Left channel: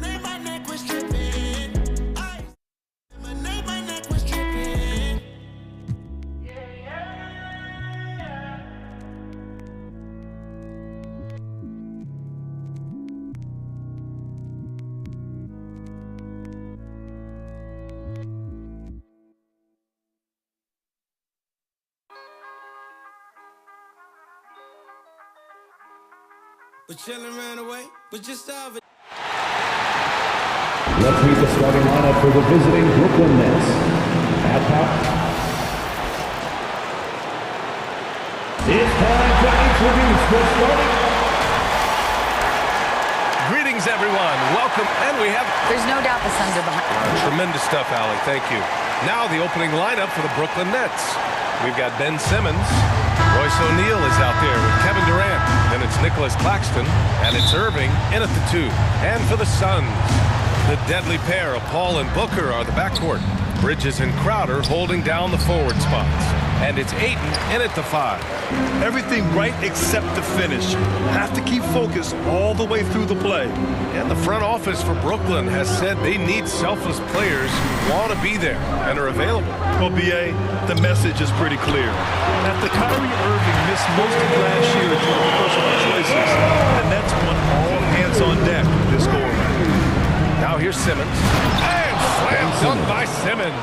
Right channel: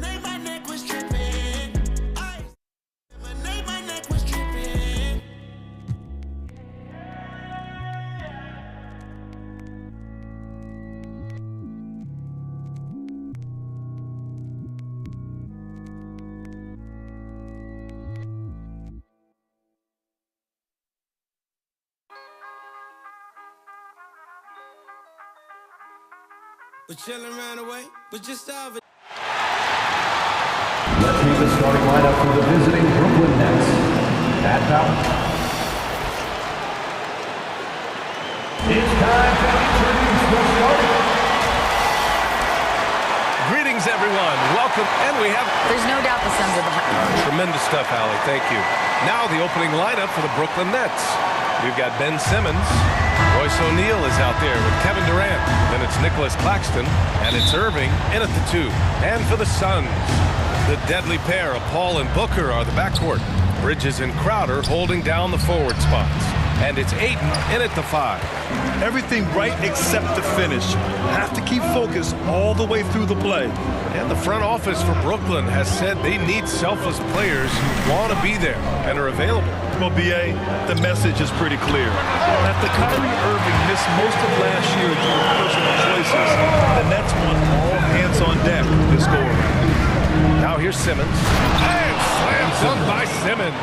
My neck was tripping. My neck was tripping. But chillin' ran away, but just over. Let's meet the starting lineup for the visiting Brooklyn Nets. At power. It's time to introduce the starting. Greetings, everyone. Welcome, and we have... There's no doubt the Suns are behind. Tremendous stuff, Allie. Thank you. Now the opening lineup for the Brooklyn Nets. We've got Ben Simmons. Royce O'Neal is out there with Kevin Durant. Then it's Nicholas Claxton, and it's Irving in at the 2. And for the Suns, the deadly pair of Paul and Booker are the backcourt. Bridges and Crowder holding down the forward spots. And it's Ayton in at the 5. Everything right except the finish. Have to keep focused all the way through the play. And the front office for Brooklyn has said they need selfless players who want to be there and are available. Well, B.A., the message is pretty clear. After Kyrie Irving missed most of last year due to personal choices, the Nets want all hands on deck this go-around. Now here's Simmons. And slam dunk by Simmons.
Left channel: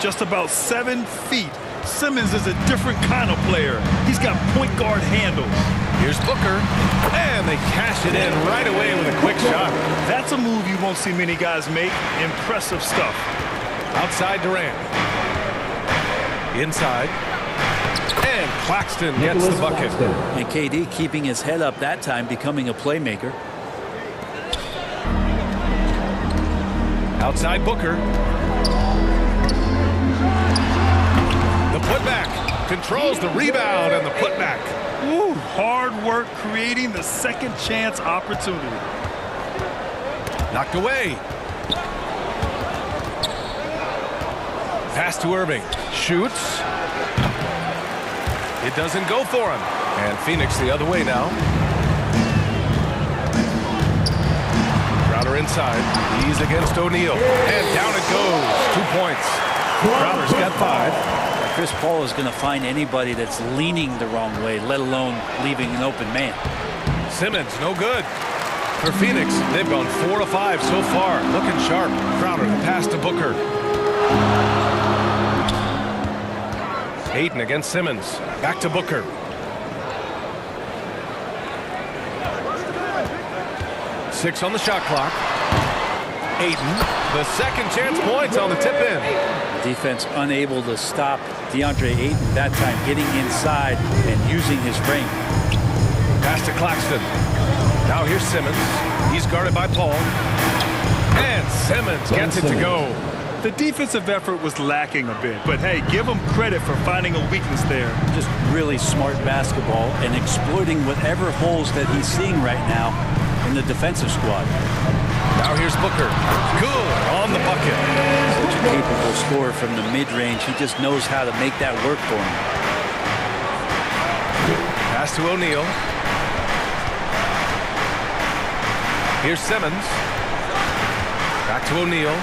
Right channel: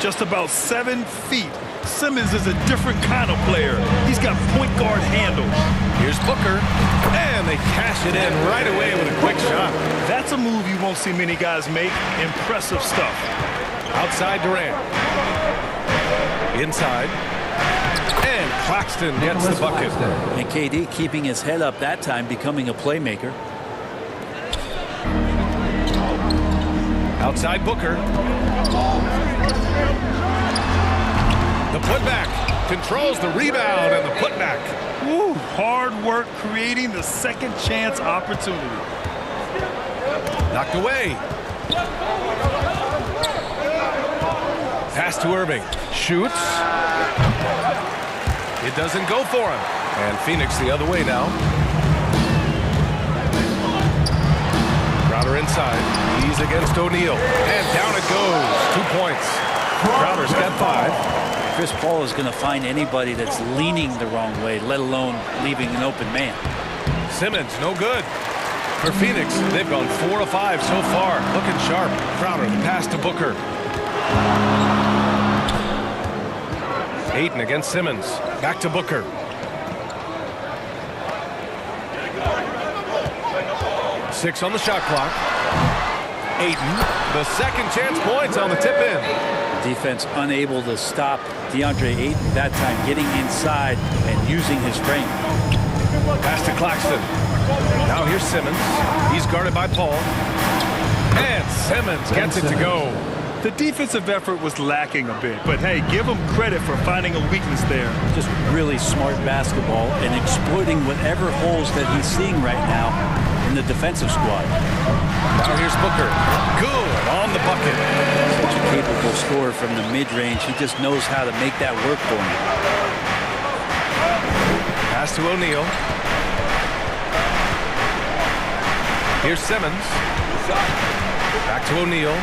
Just about 7 feet. Simmons is a different kind of player. He's got point guard handles. Here's Booker, and they cash it in right away with a quick shot. That's a move you won't see many guys make. Impressive stuff. Outside Durant. Inside. And Claxton gets the bucket. And KD keeping his head up that time, becoming a playmaker. Outside Booker. The putback controls the rebound and the putback. Woo, hard work creating the second chance opportunity. Knocked away. Pass to Irving. Shoots. It doesn't go for him. And Phoenix the other way now. Crowder inside. He's against O'Neal. And down it goes. 2 points. Crowder's got 5. Chris Paul is going to find anybody that's leaning the wrong way, let alone leaving an open man. Simmons, no good. For Phoenix, they've gone 4 of 5 so far. Looking sharp. Crowder, the pass to Booker. Ayton against Simmons. Back to Booker. Six on the shot clock. Ayton, the second chance points on the tip-in. Defense unable to stop DeAndre Ayton that time, getting inside and using his frame. Pass to Claxton. Now here's Simmons. He's guarded by Paul. And Simmons gets it to go. The defensive effort was lacking a bit, but hey, give him credit for finding a weakness there. Just really smart basketball and exploiting whatever holes that he's seeing right now in the defensive squad. Now here's Booker. Good on the bucket. Such a capable scorer from the mid-range. He just knows how to make that work for him. Pass to O'Neal. Here's Simmons. Back to O'Neal.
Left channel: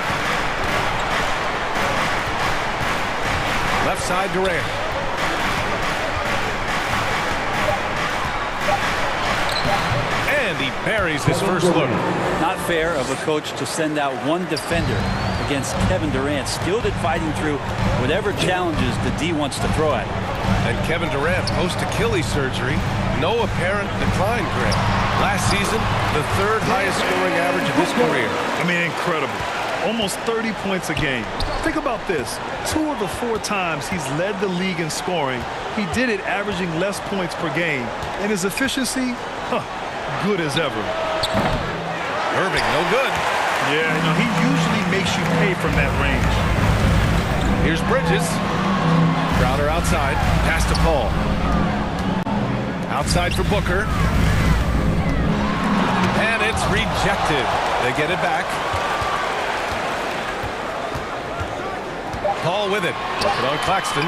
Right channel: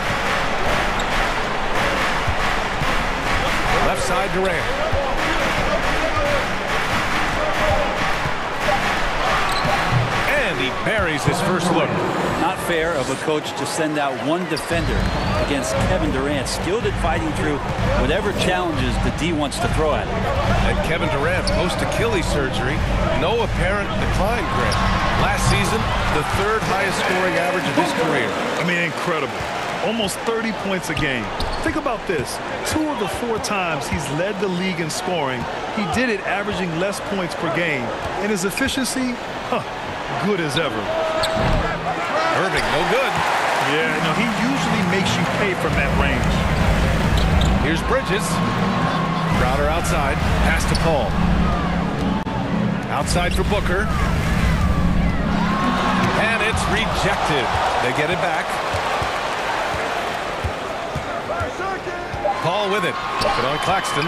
Left side Durant. And he buries his first look. Not fair of a coach to send out one defender against Kevin Durant, skilled at fighting through whatever challenges the D wants to throw at him. And Kevin Durant, post-Achilles surgery, no apparent decline, Grant. Last season, the 3rd highest scoring average of his career. I mean, incredible. Almost 30 points a game. Think about this. 2 of the 4 times he's led the league in scoring, he did it averaging less points per game. And his efficiency, good as ever. Irving, no good. Yeah, he usually makes you pay from that range. Here's Bridges. Crowder outside. Pass to Paul. Outside for Booker. And it's rejected. They get it back. Paul with it. Looking on Claxton.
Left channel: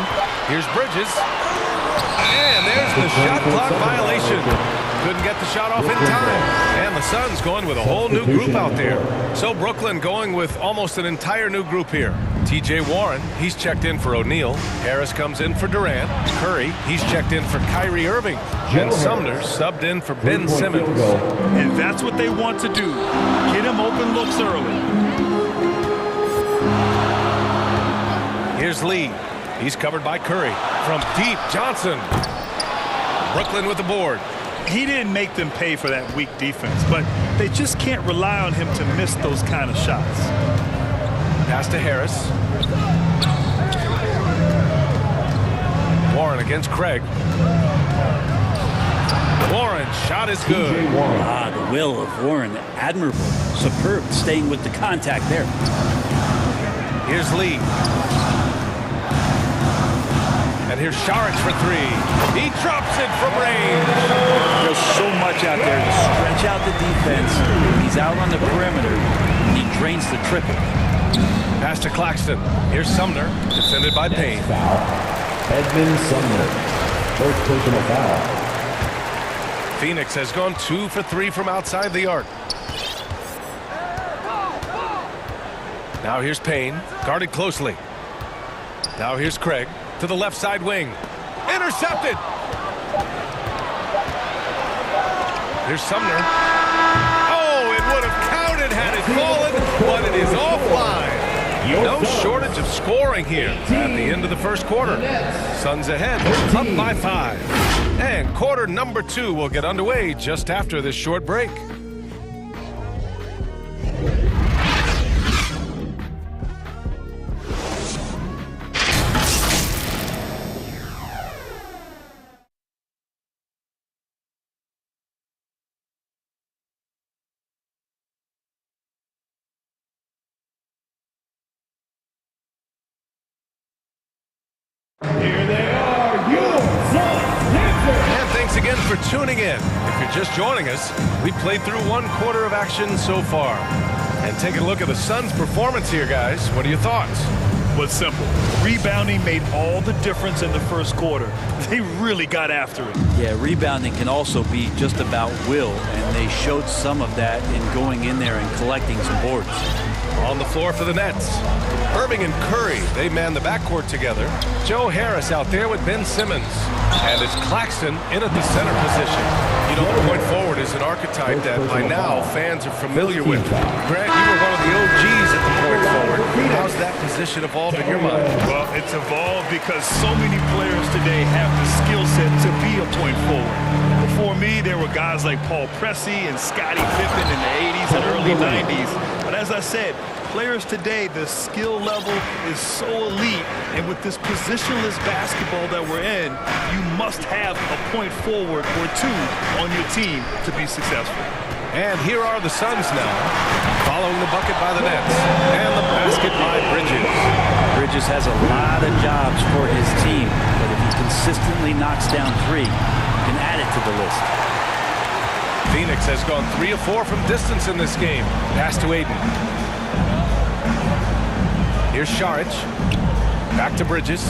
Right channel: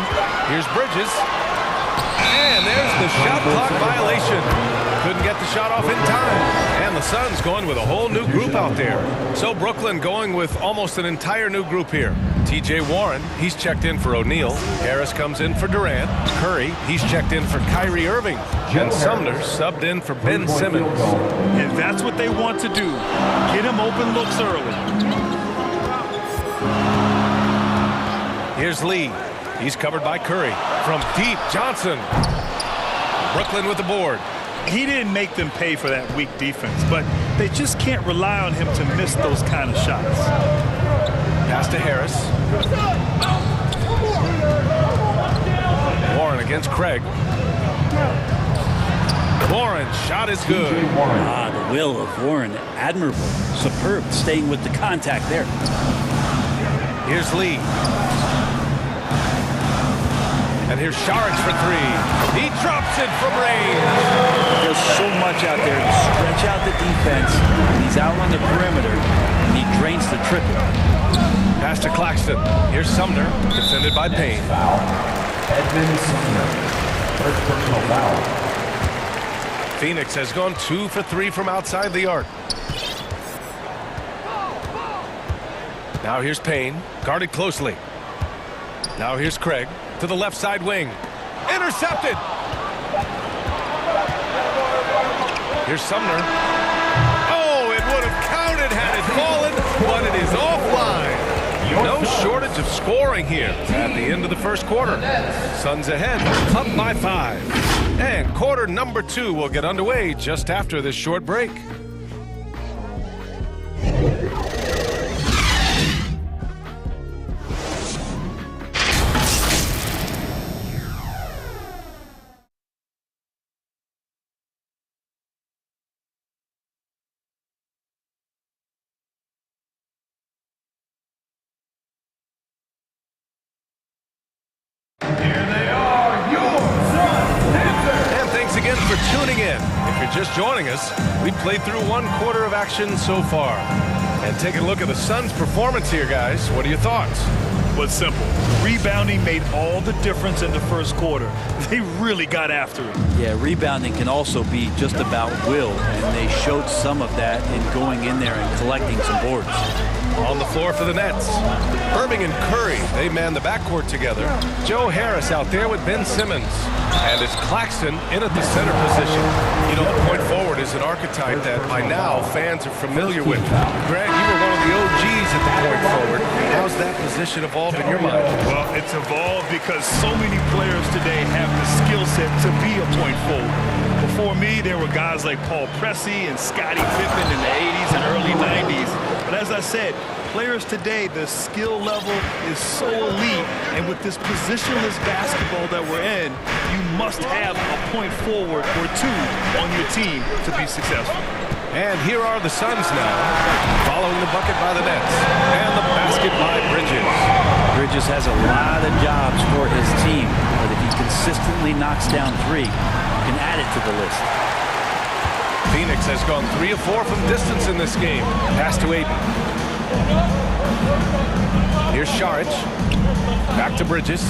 Here's Bridges. And there's the shot clock violation. couldn't get the shot off in time. And the Suns going with a whole new group out there. So Brooklyn going with almost an entire new group here. T.J. Warren, he's checked in for O'Neal. Harris comes in for Durant. Curry, he's checked in for Kyrie Irving. And Sumner subbed in for Ben Simmons. And that's what they want to do. Get him open looks early. Here's Lee. He's covered by Curry. From deep, Johnson. Brooklyn with the board. He didn't make them pay for that weak defense, but they just can't rely on him to miss those kind of shots. Pass to Harris. Warren against Craig. Warren, shot is good. The will of Warren, admirable, superb, staying with the contact there. Here's Lee. And here's Saric for three. He drops it from range. Does so much out there to stretch out the defense. He's out on the perimeter, and he drains the triple. Pass to Claxton. Here's Sumner, defended by Payne. Foul. Edmund Sumner. First personal foul. Phoenix has gone 2 for 3 from outside the arc. Now here's Payne, guarded closely. Now here's Craig to the left side wing. Intercepted. Here's Sumner. Oh, it would have counted had it fallen, but it is offline. No shortage of scoring here at the end of the first quarter. Suns ahead, up by 5. And quarter number 2 will get underway just after this short break. Here they are, your Suns Panthers. And thanks again for tuning in. If you're just joining us, we played through 1 quarter of action so far. And taking a look at the Suns' performance here, guys. What are your thoughts? Well, it's simple. Rebounding made all the difference in the first quarter. They really got after it. Yeah, rebounding can also be just about will, and they showed some of that in going in there and collecting some boards. On the floor for the Nets, Irving and Curry, they man the backcourt together. Joe Harris out there with Ben Simmons. And it's Claxton in at the center position. You know, the point forward is an archetype that by now fans are familiar with. Grant, you were one of the OGs at the point forward. How's that position evolved in your mind? Well, it's evolved because so many players today have the skill set to be a point forward. Before me, there were guys like Paul Pressey and Scottie Pippen in the 80s and early 90s. But as I said, players today, the skill level is so elite. And with this positionless basketball that we're in, you must have a point forward or 2 on your team to be successful. And here are the Suns now, following the bucket by the Nets and the basket by Bridges. Bridges has a lot of jobs for his team, but if he consistently knocks down 3, you can add it to the list. Phoenix has gone 3 of 4 from distance in this game. Pass to Aiden. Here's Saric. Back to Bridges.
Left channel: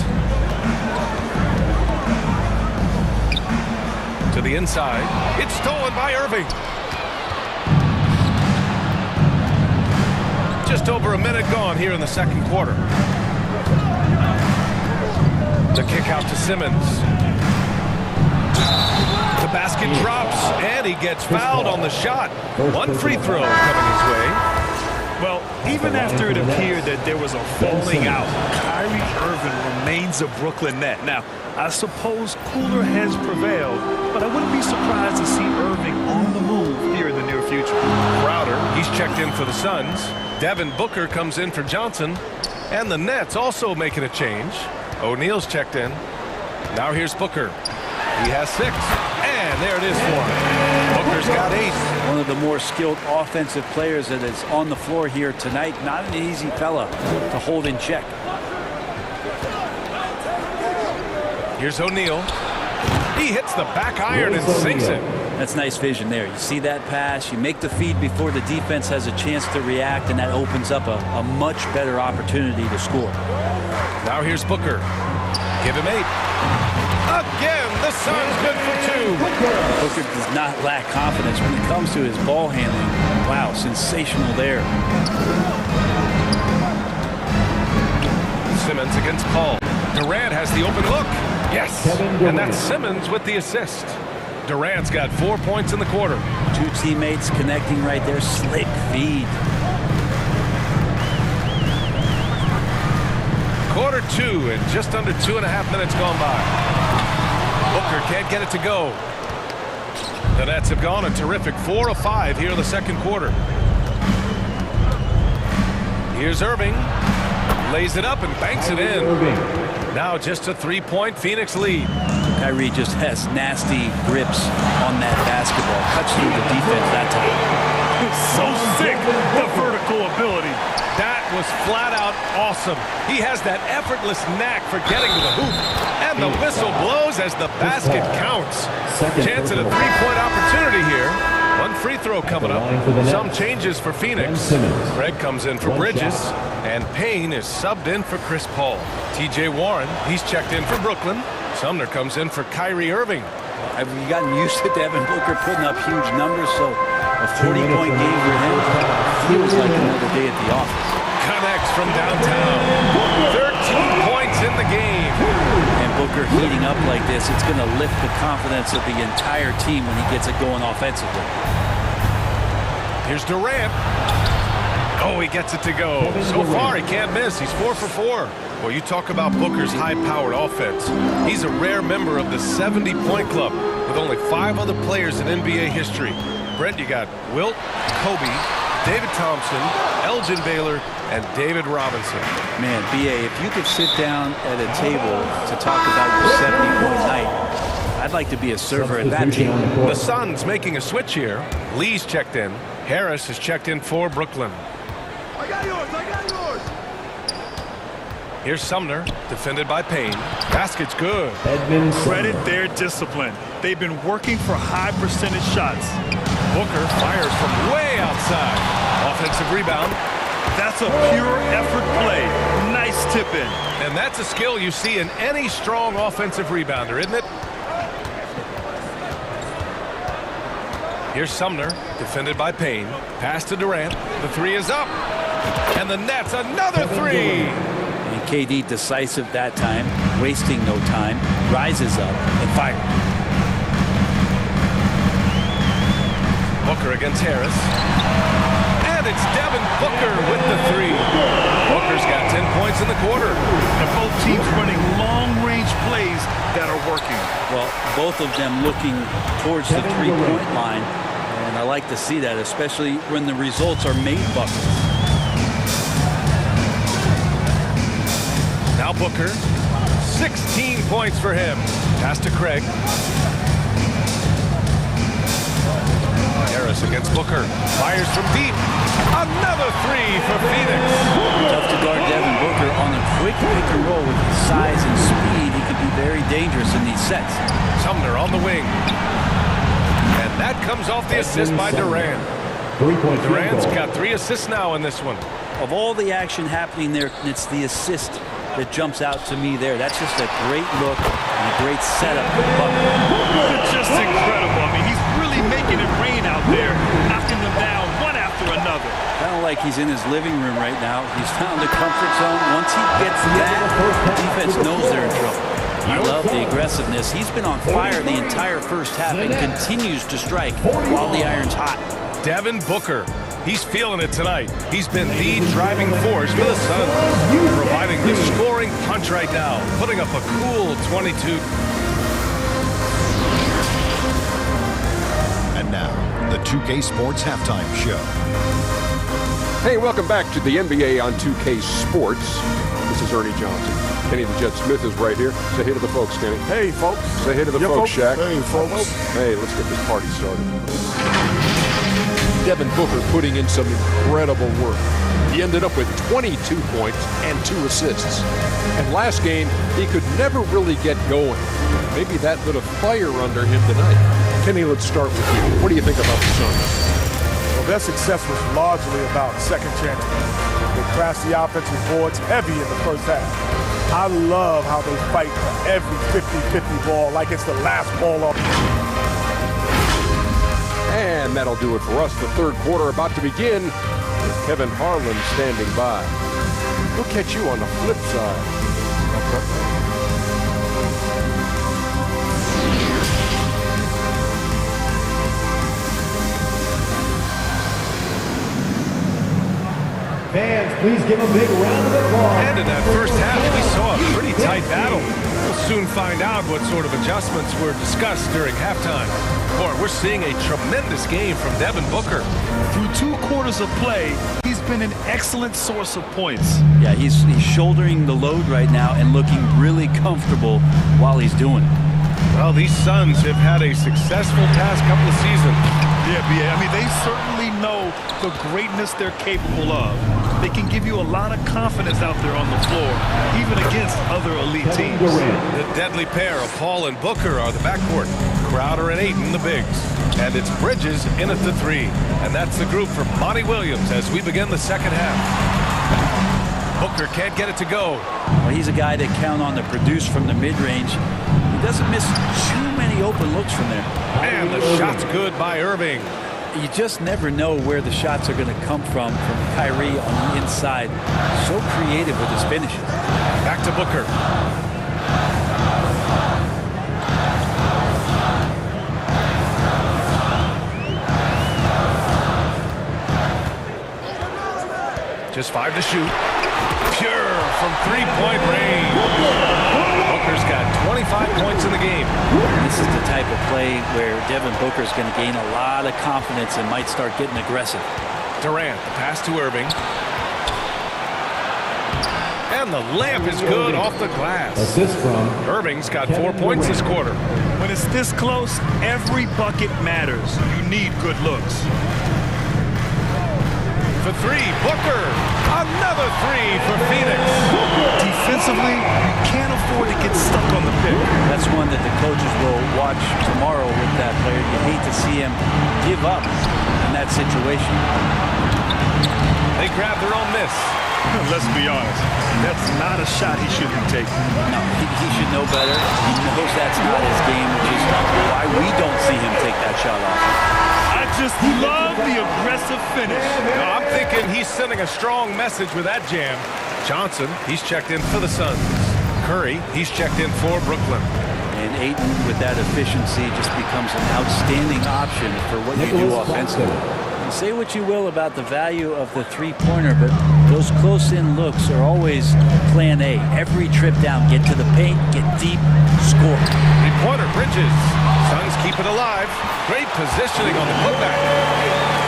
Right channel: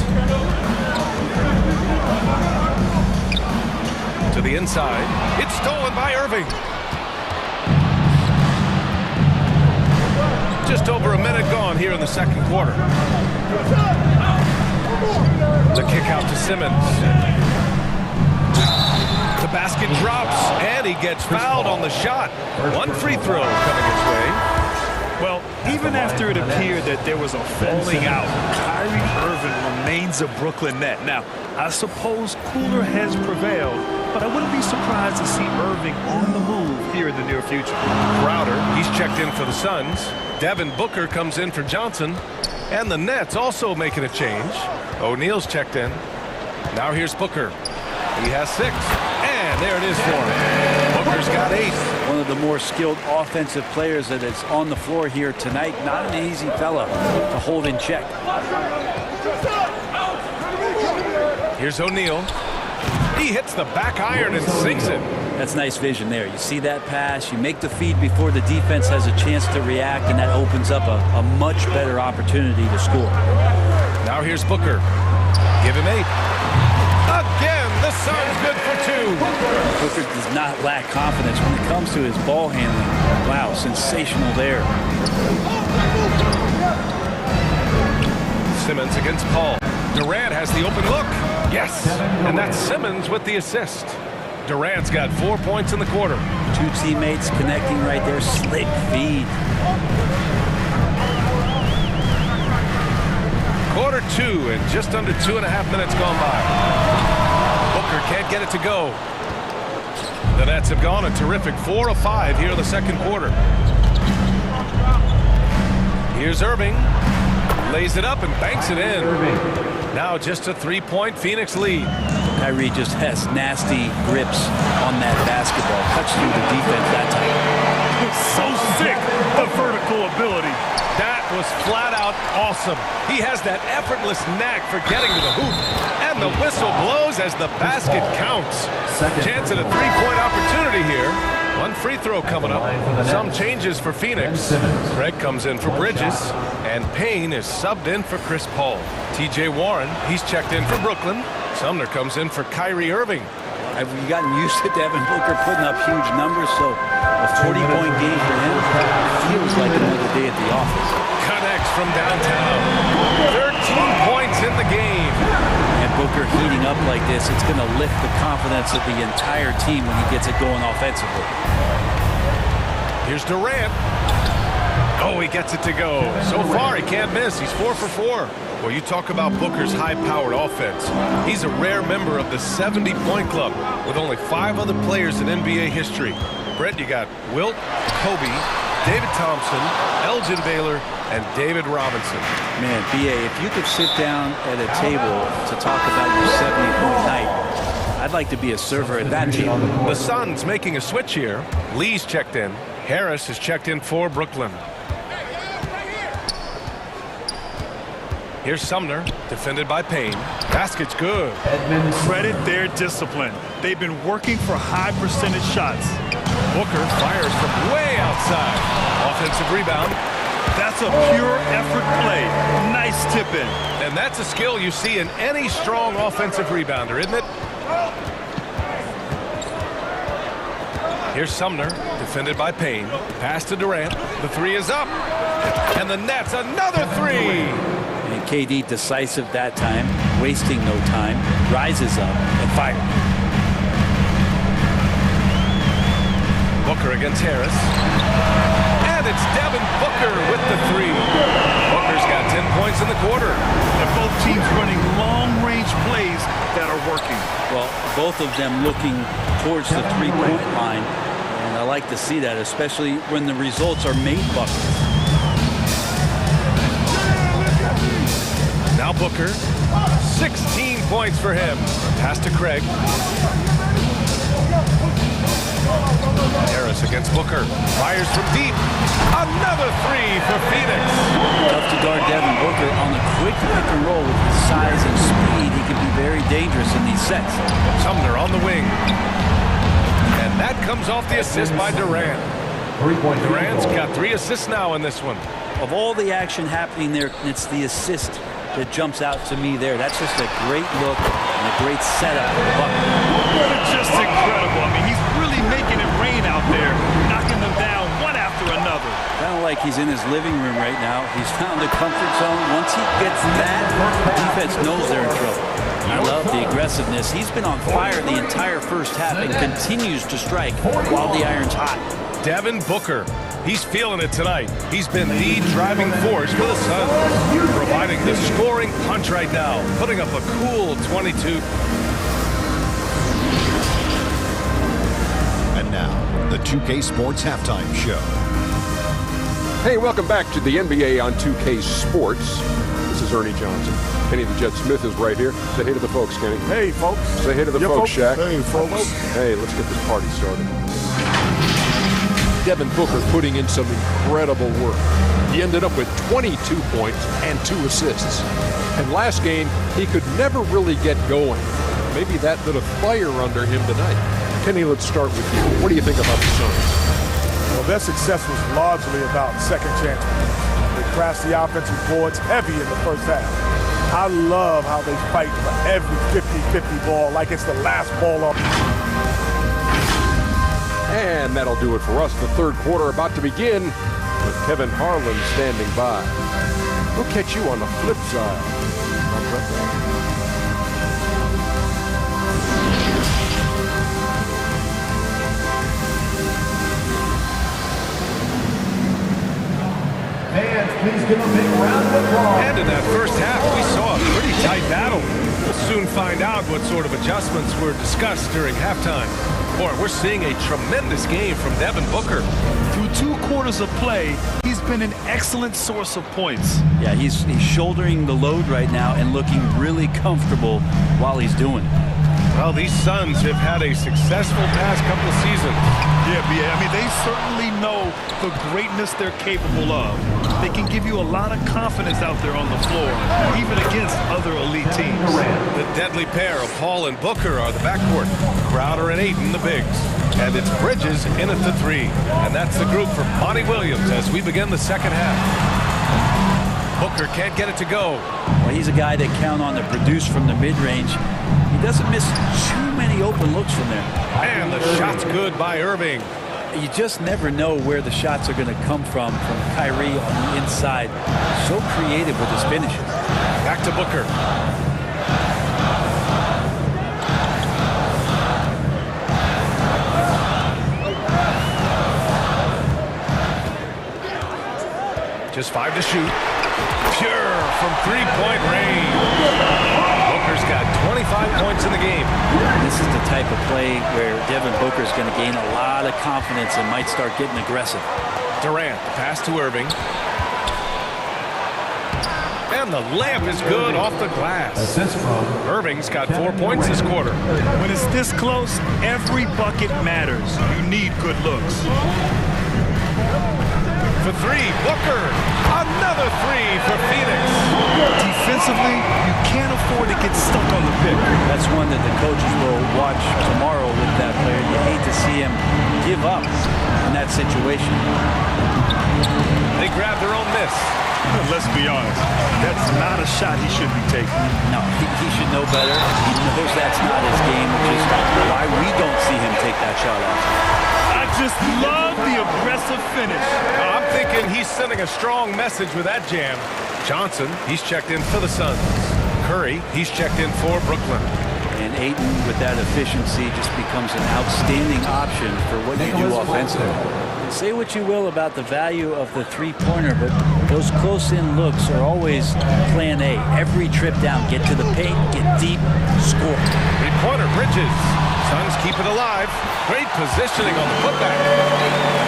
To the inside. It's stolen by Irving. Just over a minute gone here in the second quarter. The kick out to Simmons. The basket drops, and he gets fouled on the shot. 1 free throw coming his way. Well, even after it appeared that there was a falling out, Kyrie Irving remains a Brooklyn Net. Now, I suppose cooler heads prevailed, but I wouldn't be surprised to see Irving on the move here in the near future. Crowder, he's checked in for the Suns. Devin Booker comes in for Johnson. And the Nets also making a change. O'Neal's checked in. Now here's Booker. He has 6. And there it is for him. Booker's got 8. One of the more skilled offensive players that is on the floor here tonight. Not an easy fella to hold in check. Here's O'Neal. He hits the back iron and sinks it. That's nice vision there. You see that pass, you make the feed before the defense has a chance to react, and that opens up a much better opportunity to score. Now here's Booker. Give him 8. Again, the Suns good for 2. Booker does not lack confidence when it comes to his ball handling. Wow, sensational there. Simmons against Paul. Durant has the open look. Yes, and that's Simmons with the assist. Durant's got 4 points in the quarter. 2 teammates connecting right there. Slick feed. Quarter 2 and just under 2.5 minutes gone by. Booker can't get it to go. The Nets have gone a terrific 4 of 5 here in the second quarter. Here's Irving. Lays it up and banks it in. Now just a 3-point Phoenix lead. Kyrie just has nasty grips on that basketball. Cuts through the defense that time. So sick, the vertical ability. That was flat out awesome. He has that effortless knack for getting to the hoop. And the whistle blows as the basket counts. Chance at a 3-point opportunity here. One free throw coming up. Some changes for Phoenix. Craig comes in for Bridges. And Payne is subbed in for Chris Paul. TJ Warren, he's checked in for Brooklyn. Sumner comes in for Kyrie Irving. Well, have you gotten used to Devin Booker putting up huge numbers? So a 40-point game for him feels like another day at the office. Connects from downtown. 13 points in the game. And Booker heating up like this, it's going to lift the confidence of the entire team when he gets it going offensively. Here's Durant. Oh, he gets it to go. So far, he can't miss. He's 4 for 4. Well, you talk about Booker's high-powered offense. He's a rare member of the 70-point club with only 5 other players in NBA history. Brett, you got Wilt, Kobe, David Thompson, Elgin Baylor, and David Robinson. Man, B.A., if you could sit down at a table to talk about your 70-point night, I'd like to be a server at that team. The Suns making a switch here. Lee's checked in. Harris is checked in for Brooklyn. Here's Sumner, defended by Payne. Basket's good. Credit their discipline. They've been working for high percentage shots. Booker fires from way outside. Offensive rebound. That's a pure effort play. Nice tip in. And that's a skill you see in any strong offensive rebounder, isn't it? Here's Sumner, defended by Payne. Pass to Durant. The 3 is up. And the Nets, another 3. And KD decisive that time, wasting no time, rises up and fires. Booker against Harris. And it's Devin Booker with the 3. Booker's got 10 points in the quarter. And both teams running long-range plays that are working. Well, both of them looking towards the 3-point line. And I like to see that, especially when the results are made buckets. Now Booker, 16 points for him. Pass to Craig. Harris against Booker. Fires from deep. Another 3 for Phoenix. Tough to guard Devin Booker on the quick pick and roll with his size and speed. He can be very dangerous in these sets. Sumner on the wing. And that comes off the assist by Durant. Durant's got 3 assists now in this one. Of all the action happening there, it's the assist that jumps out to me there. That's just a great look and a great setup for the Bucks. Just incredible. I mean, he's really making it rain out there, knocking them down one after another. Kind of like he's in his living room right now. He's found a comfort zone. Once he gets that, the defense knows they're in trouble. I love the aggressiveness. He's been on fire the entire first half and continues to strike while the iron's hot. Devin Booker. He's feeling it tonight. He's been the driving force for the Suns, providing the scoring punch right now, putting up a cool 22. And now, the 2K Sports Halftime Show. Hey, welcome back to the NBA on 2K Sports. This is Ernie Johnson. Kenny the Jet Smith is right here. Say hey to the folks, Kenny. Hey, folks. Say hey to the folks, Shaq. Hey, folks. Hey, let's get this party started. Devin Booker putting in some incredible work. He ended up with 22 points and 2 assists. And last game, he could never really get going. Maybe that lit a fire under him tonight. Kenny, let's start with you. What do you think about the Suns? Well, their success was largely about second chance. They crashed the offensive boards heavy in the first half. I love how they fight for every 50-50 ball like it's the last ball off. And that'll do it for us. The third quarter about to begin with Kevin Harlan standing by. We'll catch you on the flip side. I'll cut that. Fans, please give a big round of applause. And in that first half, we saw a pretty tight battle. We'll soon find out what sort of adjustments were discussed during halftime. Boy, we're seeing a tremendous game from Devin Booker. Through 2 quarters of play, he's been an excellent source of points. Yeah, he's shouldering the load right now and looking really comfortable while he's doing it. Well, these Suns have had a successful past couple of seasons. Yeah, I mean, they certainly know the greatness they're capable of. They can give you a lot of confidence out there on the floor, even against other elite teams. The deadly pair of Paul and Booker are the backcourt. Crowder and Ayton, the bigs. And it's Bridges in at the 3. And that's the group for Monty Williams as we begin the second half. Booker can't get it to go. Well, he's a guy that count on to produce from the mid-range. He doesn't miss too many open looks from there. And the shot's good by Irving. You just never know where the shots are going to come from Kyrie on the inside. So creative with his finishes. Back to Booker. Just 5 to shoot. Pure from 3-point range. Booker's got 25 points in the game. And this is the type of play where Devin Booker's going to gain a lot of confidence and might start getting aggressive. Durant, the pass to Irving. And the layup is good off the glass. Assist from Irving's got 4 points this quarter. When it's this close, every bucket matters. You need good looks. For 3, Booker. Another 3 for Phoenix. Defensively, you can't afford to get stuck on the pick. That's one that the coaches will watch tomorrow with that player. You hate to see him give up in that situation. They grab their own miss. Let's be honest, that's not a shot he should be taking. No, he should know better. He knows that's not his game, which is why we don't see him take that shot off. I just love the aggressive finish. I'm thinking he's sending a strong message with that jam. Johnson, he's checked in for the Suns. Curry, he's checked in for Brooklyn. And Ayton, with that efficiency, just becomes an outstanding option for what you do offensively. And say what you will about the value of the three-pointer, but those close-in looks are always plan A. Every trip down, get to the paint, get deep, score. Three-pointer, Bridges. Suns keep it alive. Great positioning on the putback.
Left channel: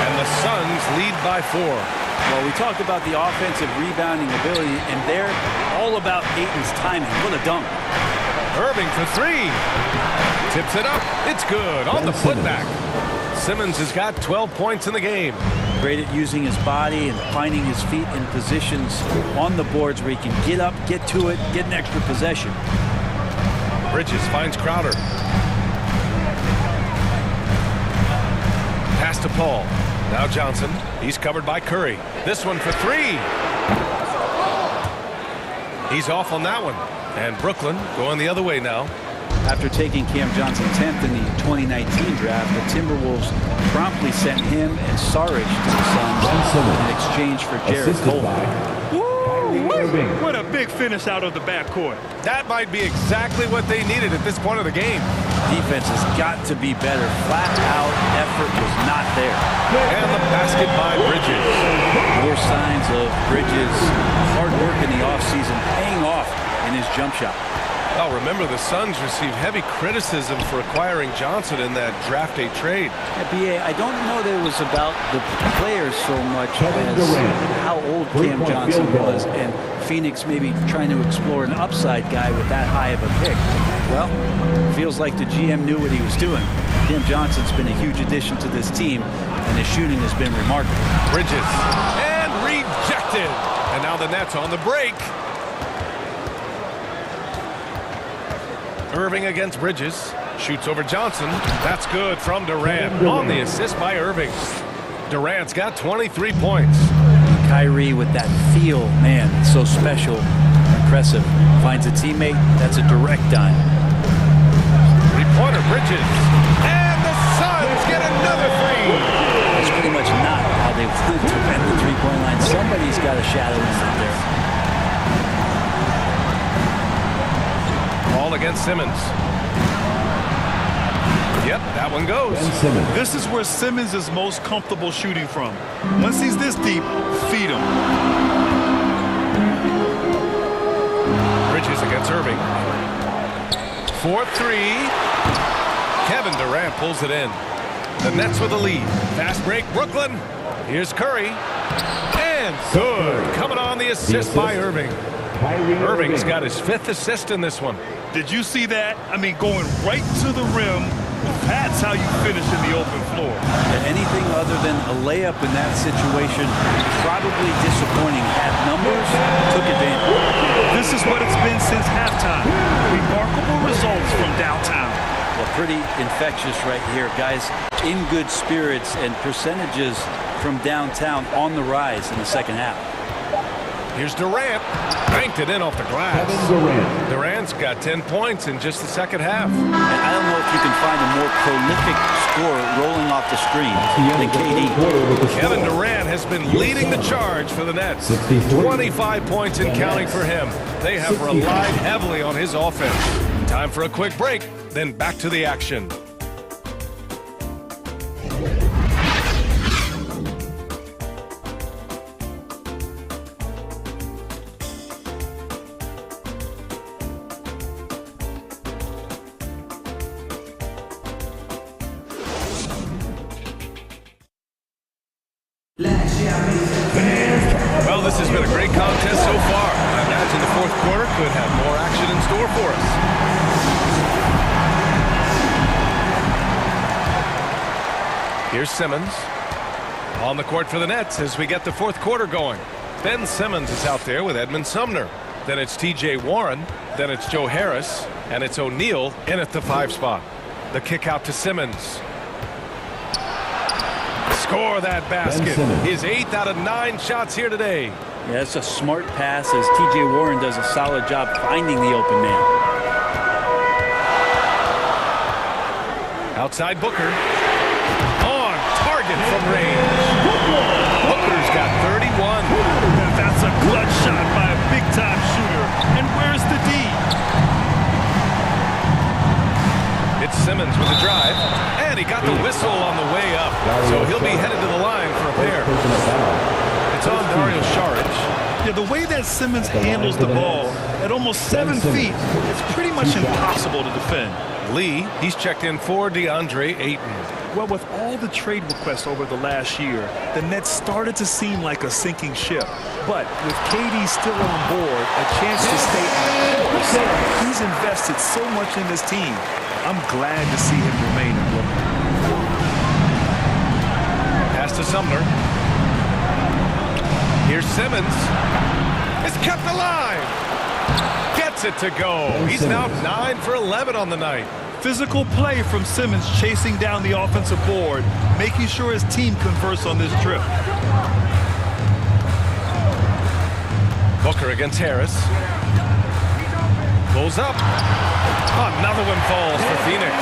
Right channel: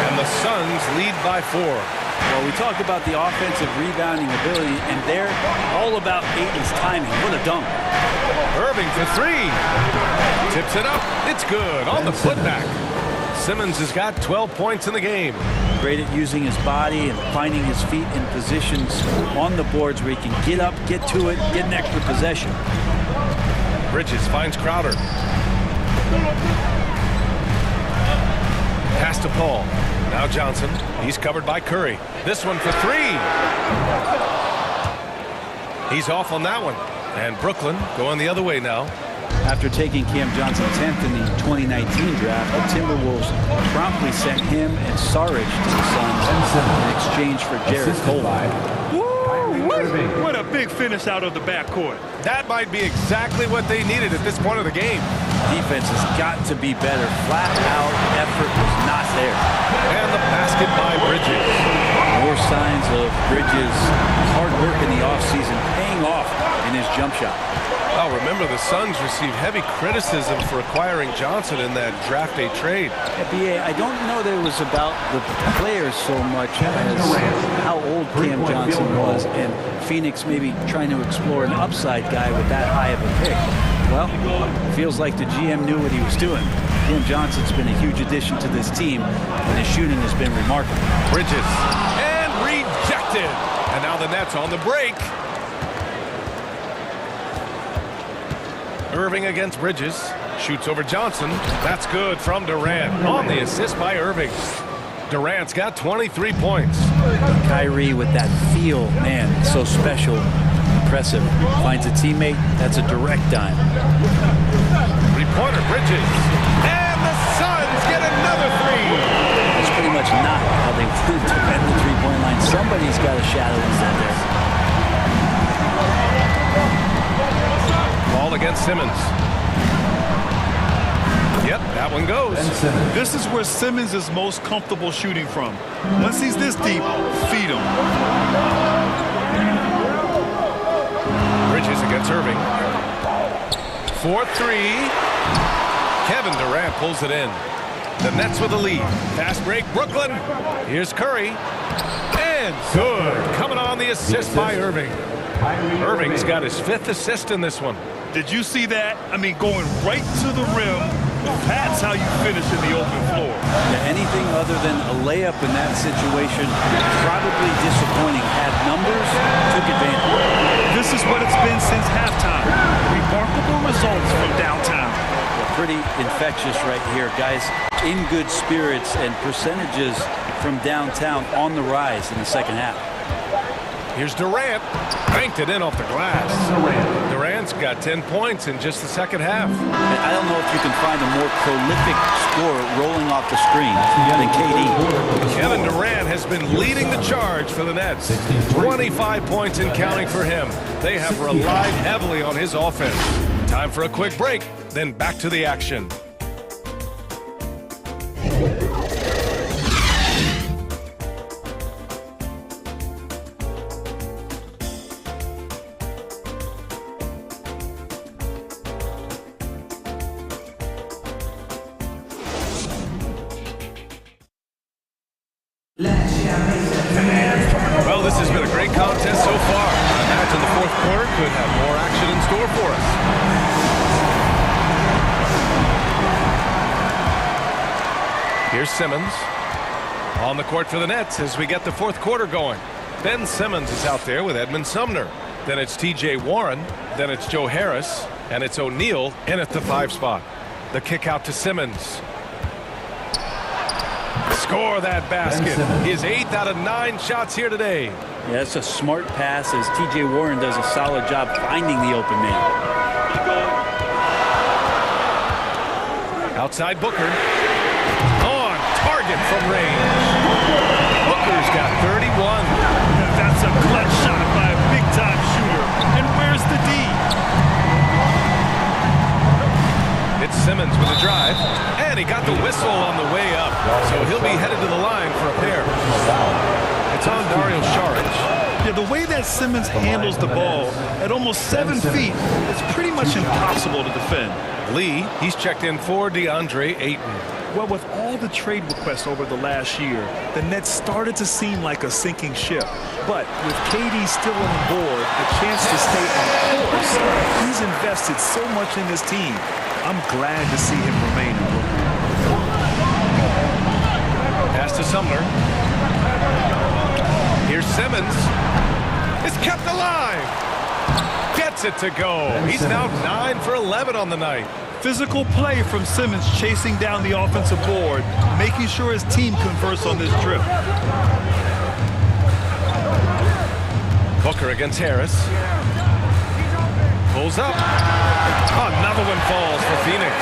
And the Suns lead by 4. Well, we talked about the offensive rebounding ability, and they're all about Ayton's timing. What a dunk. Irving for 3. Tips it up. It's good on the putback. Simmons has got 12 points in the game. Great at using his body and finding his feet in positions on the boards where he can get up, get to it, get an extra possession. Bridges finds Crowder. Pass to Paul. Now Johnson. He's covered by Curry. This one for 3. He's off on that one. And Brooklyn going the other way now. After taking Cam Johnson 10th in the 2019 draft, the Timberwolves promptly sent him and Saric to the Suns in exchange for Jarrett Culver. What a big finish out of the backcourt. That might be exactly what they needed at this point of the game. Defense has got to be better. Flat out effort was not there. And the basket by Bridges. More signs of Bridges' hard work in the offseason paying off in his jump shot. Well, remember, the Suns received heavy criticism for acquiring Johnson in that draft day trade. Yeah, B.A., I don't know that it was about the players so much as how old Cam Johnson was, and Phoenix maybe trying to explore an upside guy with that high of a pick. Well, feels like the GM knew what he was doing. Cam Johnson's been a huge addition to this team, and his shooting has been remarkable. Bridges, and rejected. And now the Nets on the break. Irving against Bridges. Shoots over Johnson. That's good from Durant. On the assist by Irving. Durant's got 23 points. Kyrie with that feel, man, it's so special. impressive. Finds a teammate. That's a direct dime. Three-pointer, Bridges. And the Suns get another three. That's pretty much not how they want to defend the three-point line. Somebody's got a shadow in out there. Ball against Simmons. Yep, that one goes. This is where Simmons is most comfortable shooting from. Once he's this deep, feed him. Bridges against Irving. 4-3. Kevin Durant pulls it in. The Nets with the lead. Fast break, Brooklyn. Here's Curry. And good. Coming on the assist by Irving. Irving's got his 5th assist in this one. Did you see that? I mean, going right to the rim. That's how you finish in the open floor. Yeah, anything other than a layup in that situation, probably disappointing. Had numbers, took advantage. This is what it's been since halftime. Remarkable results from downtown. Yeah, pretty infectious right here. Guys in good spirits, and percentages from downtown on the rise in the second half. Here's Durant. Banked it in off the glass. Durant's got 10 points in just the second half. And I don't know if you can find a more prolific scorer rolling off the screen than KD. Kevin Durant has been leading the charge for the Nets. 25 points and counting for him. They have relied heavily on his offense. Time for a quick break, then back to the action. Well, this has been a great contest so far. I imagine the fourth quarter could have more action in store for us. Here's Simmons on the court for the Nets as we get the fourth quarter going. Ben Simmons is out there with Edmund Sumner. Then it's T.J. Warren. Then it's Joe Harris. And it's O'Neal in at the 5 spot. The kick out to Simmons. Score that basket. His 8th out of 9 shots here today. Yeah, it's a smart pass as T.J. Warren does a solid job finding the open man. Outside Booker. On target from range. Booker's got 31. That's a clutch shot by a big-time shooter. And where's the D? It's Simmons with a drive, and he got the whistle on the way up, so he'll be headed to the line for a pair. It's on Dario Saric. Yeah, the way that Simmons handles the ball at almost 7 feet, it's pretty much impossible to defend. Lee, he's checked in for DeAndre Ayton. Well, with all the trade requests over the last year, the Nets started to seem like a sinking ship. But with KD still on board, a chance to stay on course, he's invested so much in this team. I'm glad to see him remain in Brooklyn. Pass to Sumner. Here's Simmons. It's kept alive. Gets it to go. He's now 9 for 11 on the night. Physical play from Simmons chasing down the offensive board, making sure his team converts on this trip. Booker against Harris. Pulls up. Another one falls for Phoenix.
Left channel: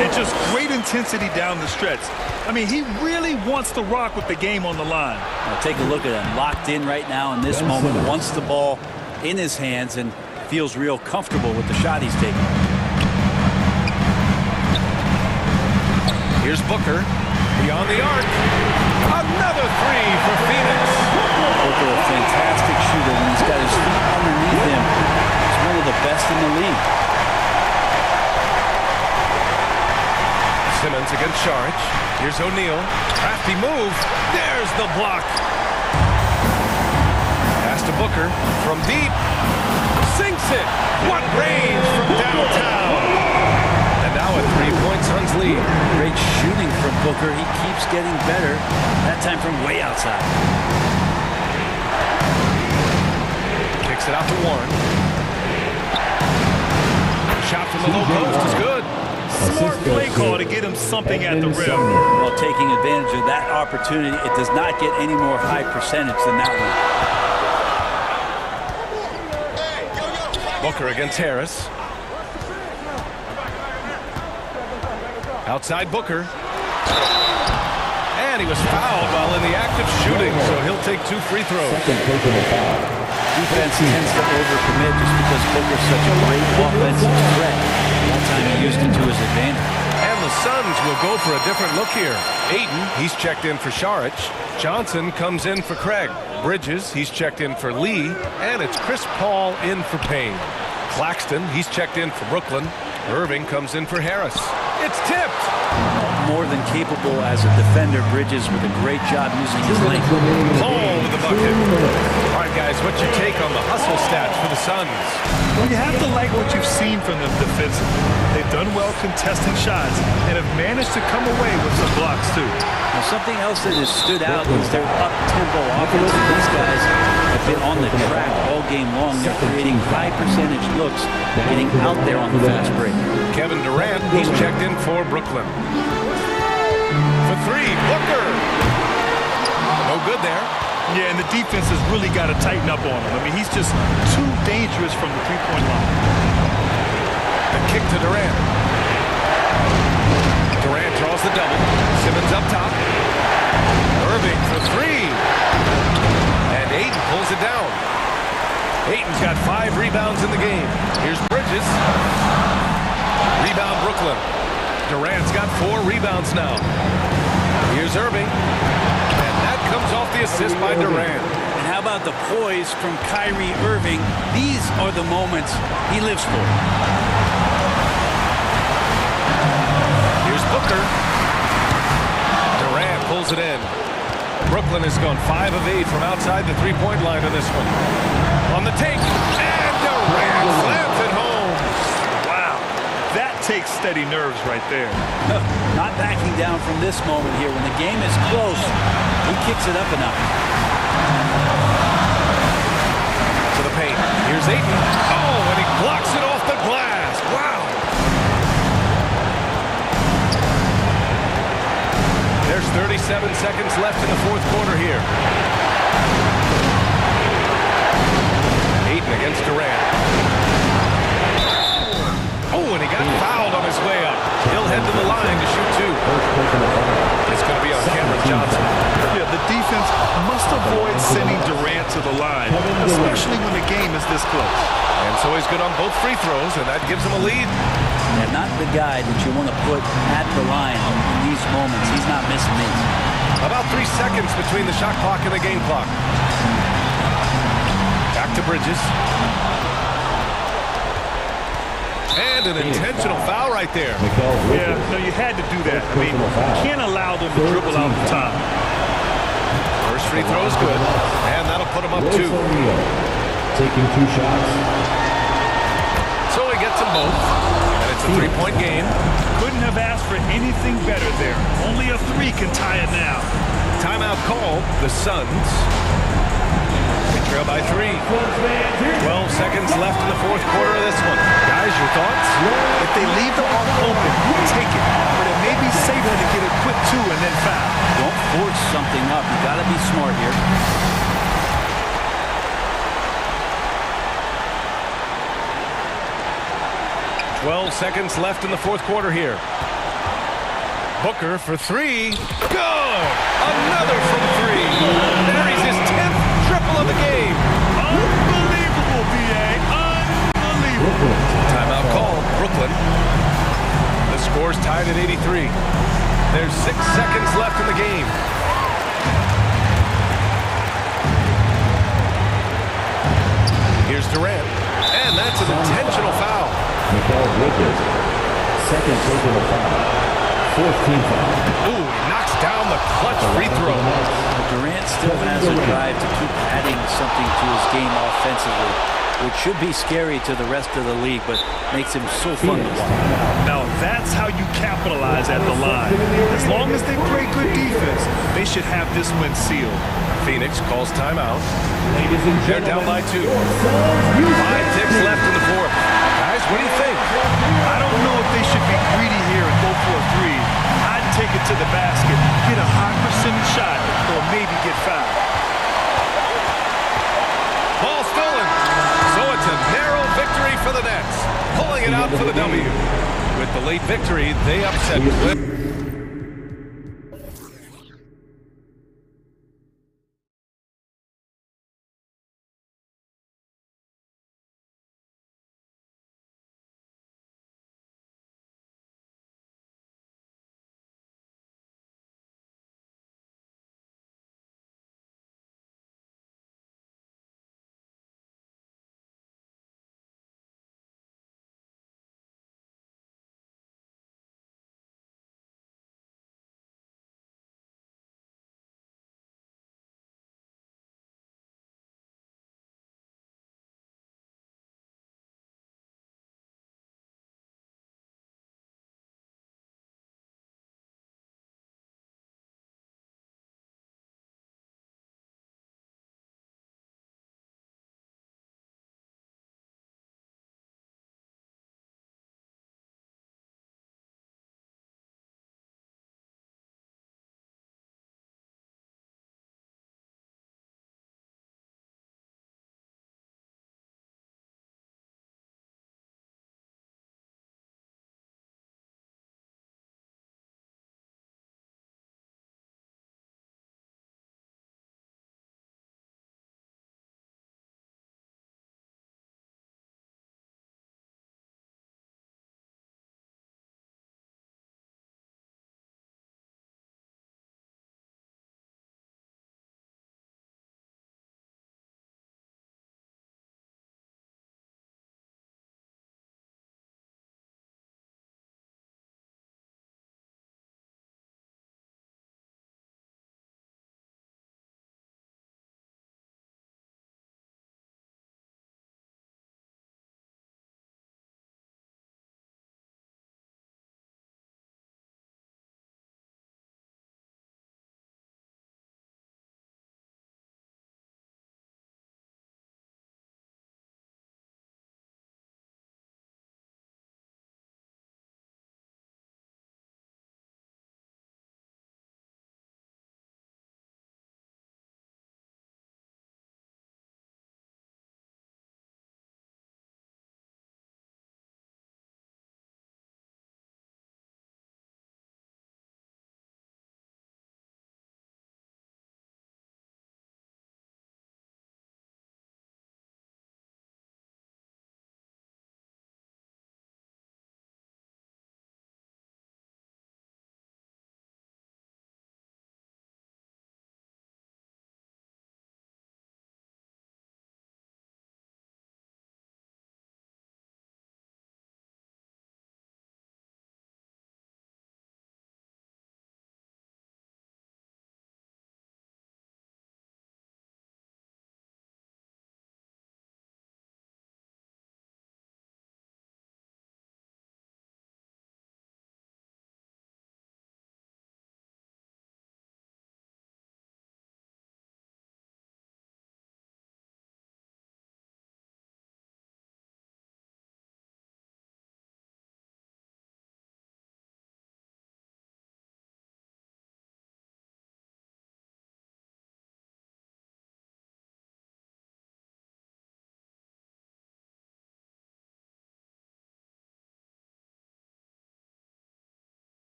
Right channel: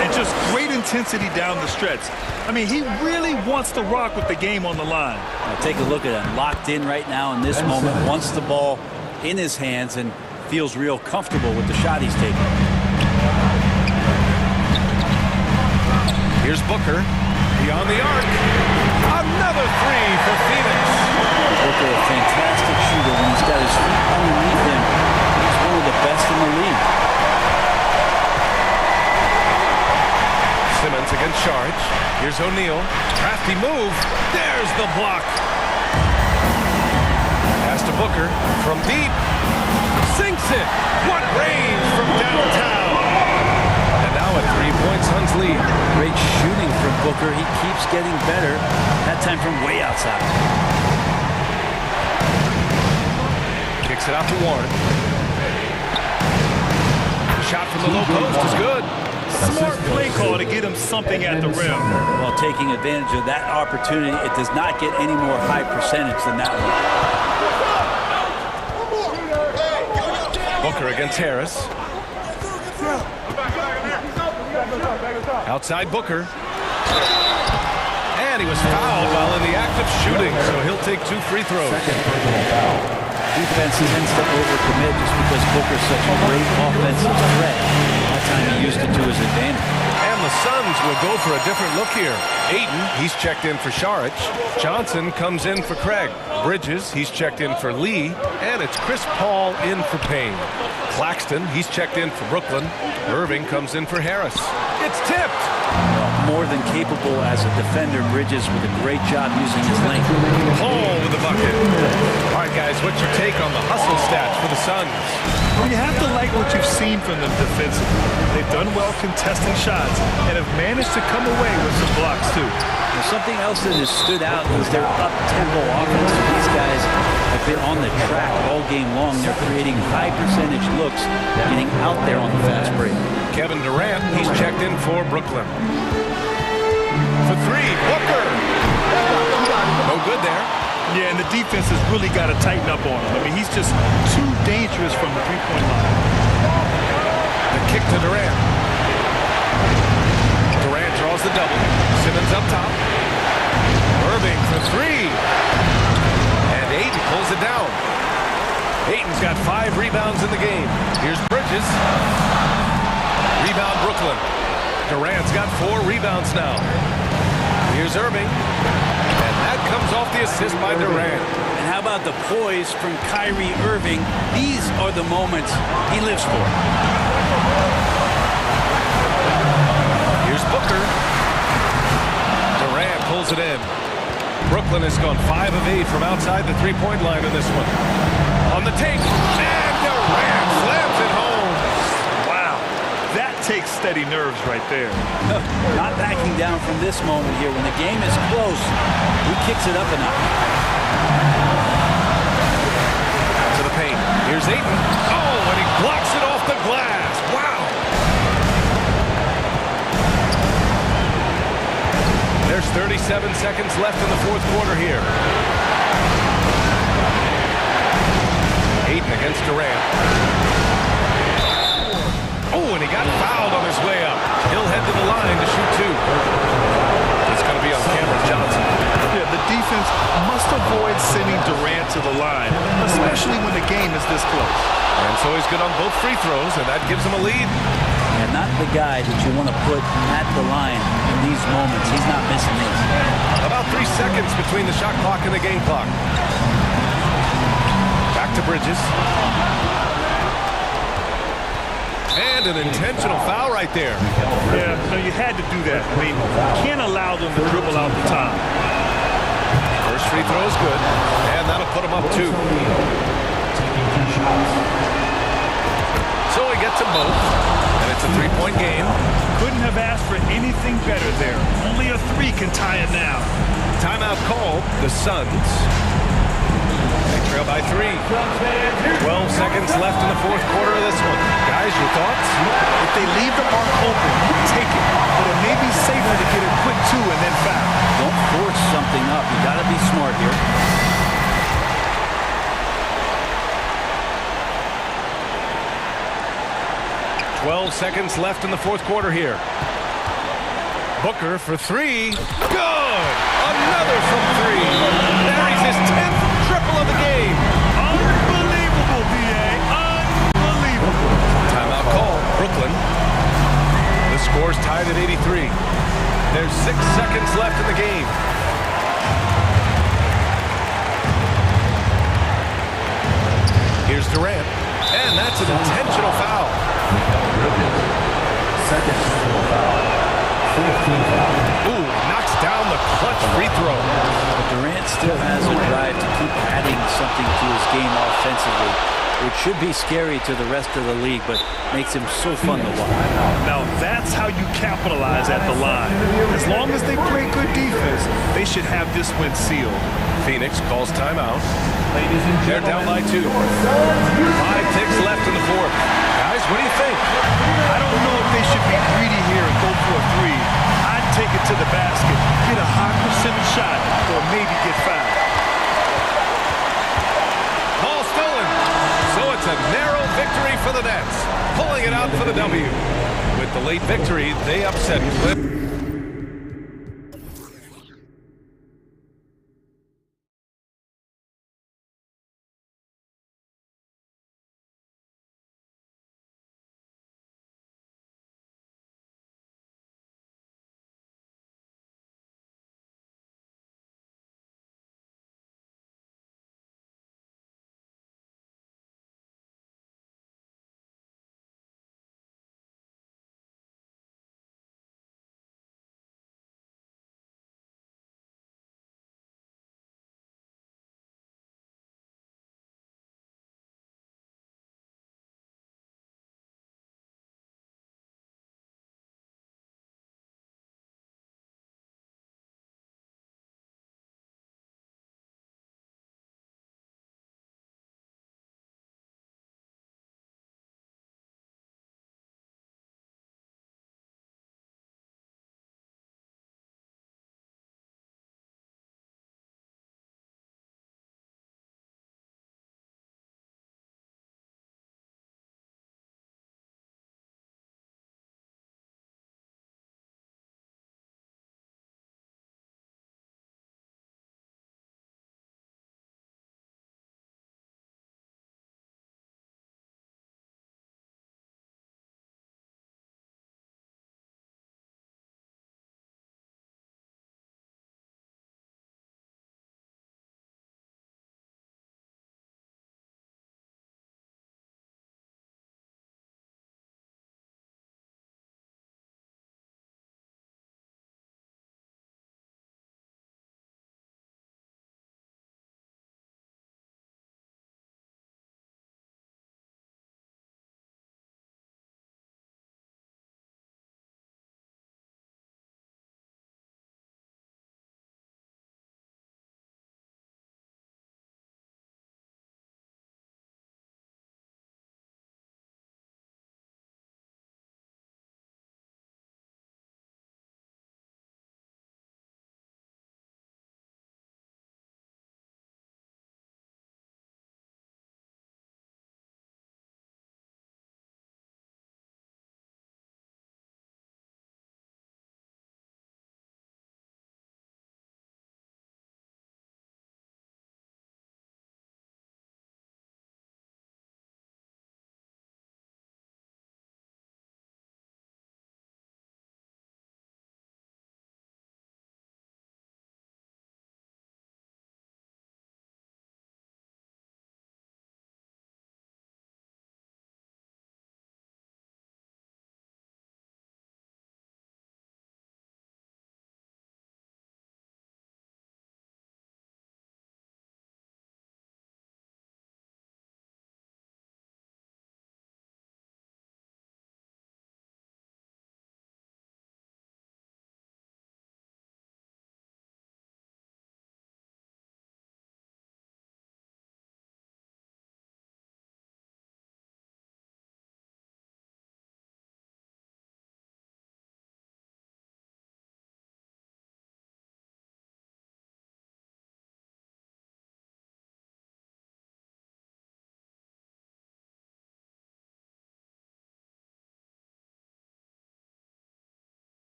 And just great intensity down the stretch. I mean, he really wants to rock with the game on the line. Now take a look at him. Locked in right now in this moment. Wants the ball in his hands and feels real comfortable with the shot he's taking. Here's Booker. Beyond the arc. Another 3 for Phoenix. Booker, a fantastic shooter when he's got his feet underneath him. He's one of the best in the league. Simmons against Saric. Here's O'Neal. Crafty move. There's the block. Pass to Booker from deep. Sinks it. What range from downtown. And now a 3-point Suns lead. Great shooting from Booker. He keeps getting better. That time from way outside. Kicks it out to Warren. The shot from the low post is good. Smart play call to get him something at the rim. Well, taking advantage of that opportunity, it does not get any more high percentage than that one. Booker against Harris. Outside Booker. And he was fouled while in the act of shooting, so he'll take 2 free throws. Second personal foul. Defense tends to overcommit just because Booker's such a great offensive threat. That time he used it to his advantage. And the Suns will go for a different look here. Aiden, he's checked in for Saric. Johnson comes in for Craig. Bridges, he's checked in for Lee. And it's Chris Paul in for Payne. Claxton, he's checked in for Brooklyn. Irving comes in for Harris. It's tipped. Well, more than capable as a defender, Bridges with a great job using his length. Paul with the bucket. All right, guys, what's your take on the hustle stats for the Suns? Well, you have to like what you've seen from them defensively. They've done well contesting shots and have managed to come away with some blocks, too. Now, something else that has stood out is their up-tempo offense. These guys have been on the track all game long. They're creating high-percentage looks, getting out there on the fast break. Kevin Durant, he's checked in for Brooklyn. For 3, Booker. No good there. Yeah, and the defense has really got to tighten up on him. I mean, he's just too dangerous from the three-point line. The kick to Durant. Durant draws the double. Simmons up top. Irving for 3. And Ayton pulls it down. Ayton's got 5 rebounds in the game. Here's Bridges. Rebound Brooklyn. Durant's got 4 rebounds now. Here's Irving. And that comes off the assist by Durant. And how about the poise from Kyrie Irving? These are the moments he lives for. Here's Booker. Durant pulls it in. Brooklyn has gone 5 of 8 from outside the three-point line in this one. On the take. And Durant slams it home. Wow. That takes steady nerves right there. Not backing down from this moment here. When the game is close, he kicks it up a notch. To the paint. Here's Ayton. Oh, and he blocks it off the glass. Wow. There's 37 seconds left in the 4th quarter here. Ayton against Durant. Oh, and he got fouled on his way up. He'll head to the line to shoot 2. It's going to be on Cameron Johnson. Yeah, the defense must avoid sending Durant to the line, especially when the game is this close. And so he's good on both free throws, and that gives him a lead. And not the guy that you want to put at the line in these moments. He's not missing these. About 3 seconds between the shot clock and the game clock. Back to Bridges. And an intentional foul right there. Yeah, no, you had to do that. I mean, can't allow them to dribble out the time. First free throw is good, and that'll put him up 2. Taking 2 shots. So he gets them both, and it's a 3-point game. Couldn't have asked for anything better there. Only a 3 can tie it now. Timeout called. The Suns. They trail by 3. 12 seconds left in the 4th quarter of this one. Guys, your thoughts? If they leave the arc open, take it. But it may be safer to get a quick 2 and then foul. Don't force something up. You got to be smart here. .12 seconds left in the 4th quarter here. Booker for 3. Good! Another from 3. Buries his 10th triple of the game. Unbelievable, B.A. Unbelievable. Timeout called. Brooklyn. The score's tied at 83. There's 6 seconds left in the game. Here's Durant. And that's an intentional foul. Bridges. Second personal foul. 4th team foul. Ooh, he knocks down the clutch free throw. But Durant still has a drive to keep adding something to his game offensively, which should be scary to the rest of the league, but makes him so fun to watch. Now that's how you capitalize at the line. As long as they play good defense, they should have this win sealed. Phoenix calls timeout. They're down by 2. 5 ticks left in the 4th. Guys, what do you think? I don't know if they should be greedy here and go for a 3. I'd take it to the basket, get a high percentage shot, or maybe get fouled. Ball stolen. So So it's a narrow victory for the Nets, pulling it out for the W. With the late victory, they upset Cliff.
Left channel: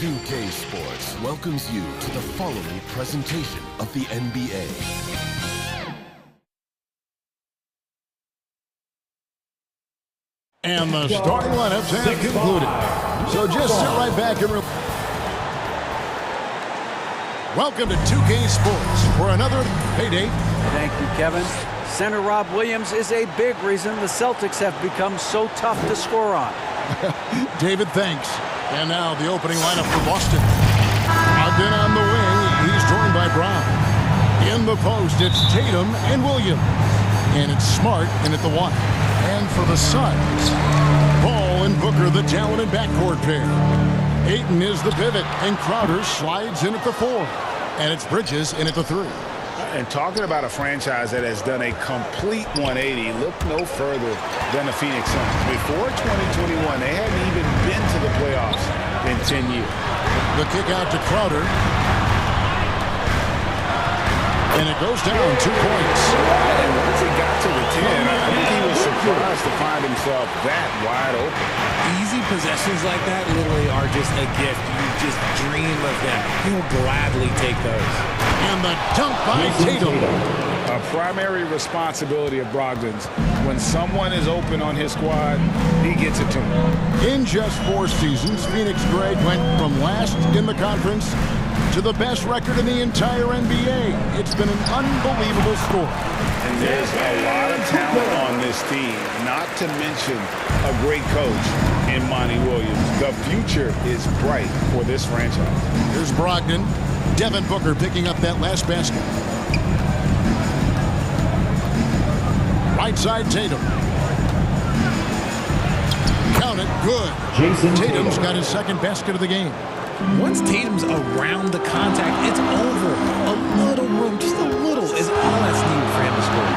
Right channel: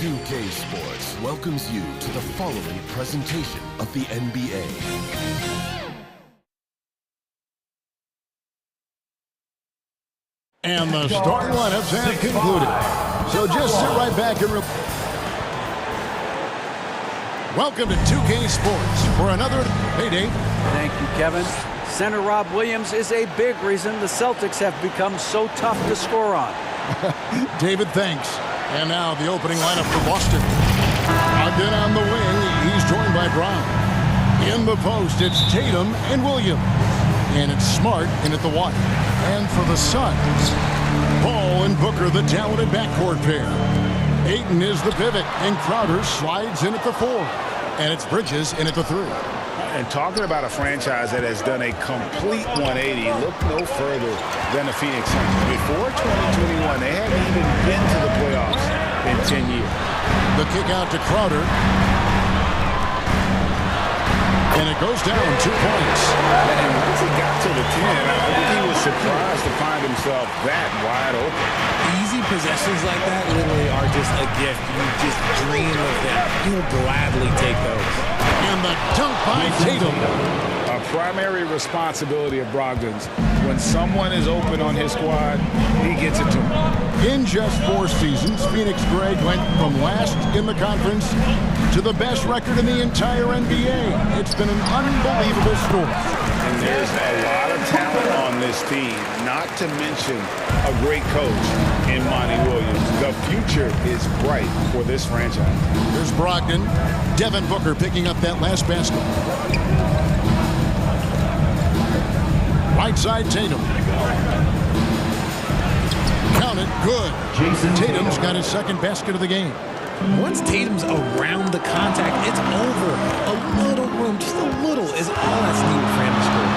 2K Sports welcomes you to the following presentation of the NBA. And the starting lineups have concluded. So just sit right back and welcome to 2K Sports for another payday. Thank you, Kevin. Center Rob Williams is a big reason the Celtics have become so tough to score on. David, thanks. And now the opening lineup for Boston. Ogden on the wing. He's joined by Brown. In the post, it's Tatum and Williams. And it's Smart in at the 1. And for the Suns, Paul and Booker, the talented backcourt pair. Ayton is the pivot, and Crowder slides in at the 4. And it's Bridges in at the 3. And talking about a franchise that has done a complete 180, look no further than the Phoenix Suns. Before 2021, they hadn't even been to the playoffs in 10 years. The kick out to Crowder. And it goes down 2 points. And once he got to the 10, I think he was surprised to find himself that wide open. Easy possessions like that literally are just a gift. You just dream of them. He'll gladly take those. And the dunk by Tatum. A primary responsibility of Brogdon's. When someone is open on his squad, he gets it to him. In just 4 seasons, Phoenix Greg went from last in the conference to the best record in the entire NBA. It's been an unbelievable story. And there's a lot of talent on this team, not to mention a great coach in Monty Williams. The future is bright for this franchise. Here's Brogdon. Devin Booker picking up that last basket. Right side, Tatum. Count it, good. Tatum's got his second basket of the game. Once Tatum's around the contact, it's over. A little room, just a little, is all that's needed for him to score.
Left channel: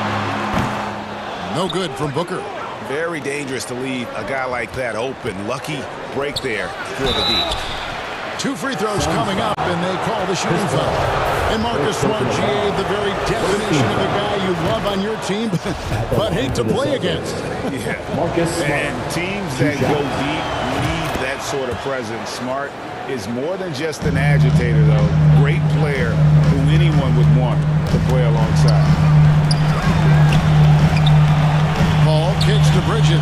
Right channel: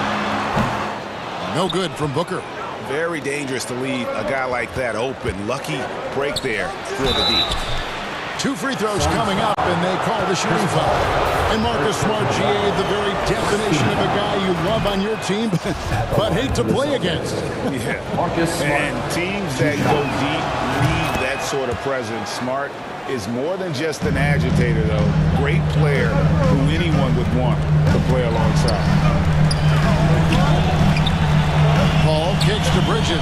No good from Booker. Very dangerous to leave a guy like that open. Lucky break there for the D. 2 free throws coming up, and they call the shooting foul. And Marcus Smart, GA, the very definition of a guy you love on your team, but hate to play against. Yeah, and teams that go deep need that sort of presence. Smart is more than just an agitator, though. Great player who anyone would want to play alongside. Paul kicks to Bridges.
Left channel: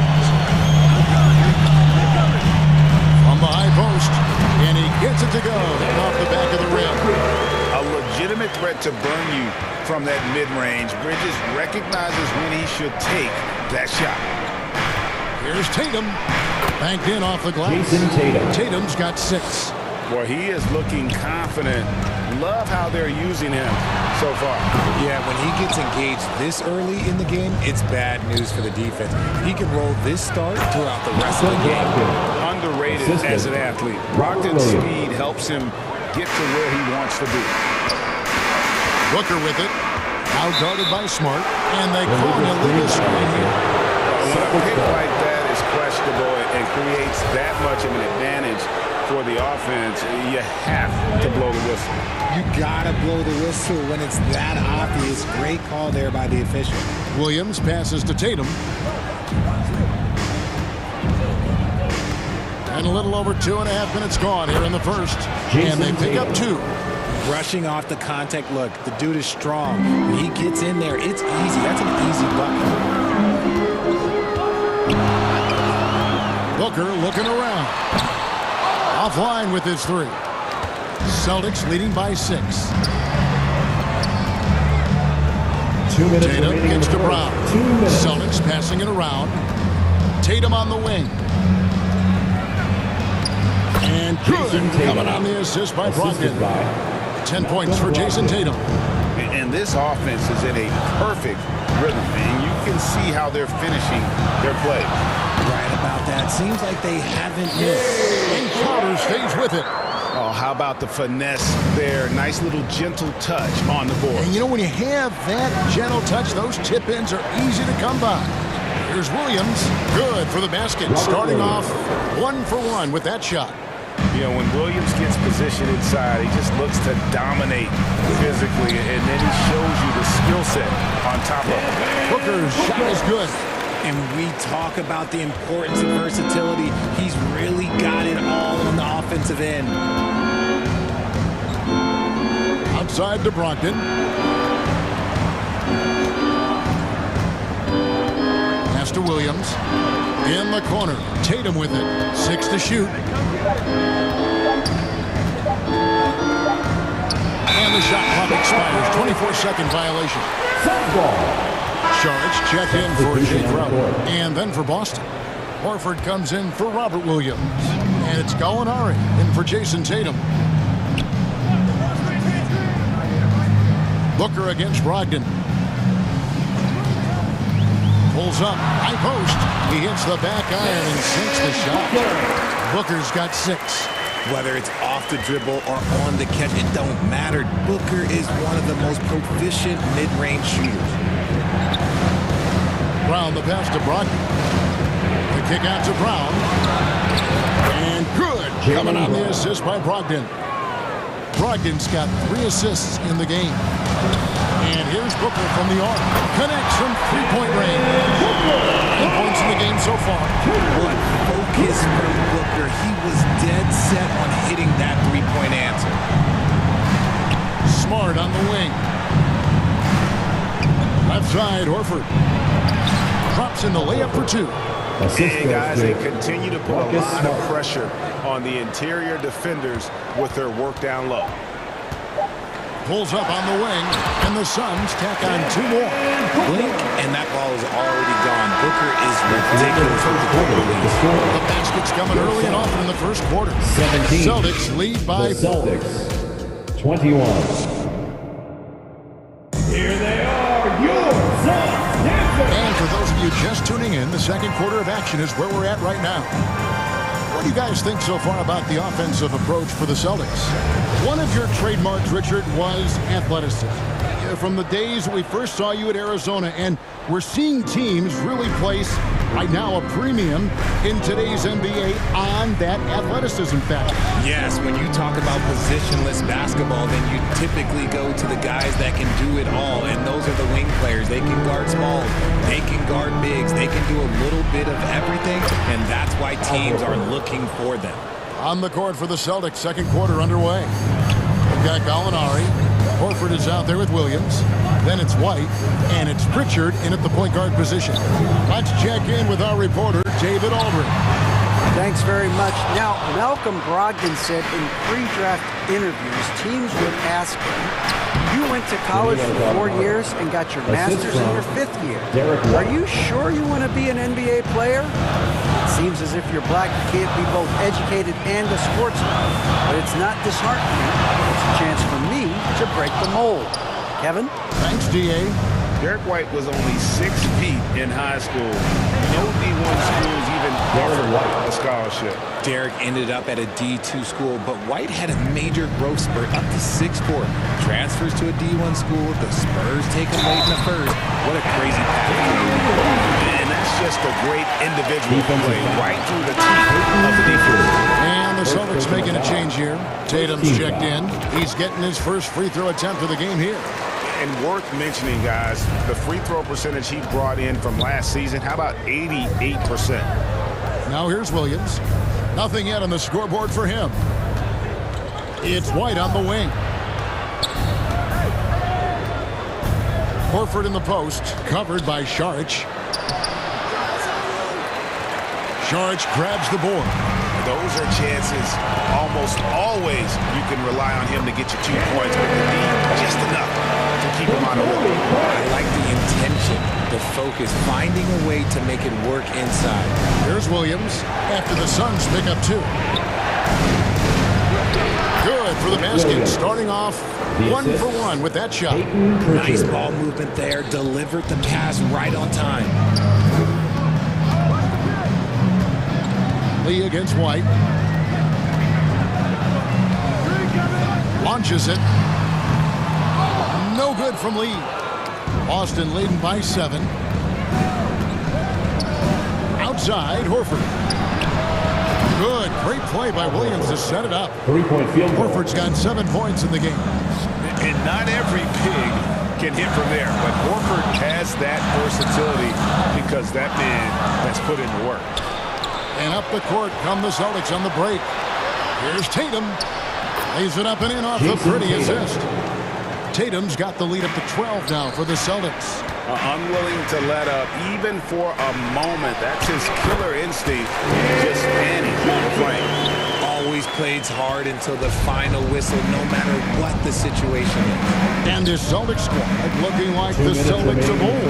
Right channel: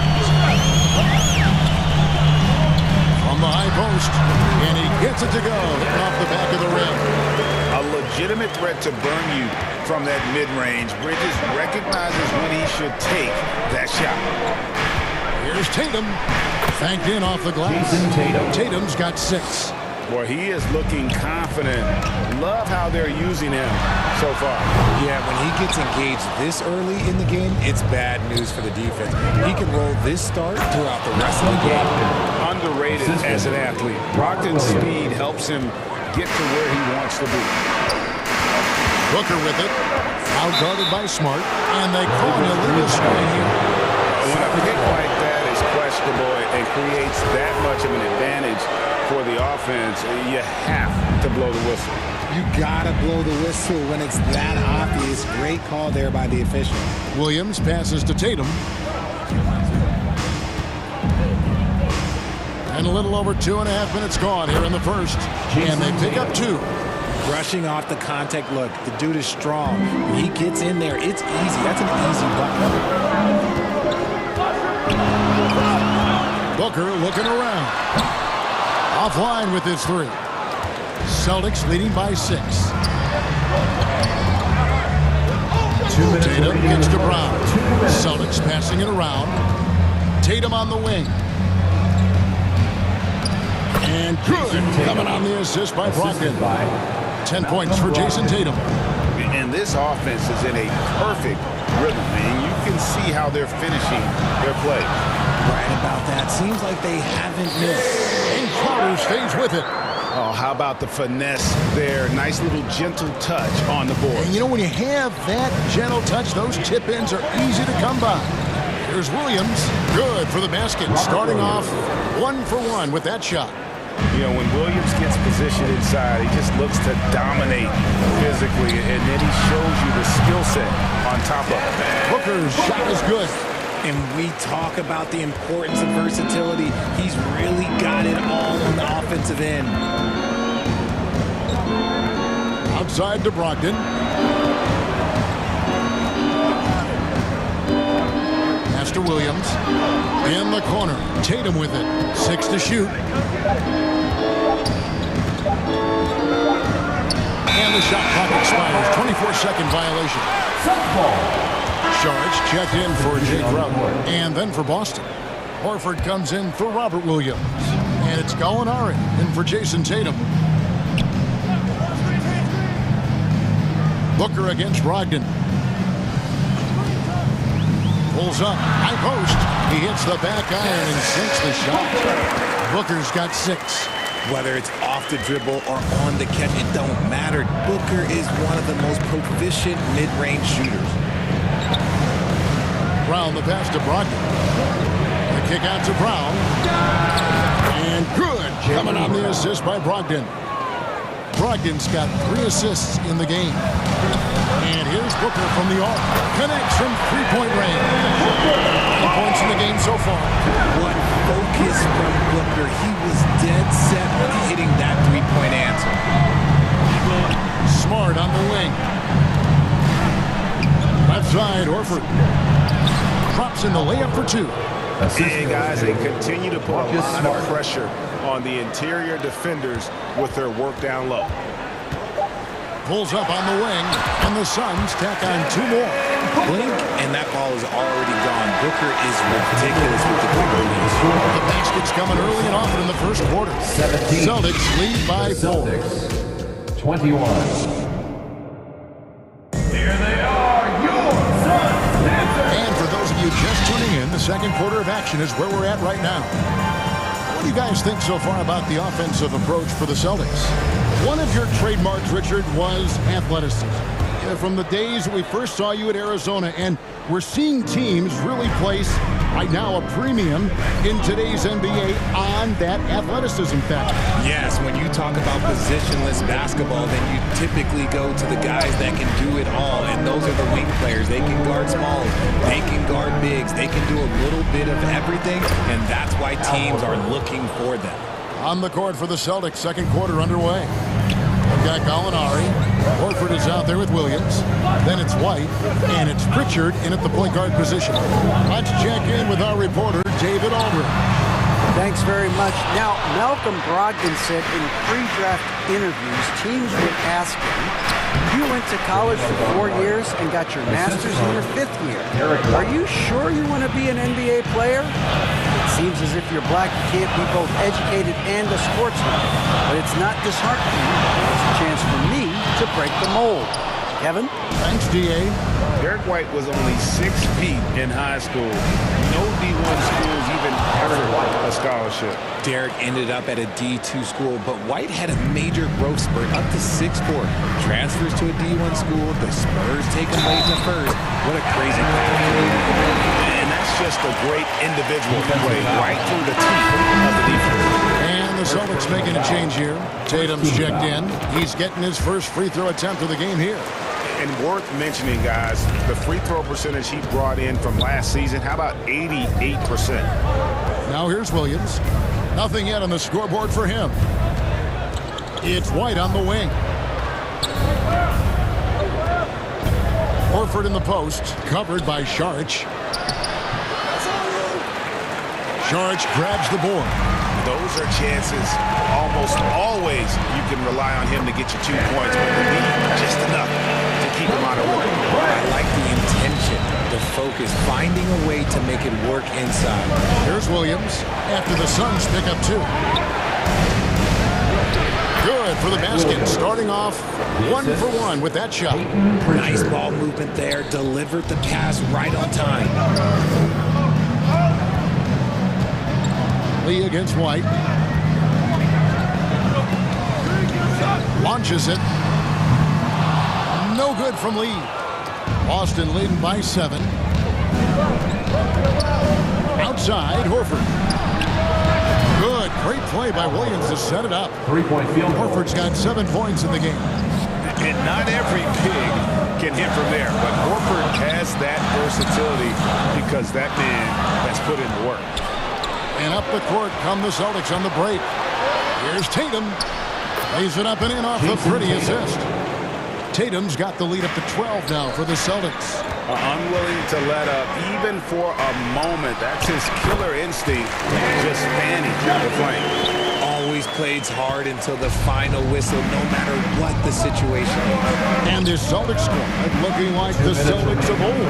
From the high post, and he gets it to go, hitting off the back of the rim. A legitimate threat to burn you from that mid-range. Bridges recognizes when he should take that shot. Here's Tatum. Banked in off the glass. Tatum's got 6. Boy, he is looking confident. Love how they're using him so far. Yeah, when he gets engaged this early in the game, it's bad news for the defense. He can roll this start throughout the rest of the game. Underrated as an athlete. Brogdon's speed helps him get to where he wants to be. Booker with it. Out guarded by Smart, and they call an illegal screen here. When a pick like that is questionable and creates that much of an advantage for the offense, you have to blow the whistle. You gotta blow the whistle when it's that obvious. Great call there by the official. Williams passes to Tatum. And a little over 2.5 minutes gone here in the first. And they pick up 2. Brushing off the contact. Look, the dude is strong. When he gets in there, it's easy. That's an easy bucket. Booker looking around. Offline with his 3. Celtics leading by 6. 2 minutes Tatum remaining gets in to the Brown. first. 2 minutes. Celtics passing it around. Tatum on the wing. And good. Coming on the assist by Brogdon. 10 points for Jason Tatum. And this offense is in a perfect rhythm, and you can see how they're finishing their plays. Right about that. Seems like they haven't missed. And Crowder stays with it. Oh, how about the finesse there? Nice little gentle touch on the board. And you know, when you have that gentle touch, those tip-ins are easy to come by. Here's Williams. Good for the basket. Starting off 1 for 1 with that shot. You know, when Williams gets positioned inside, he just looks to dominate physically, and then he shows you the skill set on top of it. Booker's shot is good. And we talk about the importance of versatility. He's really got it all on the offensive end. outside to Brogdon. Pass to Williams. In the corner. Tatum with it. 6 to shoot. And the shot clock expires. 24-second violation. Saric checked in for Jake Crowder. And then for Boston. Horford comes in for Robert Williams. And it's Gallinari in for Jason Tatum. Booker against Brogdon. Pulls up. High post. He hits the back iron and sinks the shot. Booker's got 6. Whether it's off the dribble or on the catch, it don't matter. Booker is one of the most proficient mid-range shooters. Brown the pass to Brogdon. The kick out to Brown. And good. Coming on the assist by Brogdon. Brogdon's got 3 assists in the game. And here's Booker from the arc. Connects from three-point range. 9 points in the game so far. What focus from Booker. He was dead set on hitting that three-point answer. Smart on the wing. Left side, Horford. Drops in the layup for 2. And guys, they continue to put a lot of pressure on the interior defenders with their work down low. Pulls up on the wing, and the Suns tack on 2 more. Blink, and that ball is already gone. Booker is ridiculous with the quick release. The basket's coming early and often in the first quarter. 17. Celtics lead by 4. Celtics, 21. Here they are, your Suns. And for those of you just tuning in, the second quarter of action is where we're at right now. What do you guys think so far about the offensive approach for the Celtics? One of your trademarks, Richard, was athleticism. From the days we first saw you at Arizona, and we're seeing teams really place, right now, a premium in today's NBA on that athleticism factor. Yes, when you talk about positionless basketball, then you typically go to the guys that can do it all, and those are the wing players. They can guard smalls, they can guard bigs, they can do a little bit of everything, and that's why teams are looking for them. On the court for the Celtics, second quarter underway. We've got Gallinari. Horford is out there with Williams. Then it's White, and it's Pritchard in at the point guard position. Let's check in with our reporter, David Aldridge. Thanks very much. Now, Malcolm Brogdon said in pre-draft interviews, teams would ask him, you went to college for 4 years and got your master's in your 5th year. Are you sure you want to be an NBA player? It seems as if you're black, you can't be both educated and a sportsman. But it's not disheartening. It's a chance for me to break the mold. Kevin? Thanks, D.A. Derek White was only 6 feet in high school. No D1 schools even offered a scholarship. Derek ended up at a D2 school, but White had a major growth spurt up to 6'4". Transfers to a D1 school. The Spurs take him late in the first. What a crazy path. And that's just a great individual play right through the teeth of the defense. And the Celtics making a change here. Tatum's checked in. He's getting his first free throw attempt of the game here. And worth mentioning, guys, the free throw percentage he brought in from last season, how about 88%? Now here's Williams. Nothing yet on the scoreboard for him. It's White on the wing. Horford in the post, covered by Saric. Saric grabs the board. Those are chances almost always you can rely on him to get you 2 points, but the D just enough to keep him out of rhythm. I like the intention, the focus, finding a way to make it work inside. Here's Williams after the Suns pick up 2. Good for the basket, starting off 1 for 1 with that shot. Nice ball movement there, delivered the pass right on time. Lee against White. Launches it. No good from Lee. Boston leading by 7. Outside, Horford. Good. Great play by Williams to set it up. 3-point field goal. Horford's got 7 points in the game. And not every pig can hit from there, but Horford has that versatility because that man has put in the work. And up the court come the Celtics on the break. Here's Tatum. Lays it up and in off the pretty assist. Tatum's got the lead up to 12 now for the Celtics. Unwilling to let up even for a moment. That's his killer instinct, just fanning the flame. Always plays hard until the final whistle, no matter what the situation is. And this Celtics squad looking like the Celtics of old.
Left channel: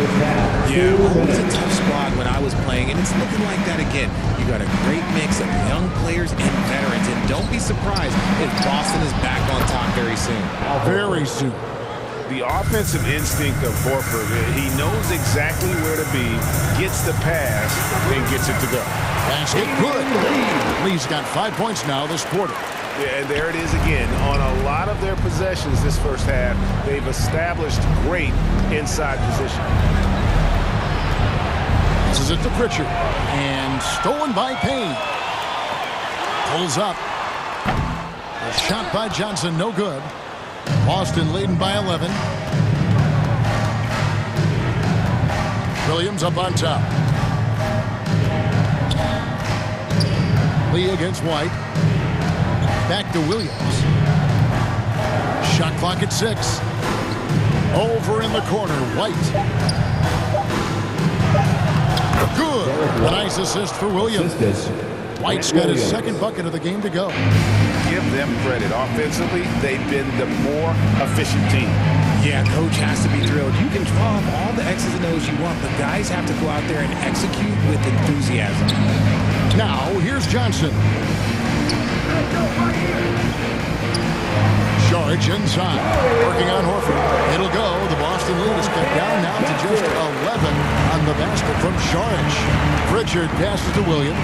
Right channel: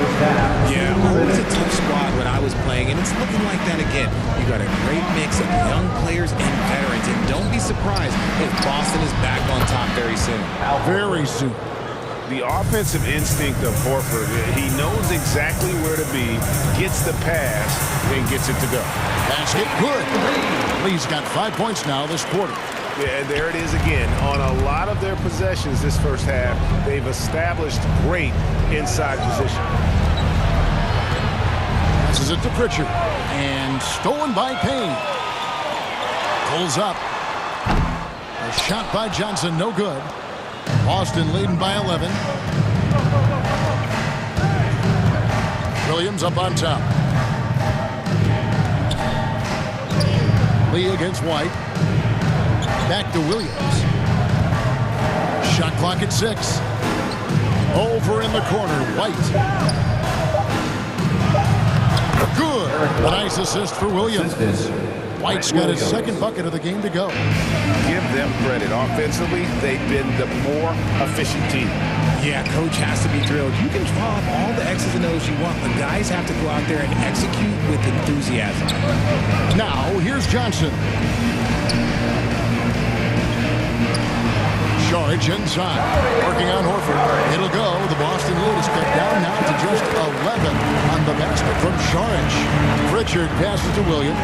Yeah, always a tough squad when I was playing, and it's looking like that again. You got a great mix of young players and veterans, and don't be surprised if Boston is back on top very soon. Very soon. The offensive instinct of Horford, he knows exactly where to be, gets the pass, and gets it to go. Basket good. Lee's got 5 points now this quarter. Yeah, and there it is again. On a lot of their possessions this first half, they've established great inside position. Passes it to Pritchard. And stolen by Payne. Pulls up. A shot by Johnson, no good. Boston leading by 11. Williams up on top. Lee against White. Back to Williams. Shot clock at 6. Over in the corner, White. Good. A nice assist for Williams. White's got his second bucket of the game to go. Give them credit. Offensively, they've been the more efficient team. Yeah, coach has to be thrilled. You can draw up all the X's and O's you want, but guys have to go out there and execute with enthusiasm. Now, here's Johnson. Charge inside. Working on Horford. It'll go. The Boston lead is cut down now to just 11 on the basket from Saric. Pritchard passes to Williams.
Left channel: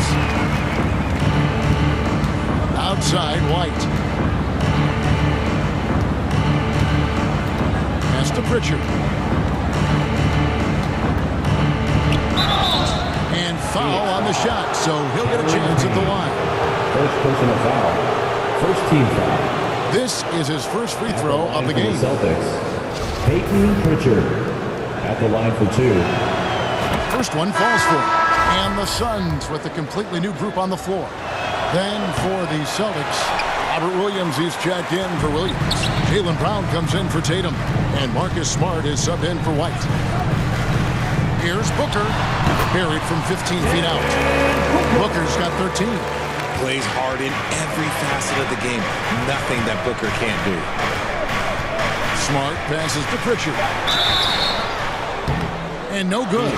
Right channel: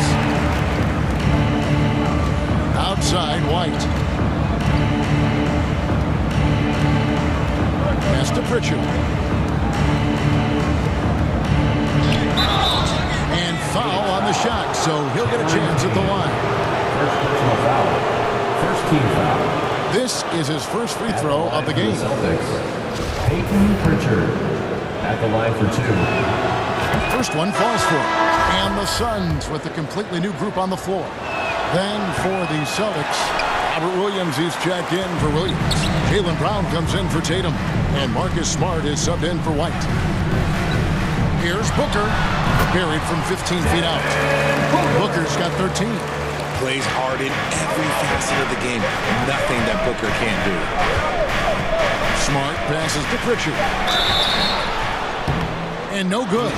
Outside, White. Pass to Pritchard. And foul on the shot, so he'll get a chance at the line. First personal foul. First team foul. This is his first free throw of the game. Celtics. Peyton Pritchard at the line for 2. First one falls for him. And the Suns with a completely new group on the floor. Then for the Celtics, Robert Williams is checked in for Williams. Jaylen Brown comes in for Tatum. And Marcus Smart is subbed in for White. Here's Booker. Buried from 15 feet out. Booker's got 13. Plays hard in every facet of the game. Nothing that Booker can't do. Smart passes to Pritchard. And no good.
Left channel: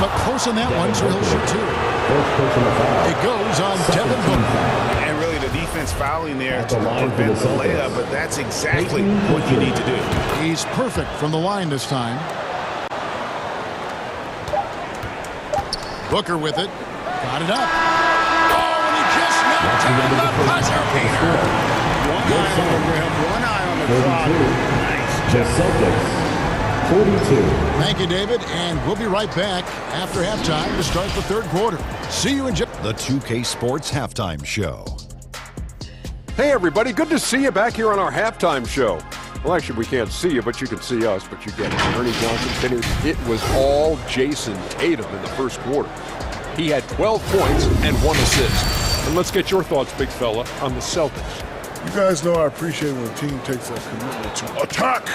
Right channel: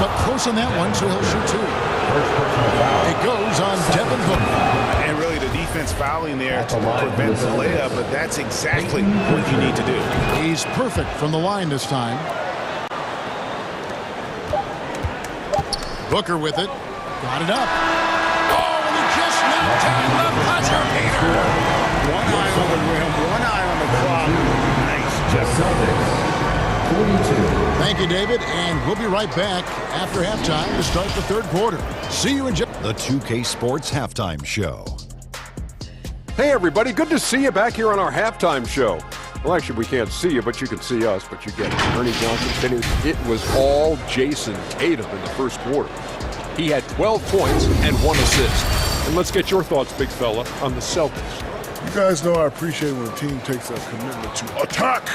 But close on that one, so he'll shoot 2. First personal foul. It goes on Devin Booker. And really the defense fouling there to prevent the layup, but that's exactly what you need to do. He's perfect from the line this time. Booker with it. Got it up. Oh, and he just knocked down the buzzer beater. One eye on the rim, one eye on the clock. Nice. Just Celtics. 42. Thank you, David, and we'll be right back after halftime to start the third quarter. See you in just the 2K Sports Halftime Show. Hey, everybody. Good to see you back here on our halftime show. Well, actually, we can't see you, but you can see us. But you get it. Ernie Johnson. It was all Jason Tatum in the first quarter. He had 12 points and 1 assist. And let's get your thoughts, big fella, on the Celtics. You guys know I appreciate when a team takes a commitment to attack.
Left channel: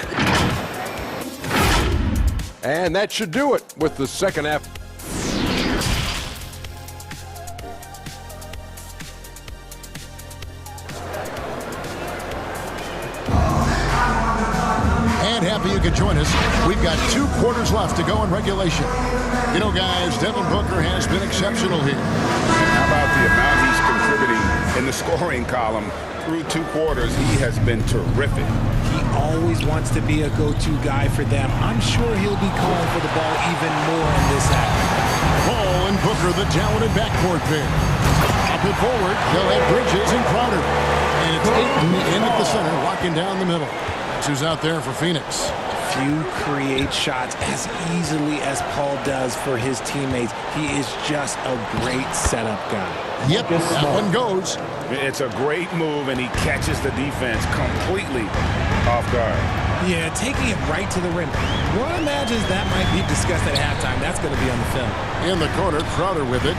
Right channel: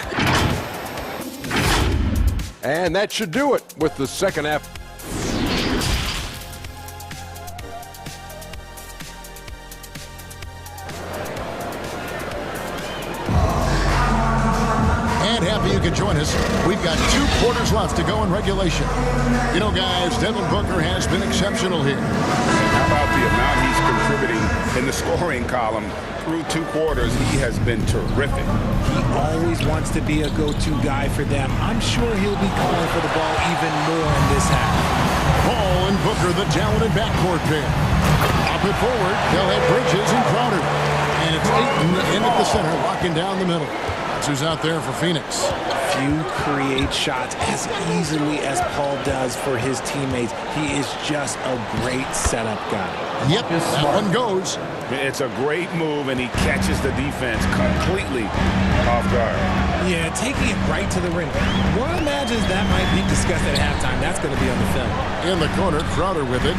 And that should do it with the second half. And happy you could join us. We've got 2 quarters left to go in regulation. You know, guys, Devin Booker has been exceptional here. How about the amount he's contributing in the scoring column? Through 2 quarters, he has been terrific. He always wants to be a go-to guy for them. I'm sure he'll be calling for the ball even more in this half. Paul and Booker, the talented backcourt pair. Up and forward, they'll have Bridges and Crowder. And it's Ayton in at the center, locking down the middle. That's who's out there for Phoenix. Few create shots as easily as Paul does for his teammates. He is just a great setup guy. Yep, that one goes. It's a great move, and he catches the defense completely off guard. Yeah, taking it right to the rim. One imagines that might be discussed at halftime. That's going to be on the film. In the corner, Crowder with it.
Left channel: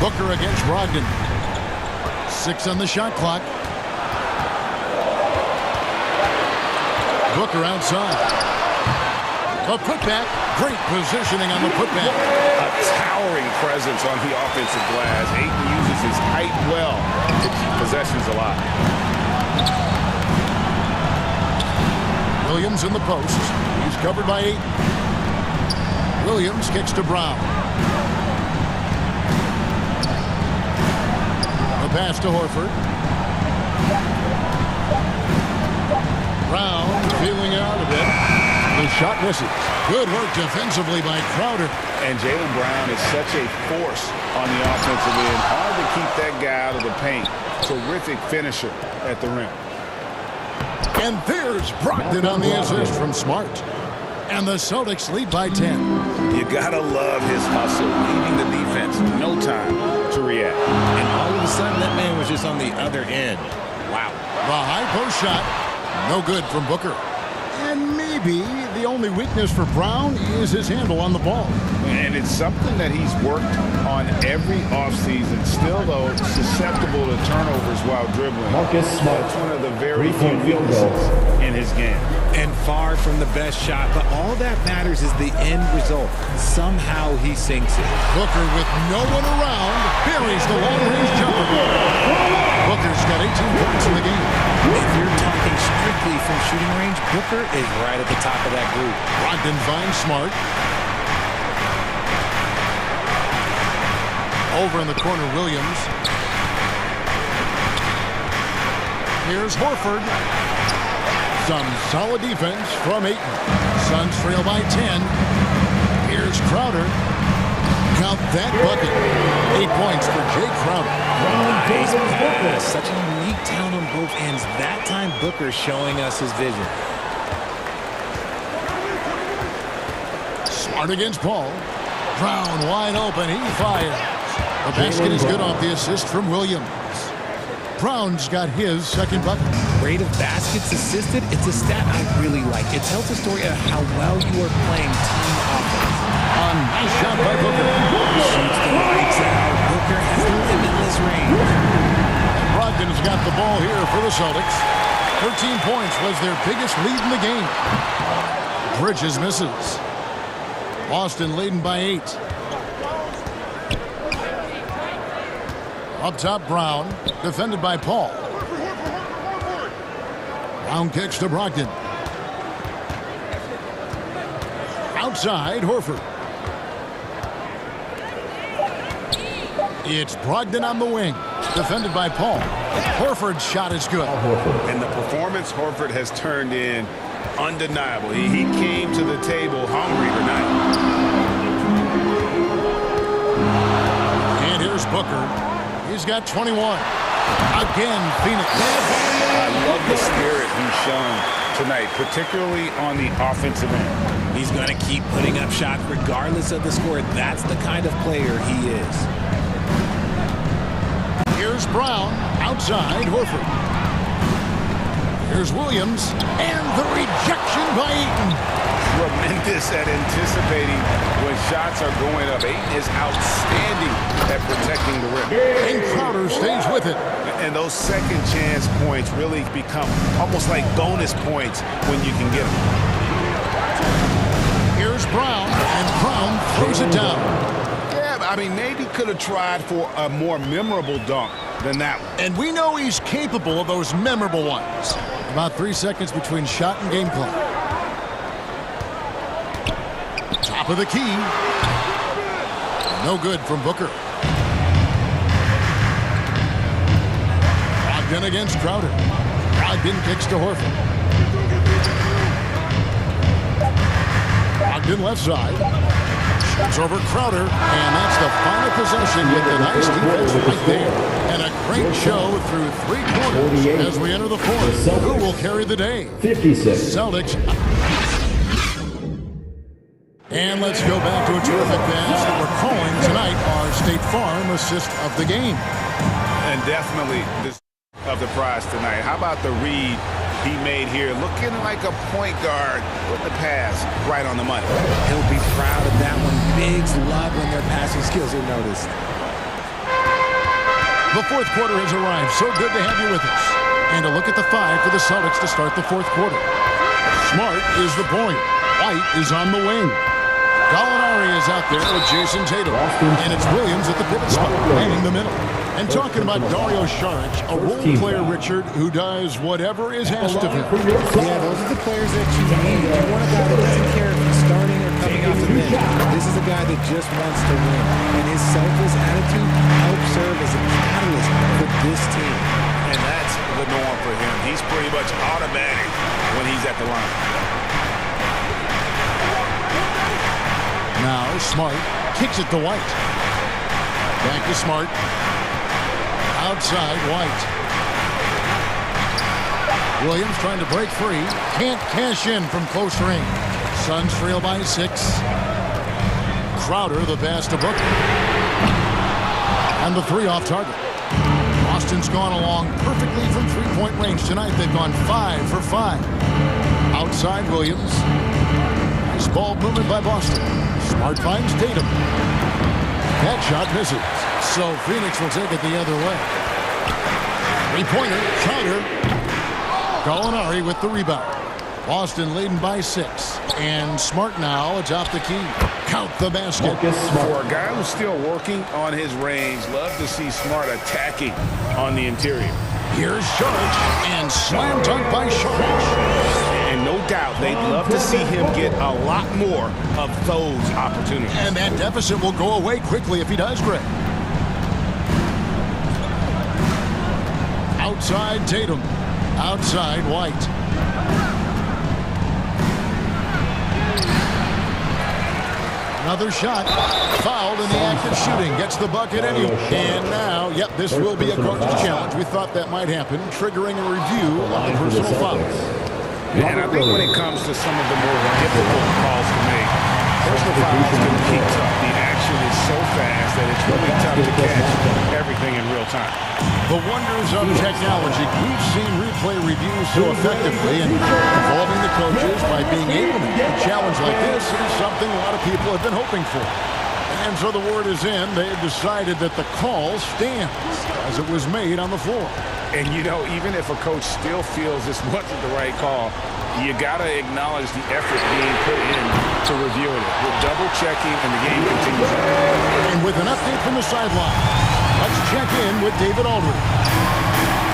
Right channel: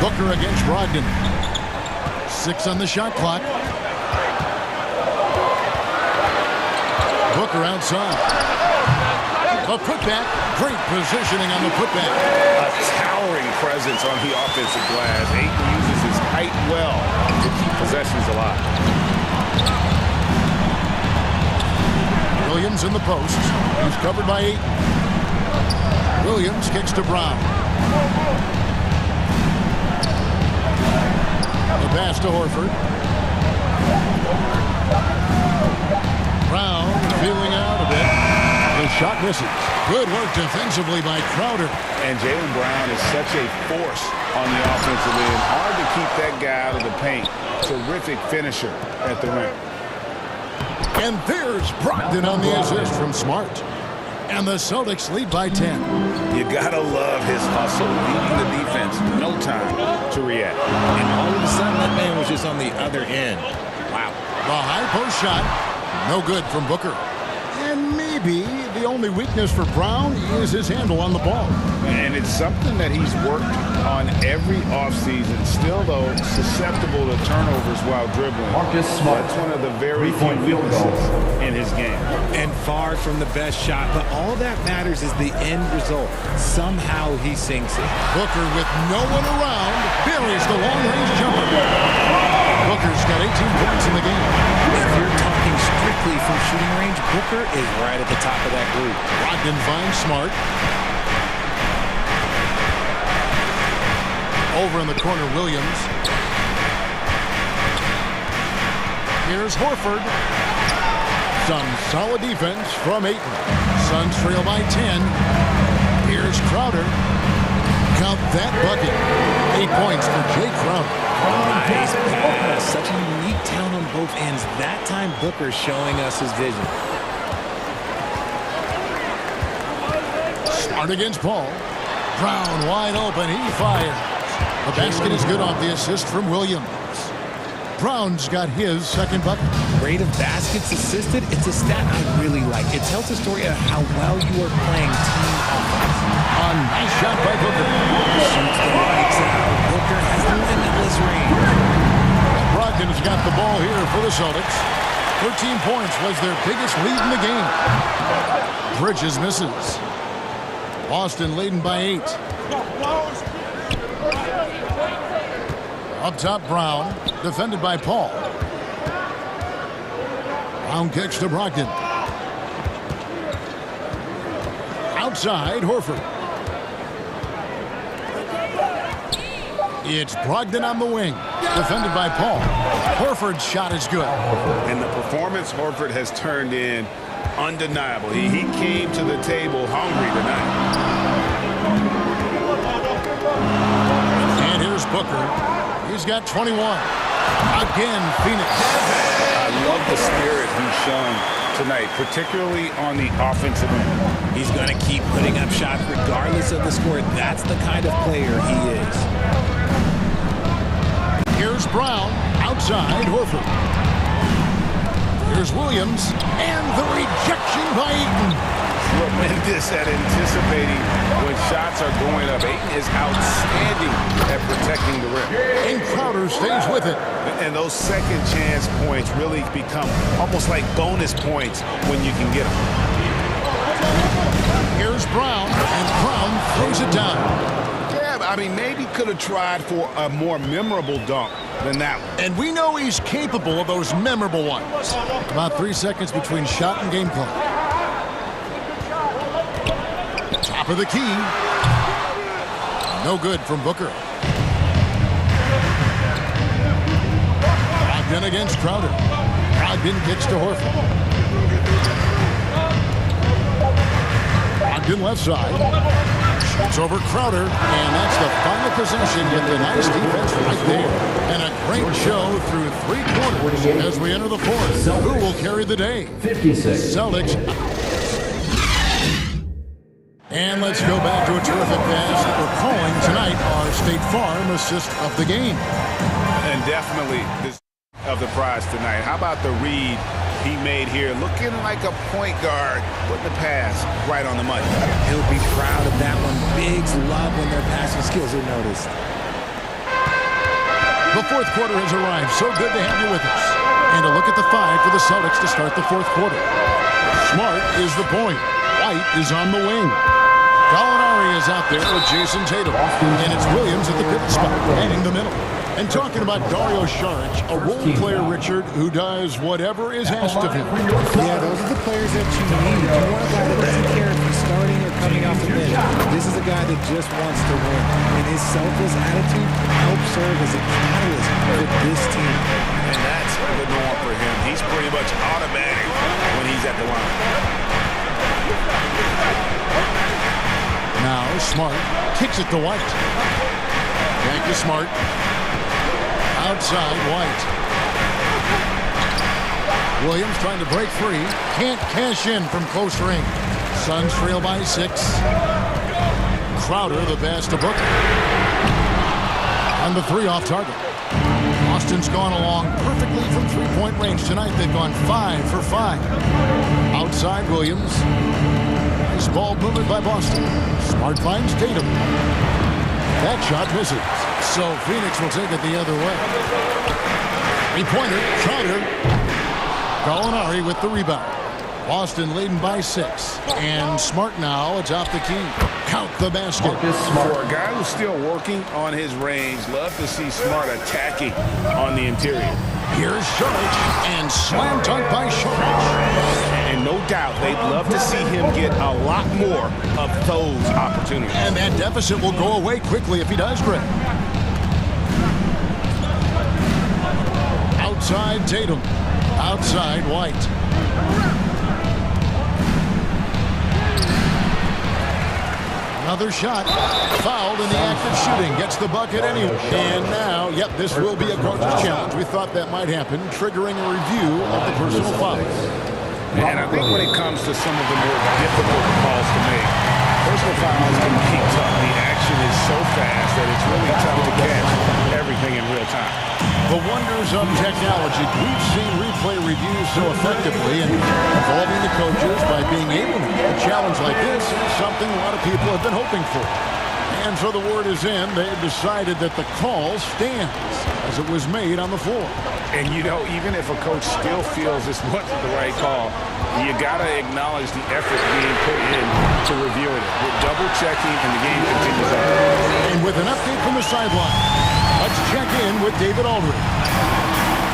Booker against Brogdon. 6 on the shot clock. Booker outside. A putback. Great positioning on the putback. A towering presence on the offensive glass. Ayton uses his height well to keep possessions alive. Williams in the post. He's covered by Ayton. Williams kicks to Brown. The pass to Horford. Brown feeling out a bit. The shot misses. Good work defensively by Crowder. And Jaylen Brown is such a force on the offensive end. Hard to keep that guy out of the paint. Terrific finisher at the rim. And there's Brogdon on the assist from Smart. And the Celtics lead by 10. You gotta love his hustle, leaving the defense no time to react. And all of a sudden, that man was just on the other end. Wow. The high post shot, no good from Booker. And maybe the only weakness for Brown is his handle on the ball. And it's something that he's worked on every offseason. Still, though, susceptible to turnovers while dribbling. Marcus Smart. That's one of the very few weaknesses in his game. And far from the best shot, but all that matters is the end result. Somehow he sinks it. Booker with no one around buries the long-range jumper. Booker's got 18 points in the game. If you're talking strictly from shooting range, Booker is right at the top of that group. Brogdon finds Smart. Over in the corner, Williams. Here's Horford. Some solid defense from Ayton. Suns trail by 10. Here's Crowder. Count that bucket. 8 points for Jay Crowder. Nice pass. Such a unique talent on both ends. That time, Booker showing us his vision. Smart against Paul. Brown wide open. He fires. The basket is good off the assist from Williams. Brown's got his second bucket. Rate of baskets assisted, it's a stat I really like. It tells the story of how well you are playing team offense. A nice shot by Booker. Shoots the lights out. Booker has limitless range. And Brogdon's got the ball here for the Celtics. 13 points was their biggest lead in the game. Bridges misses. Boston leading by 8. Up top, Brown, defended by Paul. Brown kicks to Brogdon. Outside, Horford. It's Brogdon on the wing, defended by Paul. Horford's shot is good. And the performance Horford has turned in, undeniable. He came to the table hungry tonight. And here's Booker. He's got 21. Again, Phoenix. I love the spirit he's shown tonight, particularly on the offensive end. He's going to keep putting up shots regardless of the score. That's the kind of player he is. Here's Brown. Outside, Horford. Here's Williams. And the rejection by Ayton. Tremendous at anticipating when shots are going up. Ayton is outstanding at protecting the rim. And Crowder stays with it. And those second chance points really become almost like bonus points when you can get them. Here's Brown, and Brown throws it down. Yeah, I mean, maybe could have tried for a more memorable dunk than that one. And we know he's capable of those memorable ones. About 3 seconds between shot and game clock. Top of the key. No good from Booker. Brogdon against Crowder. Brogdon kicks to Horford. Brogdon left side. Shoots over Crowder. And that's the final possession with the nice defense right there. And a great show through 3 quarters as we enter the fourth. Who will carry the day? 56. Celtics. And let's go back to a terrific pass that we're calling tonight our State Farm assist of the game. And definitely this of the prize tonight. How about the read he made here? Looking like a point guard, putting the pass right on the money. He'll be proud of that one. Bigs love when their passing skills are noticed. The fourth quarter has arrived. So good to have you with us. And a look at the 5 for the Celtics to start the fourth quarter. Smart is the point. White is on the wing. Gallinari is out there with Jason Tatum. And it's Williams at the pivot spot, heading the middle. And talking about Dario Saric, a role player, Richard, who does whatever is asked of him. Yeah, those are the players that you need. You want a guy that doesn't care if he's starting or coming off the bench. This is a guy that just wants to win. And his selfless attitude helps serve as a catalyst for this team. And that's the norm for him. He's pretty much automatic when he's at the line. Now Smart kicks it to White. Back to Smart. Outside White. Williams trying to break free. Can't cash in from close range. Suns trail by 6. Crowder the pass to Booker. And the 3 off target. Boston's gone along perfectly from 3-point range tonight. They've gone 5 for 5. Outside Williams. Nice ball movement by Boston. Smart finds Tatum. That shot misses. So Phoenix will take it the other way. 3-pointer, Crowder. Gallinari with the rebound. Boston leading by 6. And Smart now atop the key. Count the basket. For a guy who's still working on his range, love to see Smart attacking on the interior. Here's Saric, and slam dunk by Saric. And no doubt they'd love to see him get a lot more of those opportunities. And that deficit will go away quickly if he does, Greg. Outside Tatum. Outside White. Another shot. Fouled in the act of shooting. Gets the bucket anyway. And now, yep, this will be a coach's challenge. We thought that might happen, triggering a review of the personal foul. And I think when it comes to some of the more difficult calls to make, personal fouls can be tough. The action is so fast that it's really tough to catch everything in real time. The wonders of technology. We've seen replay reviews so effectively, and involving the coaches by being able to make a challenge like this is something a lot of people have been hoping for. And so the word is in. They've decided that the call stands as it was made on the floor. And, you know, even if a coach still feels this wasn't the right call, you got to acknowledge the effort being put in to reviewing it. With double-checking, and the game continues on. And with an update from the sideline, let's check in with David Aldridge.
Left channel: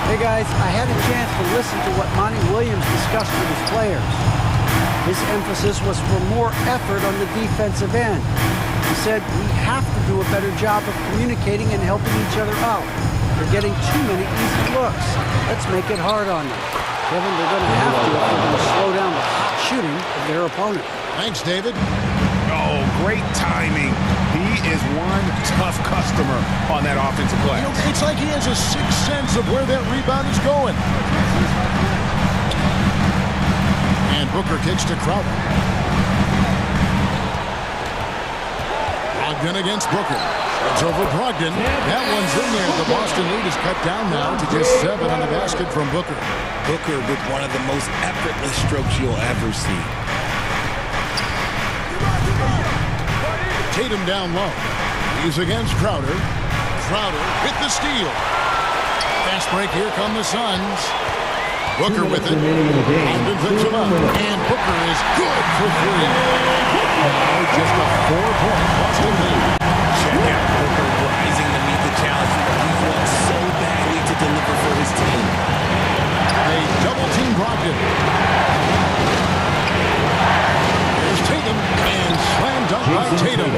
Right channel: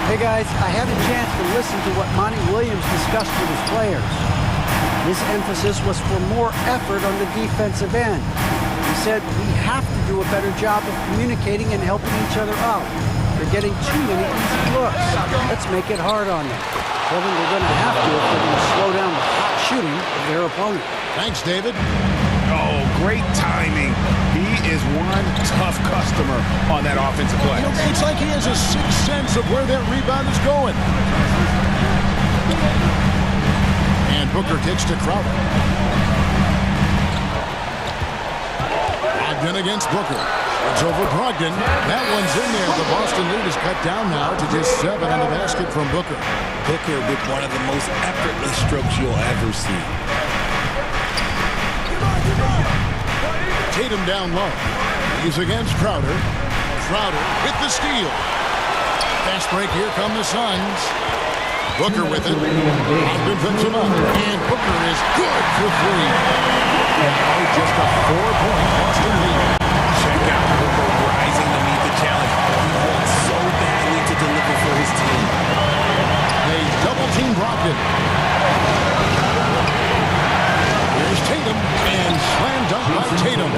Hey, guys, I had a chance to listen to what Monty Williams discussed with his players. His emphasis was for more effort on the defensive end. He said we have to do a better job of communicating and helping each other out. They're getting too many easy looks. Let's make it hard on them. Kevin, they're going to have to if they're going to slow down the hot shooting of their opponent. Thanks, David. Oh, great timing. He is one tough customer on that offensive play. You know, it's like he has a sixth sense of where that rebound is going. And Booker kicks to Crowder. Brogdon against Booker. It's over Brogdon. That one's in there. The Boston lead is cut down now to just 7 on the basket from Booker. Booker with one of the most effortless strokes you'll ever see. Tatum down low. He's against Crowder. Crowder with the steal. Fast break. Here come the Suns. Booker with it. Brogdon picks him up. And Booker is good for 3. Now just a 4-point Boston lead. Check out Booker rising to meet the challenge. He wants so badly to deliver for his team. They double-team Brogdon. Here's Tatum, and slam dunk by Tatum.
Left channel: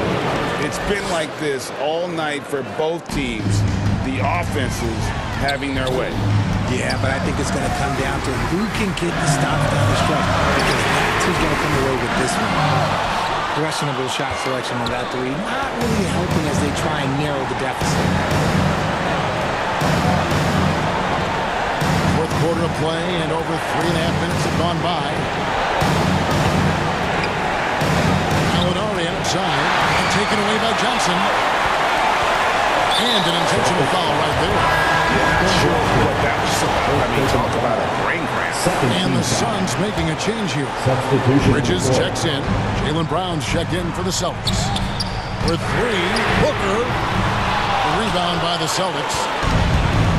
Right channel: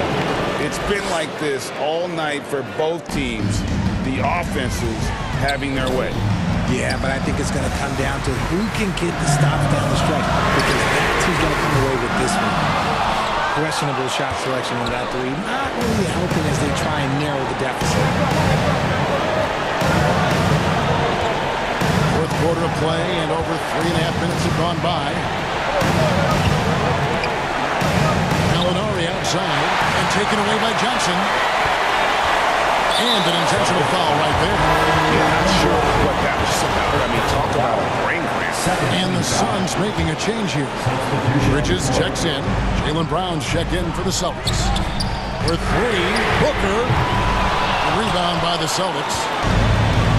It's been like this all night for both teams. The offenses having their way. Yeah, but I think it's going to come down to who can get the stops down the stretch, because that's who's going to come away with this one. Questionable shot selection on that 3, not really helping as they try and narrow the deficit. Fourth quarter of play, and over 3.5 minutes have gone by. Gallinari outside, and taken away by Johnson. And an intentional foul right there. Yeah, not sure what that was about. I mean, talk about a brain cramp. And the Suns making a change here. Bridges checks in. Jaylen Brown's check in for the Celtics. For 3, Booker. The rebound by the Celtics.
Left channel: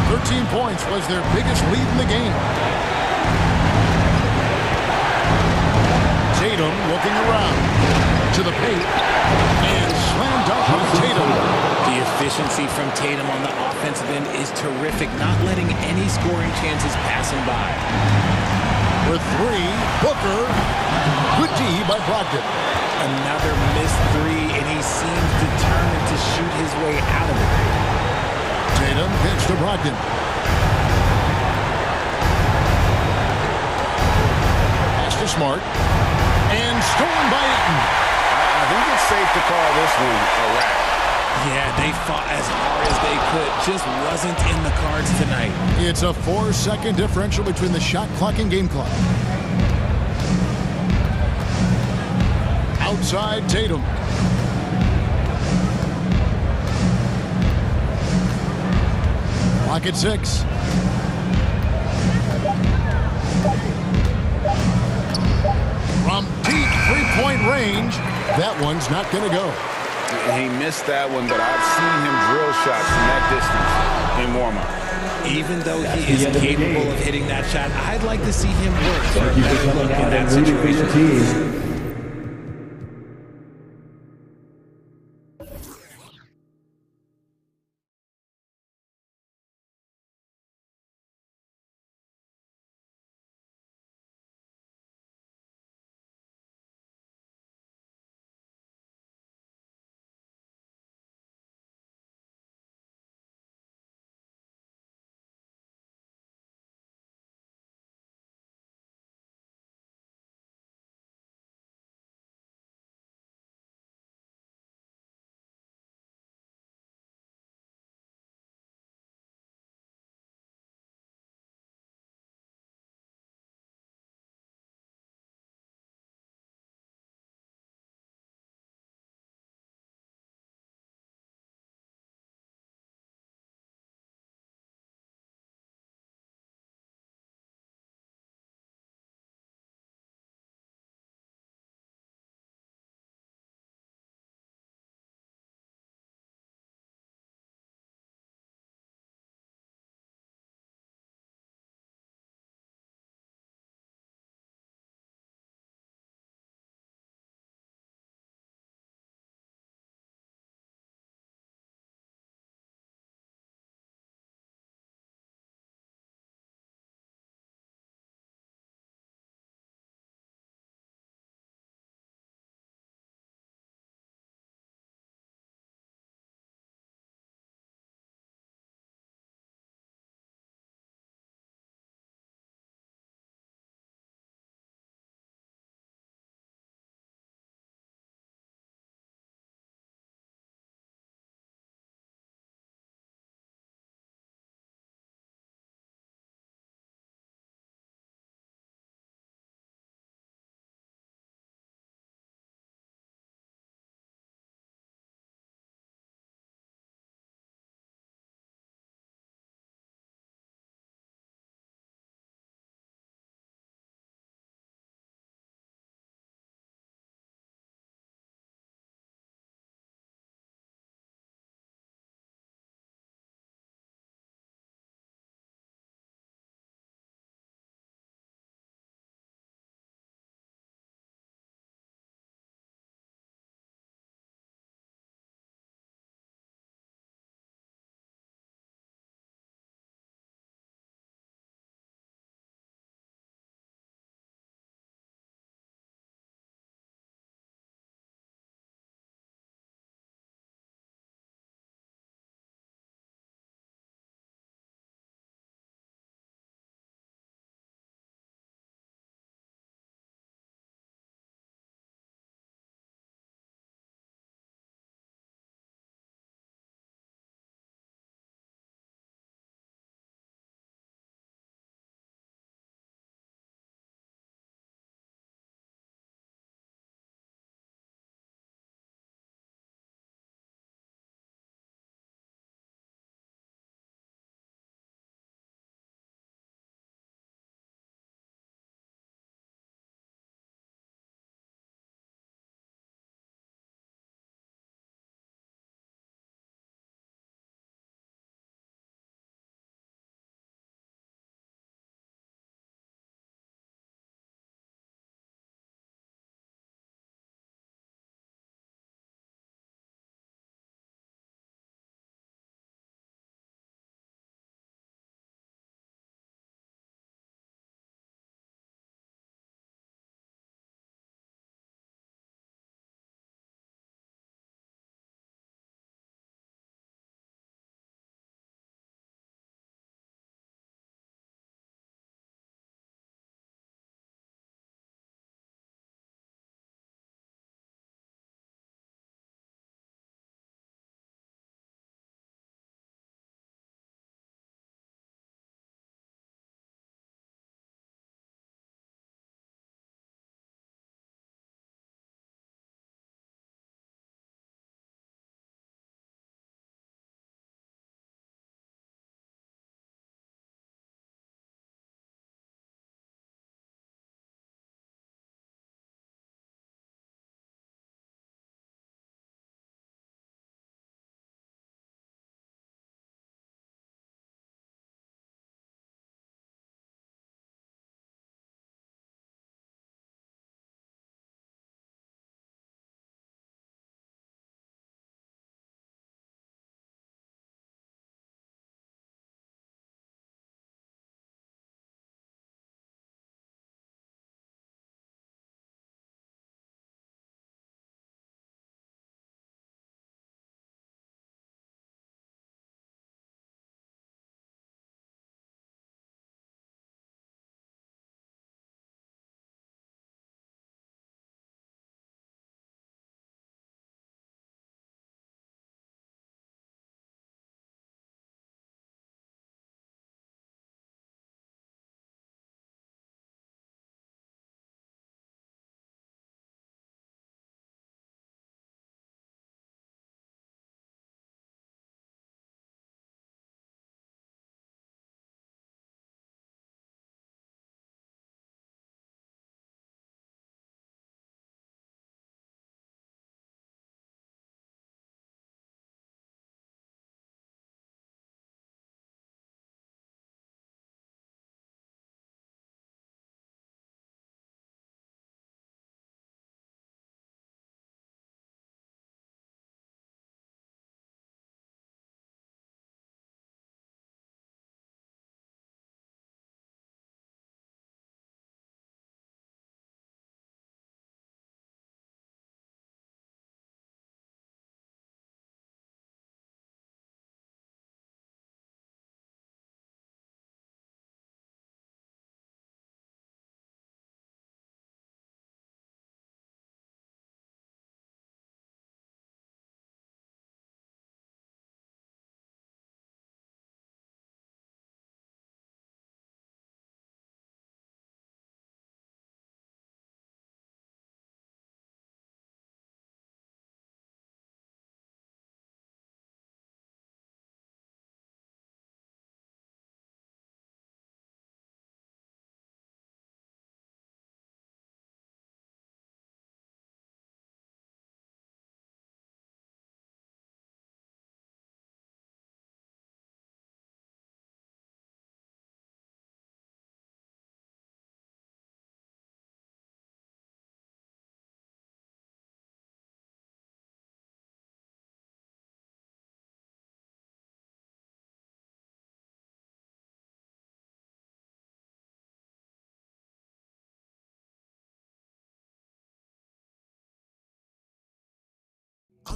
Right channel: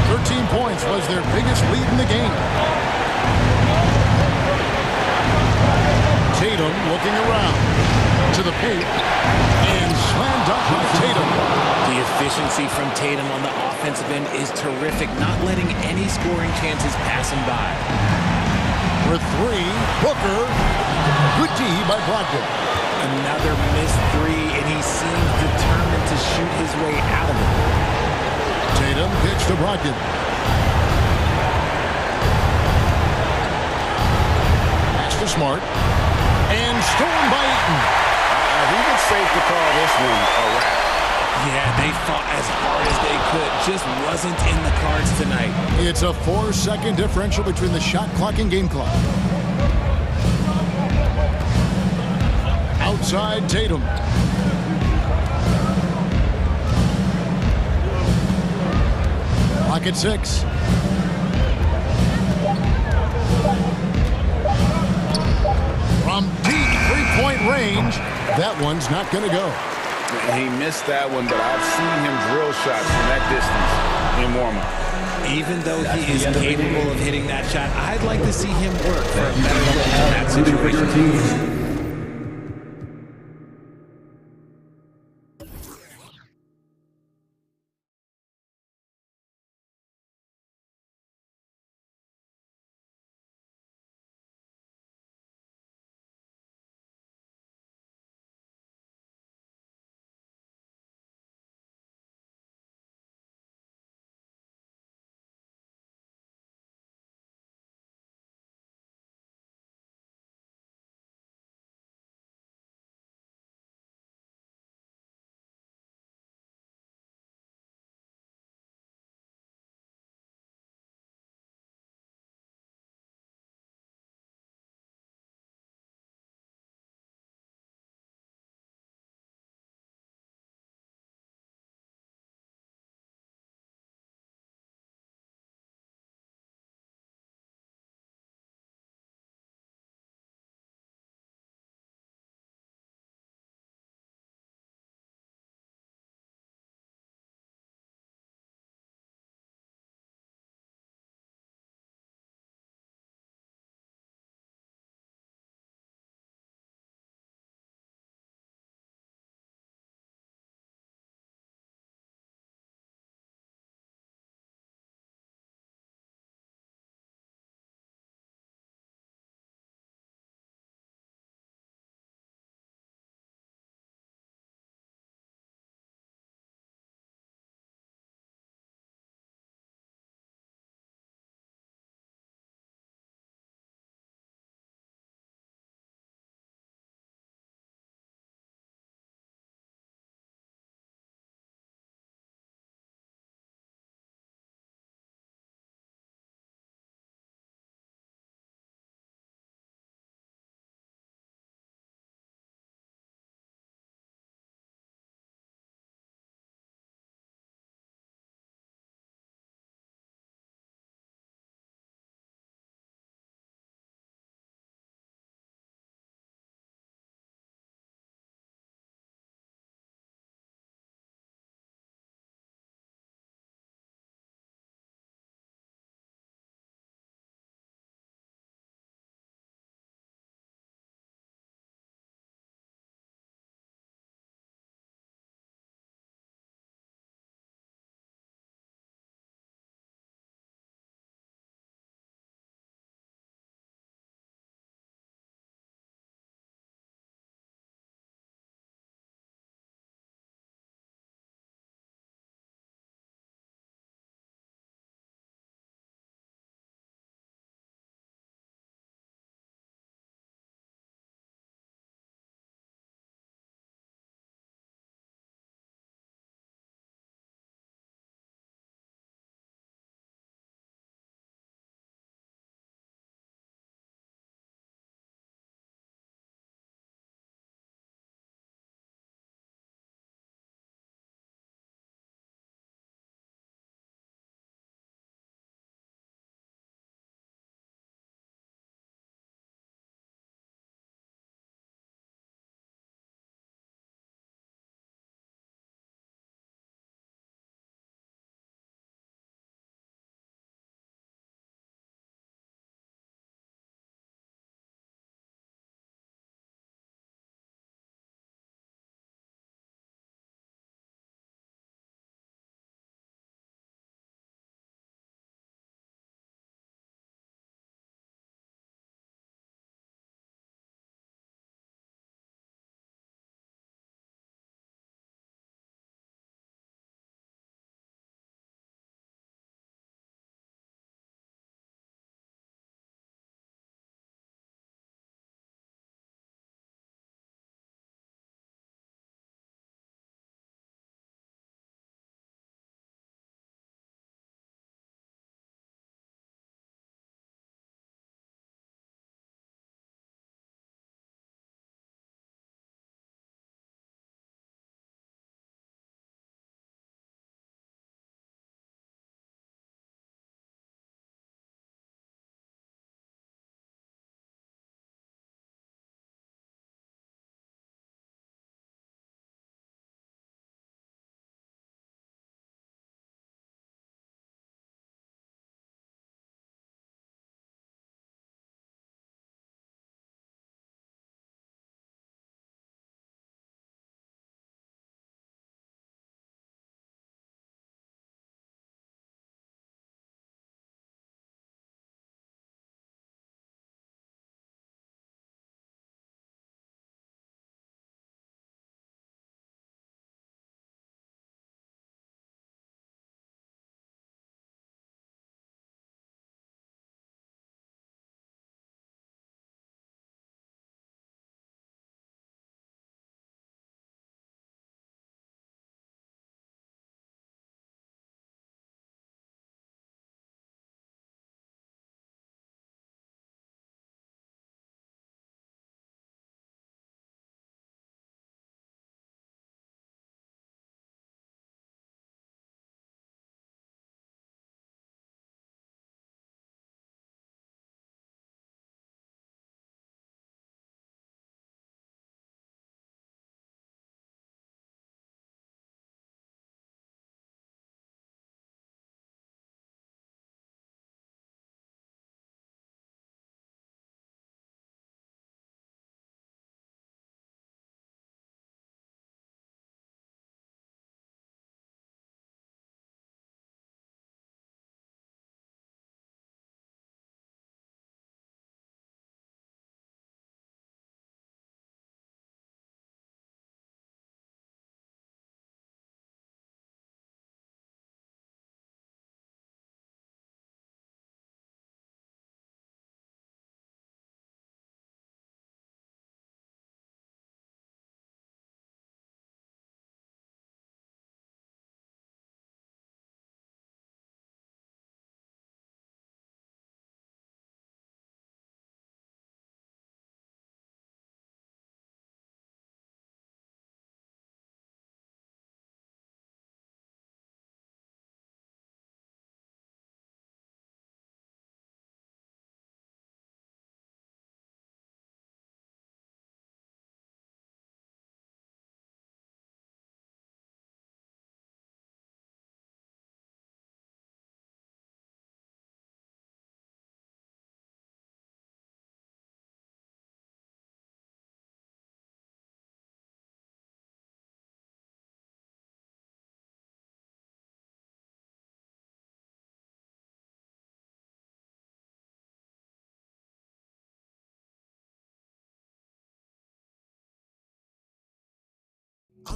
13 points was their biggest lead in the game. Tatum looking around. To the paint. And slam dunk by Tatum. The efficiency from Tatum on the offensive end is terrific, not letting any scoring chances pass him by. For three, Booker. Good D by Brogdon. Another missed three, and he seems determined to shoot his way out of it. Tatum kicks to Brogdon. Pass to Smart. And stolen by Ayton. I think it's safe to call this one a wrap. Yeah, they fought as hard as they could. Just wasn't in the cards tonight. It's a 4-second differential between the shot clock and game clock. Outside Tatum. Clock at 6. From deep three-point range, that one's not going to go. He missed that one, but I've seen him drill shots from that distance in warm-up. Even though he is capable of hitting that shot, I'd like to see him work for a better look in that situation.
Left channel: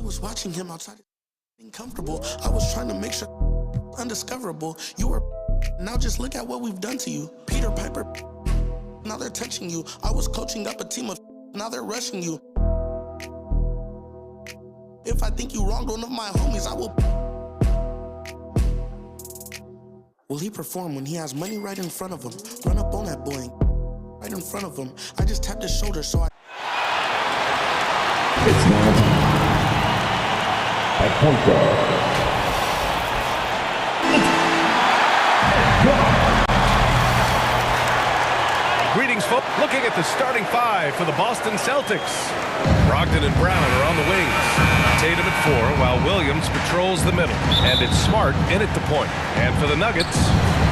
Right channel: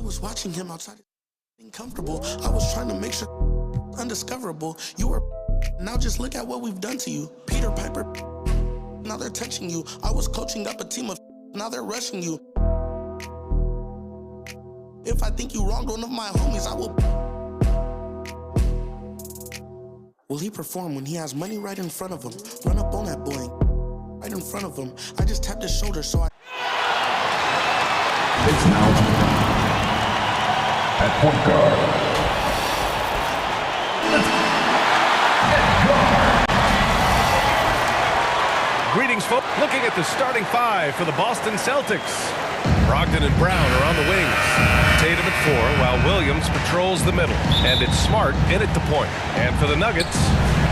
was watching him outside, being comfortable. I was trying to make sure undiscoverable. You were. Now just look at what we've done to you. Peter Piper. Now they're touching you. I was coaching up a team of. Now they're rushing you. If I think you wronged one of my homies, I will. Will he perform when he has money right in front of him? Run up on that boy. Right in front of him. I just tapped his shoulder, so I. It's now at point guard. Greetings, folks. Looking at the starting five for the Boston Celtics. Brogdon and Brown are on the wings. Tatum at 4, while Williams patrols the middle. And it's Smart in at the point. And for the Nuggets,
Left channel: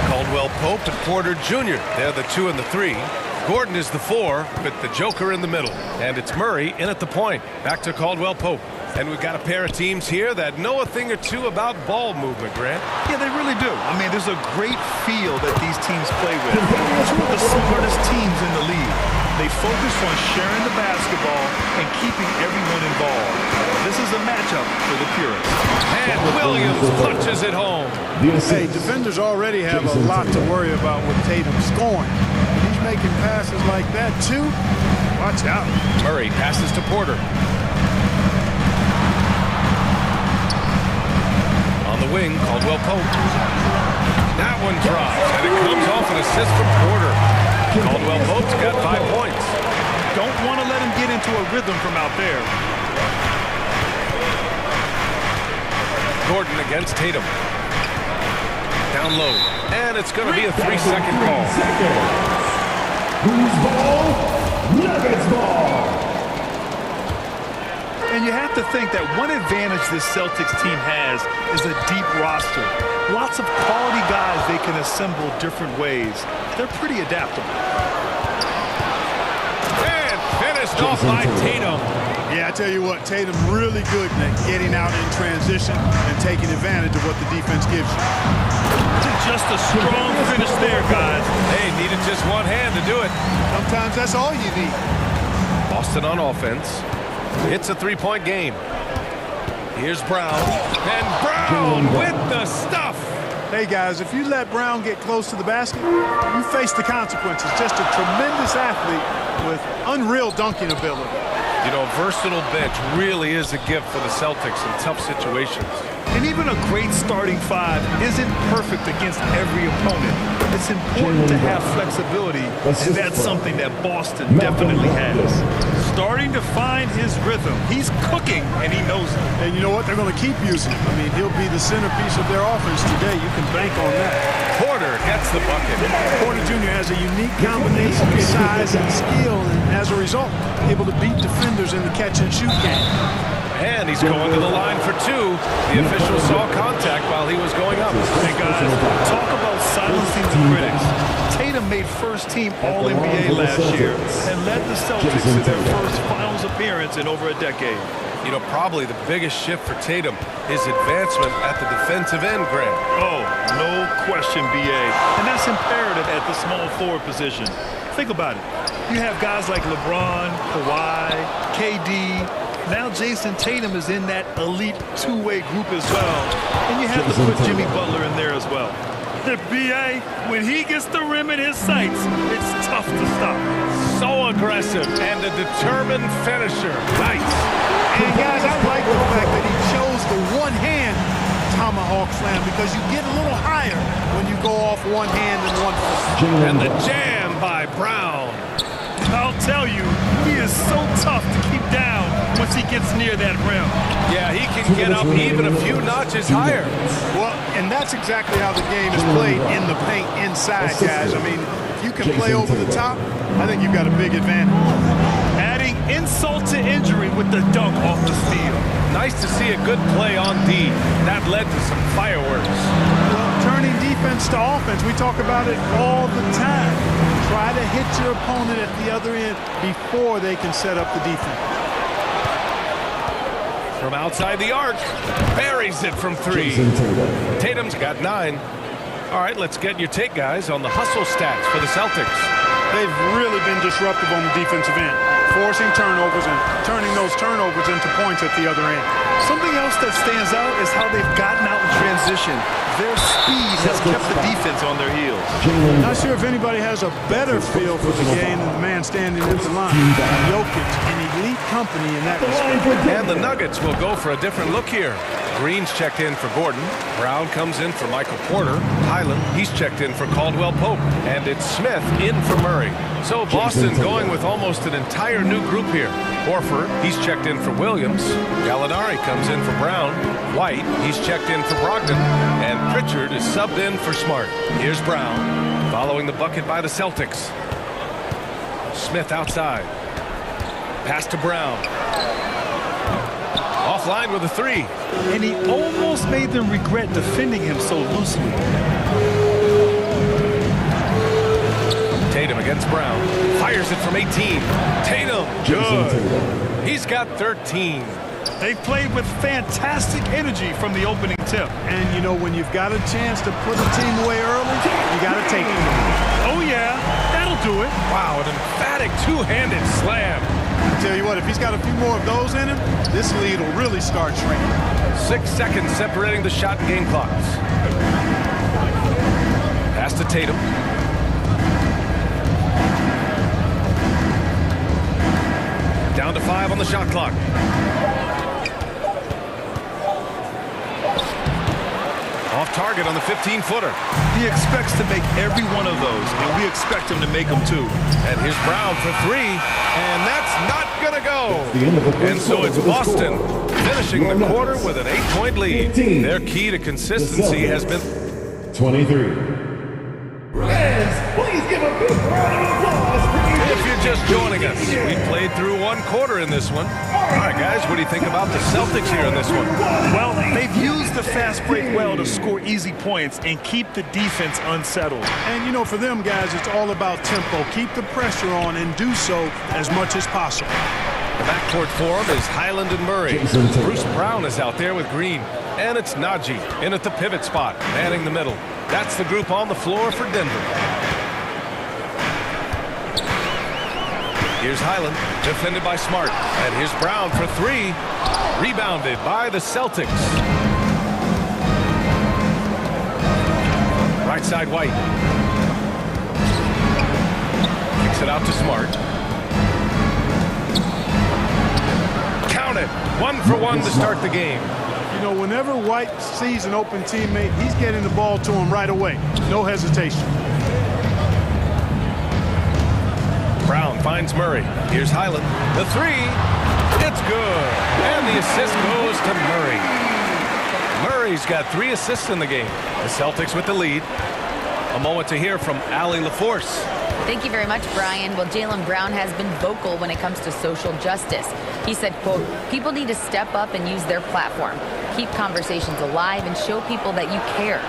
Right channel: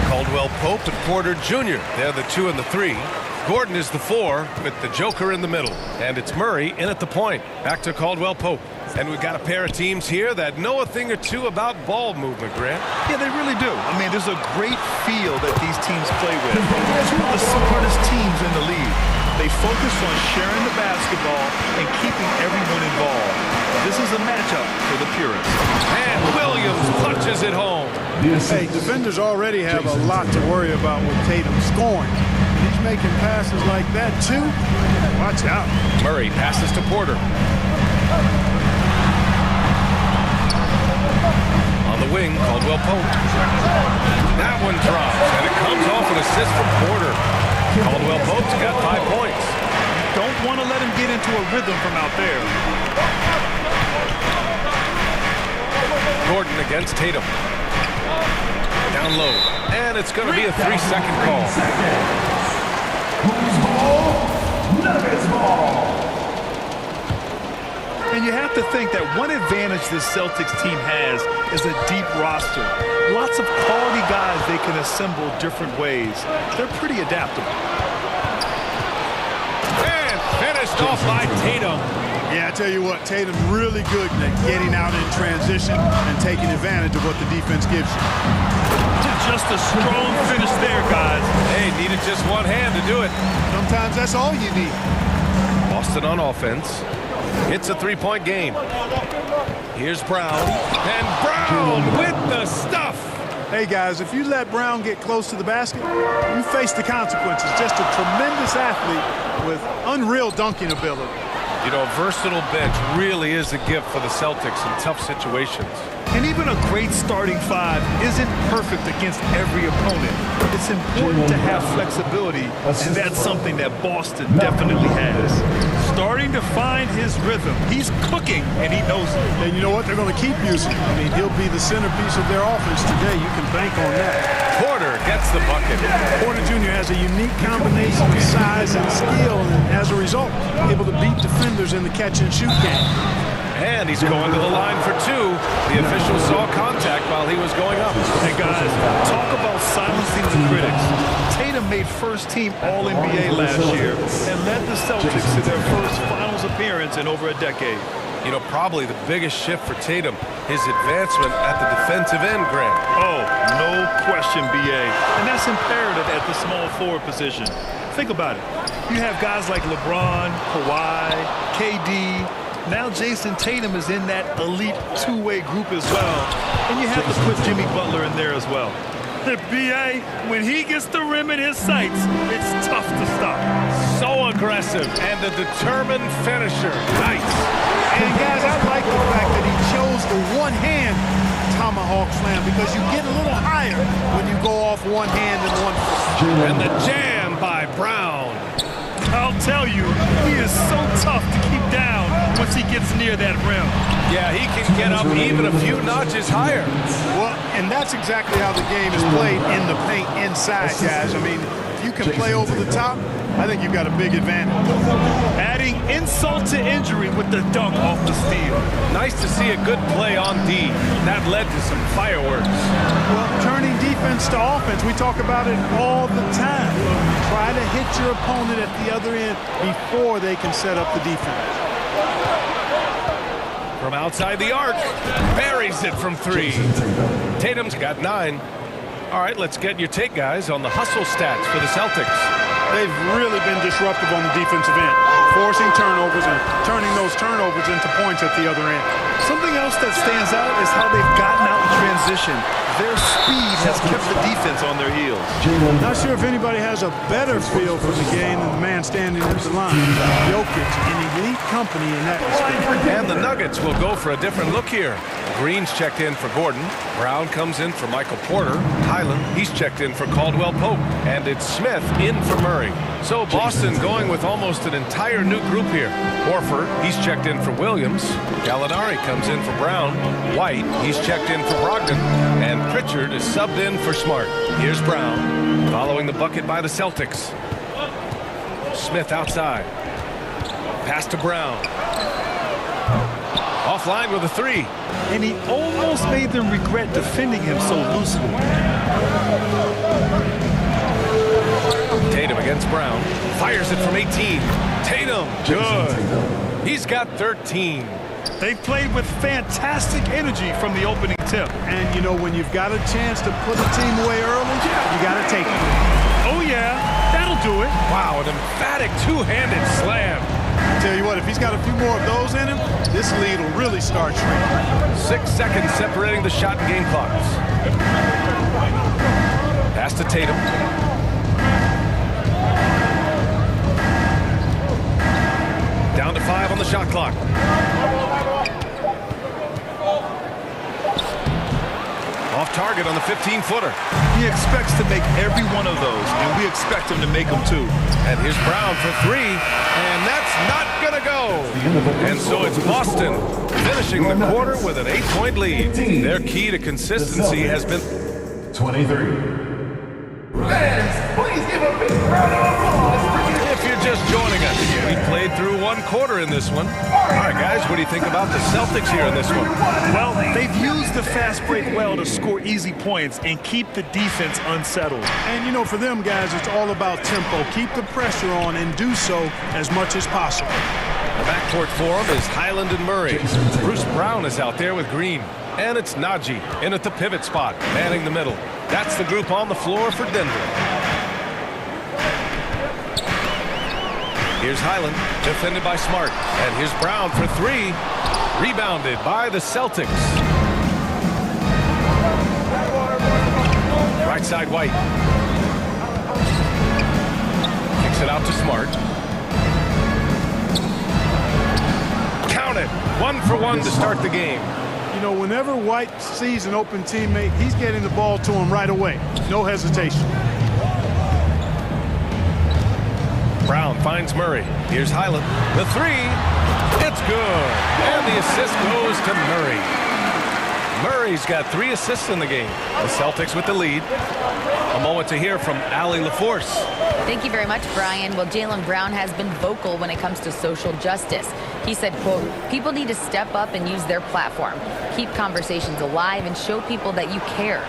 Caldwell Pope and Porter Jr. They're the 2 and the 3. Gordon is the 4 with the Joker in the middle. And it's Murray in at the point. Back to Caldwell Pope. And we've got a pair of teams here that know a thing or two about ball movement, Grant. Yeah, they really do. I mean, there's a great feel that these teams play with. Two of the smartest teams in the league. They focus on sharing the basketball and keeping everyone involved. This is a matchup for the purists. And Williams punches it home. Hey, defenders already have a lot to worry about with Tatum scoring. And he's making passes like that, too. Watch out. Murray passes to Porter. On the wing, Caldwell Pope. That one drops, and it comes off an assist from Porter. Caldwell Pope's got 5 points. Don't want to let him get into a rhythm from out there. Gordon against Tatum. Down low, and it's going to be a 3-second call. Whose ball? Nuggets ball. And you have to think that one advantage this Celtics team has is a deep roster. Lots of quality guys they can assemble different ways. They're pretty adaptable. And finished off by Tatum. Yeah, I tell you what, Tatum really good at getting out in transition and taking advantage of what the defense gives you. Just a strong finish there, guys. They needed just one hand to do it. Sometimes that's all you need. Boston on offense. It's a 3-point game. Here's Brown. And Brown with the stuff. Hey, guys, if you let Brown get close to the basket, you face the consequences. Just a tremendous athlete with unreal dunking ability. You know, a versatile bench really is a gift for the Celtics in tough situations. And even a great starting five isn't perfect against every opponent. It's important to have flexibility, and that's something that Boston definitely has. Starting to find his rhythm. He's cooking, and he knows it. And you know what? They're going to keep using him. I mean, he'll be the centerpiece of their offense today. You can bank on that. Porter gets the bucket. Porter Jr. has a unique combination of size and skill, and as a result, able to beat defenders in the catch-and-shoot game. And he's going to the line for 2. The official saw contact while he was going up. And guys, talk about silencing the critics. Tatum made first-team All-NBA last year and led the Celtics to their first finals appearance in over a decade. You know, probably the biggest shift for Tatum, his advancement at the defensive end, Grant. Oh, no question, B.A. And that's imperative at the small forward position. Think about it. You have guys like LeBron, Kawhi, KD. Now Jason Tatum is in that elite two-way group as well. And you have to put Jimmy Butler in there as well. The B.A., when he gets the rim in his sights, it's tough to stop. So aggressive and a determined finisher. Nice. And guys, I like the fact that he chose the one-hand tomahawk slam because you get a little higher when you go off one hand and one foot. And the jam by Brown. I'll tell you, he is so tough to keep down once he gets near that rim. Yeah, he can get up even a few notches higher. Well, and that's exactly how the game is played in the paint inside, guys. I mean, if you can play over the top, I think you've got a big advantage. Adding insult to injury with the dunk off the steal. Nice to see a good play on D. That led to some fireworks. Well, turning defense to offense, we talk about it all the time. Try to hit your opponent at the other end before they can set up the defense. From outside the arc, buries it from 3. Tatum's got 9. All right, let's get your take, guys, on the hustle stats for the Celtics. They've really been disruptive on the defensive end. forcing turnovers and turning those turnovers into points at the other end. Something else that stands out is how they've gotten out in transition. Their speed has kept the defense on their heels. Not sure if anybody has a better feel for the game than the man standing at the line. Jokic in elite company in that respect. And the Nuggets will go for a different look here. Green's checked in for Gordon. Brown comes in for Michael Porter. Highland, he's checked in for Caldwell Pope. And it's Smith in for Murray. So Boston going with almost an entire new group here. Horford, he's checked in for Williams. Gallinari comes in for Brown. White, he's checked in for Brogdon. And Pritchard is subbed in for Smart. Here's Brown, following the bucket by the Celtics. Smith outside. Pass to Brown. Offline with a three. And he almost made them regret defending him so loosely. Tatum against Brown. Fires it from 18. Tatum, good. He's got 13. They've played with fantastic energy from the opening tip. And, you know, when you've got a chance to put a team away early, you got to take it. Oh, yeah, that'll do it. Wow, an emphatic two-handed slam. I tell you what, if he's got a few more of those in him, this lead will really start shrinking. 6 seconds separating the shot and game clocks. Pass to Tatum. Down to 5 on the shot clock. Off target on the 15-footer. He expects to make every one of those, and we expect him to make them too. And here's Brown for 3, and that's not going to go. And so it's Boston finishing the quarter with an 8-point lead. Their key to consistency has been 23. Fans, please give a big round of applause for you. If you're just joining us, we played through 1 quarter in this one. All right, guys, what do you think about the Celtics here in this one? Well, they've used the fast break well to score easy points and keep the defense unsettled. And, you know, for them guys, it's all about tempo. Keep the pressure on and do so as much as possible. The backcourt for them is Highland and Murray. Bruce Brown is out there with Green. And it's Najee in at the pivot spot, manning the middle. That's the group on the floor for Denver. Here's Highland, defended by Smart. And here's Brown for 3. Rebounded by the Celtics. Right side White. Kicks it out to Smart. Count it. 1 for 1 to start the game. You know, whenever White sees an open teammate, he's getting the ball to him right away. No hesitation. Brown finds Murray. Here's Highland. The 3. It's good. And the assist goes to Murray. Murray's got 3 assists in the game. The Celtics with the lead. A moment to hear from Allie LaForce. Thank you very much, Brian. Well, Jaylen Brown has been vocal when it comes to social justice. He said, quote, people need to step up and use their platform. Keep conversations alive and show people that you care.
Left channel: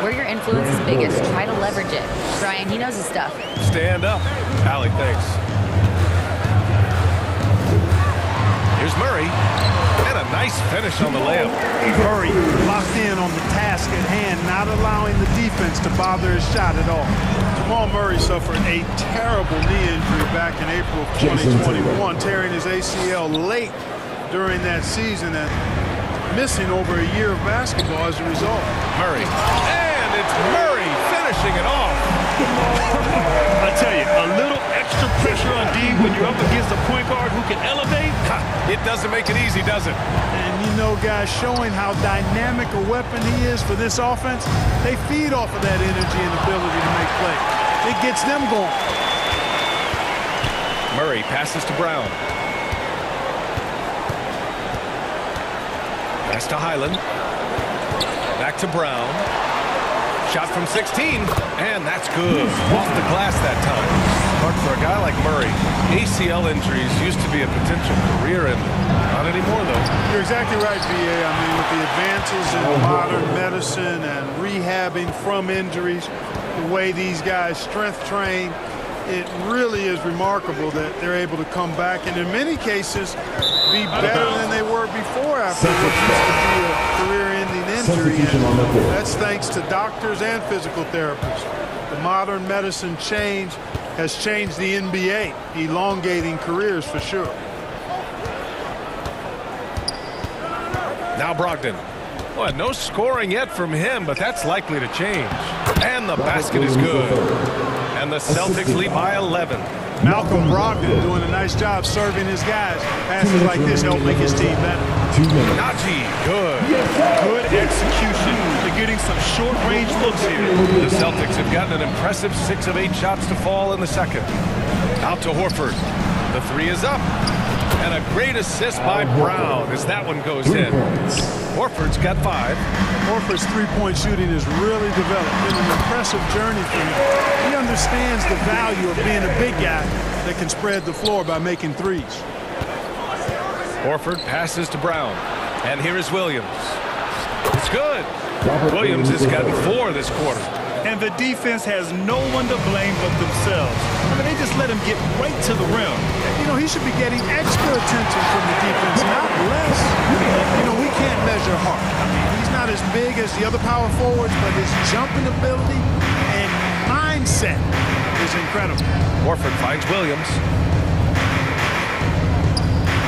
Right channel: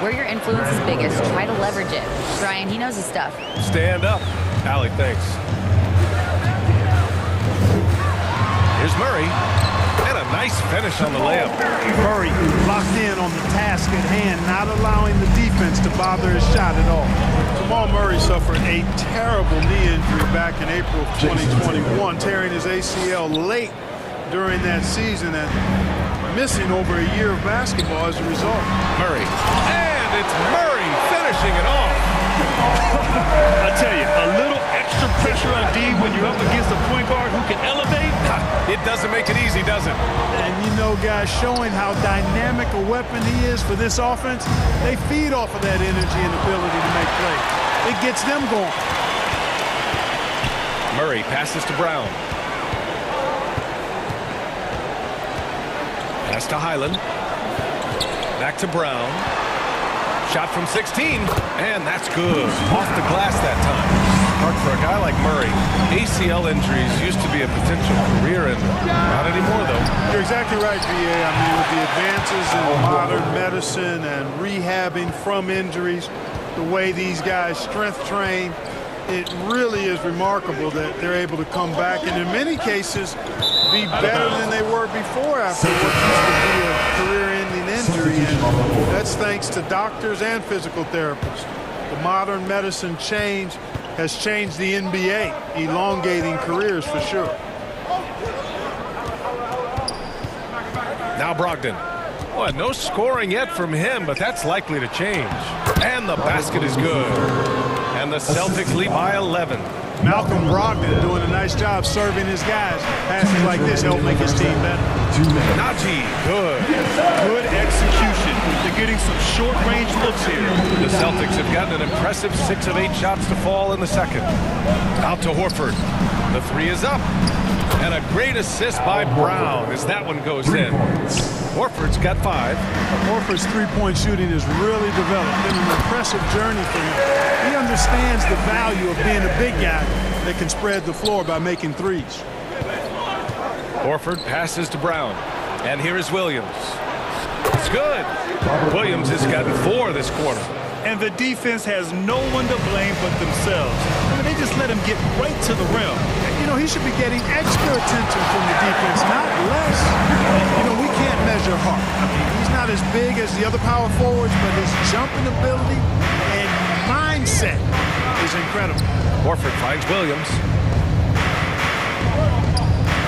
Where your influence is biggest, try to leverage it. Brian, he knows his stuff. Stand up. Allie, thanks. Here's Murray. And a nice finish on the layup. Murray locked in on the task at hand, not allowing the defense to bother his shot at all. Jamal Murray suffered a terrible knee injury back in April of 2021, tearing his ACL late during that season and missing over a year of basketball as a result. Murray. And it's Murray finishing it off. I tell you, a little extra pressure on D when you're up against a point guard who can elevate. It doesn't make it easy, does it? And you know, guys, showing how dynamic a weapon he is for this offense, they feed off of that energy and ability to make plays. It gets them going. Murray passes to Brown. Pass to Highland. Back to Brown. Shot from 16, and that's good. Off the glass that time. Hard for a guy like Murray. ACL injuries used to be a potential career ender. Not anymore, though. You're exactly right, V.A. I mean, with the advances in modern medicine and rehabbing from injuries, the way these guys strength train, it really is remarkable that they're able to come back and in many cases be better than they were before after what used to be a career-ending injury. And that's thanks to doctors and physical therapists. The modern medicine change has changed the NBA, elongating careers for sure. Now Brogdon. Well, no scoring yet from him, but that's likely to change. And the basket is good. And the Celtics lead by 11. Malcolm Brogdon doing a nice job serving his guys. Passes like this help make his team better. Najee, good. Good execution. They're getting some short-range looks here. The Celtics have gotten an impressive 6 of 8 shots to fall in the second. Out to Horford. The three is up. And a great assist by Brown as that one goes in. Horford's got 5. Horford's three-point shooting has really developed. Been an impressive journey for him. He understands the value of being a big guy that can spread the floor by making threes. Horford passes to Brown. And here is Williams. It's good. Williams has gotten 4 this quarter. And the defense has no one to blame but themselves. I mean, they just let him get right to the rim. You know, he should be getting extra attention from the defense, not less. You know, we can't measure Hart. I mean, he's not as big as the other power forwards, but his jumping ability and mindset is incredible. Horford finds Williams.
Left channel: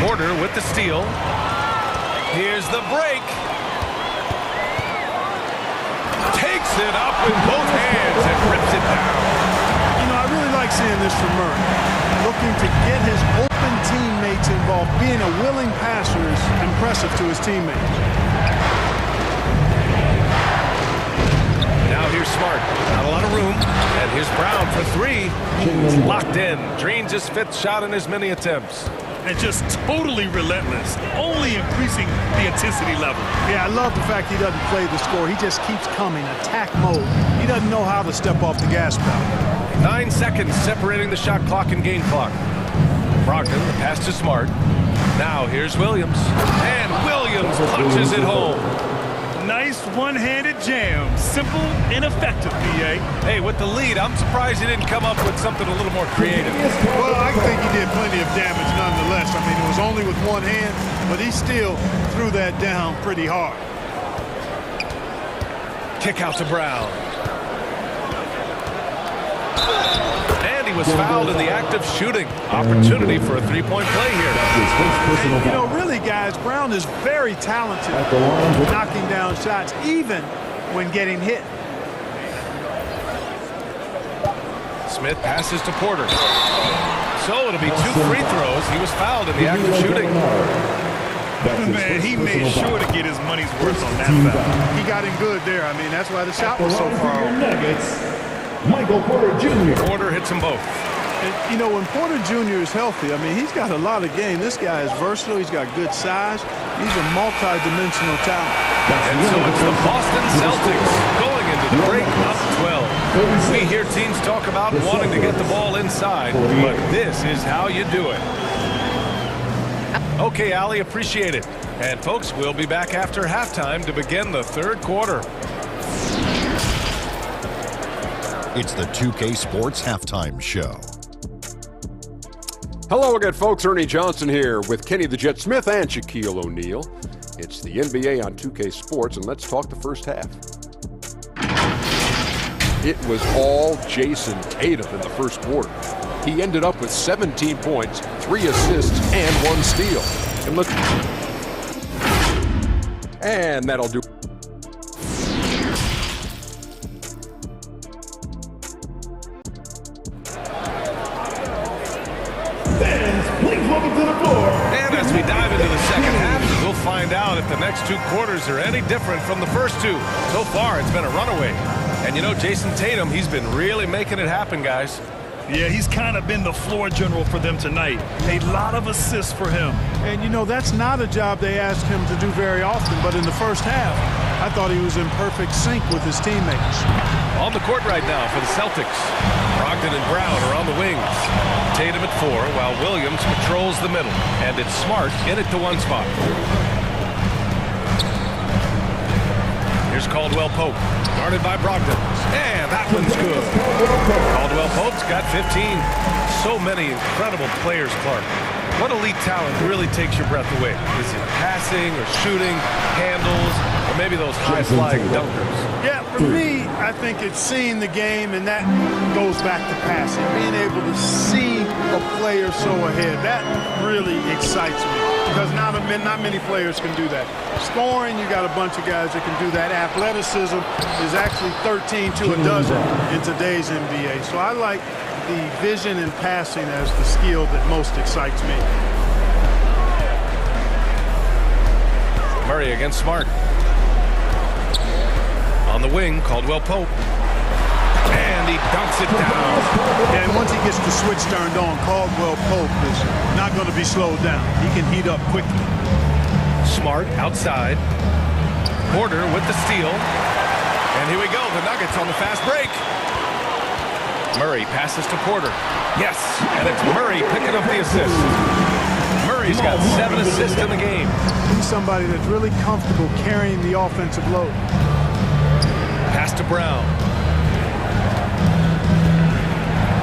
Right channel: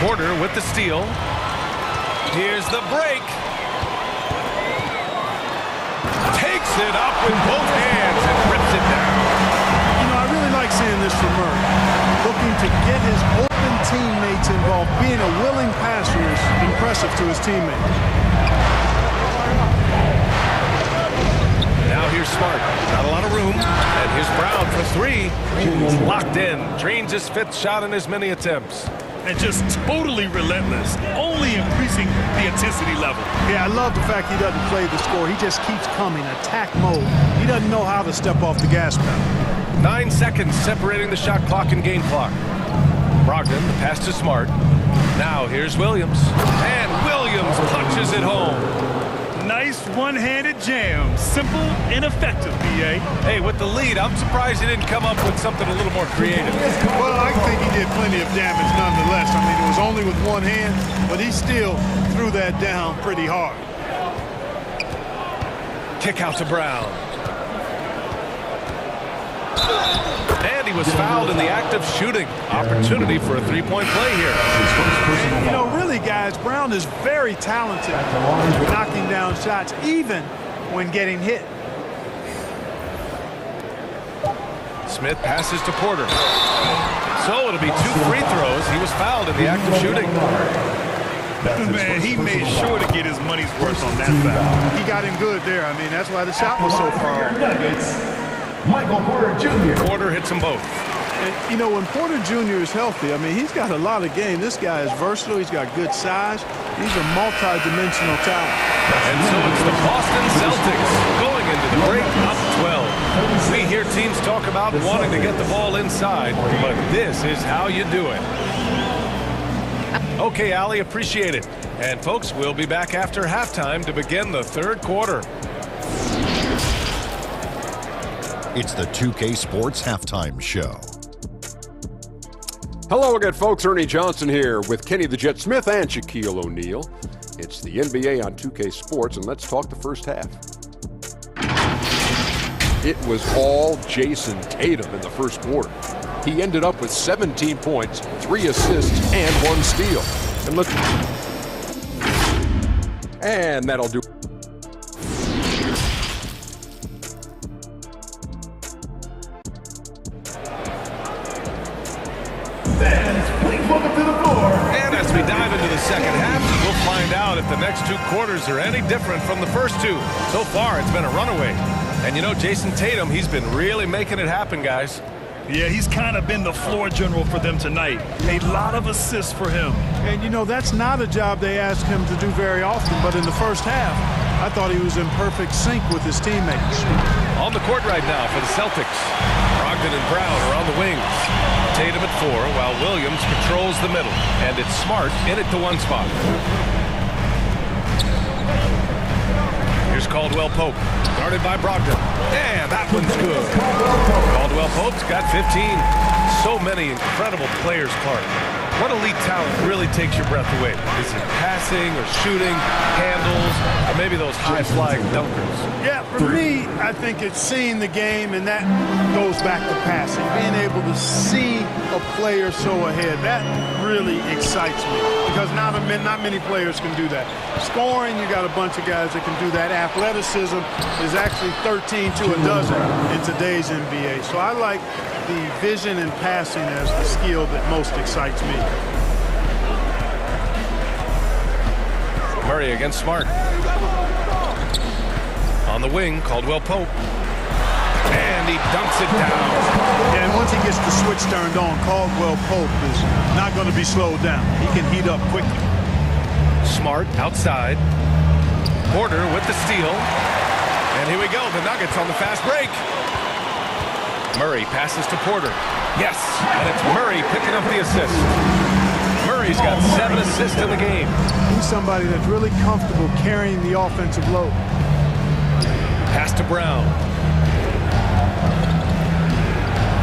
Porter with the steal. Here's the break. Takes it up with both hands and rips it down. You know, I really like seeing this from Murray. Looking to get his open teammates involved. Being a willing passer is impressive to his teammates. Now here's Smart. Not a lot of room. And here's Brown for 3. He's locked in. Drains his 5th shot in as many attempts. And just totally relentless, only increasing the intensity level. Yeah, I love the fact he doesn't play the score. He just keeps coming, attack mode. He doesn't know how to step off the gas pedal. 9 seconds separating the shot clock and game clock. Brogdon, the pass to Smart. Now here's Williams. And Williams punches it home. Nice one-handed jam. Simple and effective, B.A. Hey, with the lead, I'm surprised he didn't come up with something a little more creative. Well, I think he did plenty of damage nonetheless. I mean, it was only with one hand, but he still threw that down pretty hard. Kick out to Brown. And he was fouled in the act of shooting. Opportunity for a 3-point play here. And, you know, really, guys, Brown is very talented knocking down shots, even when getting hit. Smith passes to Porter. So it'll be 2 free throws. He was fouled in the act of shooting. Man, he made sure to get his money's worth on that foul. He got him good there. I mean, that's why the shot was so far off. Michael Porter Jr. Porter hits them both. And, you know, when Porter Jr. is healthy, I mean, he's got a lot of game. This guy is versatile. He's got good size. He's a multi-dimensional talent. And so it's the Boston Celtics going into the break up 12. We hear teams talk about wanting to get the ball inside, but this is how you do it. Okay, Allie, appreciate it. And, folks, we'll be back after halftime to begin the 3rd quarter. It's the 2K Sports Halftime Show. Hello again, folks. Ernie Johnson here with Kenny the Jet Smith and Shaquille O'Neal. It's the NBA on 2K Sports, and let's talk the first half. It was all Jason Tatum in the first quarter. He ended up with 17 points, 3 assists, and 1 steal. And look, and that'll do. Welcome to the floor. And as we dive into the second half, we'll find out if the next 2 quarters are any different from the first 2. So far, it's been a runaway. And you know, Jason Tatum, he's been really making it happen, guys. Yeah, he's kind of been the floor general for them tonight. A lot of assists for him. And, you know, that's not a job they ask him to do very often. But in the first half, I thought he was in perfect sync with his teammates. On the court right now for the Celtics. Brogdon and Brown are on the wings. Tatum at 4 while Williams patrols the middle. And it's Smart in at the 1 spot. Here's Caldwell Pope. Guarded by Brogdon. And that one's good. Caldwell Pope's got 15. So many incredible players, Clark. What elite talent really takes your breath away? Is it passing or shooting, handles, or maybe those high-flying dunkers? Yeah, for me, I think it's seeing the game, and that goes back to passing. Being able to see a player so ahead, that really excites me because not many players can do that. Scoring, you got a bunch of guys that can do that. Athleticism is actually 13 to a dozen in today's NBA. So I like the vision and passing as the skill that most excites me. Murray against Smart. On the wing, Caldwell Pope. And he dunks it down. Yeah, and once he gets the switch turned on, Caldwell Pope is not going to be slowed down. He can heat up quickly. Smart outside. Porter with the steal. And here we go, the Nuggets on the fast break. Murray passes to Porter. Yes, and it's Murray picking up the assist. Murray's got 7 assists in the game. He's somebody that's really comfortable carrying the offensive load. Pass to Brown.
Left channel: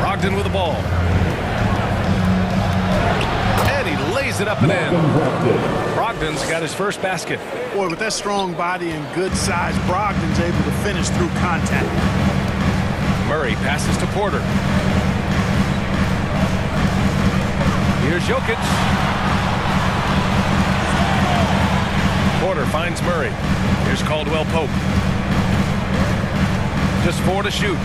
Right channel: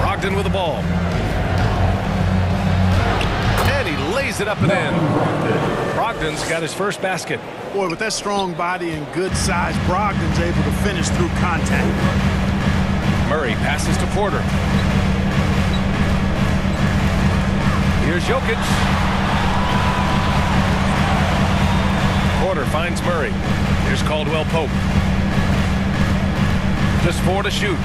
Brogdon with the ball. And he lays it up and in. Brogdon's got his first basket. Boy, with that strong body and good size, Brogdon's able to finish through contact. Murray passes to Porter. Here's Jokic. Porter finds Murray. Here's Caldwell Pope. Just 4 to shoot.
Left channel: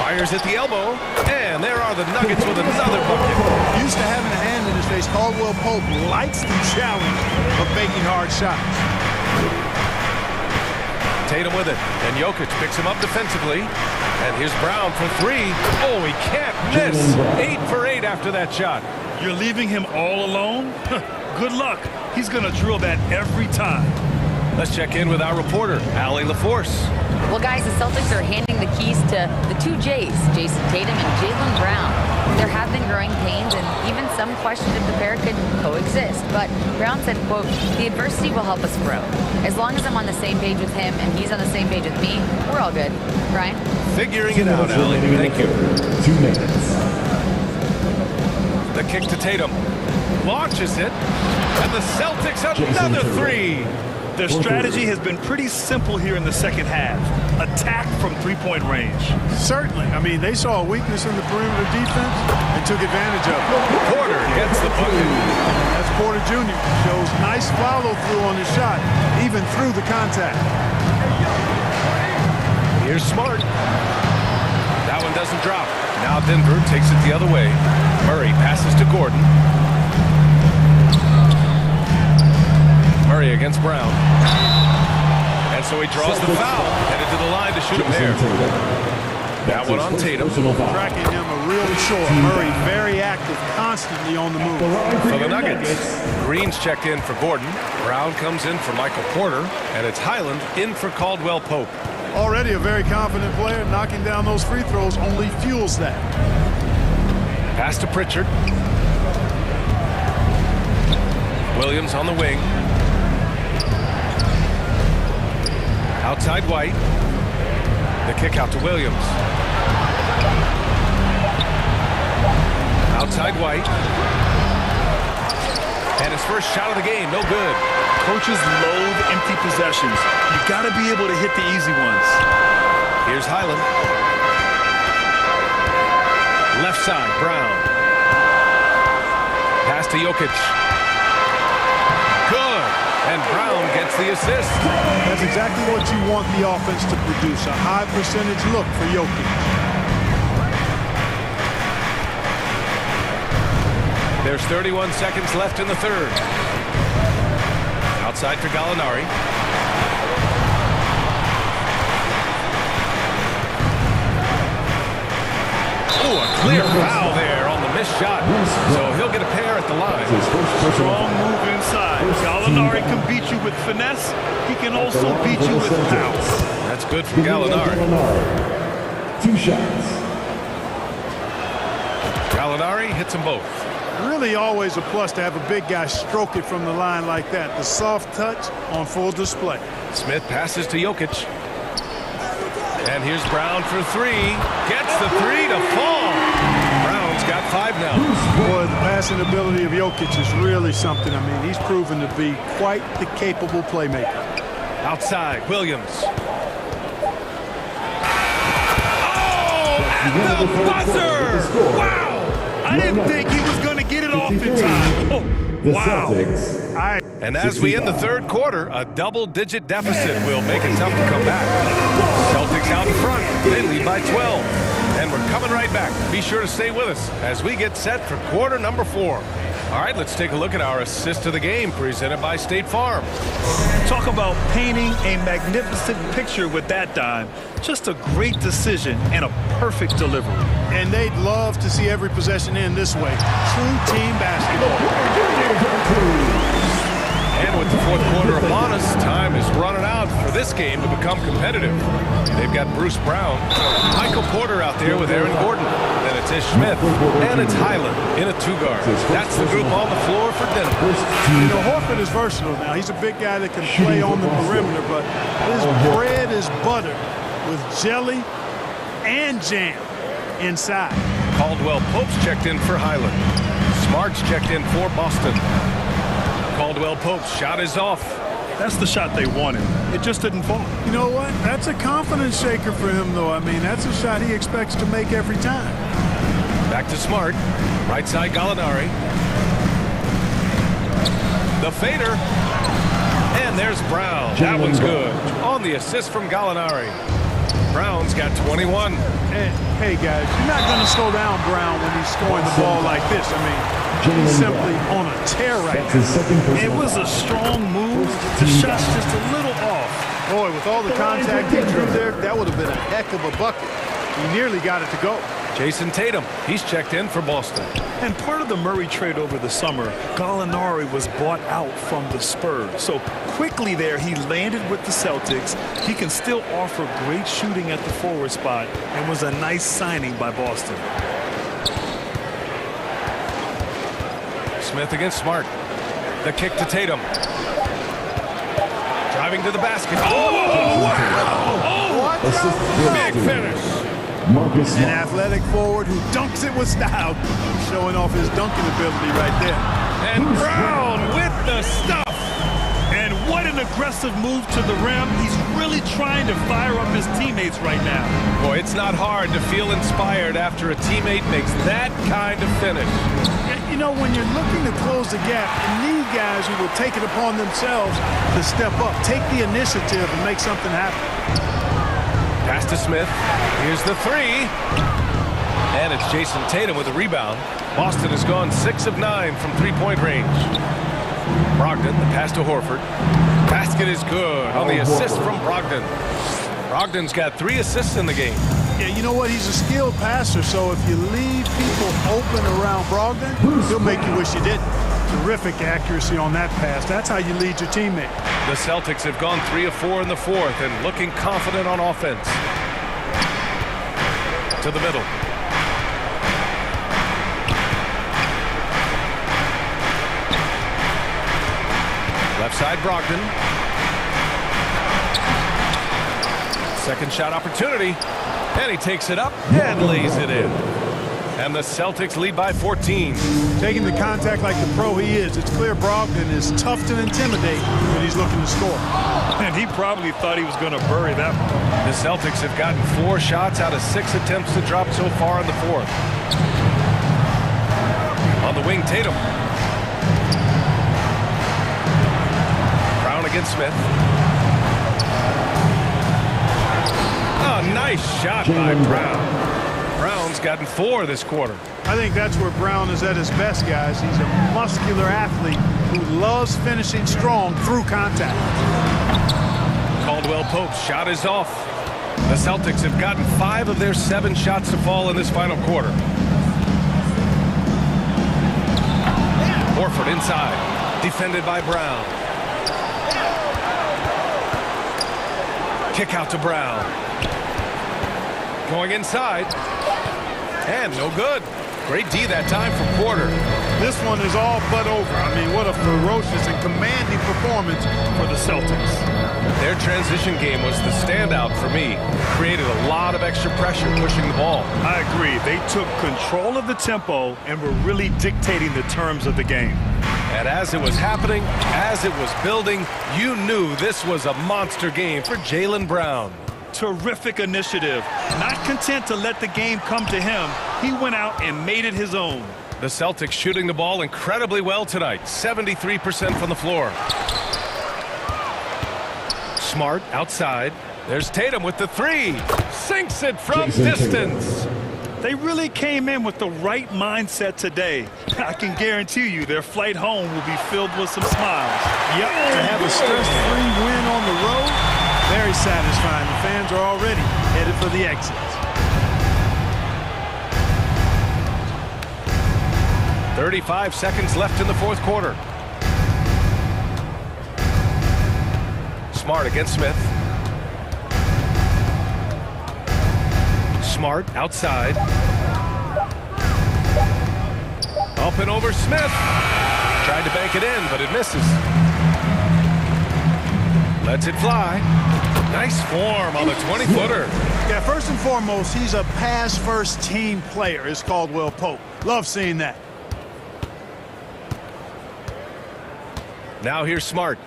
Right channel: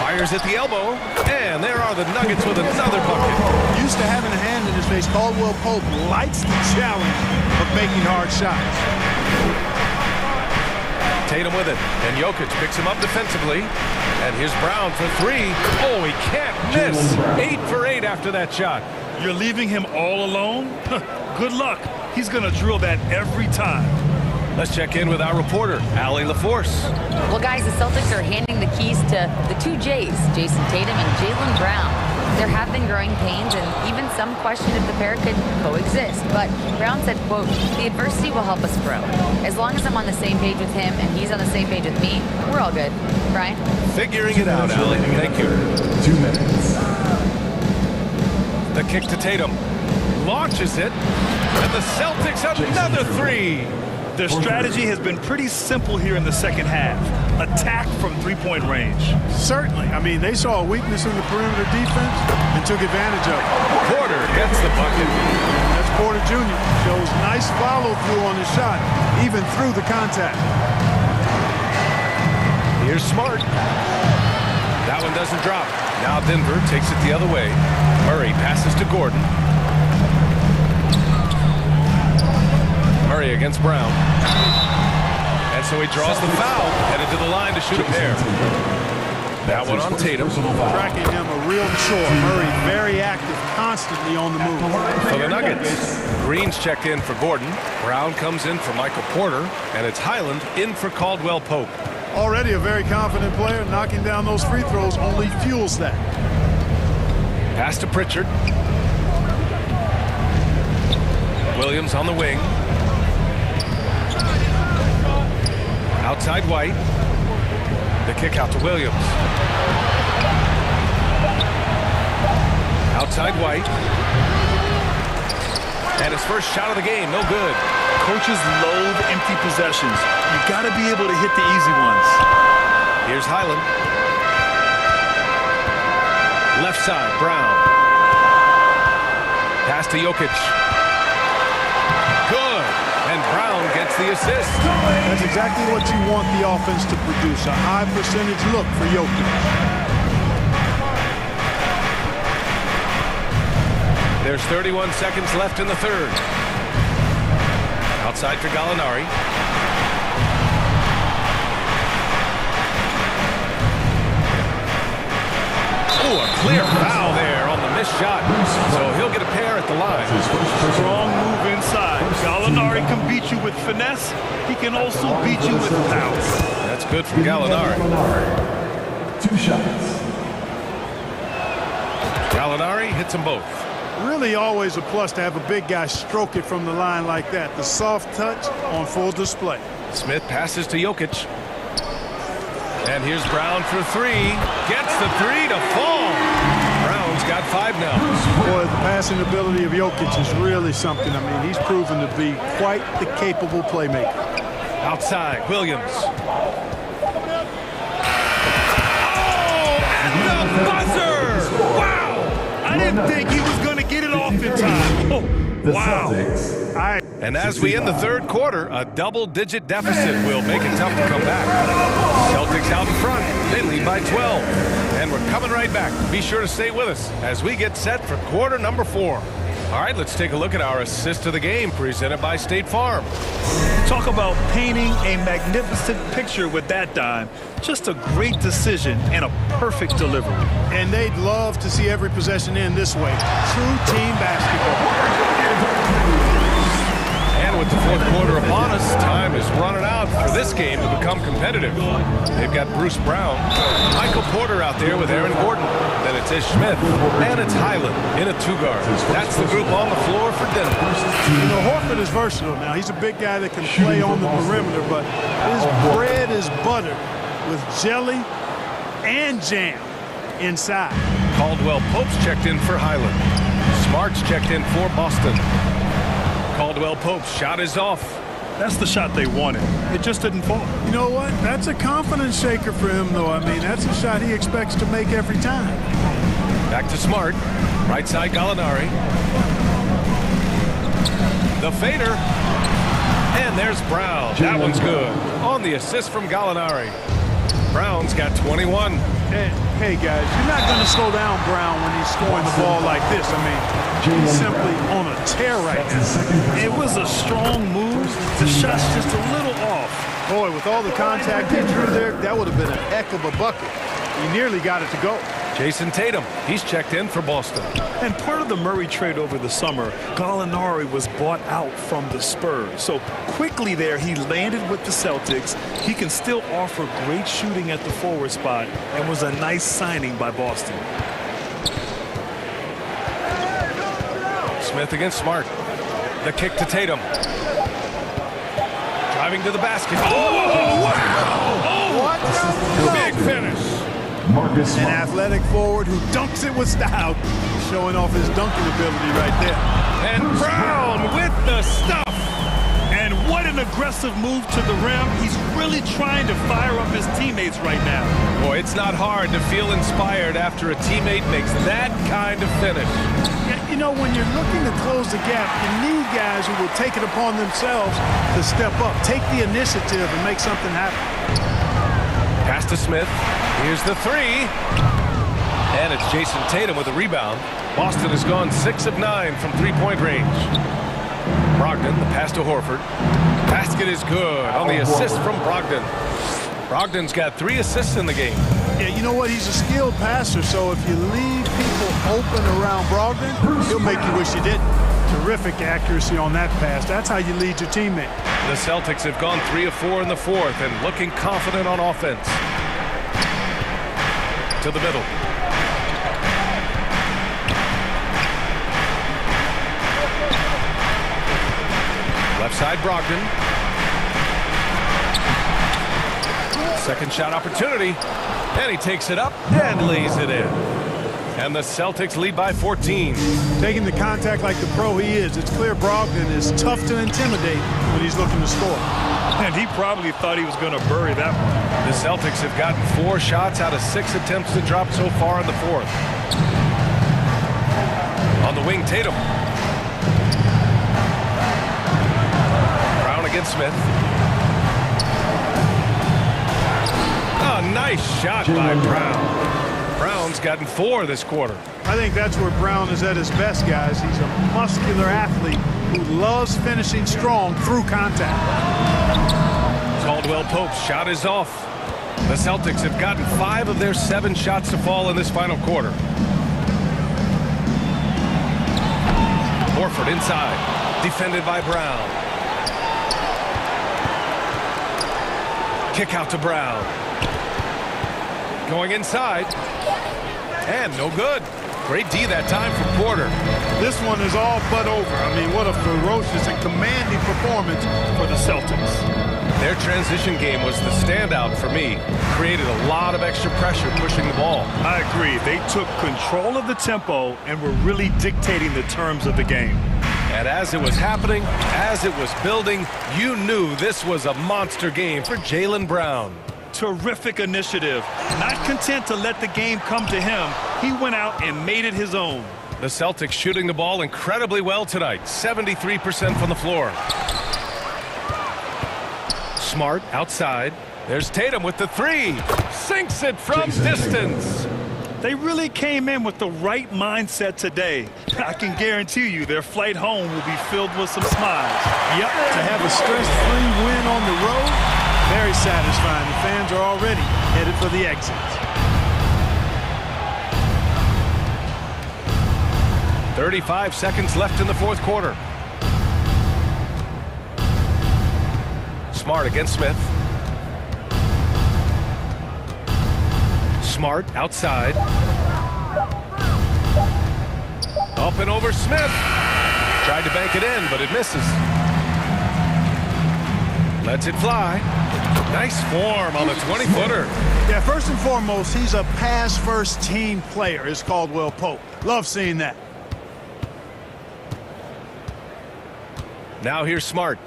Fires at the elbow. And there are the Nuggets with another bucket. Used to having a hand in his face, Caldwell Pope likes the challenge of making hard shots. Tatum with it, and Jokic picks him up defensively. And here's Brown for 3. Oh, he can't miss. 8 for 8 after that shot. You're leaving him all alone? Good luck. He's going to drill that every time. Let's check in with our reporter, Allie LaForce. Well, guys, the Celtics are handing the keys to the 2 J's, Jason Tatum and Jaylen Brown. There have been growing pains, and even some question if the pair could coexist. But Brown said, quote, "The adversity will help us grow. As long as I'm on the same page with him and he's on the same page with me, we're all good." Brian? Figuring it out, Allie. Thank you. 2 minutes. The kick to Tatum. Launches it. And the Celtics another 3. Their strategy has been pretty simple here in the second half. Attack from three-point range. Certainly. I mean, they saw a weakness in the perimeter defense and took advantage of it. Porter gets the bucket. And that's Porter Jr. Shows nice follow-through on his shot, even through the contact. Here's Smart. That one doesn't drop. Now Denver takes it the other way. Murray passes to Gordon. Murray against Brown. And so he draws the foul, headed to the line to shoot a pair. That one on Tatum. Tracking him a real chore. Murray very active, constantly on the move. For the Nuggets, Green's checked in for Gordon. Brown comes in for Michael Porter. And it's Highland in for Caldwell Pope. Already a very confident player. Knocking down those free throws only fuels that. Pass to Pritchard. Williams on the wing. Outside White. The kick out to Williams. Outside White. And his first shot of the game, no good. Coaches loathe empty possessions. You've got to be able to hit the easy ones. Here's Highland. Left side, Brown. Pass to Jokic. Good. And Brown gets the assist. That's exactly what you want the offense to produce. A high percentage look for Jokic. There's 31 seconds left in the third. Outside for Gallinari. Oh, a clear foul there on the missed shot. So he'll get a pair at the line. Strong move inside. Gallinari can beat you with finesse. He can also beat you with power. That's good from Gallinari. 2 shots. Gallinari hits them both. Really always a plus to have a big guy stroke it from the line like that. The soft touch on full display. Smith passes to Jokic. And here's Brown for 3. Gets the 3 to fall. Brown Brown's got 5 now. Boy, the passing ability of Jokic is really something. I mean, he's proven to be quite the capable playmaker. Outside, Williams. Oh, at the buzzer! Wow! I didn't think he was going to get it off in time. Oh, wow. And as we end the third quarter, a double-digit deficit will make it tough to come back. Celtics out in front. They lead by 12. And we're coming right back. Be sure to stay with us as we get set for quarter number 4. All right, let's take a look at our assist of the game presented by State Farm. Talk about painting a magnificent picture with that dime. Just a great decision and a perfect delivery. And they'd love to see every possession end this way. True team basketball. And with the fourth quarter upon us, time is running out for this game to become competitive. They've got Bruce Brown, Michael Porter out there with Aaron Gordon. Then it's Ish Smith, and it's Highland in a 2-guard. That's the group on the floor for Denver. You know, Horford is versatile now. He's a big guy that can play on the perimeter, but his bread is buttered with jelly and jam inside. Caldwell Pope's checked in for Highland. Smart's checked in for Boston. Caldwell Pope's shot is off. That's the shot they wanted. It just didn't fall. You know what? That's a confidence shaker for him, though. I mean, that's a shot he expects to make every time. Back to Smart. Right side Gallinari. The fader. And there's Brown. That one's good. On the assist from Gallinari. Brown's got 21. Hey, guys, you're not going to slow down Brown when he's scoring the ball like this. I mean, he's simply on a tear right now. It was a strong move. The shot's just a little off. Boy, with all the contact he drew there, that would have been a heck of a bucket. He nearly got it to go. Jason Tatum, he's checked in for Boston. And part of the Murray trade over the summer, Gallinari was bought out from the Spurs. So quickly there, he landed with the Celtics. He can still offer great shooting at the forward spot and was a nice signing by Boston. Smith against Smart. The kick to Tatum. Driving to the basket. Oh, wow! Oh, what? Big finish. An athletic forward who dunks it with style. Showing off his dunking ability right there. And Brown with the stuff. And what an aggressive move to the rim. He's really trying to fire up his teammates right now. Boy, it's not hard to feel inspired after a teammate makes that kind of finish. Yeah, you know, when you're looking to close the gap, you need guys who will take it upon themselves to step up, take the initiative, and make something happen. Pass to Smith. Here's the 3. And it's Jason Tatum with a rebound. Boston has gone 6 of 9 from 3-point range. Brogdon, the pass to Horford. Basket is good on the assist from Brogdon. Brogdon's got 3 assists in the game. Yeah, you know what? He's a skilled passer, so if you leave people open around Brogdon, he'll make you wish you didn't. Terrific accuracy on that pass. That's how you lead your teammate. The Celtics have gone 3 of 4 in the fourth and looking confident on offense. To the middle. Left side, Brogdon. Second shot opportunity. And he takes it up and lays it in. And the Celtics lead by 14. Taking the contact like the pro he is, it's clear Brogdon is tough to intimidate when he's looking to score. And he probably thought he was going to bury that one. The Celtics have gotten 4 shots out of 6 attempts to drop so far in the fourth. On the wing, Tatum. Brown against Smith. Oh, nice shot by Brown. Brown's gotten 4 this quarter. I think that's where Brown is at his best, guys. He's a muscular athlete who loves finishing strong through contact. Caldwell Pope's shot is off. The Celtics have gotten 5 of their 7 shots to fall in this final quarter. Horford inside. Defended by Brown. Kick out to Brown. Going inside. And no good. Great D that time for Porter. This one is all but over. I mean, what a ferocious and commanding performance for the Celtics. Their transition game was the standout for me. Created a lot of extra pressure pushing the ball. I agree. They took control of the tempo and were really dictating the terms of the game. And as it was happening, as it was building, you knew this was a monster game for Jaylen Brown. Terrific initiative. Not content to let the game come to him, he went out and made it his own. The Celtics shooting the ball incredibly well tonight, 73% from the floor. Smart outside. There's Tatum with the three. Sinks it from distance. They really came in with the right mindset today. I can guarantee you their flight home will be filled with some smiles. Yep, to have a stress-free win on the road, very satisfying. The fans are already headed for the exits. 35 seconds left in the fourth quarter. Smart against Smith. Smart outside. Up and over Smith. Tried to bank it in, but it misses. Lets it fly. Nice form on the 20-footer. Yeah, first and foremost, he's a pass-first team player. It's Caldwell Pope. Love seeing that. Now here's Smart.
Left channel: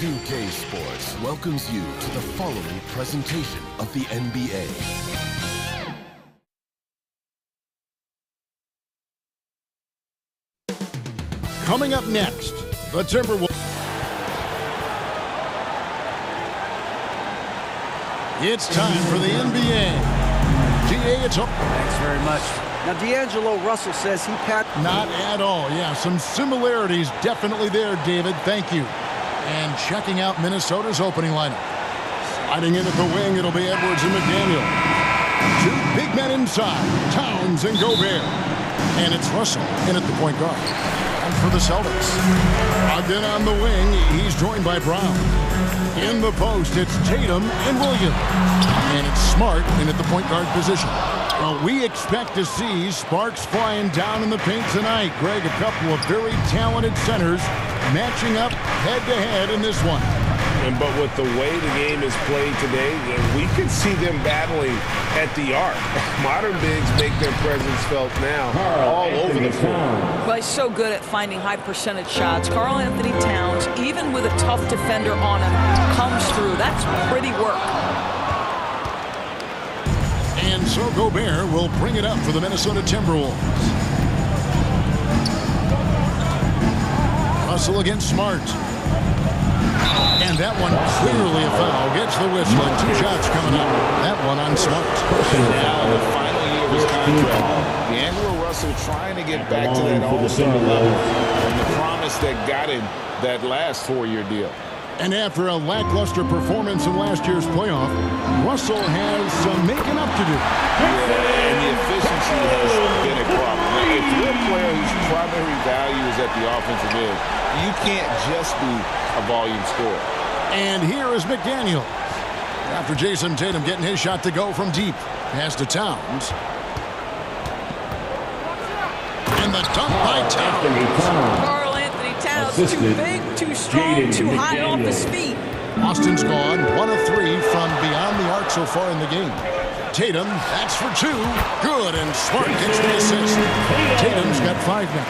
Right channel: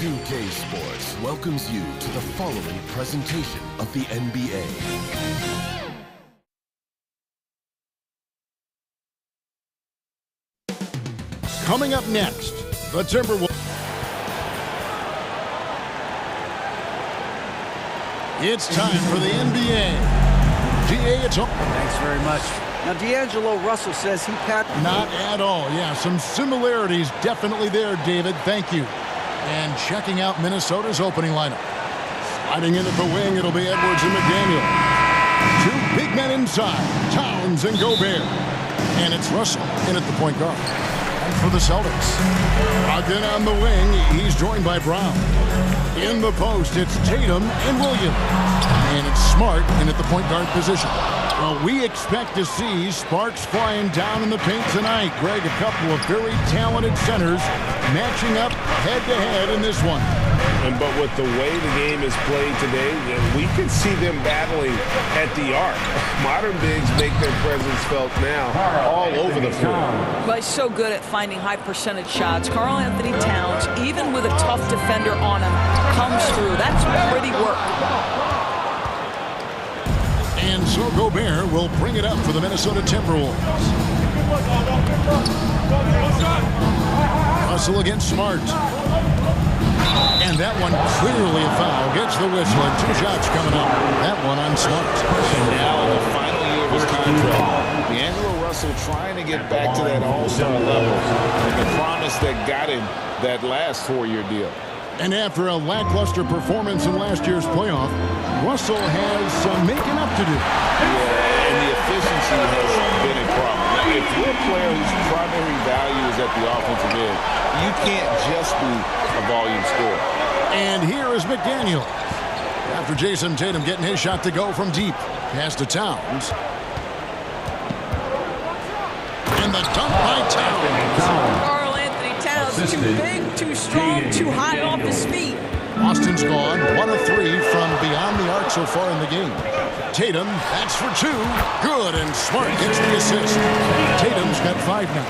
2K Sports welcomes you to the following presentation of the NBA. Coming up next, the Timberwolves. It's time for the NBA. DA, it's on. Thanks very much. Now, D'Angelo Russell says he Not at all. Yeah, some similarities definitely there, David. Thank you. And checking out Minnesota's opening lineup. Sliding in at the wing, it'll be Edwards and McDaniel. Two big men inside, Towns and Gobert. And it's Russell in at the point guard. And for the Celtics, Brogdon on the wing, he's joined by Brown. In the post, it's Tatum and Williams. And it's Smart in at the point guard position. Well, we expect to see sparks flying down in the paint tonight. Greg, a couple of very talented centers matching up head-to-head in this one. But with the way the game is played today, we could see them battling at the arc. Modern bigs make their presence felt now all over the floor. Well, he's so good at finding high percentage shots. Karl Anthony Towns, even with a tough defender on him, comes through. That's pretty work. And so Gobert will bring it up for the Minnesota Timberwolves. Russell against Smart. And that one clearly a foul. Gets the whistle and two shots coming up. That one on Smart. And now in the final year of his contract, D'Angelo Russell trying to get back to that all-star level and the promise that got him that last four-year deal. And after a lackluster performance in last year's playoff, Russell has some making up to do. Yeah, and the efficiency has been a problem. Now, if you're a player whose primary value is at the offensive end, you can't just be a volume scorer. And here is McDaniel. After Jason Tatum getting his shot to go from deep. Pass to Towns. And the dunk by Towns. Karl Anthony Towns, too big, too strong, too high off his feet. Austin's gone 1 of 3 from beyond the arc so far in the game. Tatum, that's for 2. Good, and Smart gets the assist. Tatum's got 5 now.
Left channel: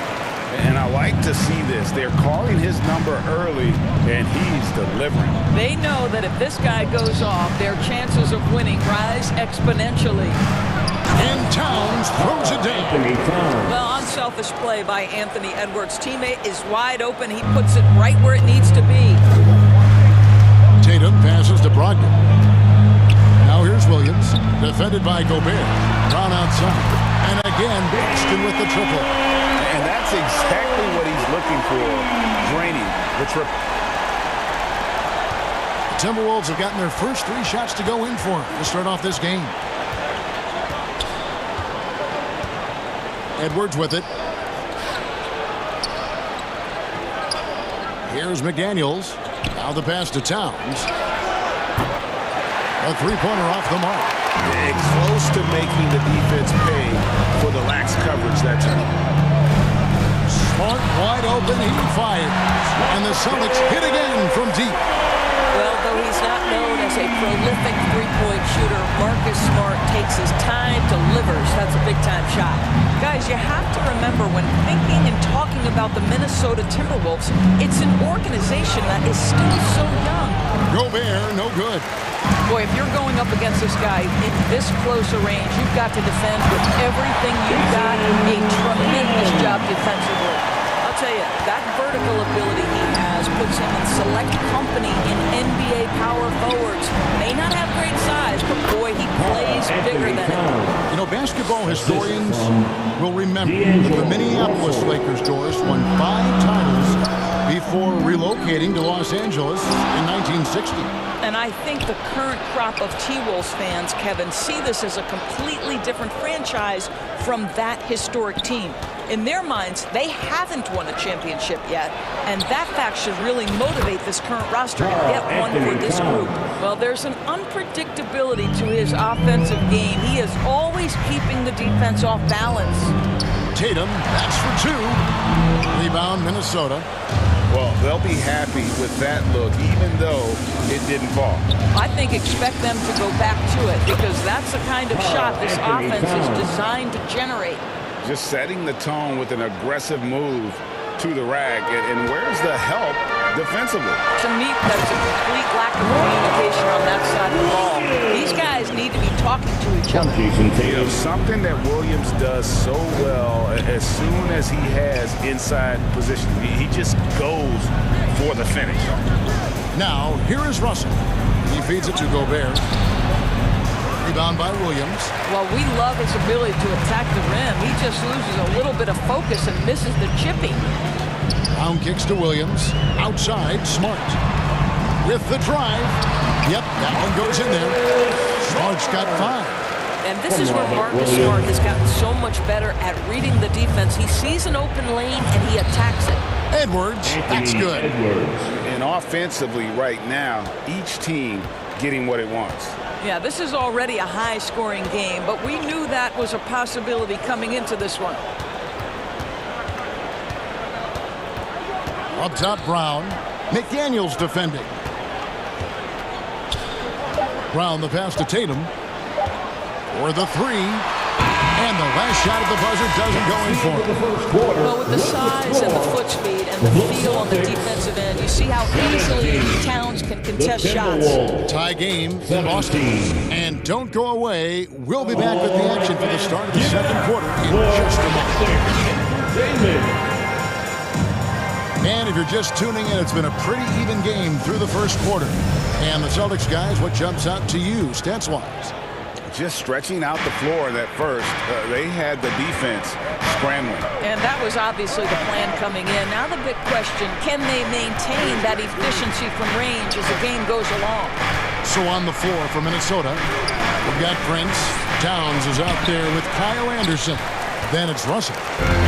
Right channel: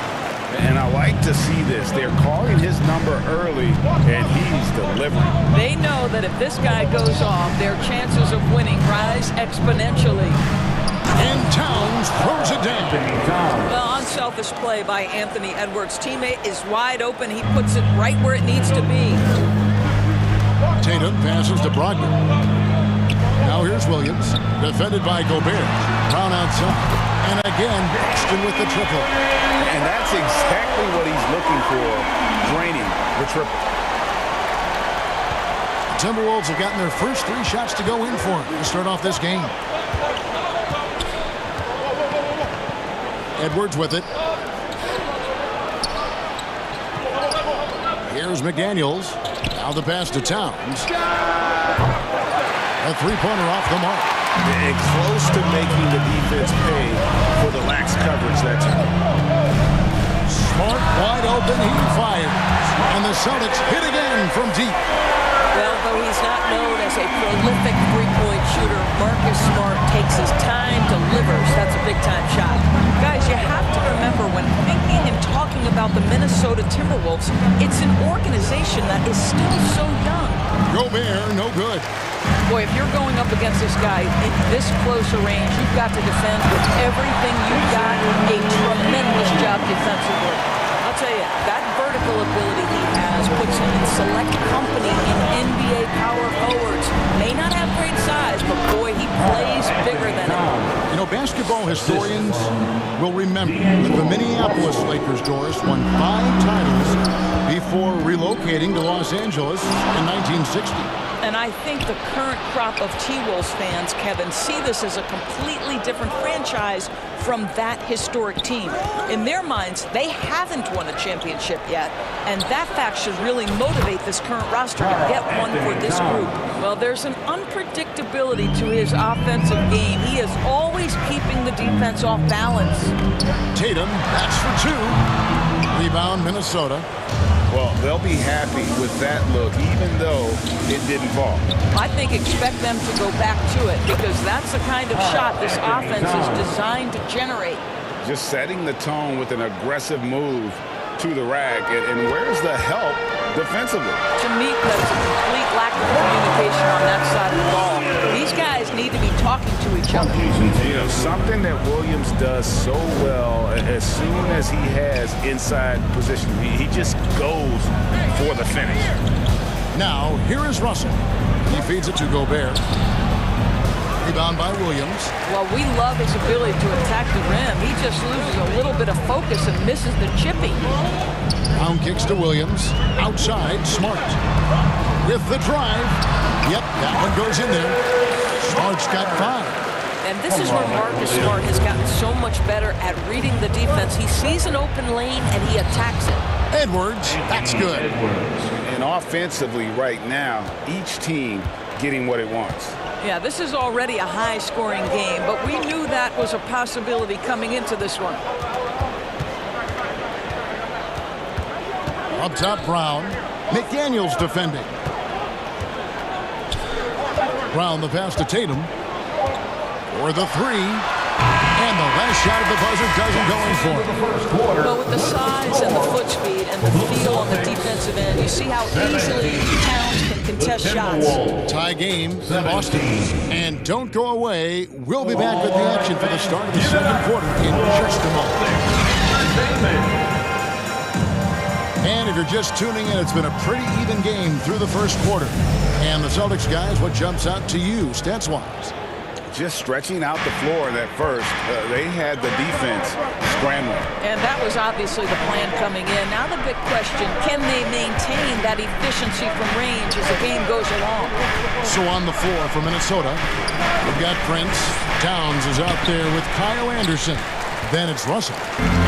And I like to see this. They're calling his number early, and he's delivering. They know that if this guy goes off, their chances of winning rise exponentially. And Towns throws it down. Well, unselfish play by Anthony Edwards. Teammate is wide open. He puts it right where it needs to be. Tatum passes to Brogdon. Now here's Williams, defended by Gobert. Brown outside. And again, Boston with the triple. And that's exactly what he's looking for, draining the triple. The Timberwolves have gotten their first 3 shots to go in for to start off this game. Edwards with it. Here's McDaniels. Now the pass to Towns. A 3-pointer off the mark. And close to making the defense pay for the lax coverage that time. Smart wide open, he fires. And the Celtics hit again from deep. Well, though he's not known as a prolific three-point shooter, Marcus Smart takes his time, delivers. That's a big-time shot. Guys, you have to remember when thinking and talking about the Minnesota Timberwolves, it's an organization that is still so young. Gobert, no good. Boy, if you're going up against this guy in this close a range, you've got to defend with everything you've got. A tremendous job defensively. I'll tell you, that vertical ability he has puts him in select company in NBA power forwards. May not have great size, but boy, he plays bigger than it. You know, basketball historians will remember that the Minneapolis Lakers, Doris, won 5 titles before relocating to Los Angeles in 1960. And I think the current crop of T-Wolves fans, Kevin, see this as a completely different franchise from that historic team. In their minds, they haven't won a championship yet, and that fact should really motivate this current roster to get one for this group. Well, there's an unpredictable predictability to his offensive game. He is always keeping the defense off balance. Tatum, that's for 2. Rebound, Minnesota. Well, they'll be happy with that look, even though it didn't fall. I think expect them to go back to it because that's the kind of shot this offense is designed to generate. Just setting the tone with an aggressive move to the rack. And where's the help defensively? To me, that's a complete lack of communication on that side of the ball. These guys need to be talking to each other. You know, something that Williams does so well, as soon as he has inside position, he just goes for the finish. Now, here is Russell. He feeds it to Gobert. Rebound by Williams. Well, we love his ability to attack the rim. He just loses a little bit of focus and misses the chippy. Brown kicks to Williams. Outside, Smart. With the drive. Yep, that one goes in there. Smart's got 5. And this is where Marcus Smart has gotten so much better at reading the defense. He sees an open lane and he attacks it. Edwards, that's good. And offensively right now, each team getting what it wants. Yeah, this is already a high-scoring game, but we knew that was a possibility coming into this one. Up top, Brown. McDaniels defending. Brown the pass to Tatum. For the 3. And the last shot at the buzzer doesn't go in for him. Well, with the size and the foot speed and the feel on the defensive end, you see how easily Towns can contest shots. Tie game in Boston. And don't go away. We'll be back with the action for the start of the second quarter in just a moment. And if you're just tuning in, it's been a pretty even game through the first quarter. And the Celtics guys, what jumps out to you stats-wise? Just stretching out the floor in that first. They had the defense scrambling. And that was obviously the plan coming in. Now the big question, can they maintain that efficiency from range as the game goes along? So on the floor for Minnesota, we've got Prince. Towns is out there with Kyle Anderson. Then it's Russell.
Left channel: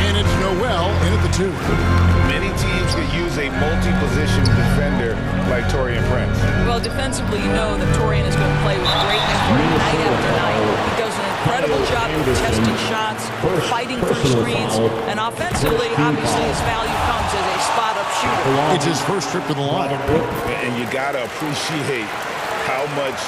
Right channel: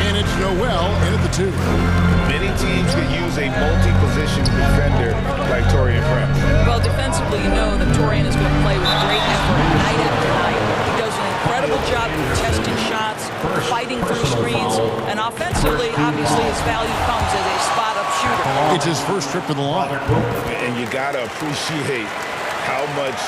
And it's Noel in at the 2. Many teams could use a multi-position defender like Taurean Prince. Well, defensively, you know that Taurean is going to play with great effort night after night. He does an incredible job contesting shots, fighting through screens, and offensively, obviously, his value comes as a spot-up shooter. It's his first trip to the line. And you got to appreciate how much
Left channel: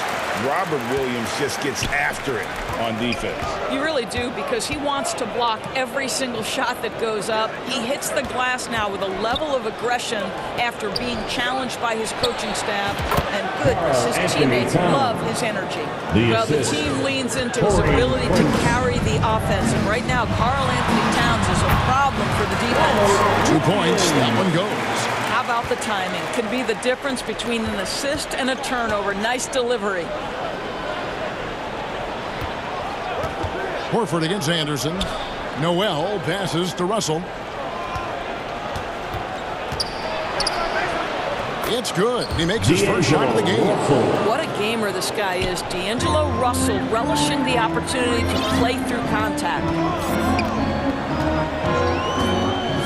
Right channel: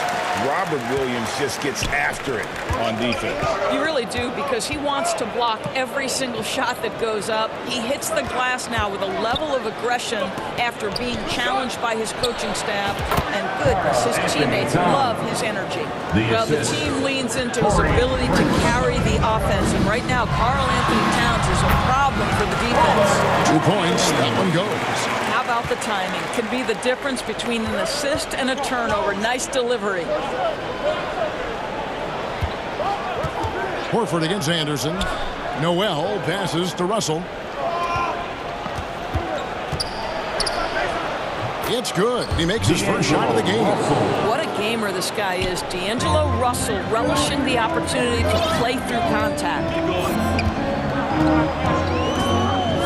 Robert Williams just gets after it on defense. You really do, because he wants to block every single shot that goes up. He hits the glass now with a level of aggression after being challenged by his coaching staff. And goodness, his teammates love his energy. Well, the team leans into his ability to carry the offense. And right now, Karl Anthony Towns is a problem for the defense. 2 points, that one goes. How about the timing? Can be the difference between an assist and a turnover. Nice delivery. Horford against Anderson. Noel passes to Russell. It's good. He makes his first shot of the game. What a gamer this guy is. D'Angelo Russell relishing the opportunity to play through contact.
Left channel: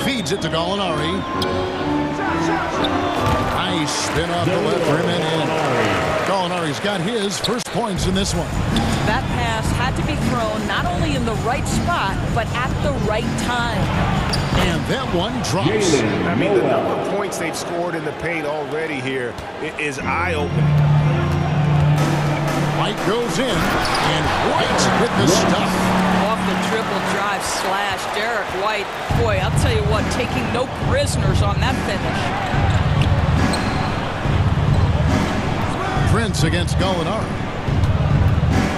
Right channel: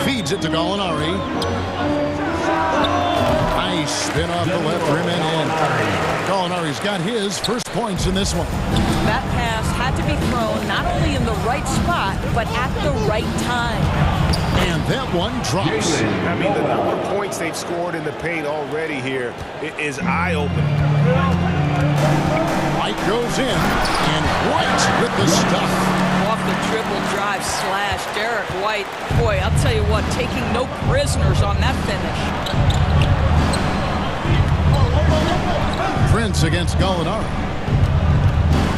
Feeds it to Gallinari. Nice spin off the left rim and in. Gallinari's got his first points in this one. That pass had to be thrown not only in the right spot, but at the right time. And that one drops. I mean, the number of points they've scored in the paint already here is eye-opening. White goes in, and White with the stuff. Off the dribble drive slash. Derek White, boy, I'll tell you what, taking no prisoners on that finish. Prince against Gallinari.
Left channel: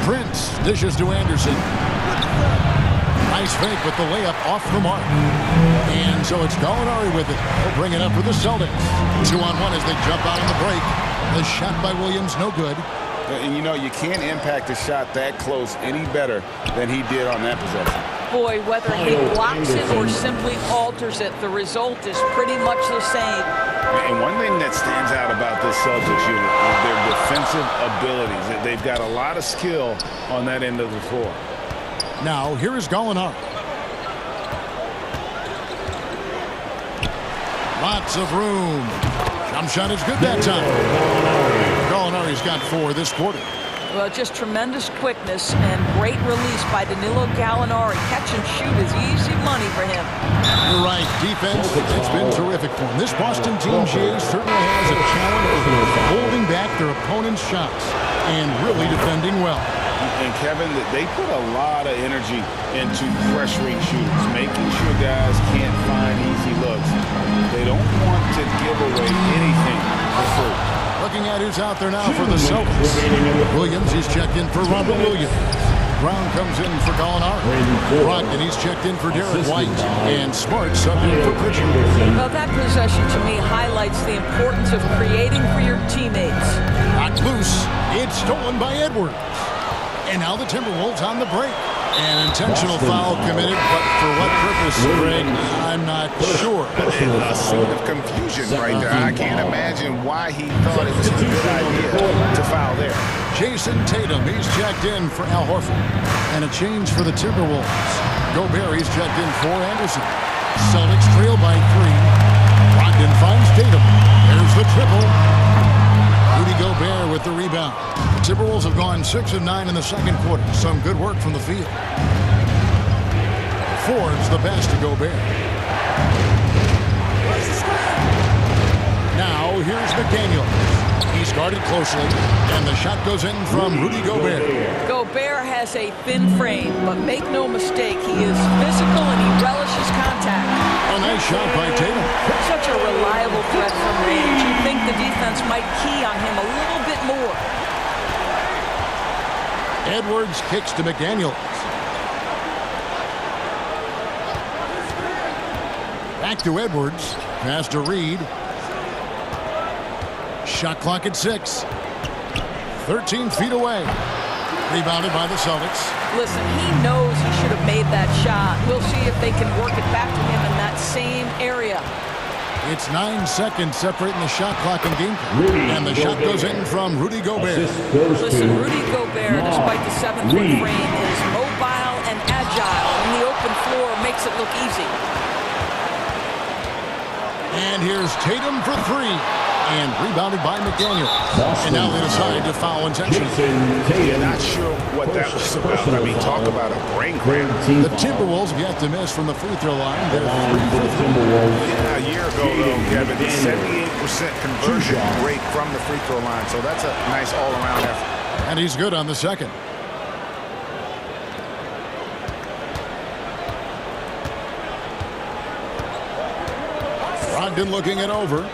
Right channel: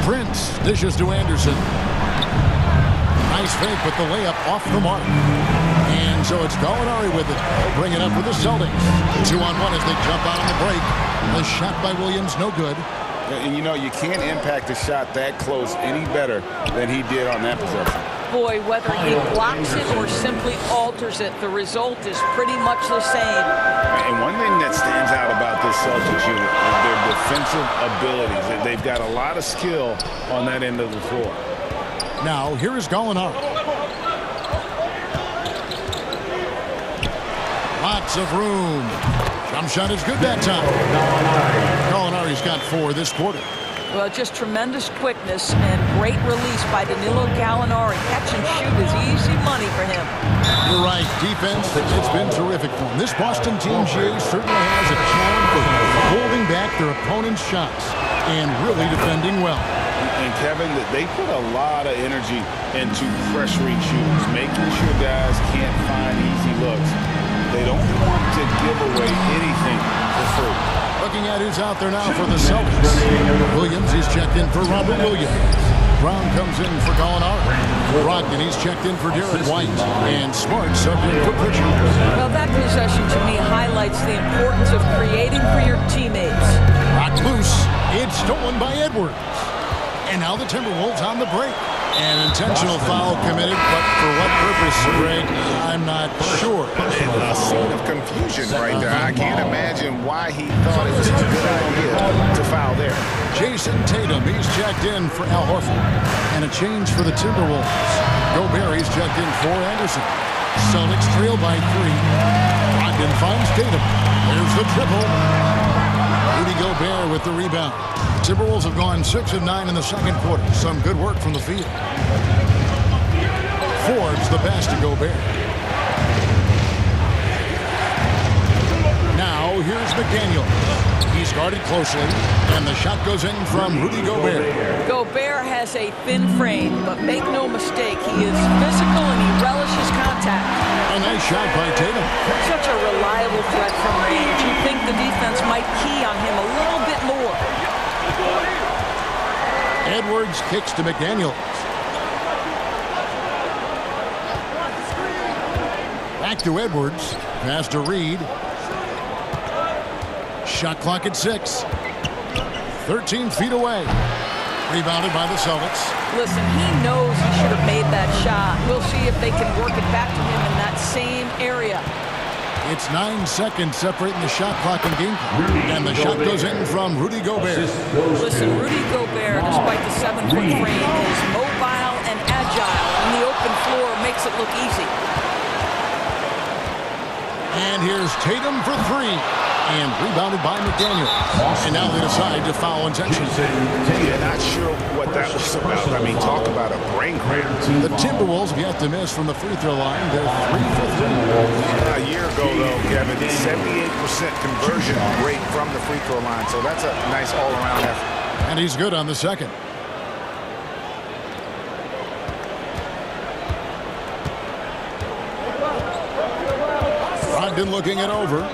Prince dishes to Anderson. Nice fake with the layup off the mark. And so it's Gallinari with it. He'll bring it up for the Celtics. 2-on-1 as they jump out on the break. The shot by Williams, no good. And you know, you can't impact a shot that close any better than he did on that possession. Boy, whether he blocks it or simply alters it, the result is pretty much the same. And one thing that stands out about this Celtics unit is their defensive abilities. They've got a lot of skill on that end of the floor. Now, here is Gallinari. Lots of room. Jump shot is good that time. Gallinari's got 4 this quarter. Well, just tremendous quickness and great release by Danilo Gallinari. Catch and shoot is easy money for him. You're right. Defense, it's been terrific for him. This Boston team, Jay, certainly has a challenge for holding back their opponent's shots and really defending well. And Kevin, they put a lot of energy into pressuring shooters, making sure guys can't find easy looks. They don't want to give away anything for free. Looking at who's out there now for the Celtics. Williams, he's checked in for Robert Williams. Brown comes in for Gallinari. Brogdon, he's checked in for Derek White. And Smart subbed in for Pritchard. Well, that possession to me highlights the importance of creating for your teammates. Rocked loose. It's stolen by Edwards. And now the Timberwolves on the break. An intentional foul committed, but for what purpose, Greg, I'm not sure. A scene of confusion right there. I can't imagine why he thought it was a good idea to foul there. Jason Tatum, he's checked in for Al Horford. And a change for the Timberwolves. Gobert, he's checked in for Anderson. Celtics trail by 3. Brogdon finds Tatum. There's the triple. Rudy Gobert with the rebound. The Timberwolves have gone 6 of 9 in the second quarter. Some good work from the field. Forbes the pass to Gobert. Now here's McDaniel. He's guarded closely, and the shot goes in from Rudy Gobert. Gobert has a thin frame, but make no mistake, he is physical and he relishes contact. A nice shot by Tatum. Such a reliable threat from range. You'd think the defense might key on him a little bit more. Edwards kicks to McDaniels. Back to Edwards. Pass to Reed. Shot clock at 6. 13 feet away. Rebounded by the Celtics. Listen, he knows he should have made that shot. We'll see if they can work it back to him in that same area. It's 9 seconds separating the shot clock and game clock. And the shot goes in from Rudy Gobert. Listen, Rudy Gobert, despite the 7-foot frame, is mobile and agile. And the open floor makes it look easy. And here's Tatum for 3. And rebounded by McDaniel. And now they decide to foul intentionally. Yeah, not sure what that was about. I mean, talk about a brain cramp. The Timberwolves have yet to miss from the free throw line. They're 3 for 3. Yeah, a year ago, though, Kevin, 78% conversion rate from the free throw line. So that's a nice all-around effort. And he's good on the second. Brogdon looking it over.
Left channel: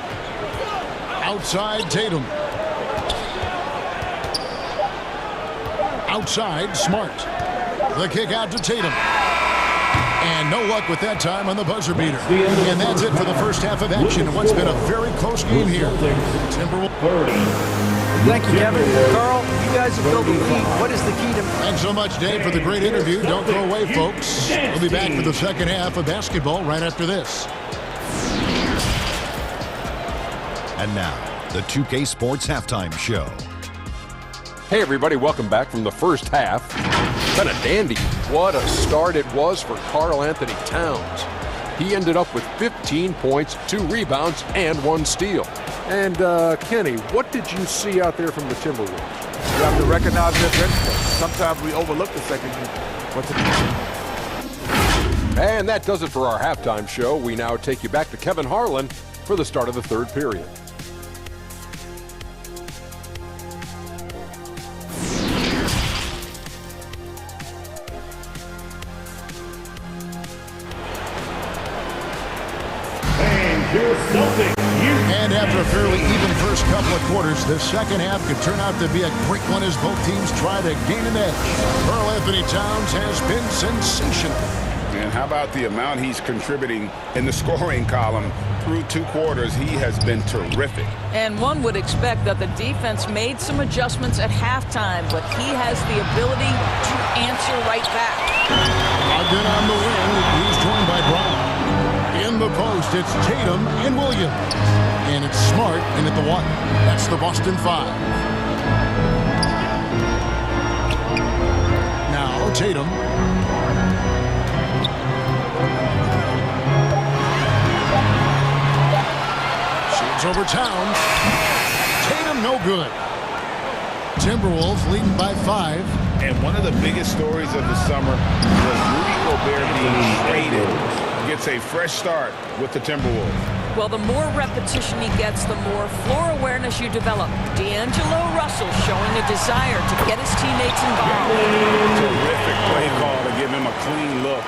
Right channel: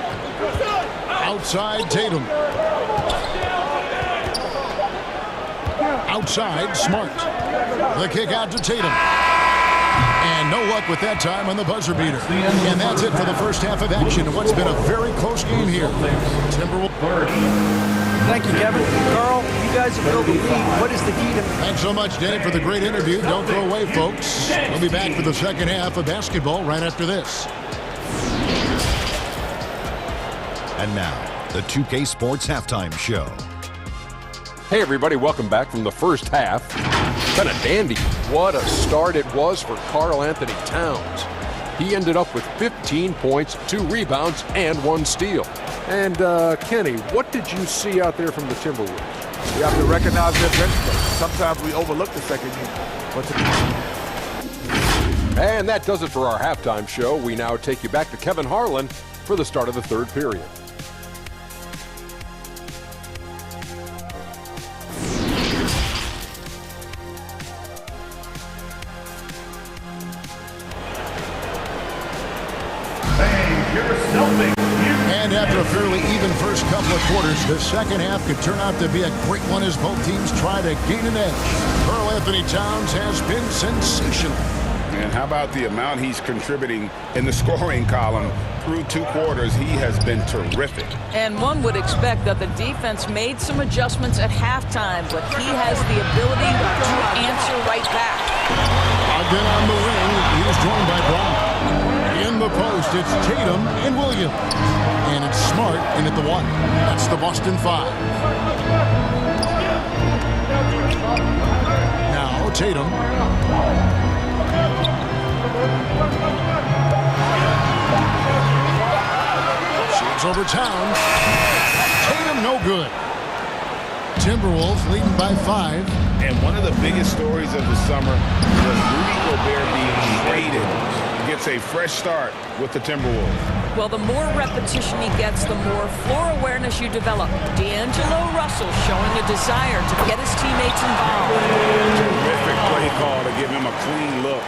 Outside, Tatum. Outside, Smart. The kick out to Tatum. And no luck with that time on the buzzer beater. And that's it for the first half of action in what's been a very close game here. Timberwolves. Thank you, Kevin. Carl, you guys have built a lead. What is the key to... Thanks so much, Dave, for the great interview. Don't go away, folks. We'll be back for the second half of basketball right after this. And now, the 2K Sports Halftime Show. Hey, everybody, welcome back from the first half. Been a dandy. What a start it was for Karl Anthony Towns. He ended up with 15 points, 2 rebounds, and 1 steal. And, Kenny, what did you see out there from the Timberwolves? You have to recognize their bench play. Sometimes we overlook the second unit. And that does it for our halftime show. We now take you back to Kevin Harlan for the start of the third period. And after a fairly even first couple of quarters, the second half could turn out to be a great one as both teams try to gain an edge. Karl Anthony Towns has been sensational. And how about the amount he's contributing in the scoring column? Through 2 quarters, he has been terrific. And one would expect that the defense made some adjustments at halftime, but he has the ability to answer right back. Ogden on the wing. He's joined by Brown. In the post, it's Tatum and Williams. And it's Smart in at the 1. That's the Boston 5. Now Tatum. Shoots over Towns. Tatum no good. Timberwolves leading by 5. And one of the biggest stories of the summer was Rudy Gobert being traded. Gets a fresh start with the Timberwolves. Well, the more repetition he gets, the more floor awareness you develop. D'Angelo Russell showing a desire to get his teammates involved. Terrific play call to give him a clean look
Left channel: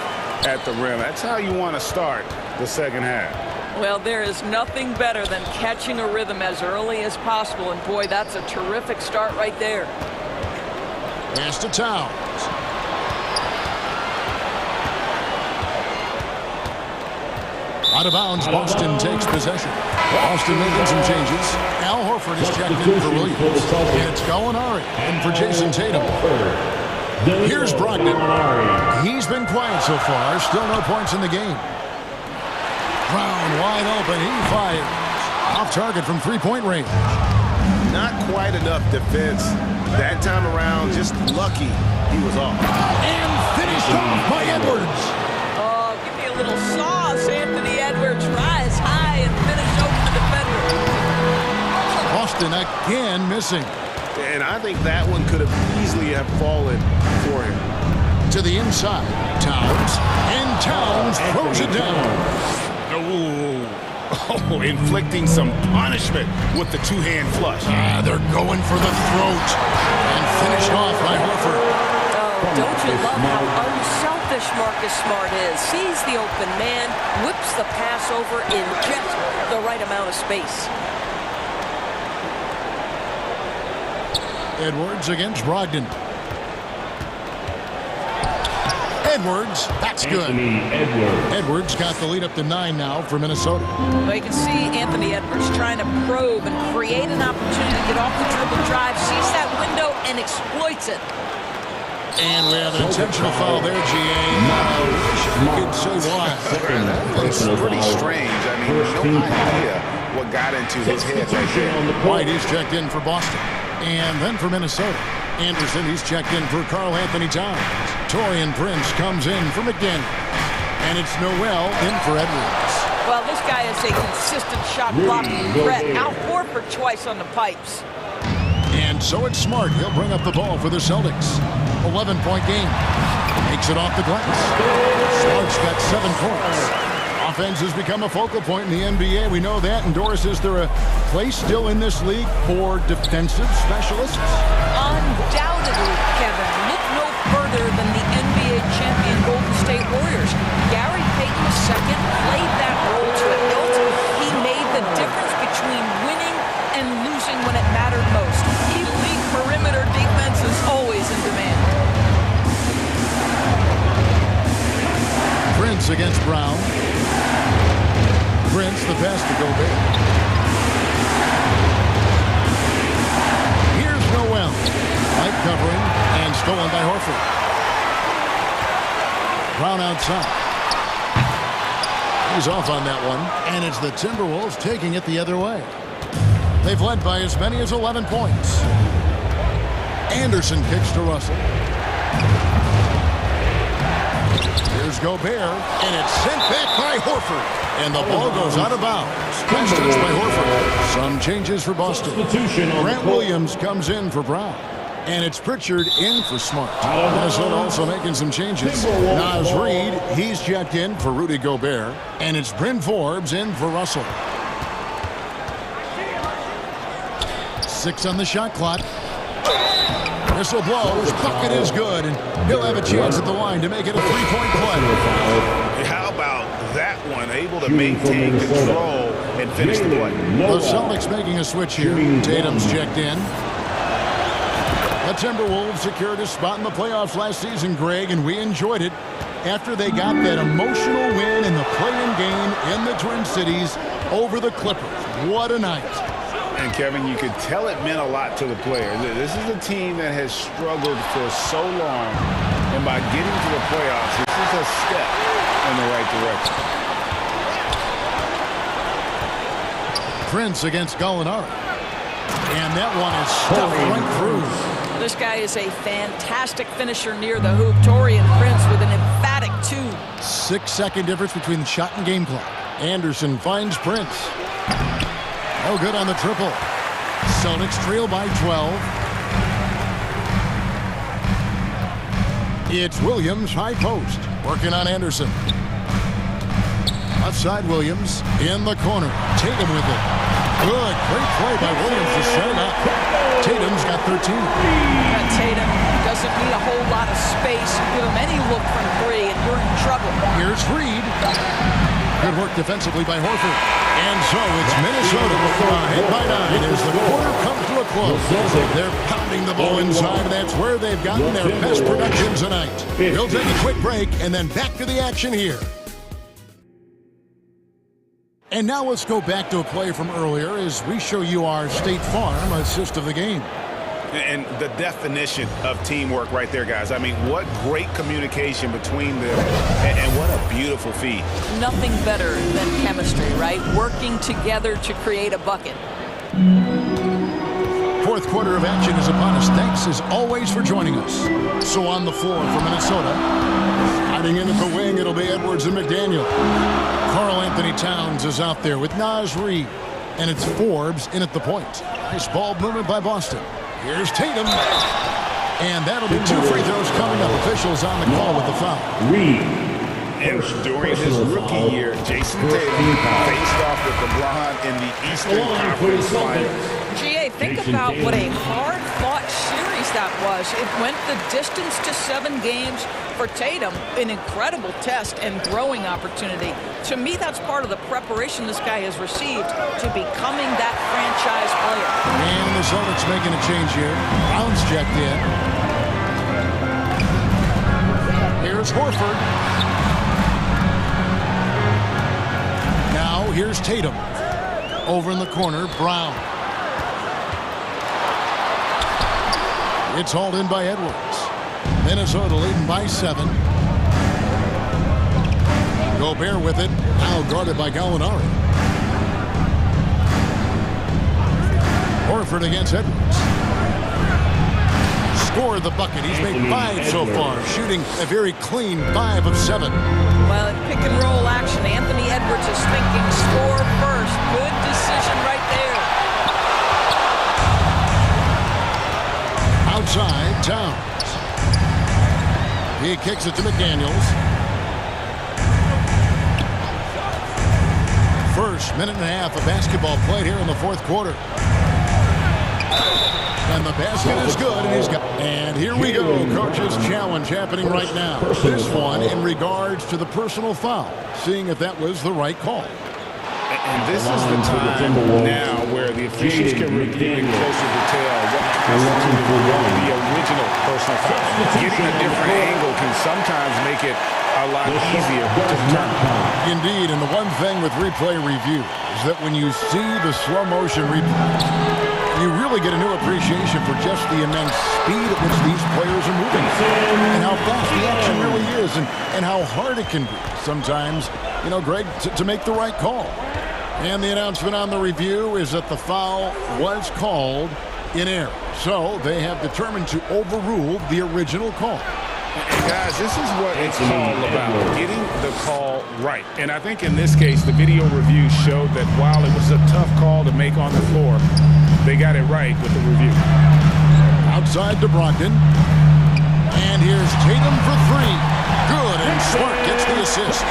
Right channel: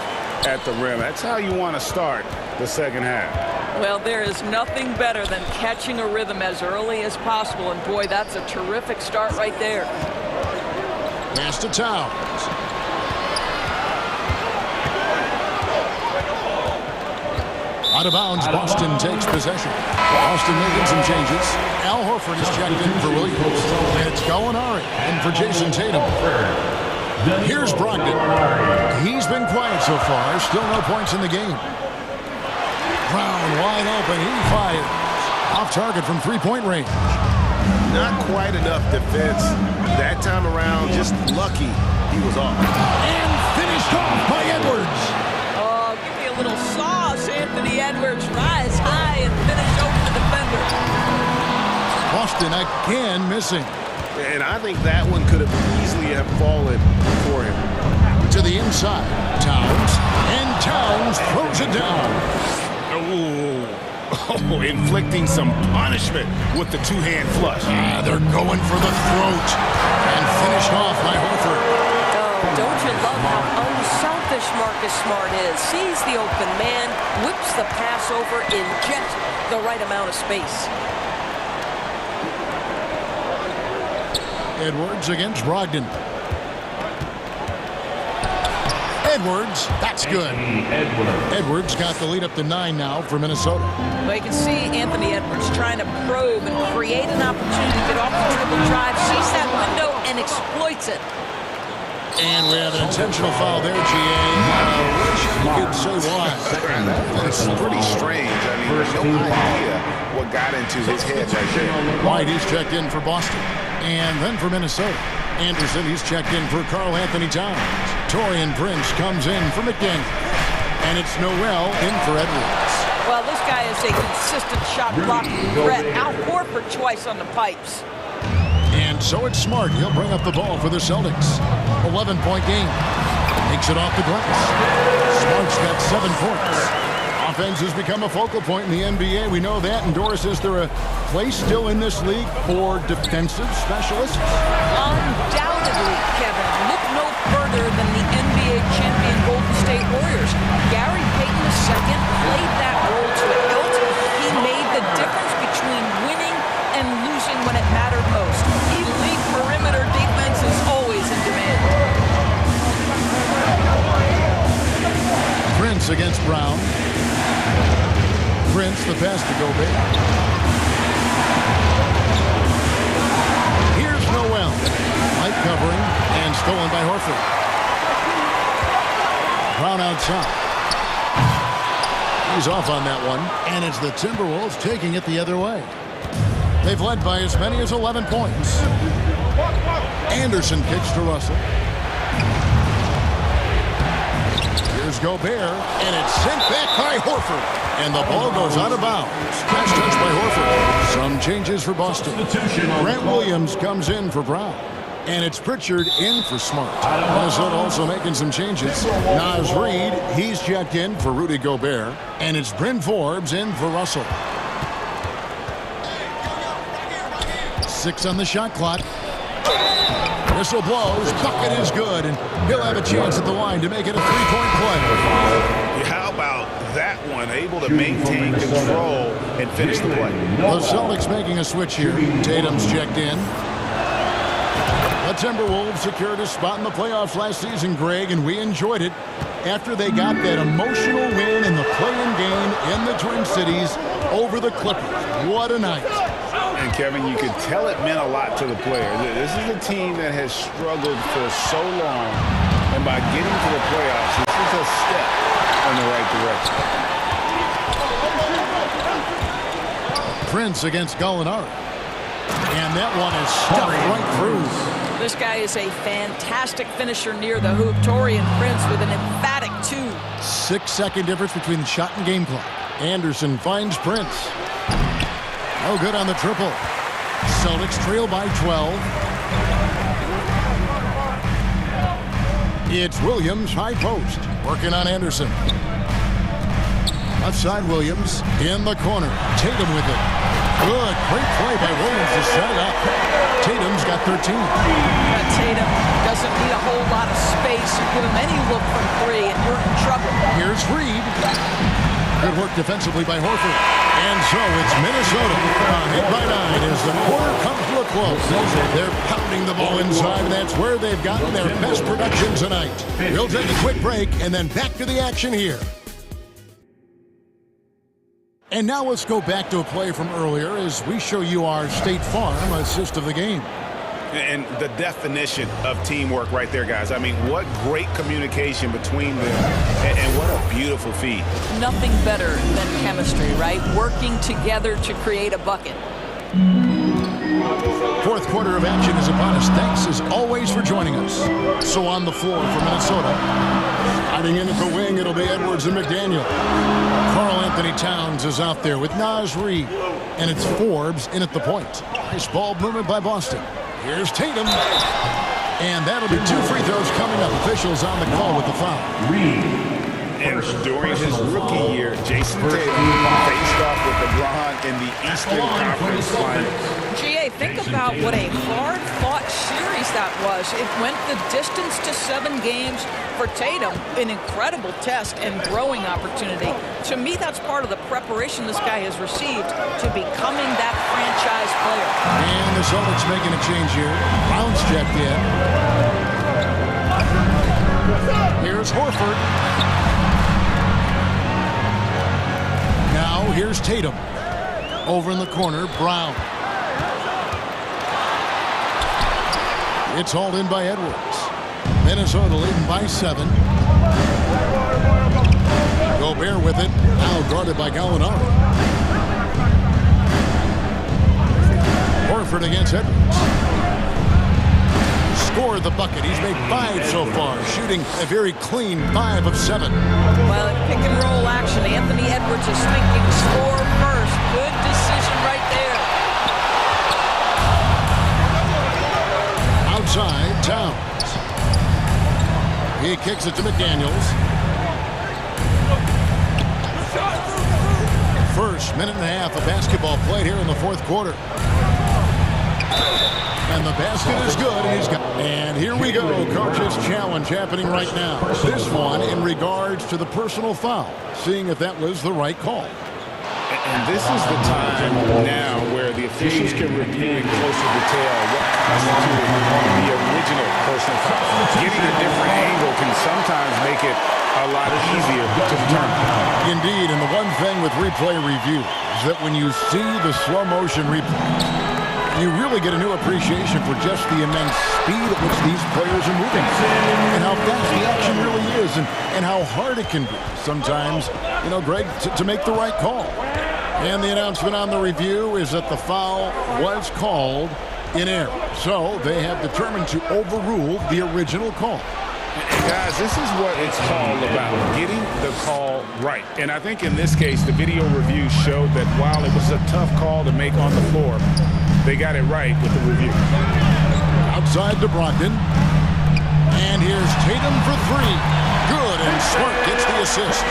at the rim. That's how you want to start the second half. Well, there is nothing better than catching a rhythm as early as possible. And boy, that's a terrific start right there. Pass to Towns. Out of bounds, Boston takes possession. Boston making some changes. Al Horford is checked in for Williams. And it's Gallinari in for Jason Tatum. Here's Brogdon. He's been quiet so far. Still no points in the game. Brown wide open. He fires. Off target from three-point range. Not quite enough defense that time around. Just lucky he was off. And finished off by Edwards. Oh, give me a little sauce, Anthony Edwards. Rise high and finish over the defender. Boston again missing. And I think that one could have easily have fallen for him. To the inside, Towns. And Towns throws it down. Oh, inflicting some punishment with the two-hand flush. They're going for the throat. And finished off by Horford. Oh, don't you love how unselfish Marcus Smart is? Sees the open man, whips the pass over in just the right amount of space. Edwards against Brogdon. Edwards, that's good. Edwards got the lead up to 9 now for Minnesota. Well, you can see Anthony Edwards trying to probe and create an opportunity to get off the dribble drive, sees that window and exploits it. And we have an intentional foul there, GA. Wish I could say why. That's pretty strange. I mean, no idea what got into his head right there. White, he's checked in for Boston. And then for Minnesota. Anderson, he's checked in for Karl Anthony Towns. Taurean Prince comes in for McDaniels. And it's Noel in for Edwards. Well, this guy is a consistent shot blocking threat. Al Horford twice on the pipes. And so it's Smart. He'll bring up the ball for the Celtics. 11-point game. Makes it off the glass. Smart's got 7 points. Offense has become a focal point in the NBA. We know that. And Doris, is there a place still in this league for defensive specialists? Undoubtedly, Kevin. Look no further than the NBA champion Golden State Warriors. Gary Payton II played that role to a hilt. He made the difference between winning and losing when it mattered most. Elite perimeter defense is always in demand. Prince against Brown. Prince, the pass to Gobert. Here's Noel. Light covering and stolen by Horford. Brown outside. He's off on that one. And it's the Timberwolves taking it the other way. They've led by as many as 11 points. Anderson kicks to Russell. Here's Gobert, and it's sent back by Horford. And the ball goes out of bounds. Pass touch by Horford. Some changes for Boston. Grant Williams comes in for Brown. And it's Pritchard in for Smart. Minnesota also making some changes. Naz Reid, he's checked in for Rudy Gobert. And it's Bryn Forbes in for Russell. 6 on the shot clock. Whistle blows. Bucket is good. And he'll have a chance at the line to make it a 3-point play. How about that one? Able to maintain control and finish the play. The Celtics making a switch here. Tatum's checked in. The Timberwolves secured a spot in the playoffs last season, Greg, and we enjoyed it after they got that emotional win in the play-in game in the Twin Cities over the Clippers. What a night. And, Kevin, you could tell it meant a lot to the players. This is a team that has struggled for so long, and by getting to the playoffs, this is a step in the right direction. Prince against Gallinari. And that one is stuffed right through. This guy is a fantastic finisher near the hoop. Taurean Prince with an emphatic 2. 6-second difference between the shot and game clock. Anderson finds Prince. No good on the triple. Celtics trail by 12. It's Williams, high post, working on Anderson. Left side Williams, in the corner. Tatum with it. Good, great play by Williams to set it up. Tatum's got 13. Tatum doesn't need a whole lot of space. You give him any look from three, and you're in trouble. Here's Reed. Good work defensively by Horford. And so it's Minnesota ahead by 9 as the quarter comes to a close. They're pounding the ball inside, and that's where they've gotten their best production tonight. We'll take a quick break and then back to the action here. And now let's go back to a play from earlier as we show you our State Farm assist of the game. And the definition of teamwork right there, guys. I mean, what great communication between them, and what a beautiful feed. Nothing better than chemistry, right? Working together to create a bucket. Fourth quarter of action is upon us. Thanks, as always, for joining us. So on the floor for Minnesota, hiding in at the wing, it'll be Edwards and McDaniel. Karl Anthony Towns is out there with Naz Reid, and it's Forbes in at the point. Nice ball movement by Boston. Here's Tatum, and that'll be 2 free throws coming up. Officials on the call with the foul. And during his rookie year, Jason Tatum faced off with LeBron in the Eastern Conference Finals. GA, think about what a hard-fought series that was. It went the distance to 7 games. For Tatum, an incredible test and growing opportunity. To me, that's part of the preparation this guy has received to becoming that franchise player. And the Celtics making a change here. Brown's checked in. Here's Horford. Now here's Tatum. Over in the corner, Brown. It's hauled in by Edwards. Minnesota leading by 7. Gobert with it. Now guarded by Gallinari. Horford against Edwards. Scored the bucket. He's made 5 so far, shooting a very clean 5 of 7. Well, in pick and roll action, Anthony Edwards is thinking score first. Good decision right there. Outside, Towns. He kicks it to McDaniels. First minute and a half of basketball played here in the fourth quarter. And the basket is good. And here we go. Coach's challenge happening right now. This one in regards to the personal foul. Seeing if that was the right call. And this is the time now where the officials can review in closer detail what constituted the original personal foul. Getting a different angle can sometimes make it a lot easier to determine. Indeed, and the one thing with replay review is that when you see the slow motion replay, you really get a new appreciation for just the immense speed at which these players are moving and how fast the action really is and how hard it can be sometimes, you know, Greg, to make the right call. And the announcement on the review is that the foul was called in error. So they have determined to overrule the original call. And guys, this is what it's all about, getting the call right. And I think in this case, the video review showed that while it was a tough call to make on the floor, they got it right with the review. Outside to Brogdon. And here's Tatum for 3. Good, and Smart gets the assist.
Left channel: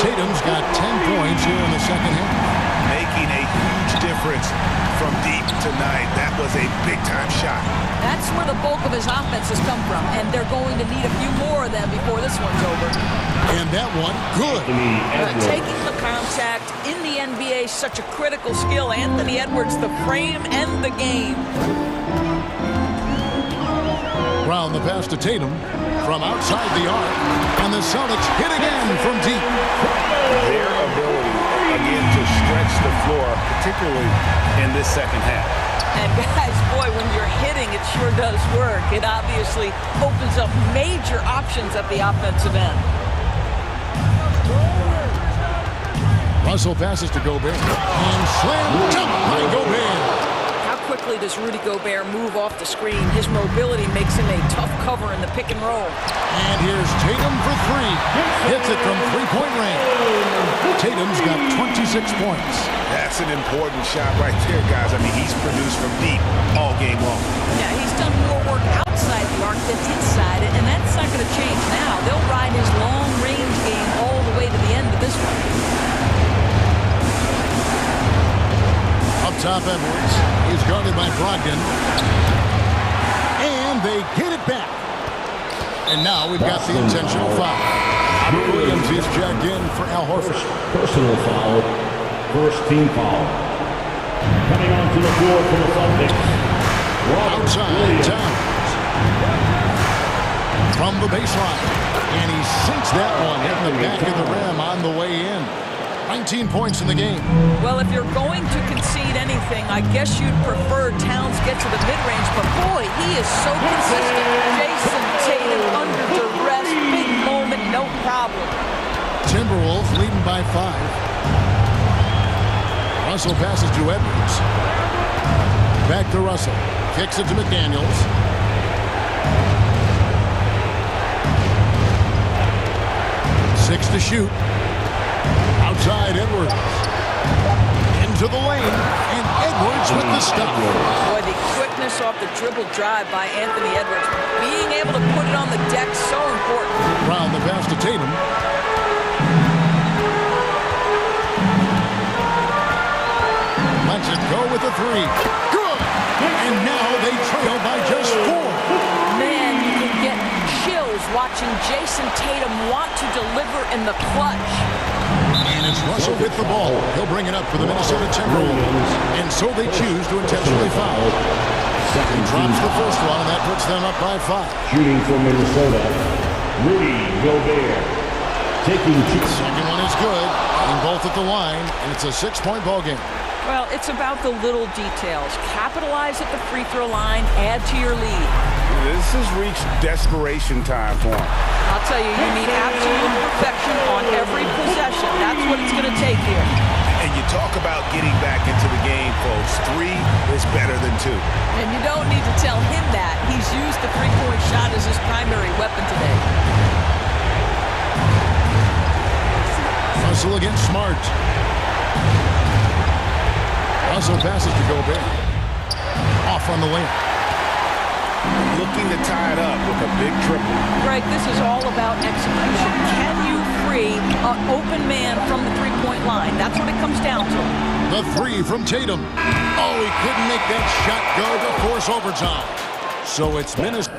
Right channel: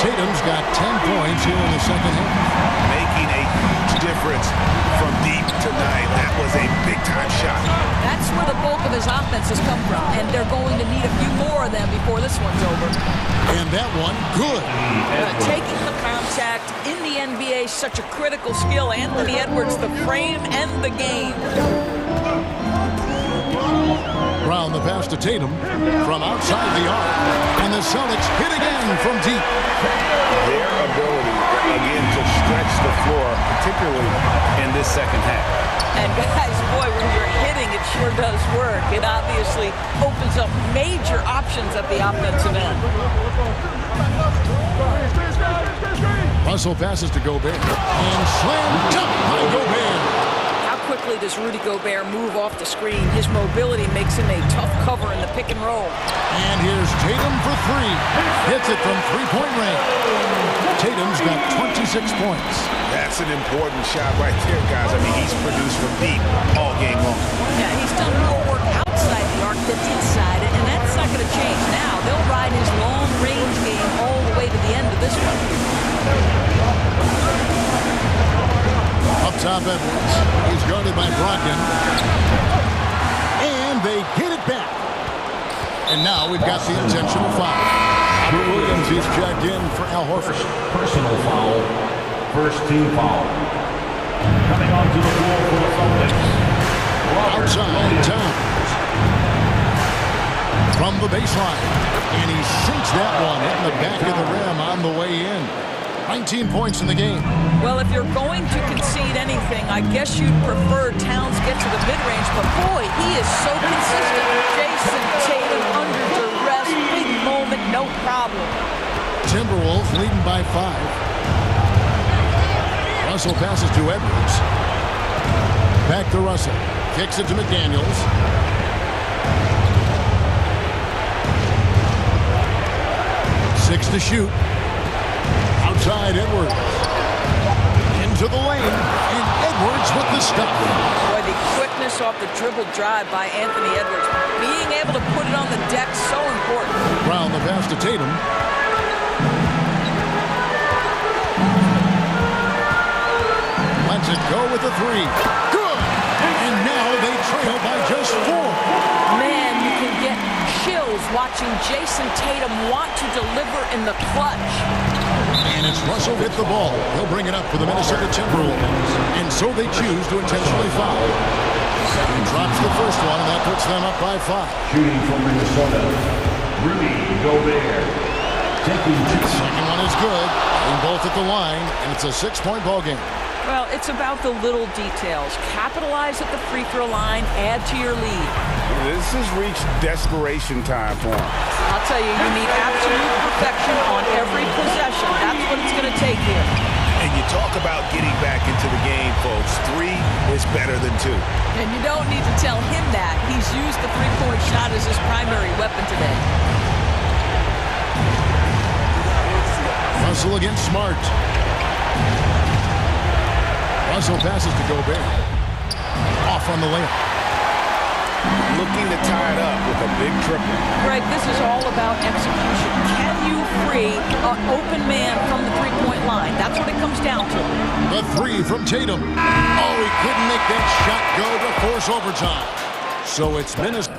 Tatum's got 10 points here in the second half. Making a huge difference from deep tonight. That was a big-time shot. That's where the bulk of his offense has come from, and they're going to need a few more of them before this one's over. And that one, good. Taking the contact in the NBA, such a critical skill. Anthony Edwards, the frame and the game. Brown the pass to Tatum from outside the arc. And the Celtics hit again from deep. Their ability, again, to stretch the floor, particularly in this second half. And guys, boy, when you're hitting, it sure does work. It obviously opens up major options at the offensive end. Russell passes to Gobert. And slam dunk by Gobert. How quickly does Rudy Gobert move off the screen? His mobility makes him a tough cover in the pick and roll. And here's Tatum for 3. Hits it from three-point range. Tatum's got 26 points. That's an important shot right there, guys. I mean, he's produced from deep all game long. Yeah, he's done more work out outside the arc than inside it, and that's not going to change now. They'll ride his long-range game all the way to the end of this one. Up top, Edwards. He's guarded by Brogdon. And they get it back. And now we've got the intentional foul. Robert Williams is checked in for Al Horford. Personal foul. First team foul. Coming onto the floor for the Celtics. Outside, Towns. From the baseline. And he sinks that one hitting the back of the rim on the way in. 19 points in the game. Well, if you're going to concede anything, I guess you'd prefer Towns get to the mid-range, but boy, he is so consistent. Jason Tatum under duress, big moment, no problem. Timberwolves leading by 5. Russell passes to Edwards. Back to Russell. Kicks it to McDaniels. Six to shoot. Outside Edwards. Into the lane. And Edwards with the stop. Boy, the quickness off the dribble drive by Anthony Edwards. Being able to put it on the deck, so important. Brown the pass to Tatum. Lets it go with a 3. Good! And now they trail by just 4. Man, you can get chills watching Jason Tatum want to deliver in the clutch. And it's Russell with the ball. He'll bring it up for the Minnesota Timberwolves. And so they choose to intentionally foul. He drops the first one, and that puts them up by 5. Shooting for Minnesota, Rudy Gobert. Taking 2. Second one is good. Getting both at the line, and it's a 6-point ball game. Well, it's about the little details. Capitalize at the free throw line, add to your lead. This has reached desperation time for him. I'll tell you, you need absolute perfection on every possession. That's what it's going to take here. And you talk about getting back into the game, folks. 3 is better than 2. And you don't need to tell him that. He's used the three-point shot as his primary weapon today. Russell against Smart. Russell passes to Gobert. Off on the layup. Looking to tie it up with a big triple. Greg, this is all about execution. Can you free an open man from the three-point line? That's what it comes down to. The 3 from Tatum. Oh, he couldn't make that shot go to force overtime. So it's Minnesota.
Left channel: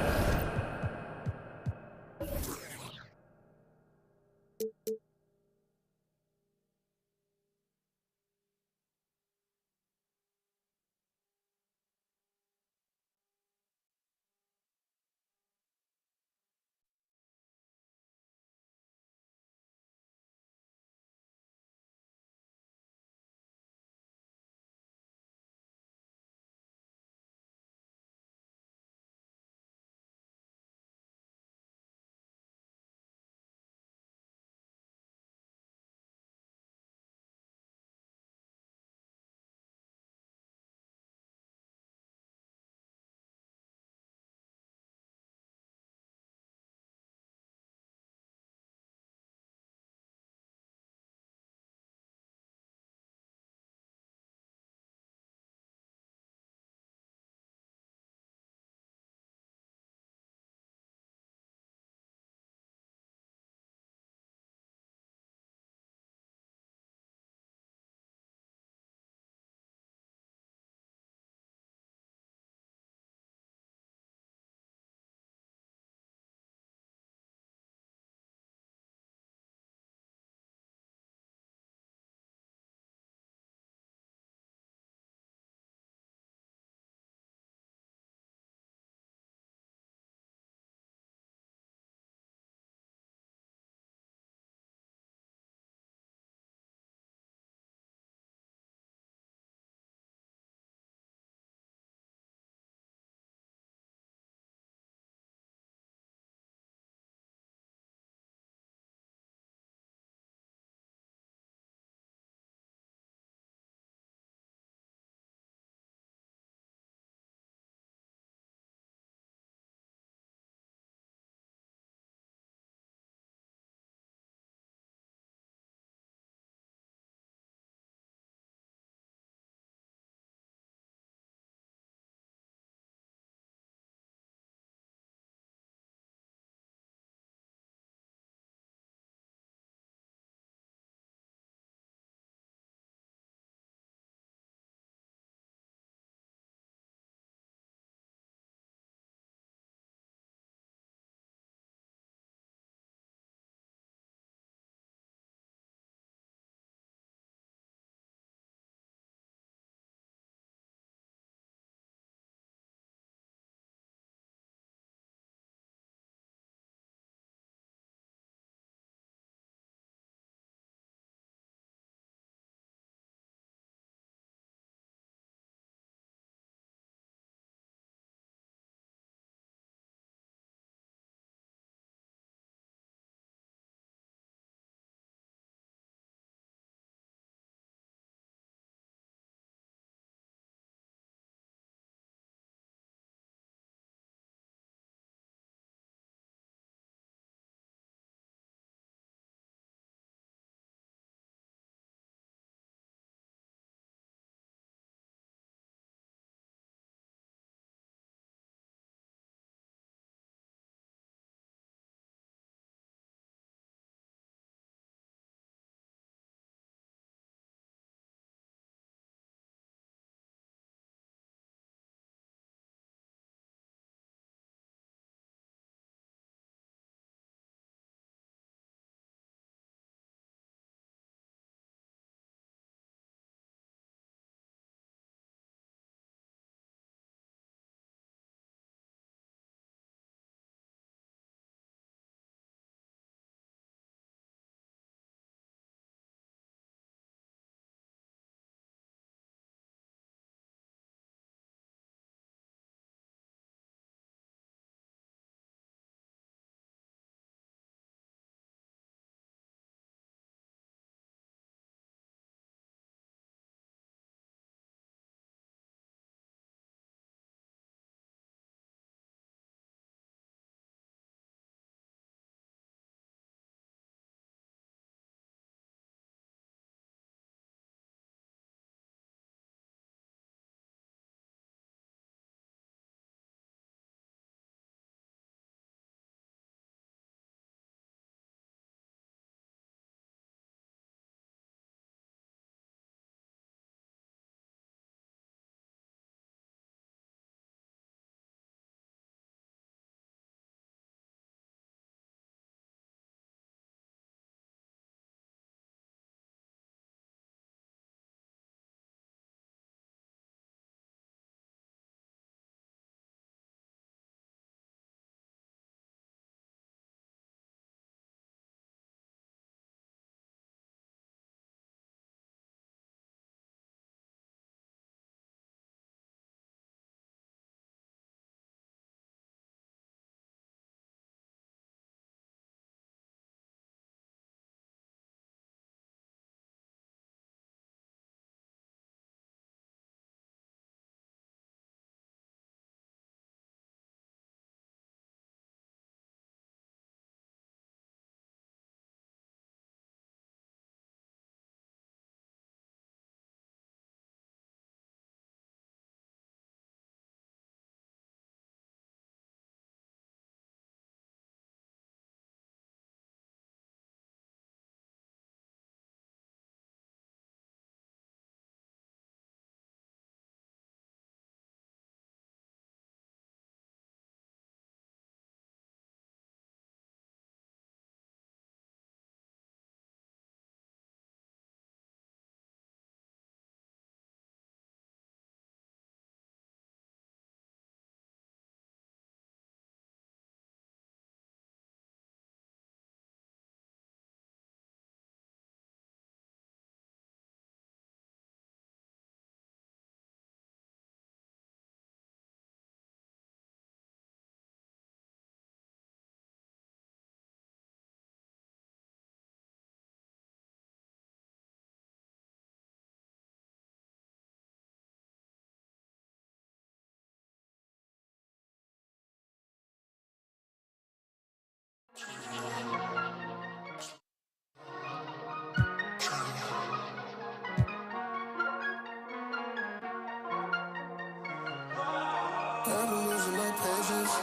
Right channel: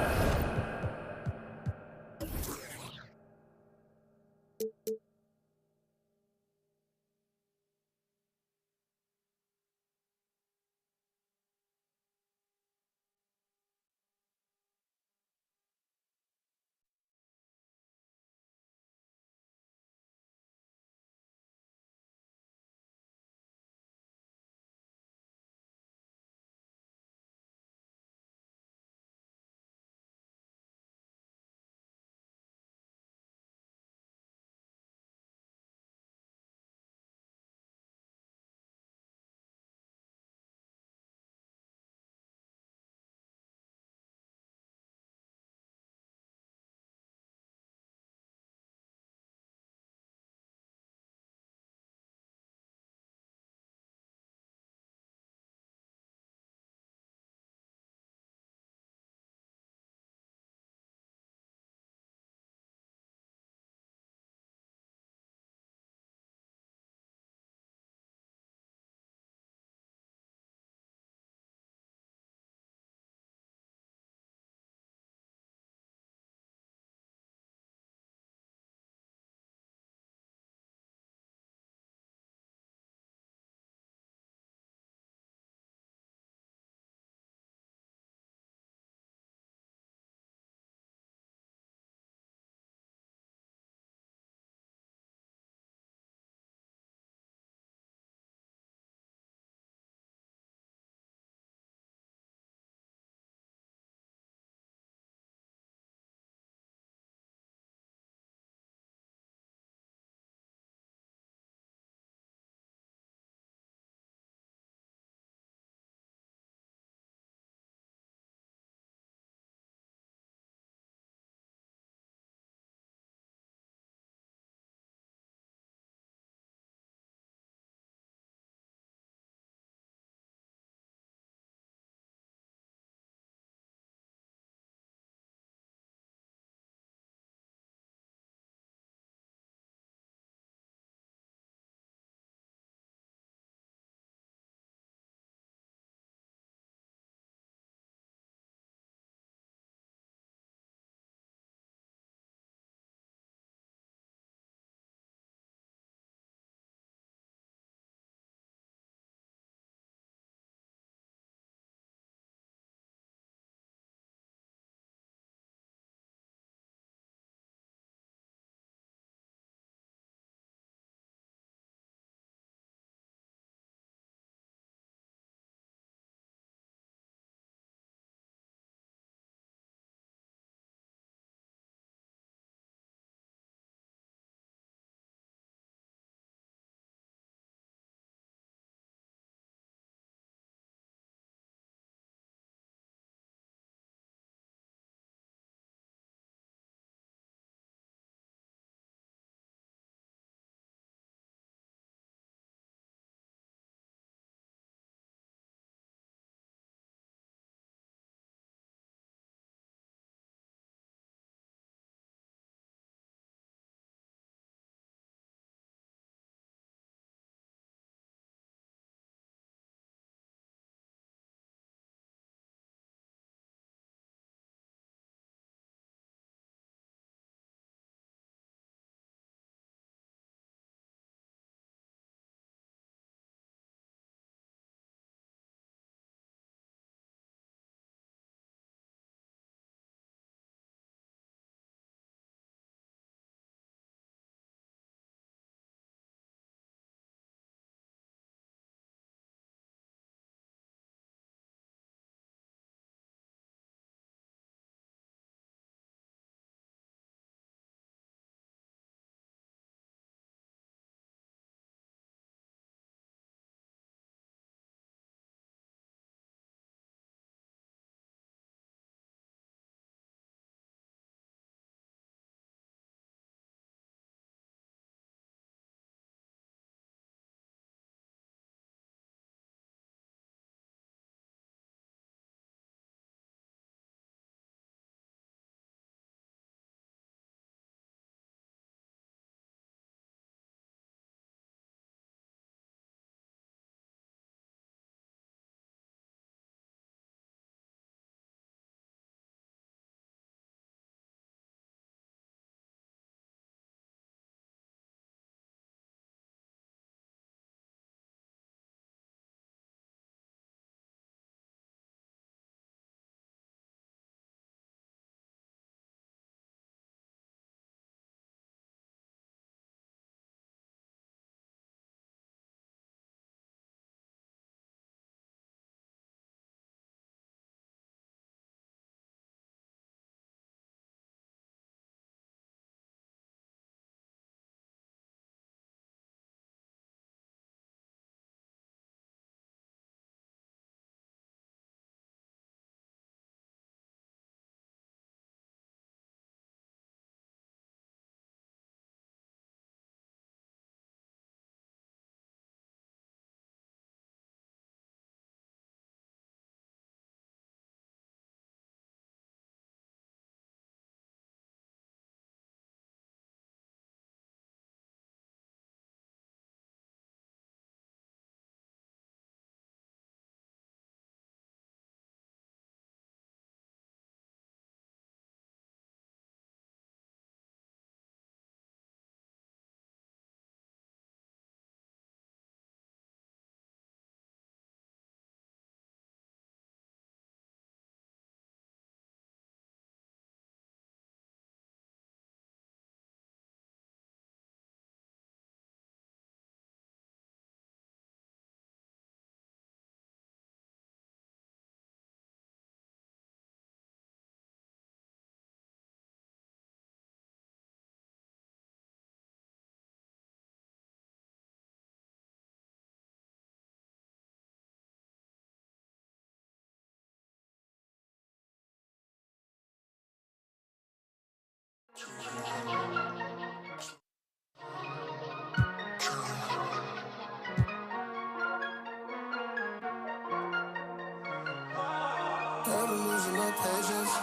I've been losing my patience.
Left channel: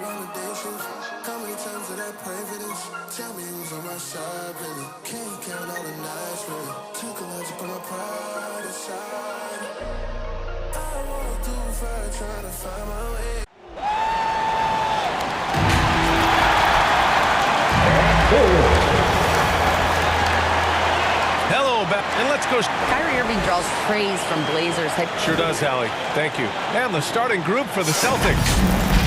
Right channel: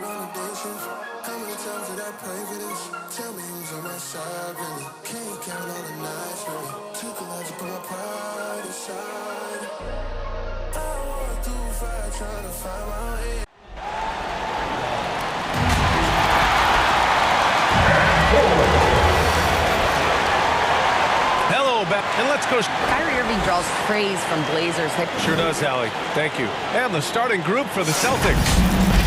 On a day shift. How many times did I pray for this? Tell me who's on my side, really. Can't count all the nights, really. Took a lot to put my pride aside. I walked through fire trying to find my way. Hello, and let's go. Kyrie Irving draws praise from Blazers head. Sure does, Allie. Thank you. And the starting group for the Celtics.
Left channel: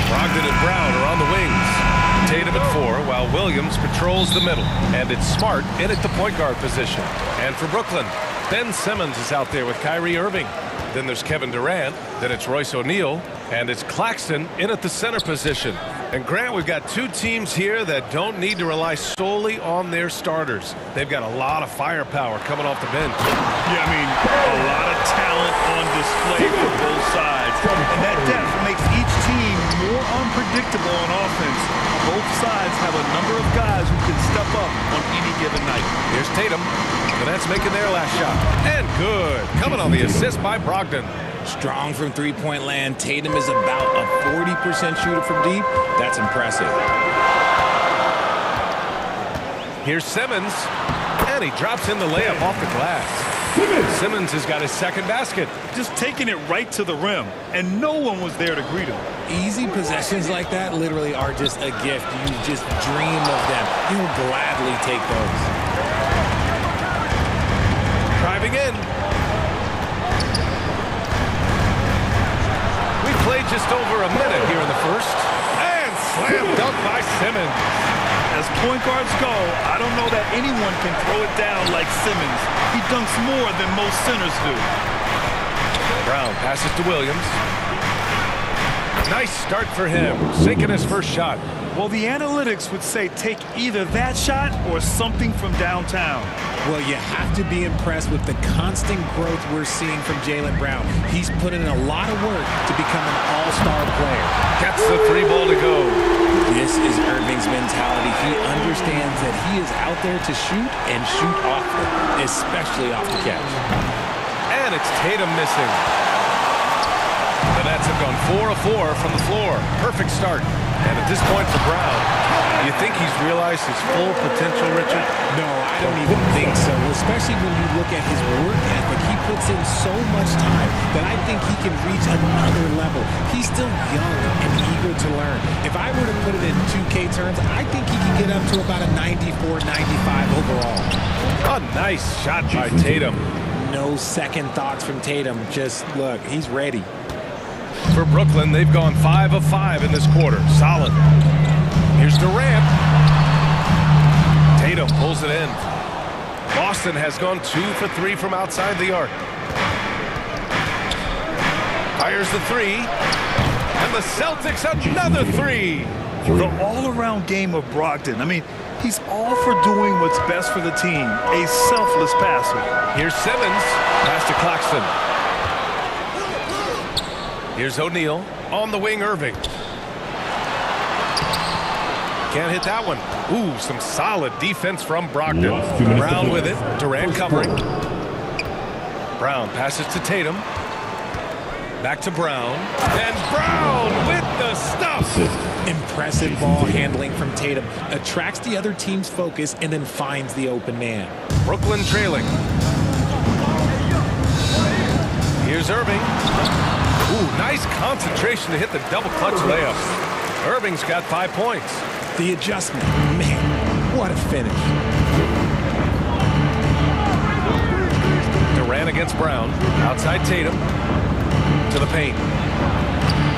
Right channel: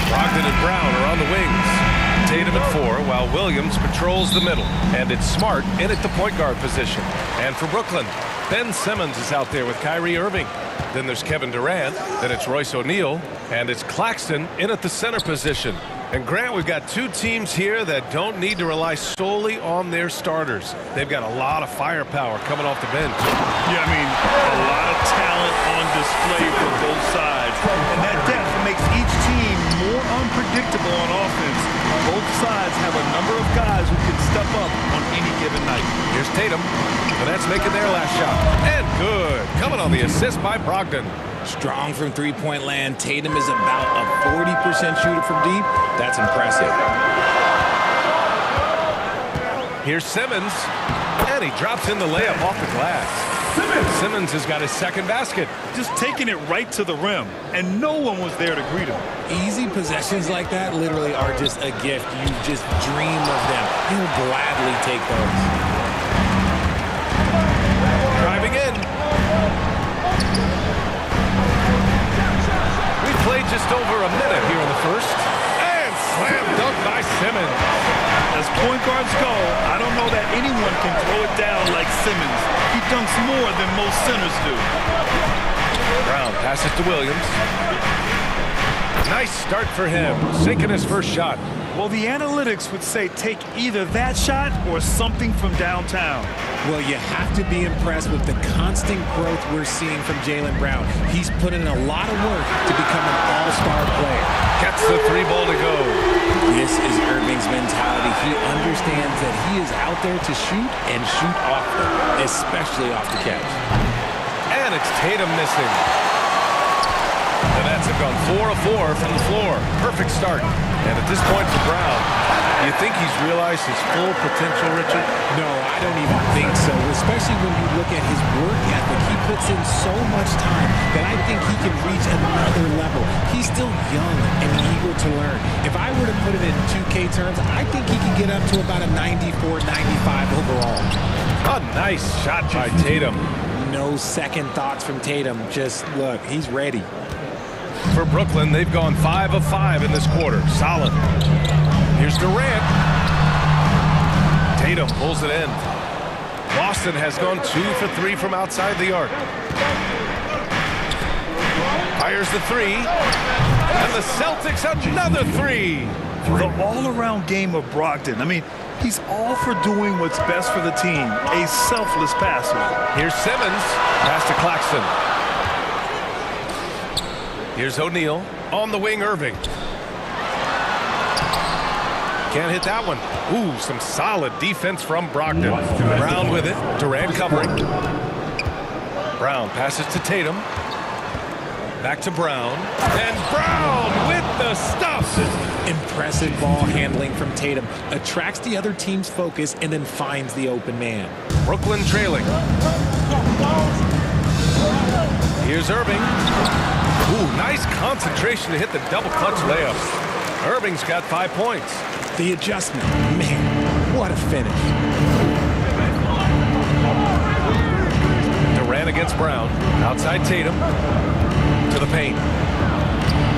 Brogdon and Brown are on the wings. Tatum at 4, while Williams patrols the middle. And it's Smart in at the point guard position. And for Brooklyn, Ben Simmons is out there with Kyrie Irving. Then there's Kevin Durant. Then it's Royce O'Neal. And it's Claxton in at the center position. And Grant, we've got two teams here that don't need to rely solely on their starters. They've got a lot of firepower coming off the bench. Yeah, I mean, a lot of talent on display for both sides. And that depth makes each team more unpredictable on offense. Both sides have a number of guys who can step up on any given night. Here's Tatum. The Nets making their last shot. And good. Coming on the assist by Brogdon. Strong from three-point land. Tatum is about a 40% shooter from deep. That's impressive. Here's Simmons, and he drops in the layup off the glass. Simmons has got his second basket. Just taking it right to the rim, and no one was there to greet him. Easy possessions like that literally are just a gift. You just dream of them. He'll gladly take those. Driving in. We played just over a minute here in the first. And slam dunk by Simmons. As point guards go, I don't know that anyone can throw it down like Simmons. He dunks more than most centers do. Brown passes to Williams. Nice start for him, sinking his first shot. Well, the analytics would say take either that shot or something from downtown. Well, you have to be impressed with the constant growth we're seeing from Jaylen Brown. He's put in a lot of work to become an all-star player. Gets the 3 ball to go. This is Irving's mentality. He understands that he is out there to shoot and shoot often, especially off the catch. And it's Tatum missing. The Nets have gone 4 of 4 from the floor. Perfect start. And at this point for Brown, you think he's realized his full potential, Richard? No, I don't even think so, especially when you look at his work ethic. He puts in so much time that I think he can reach another level. He's still young and eager to learn. If I were to put it in 2K terms, I think he could get up to about a 94, 95 overall. A nice shot by Tatum. No second thoughts from Tatum. Just look, he's ready. For Brooklyn, they've gone 5 of 5 in this quarter. Solid. Here's Durant. Tatum pulls it in. Boston has gone 2 for 3 from outside the arc. Fires the 3. And the Celtics another 3. The all-around game of Brogdon. I mean, he's all for doing what's best for the team. A selfless passer. Here's Simmons. Pass to Claxton. Here's O'Neal. On the wing, Irving. Can't hit that one. Ooh, some solid defense from Brogdon. Brown with it. Durant covering. Brown passes to Tatum. Back to Brown. And Brown with the stuff. Impressive ball handling from Tatum. Attracts the other team's focus and then finds the open man. Brooklyn trailing. Here's Irving. Ooh, nice concentration to hit the double clutch layup. Irving's got 5 points. The adjustment, man, what a finish. Durant against Brown. Outside Tatum. To the paint.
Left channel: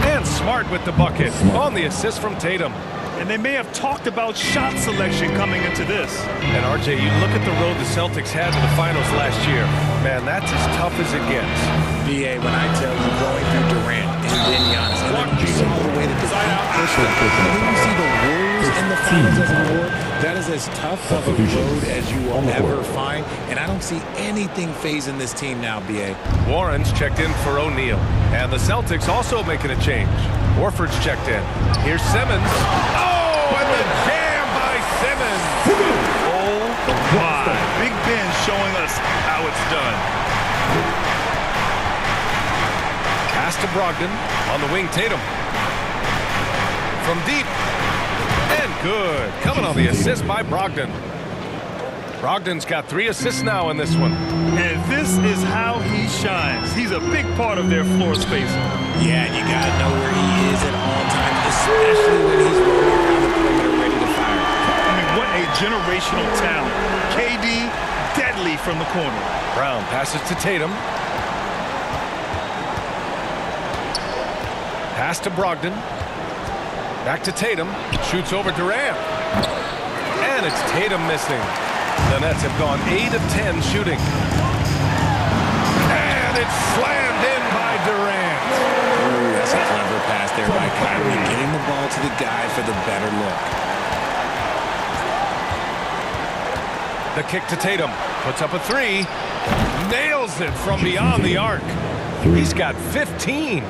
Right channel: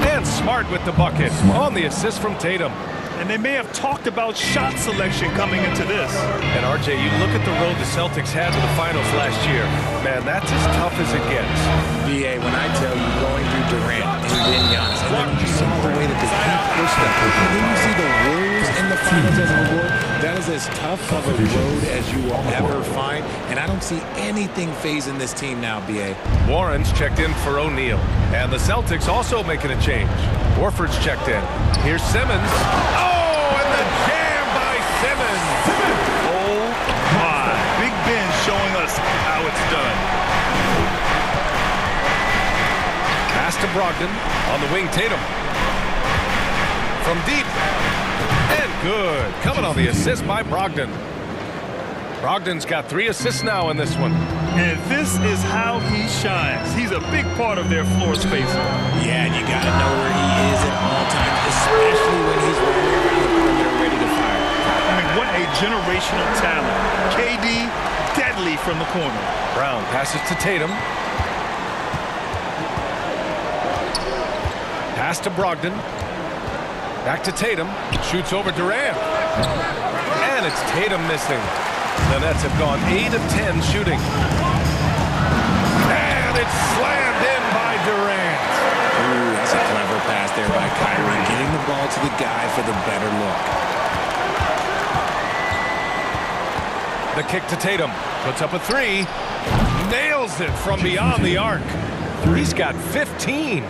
And Smart with the bucket. On the assist from Tatum. And they may have talked about shot selection coming into this. And RJ, you look at the road the Celtics had to the finals last year. Man, that's as tough as it gets. BA, when I tell you going through Durant and then Giannis, and then you saw the way that the Heat pushed them, and then you see the Warriors in the finals as a reward, that is as tough of a road as you will ever find, and I don't see anything phasing this team now, BA. Warren's checked in for O'Neal, and the Celtics also making a change. Warford's checked in. Here's Simmons. Oh, and the jam by Simmons. Oh, my. Big Ben showing us how it's done. Pass to Brogdon. On the wing, Tatum. From deep. And good. Coming on the assist by Brogdon. Brogdon's got 3 assists now in this one. And this is how he shines. He's a big part of their floor spacing. Yeah, and you got to know where he is at all times, especially when he's roaming around the perimeter ready to fire. I mean, what a generational talent. KD, deadly from the corner. Brown passes to Tatum. Pass to Brogdon. Back to Tatum. Shoots over Durant. And it's Tatum missing. The Nets have gone 8 of 10 shooting. And it's slammed in by Durant. Ooh, that's a clever pass there by Kyrie, getting the ball to the guy for the better look. The kick to Tatum. Puts up a 3. Nails it from beyond the arc. He's got 15.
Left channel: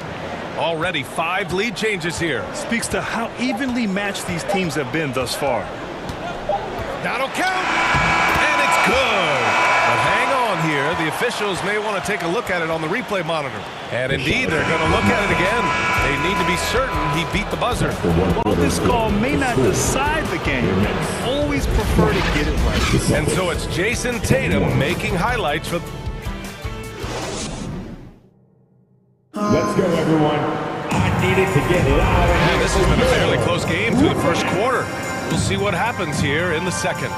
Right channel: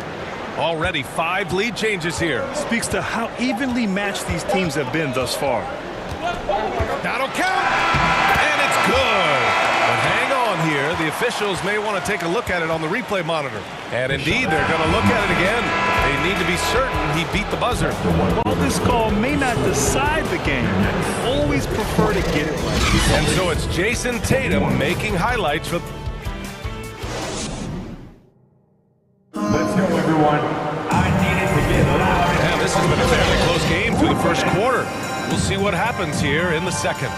Already 5 lead changes here. Speaks to how evenly matched these teams have been thus far. That'll count. And it's good. But hang on here. The officials may want to take a look at it on the replay monitor. And indeed, they're going to look at it again. They need to be certain he beat the buzzer. While this call may not decide the game, always prefer to get it right. And so it's Jason Tatum making highlights for... Let's go, everyone. I needed to get loud. And this has been a fairly close game through the first quarter. We'll see what happens here in the second.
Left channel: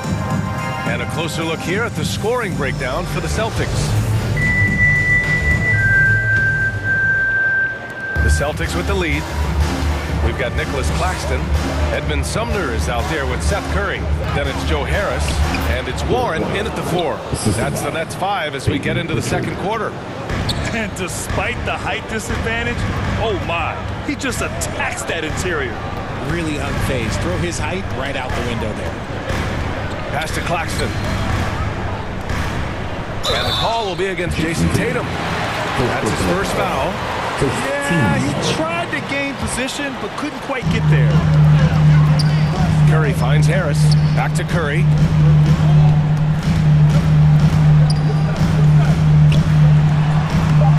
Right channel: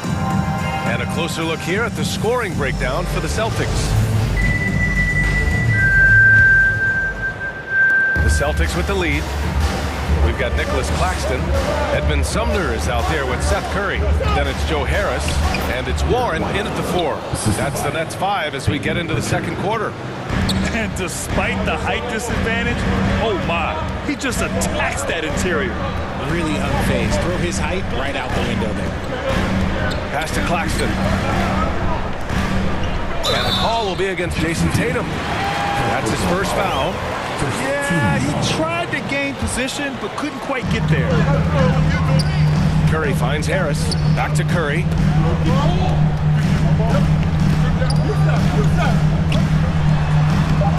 And a closer look here at the scoring breakdown for the Celtics. The Celtics with the lead. We've got Nicholas Claxton. Edmund Sumner is out there with Seth Curry. Then it's Joe Harris. And it's Warren in at the 4. That's the Nets 5 as we get into the second quarter. And despite the height disadvantage, oh my, he just attacks that interior. Really unfazed. Throw his height right out the window there. Pass to Claxton. And the call will be against Jason Tatum. That's his first foul. Yeah, he tried to gain position, but couldn't quite get there. Curry finds Harris. Back to Curry.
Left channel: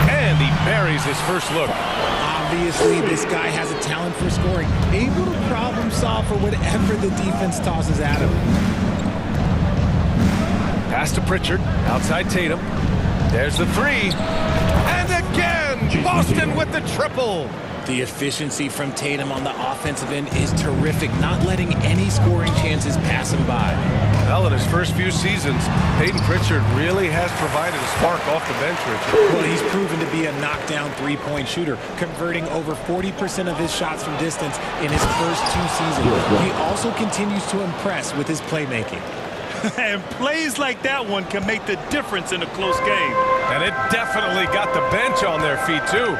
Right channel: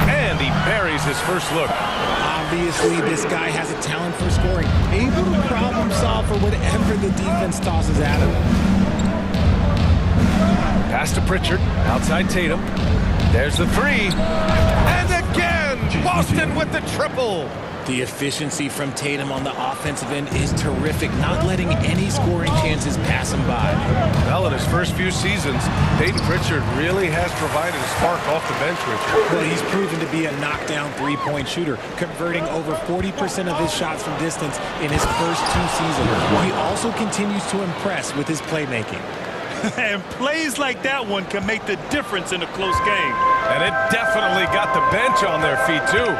And he buries his first look. Obviously, this guy has a talent for scoring. Able to problem solve for whatever the defense tosses at him. Pass to Pritchard. Outside Tatum. There's the 3. And again, Boston with the triple. The efficiency from Tatum on the offensive end is terrific, not letting any scoring chances pass him by. Well, in his first few seasons, Peyton Pritchard really has provided a spark off the bench, Richard. Well, he's proven to be a knockdown three-point shooter, converting over 40% of his shots from distance in his first 2 seasons. He also continues to impress with his playmaking. And plays like that one can make the difference in a close game. And it definitely got the bench on their feet, too.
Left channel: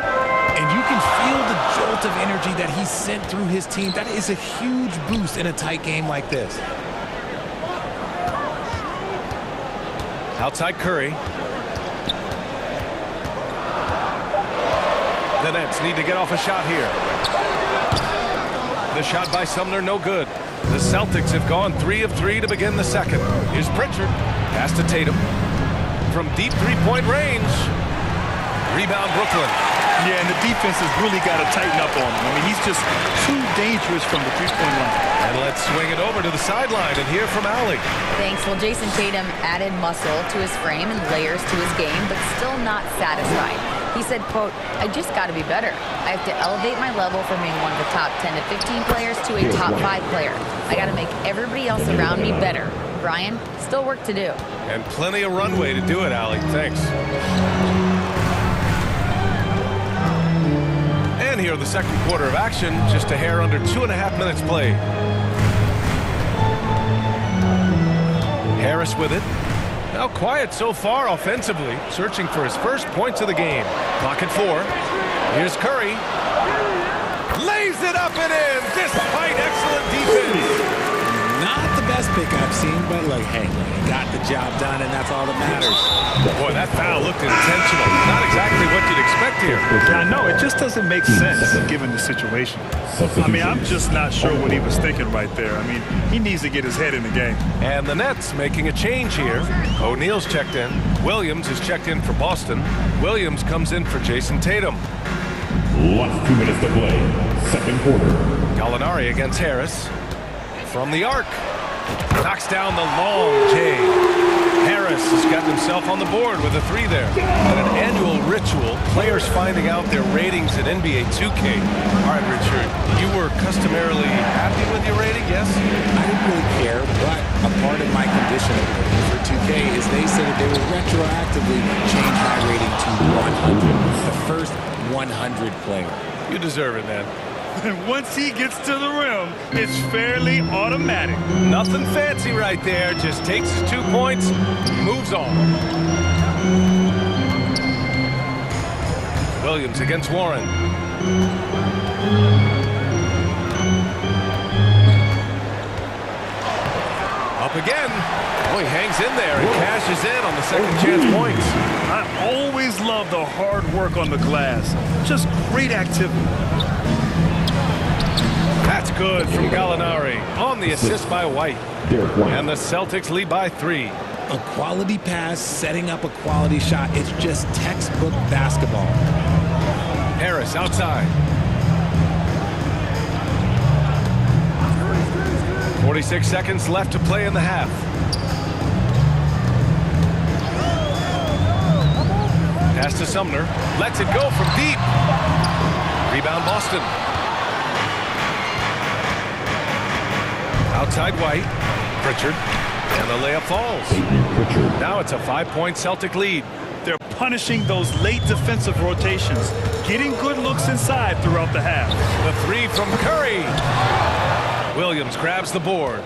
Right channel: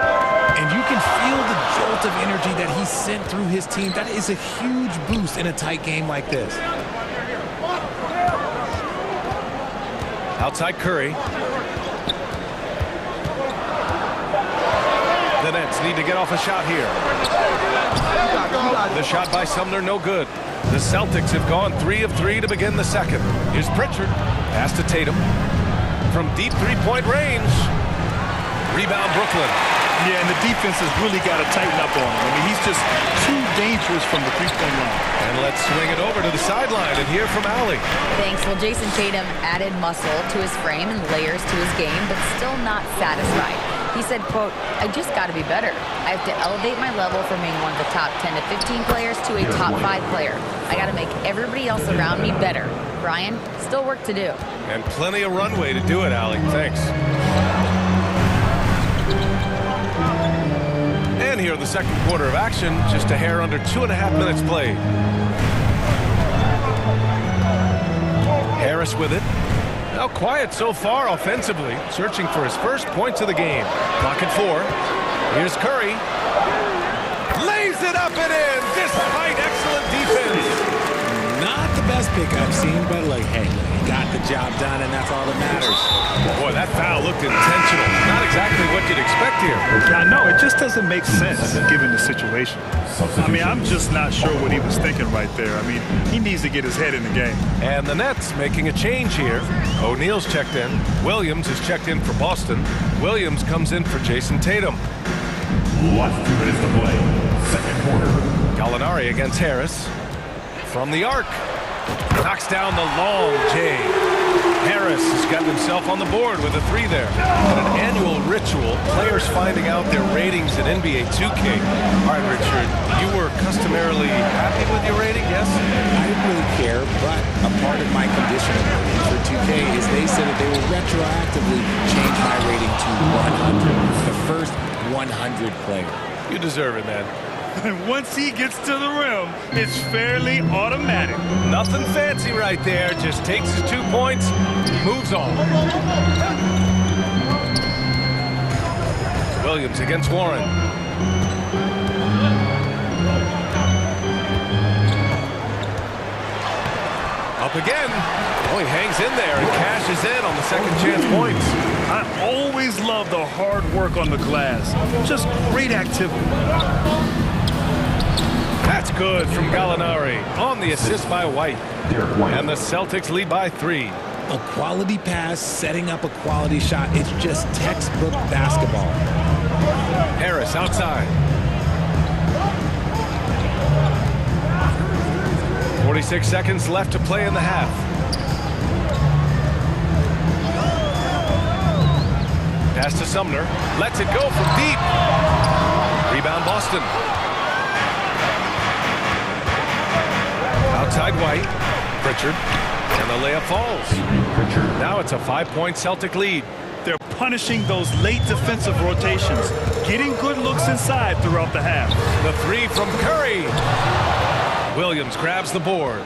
And you can feel the jolt of energy that he sent through his team. That is a huge boost in a tight game like this. Outside Curry. The Nets need to get off a shot here. The shot by Sumner, no good. The Celtics have gone 3 of 3 to begin the second. Here's Pritchard. Pass to Tatum. From deep 3-point range. Rebound Brooklyn. Yeah, and the defense has really got to tighten up on him. I mean, he's just too dangerous from the 3-point line. And let's swing it over to the sideline and hear from Allie. Thanks. Well, Jason Tatum added muscle to his frame and layers to his game, but still not satisfied. He said, quote, I just got to be better. I have to elevate my level from being one of the top 10 to 15 players to a top 5 player. I got to make everybody else around me better. Brian, still work to do. And plenty of runway to do it, Allie. Thanks. And here in the second quarter of action, just a hair under 2.5 minutes played. Harris with it. Now quiet so far offensively, searching for his first points of the game. Clock at 4. Here's Curry. Lays it up and in, despite excellent defense. Not the best pick I've seen, but look, hey, he got the job done, and that's all that matters. Boy, that foul looked intentional. Not exactly what you'd expect here. Yeah, I know. It just doesn't make sense given the situation. I mean, I'm just not sure what he was thinking right there. I mean, he needs to get his head in the game. And the Nets making a change here. O'Neal's checked in. Williams is checked in for Boston. Williams comes in for Jason Tatum. Last 2 minutes to play. Second quarter. Gallinari against Harris. From the arc. Knocks down the long J. Harris has gotten himself on the board with a 3 there. And an annual ritual, players finding out their ratings at NBA 2K. All right, Richard, you were customarily happy with your rating, yes? I didn't really care, but a part of my condition of working for 2K is they said that they will retroactively change my rating to 100. The first 100 player. You deserve it, man. And once he gets to the rim, it's fairly automatic. Nothing fancy right there. Just takes his 2 points, moves on. Williams against Warren. Up again. Oh, he hangs in there and cashes in on the second chance points. I always love the hard work on the glass. Just great activity. That's good from Gallinari on the assist by White. And the Celtics lead by 3. A quality pass, setting up a quality shot. It's just textbook basketball. Harris outside. 46 seconds left to play in the half. Pass to Sumner. Lets it go from deep. Rebound Boston. Outside White. Pritchard. And the layup falls. Now it's a 5-point Celtic lead. They're punishing those late defensive rotations, getting good looks inside throughout the half. The 3 from Curry. Williams grabs the board.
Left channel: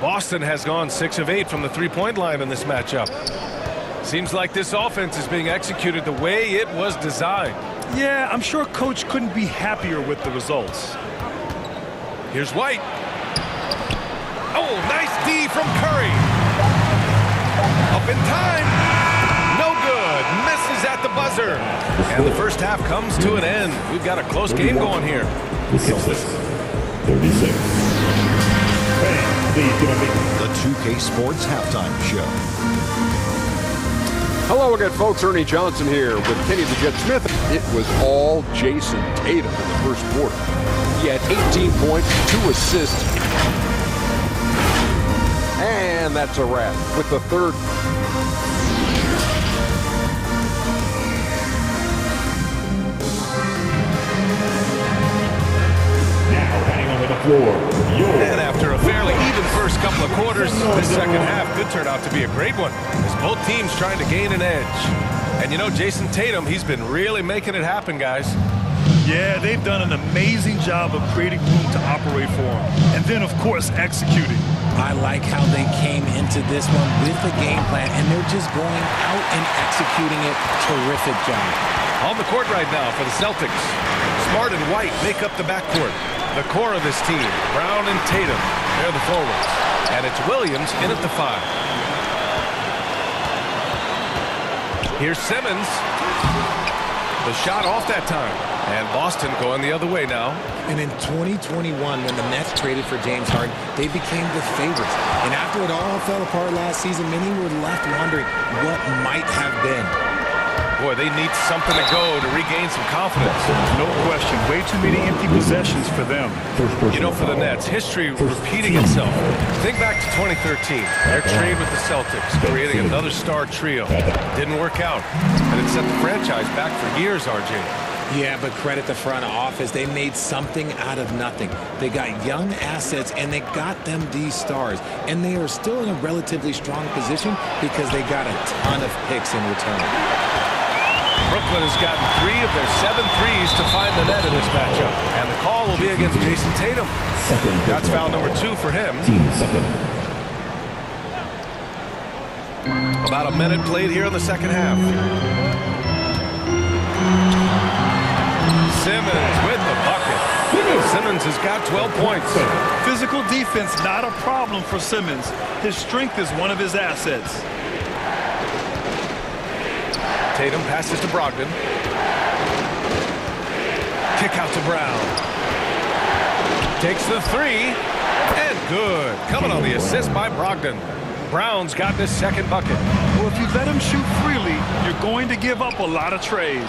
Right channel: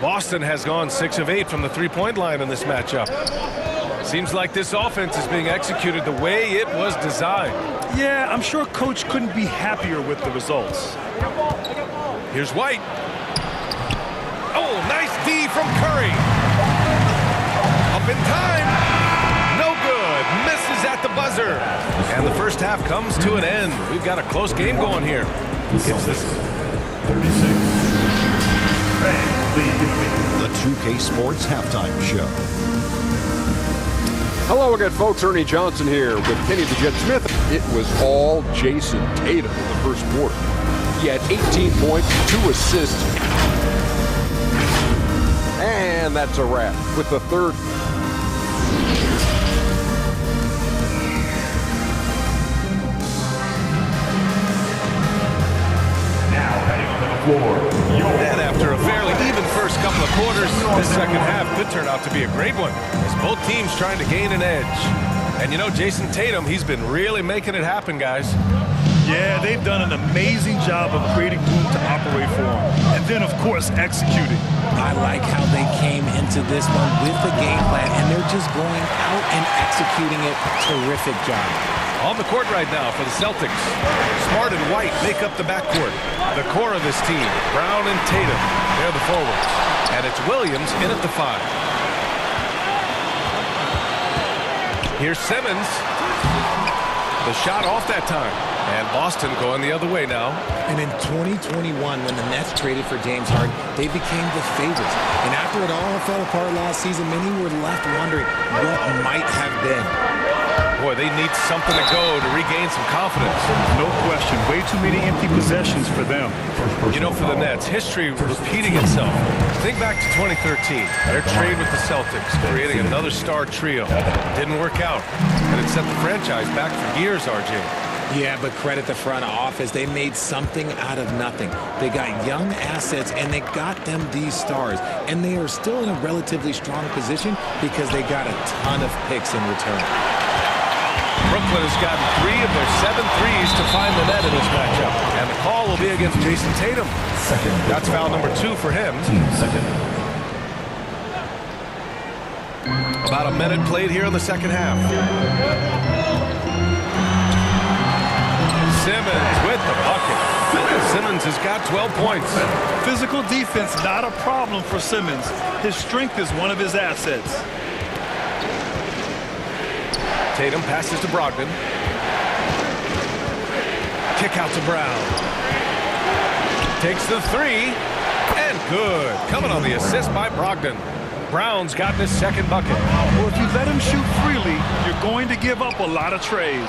Boston has gone 6 of 8 from the 3-point line in this matchup. Seems like this offense is being executed the way it was designed. Yeah, I'm sure Coach couldn't be happier with the results. Here's White. Oh, nice D from Curry. Up in time. No good. Misses at the buzzer. And the first half comes to an end. We've got a close game going here. It's this 36. The 2K Sports Halftime Show. Hello again, folks. Ernie Johnson here with Kenny the Jet Smith. It was all Jason Tatum in the first quarter. He had 18 points, 2 assists. And that's a wrap with the third. Now heading onto the floor. And after a fairly even first couple of quarters, this second half could turn out to be a great one as both teams trying to gain an edge. And you know, Jason Tatum, he's been really making it happen, guys. Yeah, they've done an amazing job of creating room to operate for him. And then, of course, executing. I like how they came into this one with a game plan, and they're just going out and executing it. Terrific job. On the court right now for the Celtics. Smart and White make up the backcourt. The core of this team, Brown and Tatum, they're the forwards. And it's Williams in at the 5. Here's Simmons. The shot off that time. And Boston going the other way now. And in 2021, when the Nets traded for James Harden, they became the favorites. And after it all fell apart last season, many were left wondering what might have been. Boy, they need something to go to regain some confidence. No question. Way too many empty possessions for them. You know, for the Nets, history repeating itself. Think back to 2013. Their trade with the Celtics, creating another star trio. Didn't work out. And it set the franchise back for years, RJ. Yeah, but credit the front office. They made something out of nothing. They got young assets, and they got them these stars. And they are still in a relatively strong position because they got a ton of picks in return. Brooklyn has gotten 3 of their 7 threes to find the net in this matchup. And the call will be against Jason Tatum. That's foul number 2 for him. About a minute played here in the second half. Simmons with the bucket. Simmons has got 12 points. Physical defense, not a problem for Simmons. His strength is one of his assets. Tatum passes to Brogdon. Kick out to Brown. Takes the 3. And good. Coming on the assist by Brogdon. Brown's got his second bucket. Well, if you let him shoot freely, you're going to give up a lot of trays.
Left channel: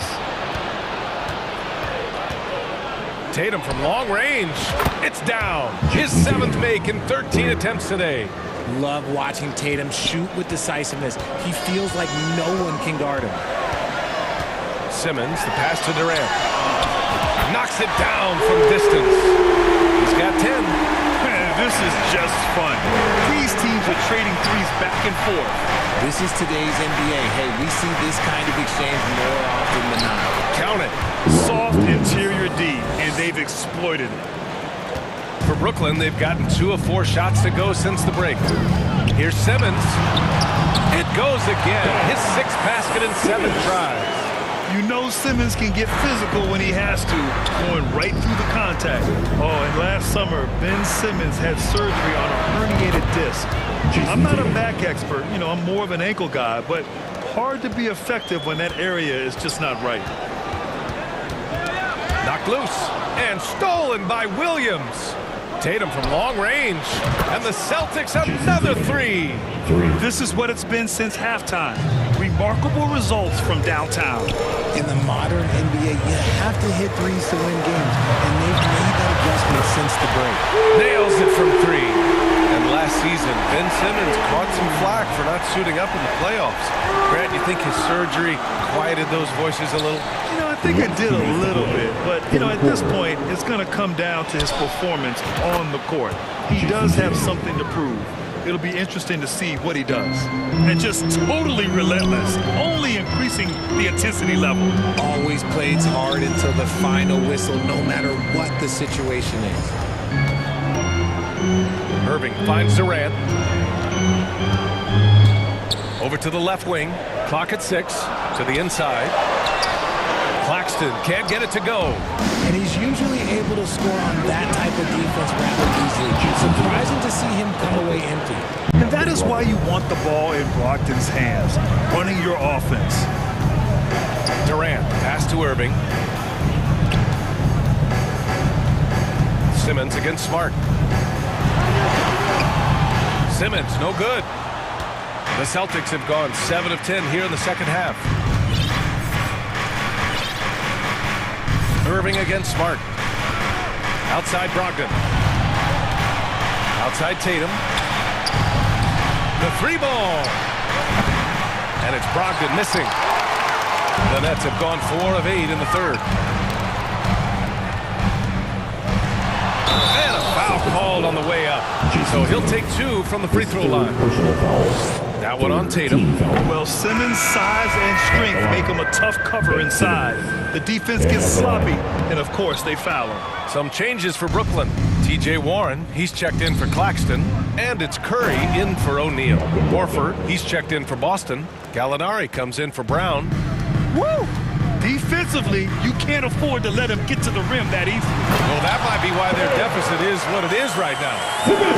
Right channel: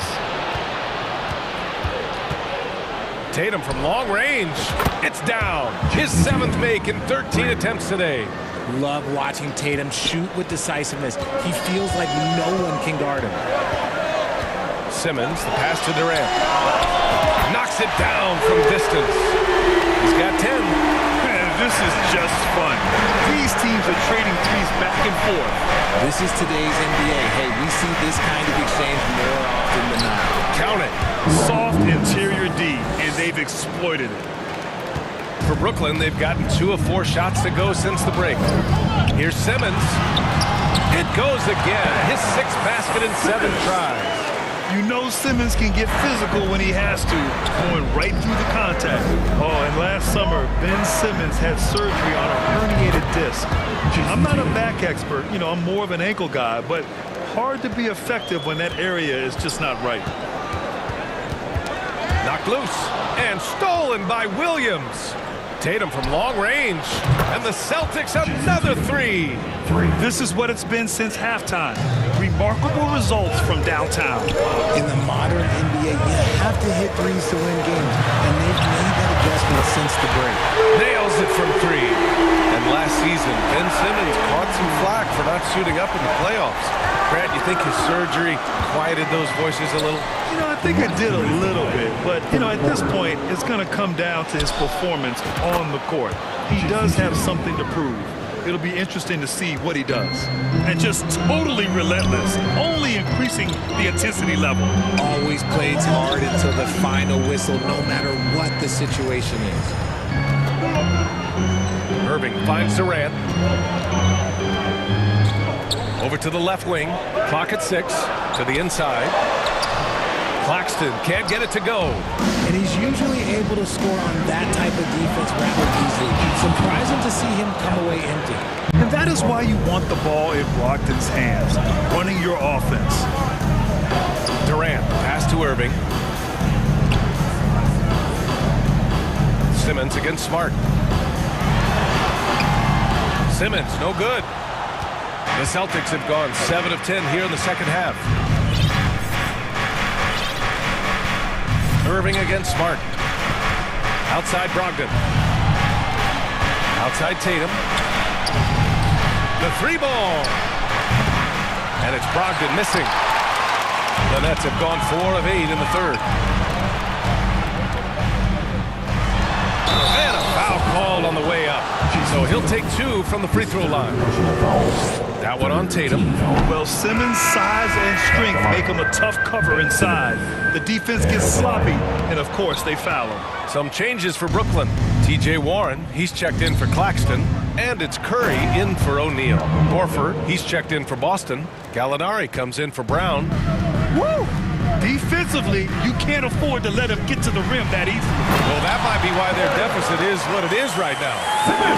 Tatum from long range. It's down. His 7th make in 13 attempts today. Love watching Tatum shoot with decisiveness. He feels like no one can guard him. Simmons, the pass to Durant. Knocks it down from distance. He's got 10. Man, this is just fun. These teams are trading threes back and forth. This is today's NBA. Hey, we see this kind of exchange more often than not. Count it. Soft interior D, and they've exploited it. For Brooklyn, they've gotten 2 of 4 shots to go since the break. Here's Simmons. It goes again. His 6th basket in 7 tries. You know Simmons can get physical when he has to, going right through the contact. Oh, and last summer, Ben Simmons had surgery on a herniated disc. I'm not a back expert, you know, I'm more of an ankle guy, but hard to be effective when that area is just not right. Knocked loose and stolen by Williams. Tatum from long range, and the Celtics another 3. This is what it's been since halftime. Remarkable results from downtown. In the modern NBA, you have to hit threes to win games, and they've made that adjustment since the break. Nails it from 3. And last season, Ben Simmons caught some flack for not suiting up in the playoffs. Grant, you think his surgery quieted those voices a little? You know, I think it did a little bit, but, you know, at this point, it's going to come down to his performance on the court. He does have something to prove. It'll be interesting to see what he does. And just totally relentless, only increasing the intensity level. Always plays hard until the final whistle, no matter what the situation is. Irving finds Durant. Over to the left wing. Clock at 6. To the inside. Claxton can't get it to go. And he's usually able to score on that type of defense rather easily. Surprising to see him come away empty. And that is why you want the ball in Brogdon's hands, running your offense. Durant, pass to Irving. Simmons against Smart. Simmons, no good. The Celtics have gone 7 of 10 here in the second half. Irving against Smart. Outside Brogdon. Outside Tatum. The 3-ball. And it's Brogdon missing. The Nets have gone 4 of 8 in the third. And a foul called on the way up. So he'll take 2 from the free throw line. That one on Tatum. Well, Simmons' size and strength make him a tough cover inside. The defense gets sloppy, and of course they foul him. Some changes for Brooklyn. TJ Warren, he's checked in for Claxton, and it's Curry in for O'Neal. Horford, he's checked in for Boston. Gallinari comes in for Brown. Woo! Defensively, you can't afford to let him get to the rim that easily. Well, that might be why their deficit is what it is right now.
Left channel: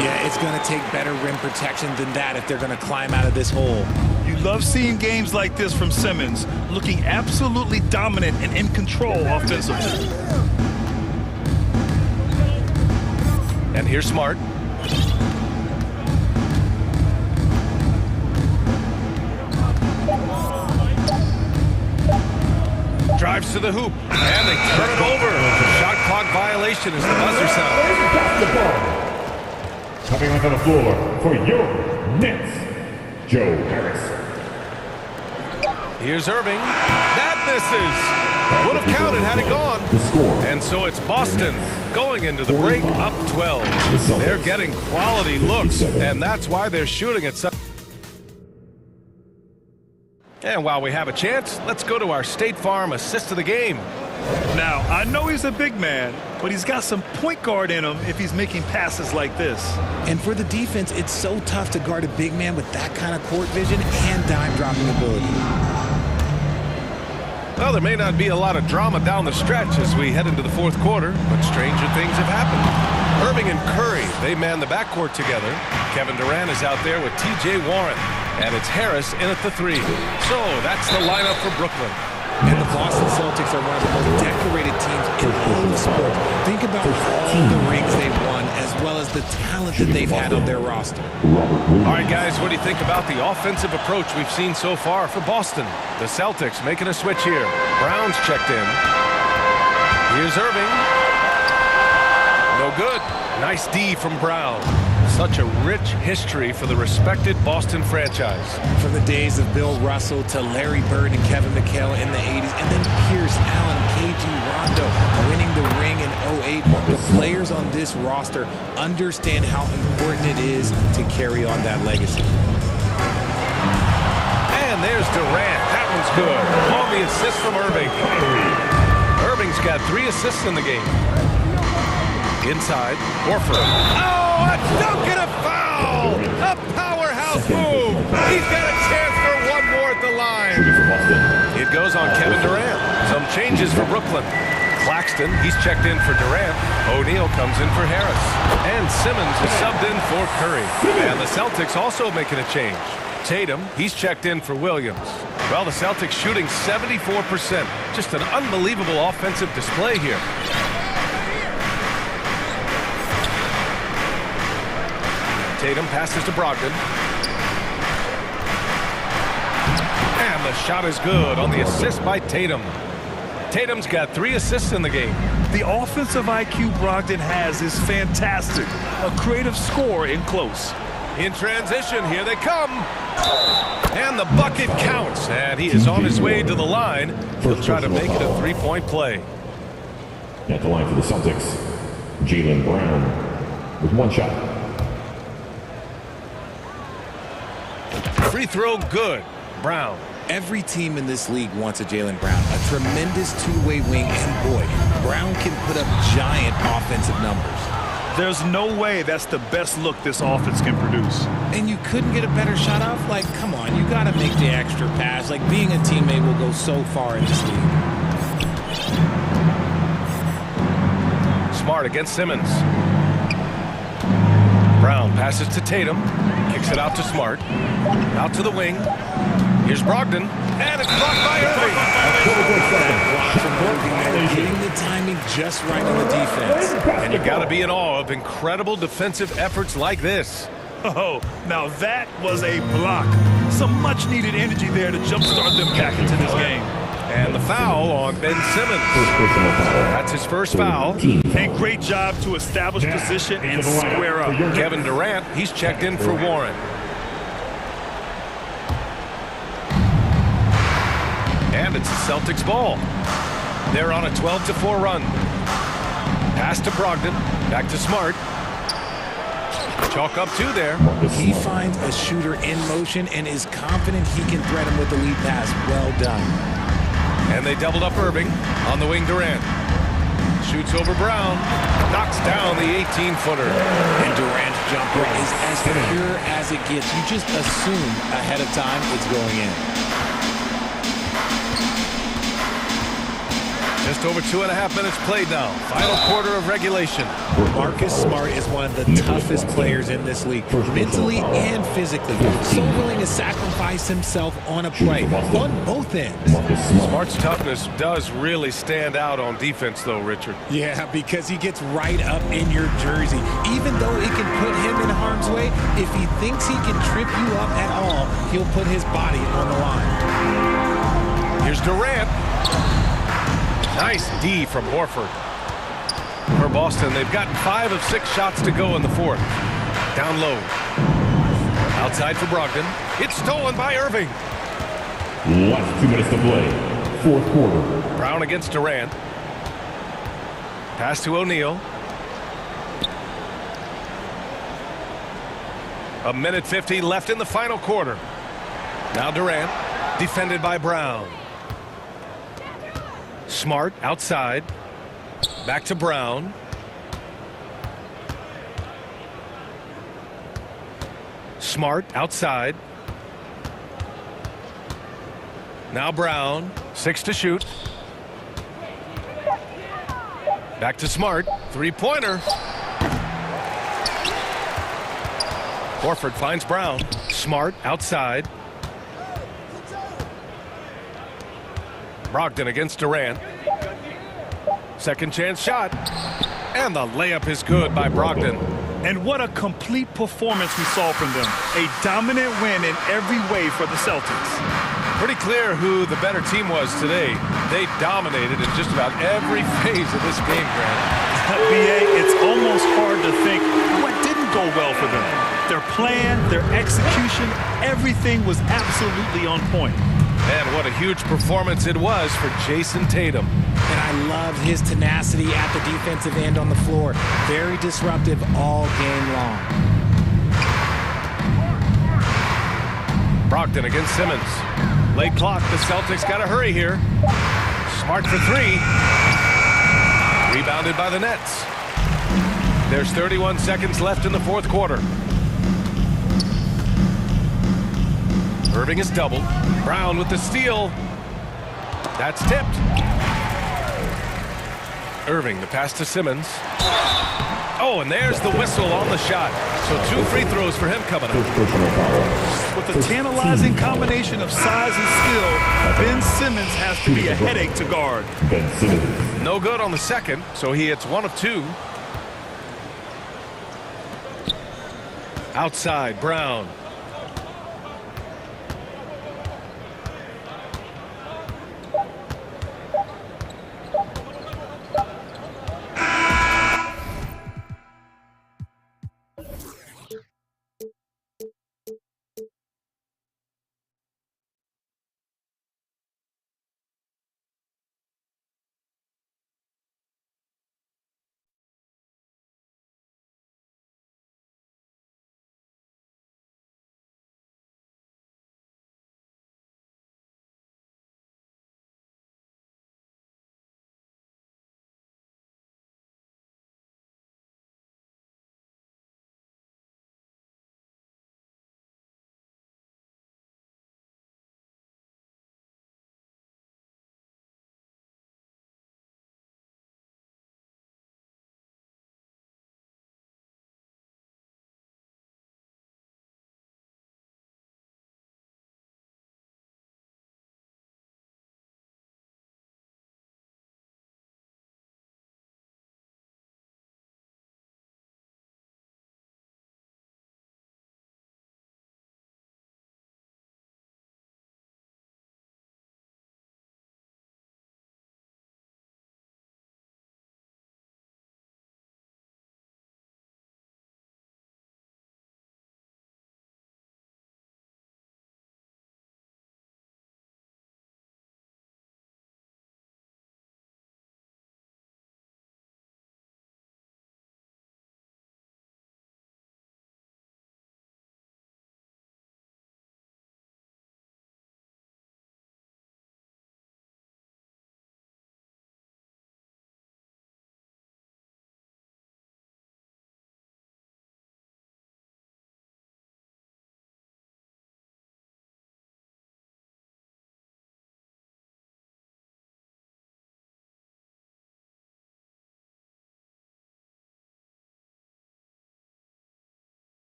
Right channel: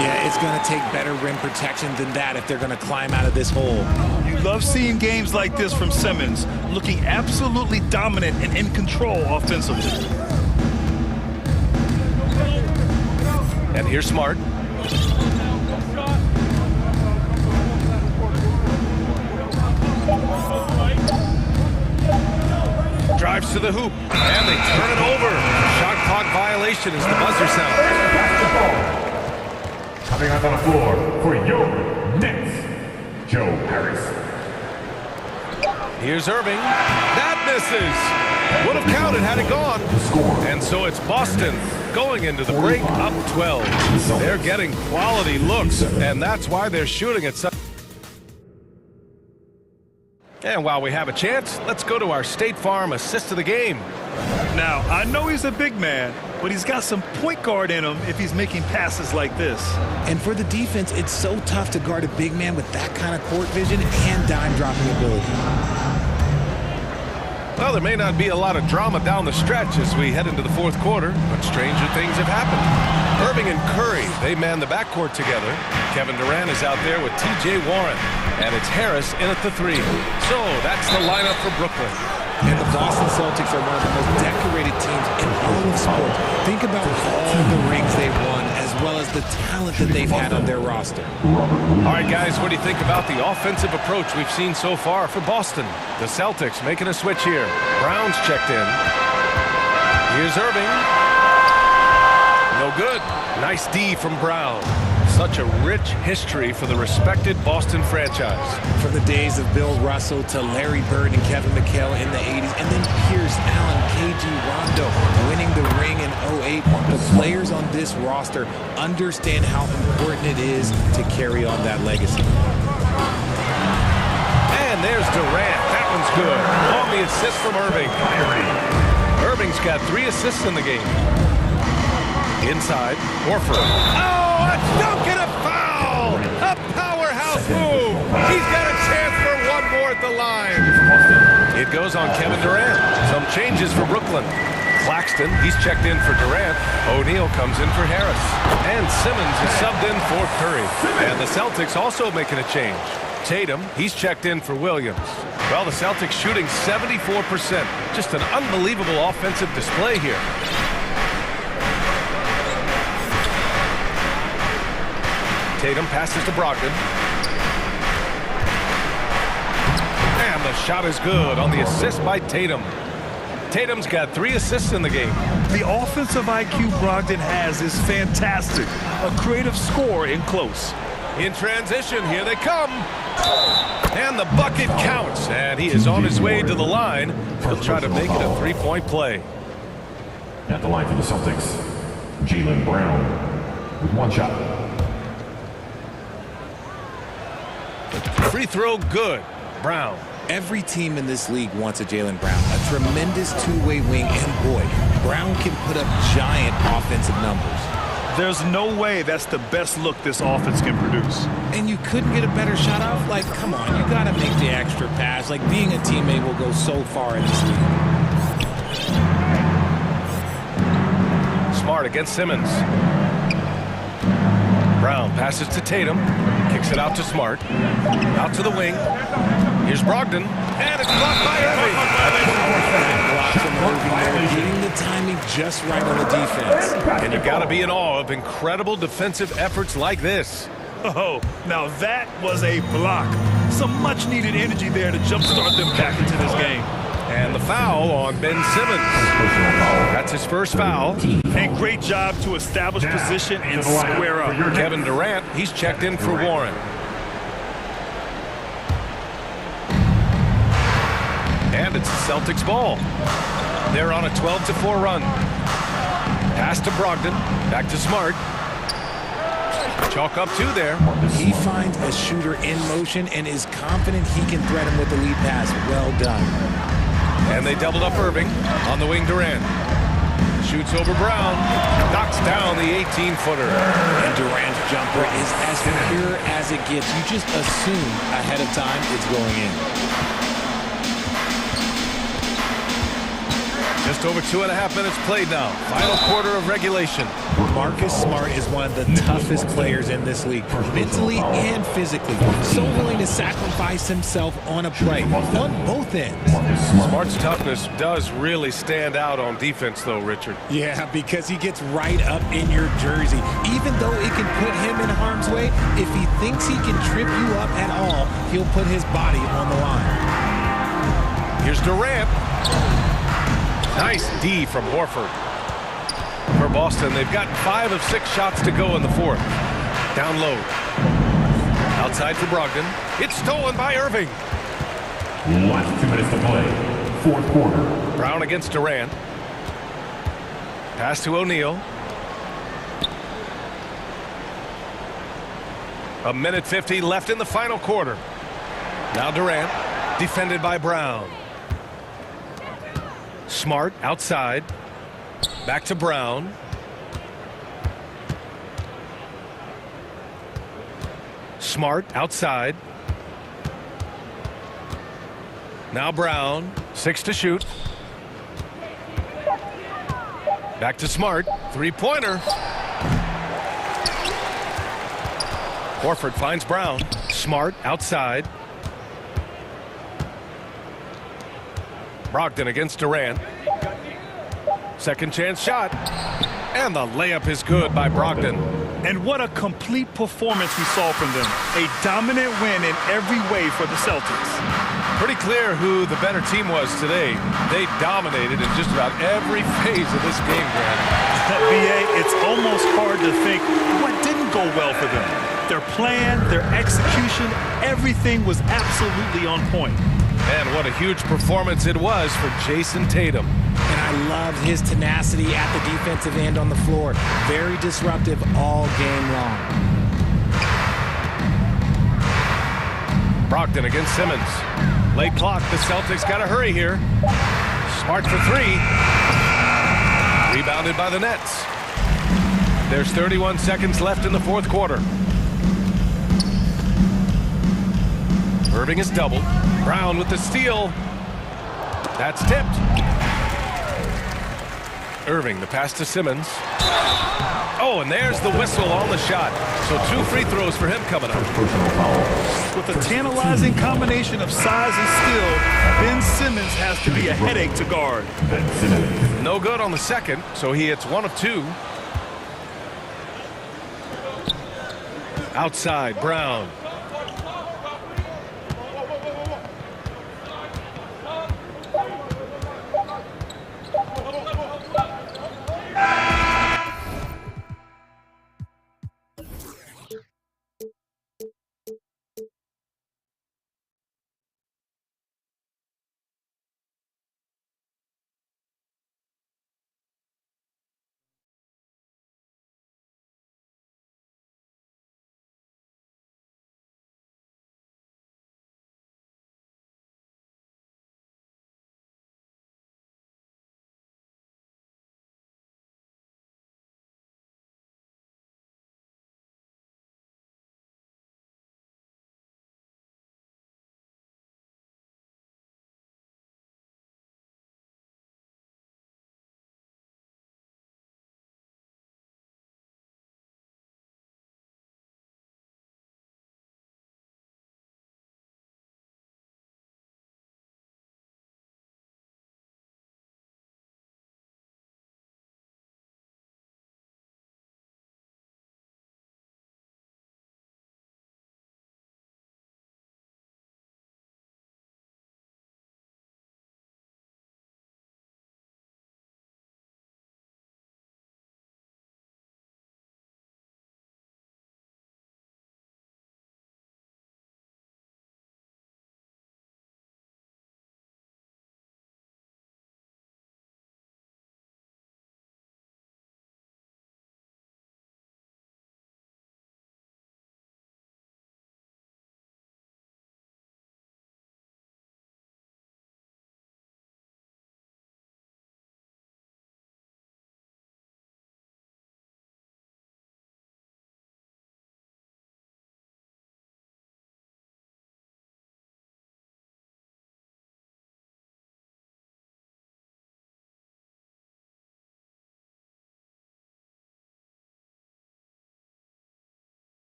Yeah, it's going to take better rim protection than that if they're going to climb out of this hole. You love seeing games like this from Simmons, looking absolutely dominant and in control offensively. And here's Smart. Drives to the hoop, and they turn it over. Shot clock violation as the buzzer sounds. Basketball. Coming onto the floor for your Nets, Joe Harris. Here's Irving. That misses. Would have counted had it gone. And so it's Boston going into the break up 12. They're getting quality looks, and that's why they're shooting at such. And while we have a chance, let's go to our State Farm assist of the game. Now, I know he's a big man, but he's got some point guard in him if he's making passes like this. And for the defense, it's so tough to guard a big man with that kind of court vision and dime-dropping ability. Well, there may not be a lot of drama down the stretch as we head into the fourth quarter, but stranger things have happened. Irving and Curry, they man the backcourt together. Kevin Durant is out there with TJ Warren. And it's Harris in at the 3. So that's the lineup for Brooklyn. And the Boston Celtics are one of the most decorated teams in all of sports. Think about all the rings they've won, as well as the talent that they've had on their roster. All right, guys, what do you think about the offensive approach we've seen so far for Boston? The Celtics making a switch here. Brown's checked in. Here's Irving. No good. Nice D from Brown. Such a rich history for the respected Boston franchise. From the days of Bill Russell to Larry Bird and Kevin McHale in the 80s, and then Pierce, Allen, KG, Rondo winning the ring in 08. The players on this roster understand how important it is to carry on that legacy. And there's Durant. That one's good. On the assist from Irving. Irving's got 3 assists in the game. Inside, Horford. Oh, a dunk and a foul! A powerhouse move. He's got a chance for one more at the line. It goes on Kevin Durant. Some changes for Brooklyn. Claxton, he's checked in for Durant. O'Neal comes in for Harris. And Simmons is subbed in for Curry. And the Celtics also making a change. Tatum, he's checked in for Williams. Well, the Celtics shooting 74%. Just an unbelievable offensive display here. Tatum passes to Brogdon. And the shot is good on the assist by Tatum. Tatum's got 3 assists in the game. The offensive IQ Brogdon has is fantastic. A creative scorer in close. In transition, here they come. And the bucket counts. And he is on his way to the line. He'll try to make it a 3-point play. At the line for the Celtics, Jaylen Brown with 1 shot. Free throw good. Brown. Every team in this league wants a Jaylen Brown, a tremendous two-way wing, and boy, Brown can put up giant offensive numbers. There's no way that's the best look this offense can produce. And you couldn't get a better shot off? Like, come on, you got to make the extra pass. Like, being a teammate will go so far in this league. Smart against Simmons. Brown passes to Tatum. Kicks it out to Smart. Out to the wing. Here's Brogdon. And it's blocked by Irving. That block from Irving there, getting the timing just right on the defense. And you got to be in awe of incredible defensive efforts like this. Oh, now that was a block. Some much-needed energy there to jumpstart them back into this game. And the foul on Ben Simmons. That's his first foul. A great job to establish position and square up. Kevin Durant, he's checked in for Warren. And it's the Celtics ball. They're on a 12-4 run. Pass to Brogdon. Back to Smart. Chalk up 2 there. He finds a shooter in motion and is confident he can threat him with the lead pass. Well done. And they doubled up Irving. On the wing, Durant. Shoots over Brown. Knocks down the 18-footer. And Durant's jumper is as pure as it gets. You just assume ahead of time it's going in. Just over 2.5 minutes played now. Final quarter of regulation. Marcus Smart is one of the toughest players in this league, mentally and physically. So willing to sacrifice himself on a play, on both ends. Smart's toughness does really stand out on defense, though, Richard. Yeah, because he gets right up in your jersey. Even though it can put him in harm's way, if he thinks he can trip you up at all, he'll put his body on the line. Here's Durant. Nice D from Horford. For Boston, they've gotten 5 of 6 shots to go in the 4th. Down low. Outside for Brogdon. It's stolen by Irving. Last 2 minutes to play. 4th quarter. Brown against Durant. Pass to O'Neal. 1:50 left in the final quarter. Now Durant, defended by Brown. Smart outside. Back to Brown. Smart outside. Now Brown. 6 to shoot. Back to Smart. 3-pointer. Horford finds Brown. Smart outside. Brogdon against Durant. Second chance shot. And the layup is good by Brogdon. And what a complete performance we saw from them. A dominant win in every way for the Celtics. Pretty clear who the better team was today. They dominated in just about every phase of this game, Grant. B.A., it's almost hard to think what didn't go well for them. Their plan, their execution, everything was absolutely on point. And what a huge performance it was for Jason Tatum. And I loved his tenacity at the defensive end on the floor. Very disruptive all game long. Brogdon against Simmons. Late clock, the Celtics got to hurry here. Smart for three. Rebounded by the Nets. There's 31 seconds left in the fourth quarter. Irving is doubled. Brown with the steal. That's tipped. Irving, the pass to Simmons. Oh, and there's the whistle on the shot. So 2 free throws for him coming up. With a tantalizing combination of size and skill, Ben Simmons has to be a headache to guard. Ben Simmons. No good on the second, so he hits 1 of 2. Outside, Brown.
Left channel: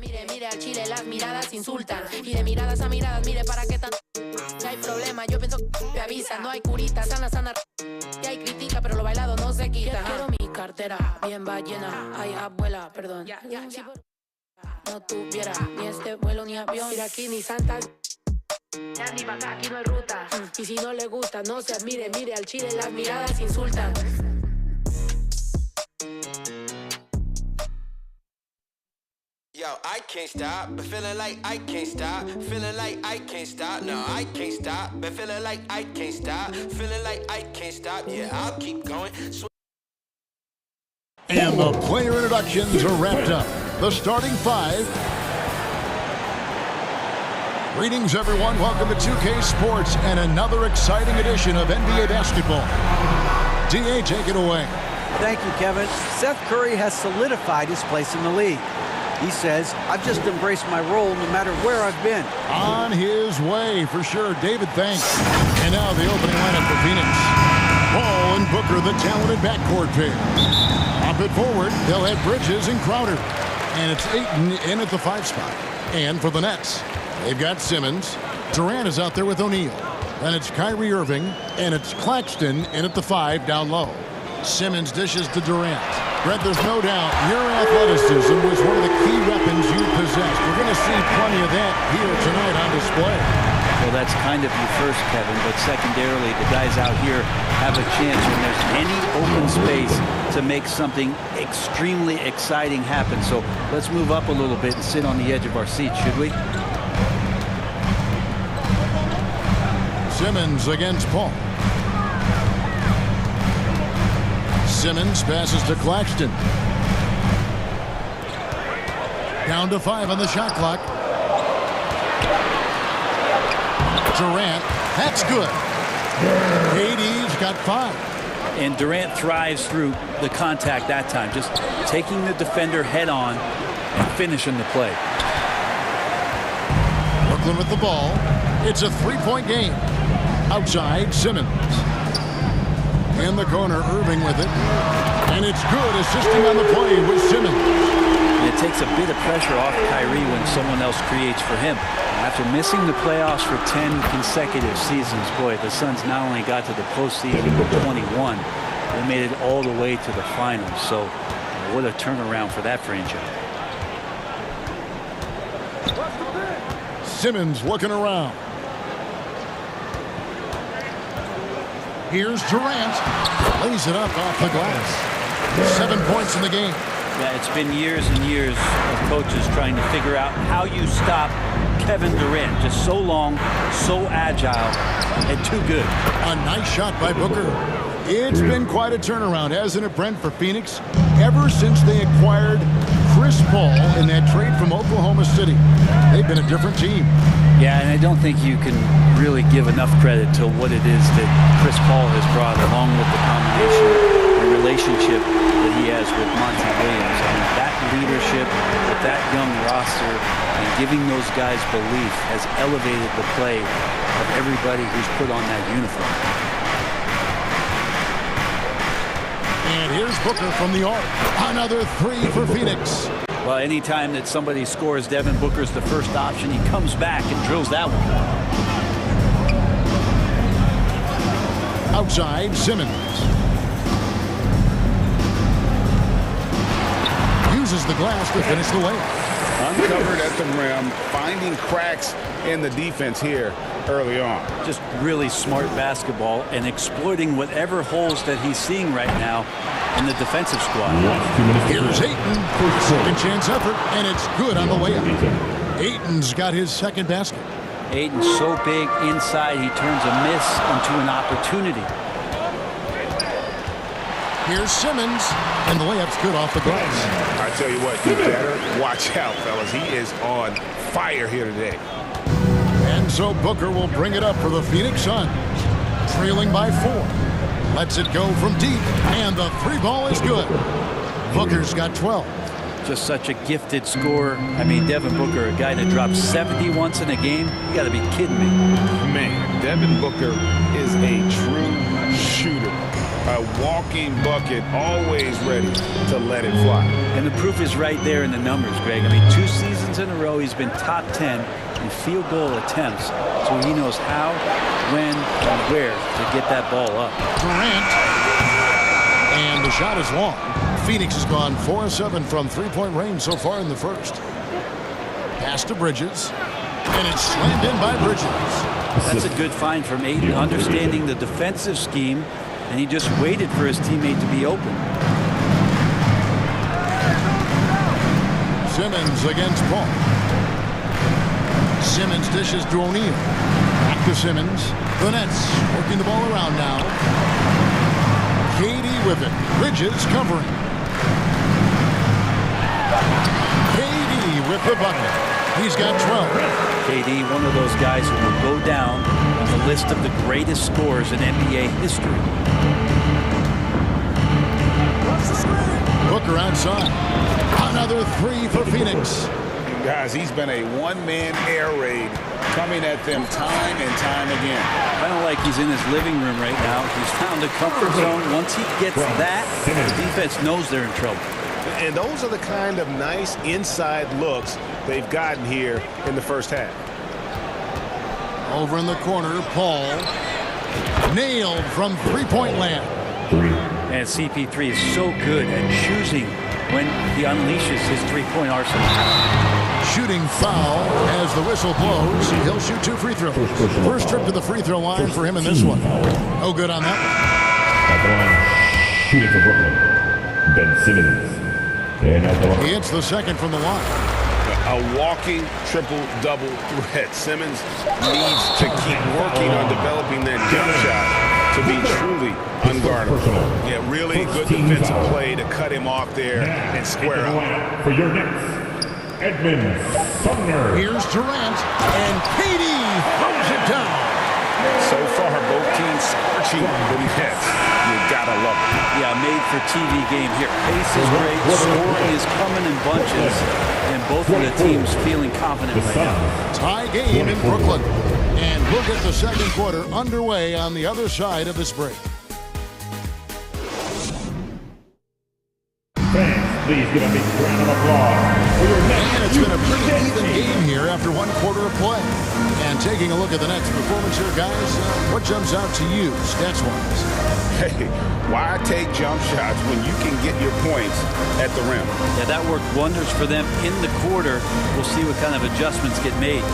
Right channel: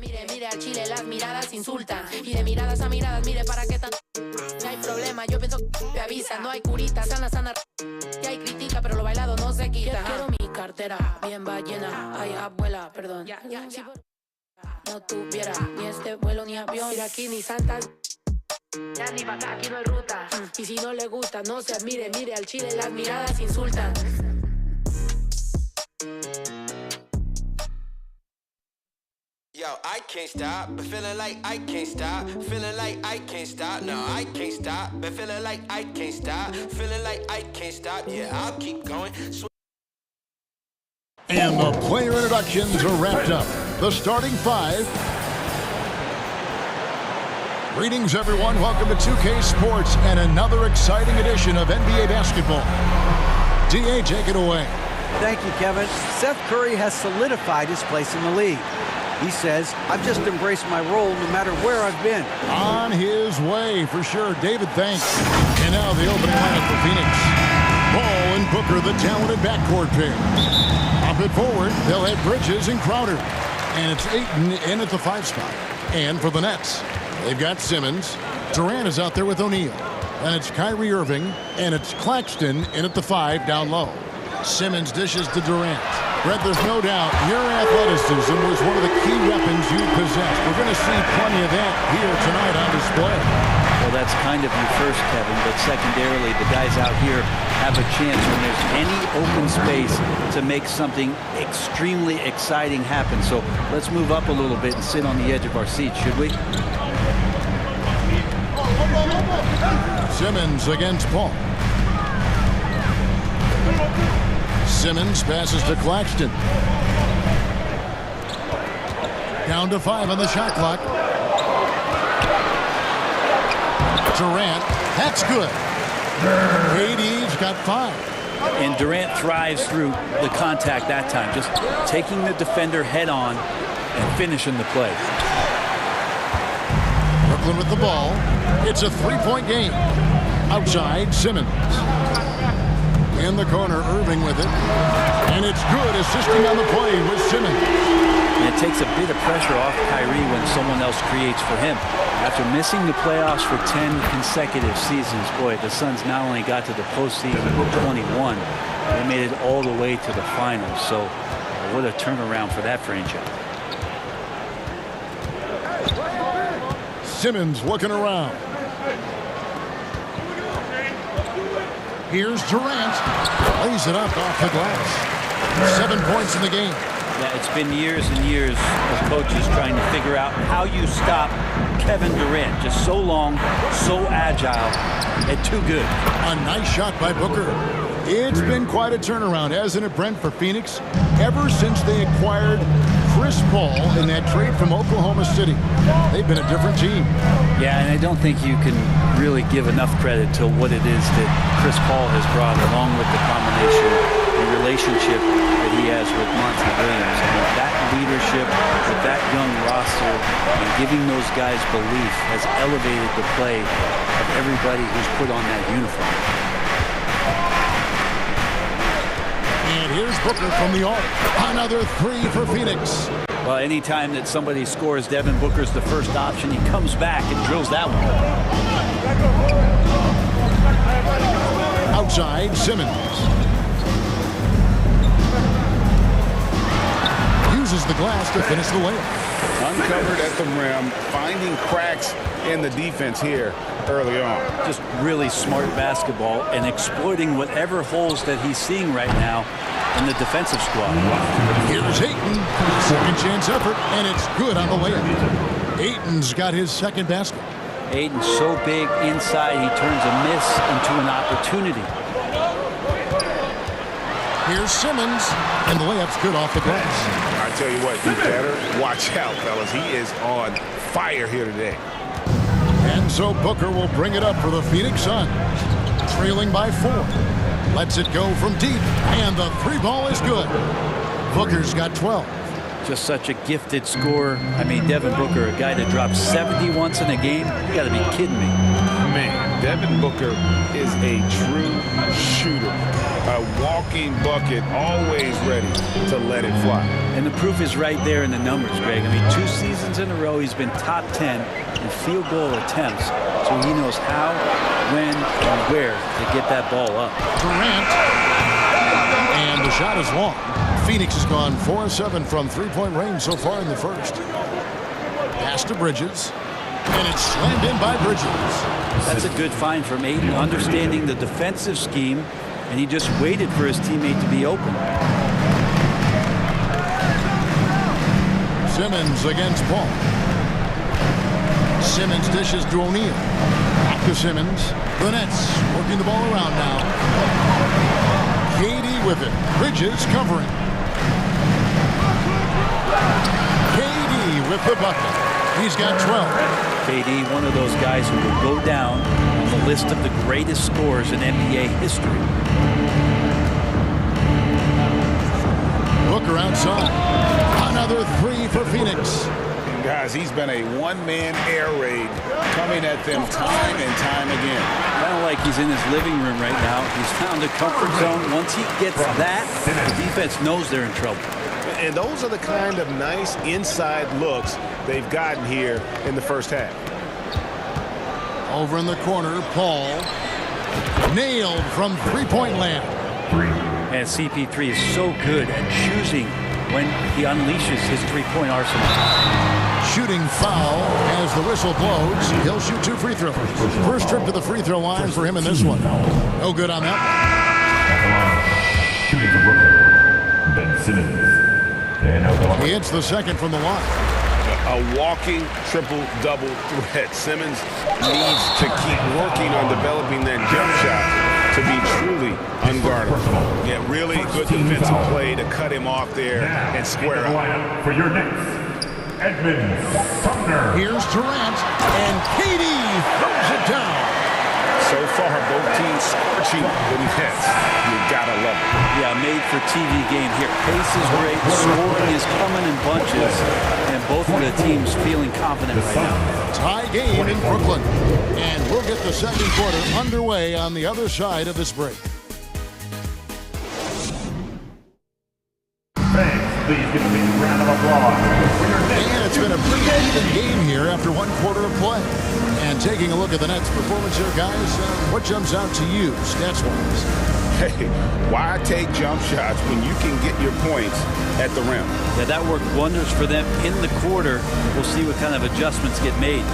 Mire, mire al chile, las miradas insultan. Y de miradas a miradas, mire para qué tan... No hay problema, yo pienso que te avisa. No hay curita, sana, sana. Y hay crítica, pero lo bailado no se quita. Quiero mi cartera, bien va llena. Ay, abuela, perdón. Si no tuviera ni este vuelo ni avión. Mira aquí ni santas. Ya ni para acá, aquí no hay ruta. Y si no le gusta, no se admire. Mire al chile, las miradas insultan. Yo, I can't stop, but feeling like I can't stop. Feeling like I can't stop, no, I can't stop. But feeling like I can't stop. Feeling like I can't stop, yeah, I'll keep going. And the player introductions are wrapped up. The starting five. Greetings, everyone. Welcome to 2K Sports and another exciting edition of NBA basketball. DA, take it away. Thank you, Kevin. Seth Curry has solidified his place in the league. He says, I've just embraced my role no matter where I've been. On his way, for sure. David, thanks. And now the opening lineup for Phoenix. Ball and Booker, the talented backcourt pair. Up it forward, they'll have Bridges and Crowder. And it's Ayton in at the 5 spot. And for the Nets, they've got Simmons. Durant is out there with O'Neal. Then it's Kyrie Irving, and it's Claxton in at the 5 down low. Simmons dishes to Durant. Brett, there's no doubt your athleticism was one of the key weapons you possessed. We're going to see plenty of that here tonight on display. Well, that's kind of you first, Kevin, but secondarily, the guys out here have a chance when there's any open space to make something extremely exciting happen. So let's move up a little bit and sit on the edge of our seat, should we? Simmons against Paul. Simmons passes to Claxton. Down to 5 on the shot clock. Durant, that's good. KD's got 5. And Durant thrives through the contact that time, just taking the defender head on and finishing the play. Brooklyn with the ball. It's a 3-point game. Outside, Simmons. In the corner, Irving with it. And it's good, assisting on the play with Simmons. And it takes a bit of pressure off Kyrie when someone else creates for him. After missing the playoffs for 10 consecutive seasons, boy, the Suns not only got to the postseason with 21, they made it all the way to the finals. So what a turnaround for that franchise. Simmons looking around. Here's Durant. Lays it up off the glass. 7 points in the game. Yeah, it's been years and years of coaches trying to figure out how you stop Kevin Durant. Just so long, so agile, and too good. A nice shot by Booker. It's been quite a turnaround, hasn't it, Brent, for Phoenix? Ever since they acquired Chris Paul in that trade from Oklahoma City, they've been a different team. Yeah, and I don't think you can really give enough credit to what it is that Chris Paul has brought, along with the combination and relationship that he has with Monty Williams. I mean, that leadership with that young roster and giving those guys belief has elevated the play of everybody who's put on that uniform. And here's Booker from the arc. Another 3 for Phoenix. Well, anytime that somebody scores, Devin Booker's the first option. He comes back and drills that one. Outside, Simmons. Uses the glass to finish the layup. Uncovered at the rim, finding cracks in the defense here early on. Just really smart basketball and exploiting whatever holes that he's seeing right now in the defensive squad. Here's Ayton. Second chance effort, and it's good on the layup. Ayton's got his second basket. Ayton's so big inside, he turns a miss into an opportunity. Here's Simmons, and the layup's good off the glass. I tell you what, you better watch out, fellas. He is on fire here today. And so Booker will bring it up for the Phoenix Suns. Trailing by 4. Lets it go from deep, and the 3 ball is good. Booker's got 12. Just such a gifted scorer. I mean, Devin Booker, a guy that drops 70 once in a game. You got to be kidding me. Man, Devin Booker is a true shooter. A walking bucket, always ready to let it fly. And the proof is right there in the numbers, Greg. I mean, 2 seasons in a row, he's been top 10 in field goal attempts. So he knows how, when, and where to get that ball up. Durant. And the shot is long. Phoenix has gone 4-7 from three-point range so far in the first. Pass to Bridges. And it's slammed in by Bridges. That's a good find from Ayton, understanding the defensive scheme, and he just waited for his teammate to be open. Simmons against Paul. Simmons dishes to O'Neal. Back to Simmons. The Nets working the ball around now. KD with it. Bridges covering. KD with the bucket. He's got 12. KD, one of those guys who will go down on the list of the greatest scorers in NBA history. Booker outside. Another 3 for Phoenix. And guys, he's been a one-man air raid coming at them time and time again. Kind of like he's in his living room right now. He's found a comfort zone. Once he gets that, the defense knows they're in trouble. And those are the kind of nice inside looks they've gotten here in the first half. Over in the corner, Paul. Nailed from three-point land. And CP3 is so good at choosing when he unleashes his three-point arsenal. Shooting foul as the whistle blows. He'll shoot 2 free throws. First trip to the free throw line for him in this one. No good on that one. At the line, shooting for Brooklyn, Ben Simmons. And out the line. He hits the second from the line. A walking triple-double threat. Simmons needs to keep working on developing that jump shot to be truly unguardable. Yeah, really good defensive play to cut him off there and square up. For your Nets, Edmund Sumner. Here's Durant, and KD throws it down. So far, both teams scorching the nets. You gotta love it. Yeah, made for TV game here. Pace is great, scoring is coming in bunches, and both of the teams feeling confident right now. Tie game in Brooklyn, and we'll get the second quarter underway on the other side of this break. Thanks. Please give a big round of applause for your Nets. And it's been a pretty even game here after one quarter of play. And taking a look at the Nets' performance here, guys, what jumps out to you, stats-wise? Hey, why take jump shots when you can get your points at the rim? Yeah, that worked wonders for them in the quarter. We'll see what kind of adjustments get made.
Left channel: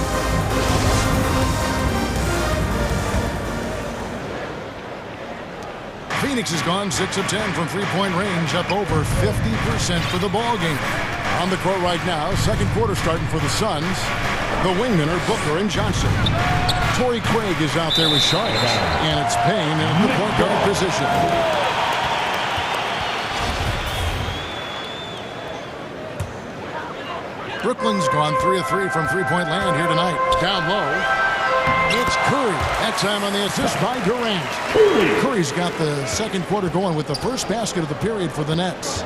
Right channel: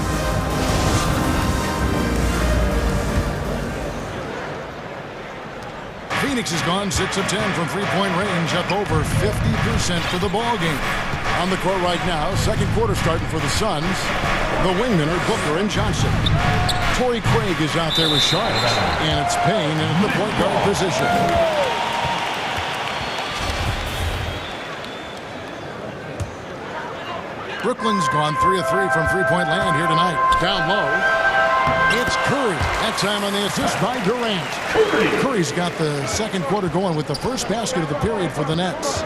Phoenix has gone 6 of 10 from three-point range, up over 50% for the ball game. On the court right now, second quarter starting for the Suns. The wingmen are Booker and Johnson. Torrey Craig is out there with Sharks, and it's Payne in the point guard position. Brooklyn's gone 3 of 3 from three-point land here tonight. Down low, it's Curry. That time on the assist by Durant. Curry's got the second quarter going with the first basket of the period for the Nets.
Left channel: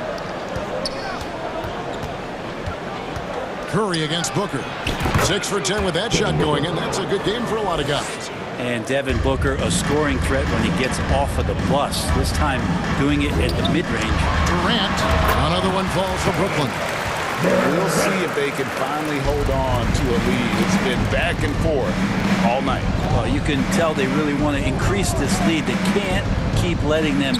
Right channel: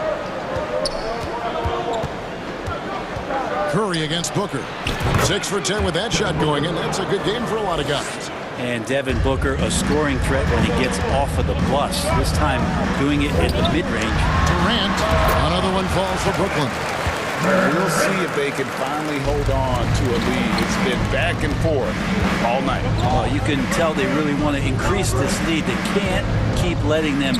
Curry against Booker. 6 for 10 with that shot going, and that's a good game for a lot of guys. And Devin Booker, a scoring threat when he gets off of the bus. This time doing it at the mid-range. Durant, another one falls for Brooklyn. We'll see if they can finally hold on to a lead. It's been back and forth all night. Oh, you can tell they really want to increase this lead. They can't keep letting them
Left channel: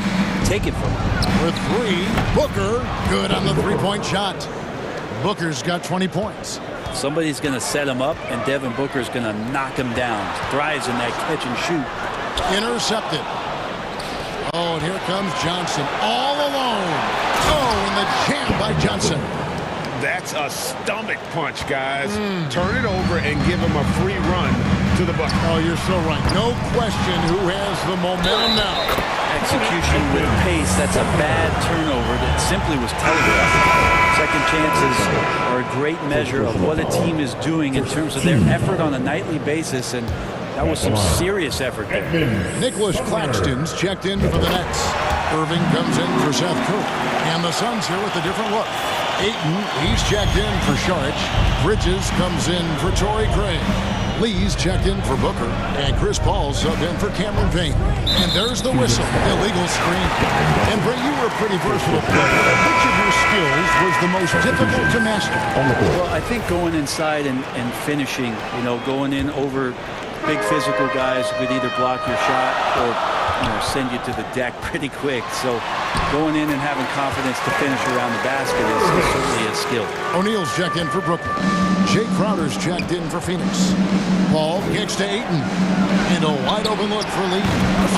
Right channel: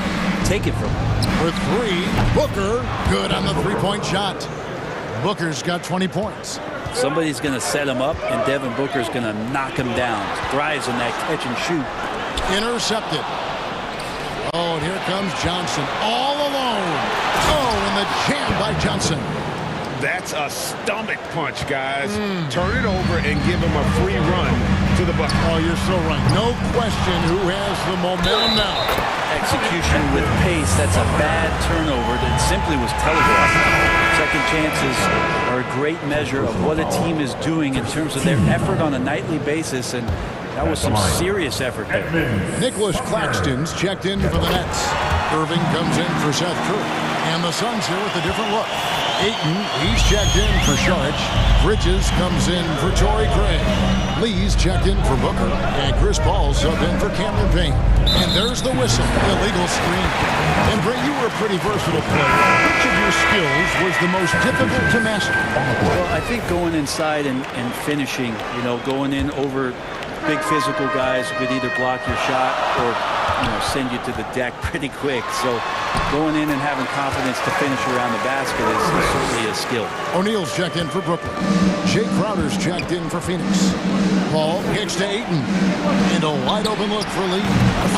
take it from them. For 3, Booker, good on the three-point shot. Booker's got 20 points. Somebody's going to set him up, and Devin Booker's going to knock him down. Thrives in that catch and shoot. Intercepted. Oh, and here comes Johnson all alone. Oh, and the jam by Johnson. That's a stomach punch, guys. Turn it over and give him a free run to the bucket. Oh, you're so right. No question who has the momentum now. Execution with pace. That's a bad turnover that simply was telegraphed. Second chances are a great measure of what a team is doing in terms of their effort on a nightly basis, and that was some serious effort there. Nicholas Claxton's checked in for the Nets. Irving comes in for Seth Curry. And the Suns here with a different look. Ayton, he's checked in for Sharch. Bridges comes in for Torrey Craig. Lee's checked in for Booker, and Chris Paul subbed in for Cameron Payne. And there's the whistle, illegal screen. And Bray, you were a pretty versatile player. Which of your skills was the most difficult to master on the court? Well, I think going inside and finishing, going in over big physical guys who could either block your shot or send you to the deck pretty quick. So going in and having confidence to finish around the basket is certainly a skill. O'Neal's checked in for Brooklyn. Jay Crowder's checked in for Phoenix. Paul kicks to Ayton. And a wide open look for Lee.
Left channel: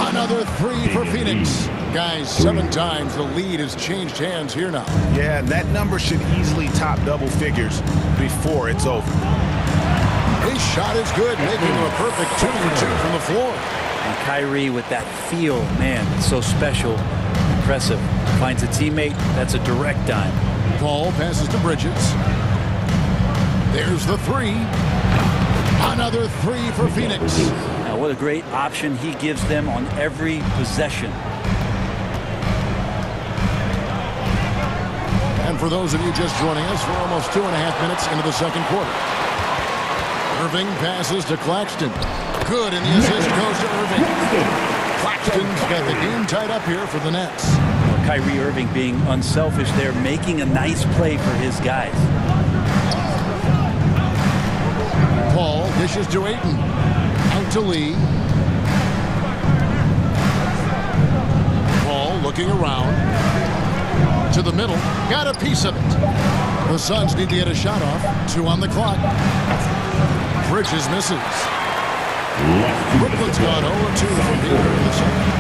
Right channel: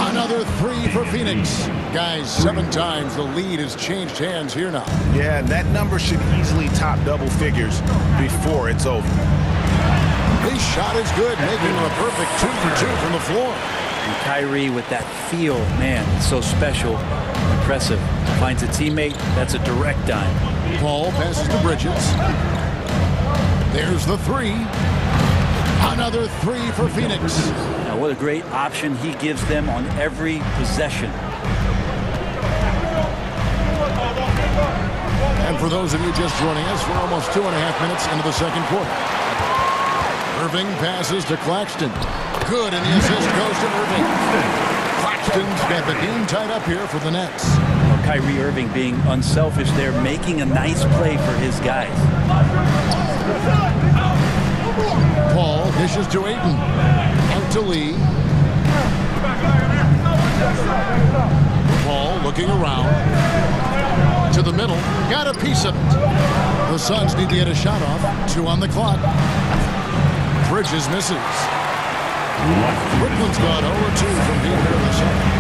Another three for Phoenix. Guys, 7 times the lead has changed hands here now. Yeah, that number should easily top double figures before it's over. His shot is good, making him a perfect 2 for 2 from the floor. And Kyrie with that feel, man, it's so special, impressive. Finds a teammate, that's a direct dime. Paul passes to Bridges. There's the 3. Another 3 for Phoenix. Now what a great option he gives them on every possession. And for those of you just joining us, we're almost 2.5 minutes into the second quarter. Irving passes to Claxton. Good, and the assist goes to Irving. Claxton's got the game tied up here for the Nets. Well, Kyrie Irving being unselfish there, making a nice play for his guys. Paul dishes to Ayton. Out to Lee. Paul looking around. To the middle. Got a piece of it. The Suns need to get a shot off. 2 on the clock. Bridges misses. Brooklyn's gone 0-2 from being here in the second.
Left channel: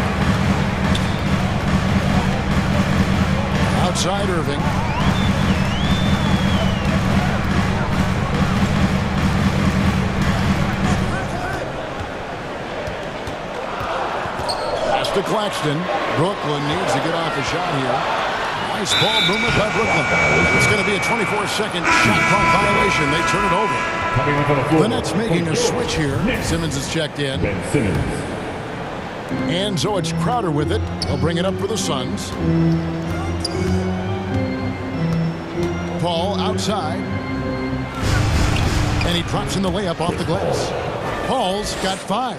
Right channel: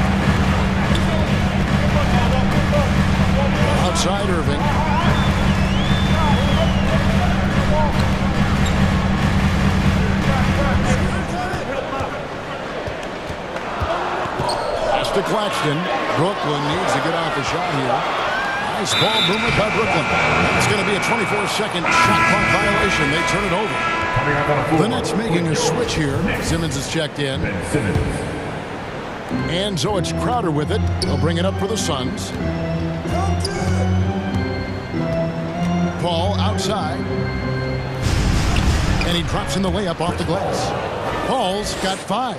Outside Irving. Pass to Claxton. Brooklyn needs to get off a shot here. Nice ball movement by Brooklyn. And it's going to be a 24-second shot clock violation. They turn it over. The Nets making a switch here. Simmons is checked in. And so it's Crowder with it. They'll bring it up for the Suns. Paul outside. And he drops in the layup off the glass. Paul's got 5.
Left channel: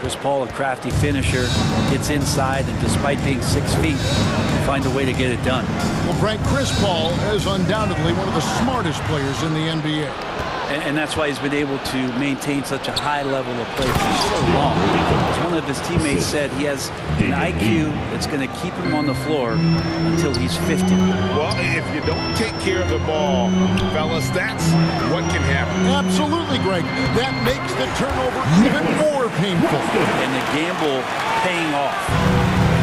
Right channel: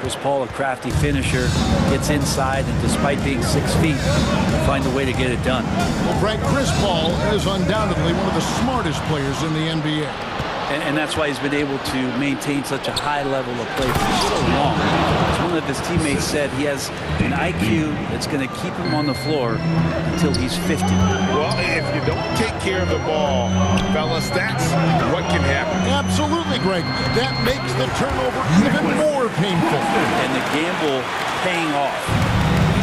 Chris Paul, a crafty finisher, gets inside, and despite being 6 feet, will find a way to get it done. Well, Frank, Chris Paul is undoubtedly one of the smartest players in the NBA. And that's why he's been able to maintain such a high level of play for so long. As one of his teammates said, he has an IQ that's going to keep him on the floor until he's 50. Well, if you don't take care of the ball, fellas, that's what can happen. Absolutely, Greg. That makes the turnover even more painful. And the gamble paying off.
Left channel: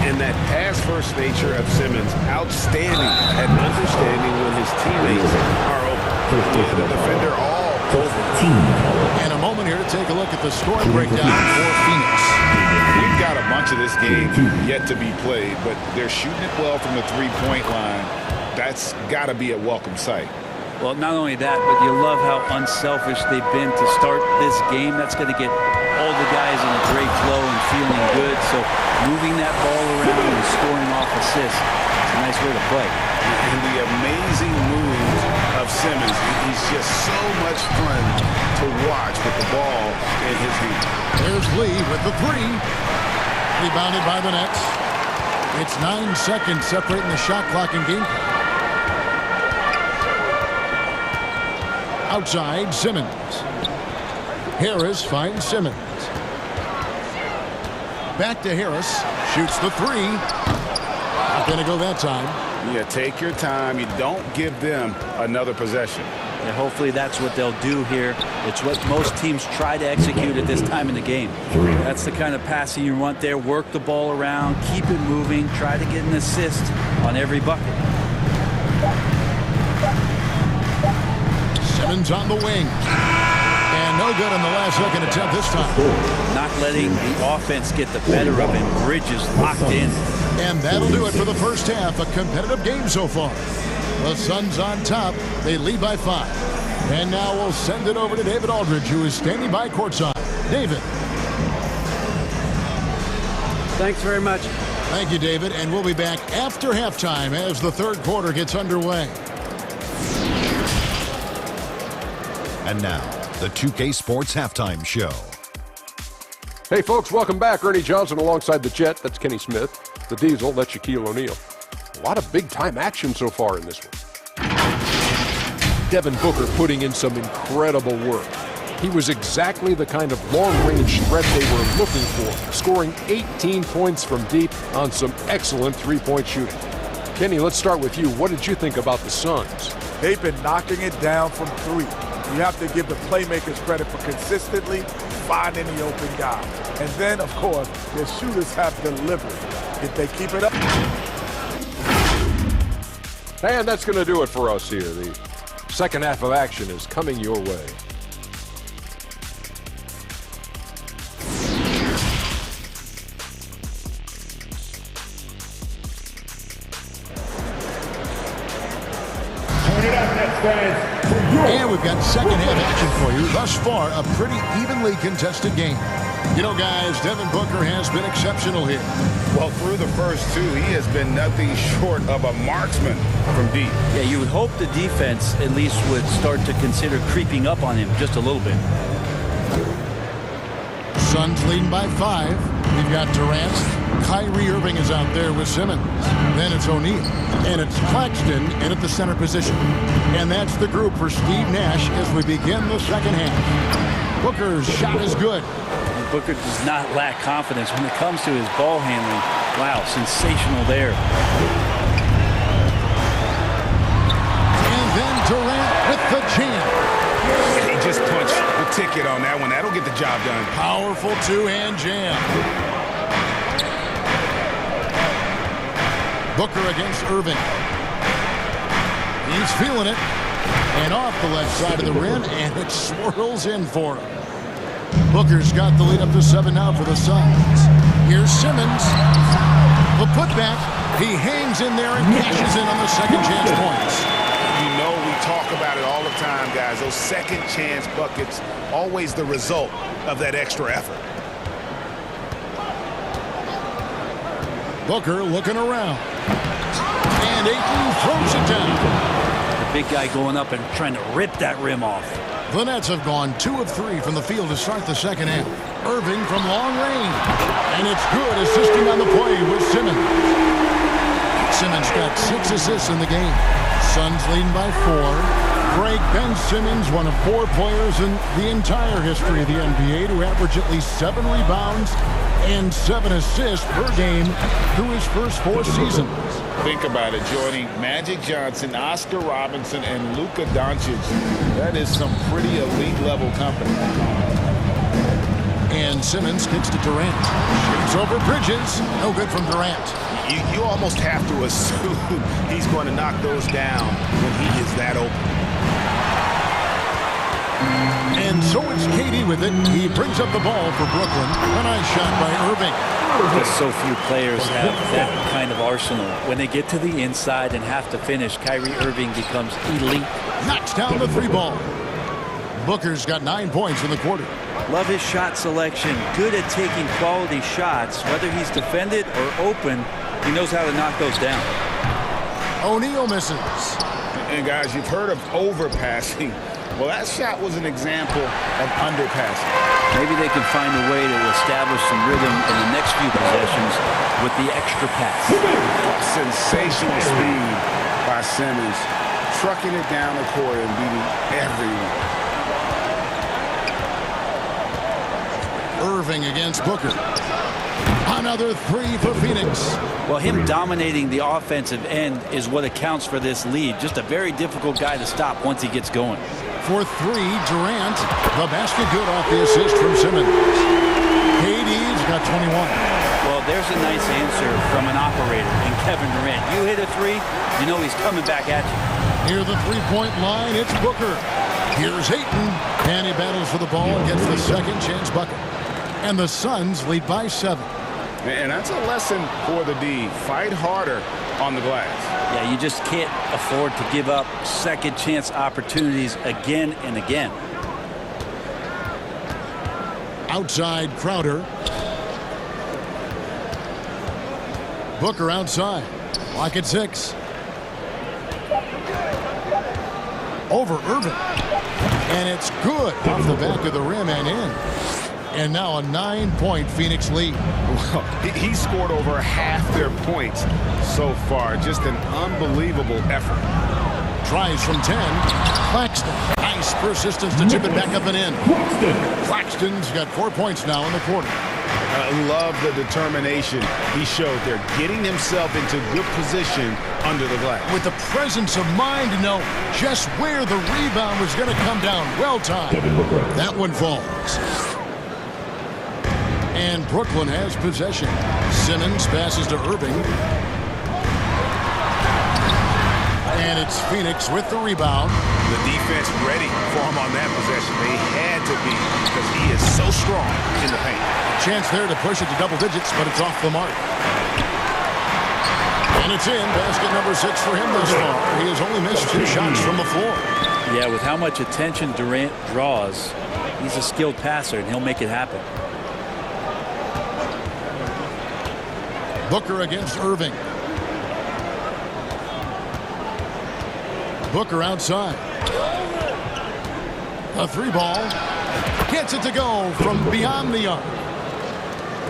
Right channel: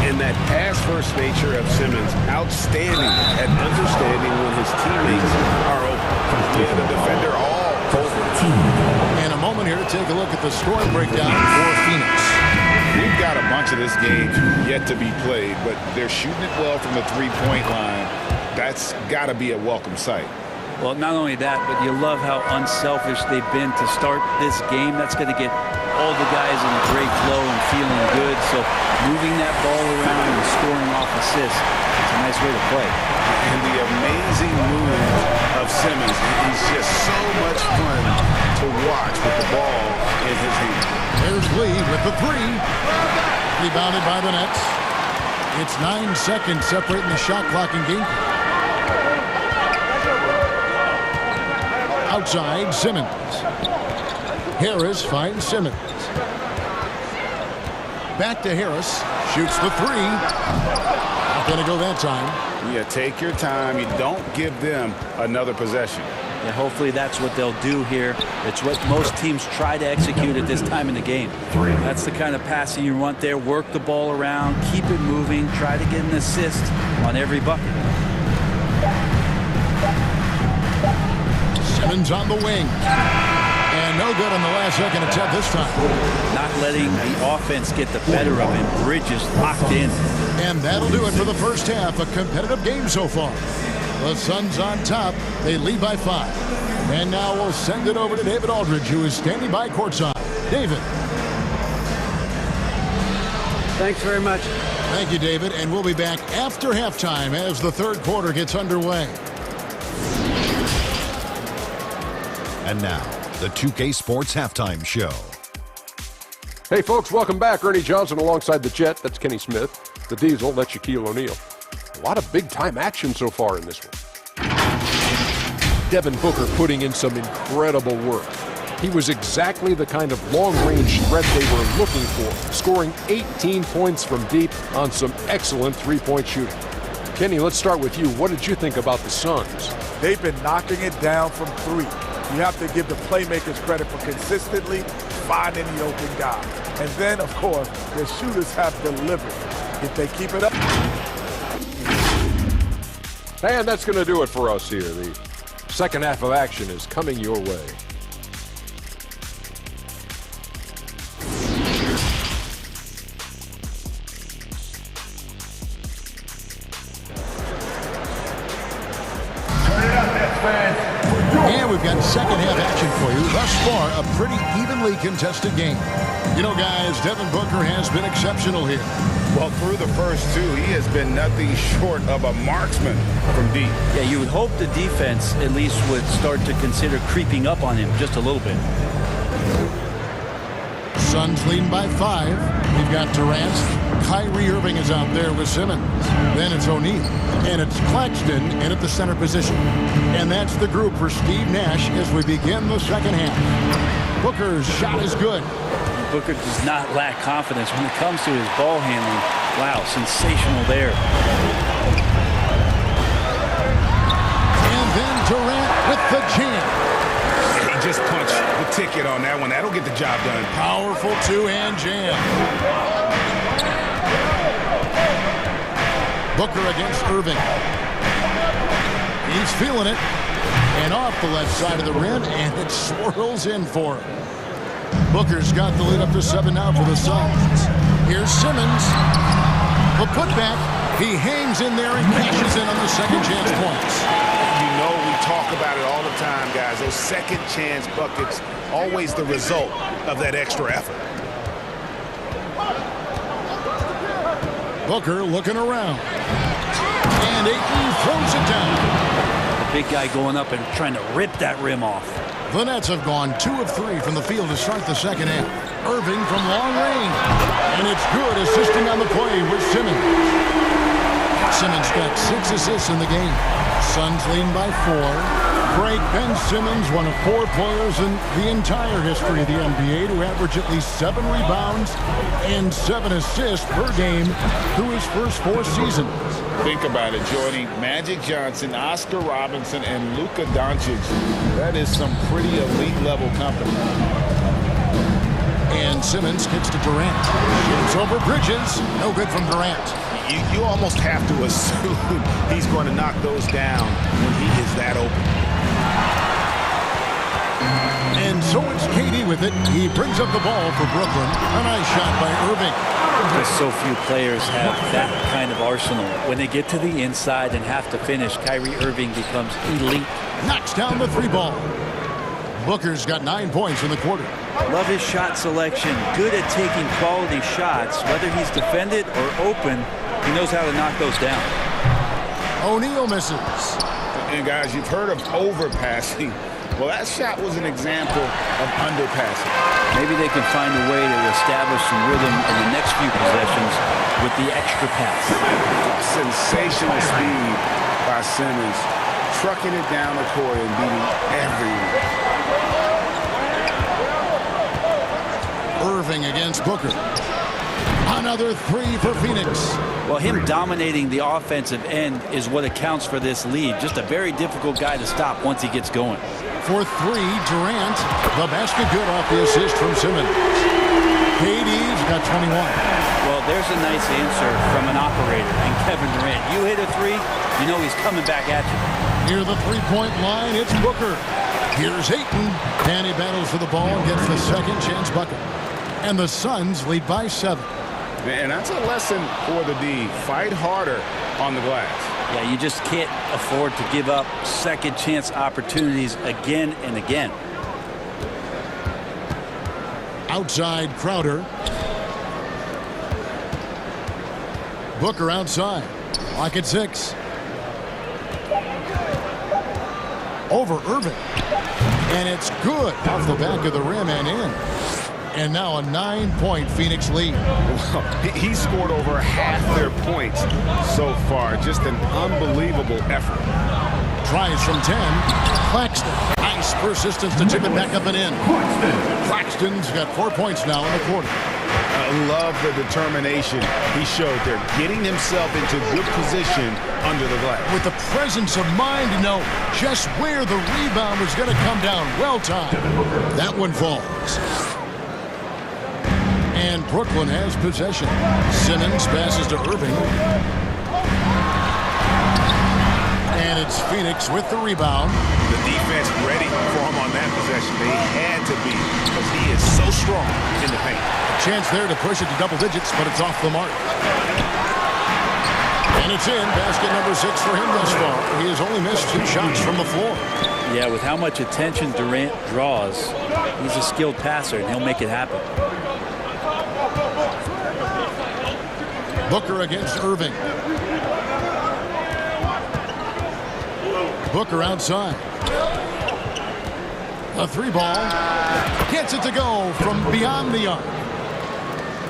And that pass-first nature of Simmons, outstanding at understanding when his teammates are open. Yeah, the defender all over. And a moment here to take a look at the scoring breakdown for Phoenix. We've got a bunch of this game yet to be played, but they're shooting it well from the three-point line. That's got to be a welcome sight. Well, not only that, but you love how unselfish they've been to start this game. That's going to get all the guys in a great flow and feeling good. So moving that ball around and scoring off assists, it's a nice way to play. And the amazing moves of Simmons. He's just so much fun to watch with the ball in his hand. There's Lee with the 3. Rebounded by the Nets. It's 9 seconds separating the shot clock and game clock. Outside, Simmons. Harris finds Simmons. Back to Harris. Shoots the 3. Not going to go that time. Yeah, take your time. You don't give them another possession. Yeah, hopefully that's what they'll do here. It's what most teams try to execute at this time in the game. That's the kind of passing you want there. Work the ball around, keep it moving, try to get an assist on every bucket. Simmons on the wing. And no good on the last second attempt this time. Not letting the offense get the better of him. Bridges locked in. And that'll do it for the first half. A competitive game so far. The Suns on top. They lead by 5. And now we'll send it over to David Aldridge, who is standing by courtside. David. Thanks very much. Thank you, David. And we'll be back after halftime as the third quarter gets underway. And now, the 2K Sports Halftime Show. Hey, folks, welcome back. Ernie Johnson alongside the Jet. That's Kenny Smith. The Diesel, that's Shaquille O'Neal. A lot of big-time action so far in this one. Devin Booker putting in some incredible work. He was exactly the kind of long-range threat they were looking for, scoring 18 points from deep on some excellent three-point shooting. Kenny, let's start with you. What did you think about the Suns? They've been knocking it down from three. You have to give the playmakers credit for consistently finding the open guy. And then, of course, their shooters have delivered. If they keep it up. And that's going to do it for us here. The second half of action is coming your way. And we've got second half action for you. Thus far, a pretty evenly contested game. You know, guys, Devin Booker has been exceptional here. Well, through the first two, he has been nothing short of a marksman from deep. Yeah, you would hope the defense at least would start to consider creeping up on him just a little bit. Suns leading by 5. We've got Durant. Kyrie Irving is out there with Simmons. Then it's O'Neal. And it's Claxton in at the center position. And that's the group for Steve Nash as we begin the second half. Booker's shot is good. And Booker does not lack confidence when it comes to his ball handling. Wow, sensational there. And then Durant with the jam. He just punched the ticket on that one. That'll get the job done. Powerful two-hand jam. Booker against Irving. He's feeling it. And off the left side of the rim, and it swirls in for him. Booker's got the lead up to 7 now for the Suns. Here's Simmons. The putback. He hangs in there and cashes in on the second chance points. You know, we talk about it all the time, guys. Those second chance buckets, always the result of that extra effort. Booker looking around. And Ayton throws it down. The big guy going up and trying to rip that rim off. The Nets have gone 2 of 3 from the field to start the second half. Irving from long range. And it's good, assisting on the play with Simmons. Simmons got 6 assists in the game. Suns leading by 4. Break Ben Simmons, one of 4 players in the entire history of the NBA to average at least 7 rebounds and 7 assists per game through his first 4 seasons. Think about it, joining Magic Johnson, Oscar Robinson, and Luka Doncic. That is some pretty elite level company. And Simmons kicks to Durant. Shoots over Bridges. No good from Durant. You almost have to assume he's going to knock those down when he is that open. And so it's KD with it. He brings up the ball for Brooklyn. A nice shot by Irving. Just so few players have that kind of arsenal. When they get to the inside and have to finish, Kyrie Irving becomes elite. Knocks down the 3 ball. Booker's got 9 points in the quarter. Love his shot selection. Good at taking quality shots. Whether he's defended or open, he knows how to knock those down. O'Neal misses. And guys, you've heard of overpassing. Well, that shot was an example of underpassing. Maybe they can find a way to establish some rhythm in the next few possessions with the extra pass. Sensational speed by Simmons, trucking it down the court and beating everyone. Irving against Booker. Another 3 for Phoenix. Well, him dominating the offensive end is what accounts for this lead. Just a very difficult guy to stop once he gets going. For 3, Durant. The basket good off the assist from Simmons. KD's got 21. Well, there's a nice answer from an operator and Kevin Durant. You hit a 3, you know he's coming back at you. Near the 3-point line, it's Booker. Here's Ayton. And he battles for the ball and gets the second chance bucket. And the Suns lead by 7. And that's a lesson for the D. Fight harder on the glass. Yeah, you just can't afford to give up second chance opportunities again and again. Outside Crowder. Booker outside. Lock at 6. Over Irving. And it's good off the back of the rim and in. And now a 9-point Phoenix lead. Well, he scored over half their points so far. Just an unbelievable effort. Tries from 10. Claxton. Nice persistence to tip it back up and in. Claxton's got 4 points now in the quarter. I love the determination he showed there, getting himself into good position under the glass. With the presence of mind to know just where the rebound was going to come down. Well timed. That one falls. And Brooklyn has possession. Simmons passes to Irving. And it's Phoenix with the rebound. The defense ready for him on that possession. They had to be because he is so strong in the paint. A chance there to push it to double digits, but it's off the mark. And it's in. Basket number 6 for him thus far. He has only missed 2 shots from the floor. Yeah, with how much attention Durant draws, he's a skilled passer, and he'll make it happen. Booker against Irving. Booker outside. A 3-ball. Gets it to go from beyond the arc.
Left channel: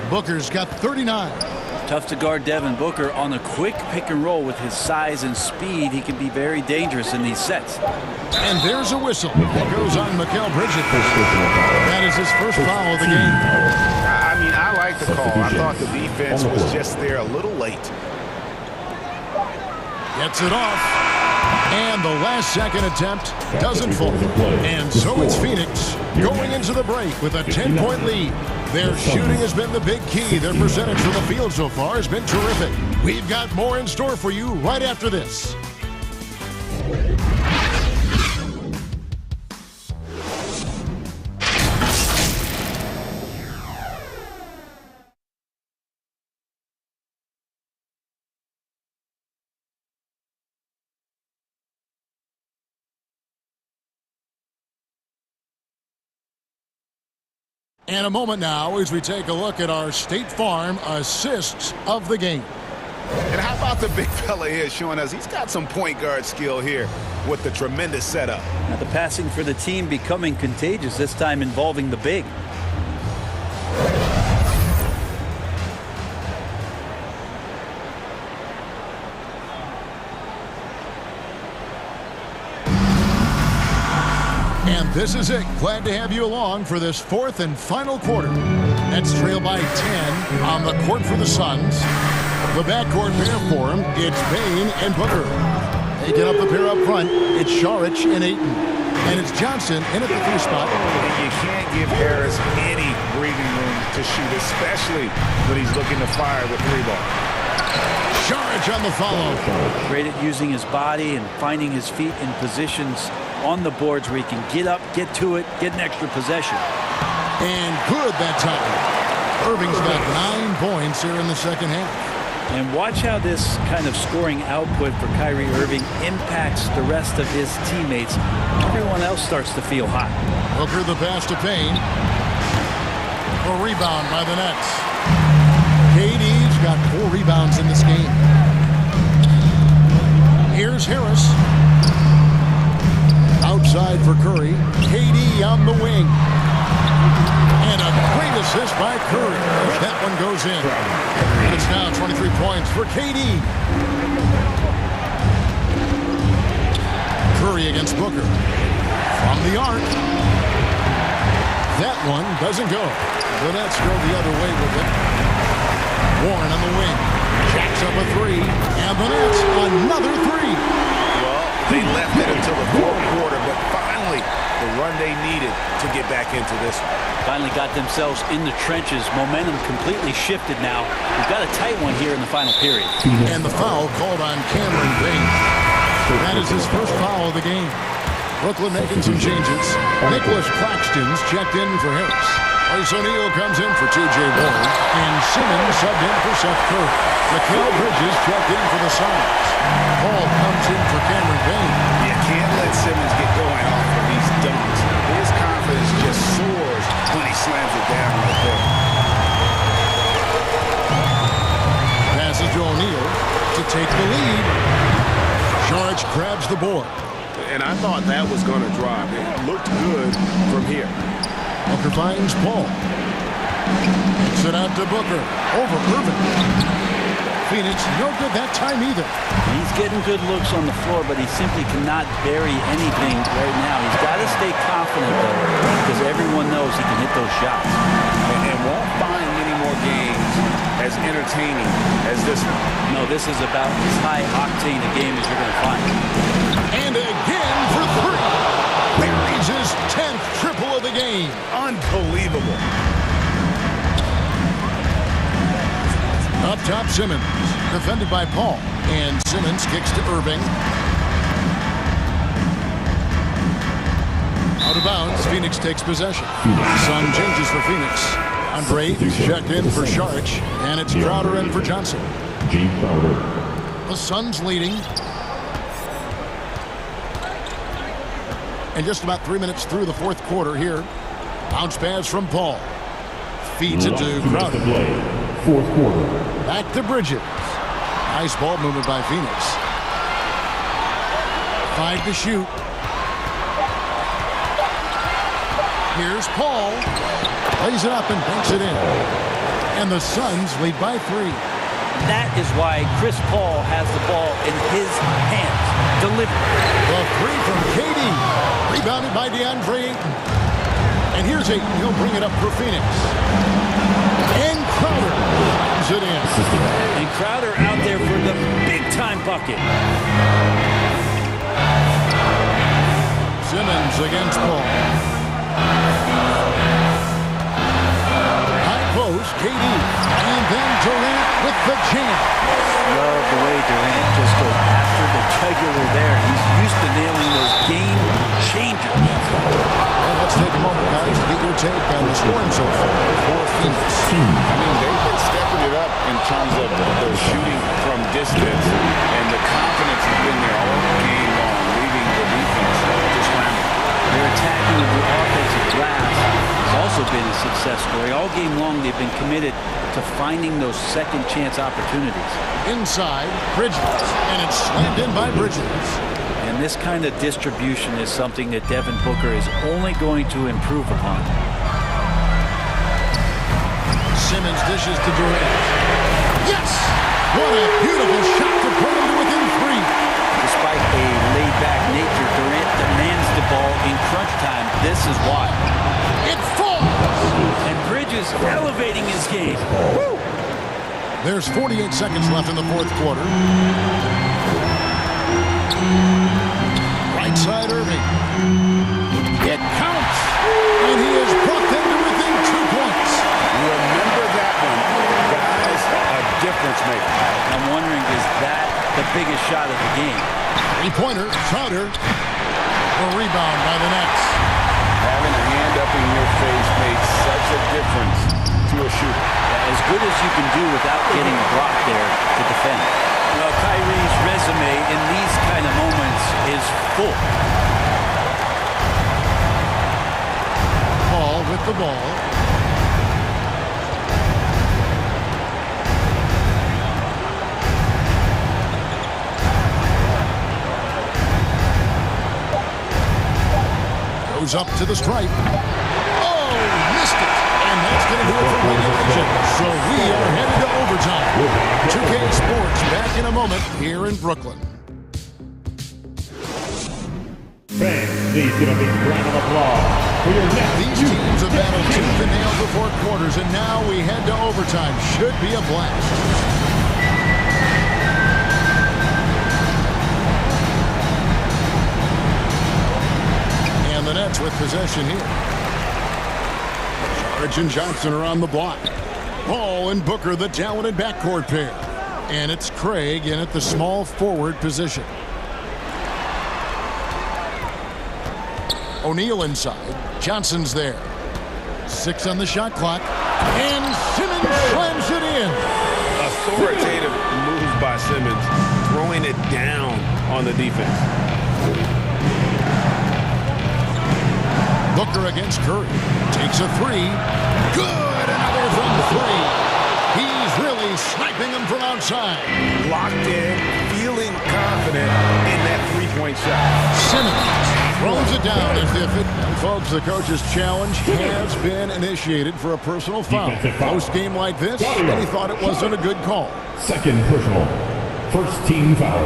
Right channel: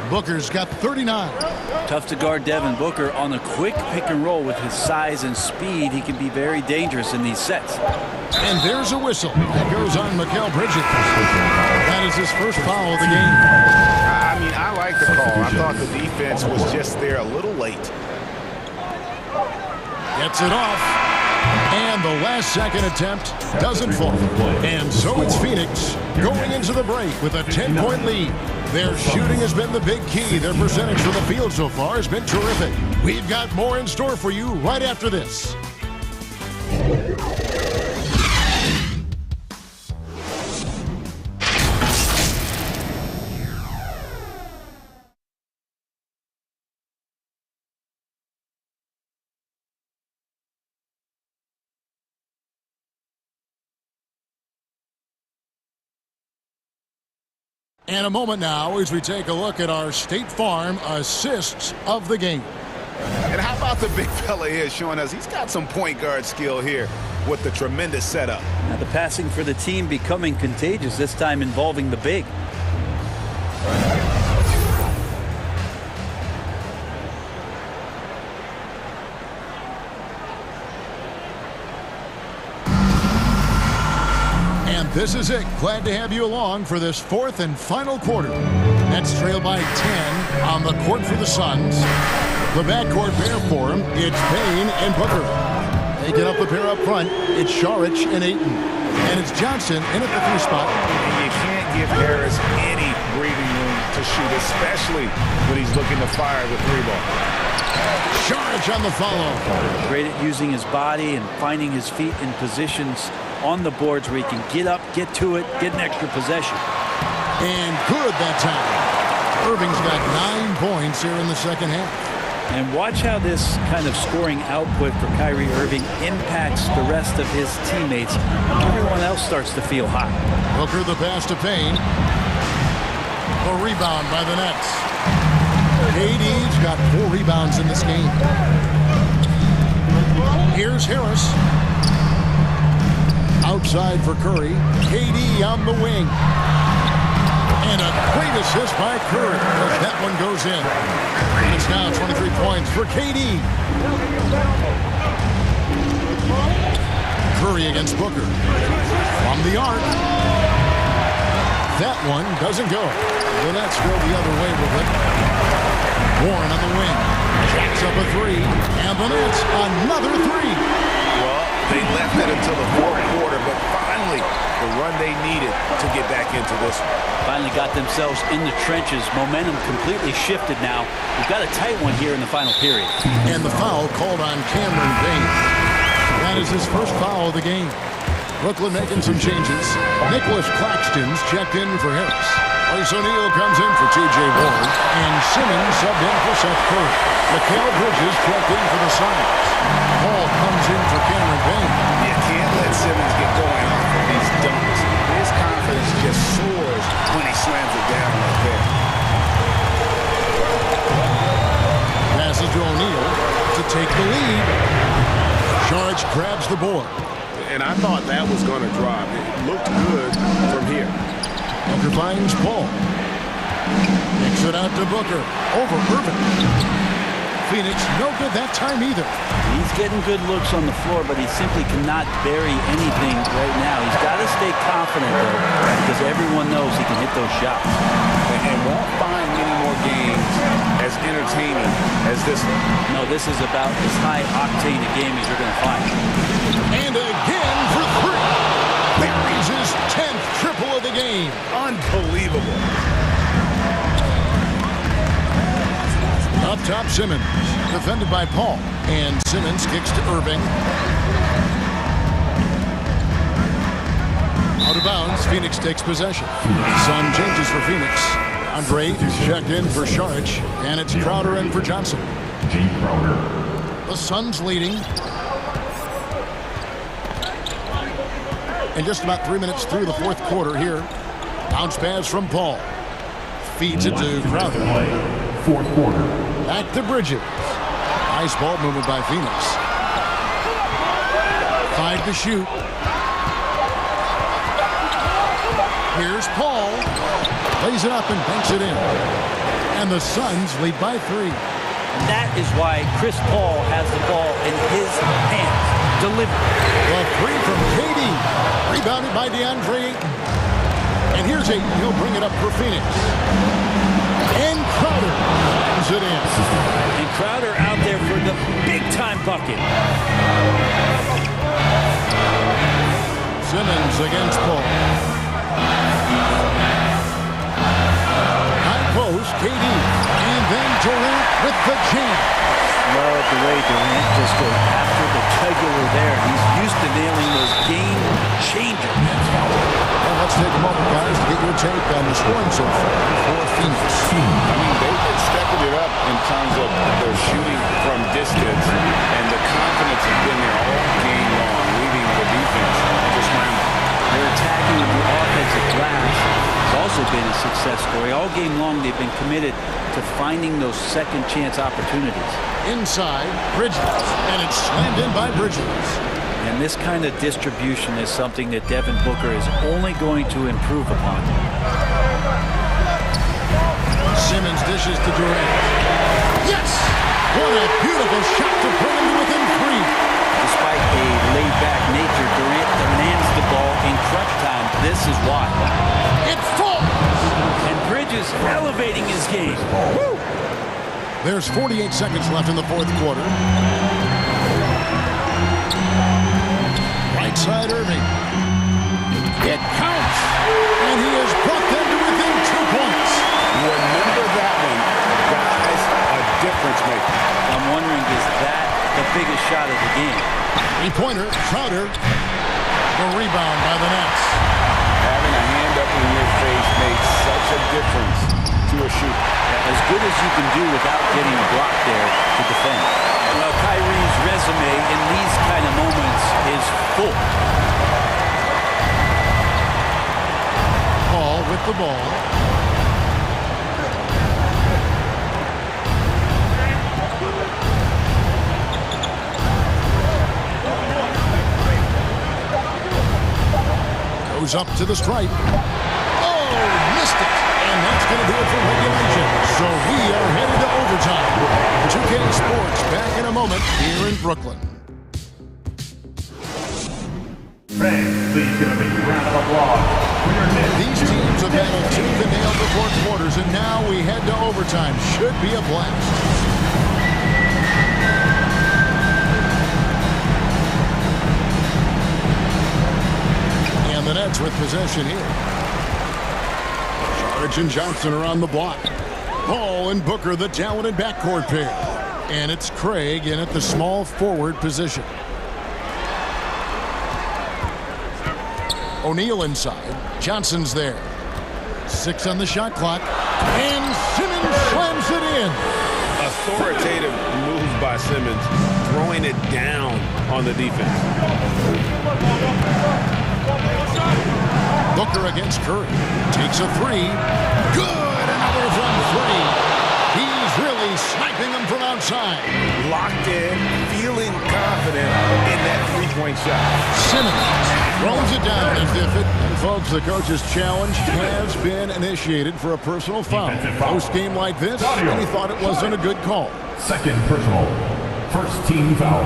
Booker's got 39. Tough to guard Devin Booker on a quick pick and roll. With his size and speed, he can be very dangerous in these sets. And there's a whistle. That goes on Mikal Bridges. That is his first foul of the game. I mean, I like the call. I thought the defense was just there a little late. Gets it off. And the last second attempt doesn't fall. And so it's Phoenix going into the break with a 10-point lead. Their shooting has been the big key. Their percentage from the field so far has been terrific. We've got more in store for you right after this. And a moment now as we take a look at our State Farm assists of the game. And how about the big fella here showing us he's got some point guard skill here with the tremendous setup. Now the passing for the team becoming contagious, this time involving the big. And this is it. Glad to have you along for this 4th and final quarter. Nets trail by 10 on the court for the Suns. The backcourt pair for them, it's Payne and Booker. Taking up the pair up front, it's Saric and Ayton. And it's Johnson in at the 3 spot. And you can't give Harris any breathing room to shoot, especially when he's looking to fire the 3-ball. Saric on the follow. Great at using his body and finding his feet in positions on the boards where he can get up, get to it, get an extra possession. And good that time. Irving's got 9 points here in the second half. And watch how this kind of scoring output for Kyrie Irving impacts the rest of his teammates. Everyone else starts to feel hot. Booker the pass to Payne. A rebound by the Nets. KD's got 4 rebounds in this game. Here's Harris. Outside for Curry. KD on the wing. And a great assist by Curry as that one goes in. And it's now 23 points for KD. Curry against Booker. From the arc. That one doesn't go. The Nets go the other way with it. Warren on the wing. Jacks up a 3. And the Nets another 3. Well, they left it until the 4th quarter, but finally the run they needed to get back into this one. Finally got themselves in the trenches. Momentum completely shifted now. We've got a tight one here in the final period. And the foul called on Cameron Payne. That is his first foul of the game. Brooklyn making some changes. Nicholas Claxton's checked in for Harris. Royce O'Neal comes in for T.J. Ward. And Simmons subbed in for Seth Curry. Mikal Bridges checked in for the Suns. Paul comes in for Cameron Payne. You can't let Simmons get going off of these dunks. His confidence just soars when he slams it down like that. Passes to O'Neal to take the lead. Saric grabs the board. and I thought that was going to drop. It looked good from here. Booker finds Paul. Takes it out to Booker. Over Irving. Phoenix, no good that time either. He's getting good looks on the floor, but he simply cannot bury anything right now. He's got to stay confident, though, because everyone knows he can hit those shots. And won't find many more games as entertaining as this one. No, this is about as high octane a game as you're going to find. And again for three. Buries his 10th triple of the game. Unbelievable. Up top, Simmons, defended by Paul. And Simmons kicks to Irving. Out of bounds, Phoenix takes possession. Sun changes for Phoenix. Andre checked in for Sharich, and it's Crowder in for Johnson. G. Crowder. The Suns leading. And just about 3 minutes through the fourth quarter here. Bounce pass from Paul. Feeds it to Crowder. Fourth quarter. Back to Bridges. Nice ball movement by Phoenix. 5 to shoot. Here's Paul. Lays it up and banks it in. And the Suns lead by 3. That is why Chris Paul has the ball in his hands. Delivered. The 3 from KD. Rebounded by DeAndre Ayton. And here's Ayton. He'll bring it up for Phoenix. And Crowder slams it in. And Crowder out there for the big-time bucket. Simmons against Paul. High post, KD. And then Durant with the jam. Love the way Durant just goes after the jugular there. He's used to nailing those game changers. And let's take a moment, guys, to get your take on the scoring so far for Phoenix. I mean, they've been stepping it up in terms of their shooting from distance, and the confidence has been there all game long, leaving the defense to scramble. Their attacking of the offensive glass has also been a success story. All game long, they've been committed to finding those second chance opportunities. Inside, Bridges, and it's slammed in by Bridges. And this kind of distribution is something that Devin Booker is only going to improve upon. Simmons dishes to Durant. Yes! What a beautiful shot to bring him to within 3. Despite a laid-back nature, Durant demands the ball in crunch time. This is why. It falls! And Bridges elevating his game. Woo! There's 48 seconds left in the fourth quarter. Right side, Irving. It counts! And he has brought them to within 2 points. Remember that one, guys, a difference maker. I'm wondering, is that the biggest shot of the game? Three-pointer, Crowder. The rebound by the Nets. Having a hand up in your face makes such a difference to a shooter. Yeah, as good as you can do without getting a block there to defend. Well, Kyrie's resume in these kind of moments is full. Paul with the ball. Goes up to the stripe. Oh, missed it. And that's going to do it for regulation. So we are headed to overtime. 2K Sports back in a moment here in Brooklyn. Fans, please give a big round of applause for your Nets. These teams have battled tooth and nail for 4 quarters, and now we head to overtime. Should be a blast. And the Nets with possession here. Saric and Johnson are on the block. Paul and Booker, the talented backcourt pair. And it's Craig in at the small forward position. O'Neal inside. Johnson's there. 6 on the shot clock. And Simmons slams it in. Authoritative moves by Simmons, throwing it down on the defense. Booker against Curry. Takes a 3. Good! Another from 3. He's really sniping them from outside. Locked in, feels feeling confident in that three-point shot. Simmons throws it down as the official. And folks, the coach's challenge has been initiated for a personal foul. Post game like this, and he thought it wasn't a good call. Second personal. First team foul.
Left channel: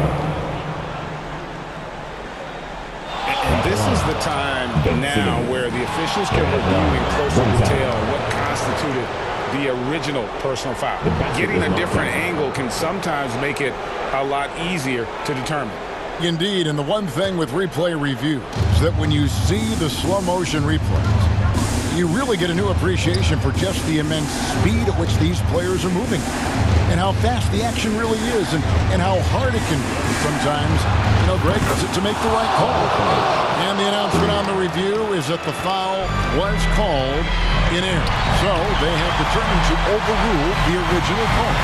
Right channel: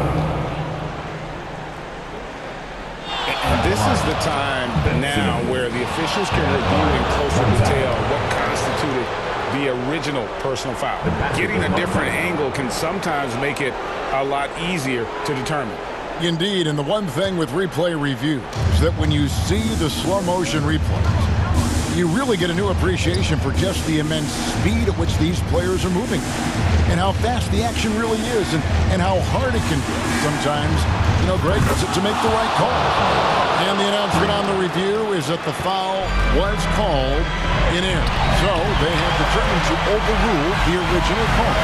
And this is the time now where the officials can review in closer detail what constituted the original personal foul. Getting a different angle can sometimes make it a lot easier to determine. Indeed, and the one thing with replay review is that when you see the slow motion replays, you really get a new appreciation for just the immense speed at which these players are moving and how fast the action really is and how hard it can be sometimes, you know, Greg, to make the right call. And the announcement on the review is that the foul was called in air. So they have determined to overrule the original call.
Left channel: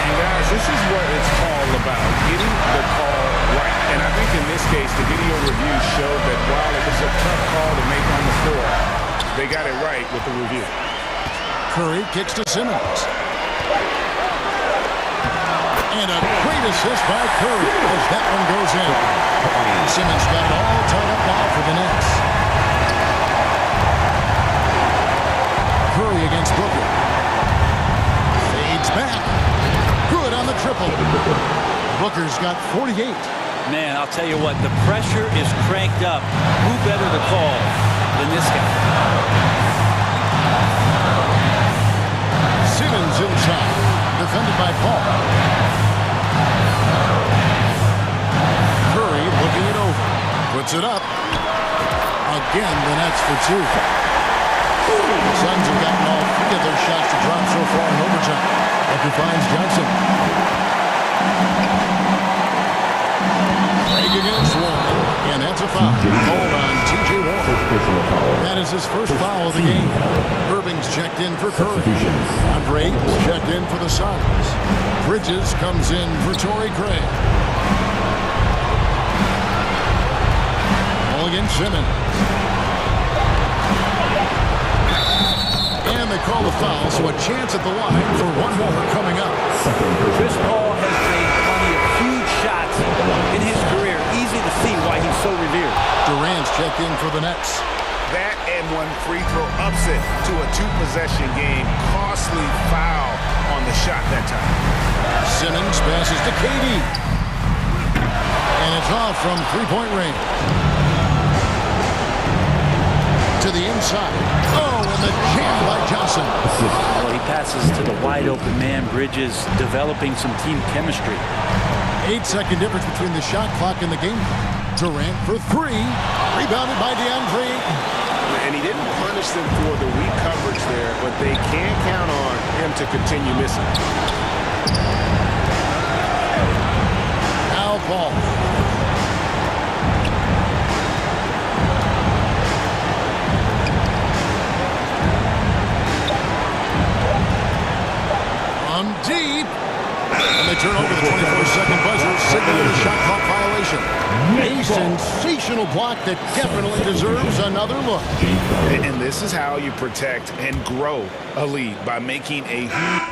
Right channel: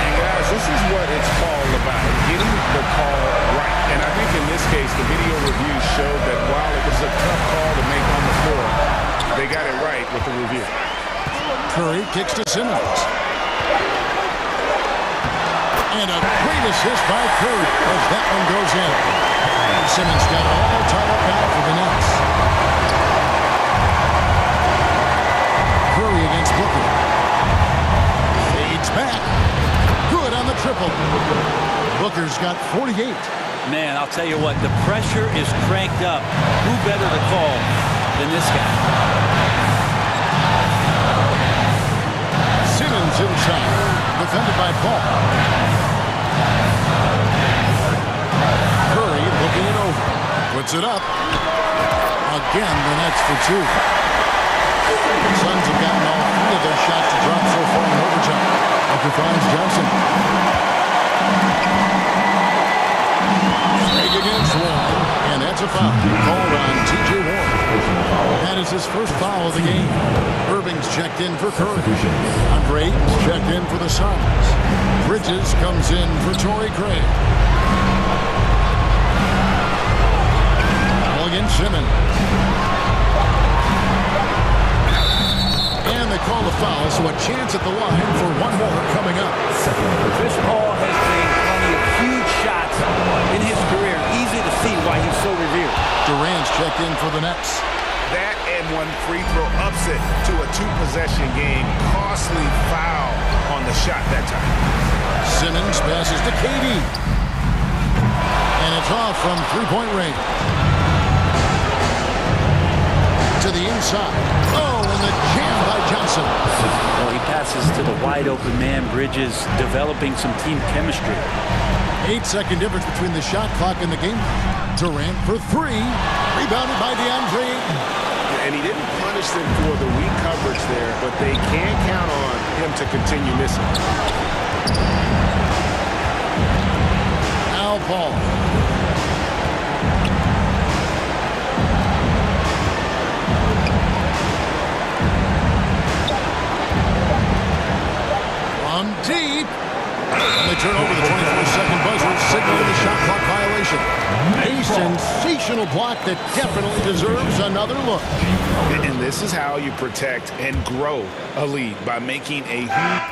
And guys, this is what it's all about, getting the call right. And I think in this case, the video review showed that while it was a tough call to make on the floor, they got it right with the review. Curry kicks to Simmons. And a great assist by Curry as that one goes in. Simmons got it all tied up now for the Nets. Curry against Booker. Fades back. Good on the triple. Booker's got 48. Man, I'll tell you what, the pressure is cranked up. Who better to call than this guy? Simmons inside. Defended by Paul. Curry looking it over. Puts it up. Again, the Nets for two. The Suns have gotten all three of their shots to drop so far in overtime. Booker finds Johnson. Break against Warren, and that's a foul called on T.J. Warren. That is his first foul of the game. Irving's checked in for Curry. Andre Ayton's checked in for the Suns. Bridges comes in for Torrey Craig. All against Simmons. And they call the foul, so a chance at the line for one more coming up. Chris Paul has made plenty of huge shots in his career. Easy to see why he's so revered. Durant's checked in for the Nets. That and one free throw upset to a two-possession game. Costly foul on the shot that time. Simmons passes to KD. And it's off from three-point range. To the inside. Oh, and the jam by Johnson. Well, he passes to the wide-open man. Bridges developing some team chemistry. 8-second difference between the shot clock and the game clock. Durant for three. Rebounded by DeAndre Ayton. And he didn't punish them for the weak coverage there, but they can't count on him to continue missing. Now Paul. From deep. And they turn over the 24-second buzzer, signaling the shot clock violation. A sensational block that definitely deserves another look. And this is how you protect and grow a lead, by making a huge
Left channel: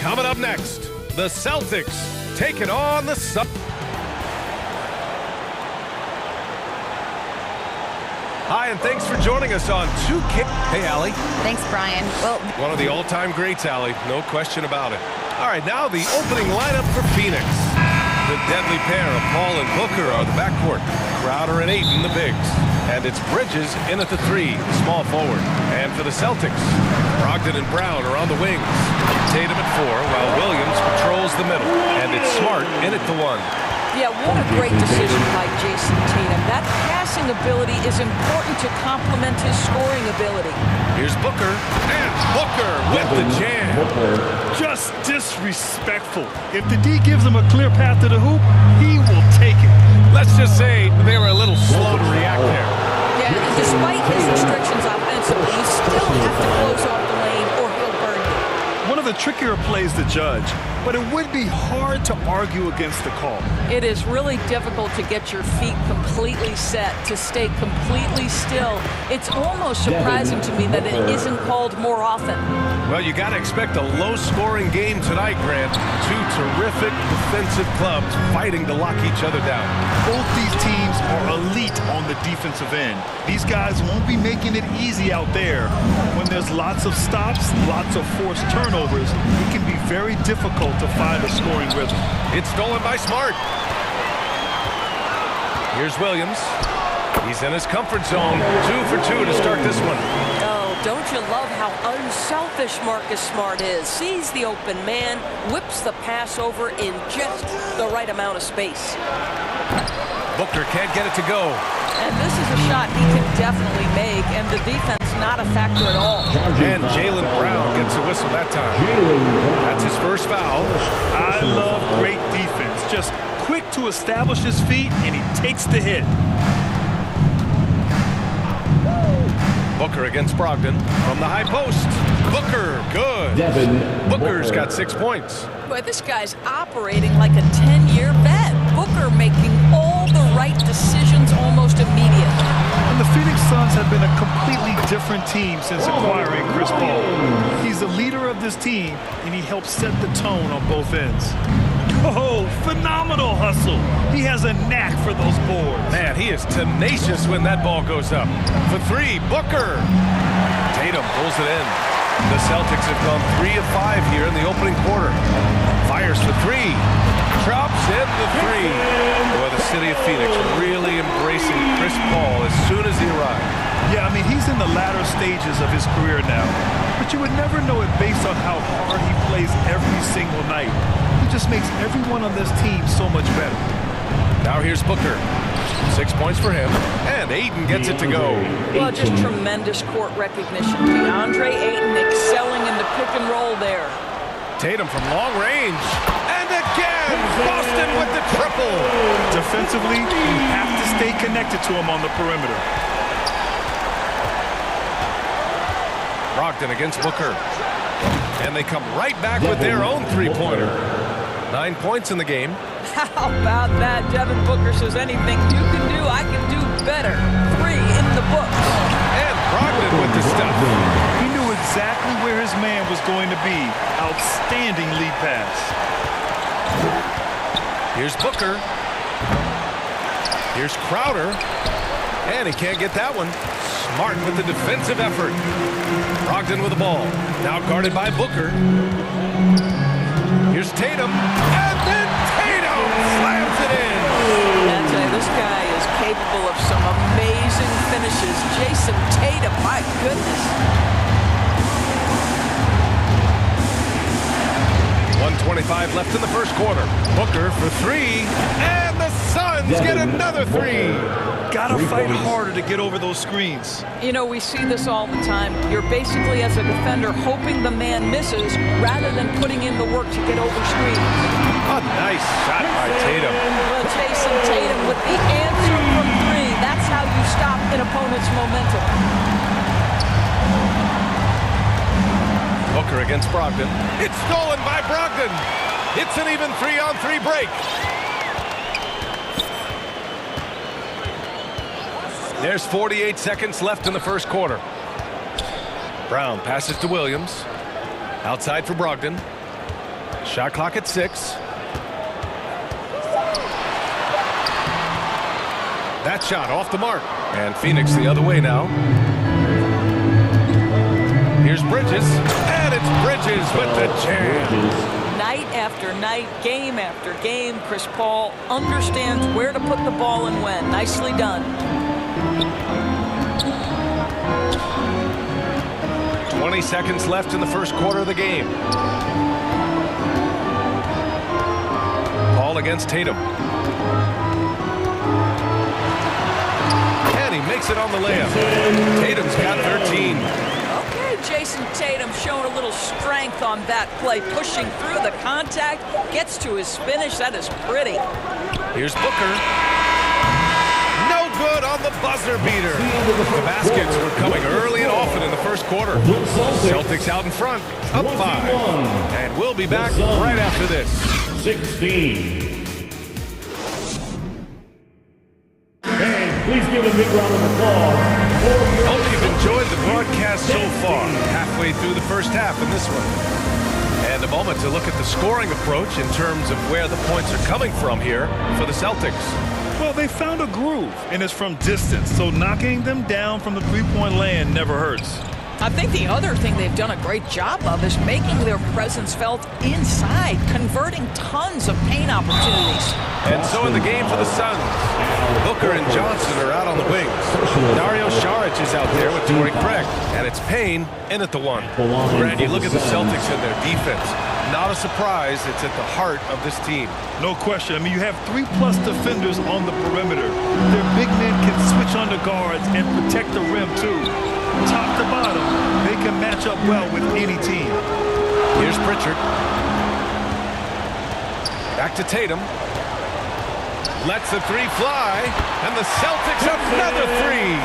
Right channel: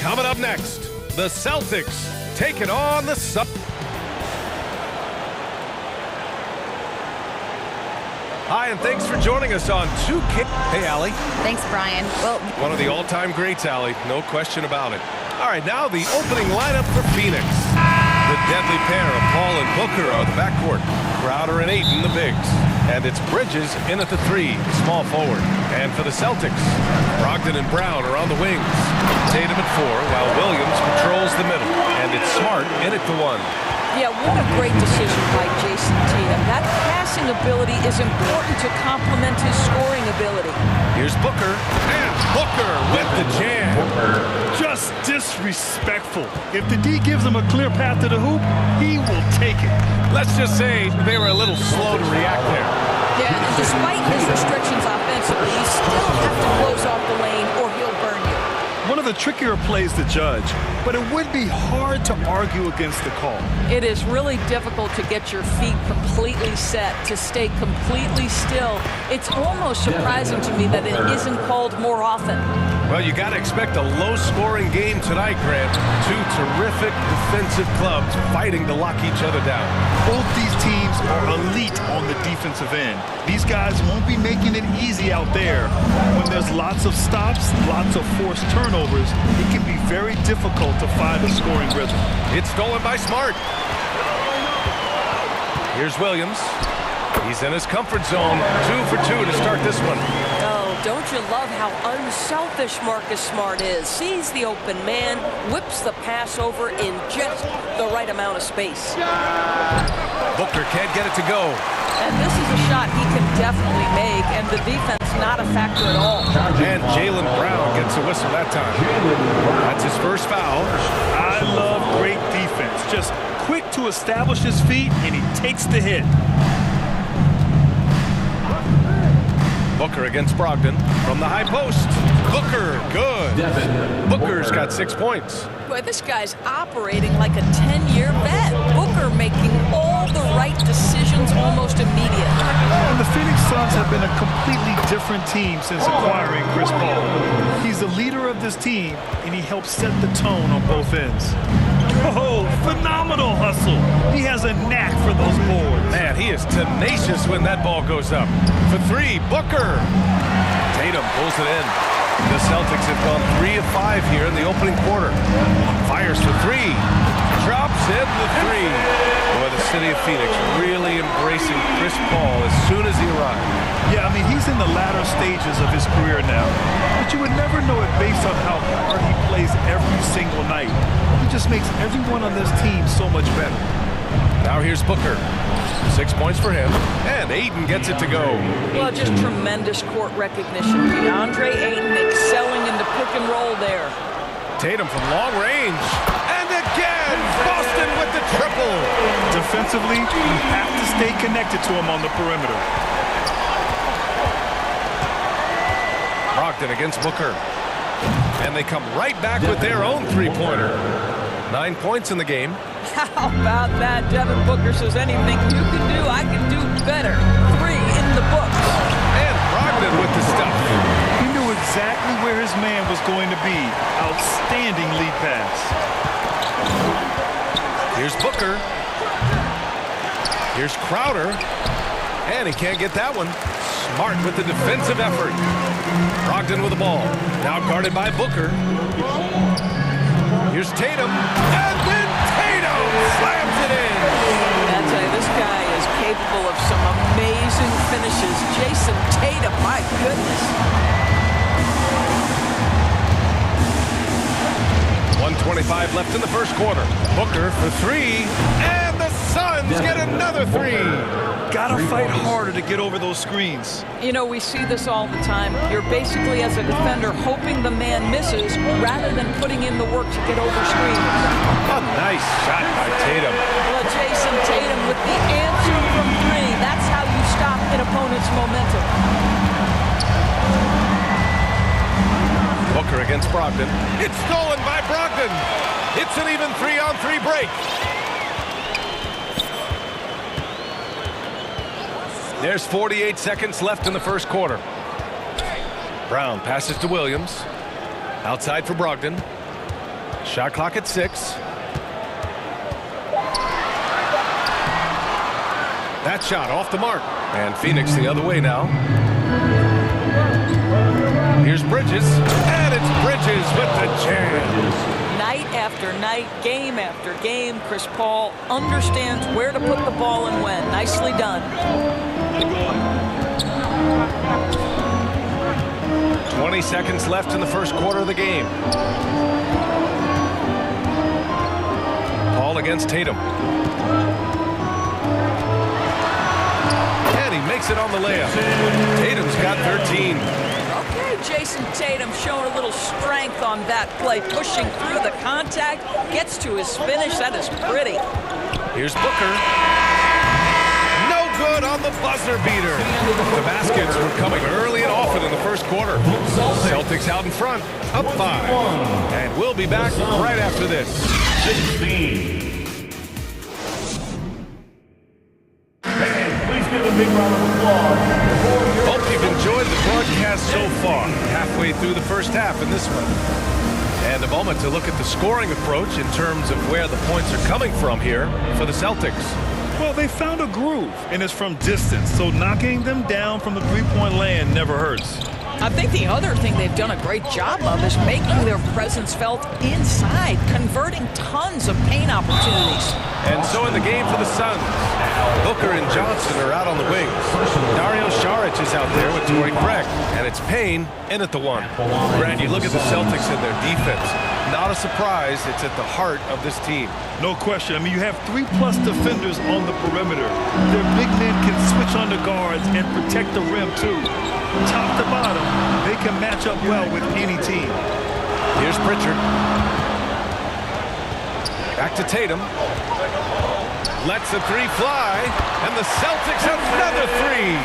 Coming up next, the Celtics taking on the Hi, and thanks for joining us on 2K. Hey, Allie. Thanks, Brian. Well, one of the all-time greats, Allie. No question about it. All right, now the opening lineup for Phoenix. The deadly pair of Paul and Booker are the backcourt. Crowder and Ayton, the bigs. And it's Bridges in at the 3, the small forward. And for the Celtics, Brogdon and Brown are on the wings. Tatum at 4, while Williams patrols the middle. And it's Smart in at the 1. Yeah, what a great decision by Jason Tatum. That passing ability is important to complement his scoring ability. Here's Booker, and Booker with the jam. Just disrespectful. If the D gives him a clear path to the hoop, he will take it. Let's just say they were a little slow to react there. Yeah, and despite his restrictions offensively, you still have to close off the lane or he'll burn you. One of the trickier plays to judge, but it would be hard to argue against the call. It is really difficult to get your feet completely set, to stay completely still. It's almost surprising to me that it isn't called more often. Well, you got to expect a low-scoring game tonight, Grant. Two terrific defensive clubs fighting to lock each other down. Both these teams are elite on the defensive end. These guys won't be making it easy out there. When there's lots of stops, lots of forced turnovers, it can be very difficult to find a scoring rhythm. It's stolen by Smart. Here's Williams. He's in his comfort zone. 2 for 2 to start this one. Oh, don't you love how unselfish Marcus Smart is? Sees the open man, whips the pass over in just the right amount of space. Booker can't get it to go. And this is a shot he can definitely make, and the defense not a factor at all. And Jaylen Brown gets a whistle that time. That's his first foul. I love great defense. Just quick to establish his feet, and he takes the hit. Booker against Brogdon from the high post. Booker, good. Booker's got 6 points. Boy, this guy's operating like a 10-year vet. Booker making all the right decisions almost immediately. And the Phoenix Suns have been a completely different team since acquiring Chris Paul. He's the leader of this team, and he helps set the tone on both ends. Oh, phenomenal hustle. He has a knack for those boards. Man, he is tenacious when that ball goes up. For 3, Booker. Tatum pulls it in. The Celtics have gone 3 of 5 here in the opening quarter. Fires for 3. Drops in the 3. Boy, the city of Phoenix really embracing Chris Paul as soon as he arrived. Yeah, I mean, he's in the latter stages of his career now. But you would never know it based on how hard he plays every single night. He just makes everyone on this team so much better. Now here's Booker. 6 points for him, and Ayton gets it to go. Well, just tremendous court recognition. DeAndre Ayton excelling in the pick and roll there. Tatum from long range, and again, Boston with the triple. Defensively, you have to stay connected to him on the perimeter. Brogdon against Booker, and they come right back with their own three-pointer. 9 points in the game. How about that? Devin Booker says anything you can do, I can do better. 3 in the books. And Brogdon with the stuff. He knew exactly where his man was going to be. Outstanding lead pass. Here's Booker. Here's Crowder. And he can't get that one. Smart with the defensive effort. Brogdon with the ball. Now guarded by Booker. Here's Tatum. And then Tatum slams it in. I tell you, this guy is capable of some amazing finishes. Jason Tatum, my goodness. 1:25 left in the first quarter. Booker for 3. And the Suns get another 3. Gotta fight harder to get over those screens. You know, we see this all the time. You're basically, as a defender, hoping the man misses rather than putting in the work to get over screens. A nice shot by Tatum. Well, Jason Tatum with the answer from 3. an opponent's momentum. Booker against Brogdon. It's stolen by Brogdon. It's an even 3-on-3 break. There's 48 seconds left in the first quarter. Brown passes to Williams. Outside for Brogdon. Shot clock at 6. That shot off the mark. And Phoenix the other way now. Here's Bridges. And it's Bridges with the jam. Night after night, game after game, Chris Paul understands where to put the ball and when. Nicely done. 20 seconds left in the first quarter of the game. Paul against Tatum. And he makes it on the layup. Tatum's got 13. Okay, Jason Tatum showing a little strength on that play, pushing through the contact, gets to his finish. That is pretty. Here's Booker. No good on the buzzer beater. The baskets were coming early and often in the first quarter. Celtics out in front, up 5. And we'll be back right after this. 16. Please give a big round of applause. Hope you've enjoyed the broadcast so far. Halfway through the first half in this one. And a moment to look at the scoring approach in terms of where the points are coming from here for the Celtics. Well, they found a groove, and it's from distance, so knocking them down from the three-point land never hurts. I think the other thing they've done a great job of is making their presence felt inside, converting tons of paint opportunities. And so in the game for the Suns, Booker and Johnson are out on the wings. Dario Saric is out there with Torrey Craig, and it's Payne in at the 1. Grant, you look at the Celtics and their defense. Not a surprise, it's at the heart of this team. No question. I mean, you have 3+ defenders on the perimeter. Their big men can switch on the guards and protect the rim, too. Top to bottom, they can match up well with any team. Here's Pritchard. Back to Tatum. Lets the 3 fly, and the Celtics another 3.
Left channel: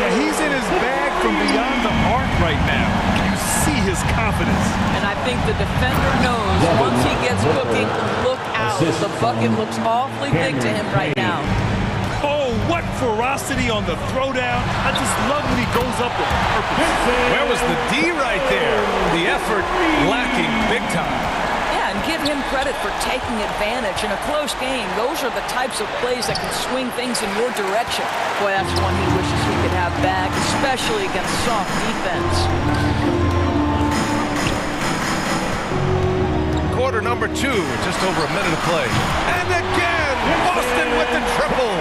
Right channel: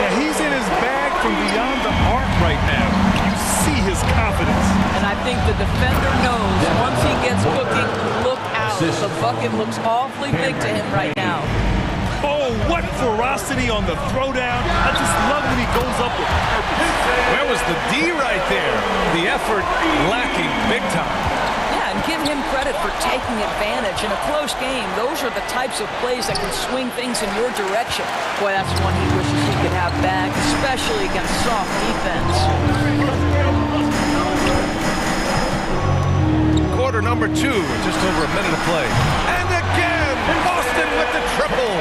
Yeah, he's in his bag from beyond the arc right now. You see his confidence. And I think the defender knows once he gets cooking, look out. The bucket looks awfully big to him right now. Oh, what ferocity on the throwdown. I just love when he goes up with purpose. Where was the D right there? The effort lacking big time. Yeah, and give him credit for taking advantage in a close game. Those are the types of plays that can swing things in your direction. Boy, that's one he wishes he could have back, especially against soft defense. Quarter number 2, just over a minute of play. And again, Boston with the triple.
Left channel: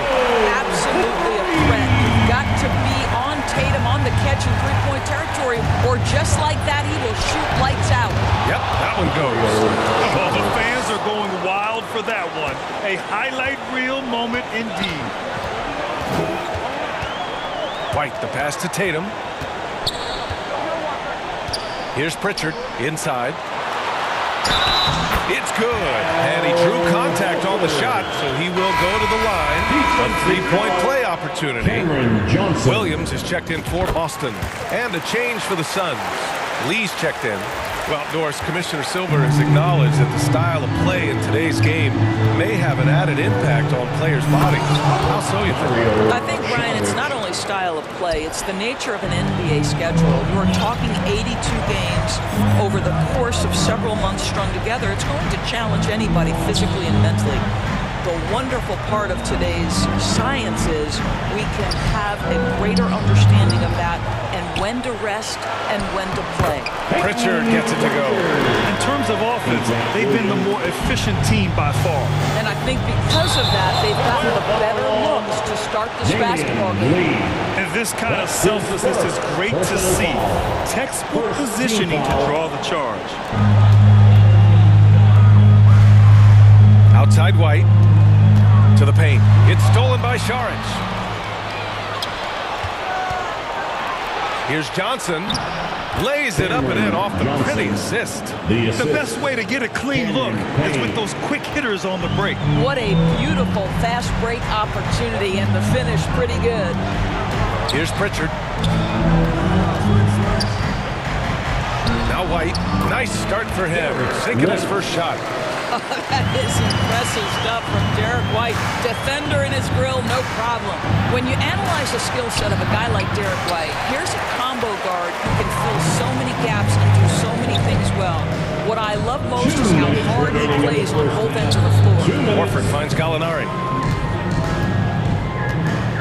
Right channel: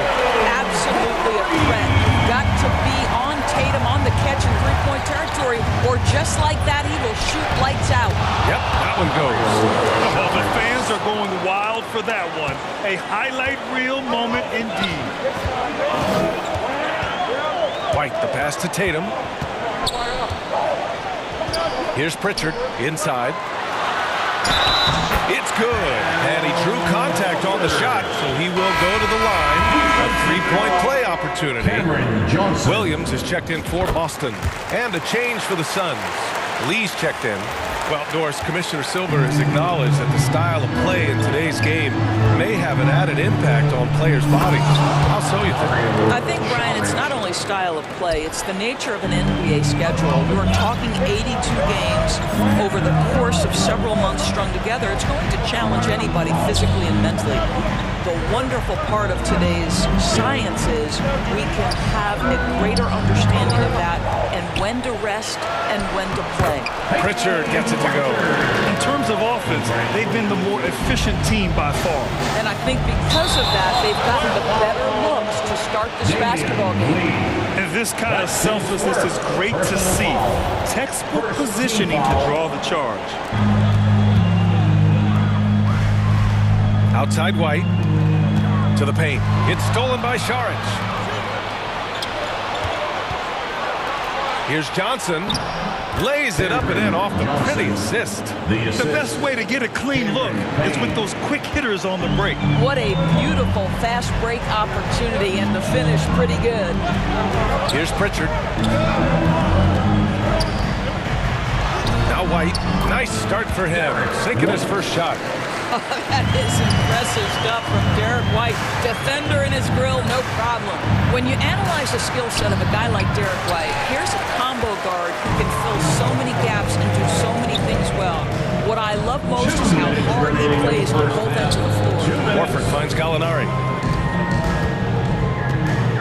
Absolutely a threat. You've got to be on Tatum on the catch in three-point territory, or just like that, he will shoot lights out. Yep, that one goes. Oh, the fans are going wild for that one. A highlight reel moment indeed. White, the pass to Tatum. Here's Pritchard, inside. It's good, and he drew contact on the shot, so he will go to the line. A three-point play opportunity. Williams is checked in for Boston, and a change for the Suns. Lee's checked in. Well, Doris, Commissioner Silver has acknowledged that the style of play in today's game may have an added impact on players' bodies. How so, you think? I think, Brian, it's not only style of play, it's the nature of an NBA schedule. You are talking 82 games over the course of several months strung together. It's going to challenge anybody physically and mentally. The wonderful part of today's science is we can have a greater understanding of that and when to rest and when to play. Pritchard gets it to go. In terms of offense, they've been the more efficient team by far. And I think because of that, they've gotten the better looks to start this basketball game. And this kind of selflessness is great to see. Textbook positioning to draw the charge. Outside White. To the paint. It's stolen by Saric. Here's Johnson. Lays it up and in off the pretty assist. The best way to get a clean look is with those quick hitters on the break. What a beautiful fast break opportunity, and the finish pretty good. Here's Pritchard. Now White. Nice start for him. Sinking his first shot. Oh, that is impressive stuff from Derek White. Defender in his grill, no problem. When you analyze the skill set of a guy like Derek White, here's a combo guard who can fill so many gaps and do so many things well. What I love most is how hard he plays on both ends of the floor. Warford finds Gallinari.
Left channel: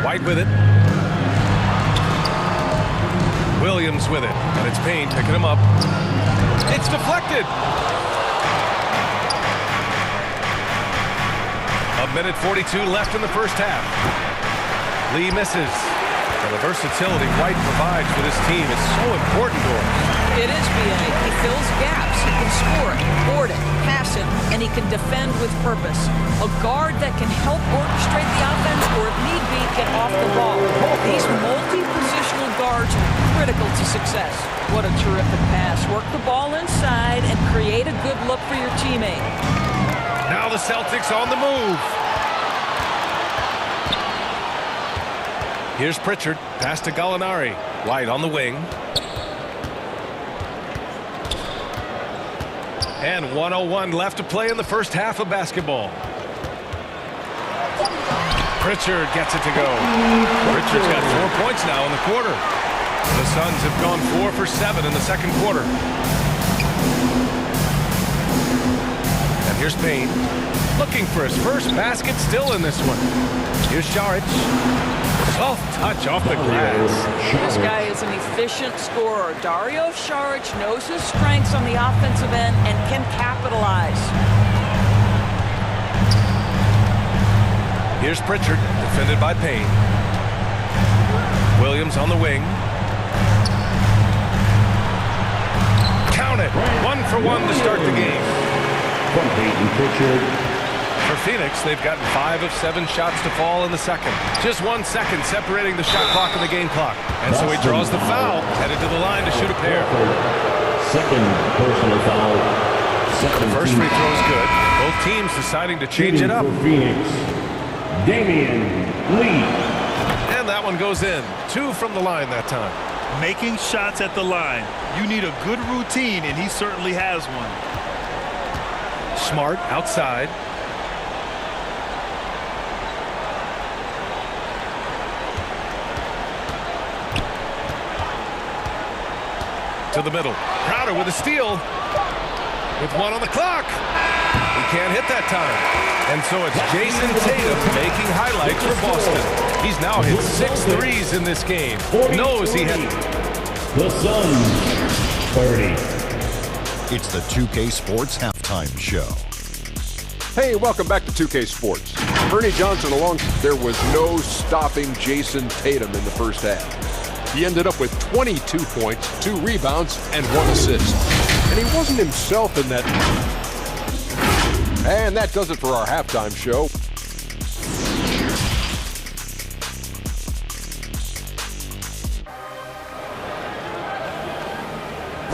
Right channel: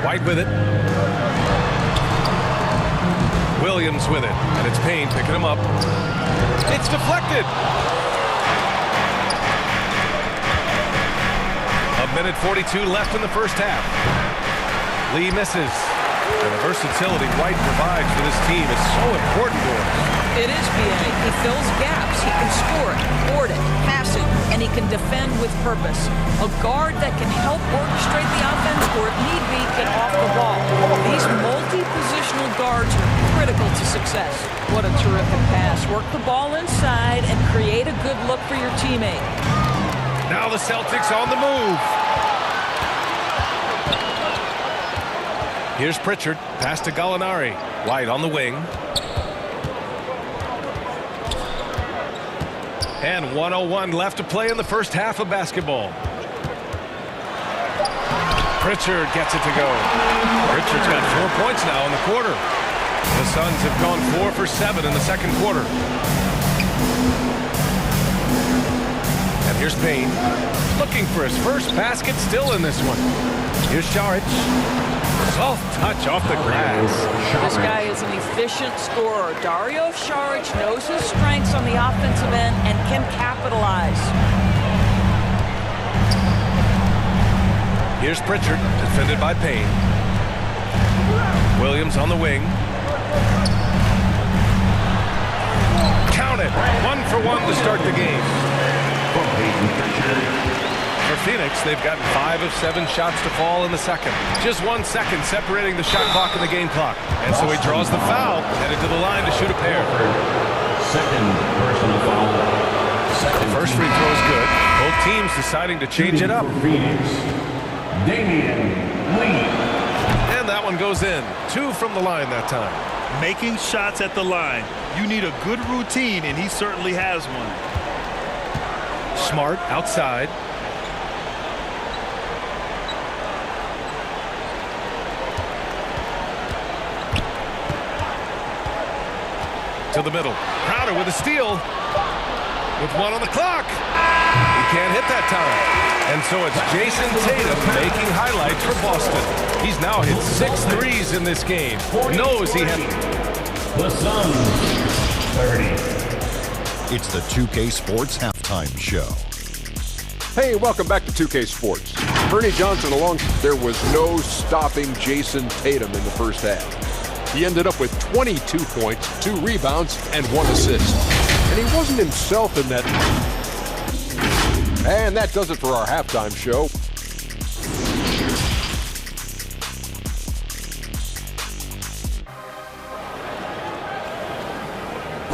White with it. Williams with it. And it's Payne picking him up. It's deflected. A minute 42 left in the first half. Lee misses. And the versatility White provides for this team is so important to us. It is, B.A. He fills gaps. He can score it, board it, pass it, and he can defend with purpose. A guard that can help orchestrate the offense or, if need be, get off the ball. These multi-positional guards are critical to success. What a terrific pass. Work the ball inside and create a good look for your teammate. Now the Celtics on the move. Here's Pritchard. Pass to Gallinari. White on the wing. And 1:01 left to play in the first half of basketball. Pritchard gets it to go. Pritchard's got 4 points now in the quarter. The Suns have gone 4 for 7 in the second quarter. And here's Payne. Looking for his first basket still in this one. Here's Šarić. Soft touch off the glass. This guy is an efficient scorer. Dario Šarić knows his strengths on the offensive end and can capitalize. Here's Pritchard, defended by Payne. Williams on the wing. Count it. 1 for 1 to start the game. From Payton Pritchard. For Phoenix, they've gotten 5 of 7 shots to fall in the second. Just 1 second separating the shot clock and the game clock. And so he draws the foul, headed to the line to shoot a pair. Second personal foul. The first free throw is good. Both teams deciding to change it up. For Phoenix, Damian Lee. And that one goes in. 2 from the line that time. Making shots at the line. You need a good routine, and he certainly has one. Smart outside. To the middle. Crowder with a steal. With 1 on the clock. He can't hit that time. And so it's Jason Tatum making highlights for Boston. He's now hit 6 threes in this game. Knows he had... The Suns, 30. It's the 2K Sports Halftime Show. Hey, welcome back to 2K Sports. Ernie Johnson along. There was no stopping Jason Tatum in the first half. He ended up with 22 points, 2 rebounds, and 1 assist. And he wasn't himself in that. And that does it for our halftime show.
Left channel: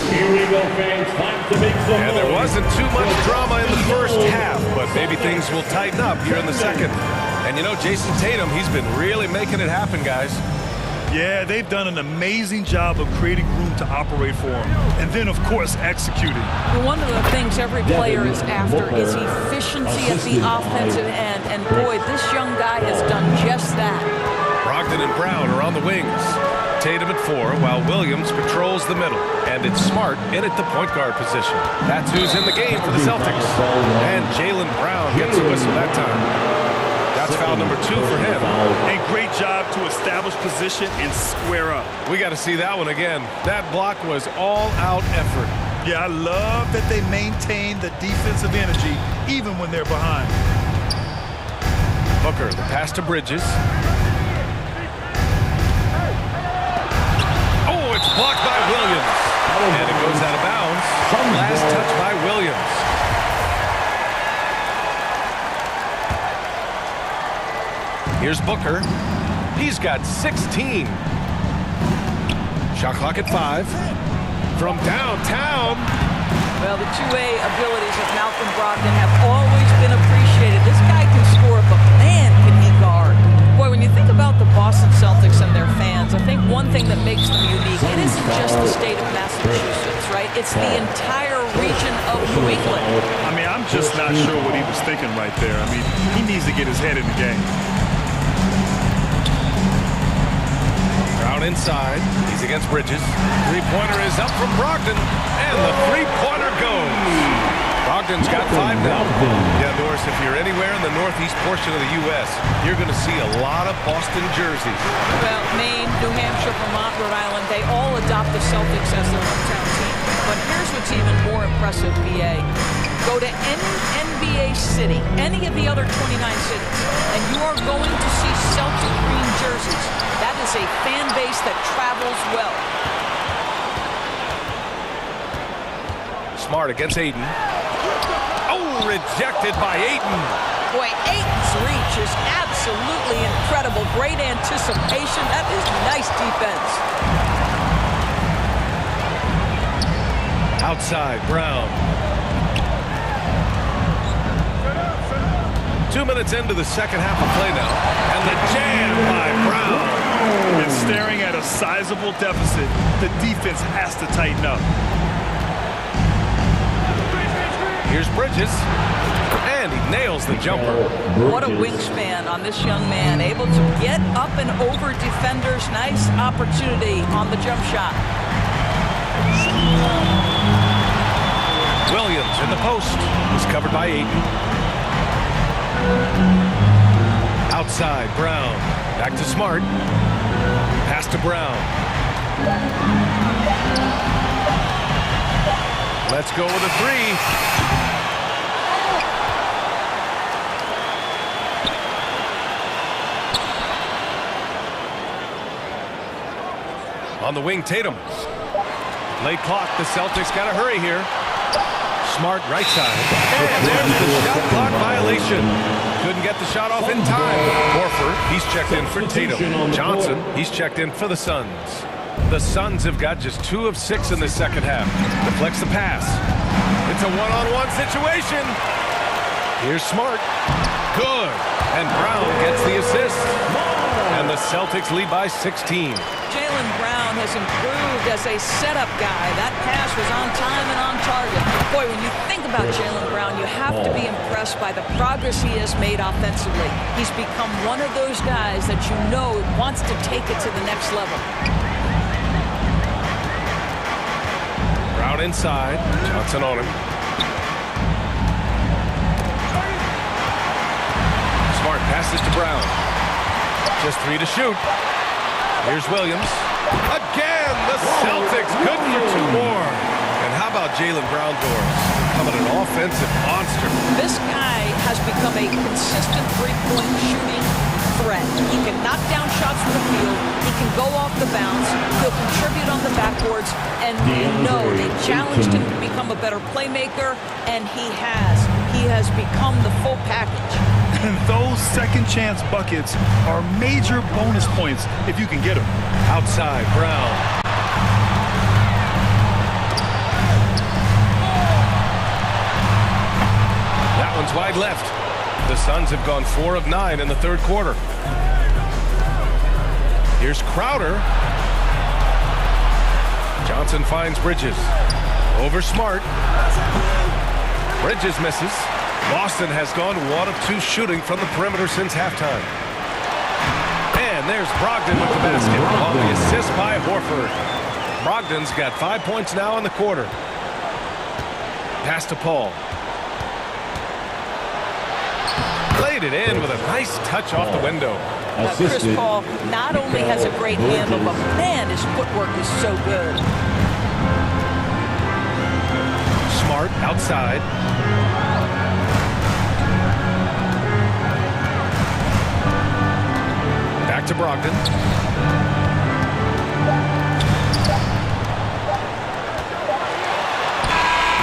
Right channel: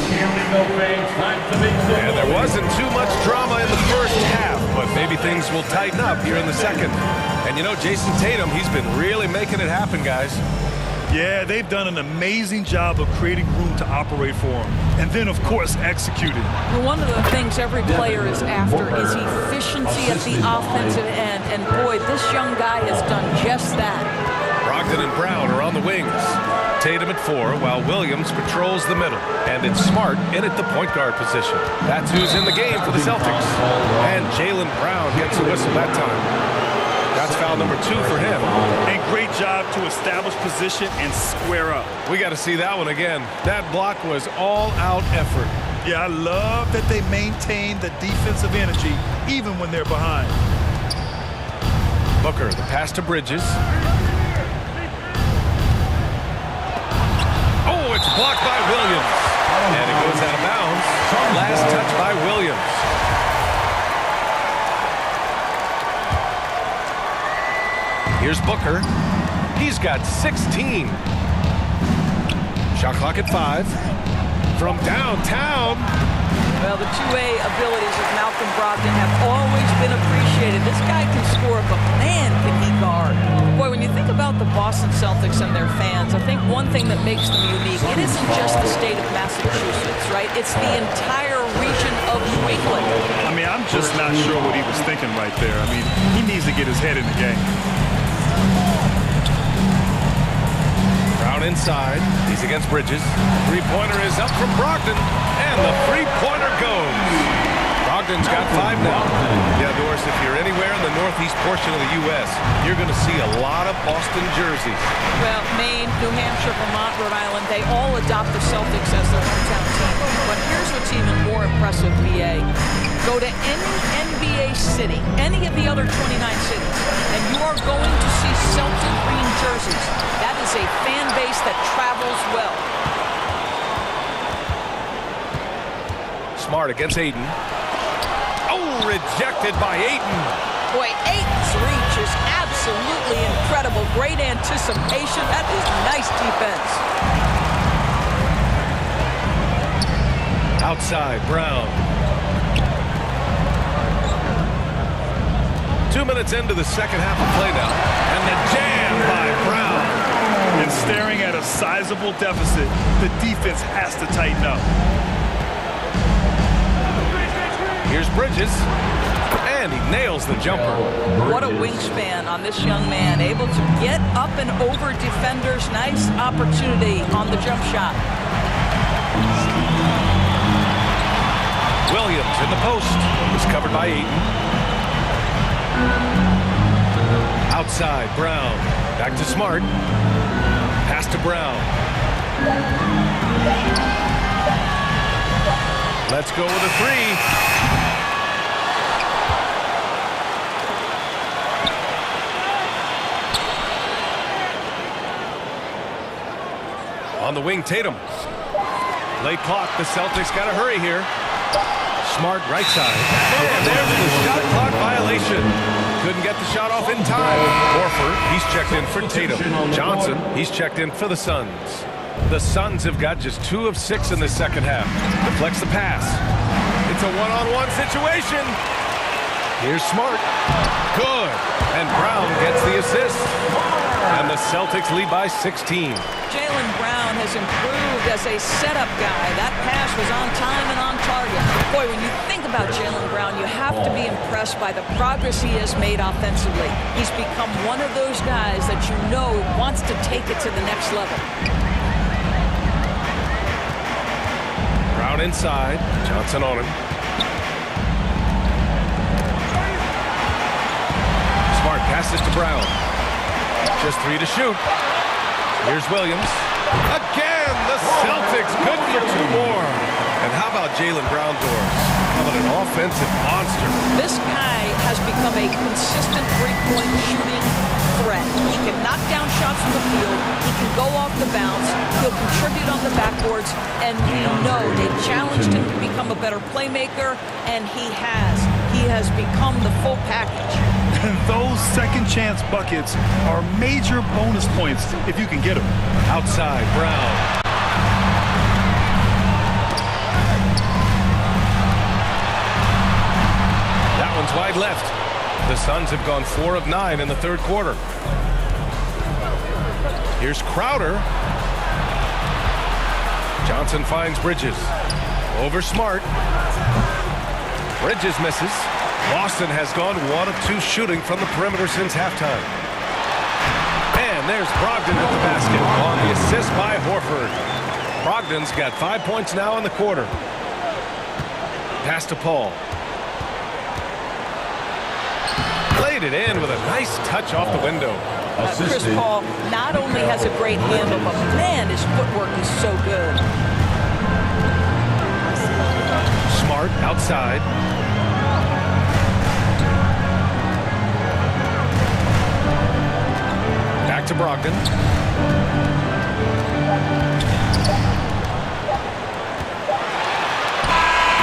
Here we go, fans. Time to make some And there wasn't too much drama in the first half, but maybe things will tighten up here in the second. And you know, Jason Tatum, he's been really making it happen, guys. Yeah, they've done an amazing job of creating room to operate for him. And then, of course, executing. One of the things every player is after is efficiency at the offensive end. And boy, this young guy has done just that. Brogdon and Brown are on the wings. Tatum at 4, while Williams patrols the middle. And it's Smart in at the point guard position. That's who's in the game for the Celtics. And Jaylen Brown gets the whistle that time. That's foul number 2 for him. A great job to establish position and square up. We got to see that one again. That block was all-out effort. Yeah, I love that they maintain the defensive energy even when they're behind. Booker, the pass to Bridges. Oh, it's blocked by Williams. And it goes out of bounds. Last touch by Williams. Here's Booker. He's got 16. Shot clock at 5. From downtown. Well, the two-way abilities of Malcolm Brogdon have always been appreciated. This guy can score, but man, can he guard. Boy, when you think about the Boston Celtics and their fans, I think one thing that makes them unique, it isn't just the state of Massachusetts, right? It's the entire region of New England. I mean, I'm just not sure what he was thinking right there. I mean, he needs to get his head in the game. Brown inside. He's against Bridges. Three-pointer is up from Brogdon, and the three-pointer goes. Brogdon's got 5 now. Yeah, Doris, if you're anywhere in the northeast portion of the U.S., you're going to see a lot of Boston jerseys. Well, Maine, New Hampshire, Vermont, Rhode Island, they all adopt the Celtics as their hometown team. But here's what's even more impressive, BA. Go to any NBA city, any of the other 29 cities, and you are going to see Celtic green jerseys. That is a fan base that travels well. Smart against Ayton. Oh, rejected by Ayton. Boy, Ayton's reach is absolutely incredible. Great anticipation. That is nice defense. Outside, Brown. 2 minutes into the second half of play now, and the jam by Brown. And staring at a sizable deficit, the defense has to tighten up. Here's Bridges, and he nails the jumper. What a wingspan on this young man, able to get up and over defenders. Nice opportunity on the jump shot. Williams in the post is covered by Ayton. Outside, Brown. Back to Smart. Pass to Brown. Let's go with a 3. On the wing, Tatum. Late clock. The Celtics got to hurry here. Smart right side. And there's the shot clock violation. Couldn't get the shot off in time. Horford, he's checked in for Tatum. Johnson, he's checked in for the Suns. The Suns have got just 2 of 6 in the second half. Deflects the pass. It's a one-on-one situation. Here's Smart. Good. And Brown gets the assist. And the Celtics lead by 16. Jaylen Brown has improved as a setup guy. That pass was on time and on target. Boy, when you think about Jaylen Brown, you have to be impressed by the progress he has made offensively. He's become one of those guys that you know wants to take it to the next level. Brown inside. Johnson on him. Smart passes to Brown. Just 3 to shoot. Here's Williams. Again, the Celtics good for 2 more. And how about Jaylen Brown, Doris? Becoming an offensive monster. This guy has become a consistent three-point shooting threat. He can knock down shots from the field. He can go off the bounce. He'll contribute on the backboards. And we know they've challenged him to become a better playmaker, and he has. He has become the full package. And those second chance buckets are major bonus points if you can get them. Outside, Brown. That one's wide left. The Suns have gone 4 of 9 in the third quarter. Here's Crowder. Johnson finds Bridges. Over Smart. Bridges misses. Boston has gone 1 of 2 shooting from the perimeter since halftime. And there's Brogdon with the basket on the assist by Horford. Brogdon's got 5 points now in the quarter. Pass to Paul. Laid it in with a nice touch off the window. Chris Paul not only has a great handle, but man, his footwork is so good. Smart outside. Back to Brogdon.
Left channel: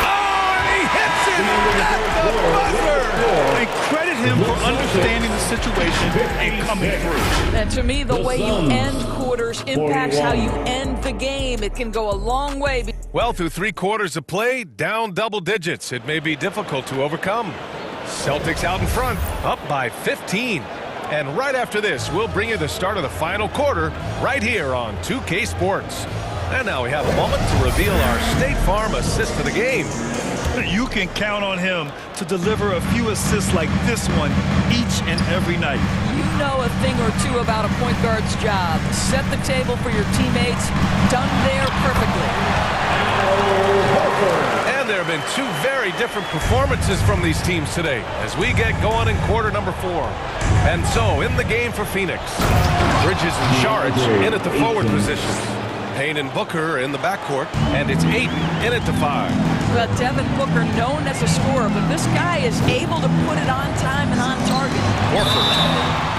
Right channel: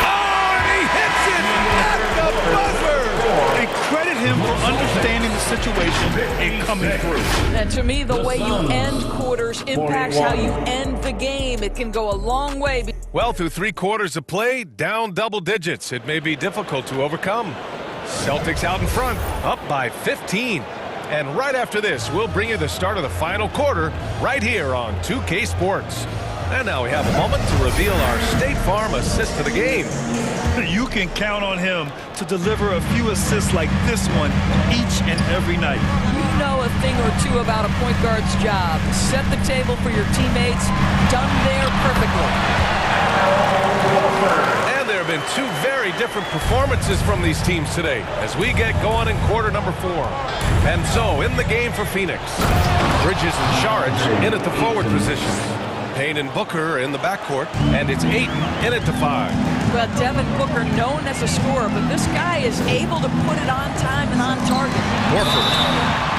Oh, and he hits it at the buzzer! And credit him for understanding the situation and coming through. And to me, the way you end quarters impacts how you end the game. It can go a long way. Well, through 3 quarters of play, down double digits. It may be difficult to overcome. Celtics out in front, up by 15. And right after this, we'll bring you the start of the final quarter right here on 2K Sports. And now we have a moment to reveal our State Farm assist of the game. You can count on him to deliver a few assists like this one each and every night. You know a thing or two about a point guard's job. Set the table for your teammates. Done there perfectly. And there have been 2 very different performances from these teams today as we get going in quarter number 4. And so, in the game for Phoenix, Bridges and Saric in at the forward positions. Payne and Booker in the backcourt, and it's Ayton in at the 5. Well, Devin Booker, known as a scorer, but this guy is able to put it on time and on target. Horford.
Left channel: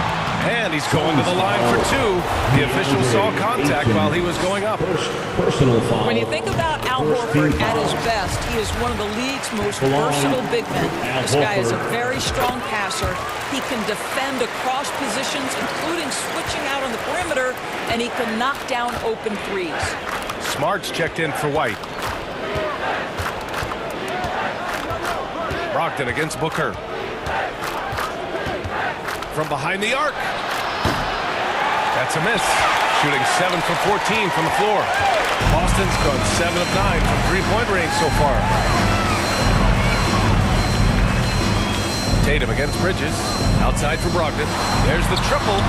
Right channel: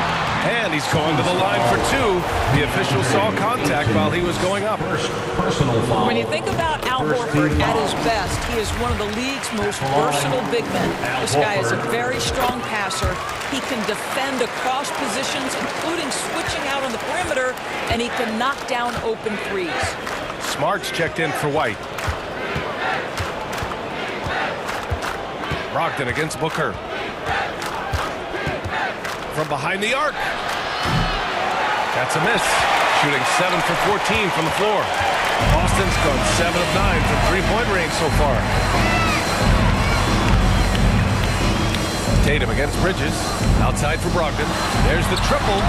And he's going to the line for 2. The official saw contact while he was going up. Personal foul. When you think about Al Horford at his best, he is one of the league's most versatile big men. This guy is a very strong passer. He can defend across positions, including switching out on the perimeter, and he can knock down open threes. Smart's checked in for White. Brogdon against Booker. From behind the arc. That's a miss. Shooting 7 for 14 from the floor. Boston's gone 7 of 9 from 3-point range so far. Tatum against Bridges. Outside for Brogdon. There's the triple.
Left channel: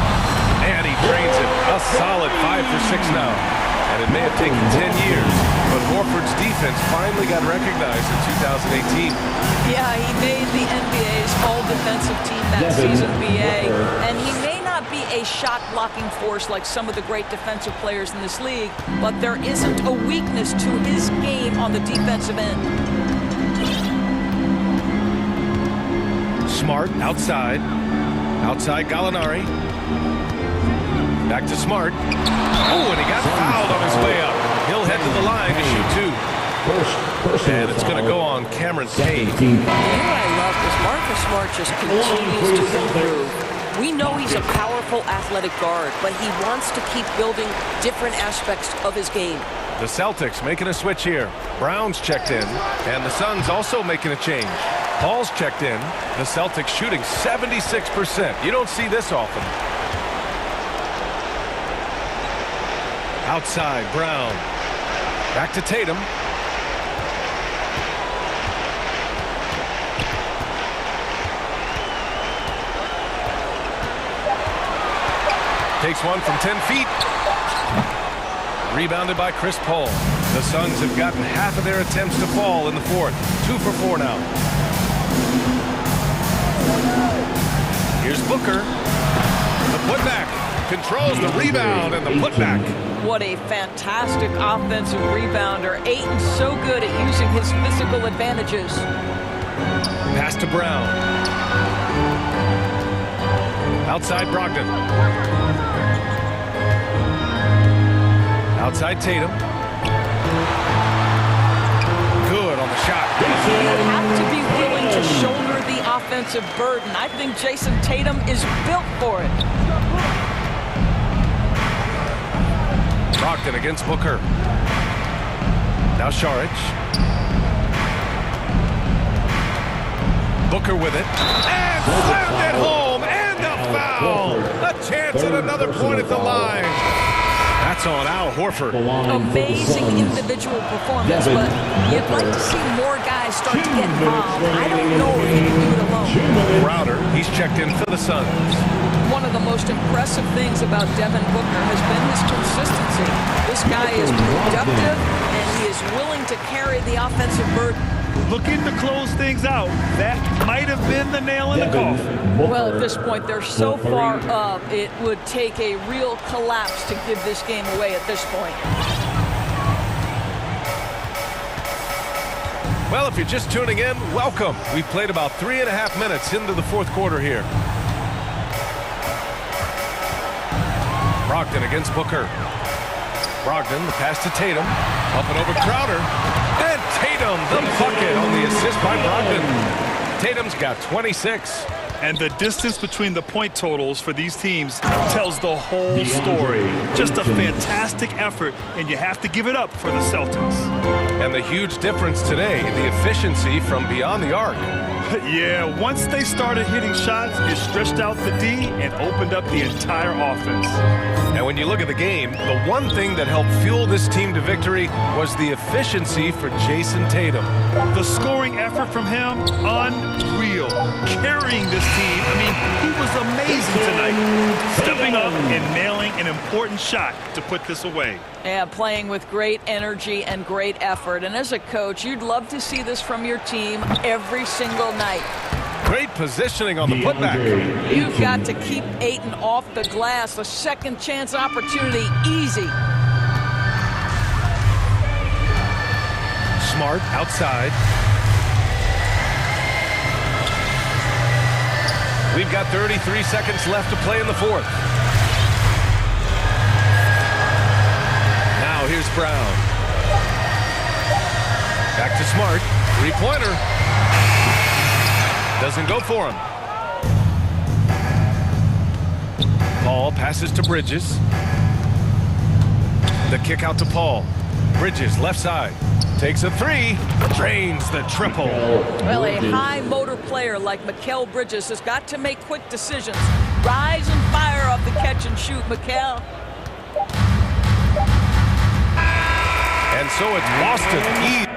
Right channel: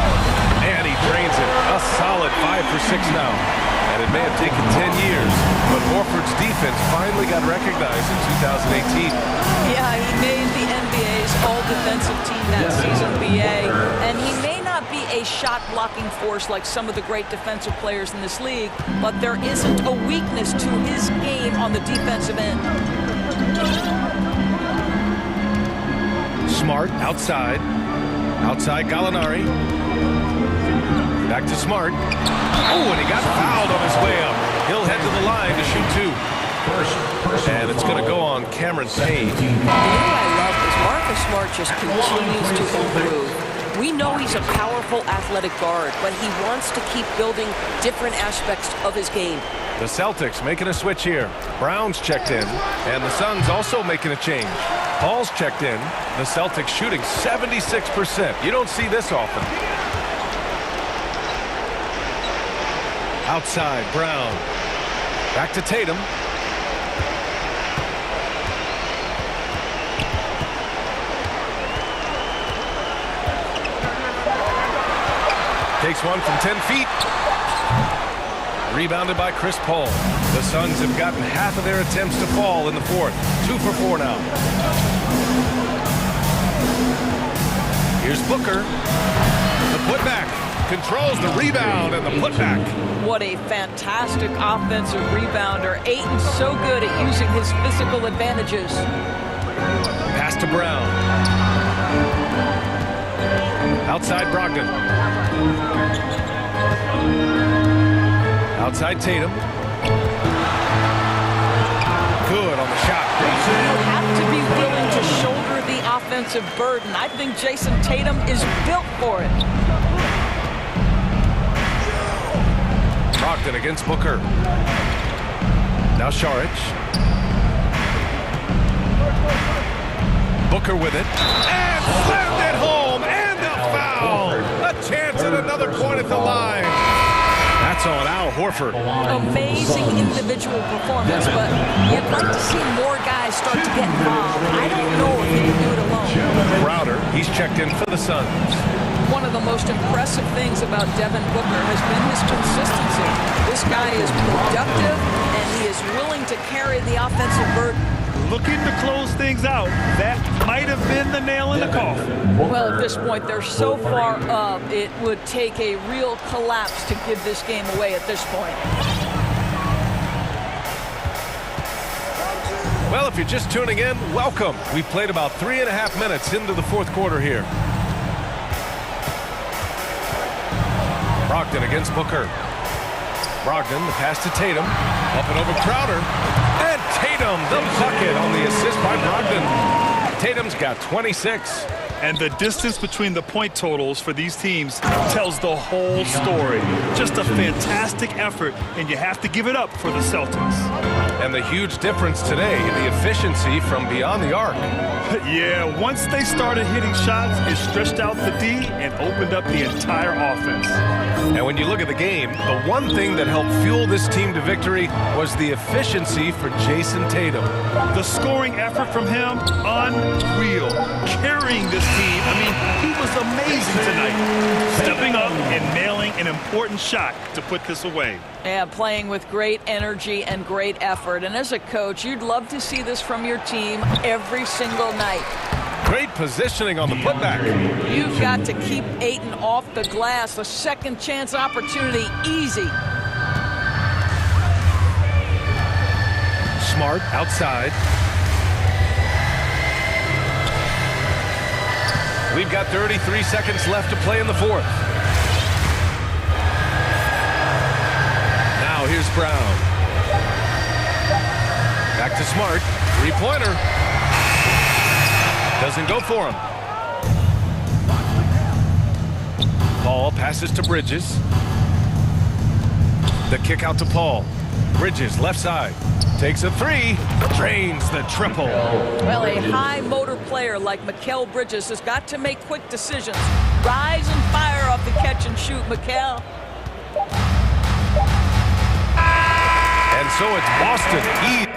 And he drains it. A solid 5 for 6 now. And it may have taken 10 years, but Horford's defense finally got recognized in 2018. Yeah, he made the NBA's all-defensive team that season, BA. And he may not be a shot-blocking force like some of the great defensive players in this league, but there isn't a weakness to his game on the defensive end. Smart outside. Outside Gallinari. Back to Smart. Oh, and he got fouled on his way up. He'll head to the line to shoot 2. And it's going to go on Cameron Payne. You know what I love is Marcus Smart just continues to improve. We know he's a powerful athletic guard, but he wants to keep building different aspects of his game. The Celtics making a switch here. Brown's checked in, and the Suns also making a change. Paul's checked in. The Celtics shooting 76%. You don't see this often. Outside, Brown. Back to Tatum. Takes one from 10 feet. Rebounded by Chris Paul. The Suns have gotten half of their attempts to fall in the 4th. 2 for 4 now. Here's Booker. The putback. Controls the rebound and the putback. What a fantastic offensive rebounder. Ayton's so good at using his physical advantages. Pass to Brown. Outside Brogdon. Outside Tatum. Good on the shot. You have to be willing to shoulder the offensive burden. I think Jason Tatum is built for it. Brogdon against Booker. Now Saric. Booker with it. And slammed it home. And a foul. A chance at another point at the line. That's on Al Horford. Amazing individual performance, but you'd like to see more guys start to get involved. I don't know if he can do it alone. Crowder, he's checked in for the Suns. One of the most impressive things about Devin Booker has been his consistency. This guy is productive, and he is willing to carry the offensive burden. Looking to close things out. That might have been the nail in the coffin. Well, at this point, they're so far up, it would take a real collapse to give this game away at this point. Well, if you're just tuning in, welcome. We've played about 3.5 minutes into the 4th quarter here. Brogdon against Booker. Brogdon, the pass to Tatum. Up and over Crowder. And Tatum, the bucket on the assist by Brogdon. Tatum's got 26. And the distance between the point totals for these teams tells the whole story. Just a fantastic effort, and you have to give it up for the Celtics. And the huge difference today, the efficiency from beyond the arc. Yeah, once they started hitting shots, it stretched out the D and opened up the entire offense. And when you look at the game, the one thing that helped fuel this team to victory was the efficiency for Jason Tatum. The scoring effort from him, unreal. Carrying this team, I mean, he was amazing tonight. Stepping up and nailing an important shot to put this away. Yeah, playing with great energy and great effort. And as a coach, you'd love to see this from your team every single night. Great positioning on the putback. You've got to keep Ayton off the glass. A second chance opportunity, easy. Smart outside. We've got 33 seconds left to play in the fourth. Now here's Brown. Back to Smart. Three-pointer. Doesn't go for him. Paul passes to Bridges. The kick out to Paul. Bridges, left side. Takes a three. Drains the triple. Well, a high motor player like Mikal Bridges has got to make quick decisions. Rise and fire off the catch and shoot, Mikal. And so it's Boston.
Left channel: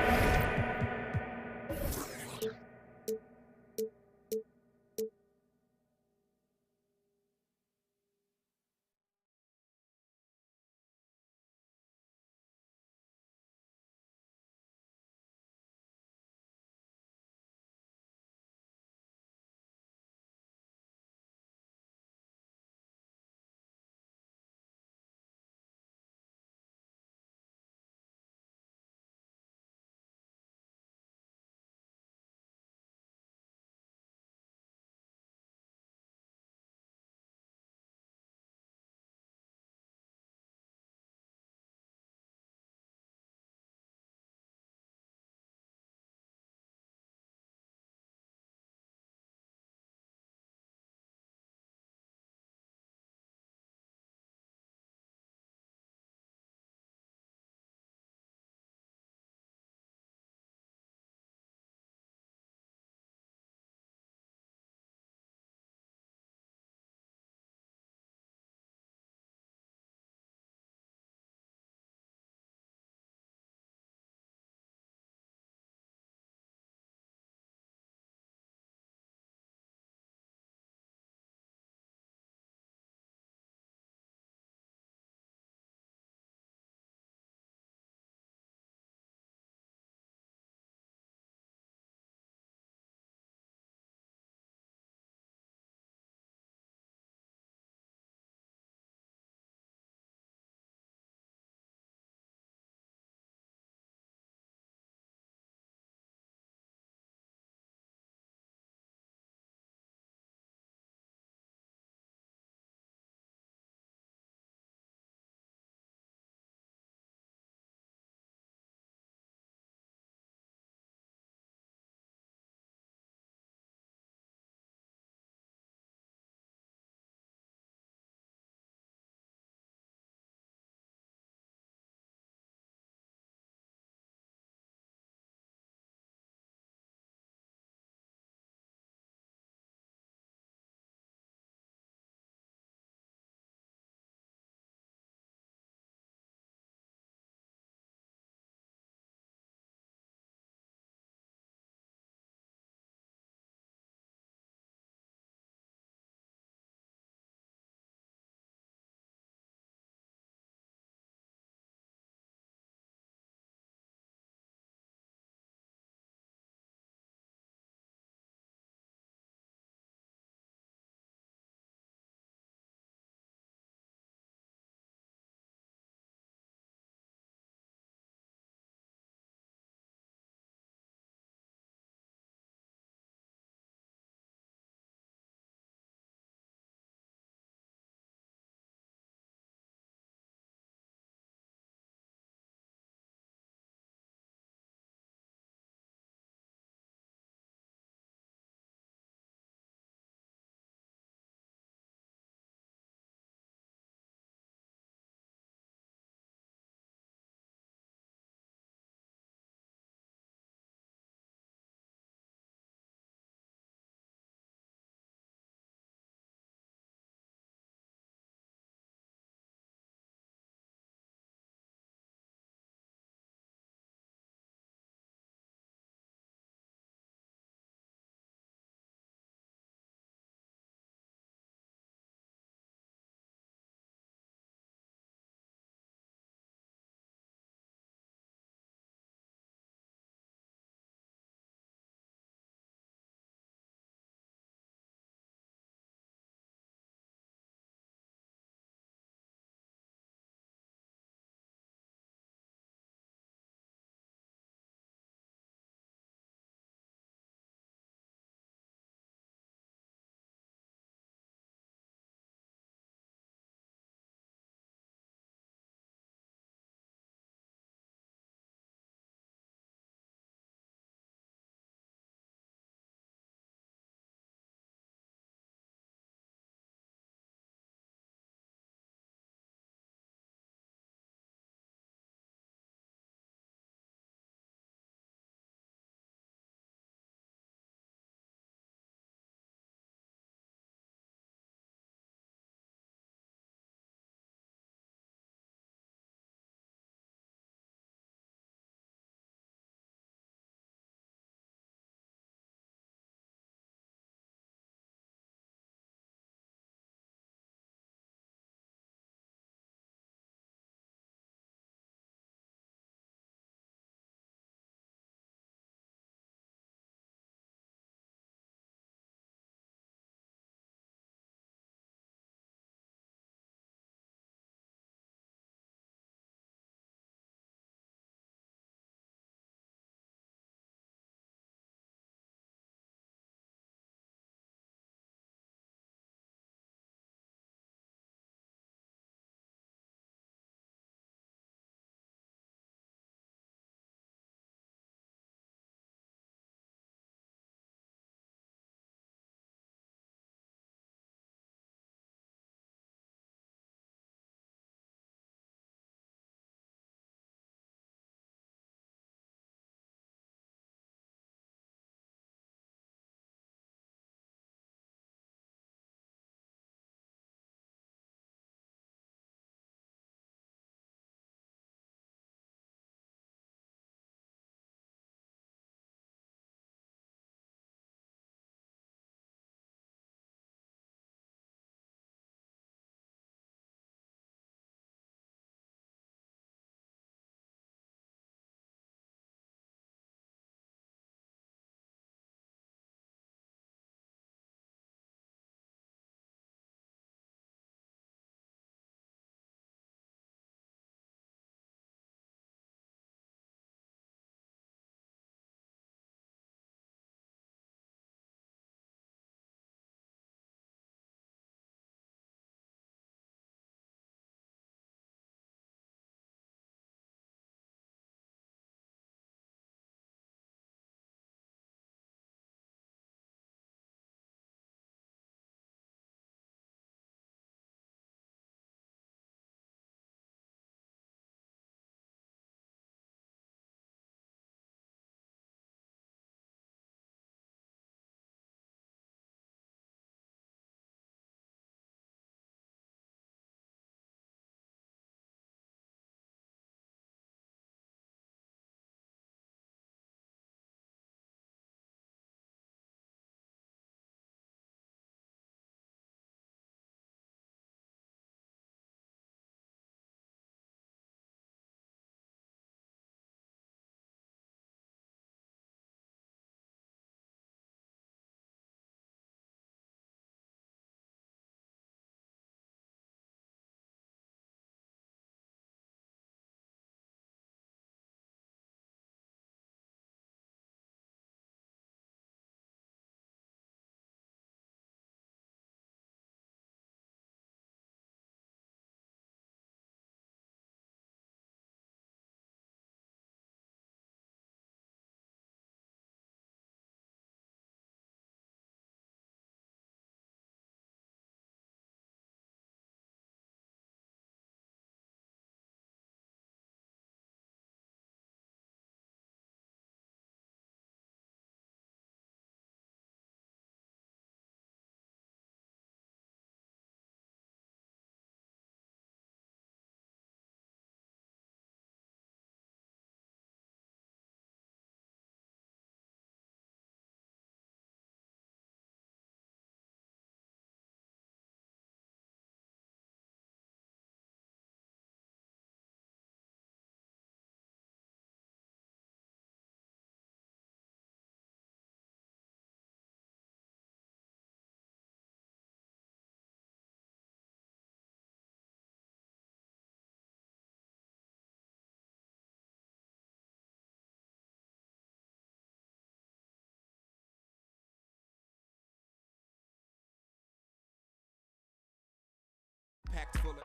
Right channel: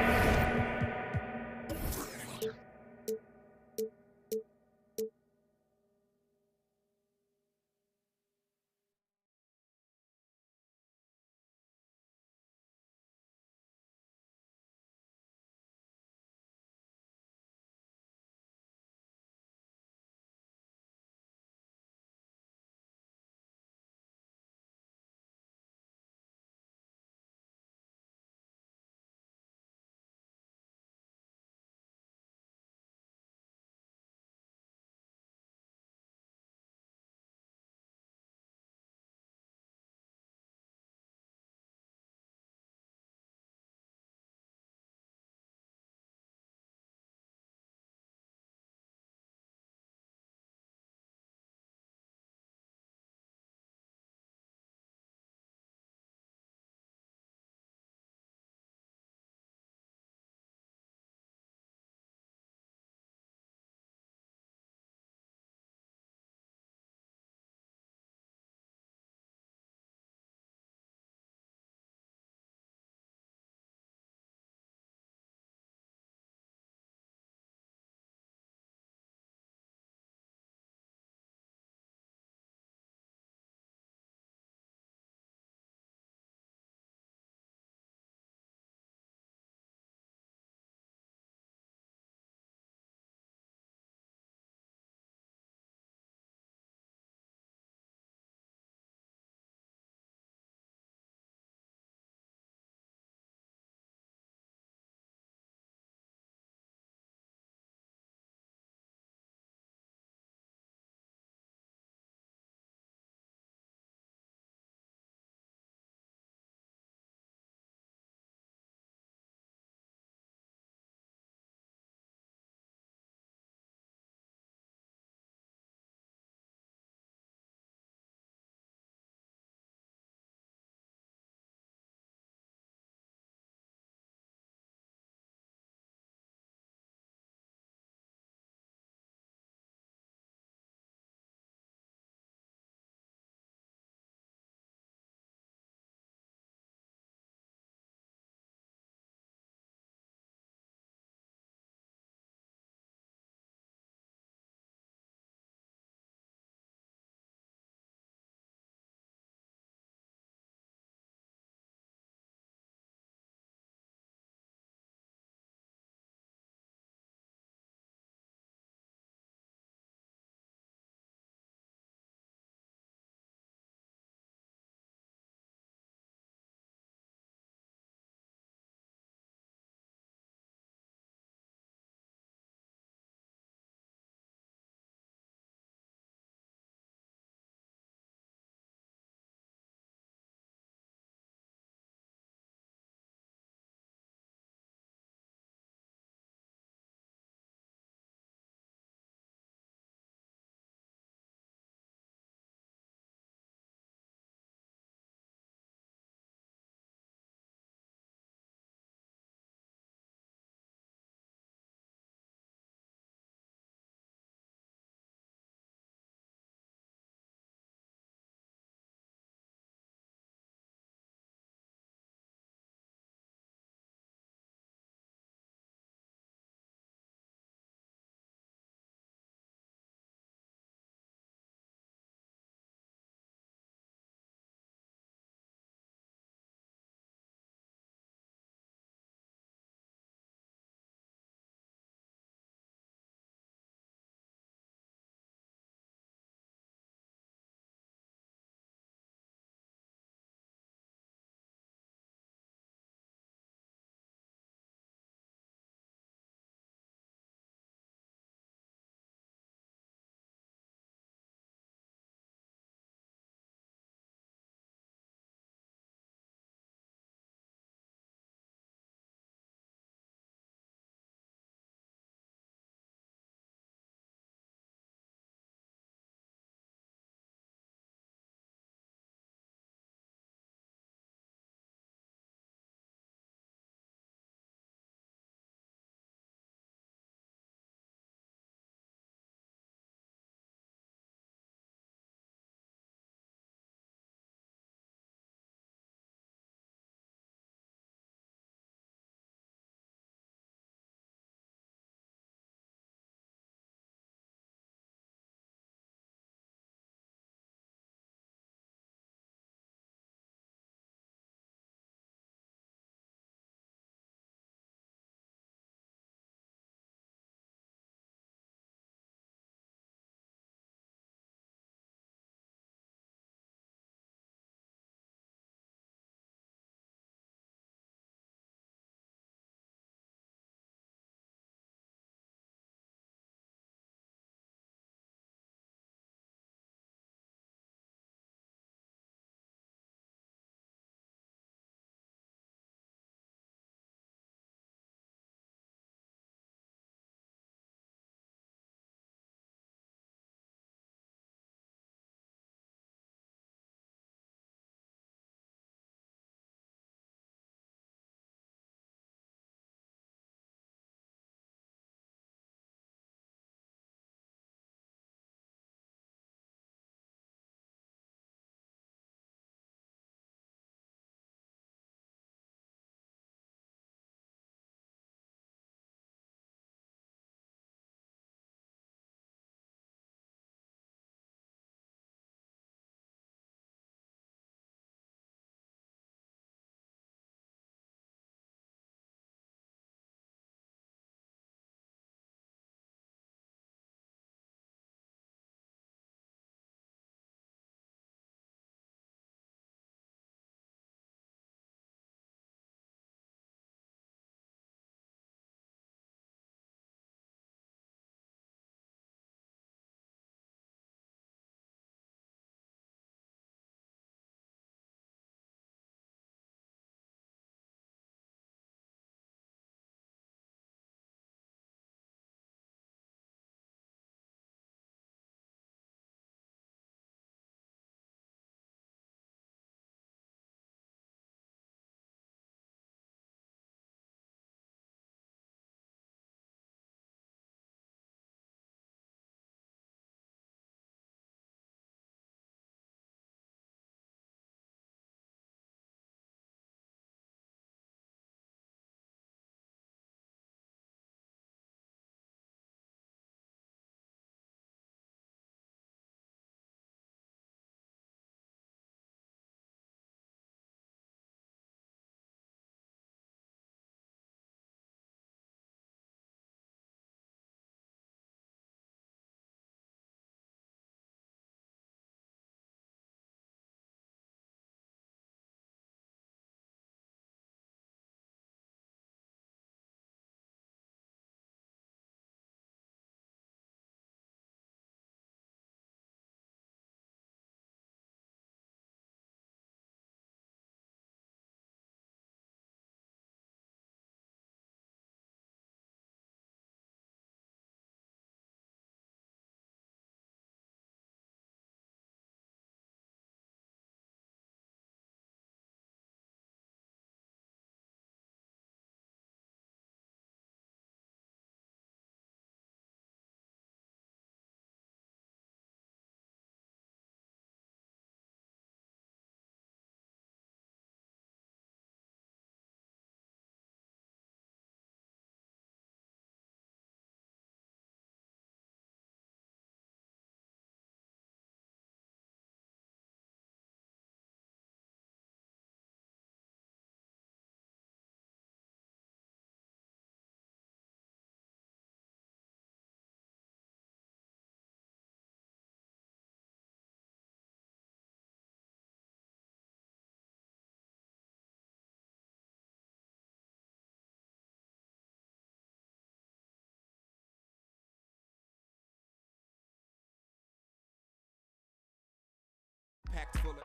packed full of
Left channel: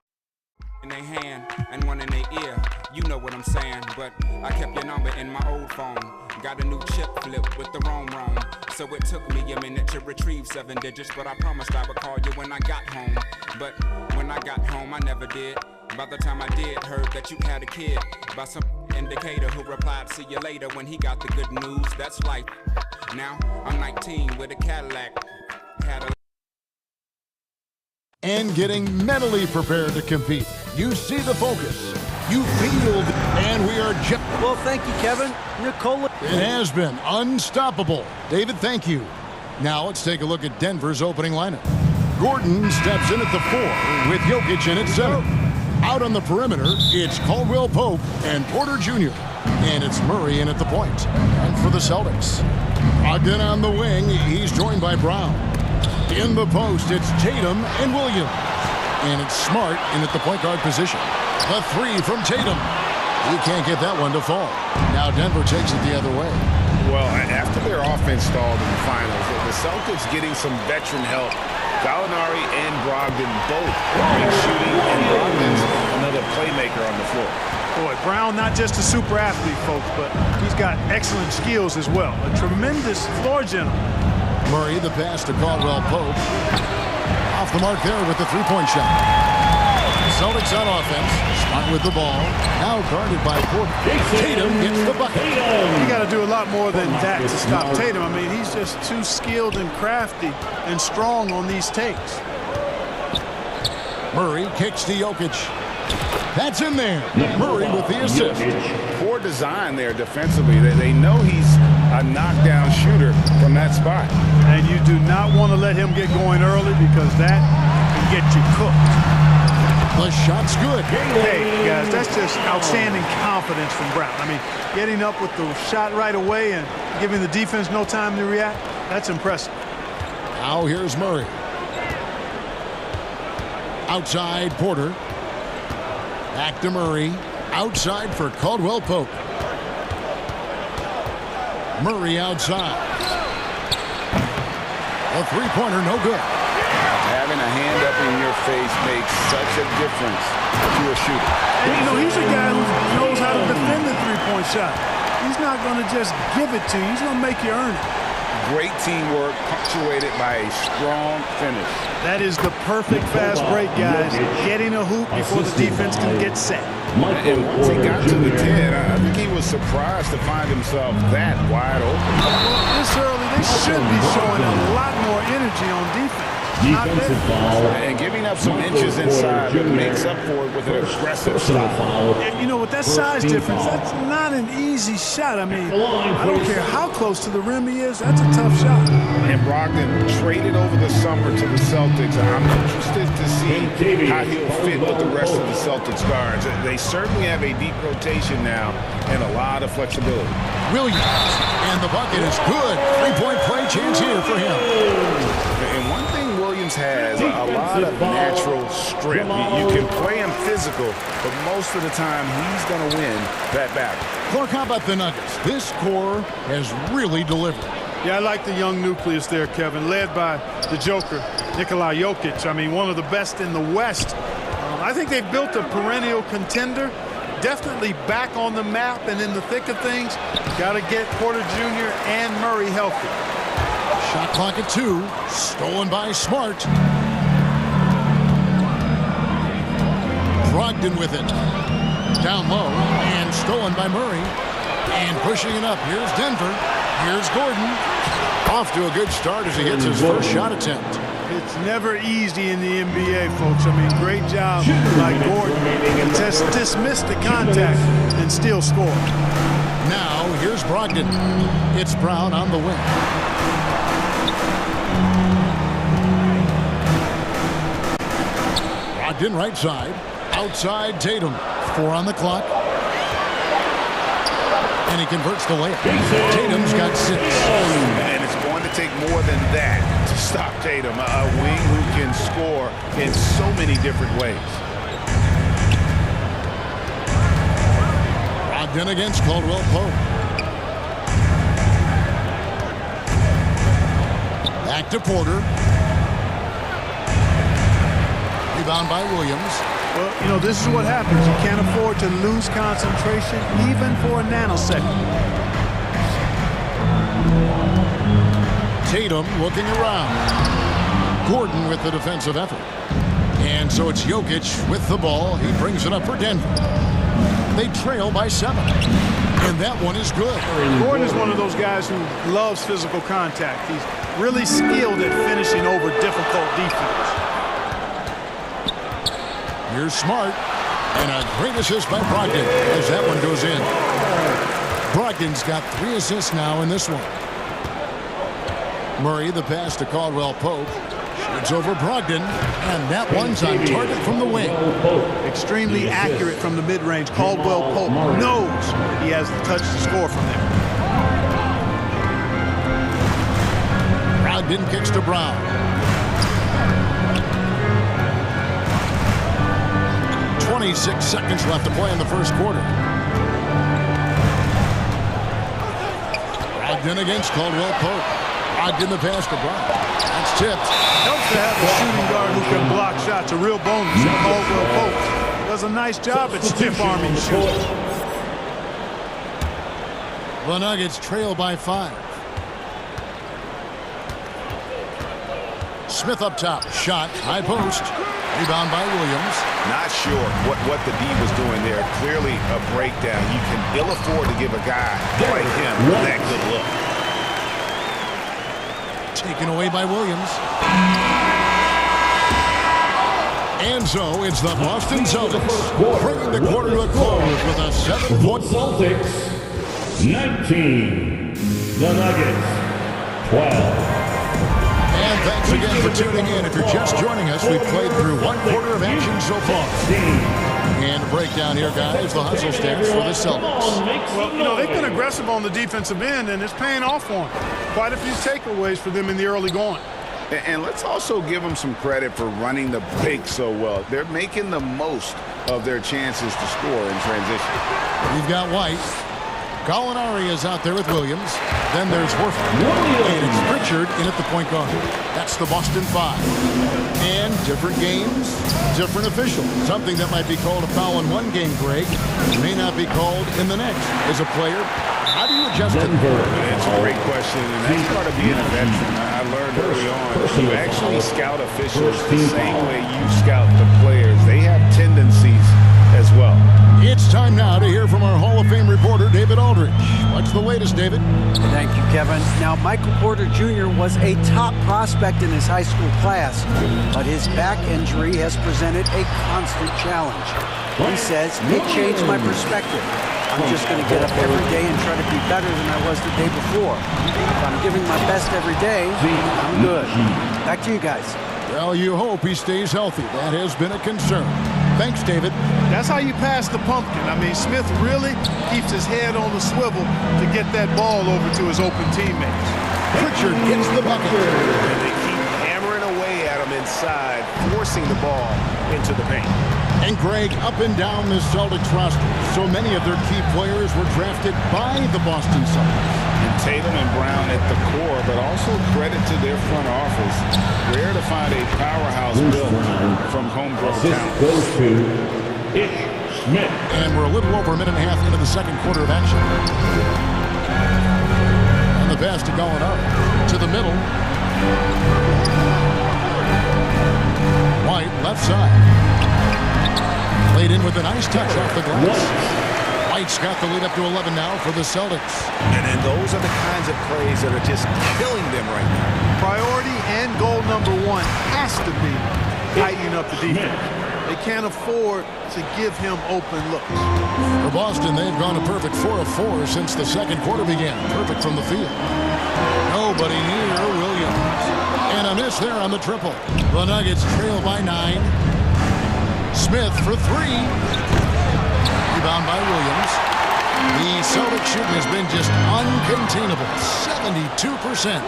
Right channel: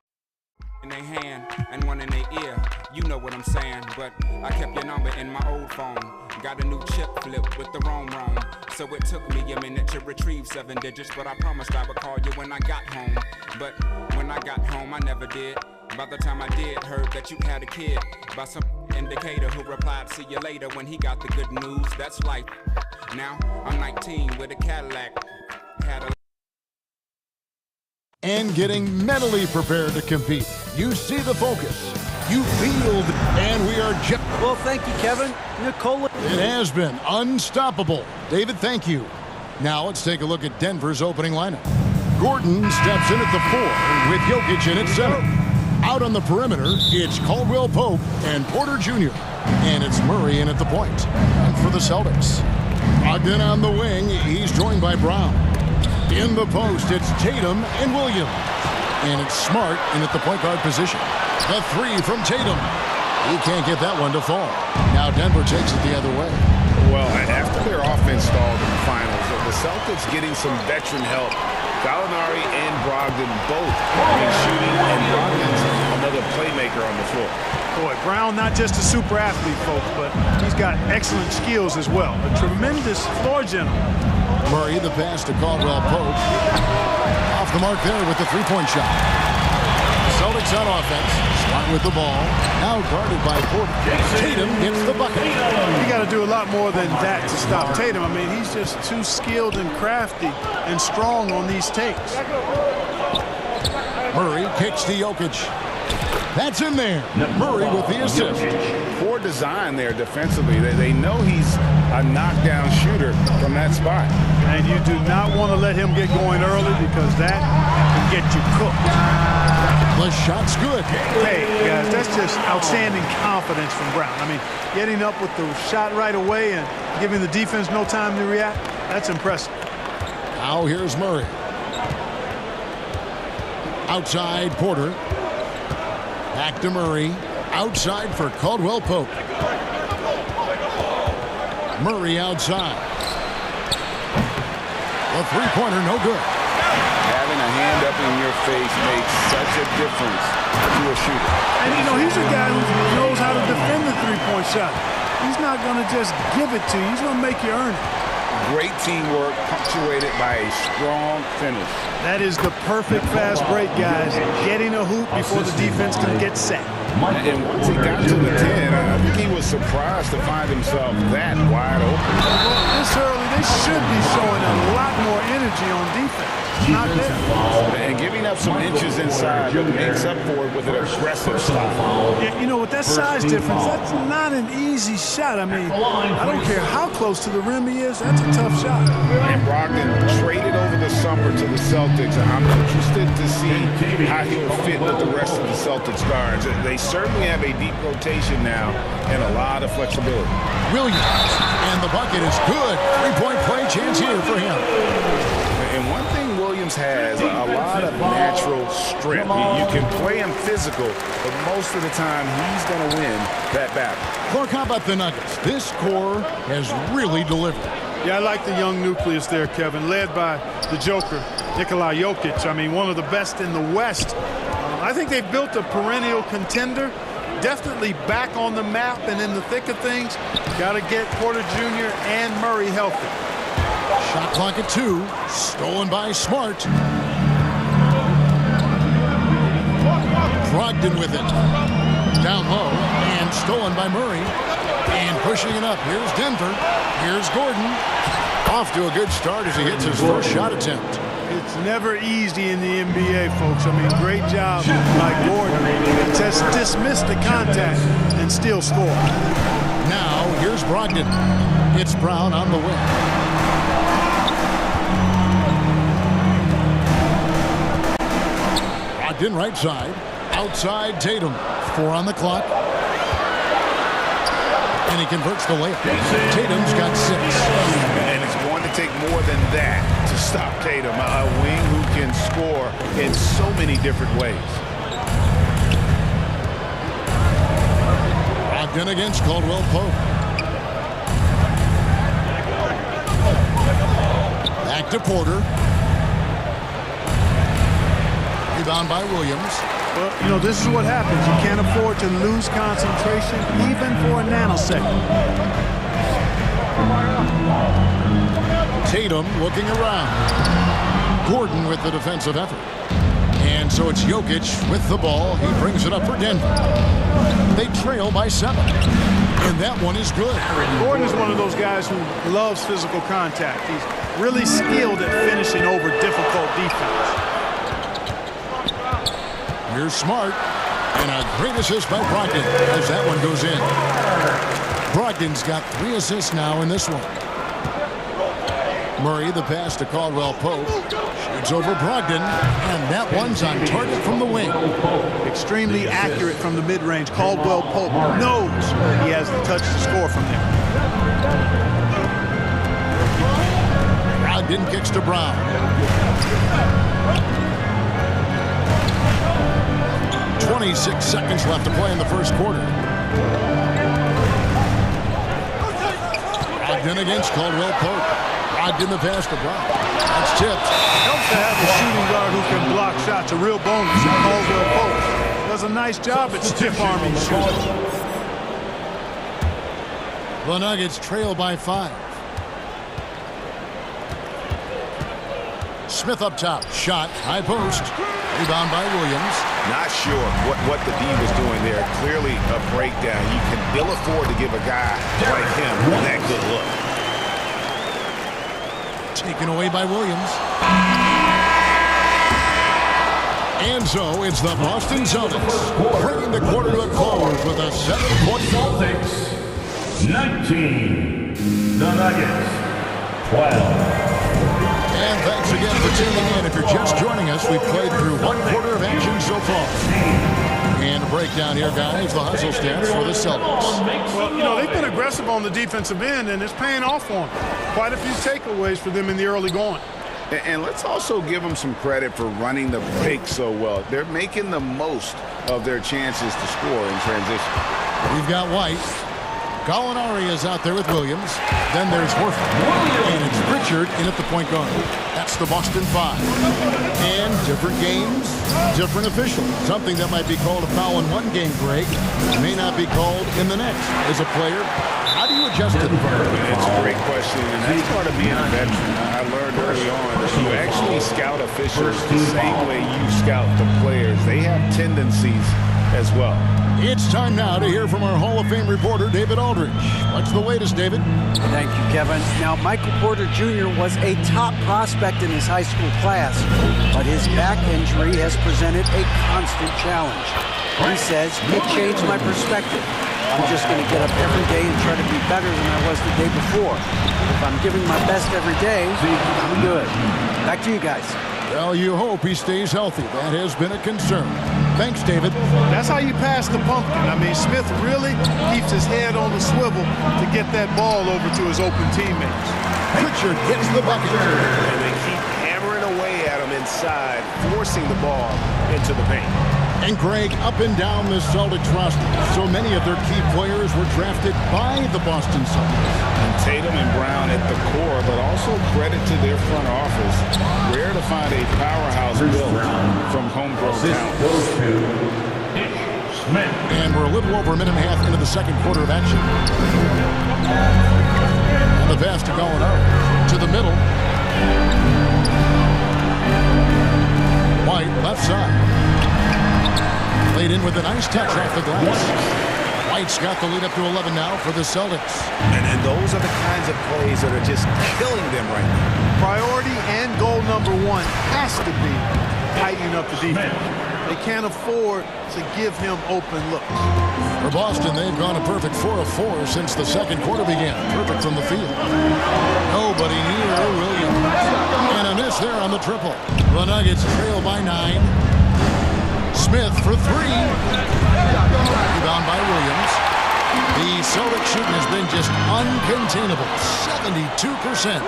in their hand and one in their ear. You know what I'm saying, but I kept your number in my old phone. Got a new chip flip with the wrong. So it took me a minute to retrieve 7 digits, but I promised I would call you when I got home. But when I got home, I never did. By the time I did, heard that you had a kid by some indicator who replied, see you later, when he got the good news. That's life. Now I'm 19 with a Cadillac. Had a and getting mentally prepared to compete. You see the focus. You feel and we are just... Well, thank you, Kevin. Nicola. It has been unstoppable. David, thank you. Now let's take a look at Denver's opening lineup. Gordon steps in at the 4 with Jokic in at center. Out on the perimeter, it's Caldwell Pope and Porter Jr. And it's Murray in at the point. And for the Celtics, Ogden on the wing, he's joined by Brown. In the post, it's Tatum and Williams. And it's Smart in at the point guard position. The 3 from Tatum. He can't get that one to fall. Now Denver takes it the other way. Well, after their offense stalled in the finals, the Celtics getting some veteran help. Gallinari and Brogdon both bring shooting, and Brogdon's another playmaker on the floor. Boy, Brown not just a super athlete, folks, but he's got excellent skills as well. A tremendous floor general. Murray, the pass to Caldwell Pope. Off the mark there with the three-point shot. Celtics on offense. Smart with the ball. Now guarded by Porter. Tatum gets the bucket. You got to do a lot more than that to stop Tatum. I mean, he's just too skilled and crafty and strong on these takes. Murray kicks to Jokic. That's in there. Murray with the assist. Poor design there defensively. They know he's a knockdown shooter from that spot. And you do not want to let him get going early because that can get you cooked. The shot's good. Hey, guys, that's just outstanding confidence from Brown. I mean, getting up with the shot right away and giving the defense no time to react, that's impressive. Now here's Murray. Outside, Porter. Back to Murray. Outside for Caldwell Pope. Murray outside. The three-pointer, no good. Having a hand up in your face makes such a difference to a shooter. And, you know, he's a guy who knows how to defend the three-point shot. He's not going to just give it to you. He's going to make you earn it. Great teamwork punctuated by a strong finish. That is the perfect fast break, guys. Getting a hoop before the defense can get set. And once he got to the 10, I think he was surprised to find himself that wide open. Well, this early, they should be showing a lot more energy on defense. Not there. And giving up some inches inside, but makes up for it with an aggressive style. Yeah, you know, with that size difference, that's not an easy shot. I mean, I don't care how close to the rim he is, that's a tough shot. And Brogdon traded over the summer to the Celtics. I'm interested to see how he'll fit with the rest of the Celtics guards. They certainly have a deep rotation now and a lot of flexibility. Williams, and the bucket is good. Three-point play chance here for him. And one thing Williams has, a lot of natural strength. You can play him physical, but most of the time he's going to win that battle. Clark, how about the Nuggets? This core has really delivered. Yeah, I like the young nucleus there, Kevin, led by the Joker, Nikola Jokic. I mean, one of the best in the West. I think they've built a perennial contender, definitely back on the map and in the thick of things. Got to get Porter Jr. and Murray healthy. Shot clock at 2, stolen by Smart. Brogdon with it. Down low, and stolen by Murray. And pushing it up, here's Denver. Here's Gordon. Off to a good start as he hits his first shot attempt. It's never easy in the NBA, folks. I mean, great job by Gordon to just dismiss the contact and still score. Now, here's Brogdon. It's Brown on the wing. Brogdon right side. Outside Tatum. 4 on the clock. And he converts the layup. Tatum's got 6. And it's going to take more than that to stop Tatum, a wing who can score in so many different ways. Brogdon against Caldwell Pope. Back to Porter. Rebound by Williams. Well, you know, this is what happens. You can't afford to lose concentration even for a nanosecond. Tatum looking around. Gordon with the defensive effort. And so it's Jokic with the ball. He brings it up for Denver. They trail by 7. And that one is good. Gordon is one of those guys who loves physical contact. He's really skilled at finishing over difficult defense. Here's Smart. And a great assist by Brogdon as that one goes in. Brogdon's got 3 assists now in this one. Murray, the pass to Caldwell Pope. Shoots over Brogdon, and that one's on target from the wing. Extremely accurate from the mid-range. Caldwell Pope knows he has the touch to score from there. Brogdon kicks to Brown. 26 seconds left to play in the first quarter. Brogdon against Caldwell Pope. Brogdon the pass to Brown. That's tipped. Helps to have a shooting guard who can block shots. A real bonus. And Caldwell Pope does a nice job at stiff-arming shooters. The Nuggets trail by 5. Smith up top. Shot. High post. Rebound by Williams. Not sure what the D was doing there. Clearly a breakdown. You can ill afford to give a guy like him that good a look. Taken away by Williams. And so it's the Boston Celtics bringing the quarter to a close with a 7-point. Celtics 19. The Nuggets 12. And thanks again for tuning in. If you're just joining us, we've played through 1 quarter of action so far. And a breakdown here, guys, the hustle stats for the Celtics. Well, you know, they've been aggressive on the defensive end, and it's paying off for them. Quite a few takeaways for them in the early going. And let's also give them some credit for running the break so well. They're making the most of their chances to score in transition. We've got White. Gallinari is out there with Williams. Then there's Horford. And it's Pritchard in at the point guard. That's the Boston 5. And different games, different officials. Something that might be called a foul in one game, Greg, may not be called in the next. As a player, how do you adjust to that? It's a great question, and that's part of being a veteran. I learned early on that you actually scout officials the same way you scout the players. They have tendencies as well. It's time now to hear from our Hall of Fame reporter, David Aldridge. What's the latest, David? Thank you, Kevin. Now, Michael Porter Jr. was a top prospect in his high school class, but his back injury has presented a constant challenge. He says, it changed my perspective. I'm just going to get up every day and try to be better than I was the day before. If I'm giving my best every day, I'm good. Back to you guys. Well, you hope he stays healthy. That has been a concern. Thanks, David. That's how you pass the pumpkin. I mean, Smith really keeps his head on the swivel to get that ball over to his open teammates. Pritchard gets the bucket. And they keep hammering away at him inside, forcing the ball into the paint. And Greg, up and down the Celtics roster, so many of their key players were drafted by the Boston Celtics. And Tatum and Brown at the core, but also credit to their front office. Rare to find a powerhouse built from homegrown talent. Goes to Ish Smith. And we're a little over a minute and a half into the second quarter of action. And the pass to Gallinari. To the middle. White, left side. Played in with a nice touch off the glass. White's got the lead up to 11 now for the Celtics. And those are the kinds of plays that are just killing them right now. Priority and goal number 1 has to be tightening up the defense. They can't afford to give him open looks. For Boston, they've gone a perfect 4 of 4 since the second quarter began. Perfect from the field. Nobody near Williams. And a miss there on the triple. The Nuggets trail by 9. Smith for 3. Rebound by Williams. The Celtics shooting has been just uncontainable. 72%.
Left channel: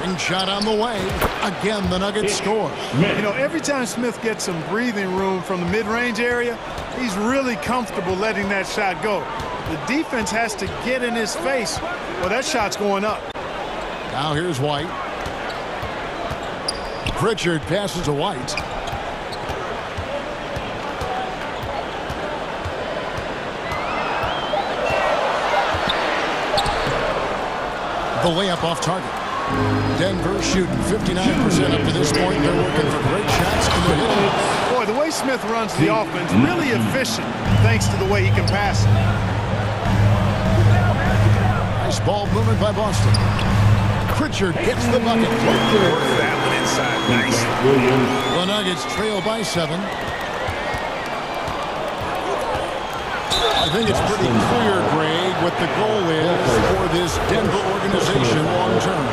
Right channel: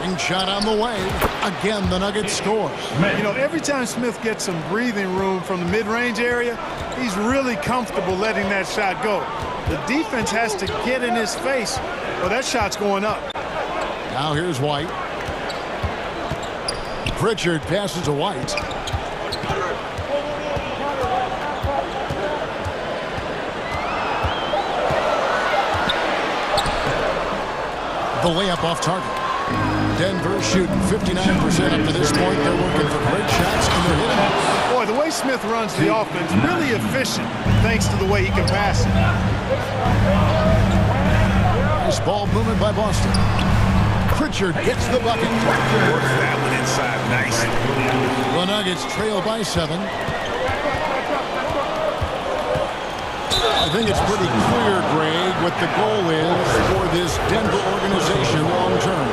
Ring shot on the way. Again, the Nuggets score. You know, every time Smith gets some breathing room from the mid-range area, he's really comfortable letting that shot go. The defense has to get in his face. Well, that shot's going up. Now here's White. Pritchard passes to White. The layup off target. Denver shooting 59% up to this point. They're working for great shots, and they're hitting it. Boy, the way Smith runs the offense, really efficient, thanks to the way he can pass it. Nice ball movement by Boston. Pritchard gets the bucket. Works that one inside. Nice. The Nuggets trail by 7. I think it's pretty clear, Greg, what the goal is for this Denver organization long term.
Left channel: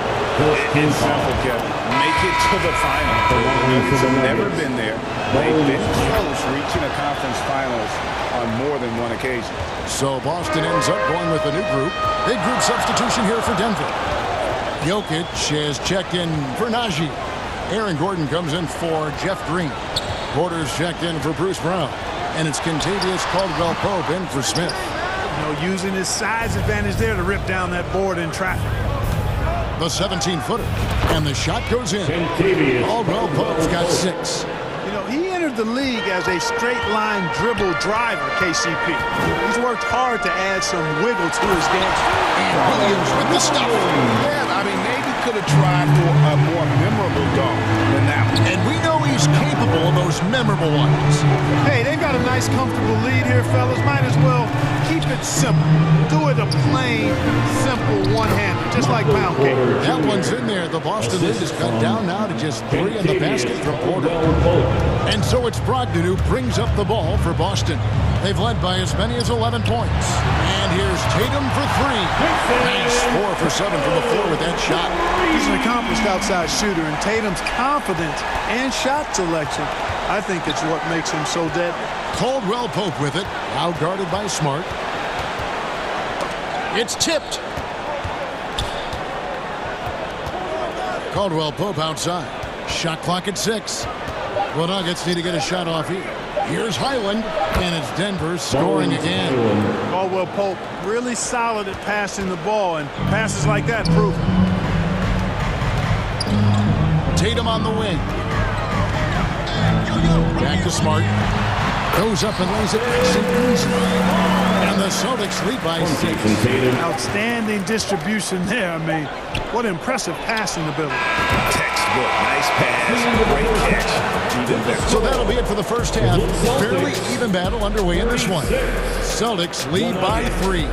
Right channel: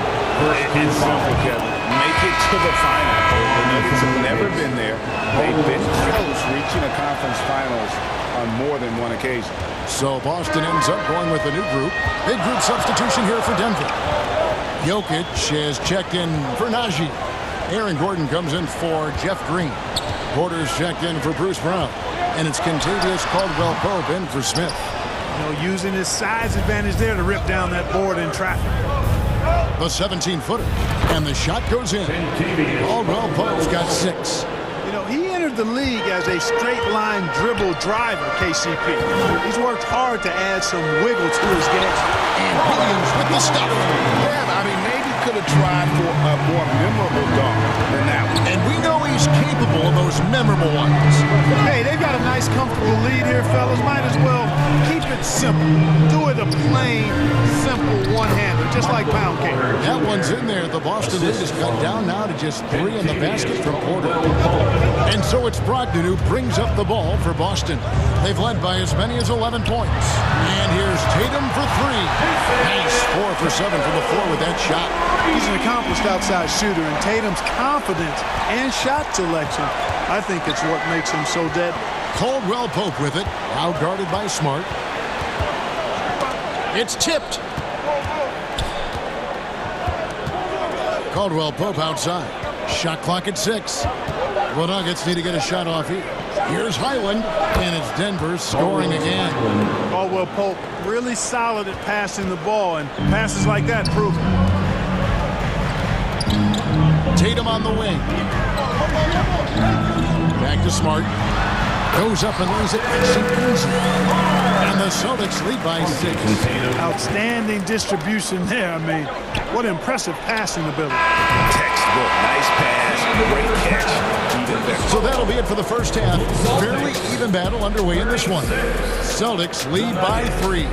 It's simple, Kevin. Make it to the final. The Nuggets have never been there. They've been close reaching a conference finals on more than one occasion. So Boston ends up going with a new group. Big group substitution here for Denver. Jokic has checked in for Najee. Aaron Gordon comes in for Jeff Green. Porter's checked in for Bruce Brown. And it's Kentavious Caldwell-Pope in for Smith. You know, using his size advantage there to rip down that board in traffic. The 17-footer. And the shot goes in. Caldwell-Pope's got 6. You know, he entered the league as a straight-line dribble driver, KCP. He's worked hard to add some wiggle to his game. And Williams with the stuff. Yeah, I mean, maybe could have tried for a more memorable dunk than that one. And we know he's capable of those memorable ones. Hey, they've got a nice, comfortable lead here, fellas. Might as well keep it simple. Do it a plain, simple one-hander, just like pound cake. That one's in there. The Boston lead is cut down now to just 3 in the basket from Porter. And so it's Brogdon who brings up the ball for Boston. They've led by as many as 11 points. And here's Tatum for 3. Nice 4 for 7 from the floor with that shot. He's an accomplished outside shooter, and Tatum's confidence and shot selection, I think it's what makes him so deadly. Caldwell-Pope with it, out guarded by Smart. It's tipped. Caldwell-Pope outside. Shot clock at 6. The Nuggets need to get a shot off here. Here's Highland, and it's Denver scoring again. Caldwell-Pope really solid at passing the ball, and passes like that prove it. Tatum on the wing. Back to Smart. Goes up and lays it nice and easy. And the Celtics lead by 6. Outstanding distribution there. I mean, what impressive passing ability. Textbook. Nice pass. Great catch. Even better. So that'll be it for the first half. Fairly even battle underway in this one. Celtics lead by 3.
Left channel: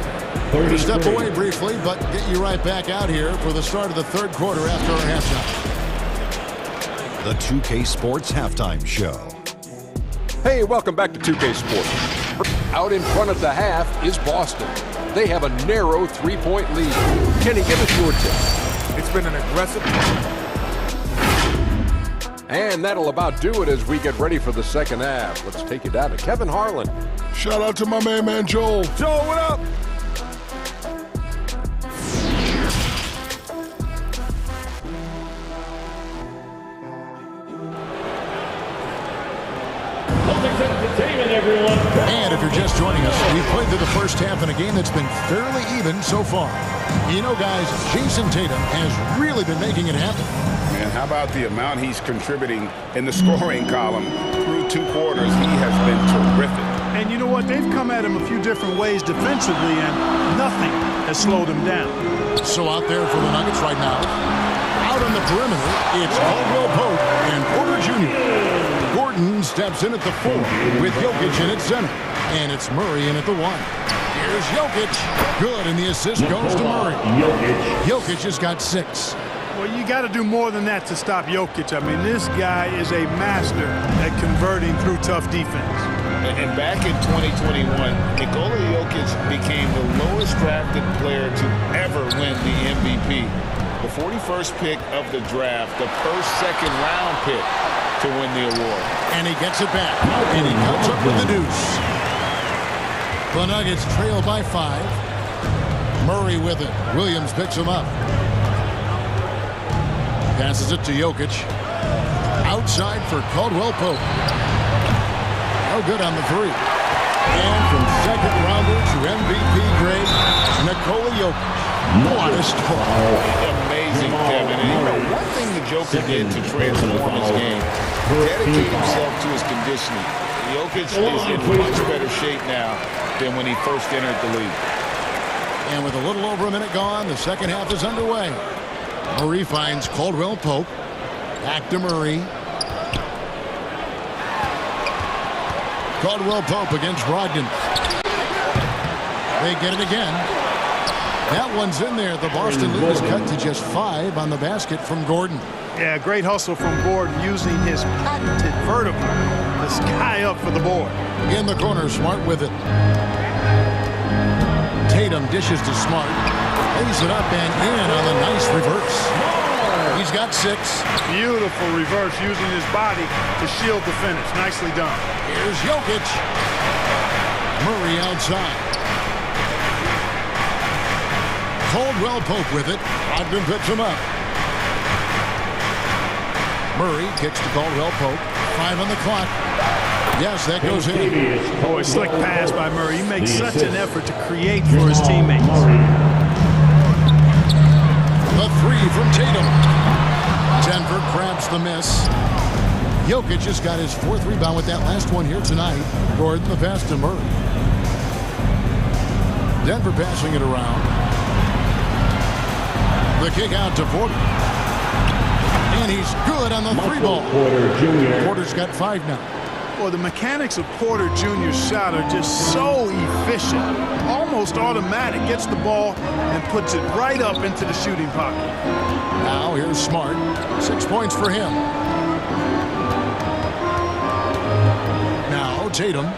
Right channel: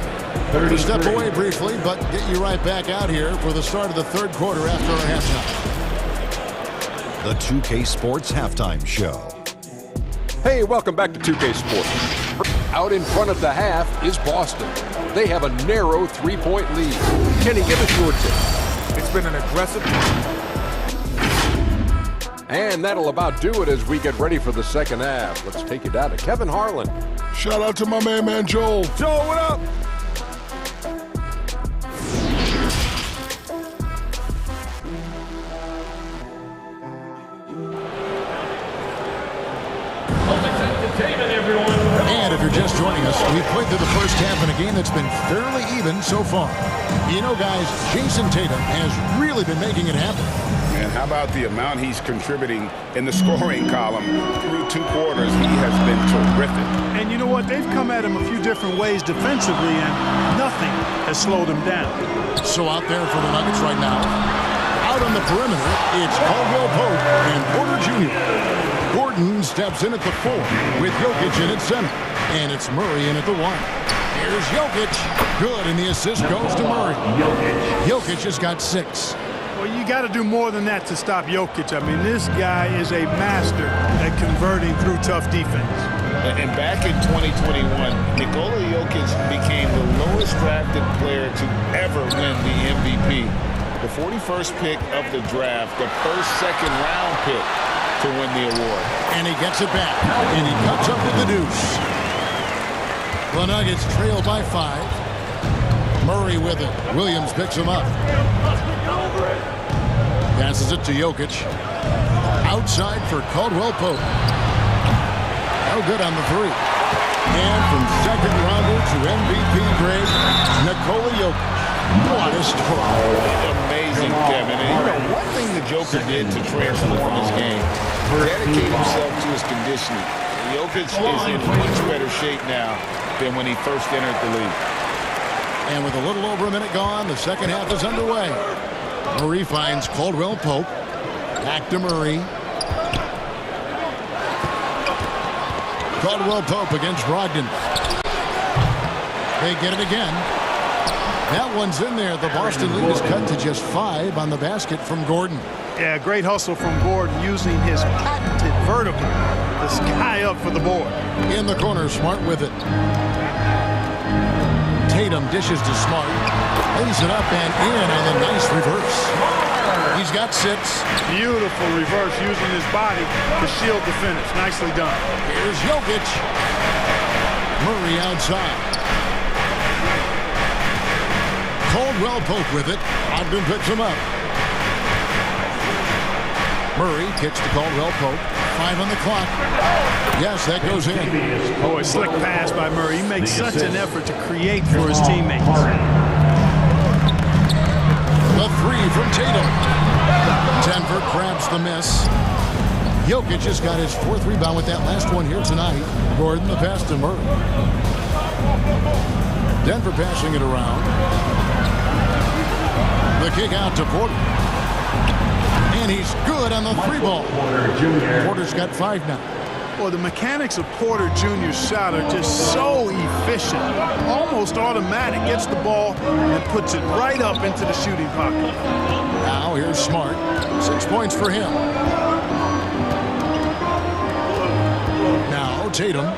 We'll step away briefly, but get you right back out here for the start of the third quarter after our halftime. The 2K Sports Halftime Show. Hey, welcome back to 2K Sports. Out in front at the half is Boston. They have a narrow 3-point lead. Kenny, give us your tip. It's been an aggressive. And that'll about do it as we get ready for the second half. Let's take you down to Kevin Harlan. Shout out to my man Joel. Joel, what up? And if you're just joining us, we've played through the first half in a game that's been fairly even so far. You know, guys, Jason Tatum has really been making it happen. Man, how about the amount he's contributing in the scoring column through 2 quarters? He has been terrific. And you know what? They've come at him a few different ways defensively, and nothing has slowed him down. So out there for the Nuggets right now, out on the perimeter, it's Caldwell-Pope and Porter Jr. Gordon steps in at the 4 with Jokic in at center. And it's Murray in at the 1. Here's Jokic. Good, and the assist goes to Murray. Jokic has got 6. Well, you got to do more than that to stop Jokic. I mean, this guy is a master at converting through tough defense. And back in 2021, Nikola Jokic became the lowest drafted player to ever win the MVP. The 41st pick of the draft, the first second-round pick to win the award. And he gets it back, and he cuts up with the deuce. The Nuggets trail by 5. Murray with it. Williams picks him up. Passes it to Jokic. Outside for Caldwell-Pope. No good on the 3. And from second rounder to MVP grade, Nikola Jokic. What a story. Amazing, Kevin. And you know, one thing the Joker did to transform his game, dedicate himself to his conditioning. Jokic is in much better shape now than when he first entered the league. And with a little over a minute gone, the second half is underway. Murray finds Caldwell Pope. Back to Murray. Caldwell Pope against Brogdon. They get it again. That one's in there. The Boston lead is cut to just 5 on the basket from Gordon. Yeah, great hustle from Gordon using his patented vertical to sky up for the board. In the corner, Smart with it. Tatum dishes to Smart. Lays it up and in on the nice reverse. He's got 6. Beautiful reverse using his body to shield the finish. Nicely done. Here's Jokic. Murray outside. Caldwell Pope with it. Ogden picks him up. Murray kicks to Caldwell Pope. 5 on the clock. Yes, that goes in. Boy, slick pass by Murray. He makes such an effort to create for his teammates. The 3 from Tatum. Denver grabs the miss. Jokic has got his 4th rebound with that last one here tonight. Gordon the pass to Murray. Denver passing it around. The kick out to Porter. And he's good on the 3 ball. Porter's got 5 now. Well, the mechanics of Porter Jr.'s shot are just so efficient. Almost automatic. Gets the ball and puts it right up into the shooting pocket. Now here's Smart. 6 points for him. Now Tatum.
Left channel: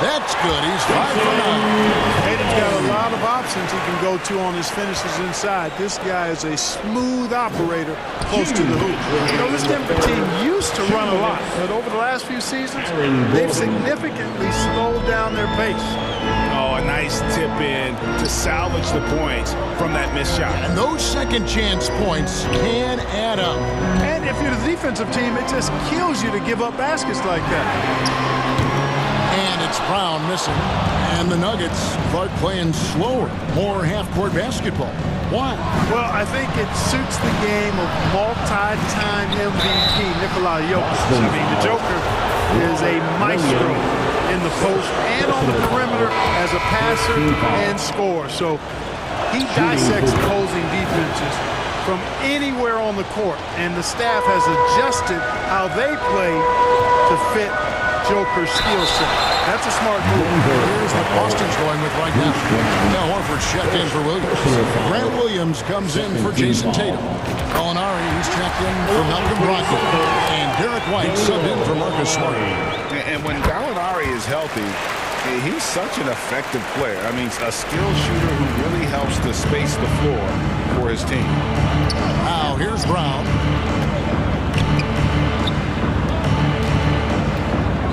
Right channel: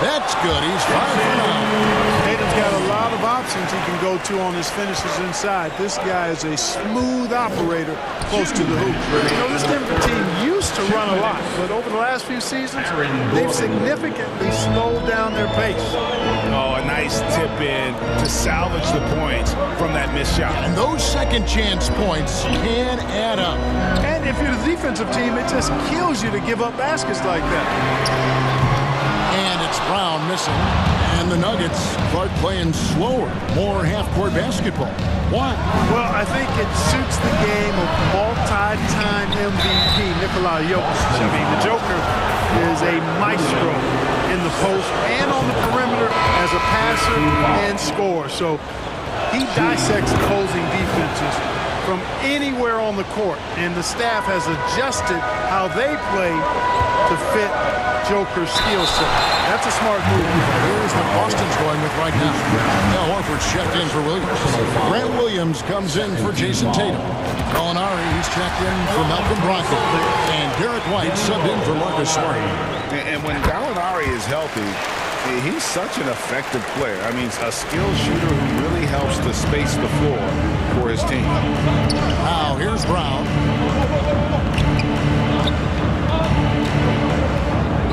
That's good. He's 5 for 9. Tatum's got a lot of options he can go to on his finishes inside. This guy is a smooth operator close to the hoop. You know, this Denver team used to run a lot, but over the last few seasons, they've significantly slowed down their pace. Oh, a nice tip in to salvage the points from that missed shot. And those second chance points can add up. And if you're the defensive team, it just kills you to give up baskets like that. And it's Brown missing. And the Nuggets start playing slower, more half-court basketball. Why? Well, I think it suits the game of multi-time MVP Nikola Jokic. I mean, the Joker is a maestro in the post and on the perimeter as a passer and scorer. So he dissects opposing defenses from anywhere on the court, and the staff has adjusted how they play to fit Joker's skill set. That's a smart move. Here's what Boston's going with right now. Now Horford's checked in for Williams. Grant Williams comes in for Jason Tatum. Gallinari, he's checked in for Malcolm Brogdon. And Derek White subbed in for Marcus Smart. And when Gallinari is healthy, he's such an effective player. I mean, a skilled shooter who really helps to space the floor for his team. Now here's Brown.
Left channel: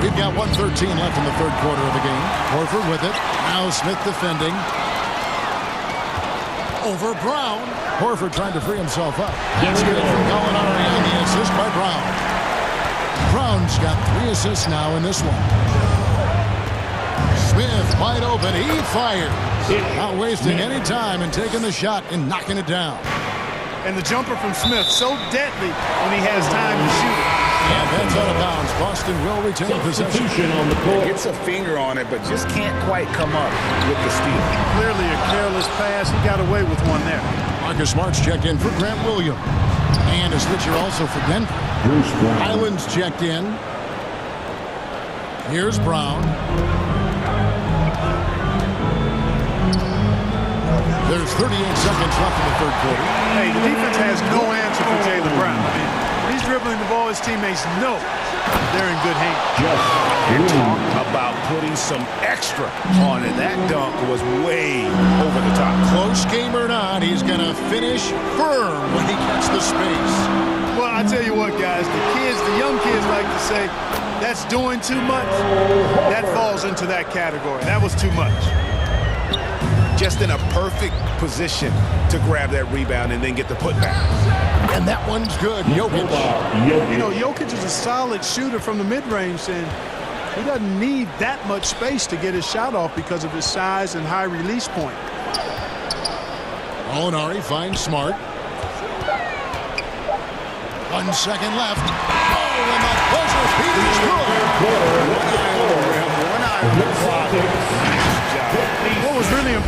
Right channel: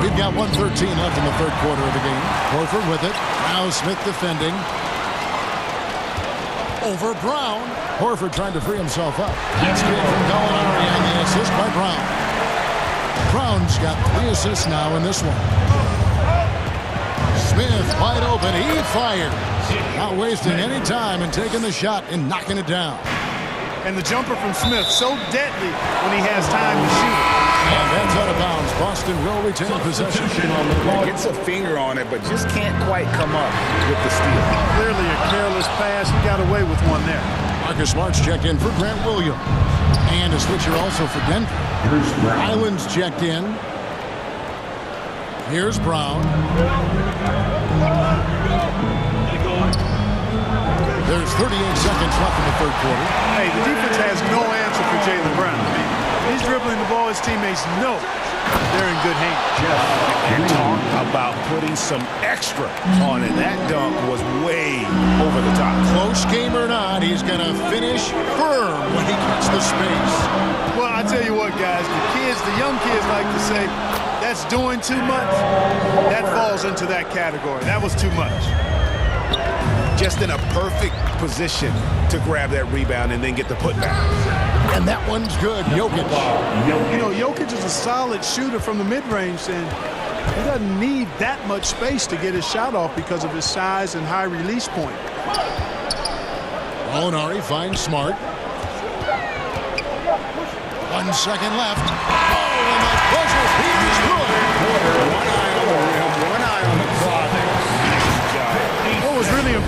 We've got 1:13 left in the third quarter of the game. Horford with it. Now Smith defending. Over Brown. Horford trying to free himself up. That's good from Gallinari on the assist by Brown. Brown's got 3 assists now in this one. Smith wide open. He fires. Not wasting any time and taking the shot and knocking it down. And the jumper from Smith, so deadly when he has time to shoot it. And that's out of bounds. Boston will retain possession on the court. Gets a finger on it, but just can't quite come up with the steal. Clearly a careless pass. He got away with one there. Marcus Smart's checked in for Grant Williams. And a switcher also for Denver. Island's checked in. Here's Brown. There's 38 seconds left in the third quarter. Hey, the defense has no answer for Jaylen Brown. I mean, he's dribbling the ball. His teammates know they're in good hands. And talk about putting some extra on it. That dunk was way over the top. Close game or not, he's going to finish firm when he gets the space. Well, I tell you what, guys, the young kids like to say, that's doing too much. That falls into that category. That was too much. Just in a perfect position to grab that rebound and then get the putback. And that one's good. Jokic. You know, Jokic is a solid shooter from the mid-range, and he doesn't need that much space to get his shot off because of his size and high release point. Gallinari finds Smart. 1 second left. Oh, and the buzzer beat is good. One eye on the rim, one eye on the clock.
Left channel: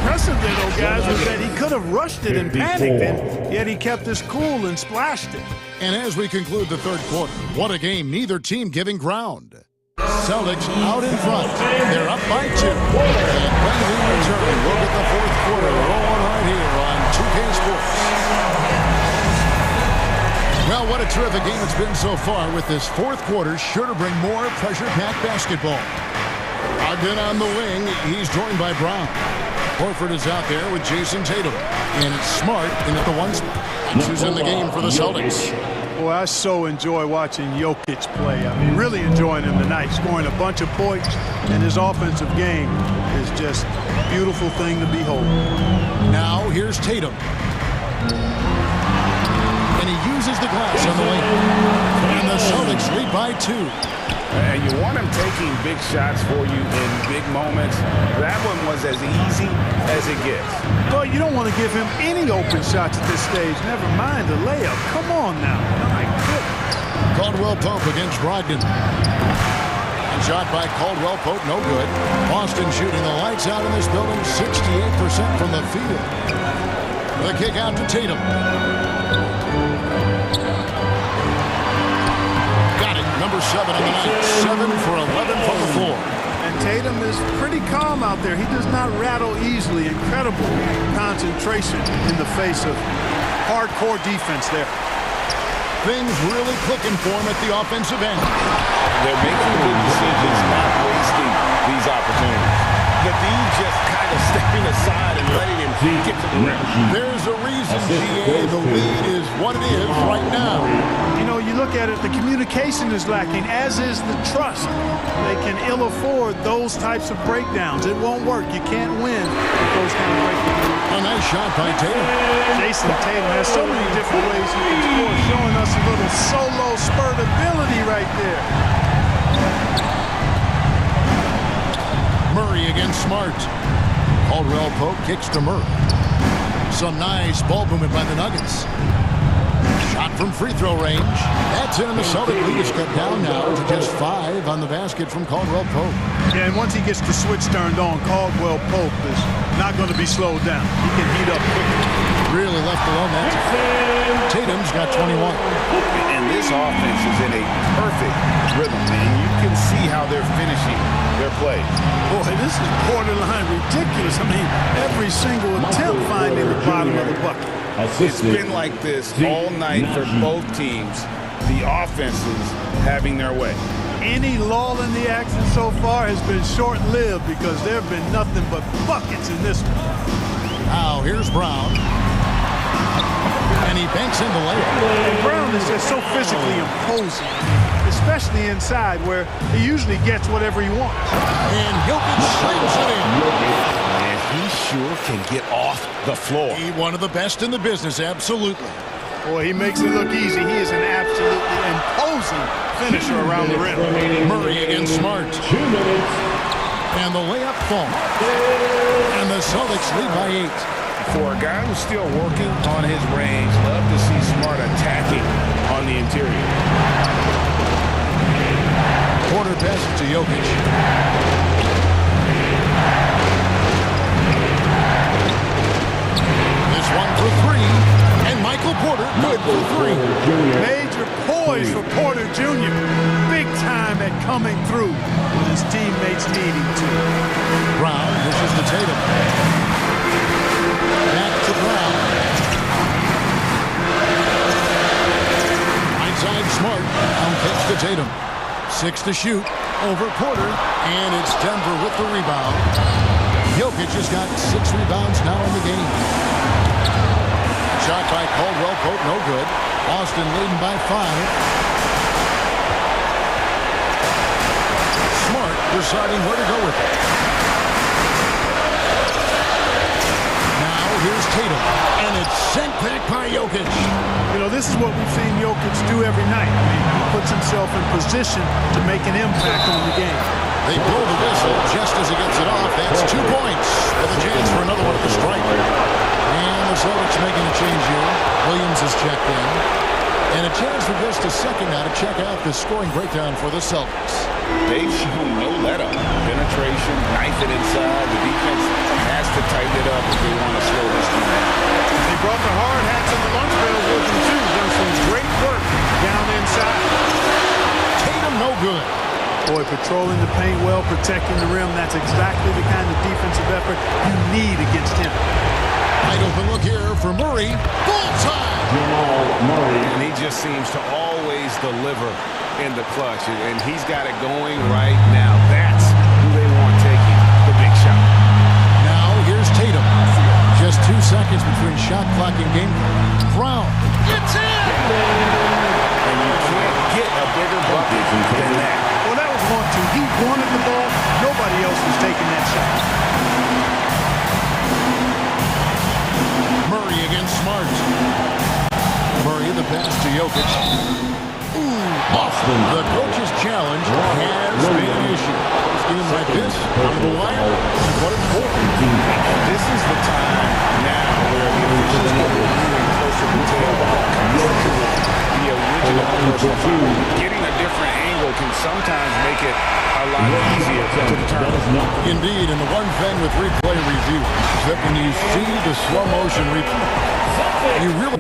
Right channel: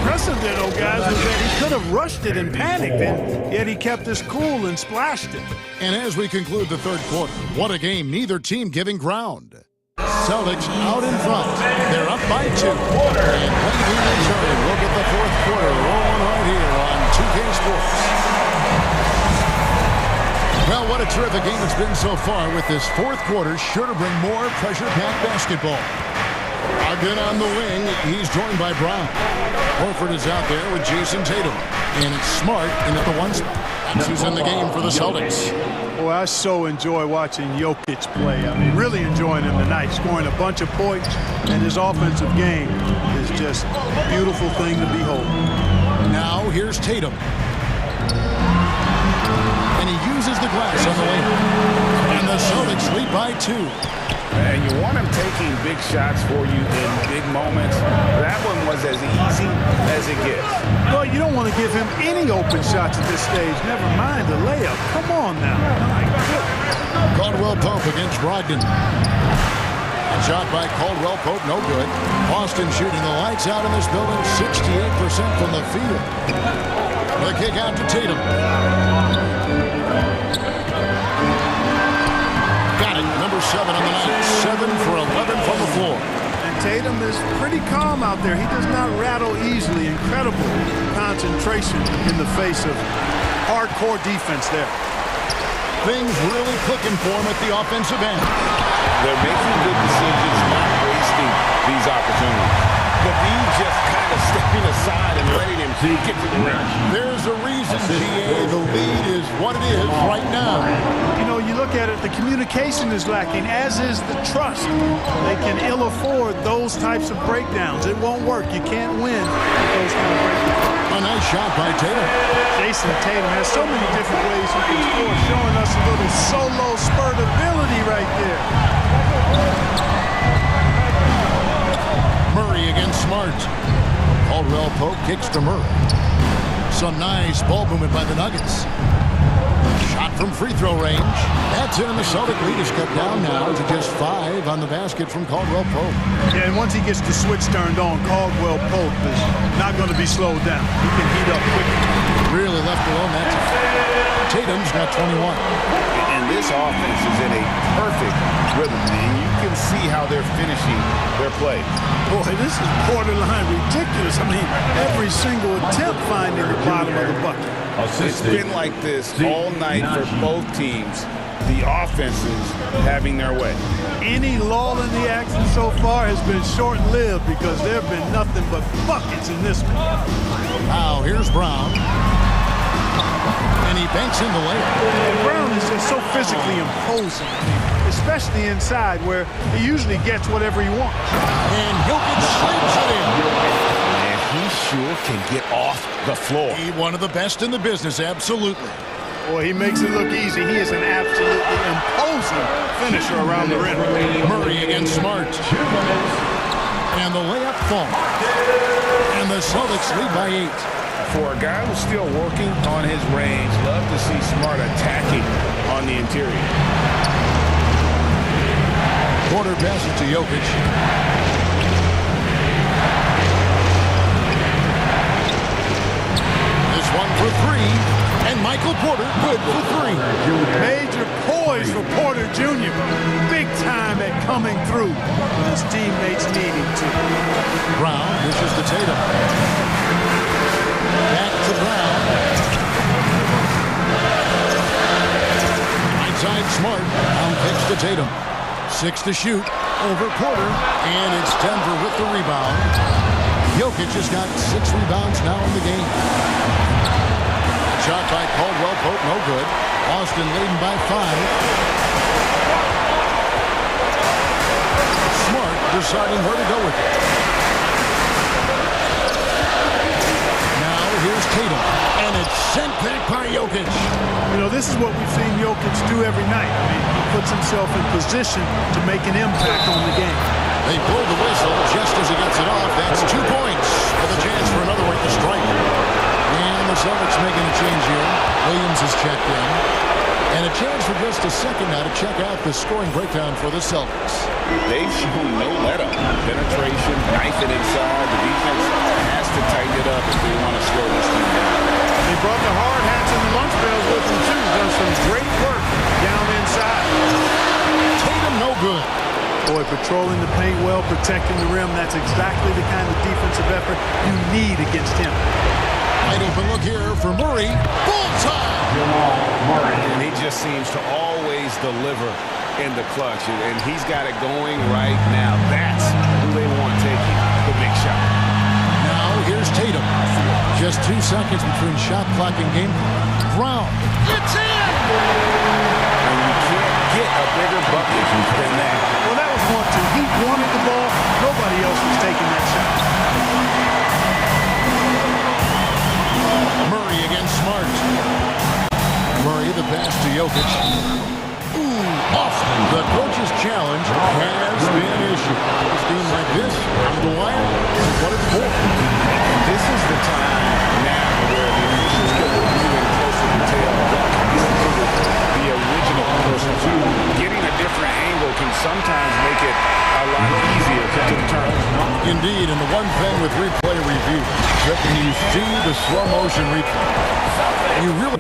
impressive there, though, guys, was that he could have rushed it and panicked, and yet he kept his cool and splashed it. And as we conclude the third quarter, what a game, neither team giving ground. Celtics out in front. They're up by 2. And when we return, we'll get the fourth quarter rolling right here on 2K Sports. Well, what a terrific game it's been so far, with this fourth quarter sure to bring more pressure-packed basketball. Ogden on the wing. He's joined by Brown. Horford is out there with Jason Tatum. And it's Smart in at the 1 spot. That's who's in the game for the Celtics. Boy, I so enjoy watching Jokic play. I mean, really enjoying him tonight, scoring a bunch of points, and his offensive game is just a beautiful thing to behold. Now here's Tatum. And he uses the glass on the wing. And the Celtics lead by 2. And you want him taking big shots for you in big moments. That one was as easy as it gets. Well, you don't want to give him any open shots at this stage. Never mind a layup. Come on now. My goodness. Caldwell Pope against Brogdon. And shot by Caldwell Pope, no good. Boston shooting the lights out in this building, 68% from the field. The kick out to Tatum. Got it. Number 7 on the night. 7 for 11 from the floor. And Tatum is pretty calm out there. He does not rattle easily. Incredible concentration in the face of hardcore defense there. Things really clicking for him at the offensive end. They're making good decisions, not wasting these opportunities. The D just kind of stepping aside and letting him get to the rim. There's a reason, GA, the lead is what it is right now. You know, you look at it, the communication is lacking, as is the trust. They can ill afford those types of breakdowns. It won't work. You can't win with those kind of breakdowns. A nice shot by Tatum. Jason Tatum has so many different ways he can score, showing us a little solo spurt ability right there. Murray against Smart. Caldwell Pope kicks to Murray. Some nice ball movement by the Nuggets. Shot from free throw range. That's in, and the Celtic lead is cut down now to just 5 on the basket from Caldwell Pope. Yeah, and once he gets the switch turned on, Caldwell Pope is not going to be slowed down. He can heat up quickly. Really left alone that time. Tatum's got 21. And this offense is in a perfect rhythm, and you can see how they're finishing their plays. Boy, this is borderline ridiculous. I mean, every single attempt finding the bottom of the bucket. It's been like this all night for both teams. The offenses having their way. Any lull in the action so far has been short-lived because there have been nothing but buckets in this one. Now here's Brown. And he banks in the layup. And Brown is just so physically imposing. I mean, especially inside where he usually gets whatever he wants. And Jokic slams it in. Man, he sure can get off the floor. He's one of the best in the business, absolutely. Boy, he makes it look easy. He is an absolutely imposing finisher around the rim. Murray against Smart. 2 minutes. And the layup falls. And the Celtics lead by 8. For a guy who's still working on his range, love to see Smart attacking on the interior. Porter passes to Jokic. This one for 3. And Michael Porter good for 3. Major poise for Porter Jr. Big time at coming through when his teammates need him to. Brown dishes to Tatum. Back to Brown. Right side Smart. Brown kicks to Tatum. 6 to shoot. Over Porter. And it's Denver with the rebound. Jokic has got 6 rebounds now in the game. A shot by Caldwell Pope, no good. Boston leading by 5. Smart deciding where to go with it. Here's Tatum, and it's sent back by Jokic. You know, this is what we've seen Jokic do every night. I mean, he puts himself in position to make an impact on the game. They blow the whistle just as he gets it off. That's 2 points with a chance for another one at the stripe. And the Celtics making a change here. Williams is checked in. And a chance for just a second now to check out the scoring breakdown for the Celtics. They've shown no let-up. Penetration, knife it inside. The defense has to tighten it up if they want to slow this team down. They brought the hard hats and the lunch pails with them, too. Done some great work down inside. Tatum, no good. Boy, patrolling the paint well, protecting the rim. That's exactly the kind of defensive effort you need against him. Wide open look here for Murray. Bullseye! Jamal Murray. And he just seems to always deliver in the clutch. And he's got it going right now. That's who they want taking the big shot. Now here's Tatum. Just 2 seconds between shot clock and game clock. Brown. It's in! And you can't get a bigger bucket than that. Well, that was 1-2. He wanted the ball. Nobody else was taking that shot. Murray against Smart. Murray the pass to Jokic. Ooh, off. The coach's challenge has been issued. A game like this, on the wire, is what it's for. And this is the time now where the officials can review in closer detail what constituted the original personal foul. Getting a different angle can sometimes make it a lot easier to determine. Indeed, and the one thing with replay review is that when you see the slow motion replay, you really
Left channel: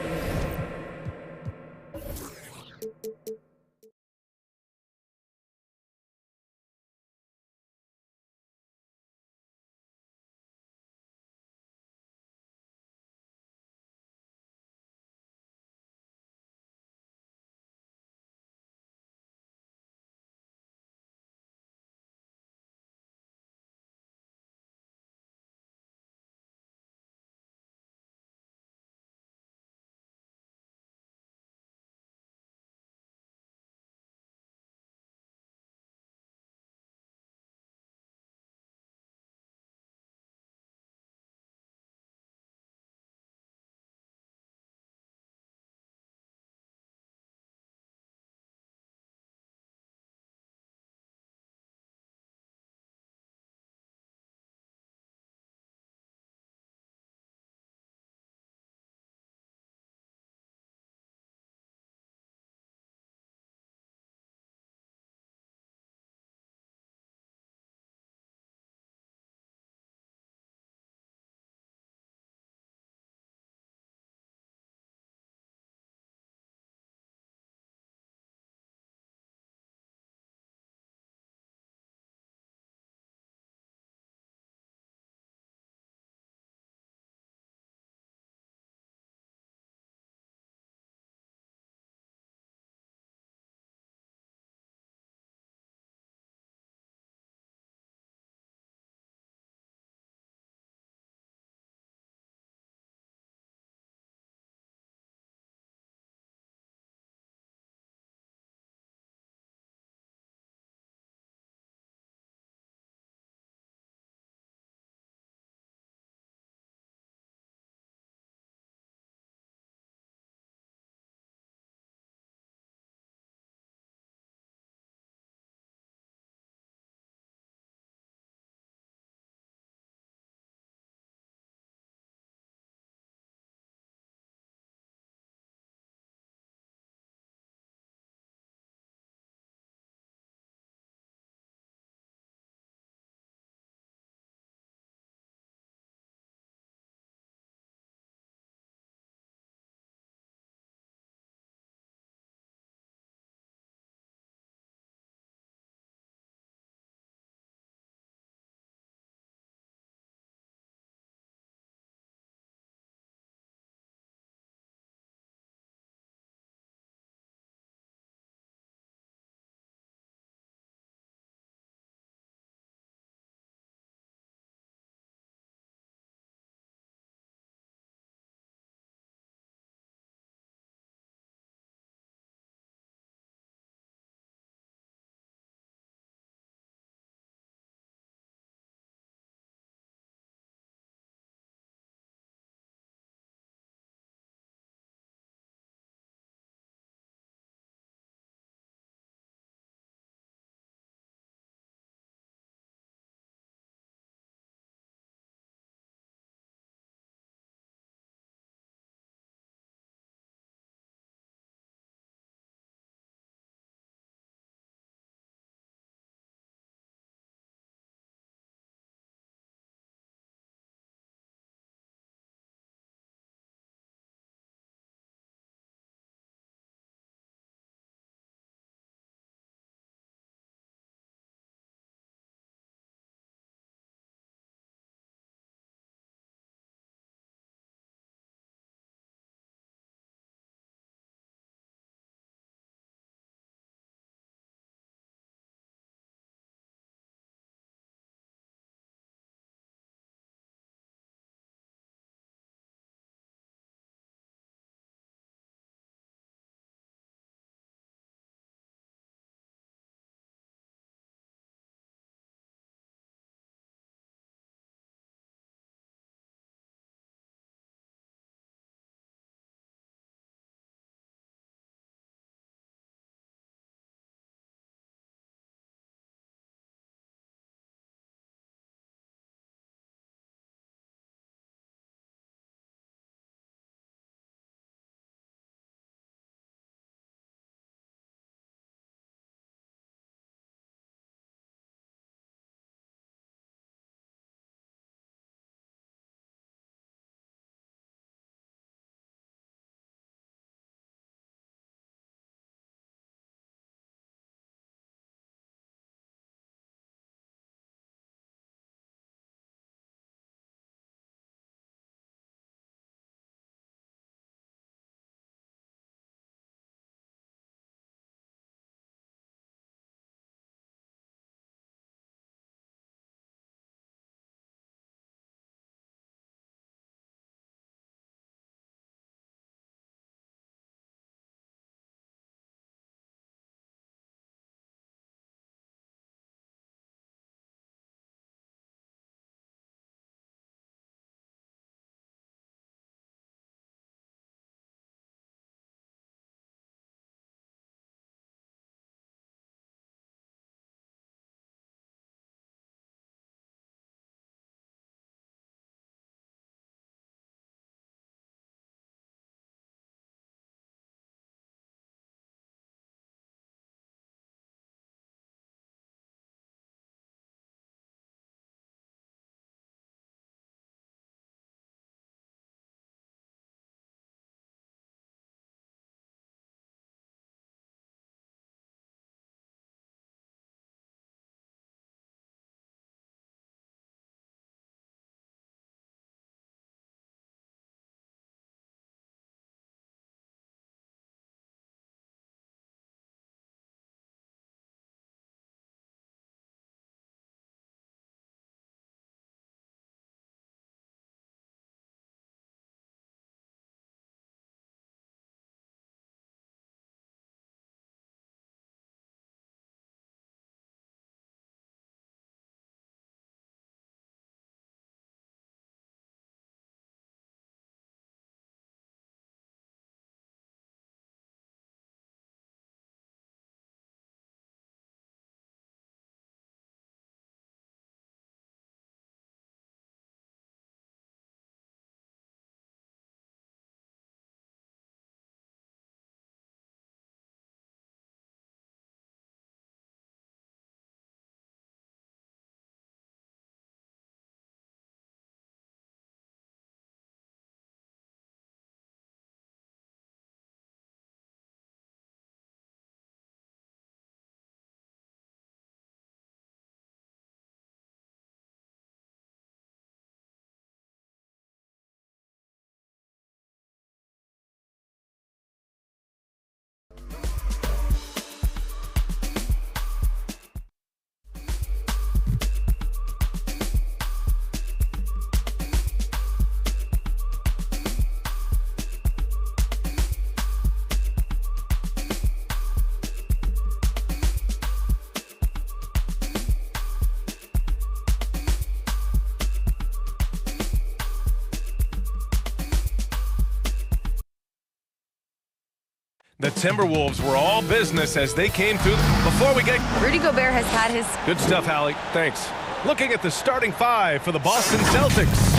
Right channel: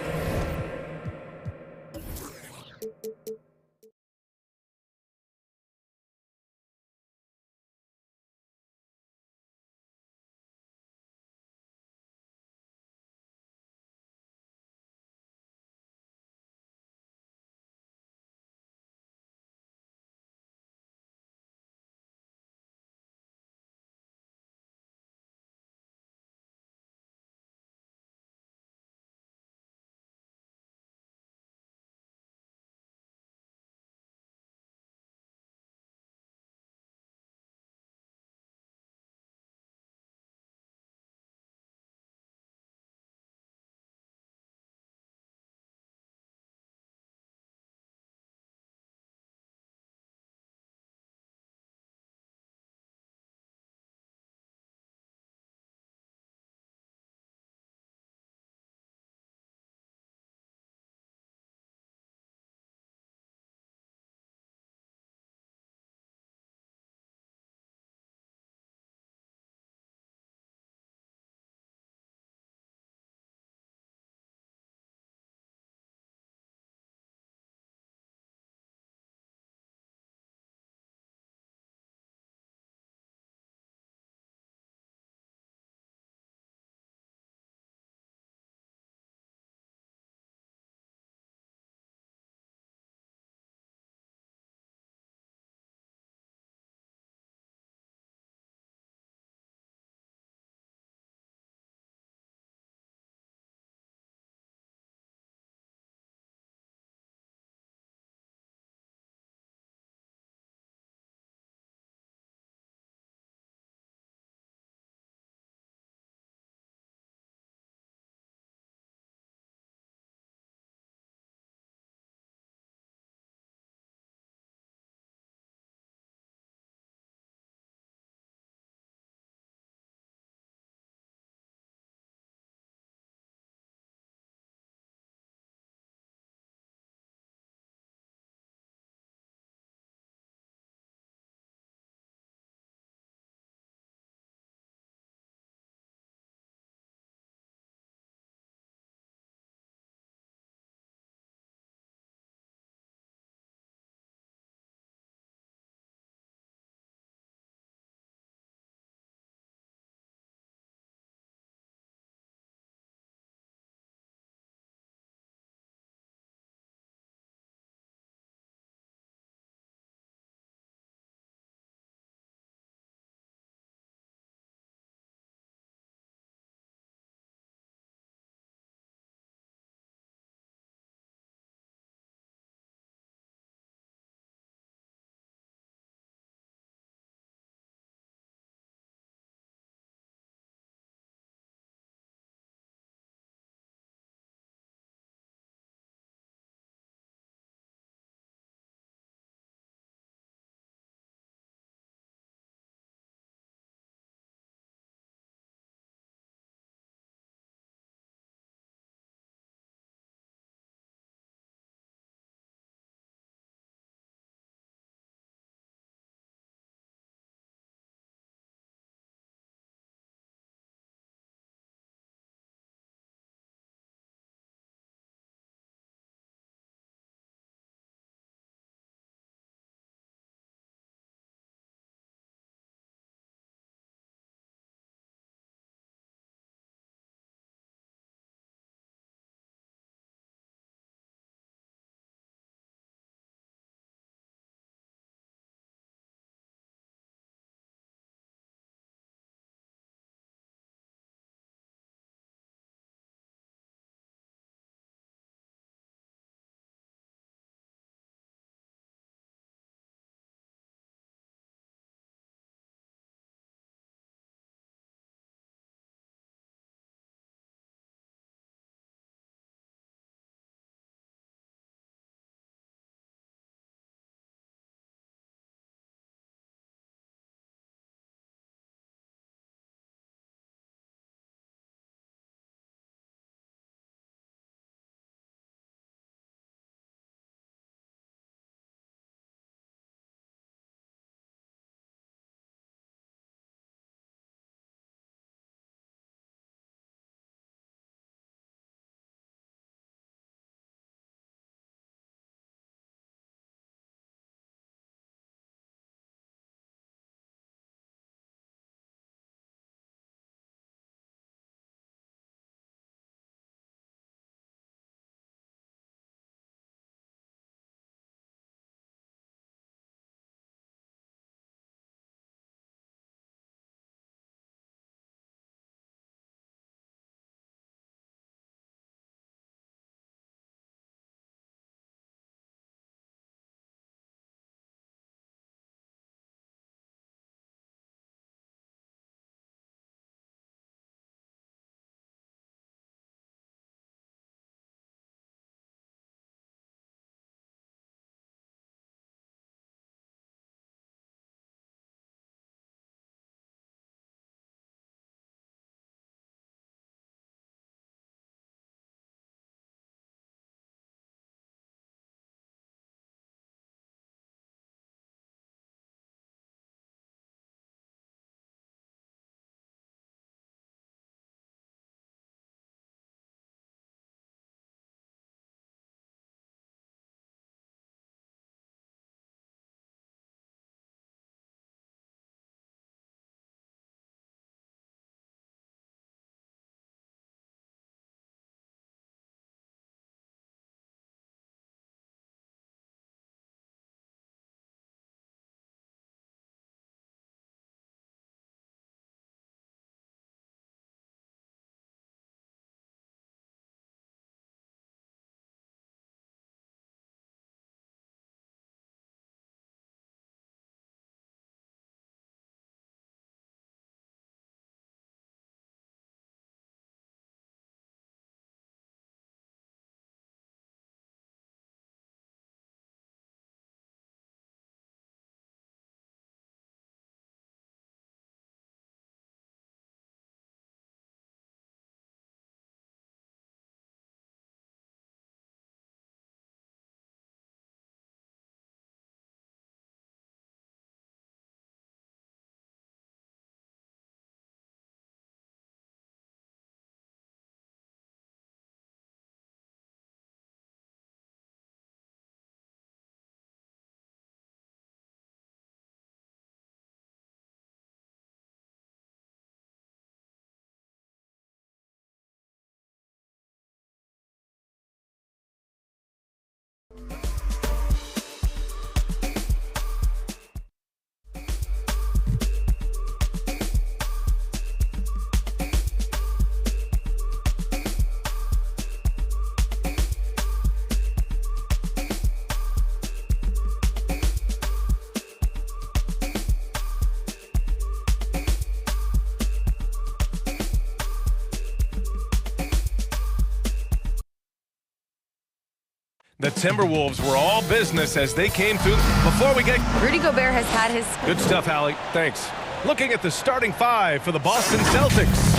The Timberwolves were all business as they came through. Before we get... Rudy Gobert has had his... Good stuff, Hallie. Thanks. Looking at the starting five for the Boston Celtics.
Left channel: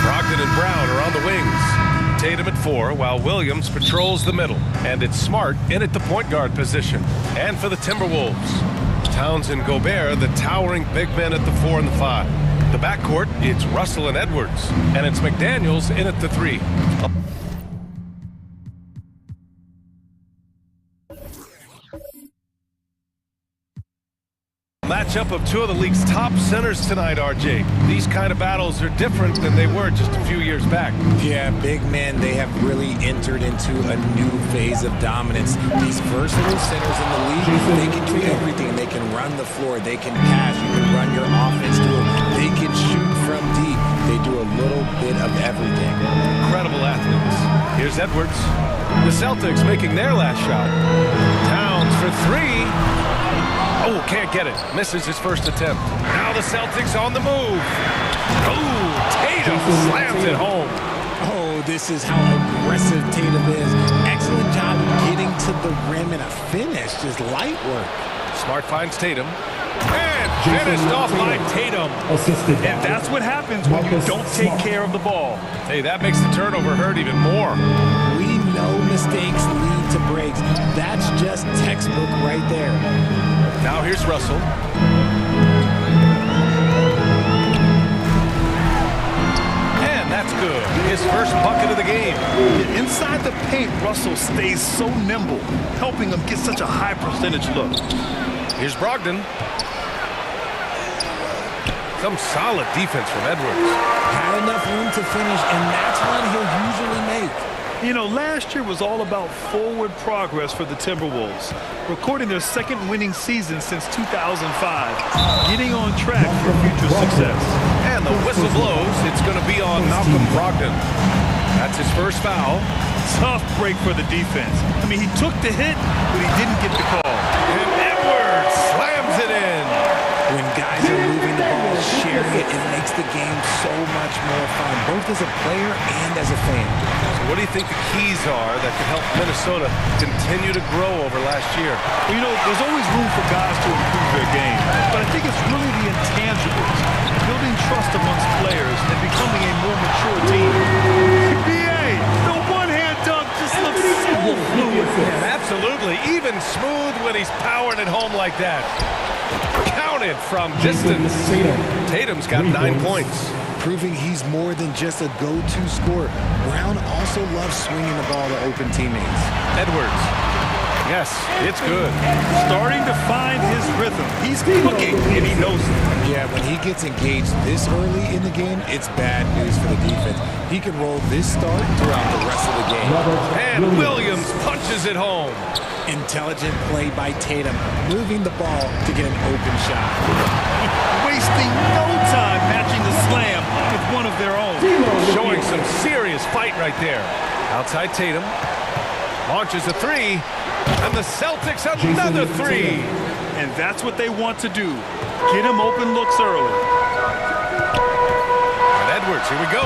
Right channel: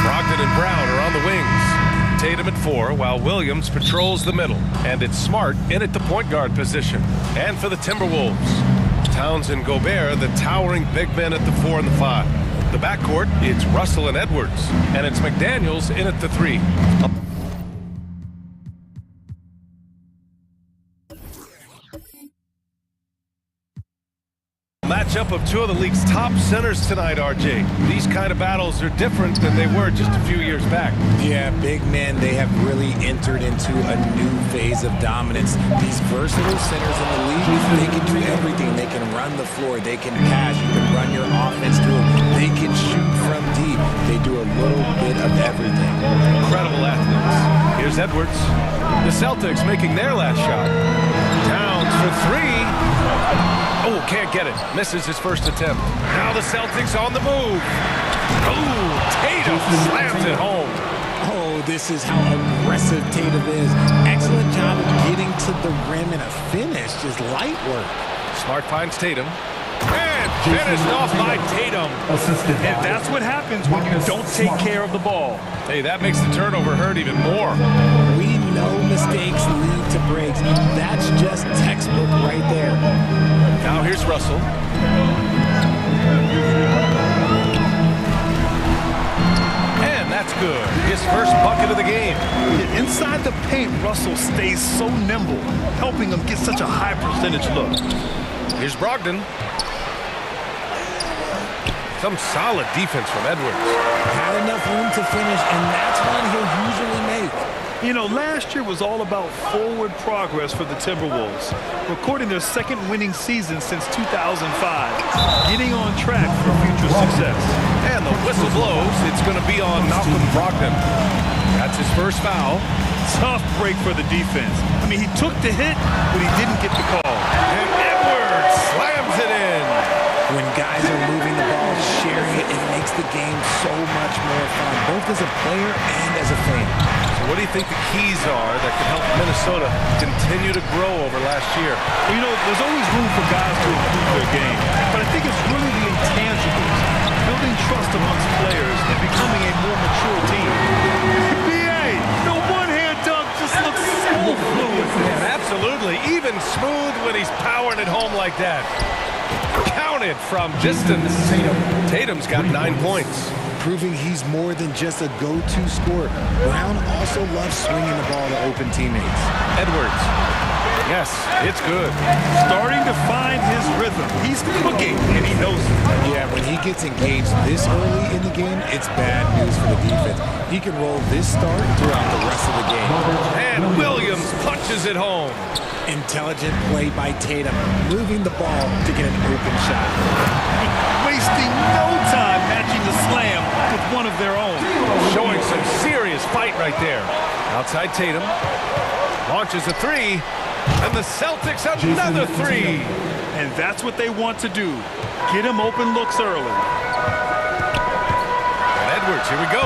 Brogdon and Brown are on the wings. Tatum at 4, while Williams patrols the middle. And it's Smart in at the point guard position. And for the Timberwolves, Towns and Gobert, the towering big men at the 4 and the 5. The backcourt, it's Russell and Edwards. And it's McDaniels in at the 3. Matchup of two of the league's top centers tonight, RJ. These kind of battles are different than they were just a few years back. Yeah, big men, they have really entered into a new phase of dominance. These versatile centers in the league, they can do everything. They can run the floor, they can pass, you can run your offense through them. They can shoot from deep. They do a little bit of everything. Incredible athletes. Here's Edwards. The Celtics making their last shot. Towns for 3. Oh, can't get it. Misses his first attempt. Now the Celtics on the move. Oh, Tatum slams it home. Oh, this is how aggressive Tatum is. Excellent job of getting to the rim and a finish. Just light work. Smart finds Tatum. And finished off by Tatum. And that's what happens when you don't take care of the ball. Hey, that makes the turnover hurt even more. We know mistakes lead to breaks. That's just textbook right there. Now here's Russell. And that's good. His first bucket of the game. Inside the paint, Russell stays so nimble, helping him get such a high percentage look. Here's Brogdon. Some solid defense from Edwards. Had enough room to finish, and that's one he'll usually make. You know, last year was all about forward progress for the Timberwolves, recording their second winning season since 2005, getting on track for future success. And the whistle blows. It's going to be on Malcolm Brogdon. That's his first foul. Tough break for the defense. I mean, he took the hit, but he didn't get the call. And Edwards slams it in. When guys are moving the ball, sharing it, it makes the game so much more fun, both as a player and as a fan. So what do you think the keys are that could help Minnesota continue to grow over last year? Well, you know, there's always room for guys to improve their game, but I think it's really the intangibles, building trust amongst players and becoming a more mature team. BA, the one-hand dunk just looks so fluid. Yeah, absolutely. Even smooth when he's powering it home like that. Counted from distance. Tatum's got 9 points. Proving he's more than just a go-to scorer. Brown also loves swinging the ball to open teammates. Edwards. Yes, it's good. Starting to find his rhythm. He's cooking, and he knows it. Yeah, when he gets engaged this early in the game, it's bad news for the defense. He can roll this start throughout the rest of the game. And Williams punches it home. Intelligent play by Tatum, moving the ball to get an open shot. Wasting no time matching the slam with one of their own. Showing some serious fight right there. Outside Tatum. Launches a 3. And the Celtics another 3. And that's what they want to do. Get him open looks early. And Edwards, here we go.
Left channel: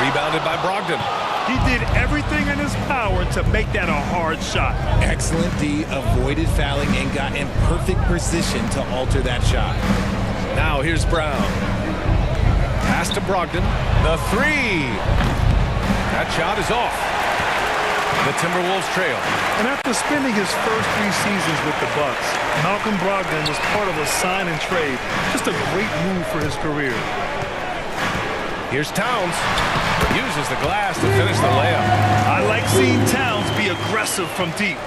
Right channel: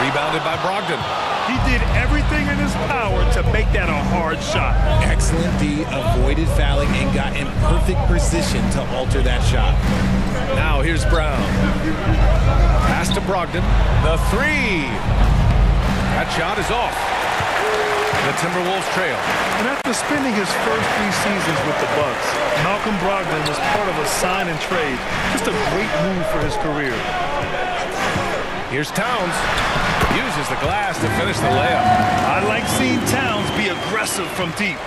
Rebounded by Brogdon. He did everything in his power to make that a hard shot. Excellent D, avoided fouling and got in perfect position to alter that shot. Now here's Brown. Pass to Brogdon. The 3. That shot is off. The Timberwolves trail. And after spending his first 3 seasons with the Bucks, Malcolm Brogdon was part of a sign and trade. Just a great move for his career. Here's Towns. Uses the glass to finish the layup. I like seeing Towns be aggressive from deep.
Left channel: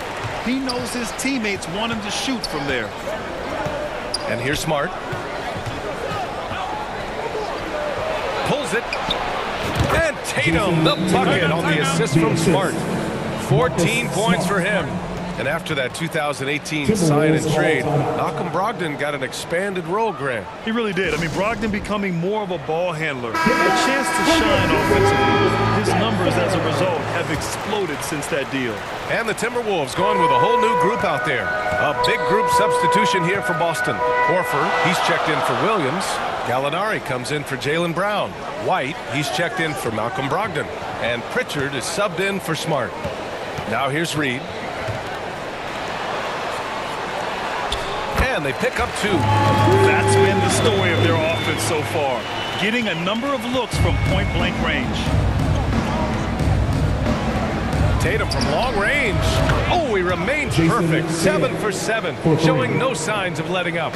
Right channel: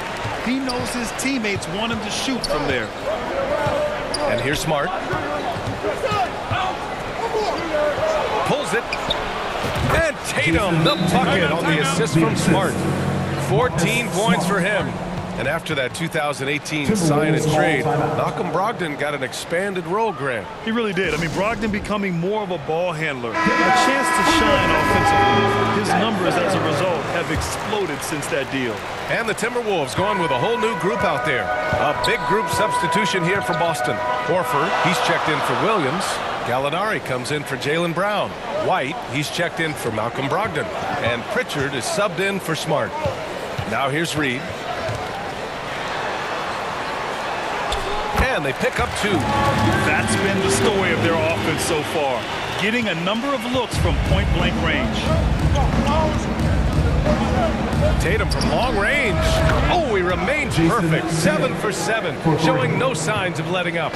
He knows his teammates want him to shoot from there. And here's Smart. Pulls it. And Tatum, the bucket on the assist from Smart. 14 points for him. And after that 2018 sign and trade, Malcolm Brogdon got an expanded role, Grant. He really did. I mean, Brogdon becoming more of a ball handler, a chance to shine offensively. His numbers, as a result, have exploded since that deal. And the Timberwolves going with a whole new group out there. A big group substitution here for Boston. Horford, he's checked in for Williams. Gallinari comes in for Jaylen Brown. White, he's checked in for Malcolm Brogdon. And Pritchard is subbed in for Smart. Now here's Reed. and they pick up 2. That's been the story of their offense so far, getting a number of looks from point-blank range. Tatum from long range. Oh, he remains perfect. 7 for 7, showing no signs of letting up.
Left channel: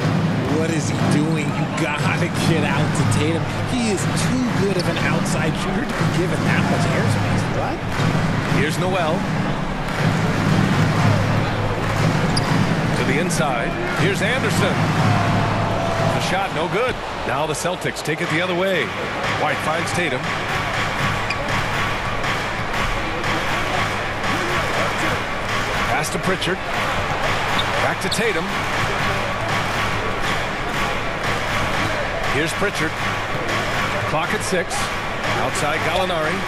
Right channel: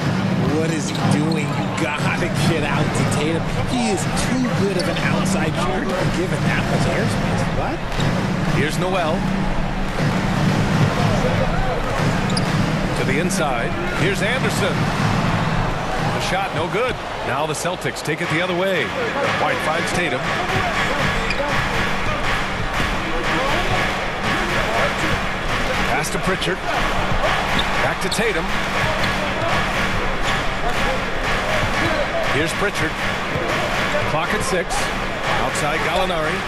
What is he doing? You gotta get out to Tatum. He is too good of an outside shooter to be given that much airspace. What? Here's Noel. To the inside. Here's Anderson. The shot no good. Now the Celtics take it the other way. White finds Tatum. Pass to Pritchard. Back to Tatum. Here's Pritchard. Clock at 6. Outside Gallinari.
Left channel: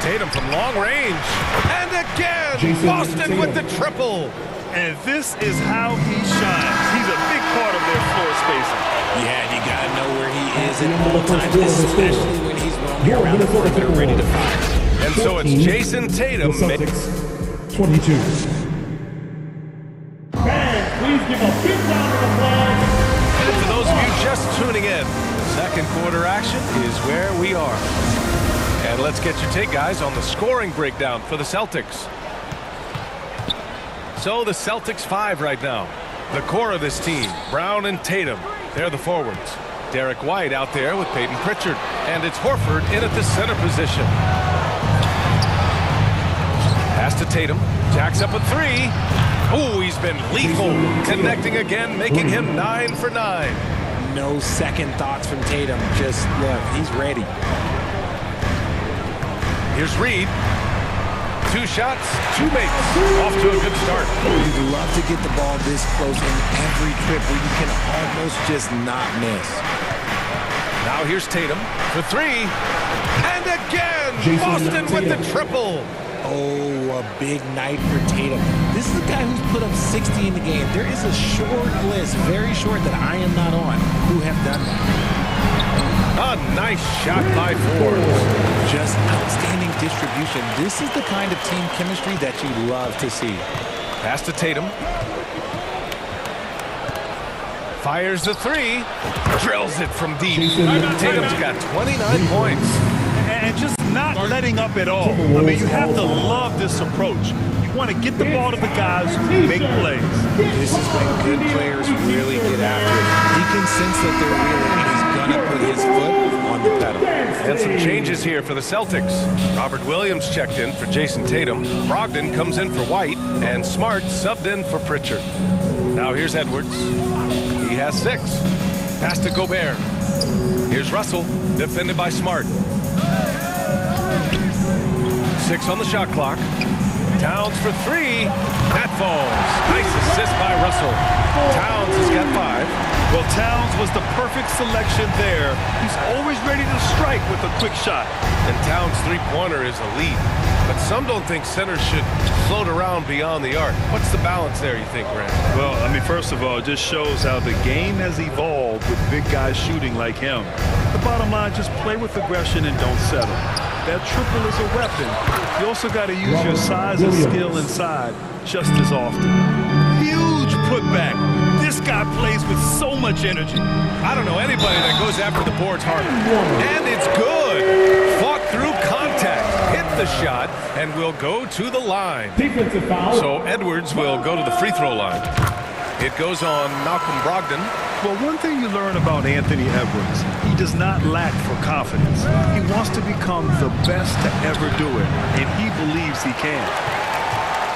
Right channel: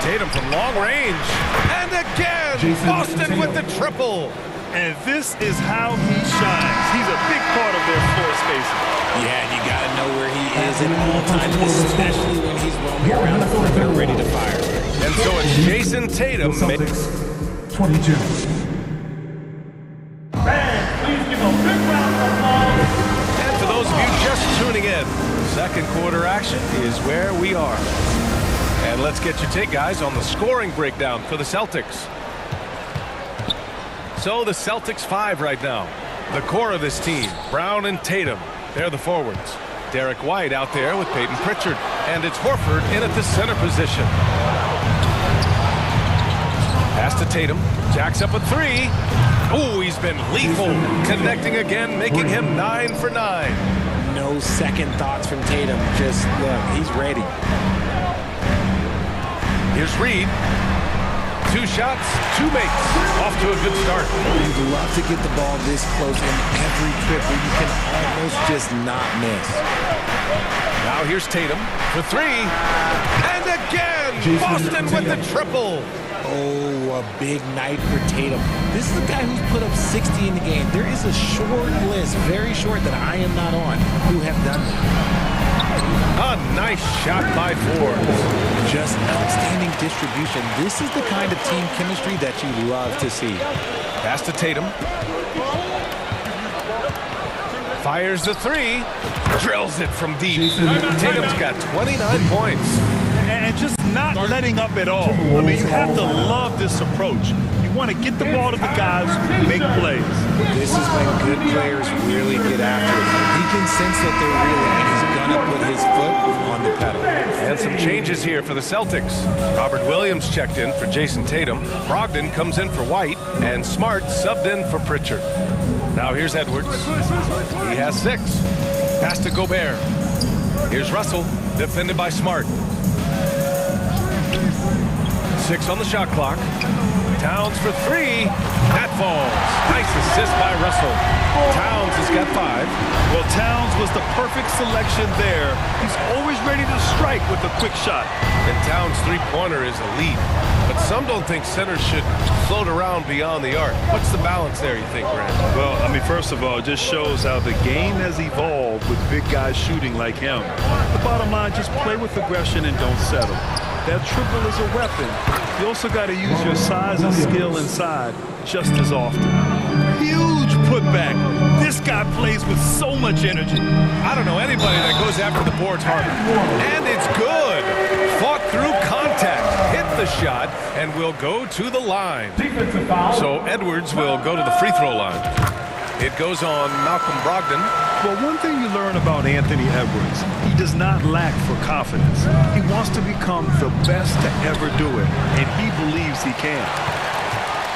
Tatum from long range. And again, Boston with the triple. And this is how he shines. He's a big part of their floor spacing. Yeah, you got to know where he is at all times, especially when he's roaming around the perimeter ready to fire. And so it's Jason Tatum. 22. Fans, please give a big round of applause. And for those of you just tuning in, the second quarter action is where we are. And let's get your take, guys, on the scoring breakdown for the Celtics. So the Celtics 5 right now. The core of this team, Brown and Tatum, they're the forwards. Derek White out there with Peyton Pritchard. And it's Horford in at the center position. Pass to Tatum. Jacks up a 3. Oh, he's been lethal. Connecting again, making him 9 for 9. No second thoughts from Tatum. Just look, he's ready. Here's Reed. 2 shots, 2 makes. Off to a good start. You'd love to get the ball this close in every trip where you can almost just not miss. Now here's Tatum for 3. And again, Boston with the triple. Oh, a big night for Tatum. This is a guy who's put up 60 in the game. There is a short list, very short, that I am not on, who have done that. A nice shot by Forbes. Just outstanding distribution. This is the kind of team chemistry that you love to see. Pass to Tatum. Fires the 3. Drills it from deep. Tatum's got 29 points. And just not letting up at all. I mean, you have to love this approach. You want to get the ball to the guys who make plays. This is when good players really get after it. He can sense that they're reeling, and he's going to put his foot on the pedal. And some changes here for the Celtics. Robert Williams checked in for Jason Tatum. Brogdon comes in for White. And Smart subbed in for Pritchard. Now here's Edwards. He has 6. Pass to Gobert. Here's Russell, defended by Smart. 6 on the shot clock. Towns for 3. That falls. Nice assist by Russell. Towns has got 5. Well, Towns was the perfect selection there. He's always ready to strike with a quick shot. And Towns' three-pointer is elite. But some don't think centers should float around beyond the arc. What's the balance there, you think, Grant? Well, I mean, first of all, it just shows how the game has evolved with big guys shooting like him. The bottom line, just play with aggression and don't settle. That triple is a weapon. You also got to use your size and skill inside just as often. Huge putback. This guy plays with so much energy. I don't know anybody that goes after the boards harder. And it's good. Fought through contact. Hit the shot and will go to the line. Defensive foul. So Edwards will go to the free throw line. It goes on Malcolm Brogdon. Well, one thing you learn about Anthony Edwards, he does not lack for confidence. He wants to become the best to ever do it, and he believes he can.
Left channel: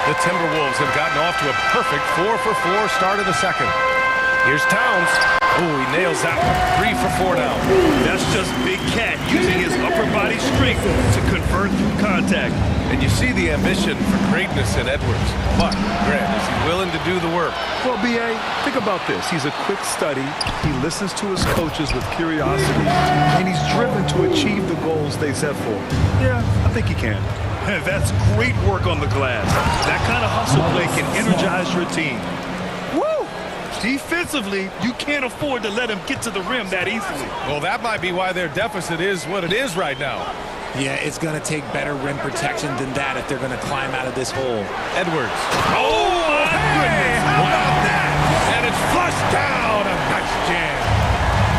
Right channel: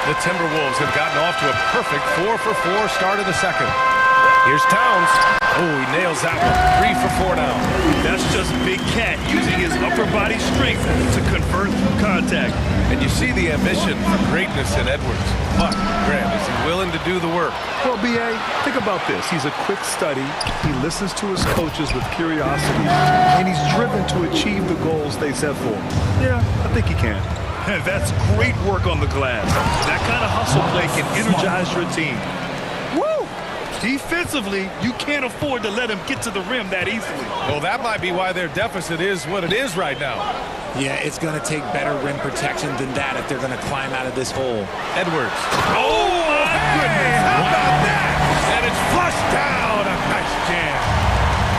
The Timberwolves have gotten off to a perfect 4-for-4 start of the second. Here's Towns. Oh, he nails that one. 3 for 4 now. That's just Big Cat using his upper body strength to convert through contact. And you see the ambition for greatness in Edwards. But, Grant, is he willing to do the work? Well, B.A., think about this. He's a quick study. He listens to his coaches with curiosity. And he's driven to achieve the goals they set for him. Yeah, I think he can. That's great work on the glass. That kind of hustle play can energize your team. Woo! Defensively, you can't afford to let him get to the rim that easily. Well, that might be why their deficit is what it is right now. Yeah, it's going to take better rim protection than that if they're going to climb out of this hole. Edwards. Oh, my goodness. How about that? And it's flushed down. A nice jam.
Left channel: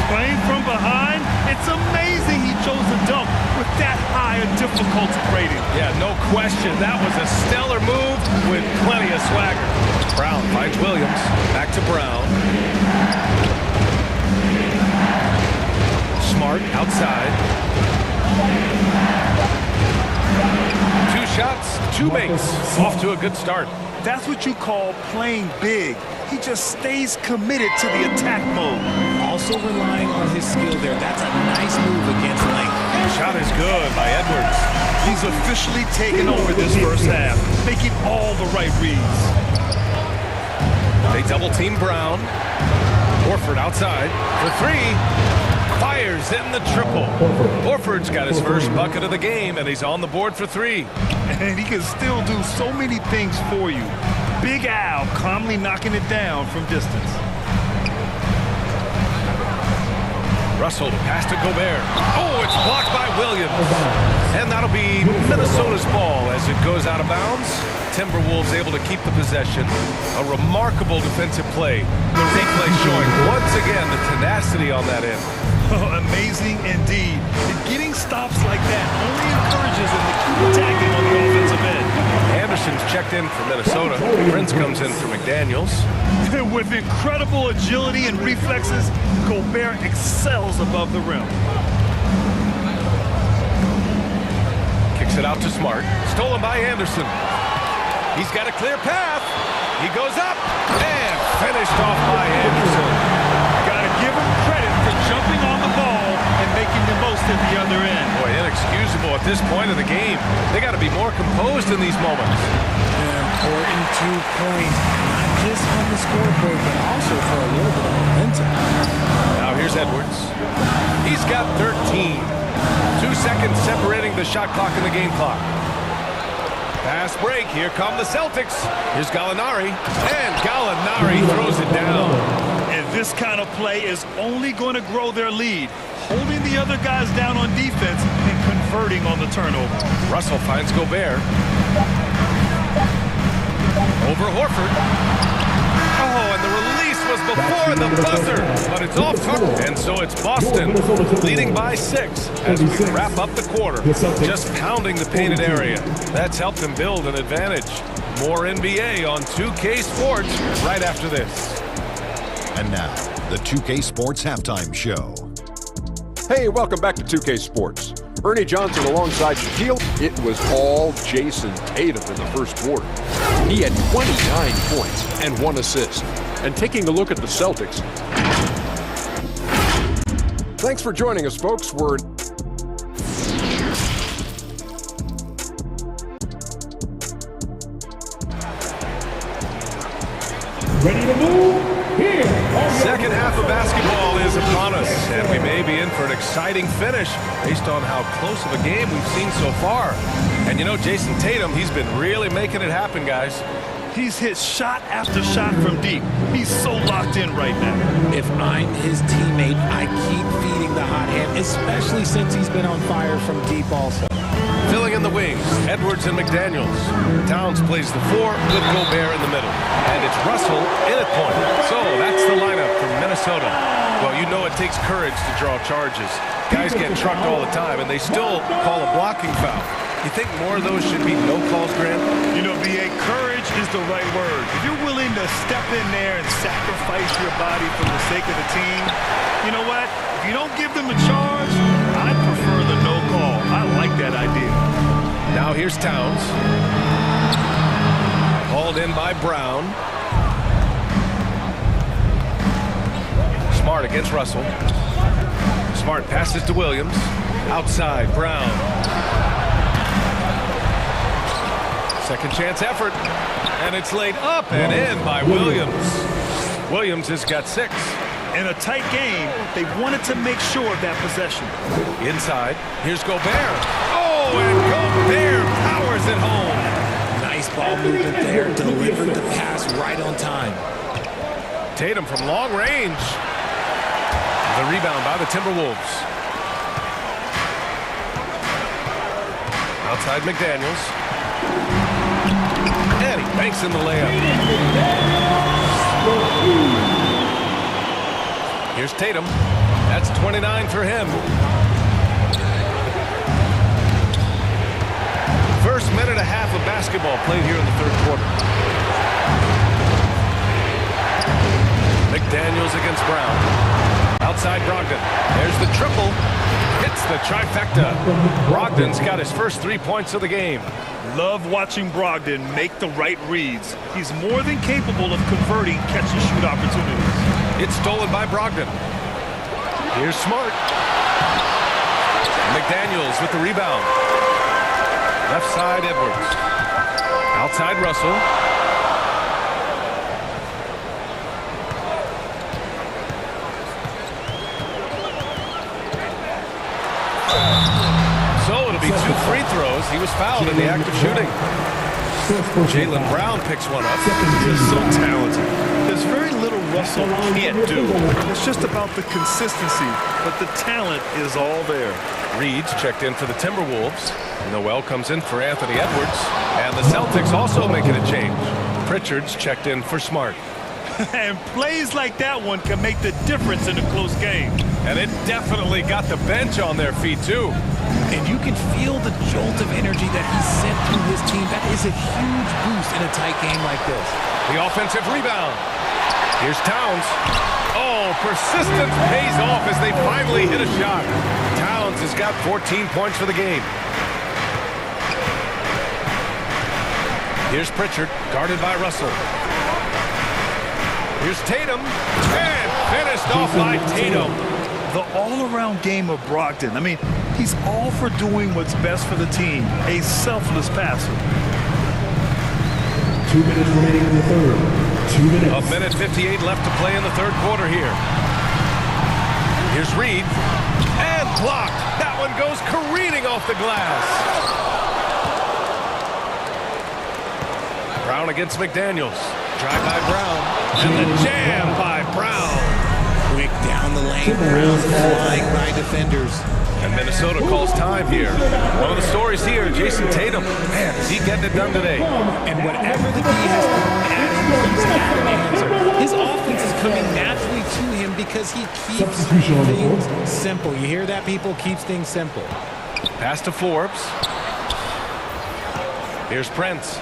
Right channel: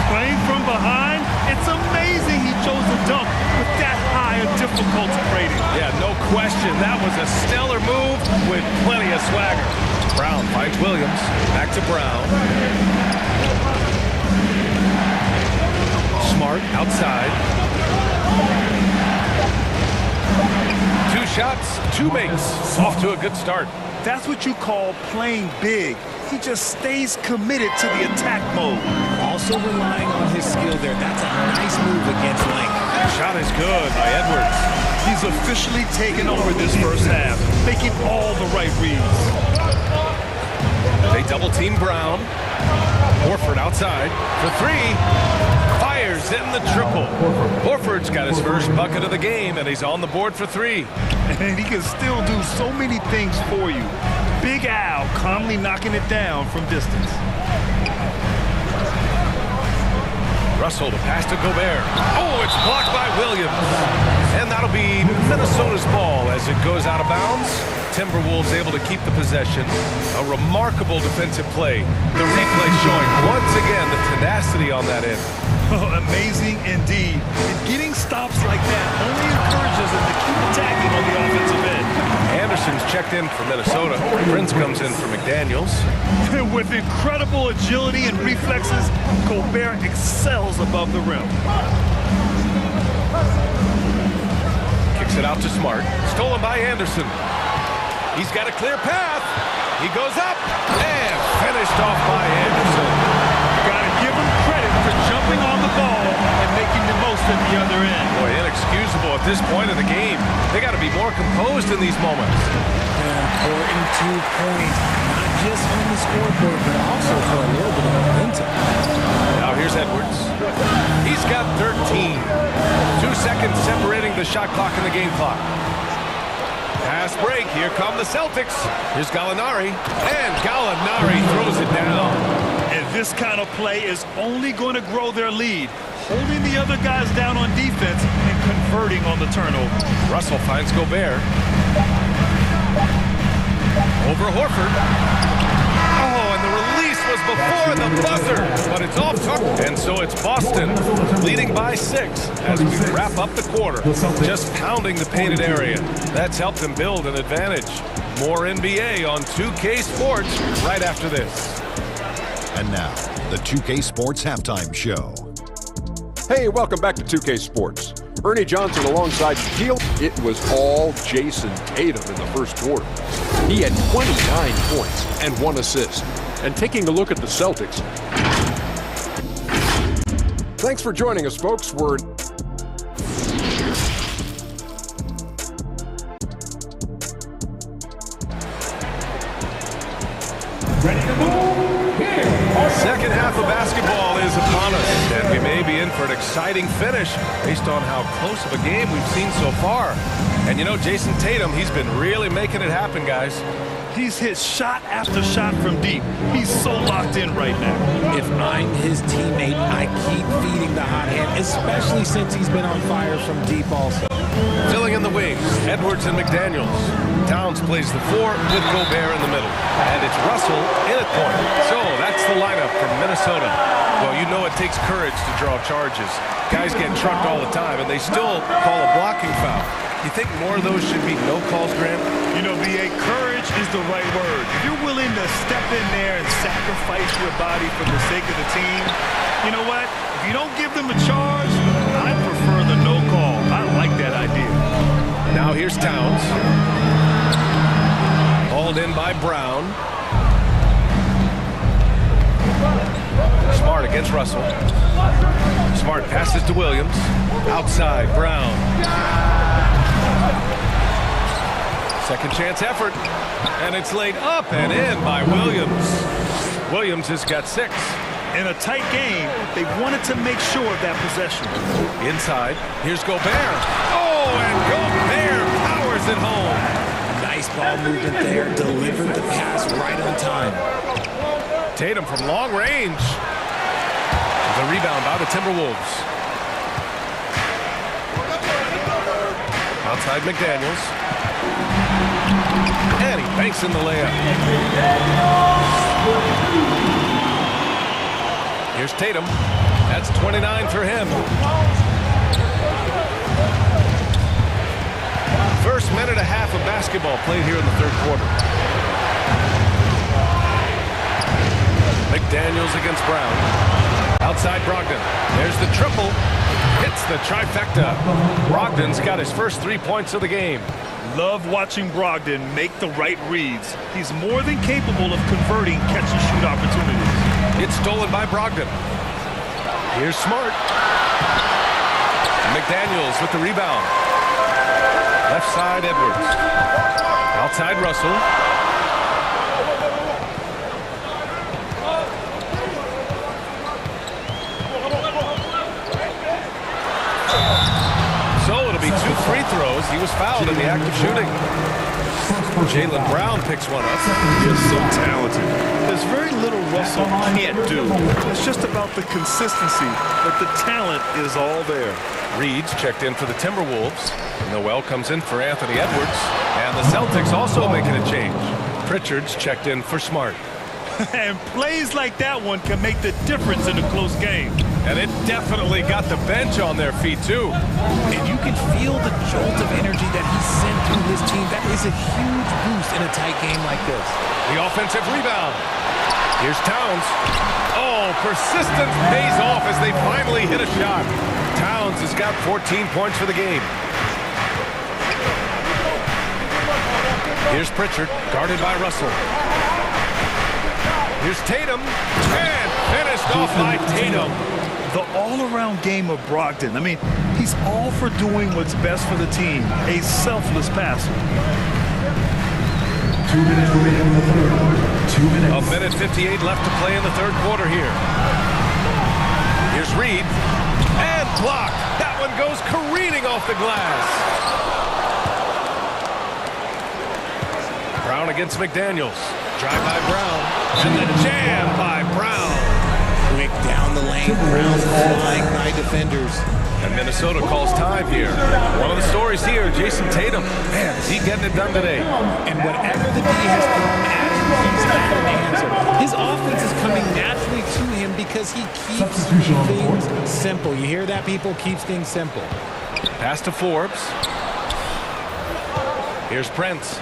Playing from behind, it's amazing he chose a dunk with that high a difficulty rating. Yeah, no question. That was a stellar move with plenty of swagger. Brown finds Williams. Back to Brown. Smart outside. 2 shots, 2 makes. Off to a good start. That's what you call playing big. He just stays committed to the attack mode. Also relying on his skill there. That's a nice move against length. Shot is good by Edwards. He's officially taken over this first half, making all the right reads. They double team Brown. Horford outside for 3. Fires in the triple. Horford's got his first bucket of the game, and he's on the board for 3. And he can still do so many things for you. Big Al calmly knocking it down from distance. Russell to pass to Gobert. Oh, it's blocked by Williams. And that'll be Minnesota's ball as it goes out of bounds. Timberwolves able to keep the possession. A remarkable defensive play. The replay showing once again the tenacity on that end. Amazing indeed. And getting stops like that only encourages them to keep attacking on the offensive end. Anderson's checked in for Minnesota. Prince comes in for McDaniels. With incredible agility and reflexes, Gobert excels above the rim. Kicks it out to Smart. Stolen by Anderson. He's got a clear path. He goes up and finished off by Anderson. Gotta give him credit for jumping on the ball and making the most at the other end. Boy, inexcusable at this point of the game. They got to be more composed in these moments. An important 2-point, not just on the scoreboard, but also for a little bit of momentum. Now here's Edwards. He's got 13. 2 seconds separating the shot clock and the game clock. Pass break. Here come the Celtics. Here's Gallinari. And Gallinari throws it down. And this kind of play is only going to grow their lead, holding the other guys down on defense and converting on the turnover. Russell finds Gobert. Over Horford. Oh, and the release was before the buzzer, but it's off target. And so it's Boston leading by 6 as we wrap up the quarter. Just pounding the painted area. That's helped them build an advantage. More NBA on 2K Sports right after this. And now, the 2K Sports Halftime Show. Hey, welcome back to 2K Sports. Ernie Johnson alongside Shaquille. It was all Jason Tatum in the first quarter. He had 29 points and 1 assist. And taking a look at the Celtics. Thanks for joining us, folks. We're ready to move. Second half of basketball is upon us, and we may be in for an exciting finish based on how close of a game we've seen so far. And you know, Jason Tatum, he's been really making it happen, guys. He's hit shot after shot from deep. He's so locked in right now. If I'm his teammate, I keep feeding the hot hand, especially since he's been on fire from deep also. Filling in the wings, Edwards and McDaniels. Towns plays the 4 with Gobert in the middle. And it's Russell in at point. So that's the lineup from Minnesota. Well, you know it takes courage to draw charges. Guys get trucked all the time, and they still call a blocking foul. You think more of those should be no calls, Grant? You know, B.A., courage is the right word. If you're willing to step in there and sacrifice your body for the sake of the team, you know what? If you don't give them a charge, I prefer the no call. I like that idea. Now here's Towns. Hauled in by Brown. Smart against Russell. Smart passes to Williams. Outside, Brown. Second chance effort. And it's laid up and in by Williams. Williams has got 6. In a tight game, they wanted to make sure of that possession. Inside, here's Gobert. Oh, and Gobert powers it home. Nice ball movement there. Delivered the pass right on time. Tatum from long range. The rebound by the Timberwolves. Outside McDaniels. And he banks in the layup. Here's Tatum. That's 29 for him. First minute and a half of basketball played here in the third quarter. McDaniels against Brown. Outside Brogdon. There's the triple. Hits the trifecta. Brogdon's got his first 3 points of the game. Love watching Brogdon make the right reads. He's more than capable of converting catch-and-shoot opportunities. It's stolen by Brogdon. Here's Smart. McDaniels with the rebound. Left side Edwards. Outside Russell. So it'll be 2 free throws. He was fouled in the act of shooting. Jaylen Brown picks one up. He's so talented. There's very little Russell can't do. It's just about the consistency, but the talent is all there. Reed's checked in for the Timberwolves. Noel comes in for Anthony Edwards. And the Celtics also making a change. Pritchard's checked in for Smart. And plays like that one can make the difference in a close game. And it definitely got the bench on their feet, too. And you can feel the jolt of energy that he sent through his team. That is a huge boost in a tight game like this. The offensive rebound. Here's Towns. Oh, persistence pays off as they finally hit a shot. Towns has got 14 points for the game. Here's Pritchard, guarded by Russell. Here's Tatum, and finished off by Tatum. The all-around game of Brogdon. I mean, he's all for doing what's best for the team. A selfless passer. 2 minutes remaining in the third. 2 minutes. A minute 58 left to play in the third quarter here. Here's Reed, and blocked. That one goes careening off the glass. Brown against McDaniels. Drive by Brown, and the jam by Brown. Quick down the lane, Brown flying by defenders. And Minnesota calls time here. One of the stories here, Jason Tatum. Man, is he getting it done today? And whatever the D has thrown at him, he's had an answer. His offense is coming naturally to him because he keeps things simple. You hear that, people? Keeps things simple. Pass to Forbes. Here's Prince.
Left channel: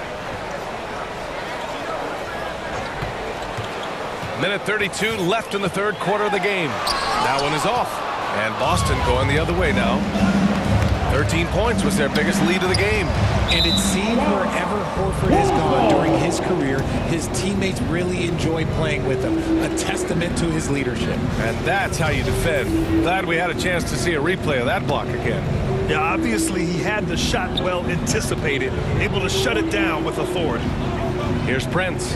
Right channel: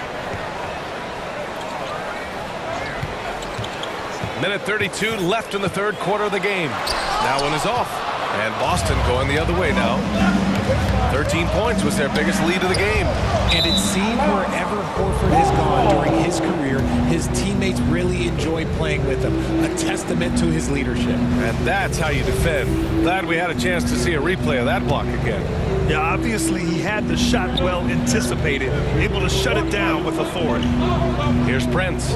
Minute 32 left in the third quarter of the game. That one is off. And Boston going the other way now. 13 points was their biggest lead of the game. And it seems wherever Horford has gone during his career, his teammates really enjoy playing with him. A testament to his leadership. And that's how you defend. Glad we had a chance to see a replay of that block again. Yeah, obviously he had the shot well anticipated, able to shut it down with authority. Here's Prince.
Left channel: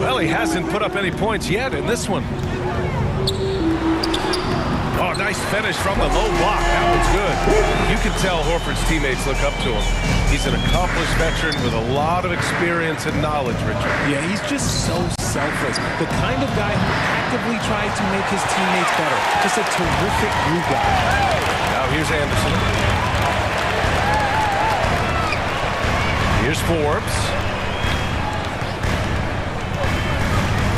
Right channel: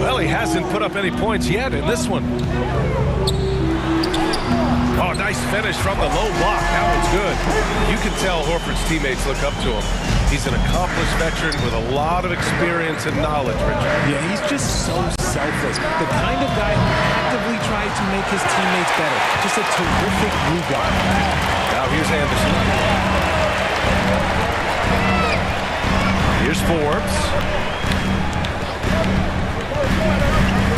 Well, he hasn't put up any points yet in this one. Oh, nice finish from the low block. That one's good. You can tell Horford's teammates look up to him. He's an accomplished veteran with a lot of experience and knowledge, Richard. Yeah, he's just so selfless. The kind of guy who actively tries to make his teammates better. Just a terrific glue guy. Now here's Anderson. Here's Forbes.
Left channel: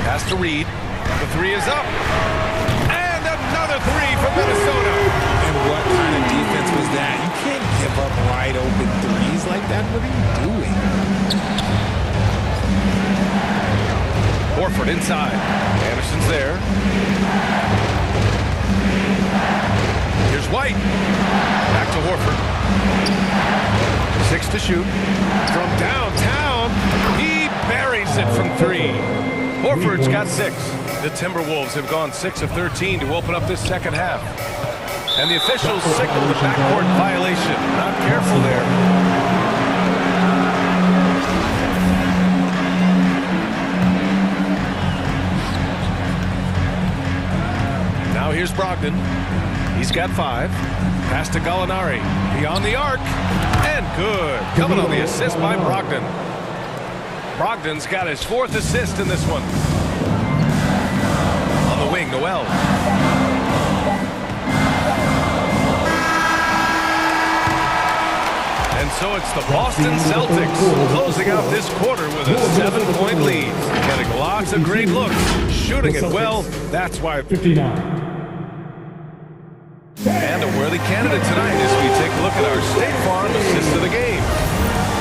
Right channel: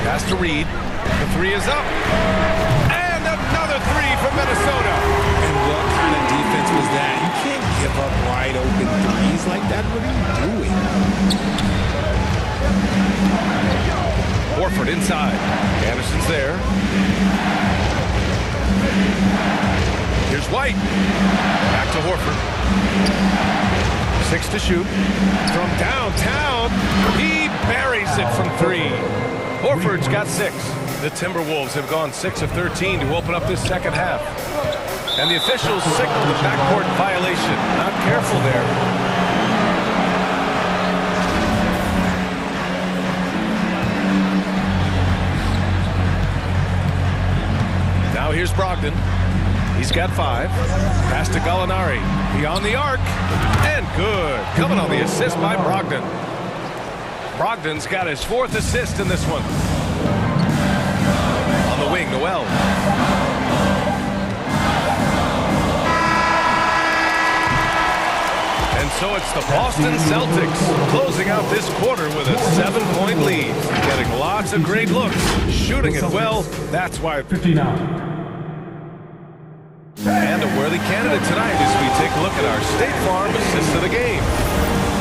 Pass to Reed. The three is up. And another three from Minnesota. And what kind of defense was that? You can't give up wide open threes like that. What are you doing? Horford inside. Anderson's there. Here's White. Back to Horford. 6 to shoot. From downtown, he buries it from 3. Horford's got 6. The Timberwolves have gone 6 of 13 to open up this second half. And the officials signal the backcourt violation. Not careful there. Now here's Brogdon. He's got 5. Pass to Gallinari. Beyond the arc. And good. Coming on the assist by Brogdon. Brogdon's got his 4th assist in this one. On the wing, Noel. And so it's the Boston Celtics closing out this quarter with a 7-point lead. Getting lots of great looks, shooting it well. That's why 59. And a worthy candidate tonight as we take a look at our State Farm assist of the game.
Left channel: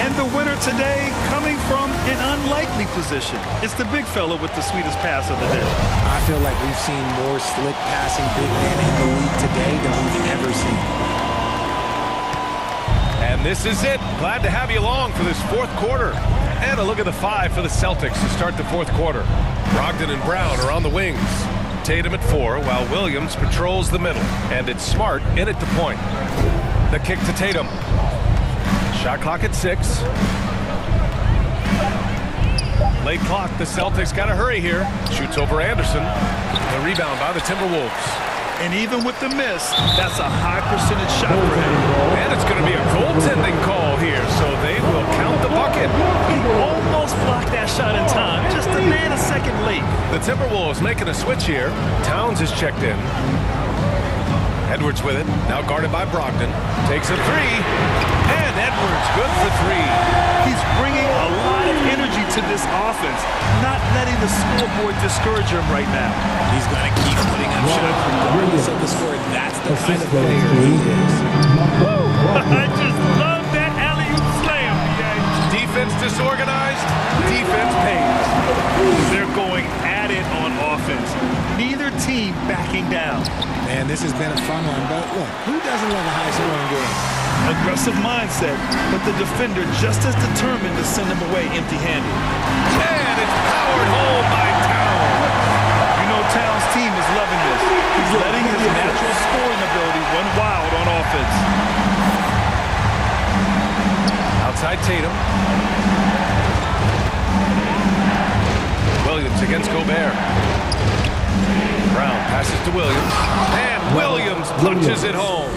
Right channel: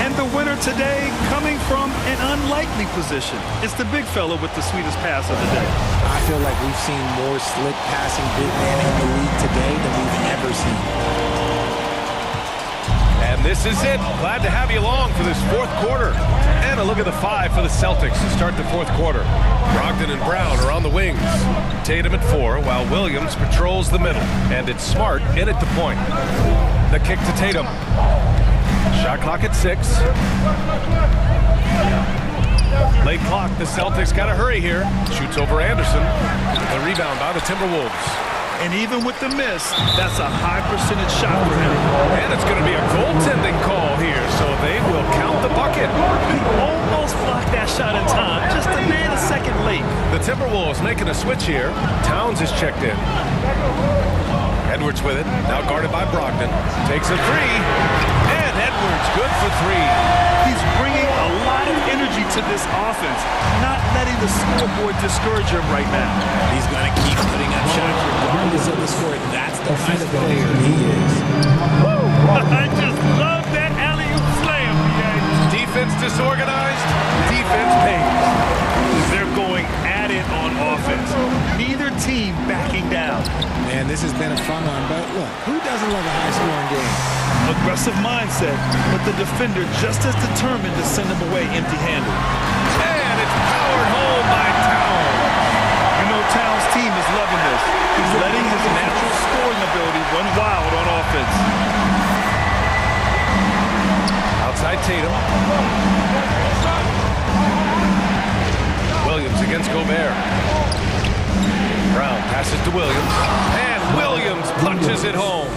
And the winner today coming from an unlikely position. It's the big fella with the sweetest pass of the day. I feel like we've seen more slick passing big men in the league today than we've ever seen. And this is it. Glad to have you along for this fourth quarter. And a look at the 5 for the Celtics to start the fourth quarter. Brogdon and Brown are on the wings. Tatum at 4, while Williams patrols the middle. And it's Smart in at the point. The kick to Tatum. Shot clock at 6. Late clock. The Celtics got to hurry here. Shoots over Anderson. The rebound by the Timberwolves. And even with the miss, that's a high percentage shot for him. And it's going to be a goaltending call here, so they will count the bucket. He almost blocked that shot in time, just a nanosecond late. The Timberwolves making a switch here. Towns is checked in. Edwards with it, now guarded by Brogdon. Takes a 3, and Edwards good for 3. He's bringing a lot of energy to this offense, not letting the scoreboard discourage him right now. He's going to keep putting up shots regardless of the score. That's the kind of player he is. Woo! I just love that alley-oop slam, BA. Defense disorganized, defense pays. They're going at it on offense. Neither team backing down. Man, this has been a fun one, but look, who doesn't love a high-scoring game? Aggressive mindset, but the defender just as determined to send him away empty-handed. And it's powered home by Towns. You know Towns' team is loving this. He's letting his natural scoring ability run wild on offense. Outside Tatum. Williams against Gobert. Brown passes to Williams. And Williams punches it home.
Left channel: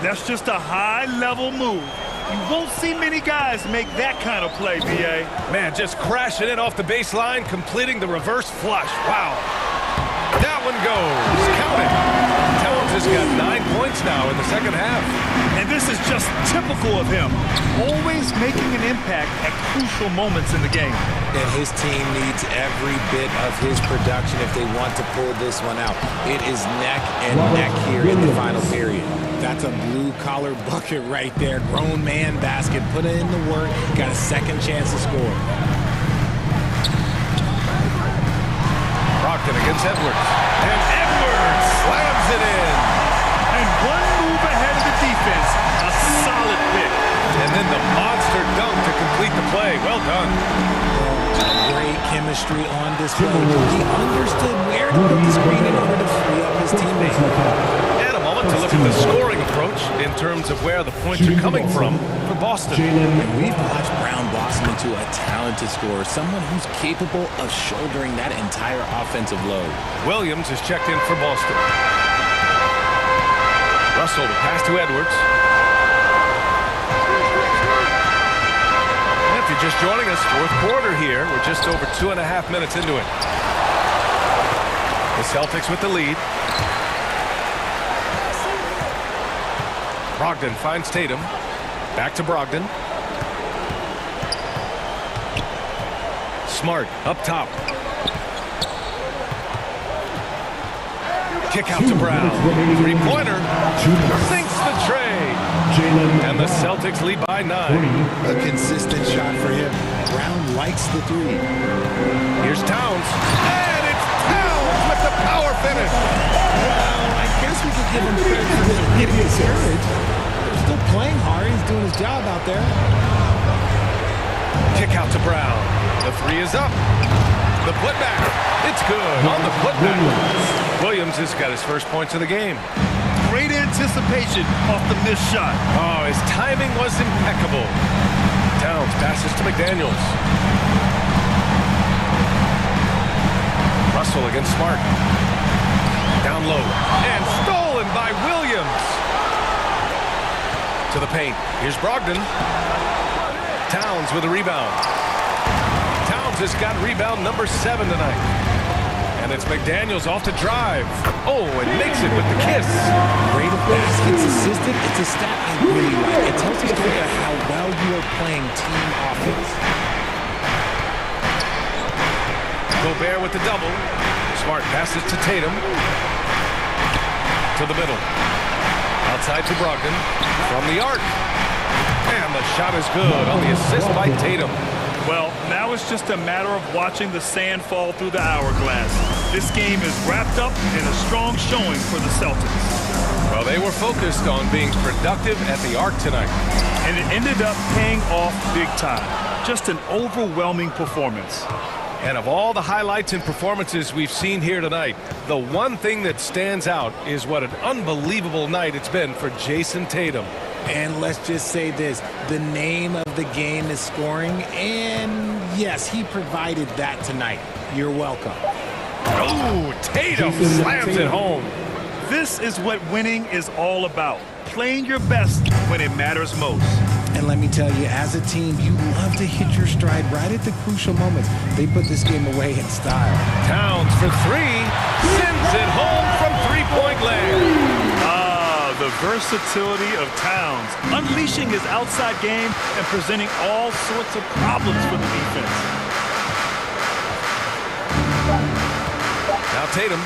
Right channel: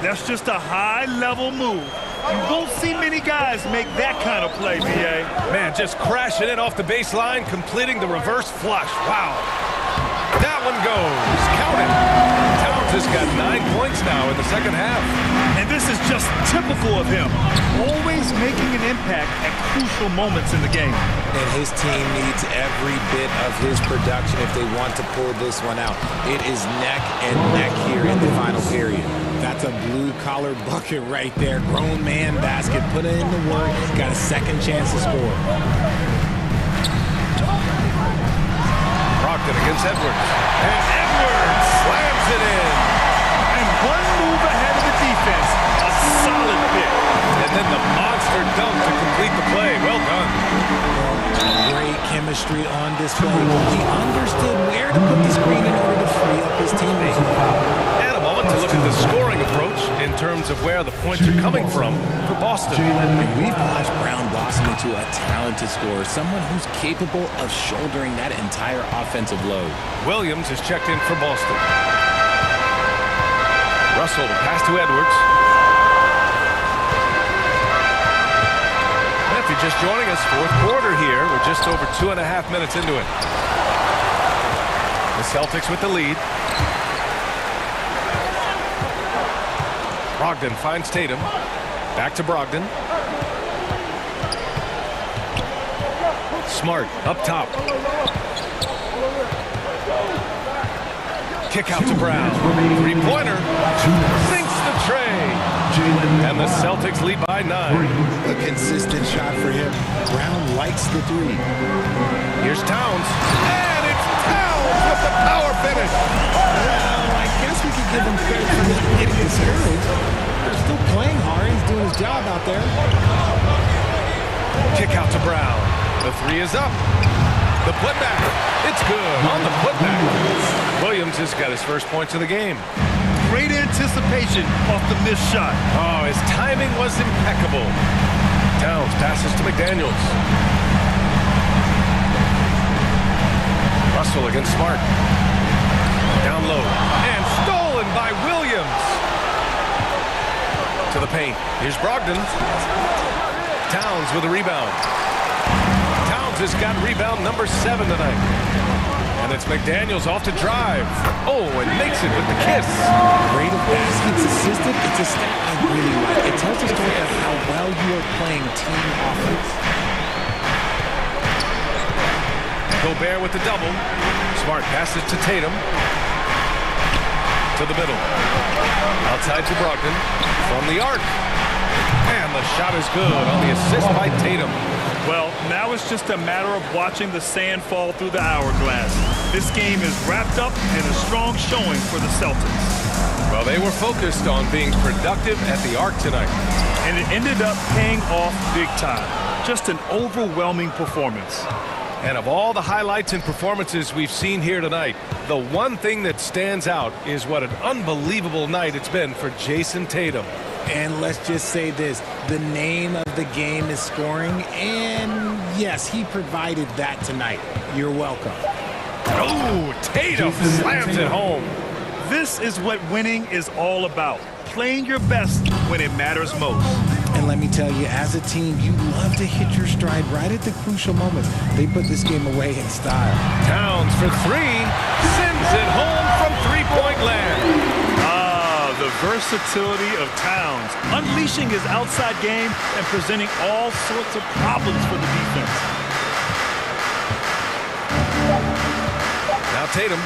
That's just a high-level move. You won't see many guys make that kind of play, B.A. Man, just crashing in off the baseline, completing the reverse flush. Wow. That one goes. Count it. Towns has got 9 points now in the second half. And this is just typical of him. Always making an impact at crucial moments in the game. And his team needs every bit of his production if they want to pull this one out. It is neck and neck here in the final period. That's a blue-collar bucket right there. Grown man basket. Put in the work. Got a second chance to score. Brogdon against Edwards. And Edwards slams it in. And one move ahead of the defense. A solid pick. And then the monster dunk to complete the play. Well done. Great chemistry on display. He understood where to put the screen in order to free up his teammate. And a moment to look at the scoring approach in terms of where the points are coming from for Boston. And we've watched Brown blossom into a talented scorer, someone who's capable of shouldering that entire offensive load. Williams is checked in for Boston. Russell to pass to Edwards. And if you're just joining us, fourth quarter here. We're just over 2.5 minutes into it. The Celtics with the lead. Brogdon finds Tatum. Back to Brogdon. Smart up top. Kick out to Brown. Three-pointer. Sinks the tray. And the Celtics lead by 9. A consistent shot for him. Brown likes the 3. Here's Towns. And it's Towns with the power finish. Well, I guess we could give him credit for not getting discouraged. They're still playing hard. He's doing his job out there. Kick out to Brown. The 3 is up. The putback. It's good on the putback. Williams has got his first points of the game. Great anticipation off the missed shot. Oh, his timing was impeccable. Towns passes to McDaniels. Russell against Smart. Down low. And stolen by Williams. To the paint. Here's Brogdon. Towns with a rebound. Towns has got rebound number 7 tonight. And it's McDaniels off to drive. Oh, and makes it with the kiss. Rate of baskets assisted, it's a stat I really like. It tells the story of how well you are playing team offense. Gobert with the double. Smart passes to Tatum. To the middle. Outside to Brogdon. From the arc. And the shot is good on the assist by Tatum. Well, now it's just a matter of watching the sand fall through the hourglass. This game is wrapped up in a strong showing for the Celtics. Well, they were focused on being productive at the arc tonight. And it ended up paying off big time. Just an overwhelming performance. And of all the highlights and performances we've seen here tonight, the one thing that stands out is what an unbelievable night it's been for Jason Tatum. And let's just say this, the name of the game is scoring, and yes, he provided that tonight. You're welcome. Oh, Tatum slams it home. This is what winning is all about, playing your best when it matters most. And let me tell you, as a team, you love to hit your stride right at the crucial moments. They put this game away in style. Towns for three, sends it home from three-point land. The versatility of Towns, unleashing his outside game and presenting all sorts of problems for the defense. Now Tatum.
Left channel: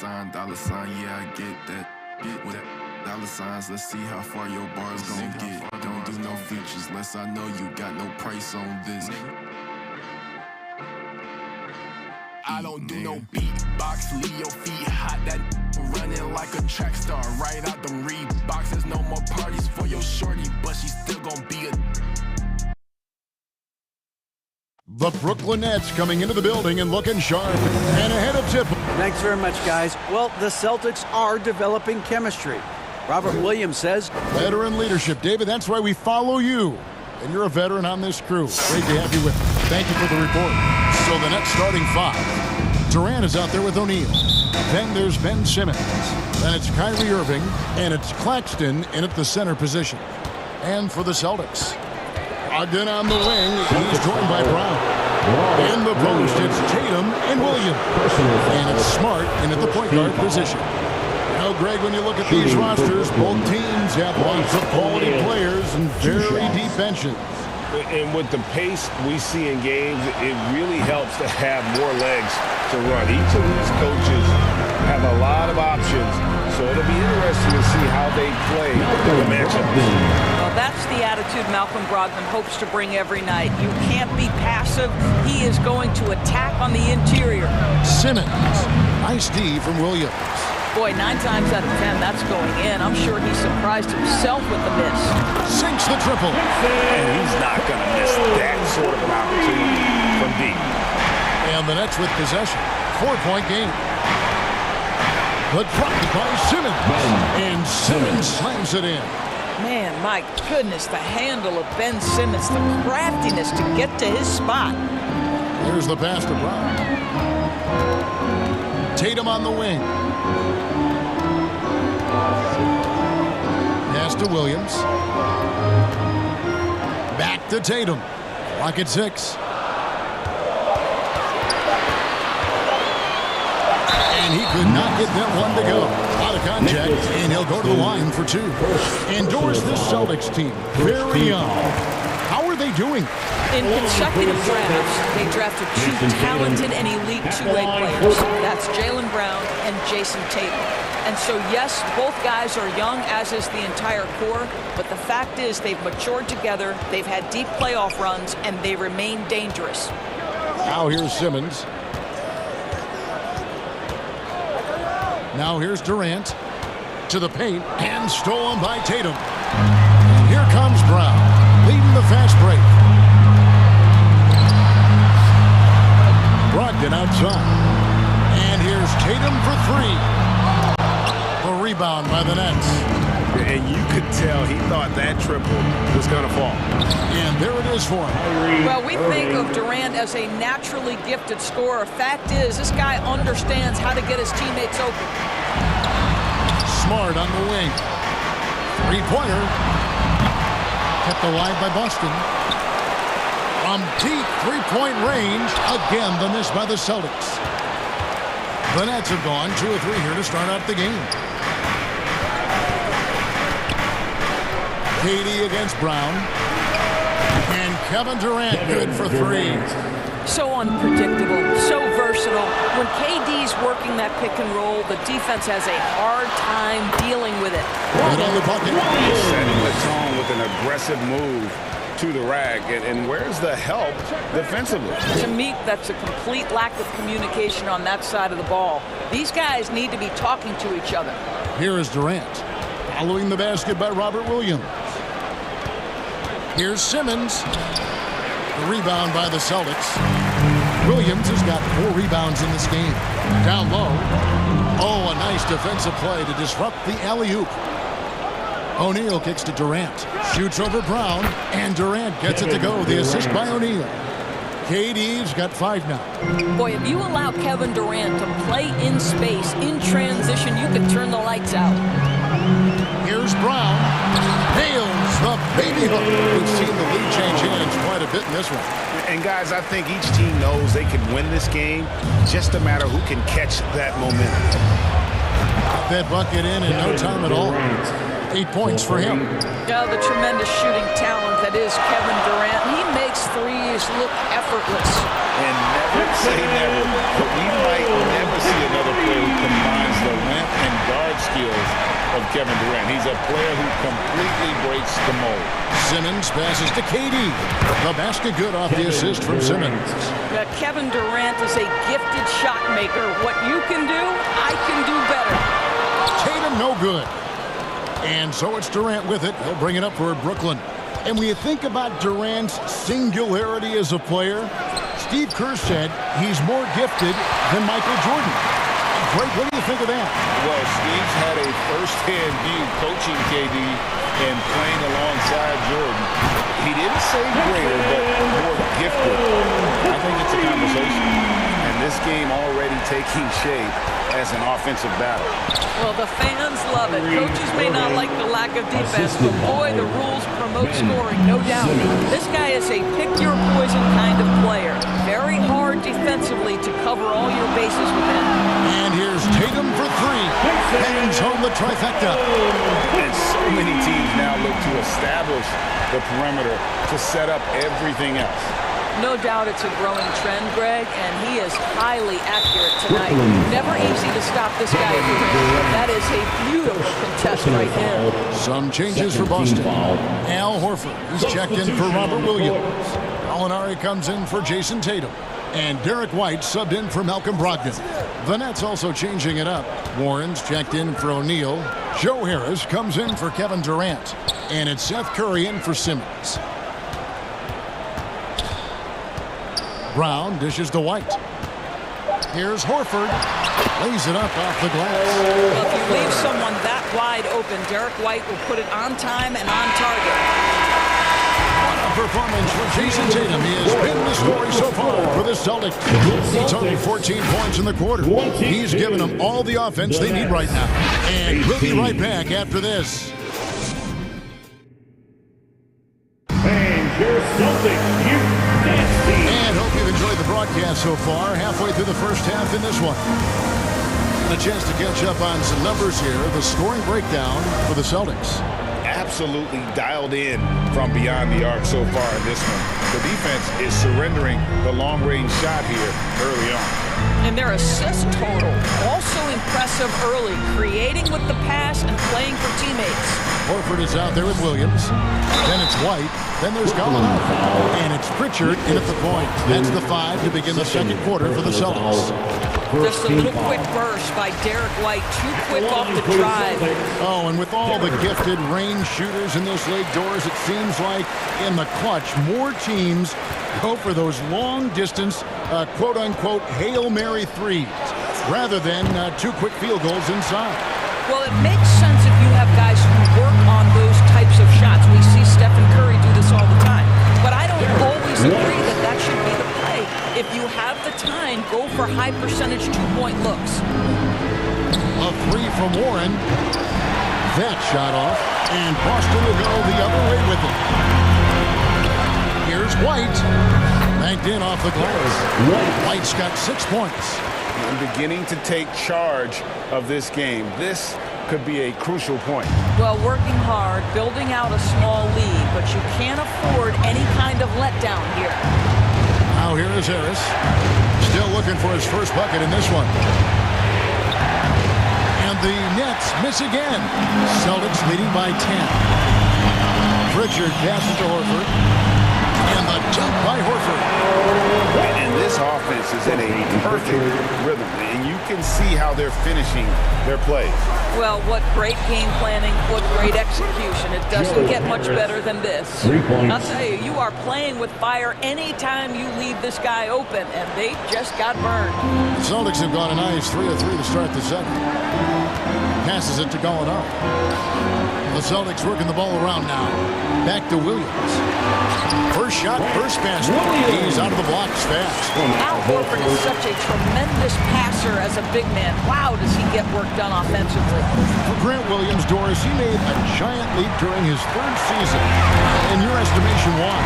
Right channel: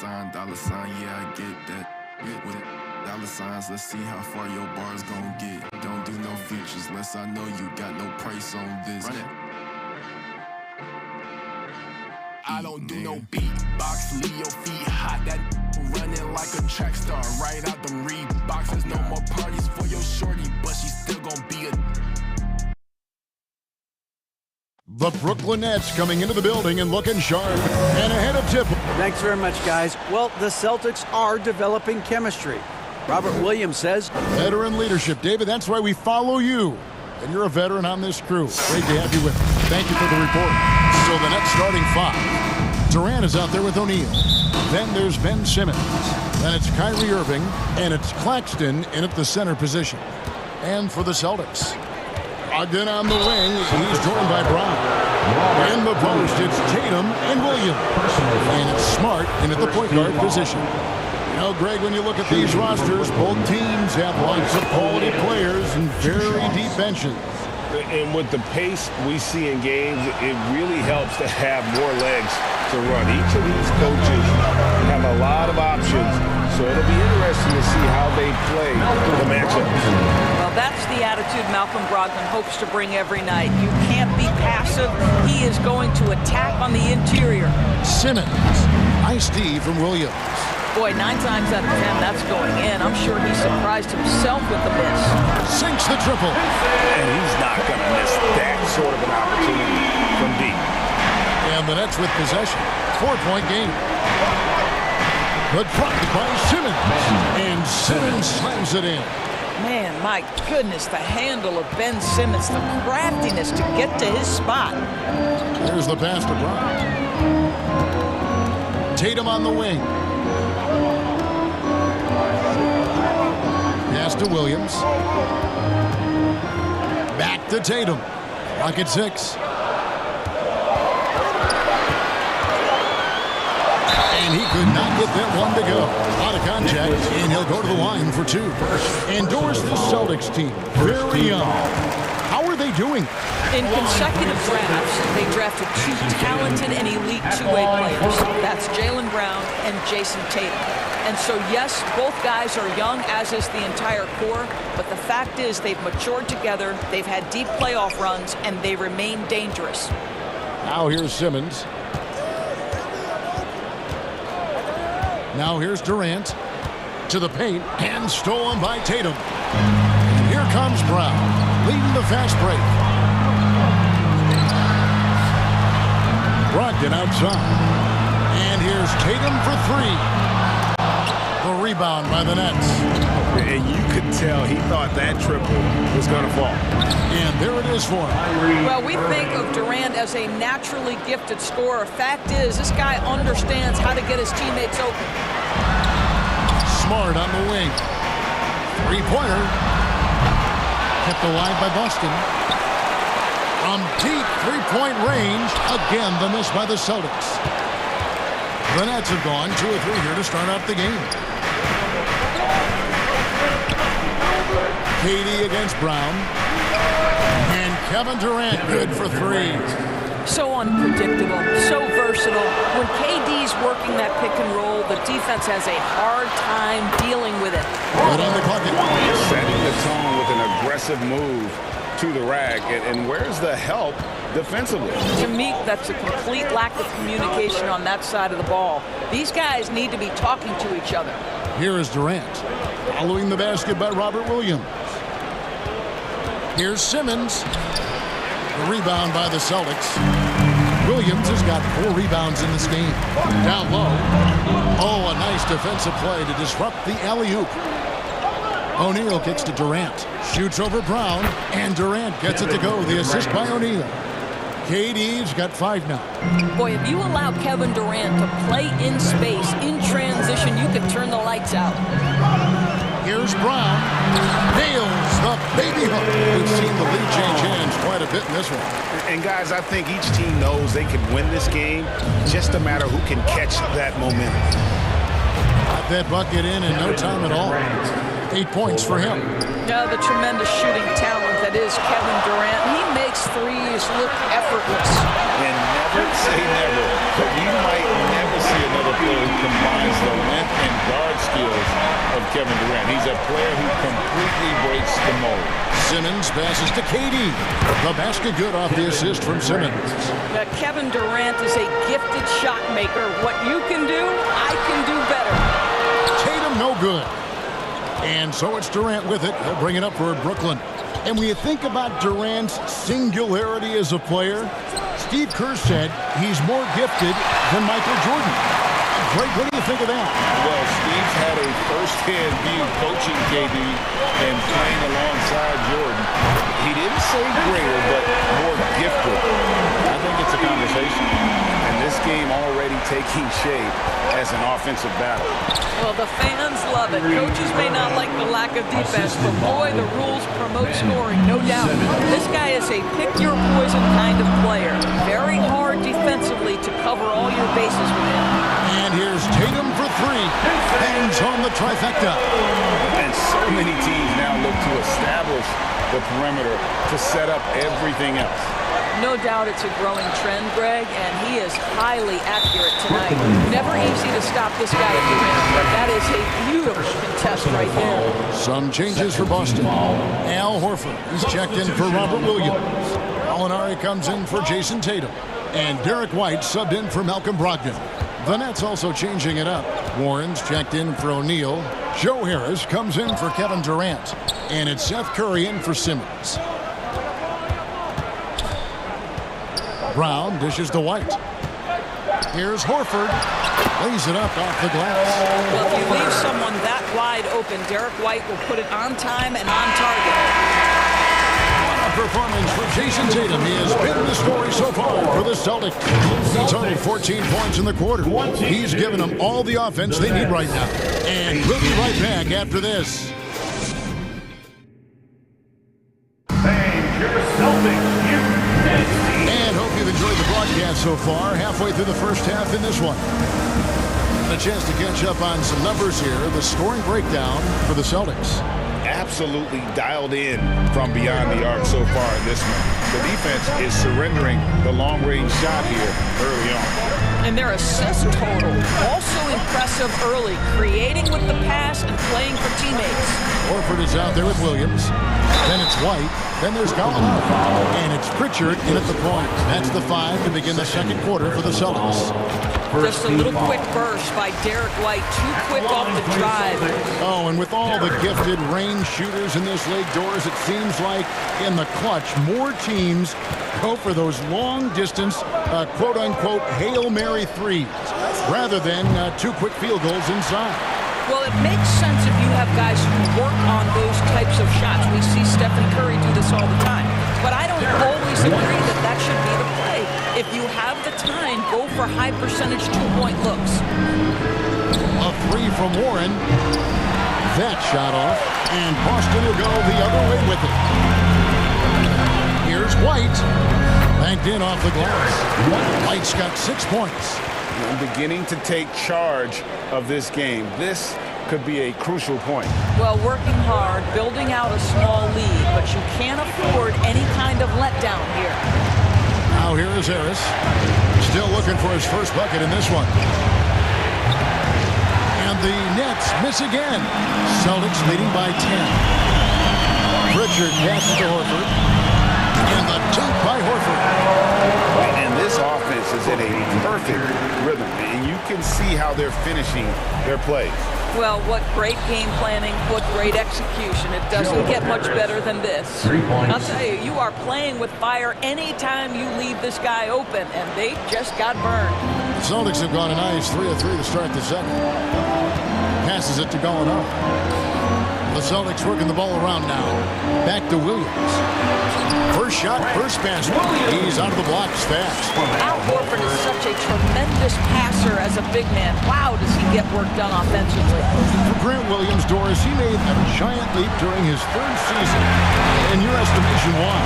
sign, yeah, I get that. With dollar signs, let's see how far your bar's gon' get. Don't do no features, less I know you got no price on this. I don't do no beatbox, leave your feet hot. That running like a track star, right out them Reeboks. There's no more parties for your shorty, but she still gon' be a. The Brooklyn Nets coming into the building and looking sharp and ahead of tip. Thanks very much, guys. Well, the Celtics are developing chemistry. Robert Williams says, veteran leadership. David, that's why we follow you. And you're a veteran on this crew. Great to have you with us. Thank you for the report. So the Nets starting 5. Durant is out there with O'Neal. Then there's Ben Simmons. Then it's Kyrie Irving. And it's Claxton in at the center position. And for the Celtics, Ogden on the wing. He's joined by Brown. In the post, it's Tatum and Williams. And it's Smart in at the point guard position. You know, Greg, when you look at these rosters, both teams have lots of quality players and very deep benches. And with the pace we see in games, it really helps to have more legs to run. Each of these coaches have a lot of options, so it'll be interesting to see how they play the matchups. Well, that's the attitude Malcolm Brogdon hopes to bring every night. You can't be passive. He is going to attack on the interior. Simmons, nice D from Williams. Boy, 9 times out of 10, that's going in. I'm sure he surprised himself with the miss. Sinks the triple. And he's not going to miss that sort of an opportunity from deep. And the Nets with possession. 4-point game. The drop by Simmons. And Simmons slams it in. Man, my goodness, the handle of Ben Simmons, the craftiness to get to his spot. Here's the pass to Brown. Tatum on the wing. Pass to Williams. Back to Tatum. Clock at 6. And he could not get that one to go. A lot of contact, and he'll go to the line for 2. Endorse this Celtics team. Very young. How are they doing? In consecutive drafts, they drafted 2 talented and elite two-way players. That's Jaylen Brown and Jason Tatum. And so, yes, both guys are young, as is the entire core, but the fact is they've matured together, they've had deep playoff runs, and they remain dangerous. Now here's Simmons. Now here's Durant to the paint and stolen by Tatum. And here comes Brown, leading the fast break. Brogdon outside. And here's Tatum for 3. The rebound by the Nets. And you could tell he thought that triple was going to fall. And there it is for him. Well, we think of Durant as a naturally gifted scorer. Fact is, this guy understands how to get his teammates open. Smart on the wing. 3-pointer. Kept alive by Boston. From deep 3-point range. Again, the miss by the Celtics. The Nets have gone 2 of 3 here to start out the game. KD against Brown. And Kevin Durant good for 3. So unpredictable, so versatile. When KD's working that pick and roll, the defense has a hard time dealing with it. Good on the bucket. Setting the tone with an aggressive move to the rack. And where's the help defensively? To me, that's a complete lack of communication on that side of the ball. These guys need to be talking to each other. Here is Durant, following the basket by Robert Williams. Here's Simmons. The rebound by the Celtics. Williams has got 4 rebounds in this game. Down low. Oh, a nice defensive play to disrupt the alley-oop. O'Neal kicks to Durant. Shoots over Brown, and Durant gets it to go. The assist by O'Neal. KD's got 5 now. Boy, if you allow Kevin Durant to play in space, in transition, you could turn the lights out. Here's Brown. Nails the baby hook. We've seen the lead change hands quite a bit in this one. And guys, I think each team knows they can win this game. Just a matter who can catch that momentum. Got that bucket in no time at all. 8 points for him. Yeah, the tremendous shooting talent that is Kevin Durant. He makes threes look effortless. And never say never, but we might never see another player who combines the length and guard skills of Kevin Durant. He's a player who completely breaks the mold. Simmons passes to KD. The basket good off the assist from Simmons. Kevin Durant is a gifted shot maker. What you can do, I can do better. Tatum no good. And so it's Durant with it. He'll bring it up for Brooklyn. And when you think about Durant's singularity as a player, Steve Kerr said he's more gifted than Michael Jordan. Greg, what do you think of that? Well, Steve's had a first-hand view coaching KD and playing alongside Jordan. He didn't say greater, but more gifted. I think it's a conversation. And this game already taking shape as an offensive battle. Well, the fans love it. Coaches may not like the lack of defense, but boy, the rules promote scoring, no doubt. This guy is a pick-your-poison kind of player. Very hard defensively to cover all your bases with him. And here's Tatum for three. Bangs home the trifecta. And so many teams now look to establish the perimeter to set up everything else. No doubt it's a growing trend, Greg, and he is highly accurate tonight. Never easy to stop this guy at the rim, but that is a beautiful contest right there. Some changes for Boston. Al Horford, he's checked in for Robert Williams. Gallinari comes in for Jason Tatum. And Derek White subbed in for Malcolm Brogdon. The Nets also changing it up. Warren's checked in for O'Neal. Joe Harris comes in for Kevin Durant. And it's Seth Curry in for Simmons. Brown dishes to White. Here's Horford. Lays it up off the glass. Well, if you leave someone that wide open, Derek White will put it on time and on target. What a performance for Jason Tatum. He has been the story so far for the Celtics. He totaled 14 points in the quarter. He's given them all the offense they need right now. And we'll be right back after this. And your Celtics Youth Dance Team. And hope you've enjoyed the broadcast so far. Halfway through the first half in this one. And a chance to catch up on some numbers here. The scoring breakdown for the Celtics. Absolutely dialed in from beyond the arc so far in this one. The defense is surrendering the long-range shot here early on. And their assist total, also impressive early, creating with the pass and playing for teammates. Horford is out there with Williams. Then it's White. Then there's Gallinari. And it's Pritchard in at the point. That's the 5 to begin the second quarter for the Celtics. Just a little quick burst by Derek White. Too quick off the drive. Oh, and with all the gifted range shooters in this league, Doors, it seems like in the clutch, more teams go for those long-distance, quote-unquote, Hail Mary threes, rather than 2 quick field goals inside. Well, it makes sense if you have guys who work on those types of shots. We see Stephen Curry do this all the time. But I don't always agree that that should be the play. If you have the time, go for high-percentage 2-point looks. A 3 from Warren. That shot off, and Boston will go the other way with it. Here's White. Banked in off the glass. White's got 6 points. I'm beginning to take charge of this game. This could be a crucial point. Well, working hard, building out a small lead, but you can't afford any kind of letdown here. Now here is Harris. Still looking for his first bucket in this one. And the Nets miss again. Celtics leading by 10. Pritchard passes to Horford. And the dunk by Horford. And this offense is in a perfect rhythm. And you can see how they're finishing their plays. Well, what great game planning, what great execution. It doesn't get much better than this. I'll tell you, you are playing with fire anytime you leave this guy open, and they just got burned. The Celtics have gone a nice 3 of 3 to start the second. Passes it to Gallinari. The Celtics working the ball around now. Back to Williams. First shot, first pass. He's out of the blocks fast. Al Horford is such a tremendous passer as a big man. Wow, does he get work done offensively. For Grant Williams, Doris, he made a giant leap during his 3rd season. In your estimation, why?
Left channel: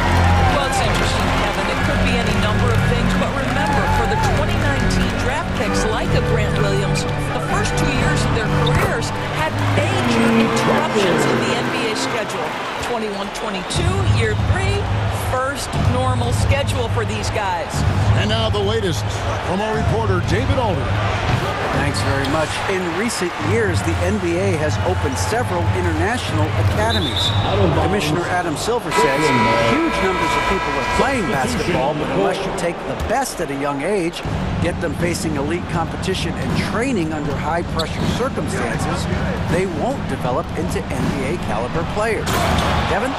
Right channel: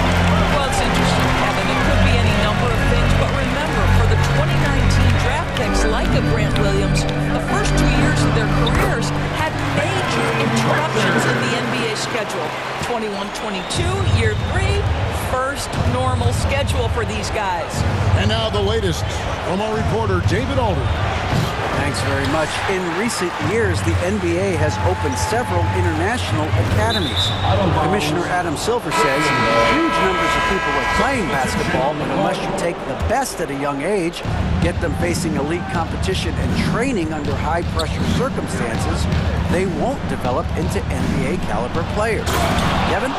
Well, it's interesting, Kevin. It could be any number number of things, but remember, for the 2019 draft picks like a Grant Williams, the first 2 years of their careers had major interruptions in the NBA schedule. 21-22, year 3, first normal schedule for these guys. And now the latest from our reporter, David Alder. Thanks very much. In recent years, the NBA has opened several international academies. Commissioner Adam Silver says huge numbers of people are playing basketball, but unless you take the best at a young age, get them facing elite competition and training under high-pressure circumstances, they won't develop into NBA-caliber players. Kevin?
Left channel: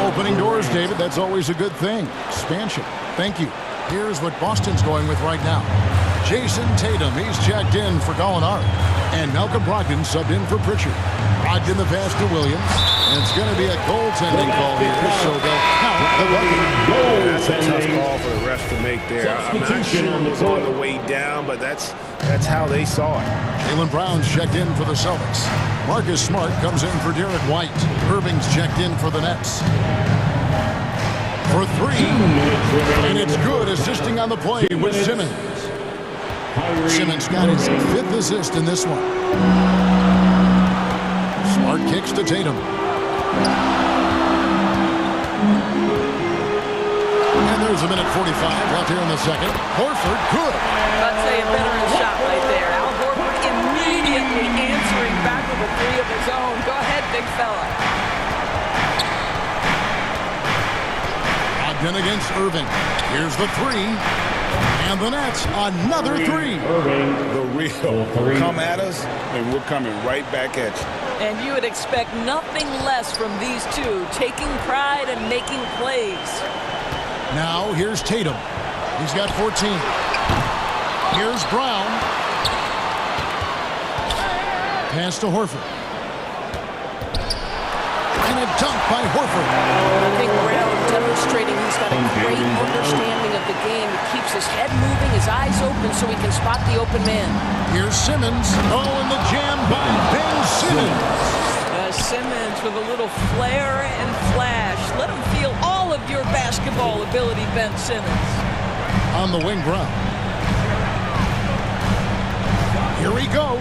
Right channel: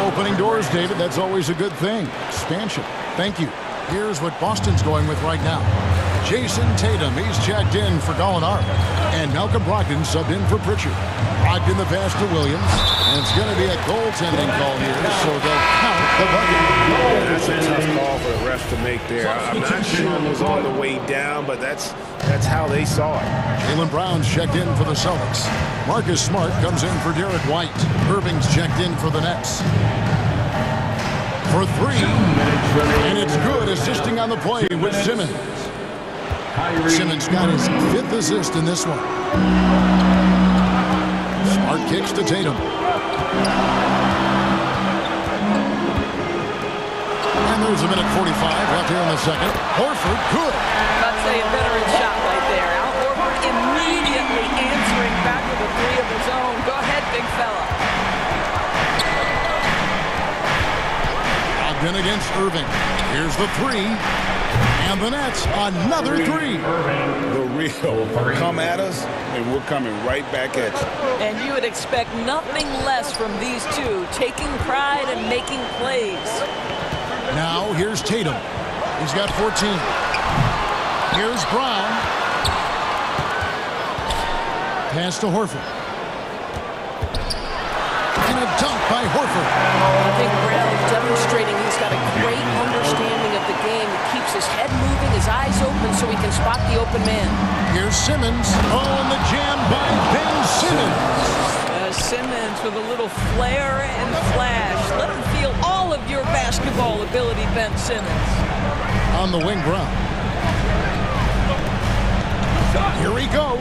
Opening doors, David. That's always a good thing. Expansion. Thank you. Here's what Boston's going with right now. Jason Tatum, he's checked in for Gallinari. And Malcolm Brogdon subbed in for Pritchard. Brogdon the pass to Williams. And it's going to be a goaltending call here, so they'll count the bucket. Yeah, that's a tough call for the refs to make there. I'm not sure it was on the way down, but that's how they saw it. Jaylen Brown's checked in for the Celtics. Marcus Smart comes in for Derek White. Irving's checked in for the Nets. For 3, and it's good, assisting on the play with Simmons. Simmons got his 5th assist in this one. Smart kicks to Tatum. And there's a minute 45 left here in the second. Horford, good. I'd say a veteran shot right there. Al Horford immediately answering back with a 3 of his own. Go ahead, big fella. Brogdon against Irving. Here's the 3. And the Nets, another 3. The real. Come at us, and we're coming right back at you. And you would expect nothing less from these two, taking pride and making plays. Now, here's Tatum. He's got 14. Here's Brown. Pass to Horford. And a dunk by Horford. I think Brown demonstrating he's got a great understanding of the game. He keeps his head moving, his eyes open so he can spot the open man. Here's Simmons. Oh, and the jam by Ben Simmons. Simmons with a little flair and flash. Let him feel all of your basketball ability, Ben Simmons. On the wing, Brown. Here he goes.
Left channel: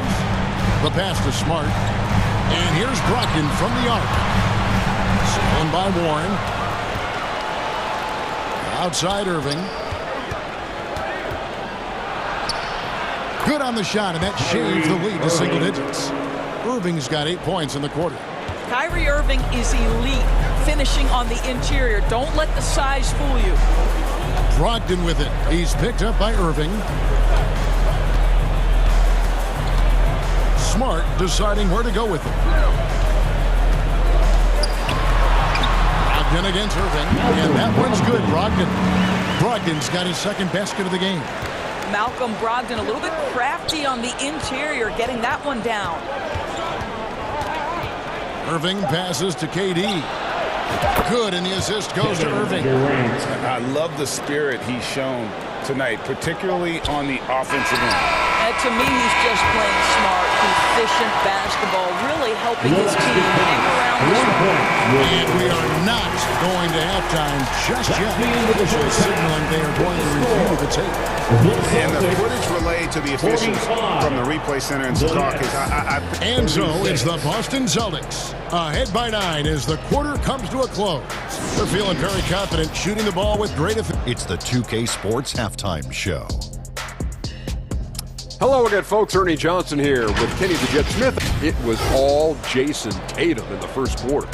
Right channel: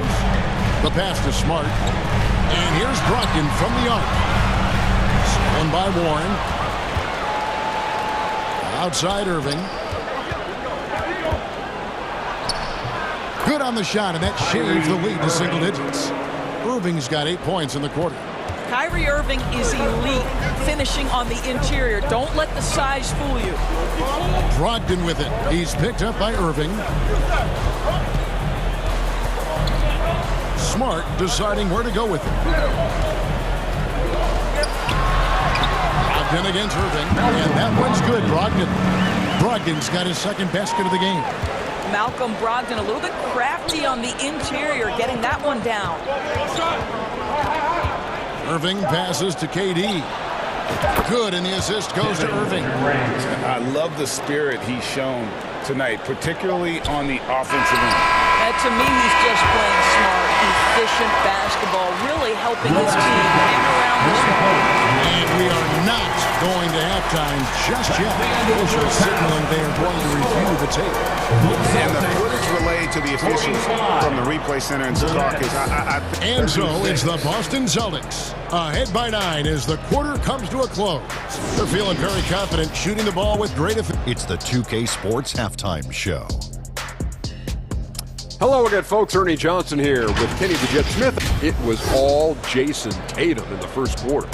The pass to Smart. And here's Brogdon from the arc. Stolen by Warren. Outside Irving. Good on the shot, and that shaves the lead to single digits. Irving's got 8 points in the quarter. Kyrie Irving is elite, finishing on the interior. Don't let the size fool you. Brogdon with it. He's picked up by Irving. Smart deciding where to go with it. Brogdon against Irving, and that one's good, Brogdon. Brogdon's got his 2nd basket of the game. Malcolm Brogdon a little bit crafty on the interior, getting that one down. Irving passes to KD. Good, and the assist goes to Irving. I love the spirit he's shown tonight, particularly on the offensive end. To me, he's just playing smart, efficient basketball, really helping his team hang around this one. And we are not going to halftime just yet. Officials signaling they are going to review the tape. And the footage relayed to the officials from the replay center in Secaucus. And so it's the Boston Celtics ahead by 9 as the quarter comes to a close. They're feeling very confident, shooting the ball with great effect. It's the 2K Sports Halftime Show. Hello again, folks. Ernie Johnson here with Kenny the Jet Smith. It was all Jason Tatum in the first quarter.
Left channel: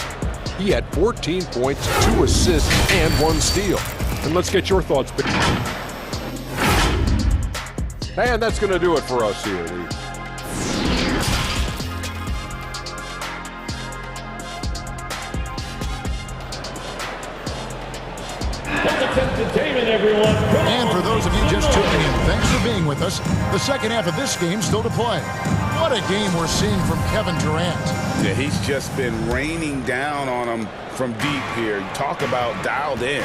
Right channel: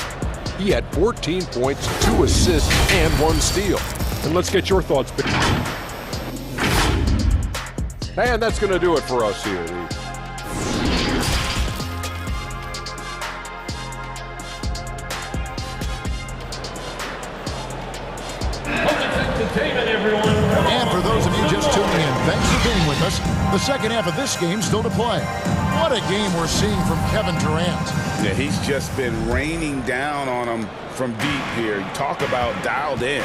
He had 14 points, 2 assists, and 1 steal. And let's get your thoughts. And that's going to do it for us here. And for those of you just tuning in, thanks for being with us. The second half of this game still to play. What a game we're seeing from Kevin Durant. Yeah, he's just been raining down on him from deep here. You talk about dialed in.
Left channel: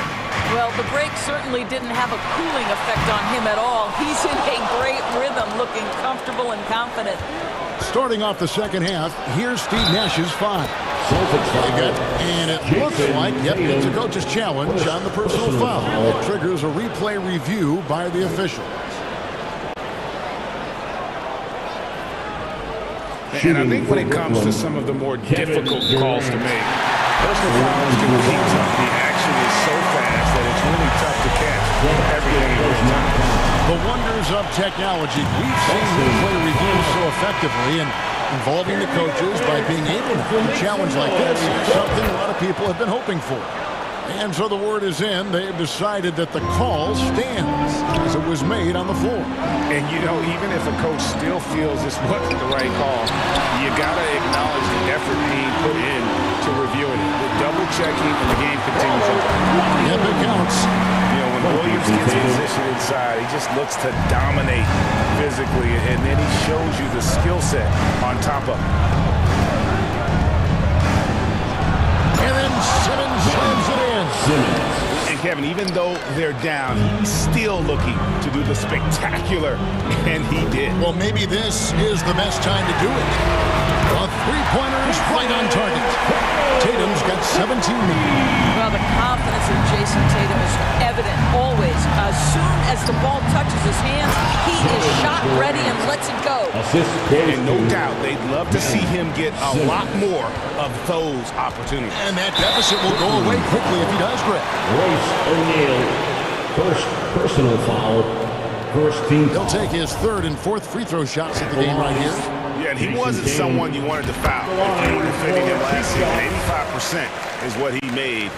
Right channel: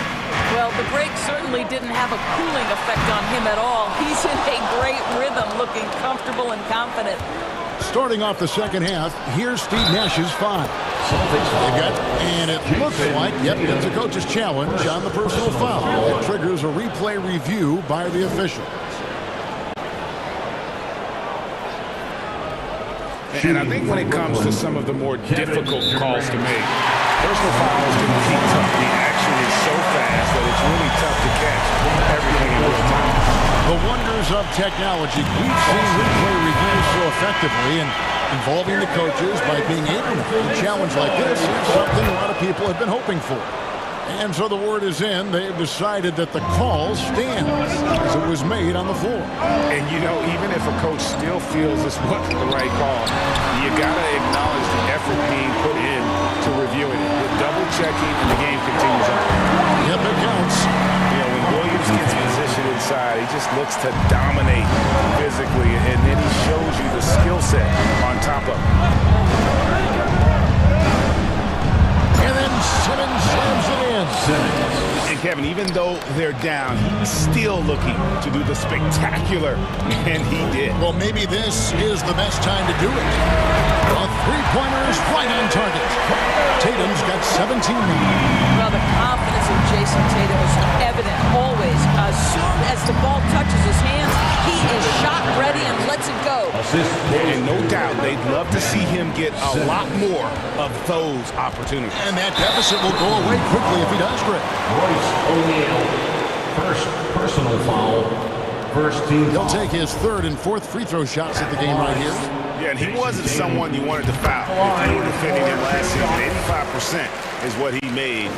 Well, the break certainly didn't have a cooling effect on him at all. He's in a great rhythm, looking comfortable and confident. Starting off the second half, here's Steve Nash's 5. And it looks like, yep, it's a coach's challenge on the personal foul. It triggers a replay review by the officials. And I think when it comes to some of the more difficult calls to make, personal fouls can be tough. The action is so fast that it's really tough to catch everything in real time. The wonders of technology. We've seen replay reviews so effectively, and involving the coaches by being able to challenge like this is something a lot of people have been hoping for. And so the word is in. They've decided that the call stands as it was made on the floor. And, you know, even if a coach still feels this wasn't the right call, you got to acknowledge the effort being put in to reviewing it. The double checking and the game continues on. Yep, it counts. You know, when Williams gets positioned inside, he just looks to dominate physically, and then he shows you the skill set on top of it. And then Simmons slams it in. And Kevin, even though they're down, he's still looking to do the spectacular, and he did. Well, maybe this is the best time to do it. A three-pointer is right on target. Tatum's got 17 now. Well, the confidence of Jason Tatum is evident always. As soon as the ball touches his hands, he is shot ready and lets it go. And no doubt they'd love to see him get a lot more of those opportunities. And that deficit will go away quickly if he does, Greg. Royce O'Neal, first personal foul, first team He'll foul. take his third and fourth free throw shots at the game right here. Yeah, and he wasn't someone you wanted to foul if you were defending him last season. 85% is what he made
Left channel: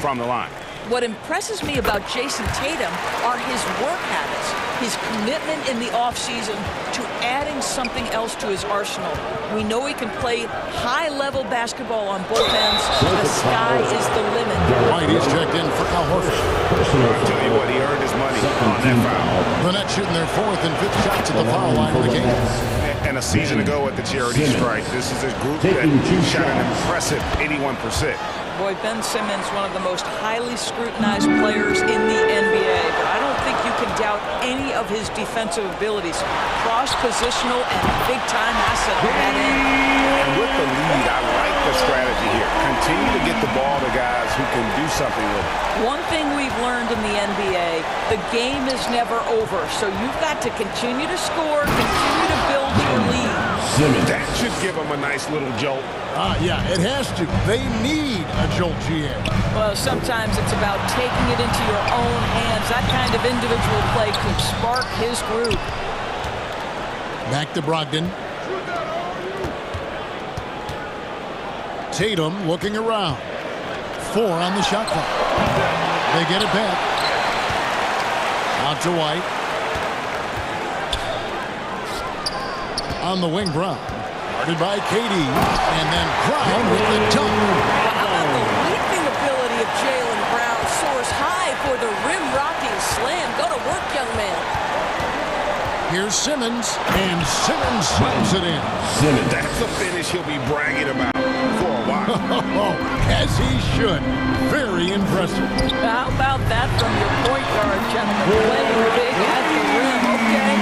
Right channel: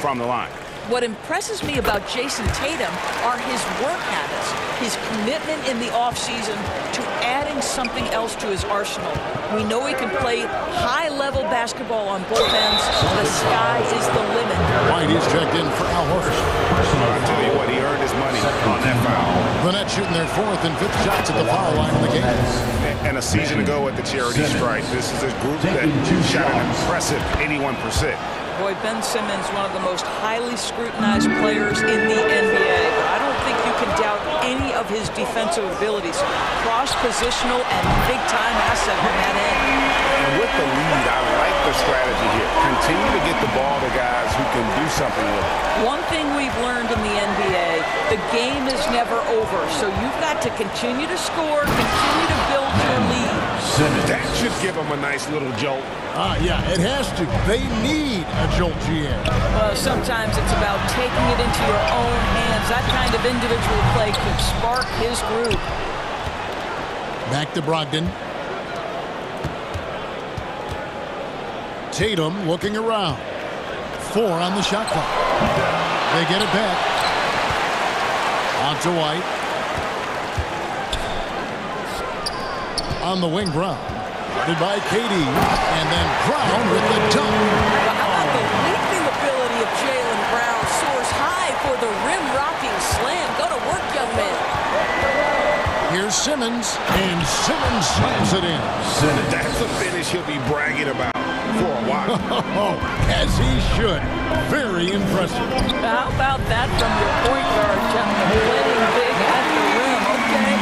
from the line. What impresses me about Jason Tatum are his work habits, his commitment in the offseason to adding something else to his arsenal. We know he can play high-level basketball on both ends. The sky is the limit. White is checked in for Al Horford. I'll tell you what, he earned his money on that foul. The Nets shooting their fourth and fifth shots at the foul line in the game. And a season ago at the charity stripe, this is a group that shot an impressive 81%. Boy, Ben Simmons, one of the most highly scrutinized players in the NBA, but I don't think you can doubt any of his defensive abilities. Cross-positional and big-time asset on that end. And with the lead, I like the strategy here. Continue to get the ball to guys who can do something with it. One thing we've learned in the NBA, the game is never over, so you've got to continue to score, continue to build your lead. That should give them a nice little jolt. Yeah, it has to. They need a jolt, GM. Well, sometimes it's about taking it into your own hands. That kind of individual play could spark his group. Back to Brogdon. Tatum looking around. 4 on the shot clock. They get it back. Out to White. On the wing, Brown. Guarded by KD. And then Brown with the dunk. Well, how about the leaping ability of Jaylen Brown? Soars high for the rim-rocking slam. Go to work, young man. Here's Simmons. And Simmons slams it in. That's a finish he'll be bragging about for a while. As he should. Very impressive. How about that from your point guard, gentlemen? Playing big at the rim, okay?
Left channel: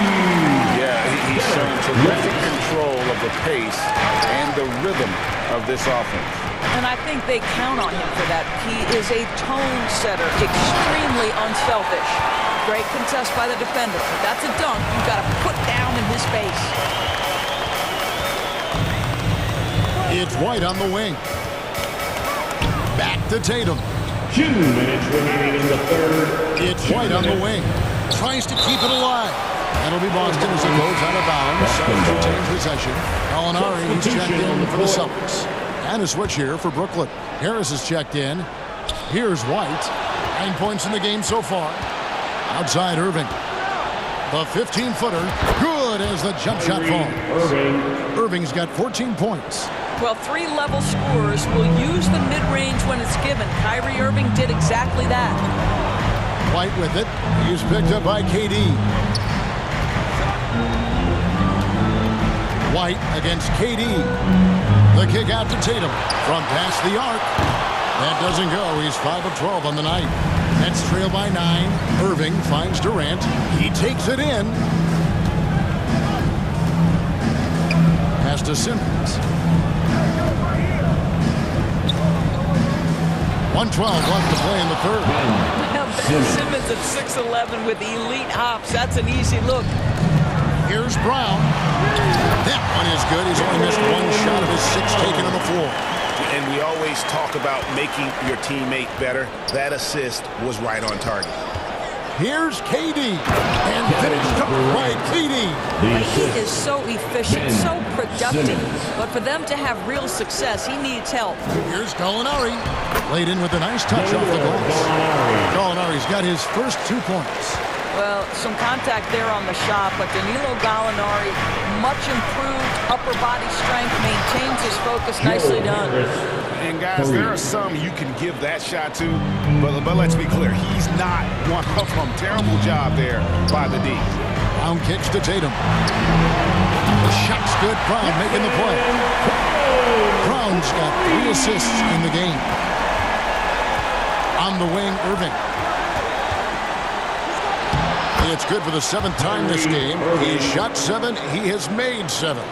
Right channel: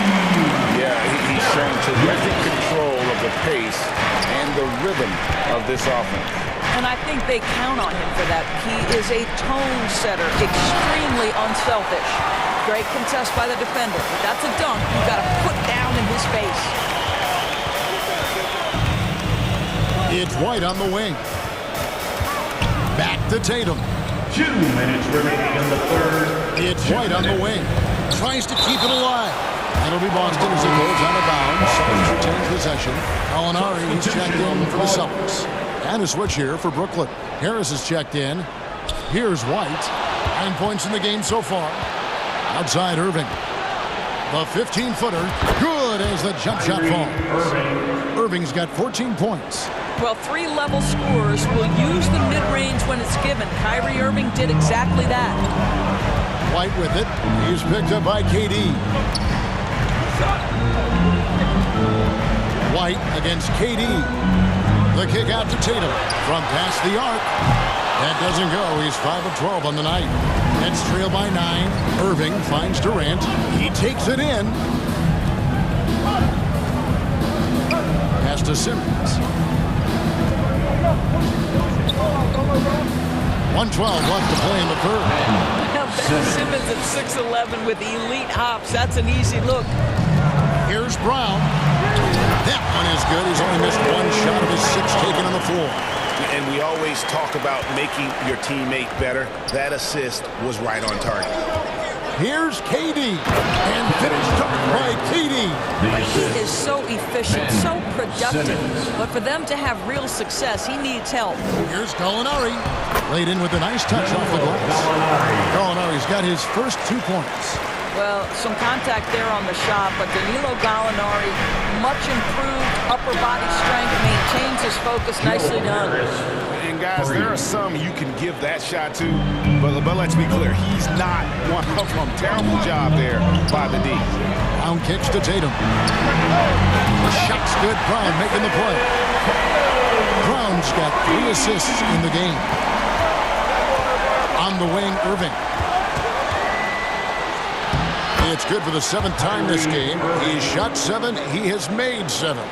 Yeah, he's shown terrific control of the pace and the rhythm of this offense. And I think they count on him for that. He is a tone setter, extremely unselfish. Great contest by the defender, but that's a dunk you've got to put down in his face. It's White on the wing. Back to Tatum. 2 minutes remaining in the third. It's White on the wing. Tries to keep it alive. That'll be Boston as it goes out of bounds. Celtics retain possession. Gallinari, he's checked in for the Celtics. And a switch here for Brooklyn. Harris is checked in. Here's White. 9 points in the game so far. Outside Irving. The 15-footer. Good as the jump shot falls. Irving's got 14 points. Well, 3-level scorers will use the mid-range when it's given. Kyrie Irving did exactly that. White with it. He's picked up by KD. White against KD. The kick out to Tatum from past the arc. That doesn't go. He's 5 of 12 on the night. Nets trail by 9. Irving finds Durant. He takes it in. Pass to Simmons. 1:12 left to play in the third. Well, Ben Simmons at 6'11" with elite hops. That's an easy look. Here's Brown. That one is good. He's only missed one shot of his 6 taken on the floor. And we always talk about making your teammate better. That assist was right on target. Here's KD, and finished up by KD. He is so efficient, so productive. But for them to have real success, he needs help. Here's Gallinari, laid in with a nice touch off the glass. Gallinari's got his first 2 points. Well, some contact there on the shot, but Danilo Gallinari, much improved upper body strength, maintains his focus. Nicely done. And guys, there are some you can give that shot to, but let's be clear, he's not one of them. Terrible job there by the D. Brown kicks to Tatum. The shot's good. Brown making the play. Brown's got 3 assists in the game. On the wing, Irving. It's good for the 7th time this game. He's shot 7. He has made 7.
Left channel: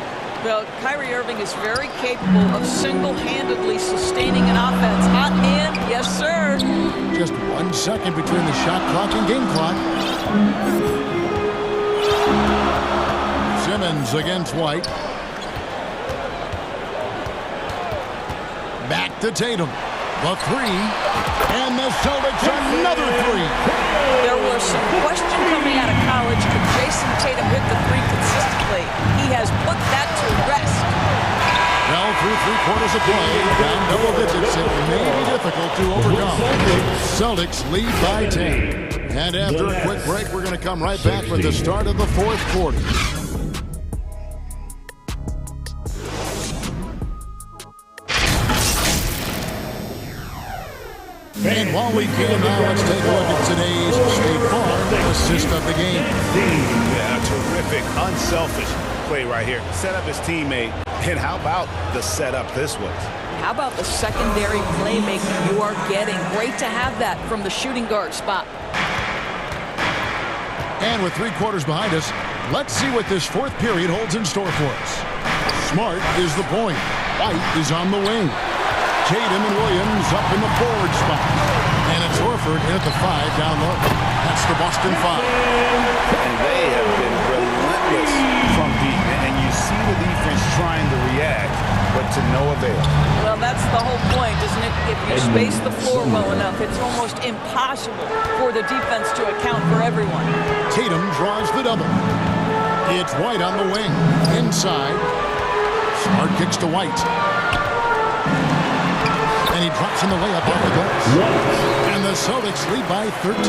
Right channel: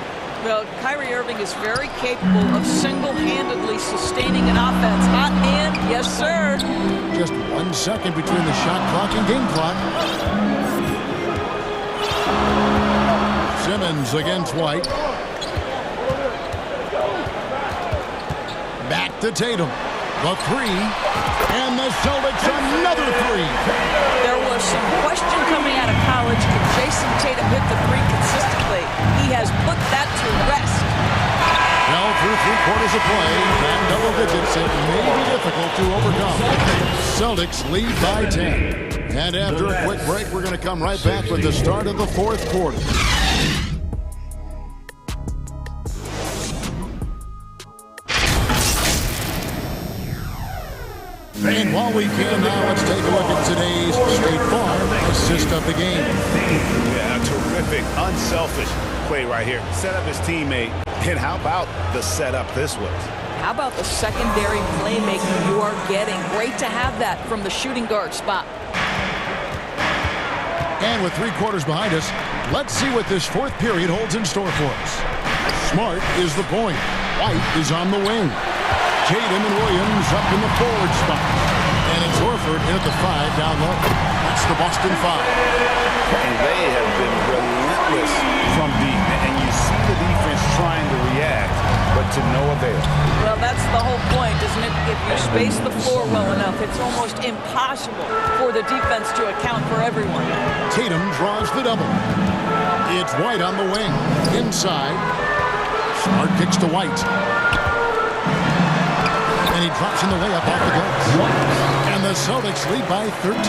Well, Kyrie Irving is very capable of single-handedly sustaining an offense. Hot hand, yes, sir. Just 1 second between the shot clock and game clock. Simmons against White. Back to Tatum. The 3. And the Celtics another 3. There was some question coming out of college. Could Jason Tatum hit the 3 consistently? He has put that to rest. Well, through 3 quarters of play, down double digits, it may be difficult to overcome. Celtics lead by 10. And after a quick break, we're going to come right back with the start of the 4th quarter. And while we can now, let's take a look at today's State Farm assist of the game. Yeah, a terrific, unselfish play right here. Set up his teammate. And how about the setup this was? How about the secondary playmaking you are getting? Great to have that from the shooting guard spot. And with 3 quarters behind us, let's see what this 4th period holds in store for us. Smart is the point. White is on the wing. Tatum and Williams up in the forward spot. And it's Horford in at the 5 down low. That's the Boston 5. And they have been relentless from deep. And you see the defense trying to react, but to no avail. Well, that's the whole point, isn't it? If you space the floor well enough, it's almost impossible for the defense to account for everyone. Tatum draws the double. It's White on the wing. Inside. Smart kicks to White. And he drops in the layup off the glass. And the Celtics lead by 13.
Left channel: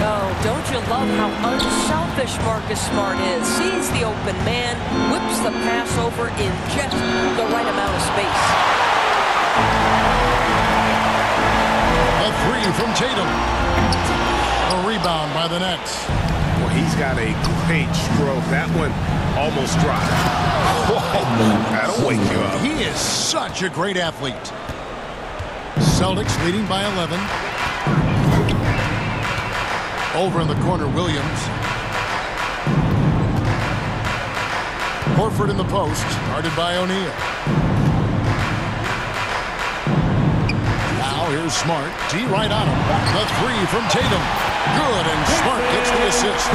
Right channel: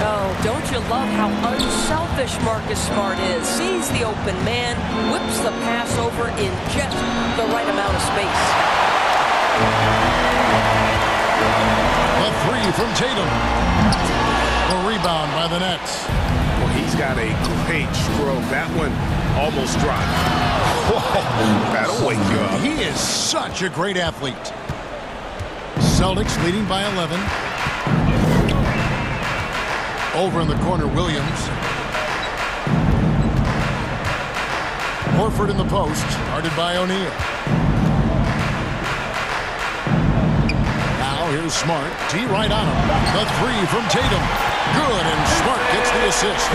Oh, don't you love how unselfish Marcus Smart is? Sees the open man, whips the pass over in just the right amount of space. The 3 from Tatum. A rebound by the Nets. Well, he's got a great stroke. That one almost dropped. Whoa, that'll wake you up. He is such a great athlete. Celtics leading by 11. Over in the corner, Williams. Horford in the post, guarded by O'Neal. Now here's Smart. T right on him. The 3 from Tatum. Good, and Smart gets the assist.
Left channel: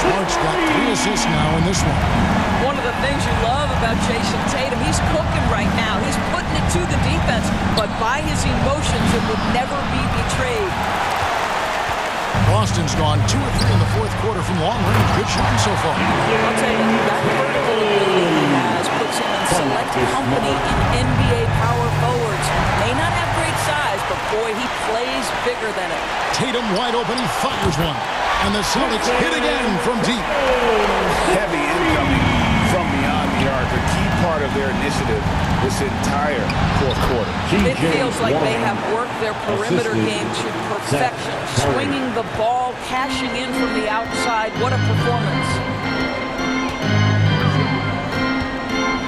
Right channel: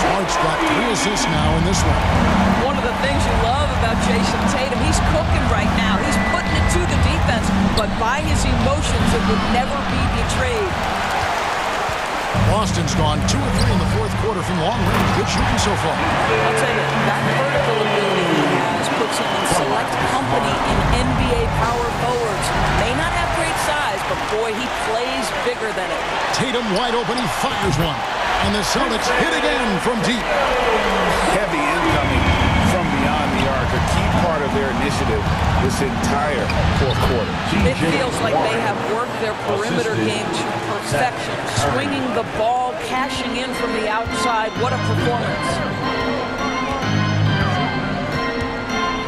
Smart's got 3 assists now in this one. One of the things you love about Jason Tatum, he's cooking right now. He's putting it to the defense, but by his emotions, it would never be betrayed. Boston's gone 2 or 3 in the 4th quarter from long range. Good shooting so far. I'll tell you, that vertical ability he has puts him in select company in NBA power forwards. May not have great size, but boy, he plays bigger than it. Tatum wide open, he fires one. And the Celtics hit again from deep. Heavy incoming from beyond the arc, a key part of their initiative this entire 4th quarter. It feels like they have worked their perimeter game to perfection. Swinging the ball, cashing in from the outside. What a performance.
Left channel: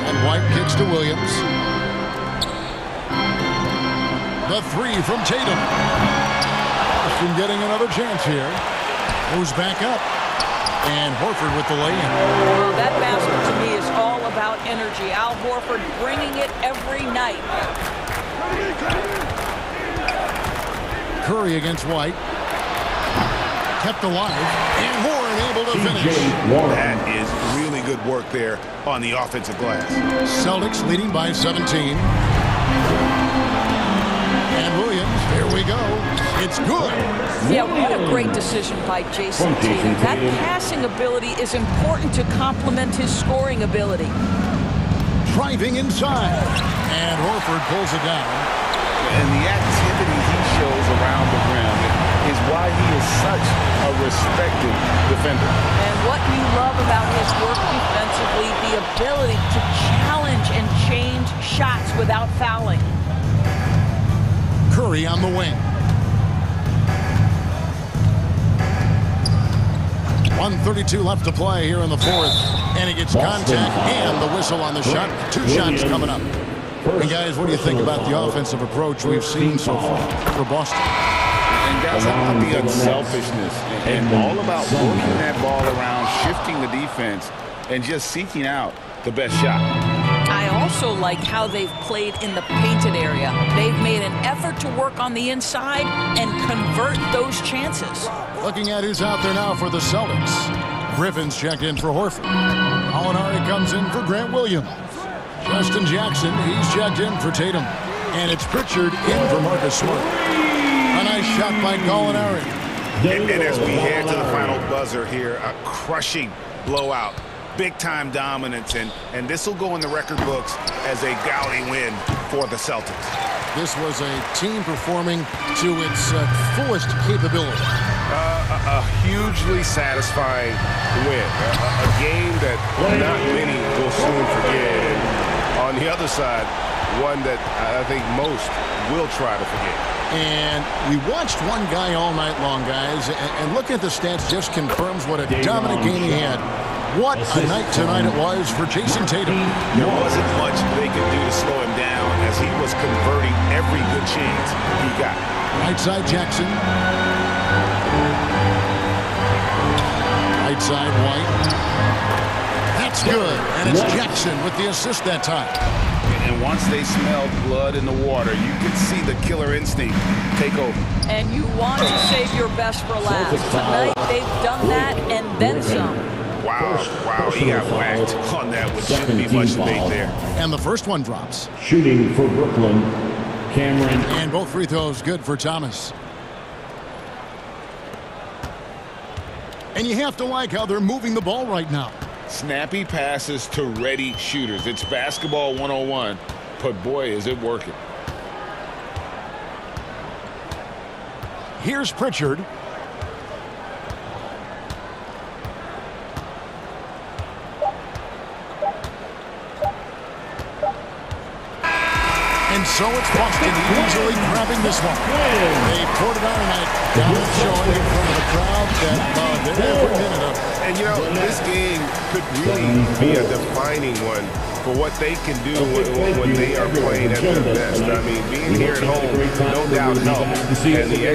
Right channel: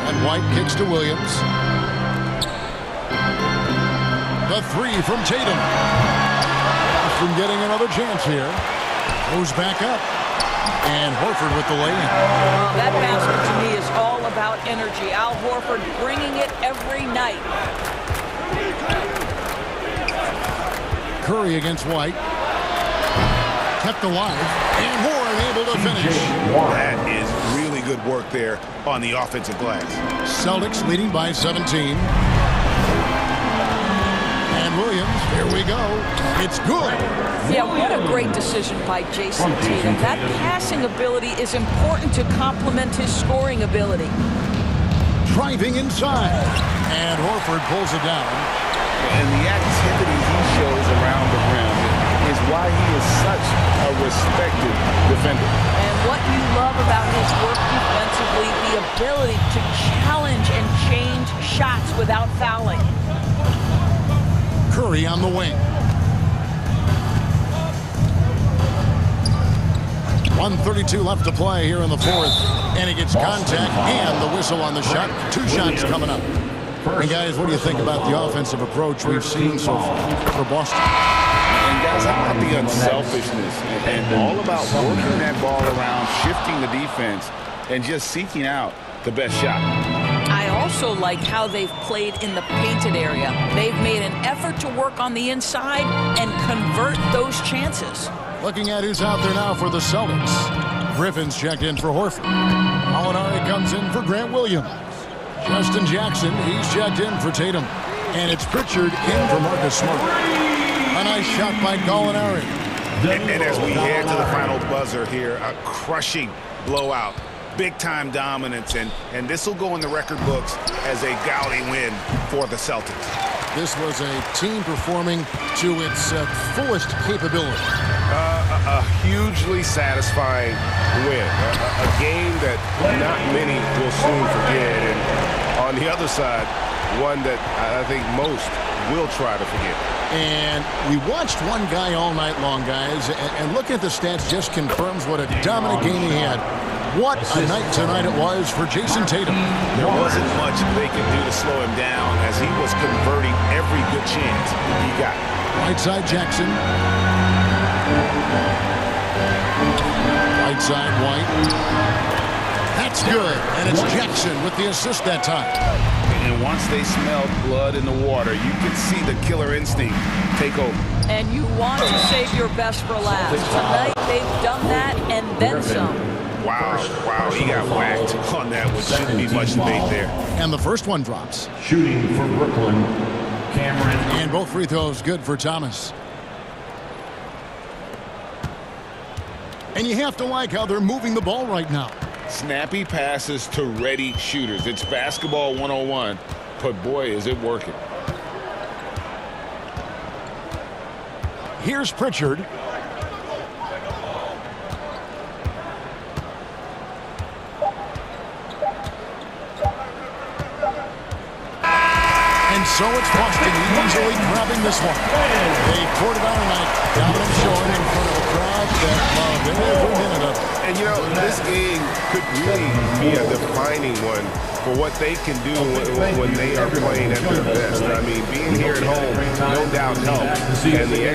And White kicks to Williams. The 3 from Tatum. Boston getting another chance here. Goes back up. And Horford with the lay-in. Well, that basket to me is all about energy. Al Horford bringing it every night. Curry against White. Kept alive, and Horn able to finish. That is really good work there on the offensive glass. Celtics leading by 17. And Williams, here we go. It's good. Yeah, what a great decision by Jason Tatum. That passing ability is important to complement his scoring ability. Driving inside. And Horford pulls it down. And the activity he shows around the rim is why he is such a respected defender. And what you love about his work defensively, the ability to challenge and change shots without fouling. Curry on the wing. 1:32 left to play here in the fourth. And he gets contact and the whistle on the shot. 2 shots coming up. And guys, what do you think about the offensive approach we've seen so far for Boston? And guys, how about the unselfishness and all about working that ball around, shifting the defense, and just seeking out the best shot. I also like how they've played in the painted area. They've made an effort to work on the inside and convert those chances. Looking at who's out there now for the Celtics. Griffin's checked in for Horford. Molinari comes in for Grant Williams. Justin Jackson, he's checked in for Tatum. And it's Pritchard in for Marcus Smart. A nice shot by Molinari. And as we head to the final buzzer here, a crushing blowout. Big-time dominance, and this will go in the record books as a gaudy win for the Celtics. This was a team performing to its fullest capability. A hugely satisfying win. A game that not many will soon forget. And on the other side, one that I think most will try to forget. And we watched one guy all night long, guys, and looking at the stats just confirms what a dominant game he had. What a night tonight it was for Jason Tatum. There wasn't much they could do to slow him down as he was converting every good chance he got. Right side Jackson. Right side White. That's good. And it's Jackson with the assist that time. And once they smelled blood in the water, you could see the killer instinct take over. And you want to save your best for last. Tonight they've done that and then some. Wow, he got whacked on that, which shouldn't be much debate there. And the first one drops. Shooting for Brooklyn, Cameron. And both free throws good for Thomas. And you have to like how they're moving the ball right now. Snappy passes to ready shooters. It's basketball 101, but boy, is it working. Here's Pritchard. And so it's Boston easily grabbing this one. They poured it on tonight. Dominant showing in front of a crowd that loved every minute of it. And, you know, this game could really be a defining one for what they can do when they are playing at their best. I mean, being here at home, no doubt helps. And the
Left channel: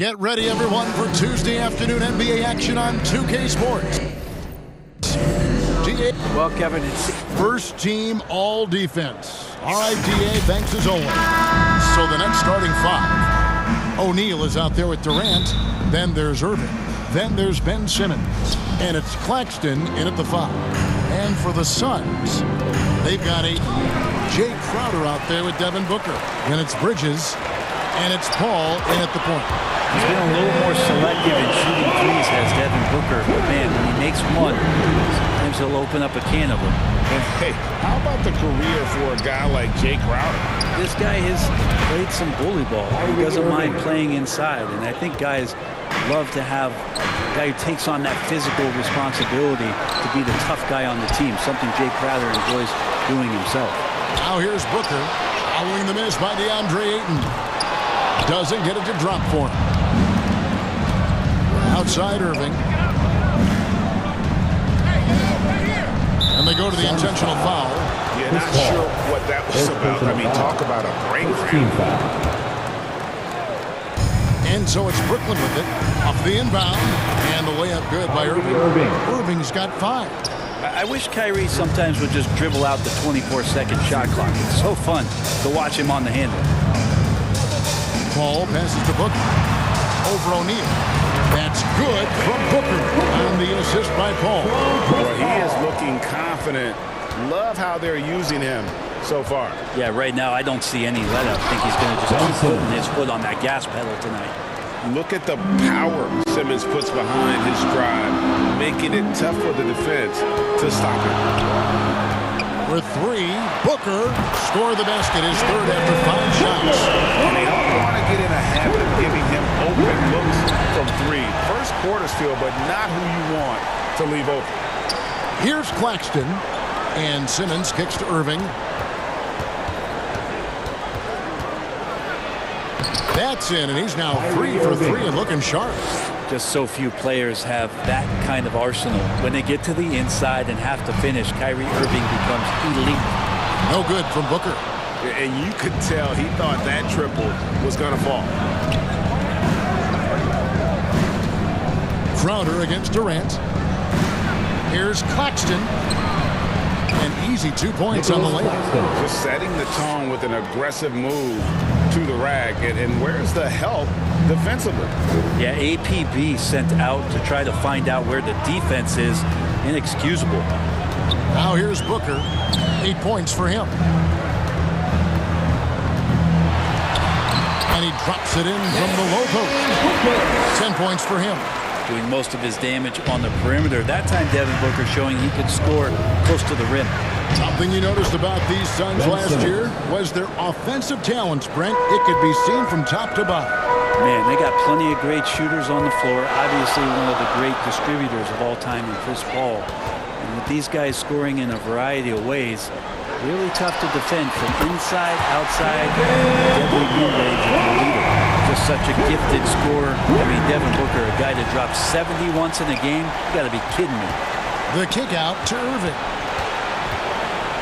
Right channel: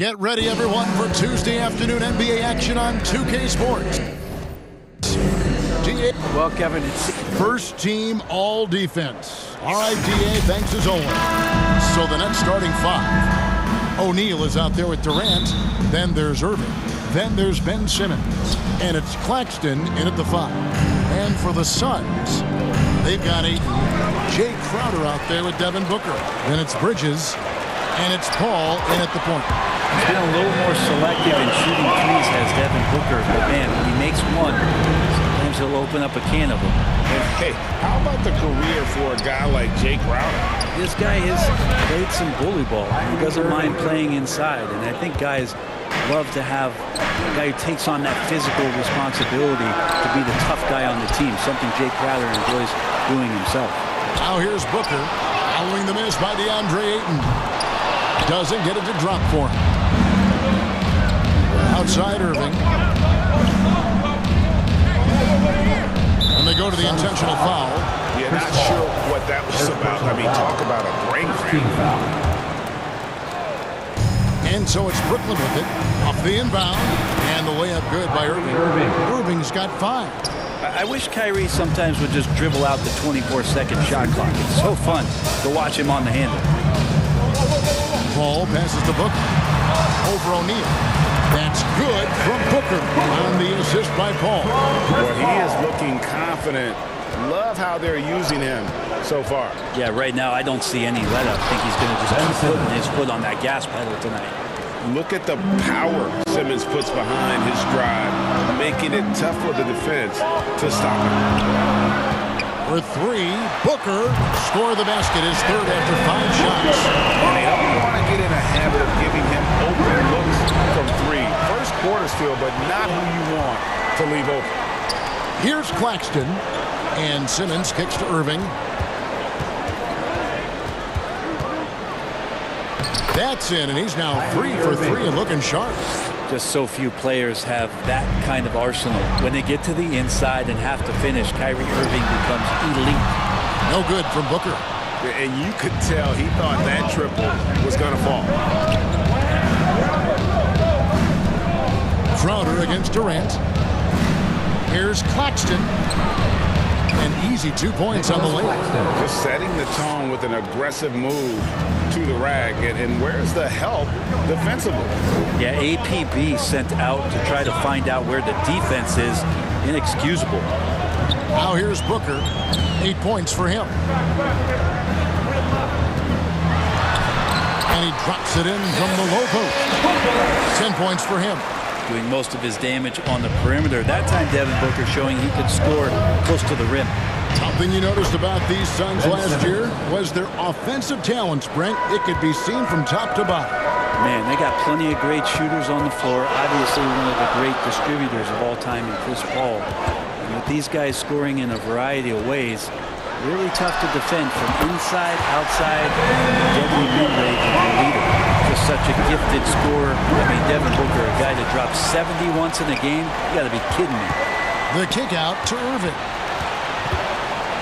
Get ready, everyone, for Tuesday afternoon NBA action on 2K Sports. DA. Well, Kevin, it's first team all defense. All right, DA, thanks as always. So the next starting five. O'Neal is out there with Durant. Then there's Irving. Then there's Ben Simmons. And it's Claxton in at the 5. And for the Suns, they've got Jay Crowder out there with Devin Booker. Then it's Bridges. And it's Paul in at the point. He's been a little more selective in shooting threes, has Devin Booker. But, man, when he makes one, sometimes he'll open up a can of them. And, hey, how about the career for a guy like Jay Crowder? This guy has played some bully ball. He doesn't mind playing inside. And I think guys love to have a guy who takes on that physical responsibility to be the tough guy on the team, something Jay Crowder enjoys doing himself. Now here's Booker, following the miss by DeAndre Ayton. Doesn't get it to drop for him. Outside Irving. And they go to the intentional foul. Yeah, not sure what that was about. I mean, talk about a brain cramp. And so it's Brooklyn with it. Off the inbound. And the layup good by Irving. Irving's got 5. I wish Kyrie sometimes would just dribble out the 24-second shot clock. It's so fun to watch him on the handle. Paul passes to Booker. Over O'Neal. That's good from Booker on the assist by Paul. Well, he is looking confident. Love how they're using him so far. Yeah, right now I don't see any let up. I think he's going to just keep putting his foot on that gas pedal tonight. Look at the power Simmons puts behind his drive, making it tough for the defense to stop him. For 3, Booker scored the basket, his third after 5 shots. And they don't want to get in a habit of giving him open looks from 3. First quarter still, but not who you want to leave open. Here's Claxton, and Simmons kicks to Irving. That's in, and he's now 3 for 3 and looking sharp. Just so few players have that kind of arsenal. When they get to the inside and have to finish, Kyrie Irving becomes elite. No good from Booker. And you could tell he thought that triple was going to fall. Crowder against Durant. Here's Claxton. An easy 2 points on the layup. Just setting the tone with an aggressive move to the rack. And where's the help defensively? Yeah, APB sent out to try to find out where the defense is. Inexcusable. Now here's Booker. 8 points for him. And he drops it in from the low post. 10 points for him. Doing most of his damage on the perimeter. That time Devin Booker showing he could score close to the rim. Something you noticed about these Suns last year was their offensive talents, Brent. It could be seen from top to bottom. Man, they got plenty of great shooters on the floor. Obviously one of the great distributors of all time in Chris Paul. And with these guys scoring in a variety of ways, really tough to defend from inside, outside, the deadly mid-range of your leader. Just such a gifted scorer. I mean, Devin Booker, a guy that dropped 70 once in a game. You got to be kidding me. The kick out to Irving.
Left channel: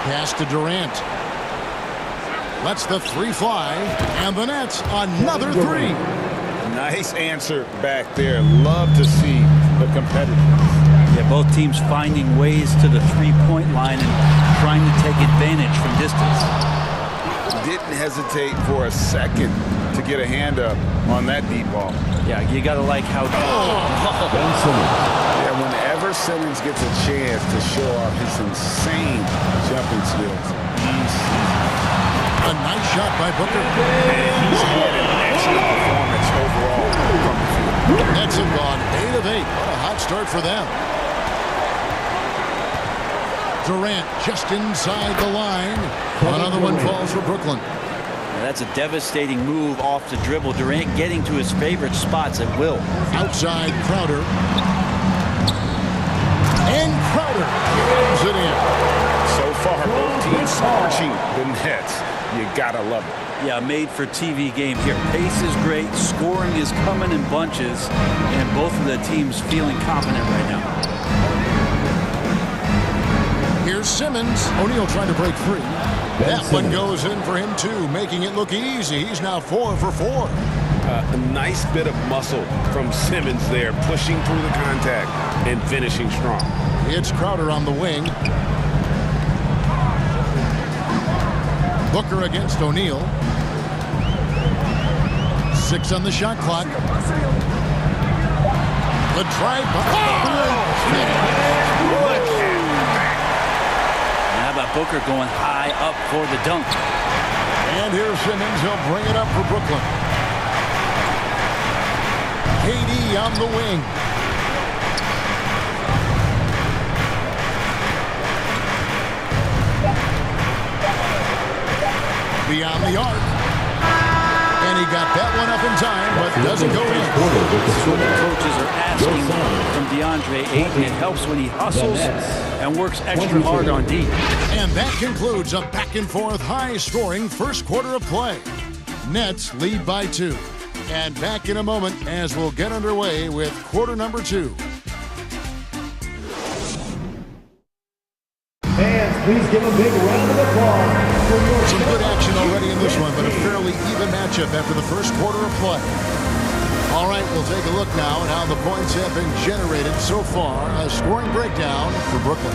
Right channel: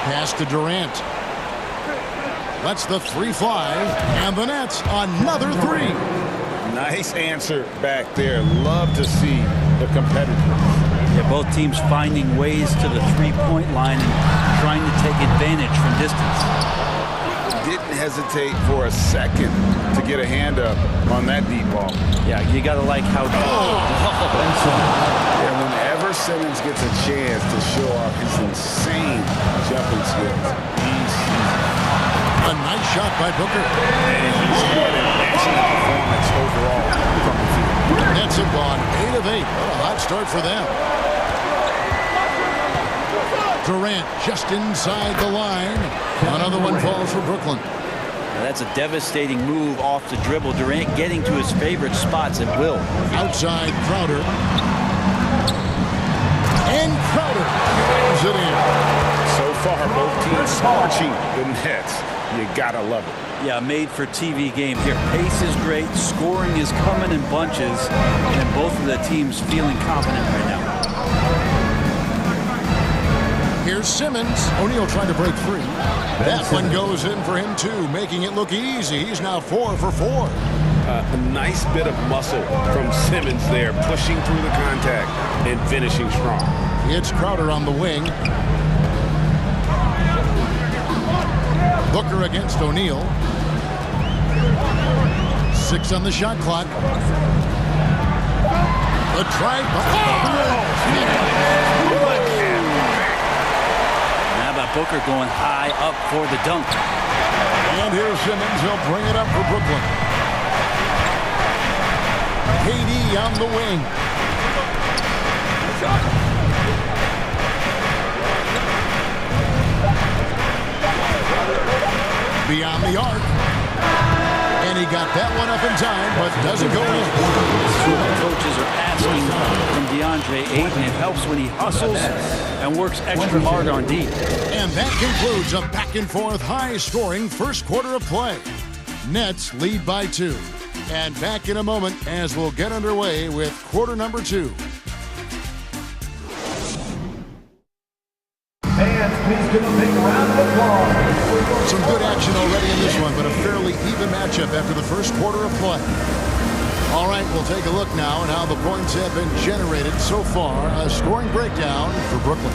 Pass to Durant. Lets the 3 fly, and the Nets another 3. Nice answer back there. Love to see the competitiveness. Yeah, both teams finding ways to the 3-point line and trying to take advantage from distance. Didn't hesitate for a second to get a hand up on that deep ball. Yeah, you got to like how... Yeah, whenever Simmons gets a chance to show off his insane jumping skills, he's a nice shot by Booker. And he's had an excellent performance overall from the field. Nets have gone 8 of 8. What a hot start for them. Durant just inside the line. Another one falls for Brooklyn. Now that's a devastating move off the dribble. Durant getting to his favorite spots at will. Outside Crowder. And Crowder brings it in. So far, both teams scorching the Nets. You gotta love it. Yeah, made for TV game here. Pace is great. Scoring is coming in bunches. And both of the teams feeling confident right now. Here's Simmons. O'Neal trying to break free. That one goes in for him, too, making it look easy. He's now 4 for 4. A nice bit of muscle from Simmons there, pushing through the contact and finishing strong. It's Crowder on the wing. Booker against O'Neal. 6 on the shot clock. The drive by. How about Booker going high up for the dunk? And here's Simmons. He'll bring it up for Brooklyn. KD on the wing. Beyond the arc. And he got that one up in time, but doesn't go in. This is what the coaches are asking from DeAndre Ayton. It helps when he hustles and works extra hard on D. And that concludes a back-and-forth, high-scoring first quarter of play. Nets lead by 2. And back in a moment as we'll get underway with quarter number 2. Fans, please give a big round of applause. Some good action already in this one, but a fairly even matchup after the first quarter of play. All right, we'll take a look now at how the points have been generated so far. A scoring breakdown for Brooklyn.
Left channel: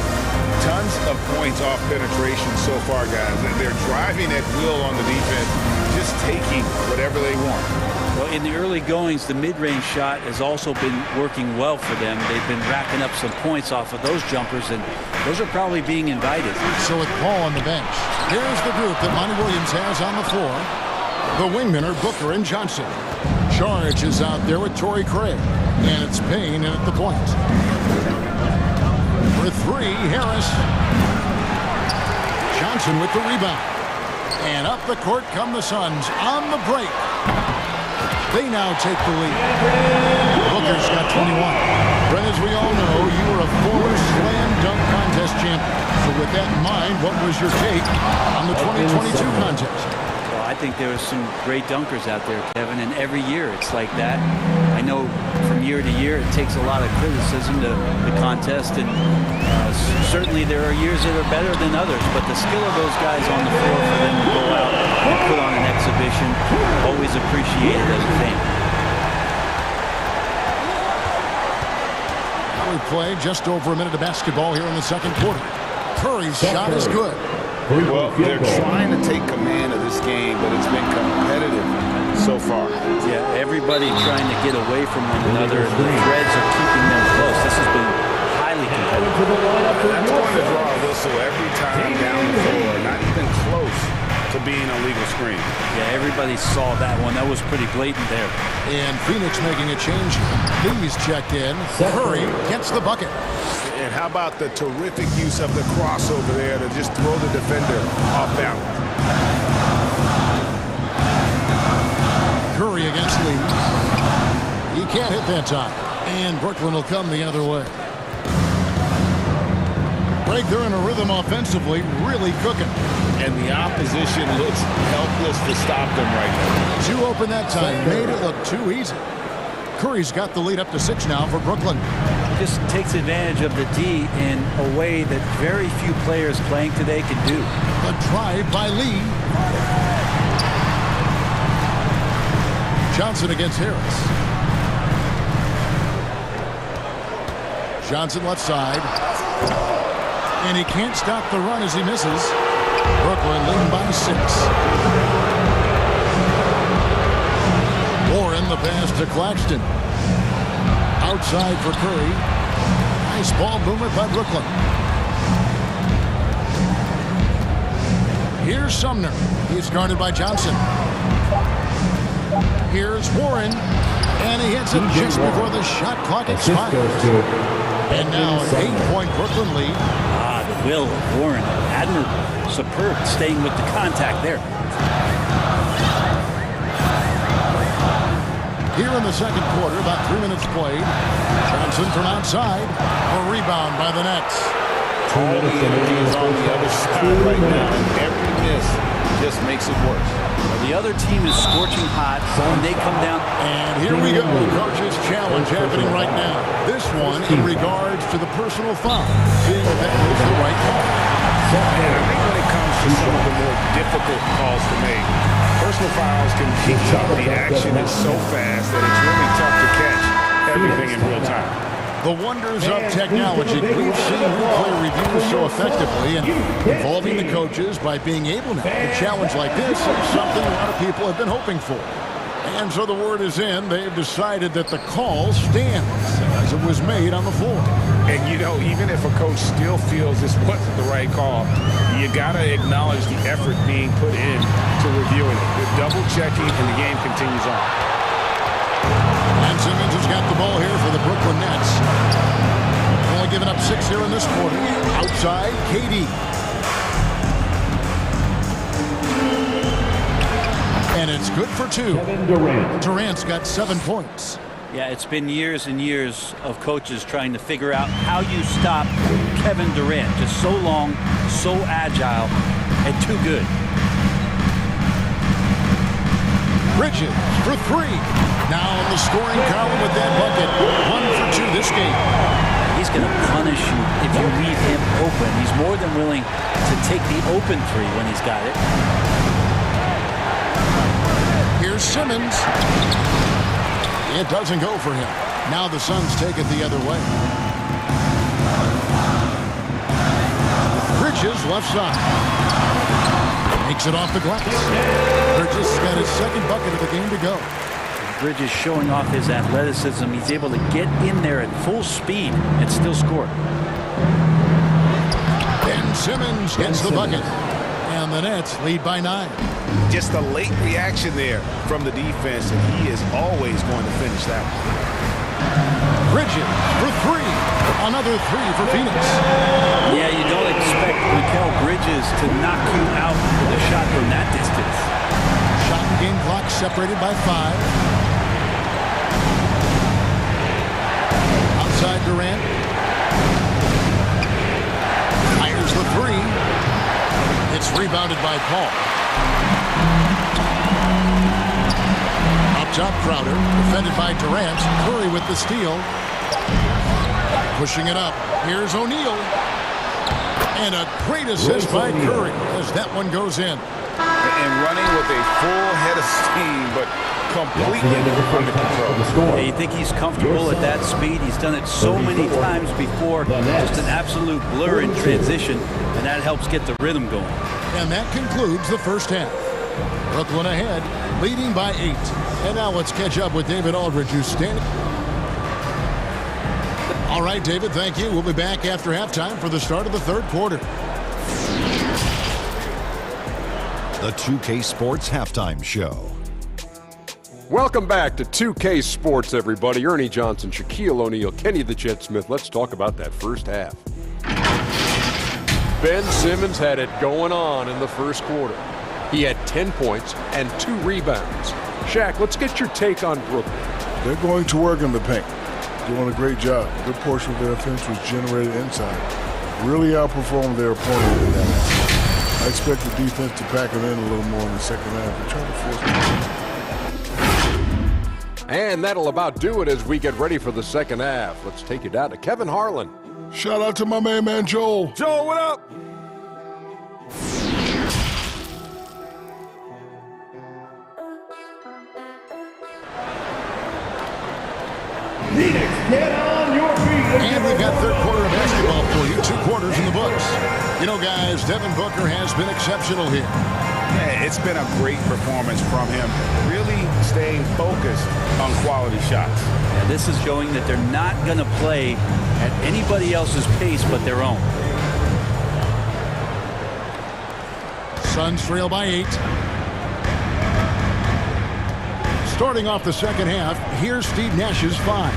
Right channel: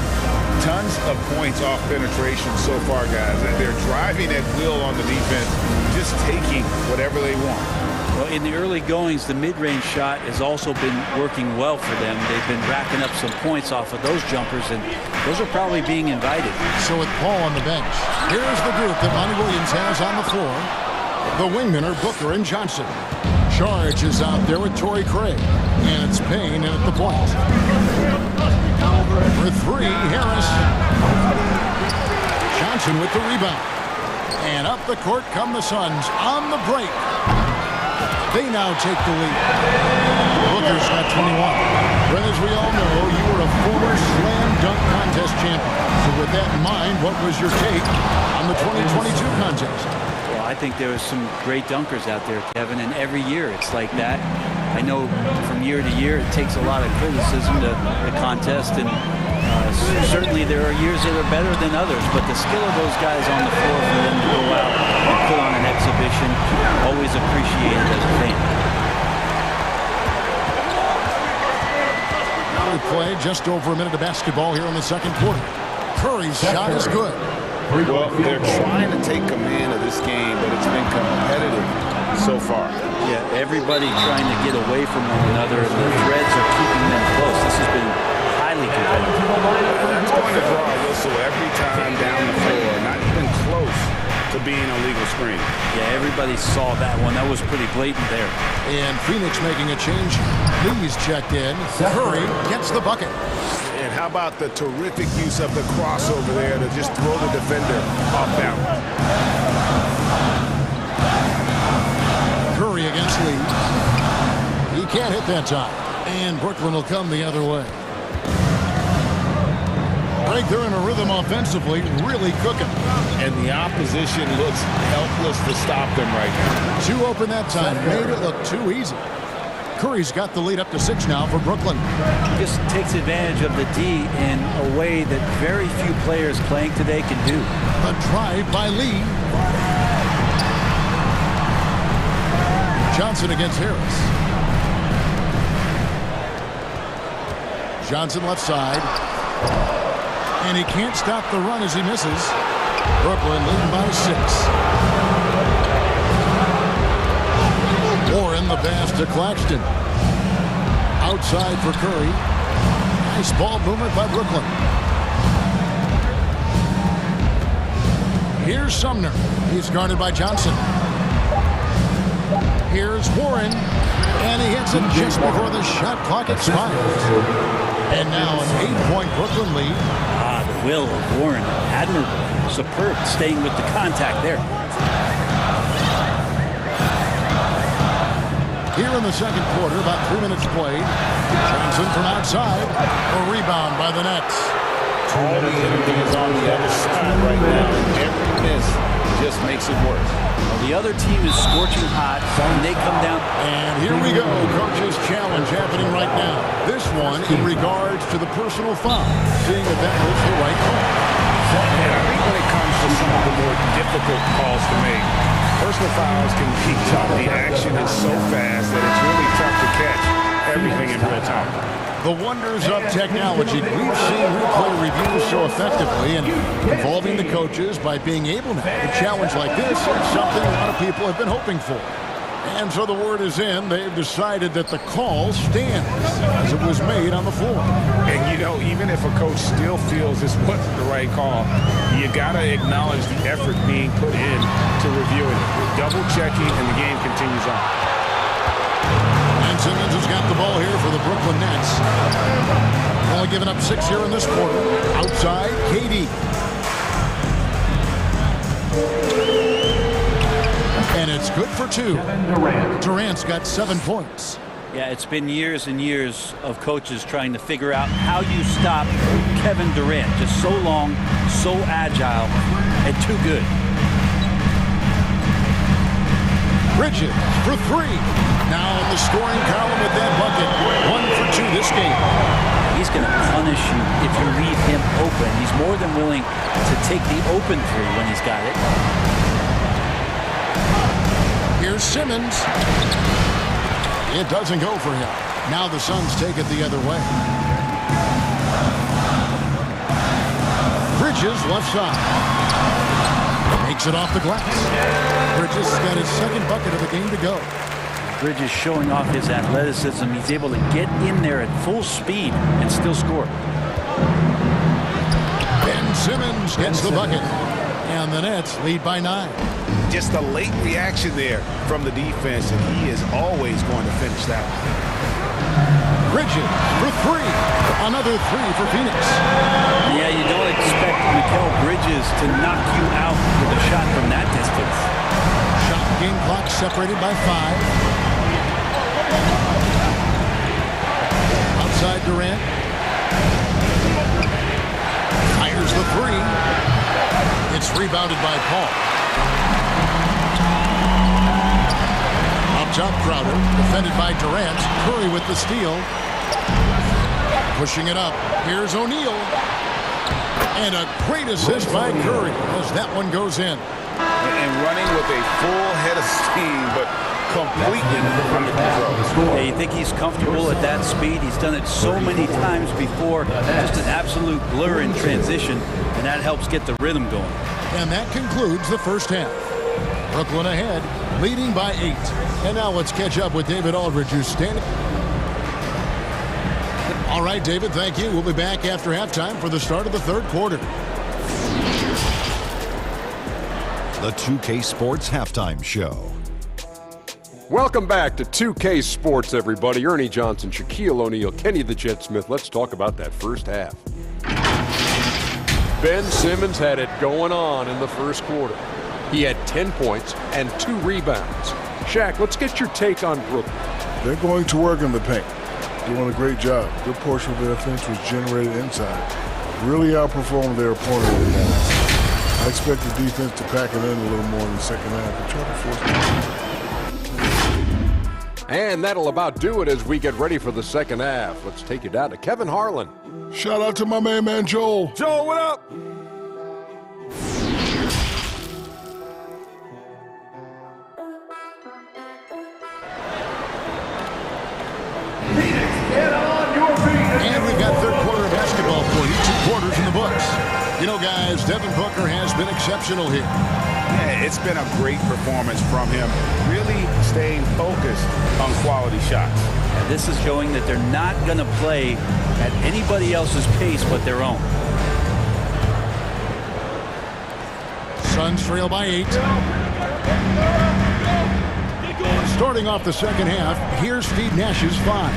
Tons of points off penetration so far, guys. They're driving at will on the defense, just taking whatever they want. Well, in the early goings, the mid-range shot has also been working well for them. They've been racking up some points off of those jumpers, and those are probably being invited. So with Paul on the bench, here's the group that Monty Williams has on the floor. The wingmen are Booker and Johnson. Charge is out there with Torrey Craig, and it's Payne in at the point. For 3, Harris. Johnson with the rebound. And up the court come the Suns on the break. They now take the lead. Booker's got 21. Brent, as we all know, you were a former slam dunk contest champion. So with that in mind, what was your take on the 2022 contest? Well, I think there was some great dunkers out there, Kevin, and every year it's like that. I know from year to year it takes a lot of criticism to the contest, and certainly there are years that are better than others, but the skill of those guys on the floor for them to go out and put on an exhibition, always appreciated as a fan. Now we play just over a minute of basketball here in the second quarter. Curry's shot is good. Well, they're trying to take command of this game, but it's been competitive so far. Yeah, everybody trying to get away from one another, and the threads are keeping them close. This has been highly competitive. That's going to draw a whistle every time down the floor, not even close to being a legal screen. Yeah, everybody saw that one. That was pretty blatant there. And Phoenix making a change here. Lee's checked in. Curry gets the bucket. And how about the terrific use of the crossover there to just throw the defender off balance. Curry against Lee. He can't hit that time. And Brooklyn will come the other way. Break, they're in a rhythm offensively, really cooking. And the opposition looks helpless to stop them right now. 2 open that time, made it look too easy. Curry's got the lead up to 6 now for Brooklyn. He just takes advantage of the D in a way that very few players playing today can do. The drive by Lee. Johnson against Harris. Johnson left side. And he can't stop the run as he misses. Brooklyn leading by 6. Warren the pass to Claxton. Outside for Curry. Nice ball movement by Brooklyn. Here's Sumner. He's guarded by Johnson. Here's Warren. And he hits it just before the shot clock expires. And now an 8-point Brooklyn lead. The will of Warren, admirable, superb, staying with the contact there. Here in the second quarter, about 3 minutes played. Johnson from outside. A rebound by the Nets. All the energy is on the other side right now, and every miss just makes it worse. Well, the other team is scorching hot, and they come down. And here we go. Coach's challenge happening right now. This one in regards to the personal foul, seeing that that was the right call. And I think when it comes to some of the more difficult calls to make, Personal fouls can be tough. The action is so fast that it's really tough to catch everything in real time. The wonders of technology. We've seen replay reviews so effectively and involving the coaches by being able now. A challenge like this is something a lot of people have been hoping for. And so the word is in. They've decided that the call stands as it was made on the floor. And, you know, even if a coach still feels this wasn't the right call, you got to acknowledge the effort being put in to reviewing it. With double-checking, and the game continues on. And Simmons has got the ball here for the Brooklyn Nets. Only giving up 6 here in this quarter. Outside, KD. And it's good for 2. Durant's got 7 points. Yeah, it's been years and years of coaches trying to figure out how you stop Kevin Durant. Just so long, so agile, and too good. Bridges for 3. Now in the scoring column with that bucket. 1 for 2 this game. He's going to punish you if you leave him open. He's more than willing to take the open 3 when he's got it. Here's Simmons. It doesn't go for him. Now the Suns take it the other way. Bridges left side. Makes it off the glass. Bridges has got his 2nd bucket of the game to go. Bridges showing off his athleticism. He's able to get in there at full speed and still score. Ben Simmons gets the bucket. And the Nets lead by 9. Just a late reaction there from the defense, and he is always going to finish that one. Bridges for 3. Another 3 for Phoenix. Yeah, you don't expect Mikal Bridges to knock you out with a shot from that distance. Shot and game clock separated by 5. Outside Durant. Fires the 3. It's rebounded by Paul. Up top, Crowder. Defended by Durant. Curry with the steal. Pushing it up. Here's O'Neal. And a great assist by Curry as that one goes in. And running with a full head of steam, but completely under control. Yeah, you think he's comfortable at that speed? He's done it so many times before. Just an absolute blur in transition, and that helps get the rhythm going. And that concludes the first half. Brooklyn ahead, leading by 8. And now let's catch up with David Aldridge, who's standing. All right, David, thank you. We'll be back after halftime for the start of the 3rd quarter. The 2K Sports Halftime Show. Welcome back to 2K Sports, everybody. Ernie Johnson, Shaquille O'Neal, Kenny the Jet Smith. Let's talk about that first half. Ben Simmons had it going on in the first quarter. He had 10 points and 2 rebounds. Shaq, let's get your take on Brooklyn. They're going to work in the paint. Doing a great job. Good portion of their offense was generated inside. Really outperformed their opponent in that. I expect the defense to pack it in a little more in the second half and try to force it. And that'll about do it as we get ready for the second half. Let's take you down to Kevin Harlan. Shout out to my main man, Joel. Joel, what up? Phoenix, get on your feet. And we've got 3rd quarter of basketball for you. 2 quarters in the books. You know, guys, Devin Booker has been exceptional here. Yeah, it's been a great performance from him. Really staying focused on quality shots. Yeah, this is showing that they're not going to play at anybody else's pace but their own. Suns trail by 8. Starting off the second half, here's Steve Nash's 5.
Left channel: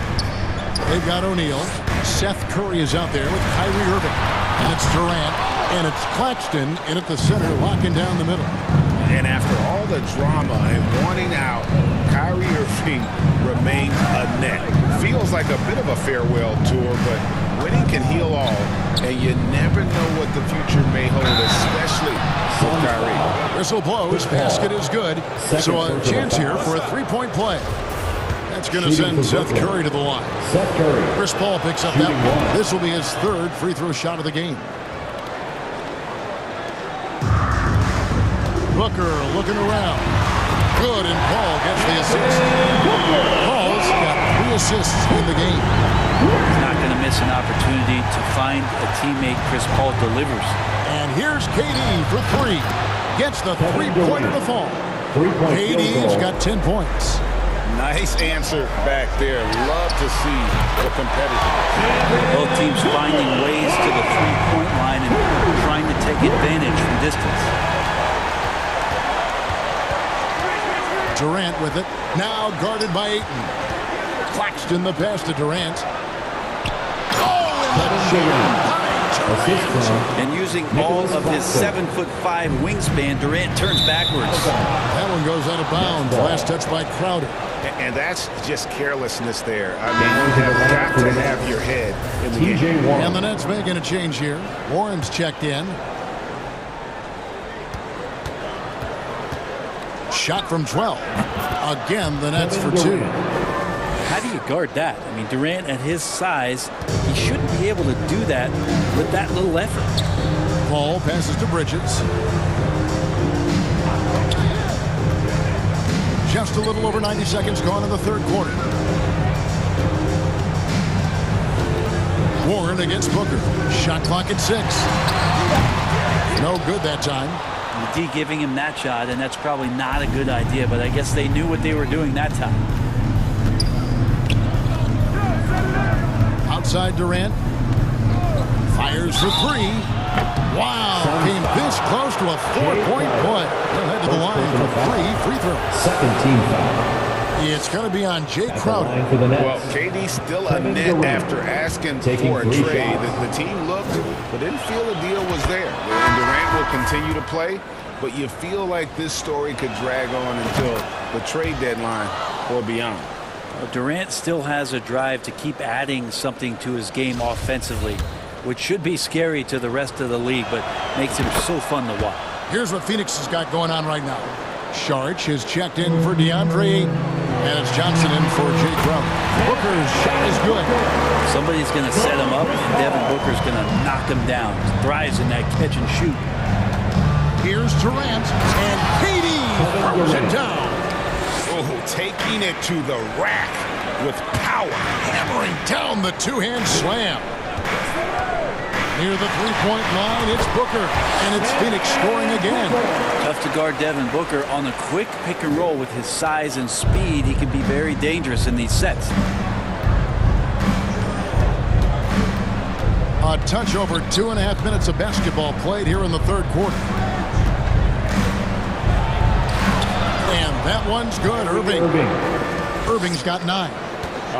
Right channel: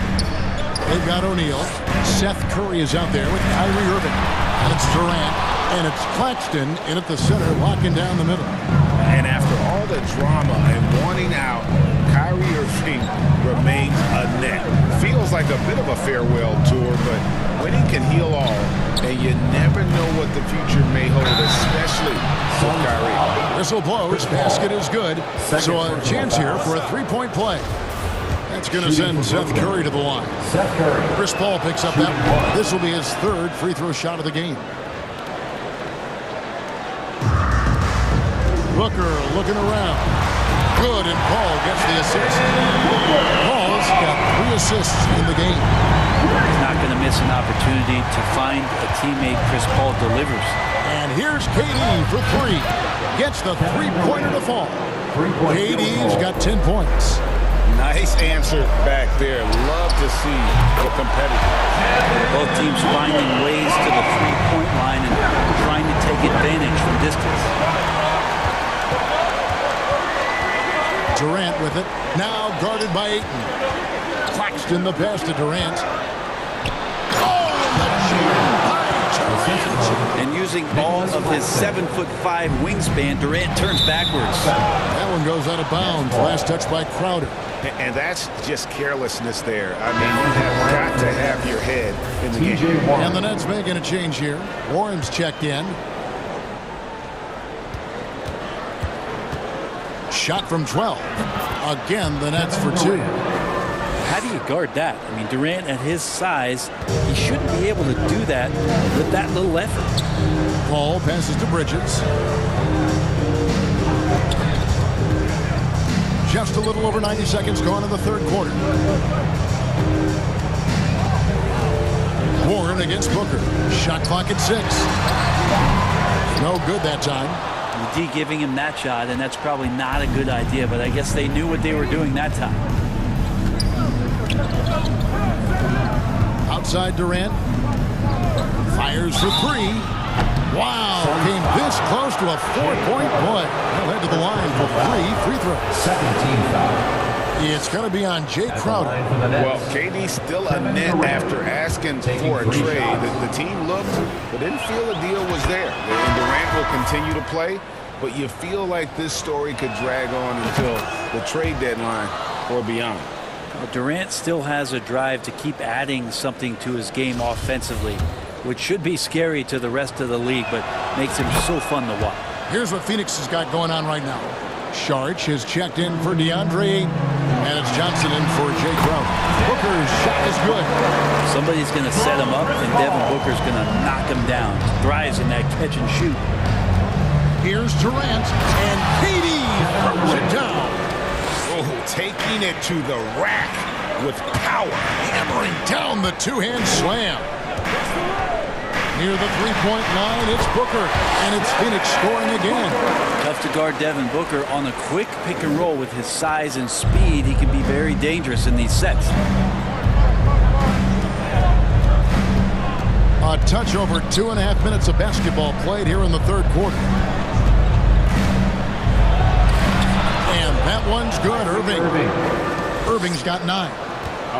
They've got O'Neal. Seth Curry is out there with Kyrie Irving. And it's Durant. And it's Claxton in at the center, locking down the middle. And after all the drama and wanting out, Kyrie Irving remains a net. Feels like a bit of a farewell tour, but winning can heal all, and you never know what the future may hold, especially with Kyrie. Whistle blows, basket is good, so a chance here for a 3-point play. That's going to send Seth Curry to the line. Seth Curry. Chris Paul picks up that one. This will be his 3rd free throw shot of the game. Booker looking around. Good, and Paul gets the assist. Paul's got 3 assists in the game. He's not going to miss an opportunity to find a teammate Chris Paul delivers. And here's KD for 3. Gets the three-pointer to fall. KD's got 10 points. Nice answer back there. Love to see the competitiveness. Both teams finding ways to the three-point line and trying to take advantage from distance. Durant with it. Now guarded by Ayton. Claxton the pass to Durant. Oh, and the jam by Durant. And using all of his 7'5" wingspan, Durant turns backwards. That one goes out of bounds. Last touch by Crowder. And that's just carelessness there. I mean, you have got to have your head in the game. And the Nets making a change here. Warren's checked in. Shot from 12. Again, the Nets for 2. How do you guard that? I mean, Durant at his size, he shouldn't be able to do that with that little effort. Paul passes to Bridges. Just a little over 90 seconds gone in the third quarter. Warren against Booker. Shot clock at 6. No good that time. The D giving him that shot, and that's probably not a good idea, but I guess they knew what they were doing that time. Outside Durant. Fires for 3. Wow, came this close to a 4-point play. He'll head to the line for 3 free throws. Second team foul. It's going to be on Jay Crowder. Well, KD still a net after asking for a trade. The team looked but didn't feel a deal was there. And Durant will continue to play, but you feel like this story could drag on until the trade deadline or beyond. Well, Durant still has a drive to keep adding something to his game offensively, which should be scary to the rest of the league, but makes him so fun to watch. Here's what Phoenix has got going on right now. Sharch has checked in for DeAndre Ayton, and it's Johnson in for Jay Crowder. Booker's shot is good. Somebody's going to set him up, and Devin Booker's going to knock him down. Thrives in that catch and shoot. Here's Durant, and KD throws it down. Oh, taking it to the rack with power. Hammering down the two-hand slam. Near the three-point line, it's Booker, and it's Phoenix scoring again. Tough to guard Devin Booker on a quick pick and roll with his size and speed. He can be very dangerous in these sets. A touch over 2.5 minutes of basketball played here in the third quarter. And that one's good, Irving. Irving's got 9.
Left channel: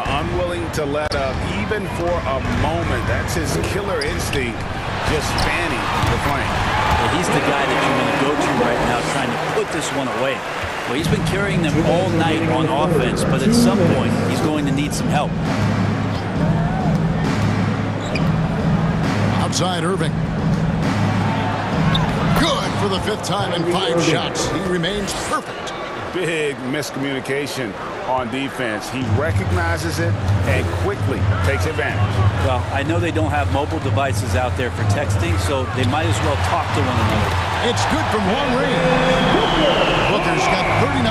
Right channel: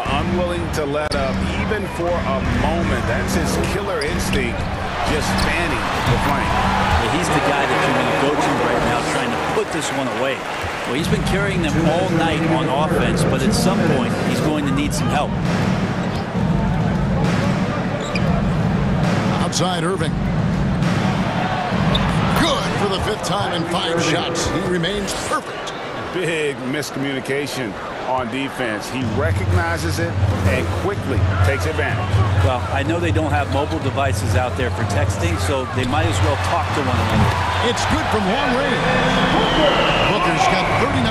Unwilling to let up even for a moment. That's his killer instinct, just fanning the flame. Yeah, he's the guy that you want to go to right now, trying to put this one away. Well, he's been carrying them all night on offense, but at some point he's going to need some help. Outside Irving. Good for the 5th time in 5 shots. He remains perfect. Big miscommunication on defense. He recognizes it and quickly takes advantage. Well, I know they don't have mobile devices out there for texting, so they might as well talk to one another. It's good from long range. Booker's got 39.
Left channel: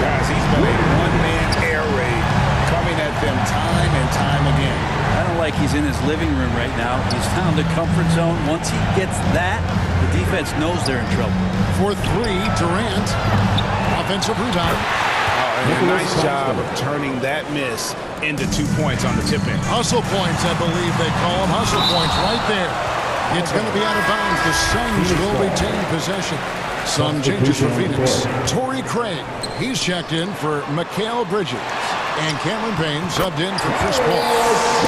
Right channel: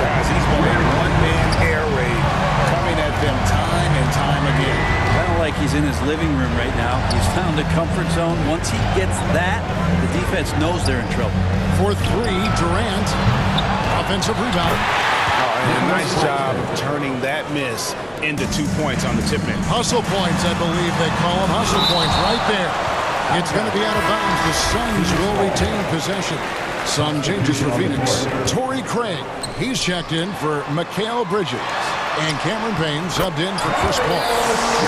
Guys, he's been a one-man air raid coming at them time and time again. I don't like he's in his living room right now. He's found a comfort zone. Once he gets that, the defense knows they're in trouble. For 3, Durant. Offensive rebound. And a nice job of turning that miss into 2 points on the tip-in. Hustle points, I believe they call them. Hustle points right there. It's going to be out of bounds. The Suns will retain possession. Some changes for Phoenix. Torrey Craig, he's checked in for Mikal Bridges. And Cameron Payne subbed in for Chris Paul.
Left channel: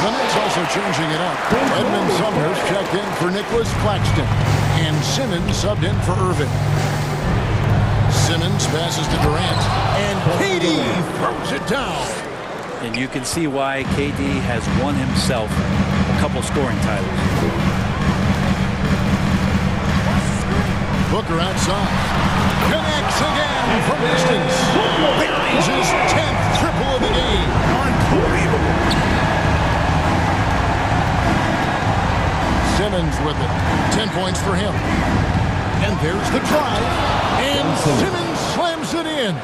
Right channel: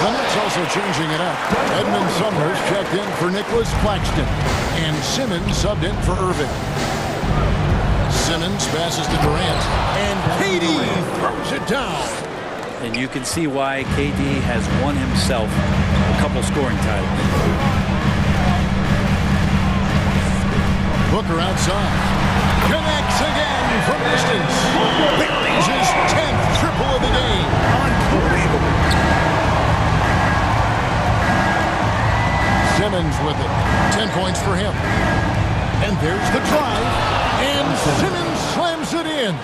The Nets also changing it up. Edmund Sumner's checked in for Nicholas Claxton. And Simmons subbed in for Irving. Simmons passes to Durant, and KD throws it down. And you can see why KD has won himself a couple scoring titles. Booker outside. Connects again from distance. There is his 10th triple of the game. Unbelievable. Simmons with it. 10 points for him. And there's the drive. And Simmons slams it in.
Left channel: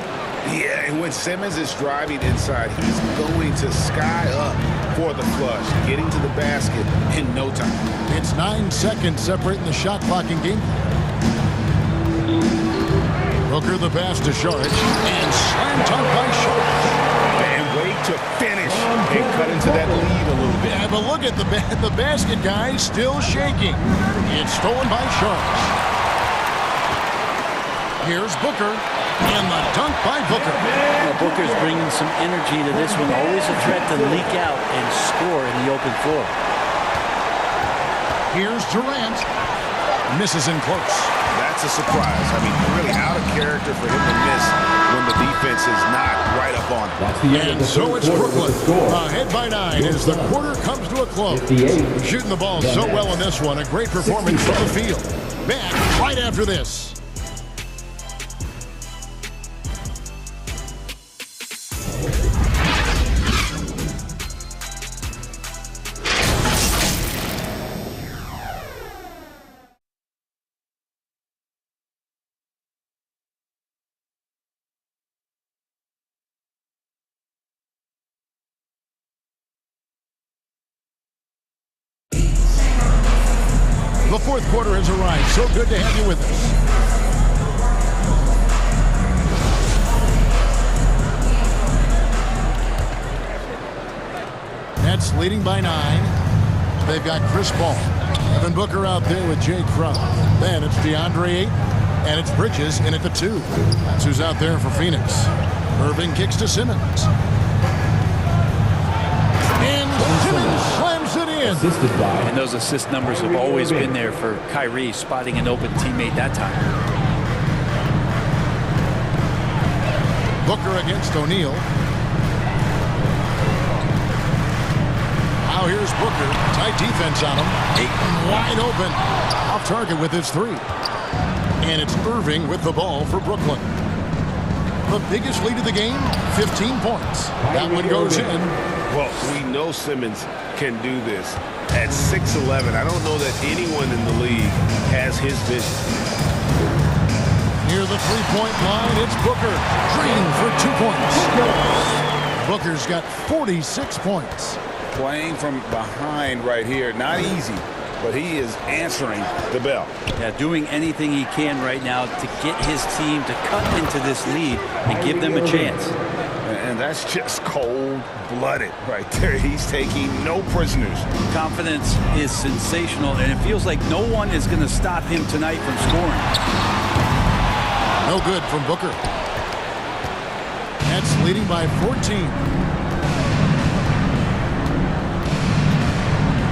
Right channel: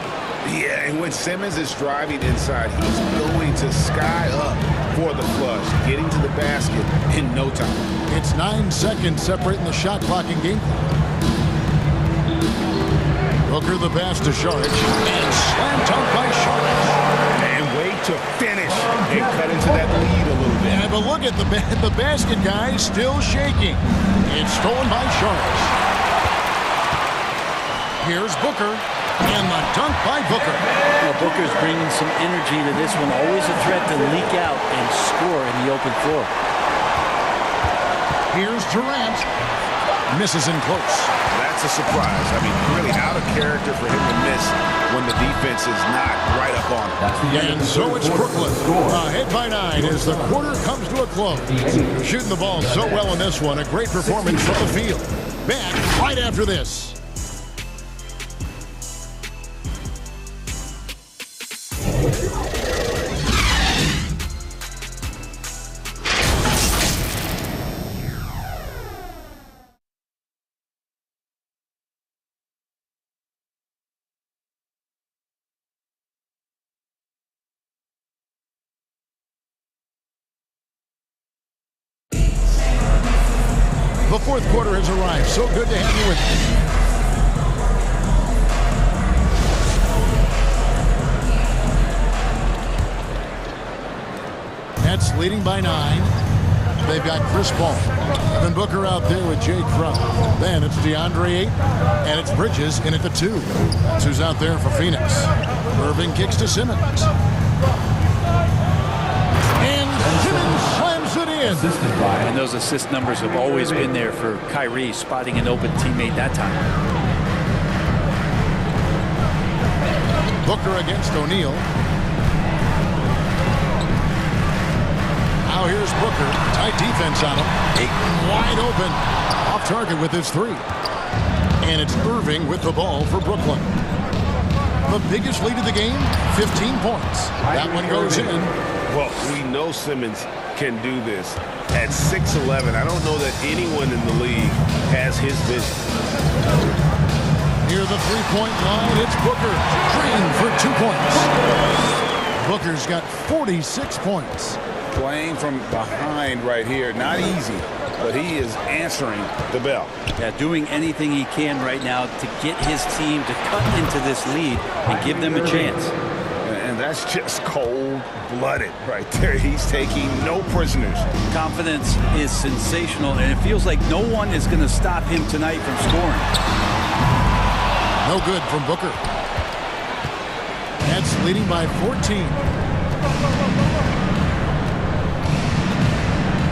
Yeah, and when Simmons is driving inside, he's going to sky up for the flush, getting to the basket in no time. It's 9 seconds separating the shot clock and game clock. Booker the pass to Sharge, and slam dunk by Sharge. And wait to finish and cut into that lead a little bit. Yeah, but look at the basket, guys, still shaking. It's stolen by Sharge. Here's Booker. And the dunk by Booker. Well, Booker's bringing some energy to this one. Always a threat to leak out and score in the open floor. Here's Durant. Misses in close. That's a surprise. I mean, really out of character for him to miss when the defense is not right up on him. And so it's Brooklyn. Ahead by 9 as the quarter comes to a close. Shooting the ball so well in this one. A great performance from the field. Back right after this. The fourth quarter has arrived. So good to have you with us. Nets leading by 9. They've got Chris Paul. Devin Booker out there with Jay Crowder. Then it's DeAndre Ayton, and it's Bridges in at the 2. That's who's out there for Phoenix. Irving kicks to Simmons. And Simmons slams it in. And those assist numbers have always been there for Kyrie, spotting an open teammate that time. Booker against O'Neal. Now here's Booker. Tight defense on him. Ayton wide open. Off target with his 3. And it's Irving with the ball for Brooklyn. The biggest lead of the game, 15 points. That one goes in. Well, we know Simmons can do this. At 6'11", I don't know that anyone in the league has his vision. Near the three-point line, it's Booker. Green for 2 points. Booker's got 46 points. Playing from behind right here, not easy, but he is answering the bell. Yeah, doing anything he can right now to get his team to cut into this lead and give them a chance. And that's just cold-blooded right there. He's taking no prisoners. Confidence is sensational, and it feels like no one is going to stop him tonight from scoring. No good from Booker. Nets leading by 14.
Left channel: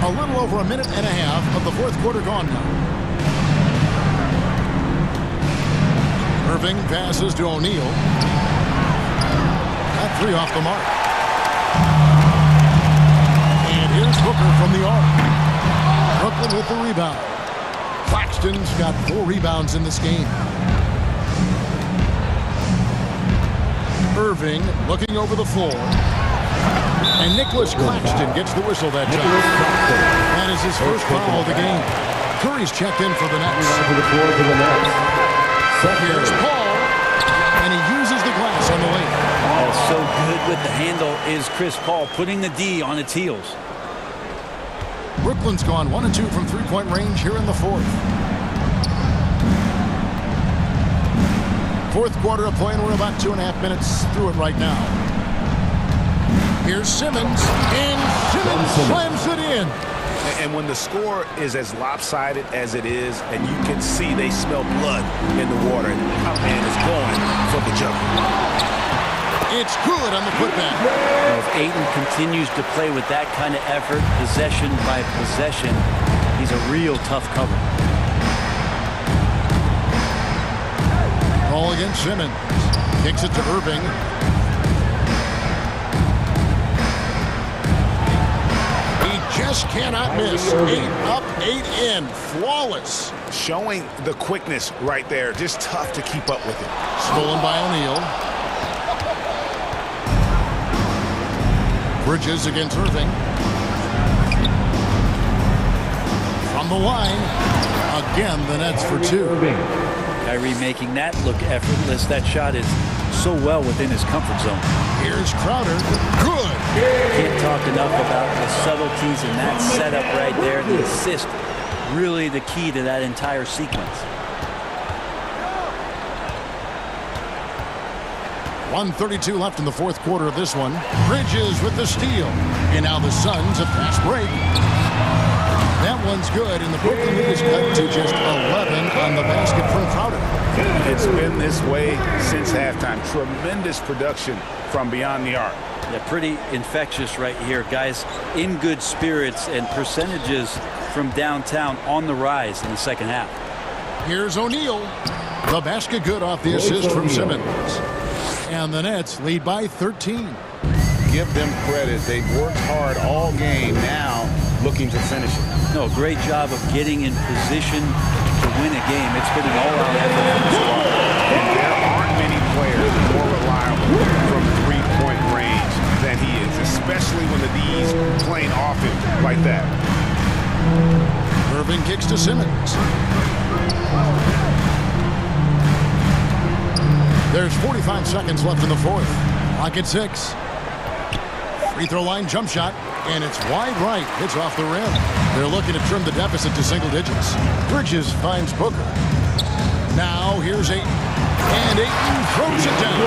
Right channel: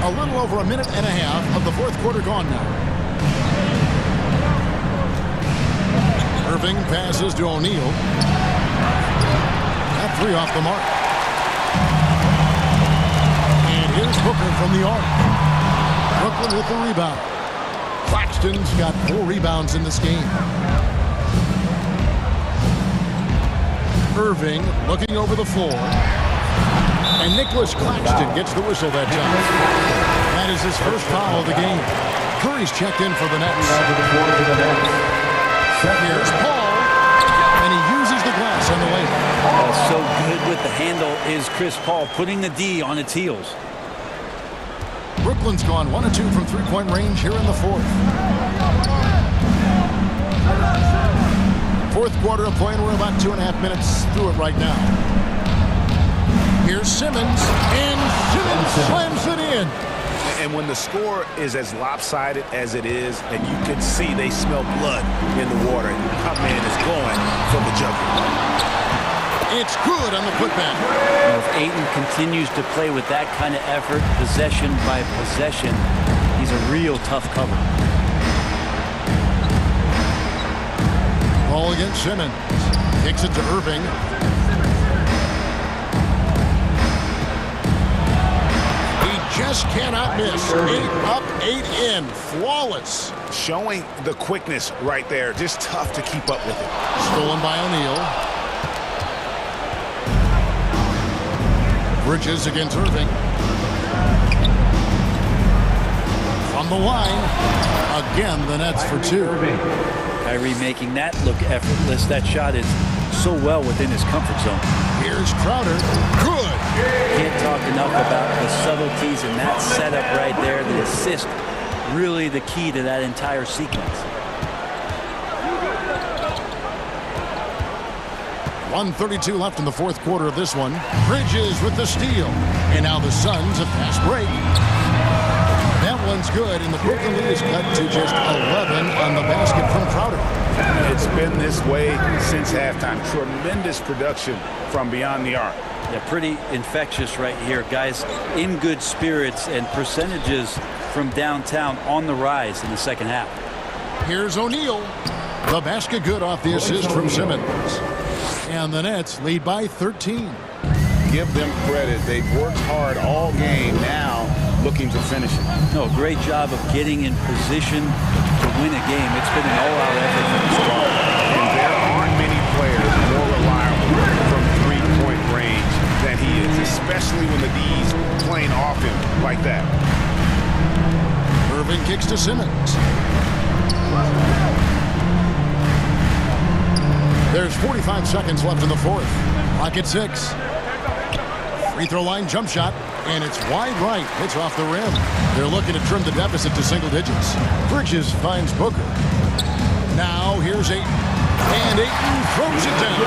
A little over a minute and a half of the fourth quarter gone now. Irving passes to O'Neal. That 3 off the mark. And here's Booker from the arc. Brooklyn with the rebound. Claxton's got 4 rebounds in this game. Irving looking over the floor. And Nicholas Claxton gets the whistle that time. That is his first foul of the game. Curry's checked in for the Nets. Here's Paul. And he uses the glass on the layup. So good with the handle is Chris Paul, putting the D on its heels. Brooklyn's gone 1 of 2 from three-point range here in the fourth. Fourth quarter of play, and we're about 2.5 minutes through it right now. Here's Simmons, and Simmons slams it in. And when the score is as lopsided as it is, and you can see they smell blood in the water, my man is going for the jugular. It's good on the putback. Well, if Ayton continues to play with that kind of effort, possession by possession, he's a real tough cover. Ball against Simmons. Kicks it to Irving. He just cannot miss. 8 up, 8 in. Flawless. Showing the quickness right there. Just tough to keep up with it. Stolen by O'Neal. Bridges against Irving. From the line. Again, the Nets for 2. Kyrie making that look effortless. That shot is so well within his comfort zone. Here's Crowder. Good. Can't talk enough about the subtleties in that setup right there. The assist, really the key to that entire sequence. 1:32 left in the fourth quarter of this one. Bridges with the steal. And now the Suns a fast break. That one's good, and the Brooklyn lead is cut to just 11 on the basket from Crowder. It's been this way since halftime. Tremendous production from beyond the arc. Yeah, pretty infectious right here. Guys in good spirits, and percentages from downtown on the rise in the second half. Here's O'Neal. The basket good off the assist from Simmons. And the Nets lead by 13. Give them credit. They've worked hard all game, now looking to finish it. No, great job of getting in position to win a game. It's been an all-out effort from the squad. And there aren't many players more reliable from three-point range than he is, especially when the D's playing off him like that. Irving kicks to Simmons. There's 45 seconds left in the fourth. Clock at 6. Free throw line jump shot, and it's wide right. Hits off the rim. They're looking to trim the deficit to single digits. Bridges finds Booker. Now here's Ayton. And Ayton throws it down.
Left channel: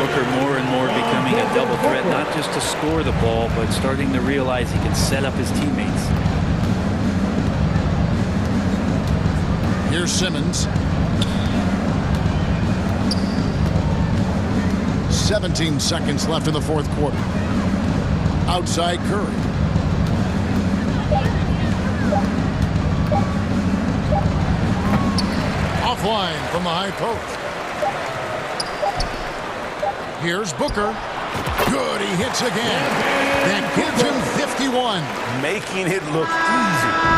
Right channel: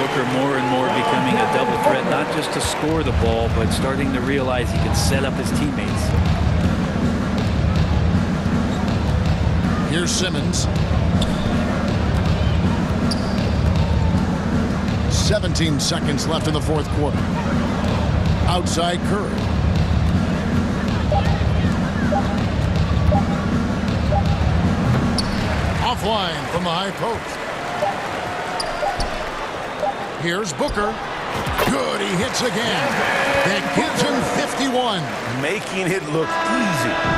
Booker more and more becoming a double threat, not just to score the ball, but starting to realize he can set up his teammates. Here's Simmons. 17 seconds left in the fourth quarter. Outside Curry. Offline from the high post. Here's Booker. Good, he hits again. That gives him 51. Making it look easy.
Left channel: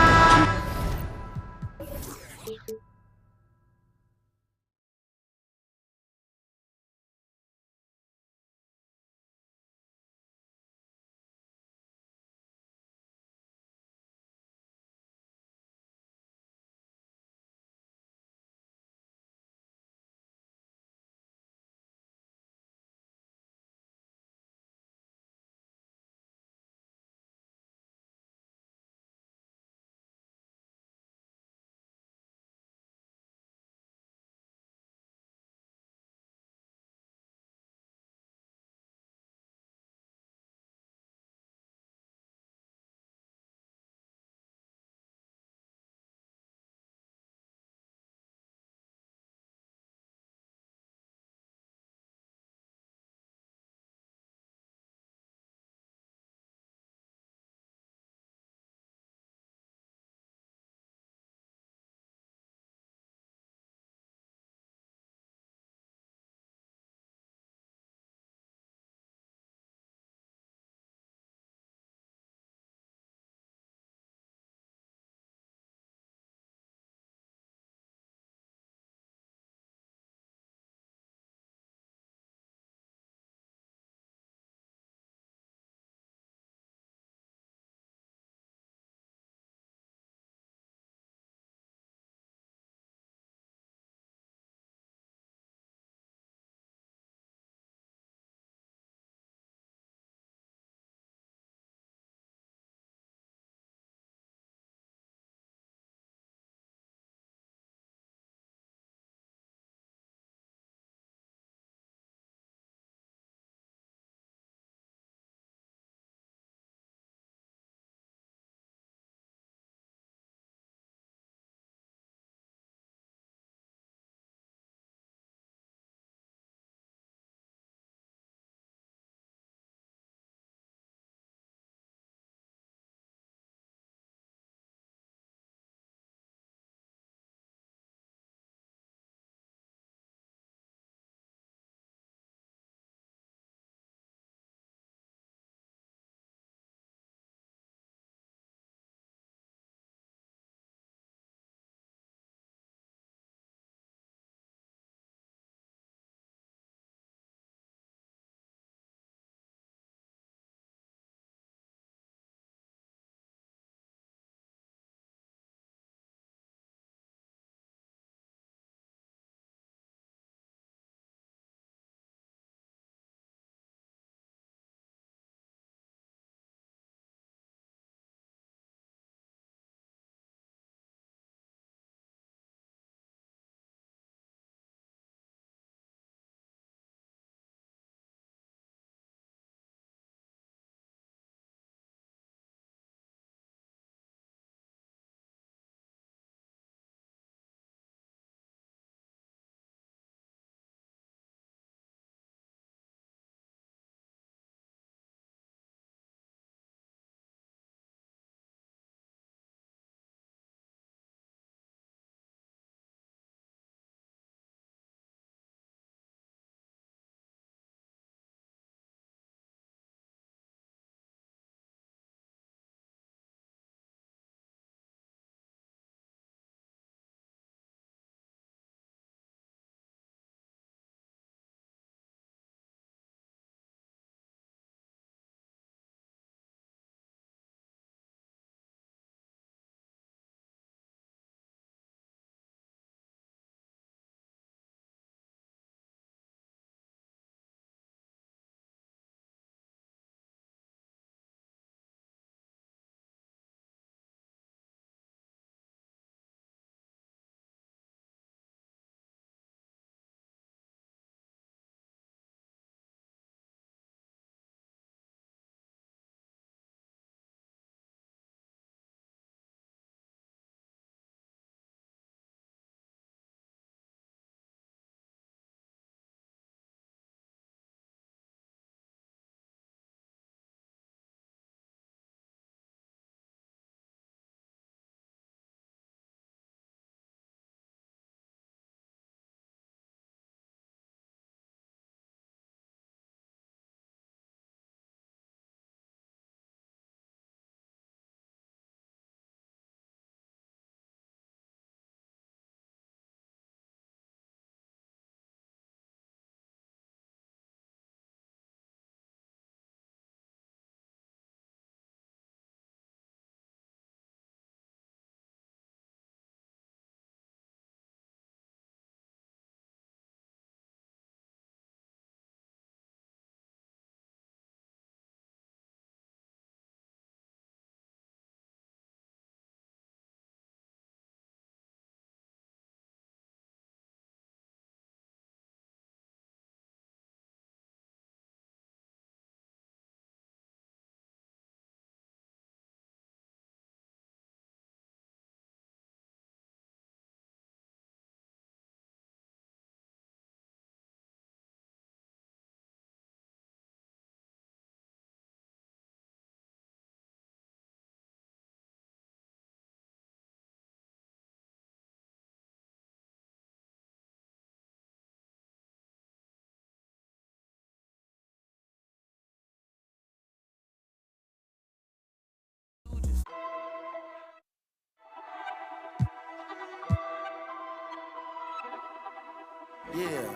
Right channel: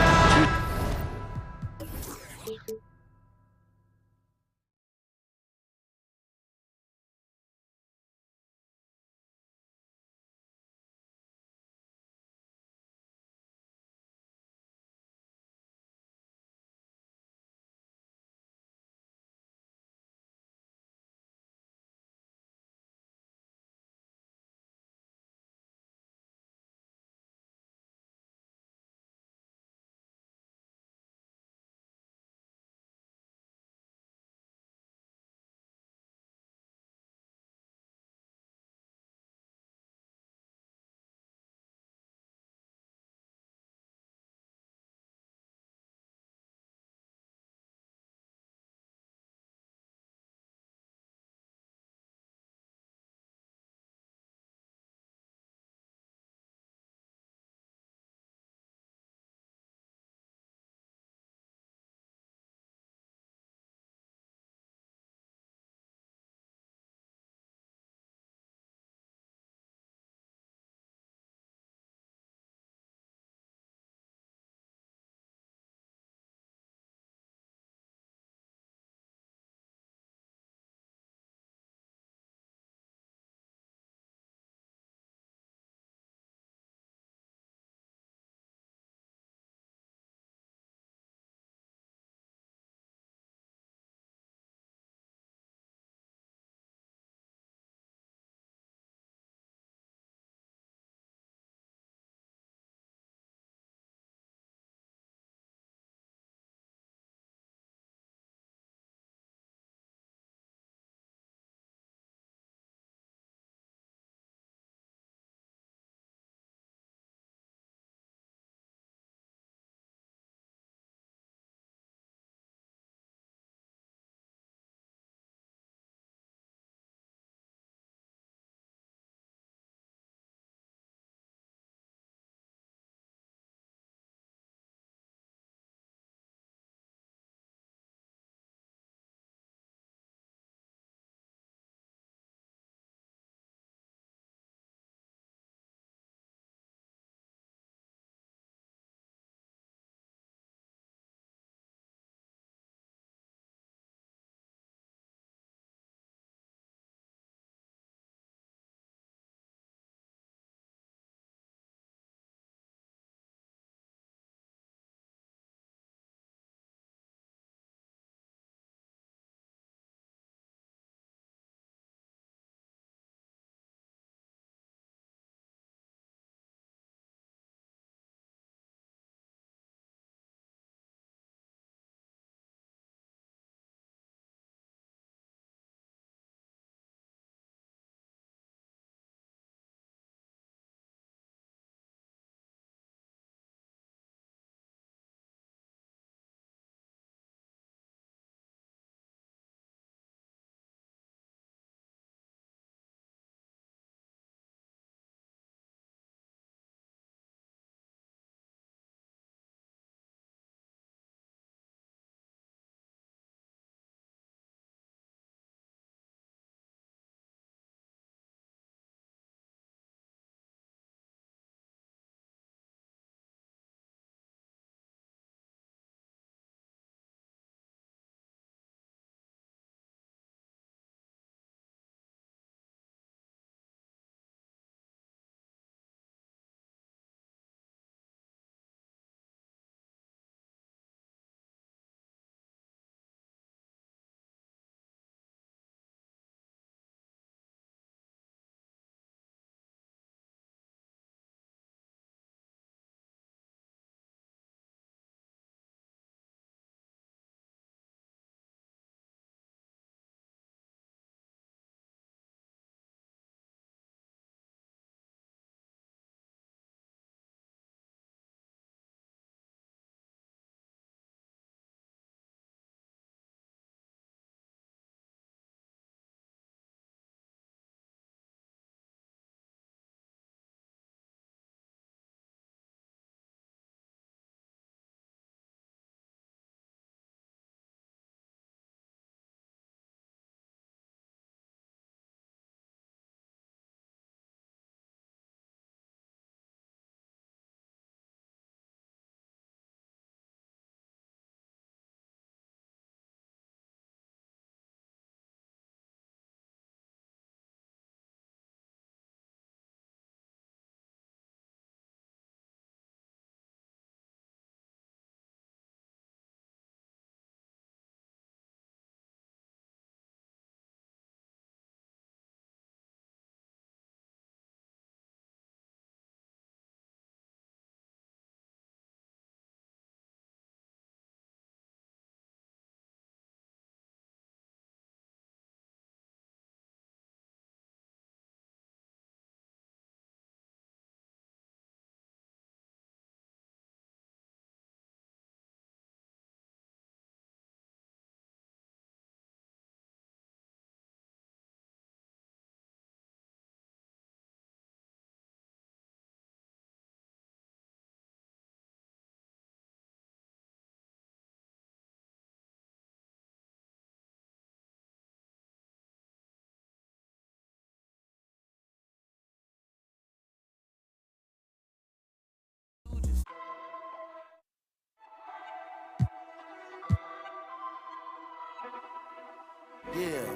Yeah,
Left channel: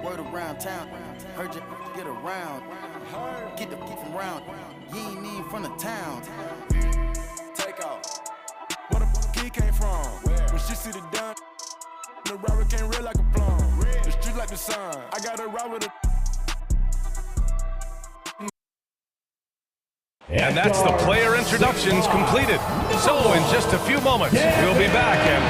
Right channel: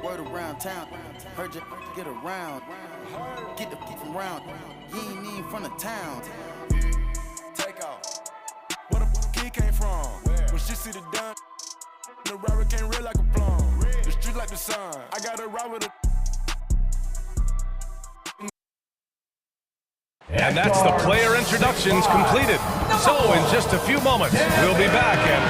word around town. Heard you get around. Get the from round. You ain't even from the town. Take off. Where the kid came from? When she see the done, the robber came red like a plum. The street like the sun. I got a ride with a. And that's the player introductions completed. So in just a few moments, we'll be back and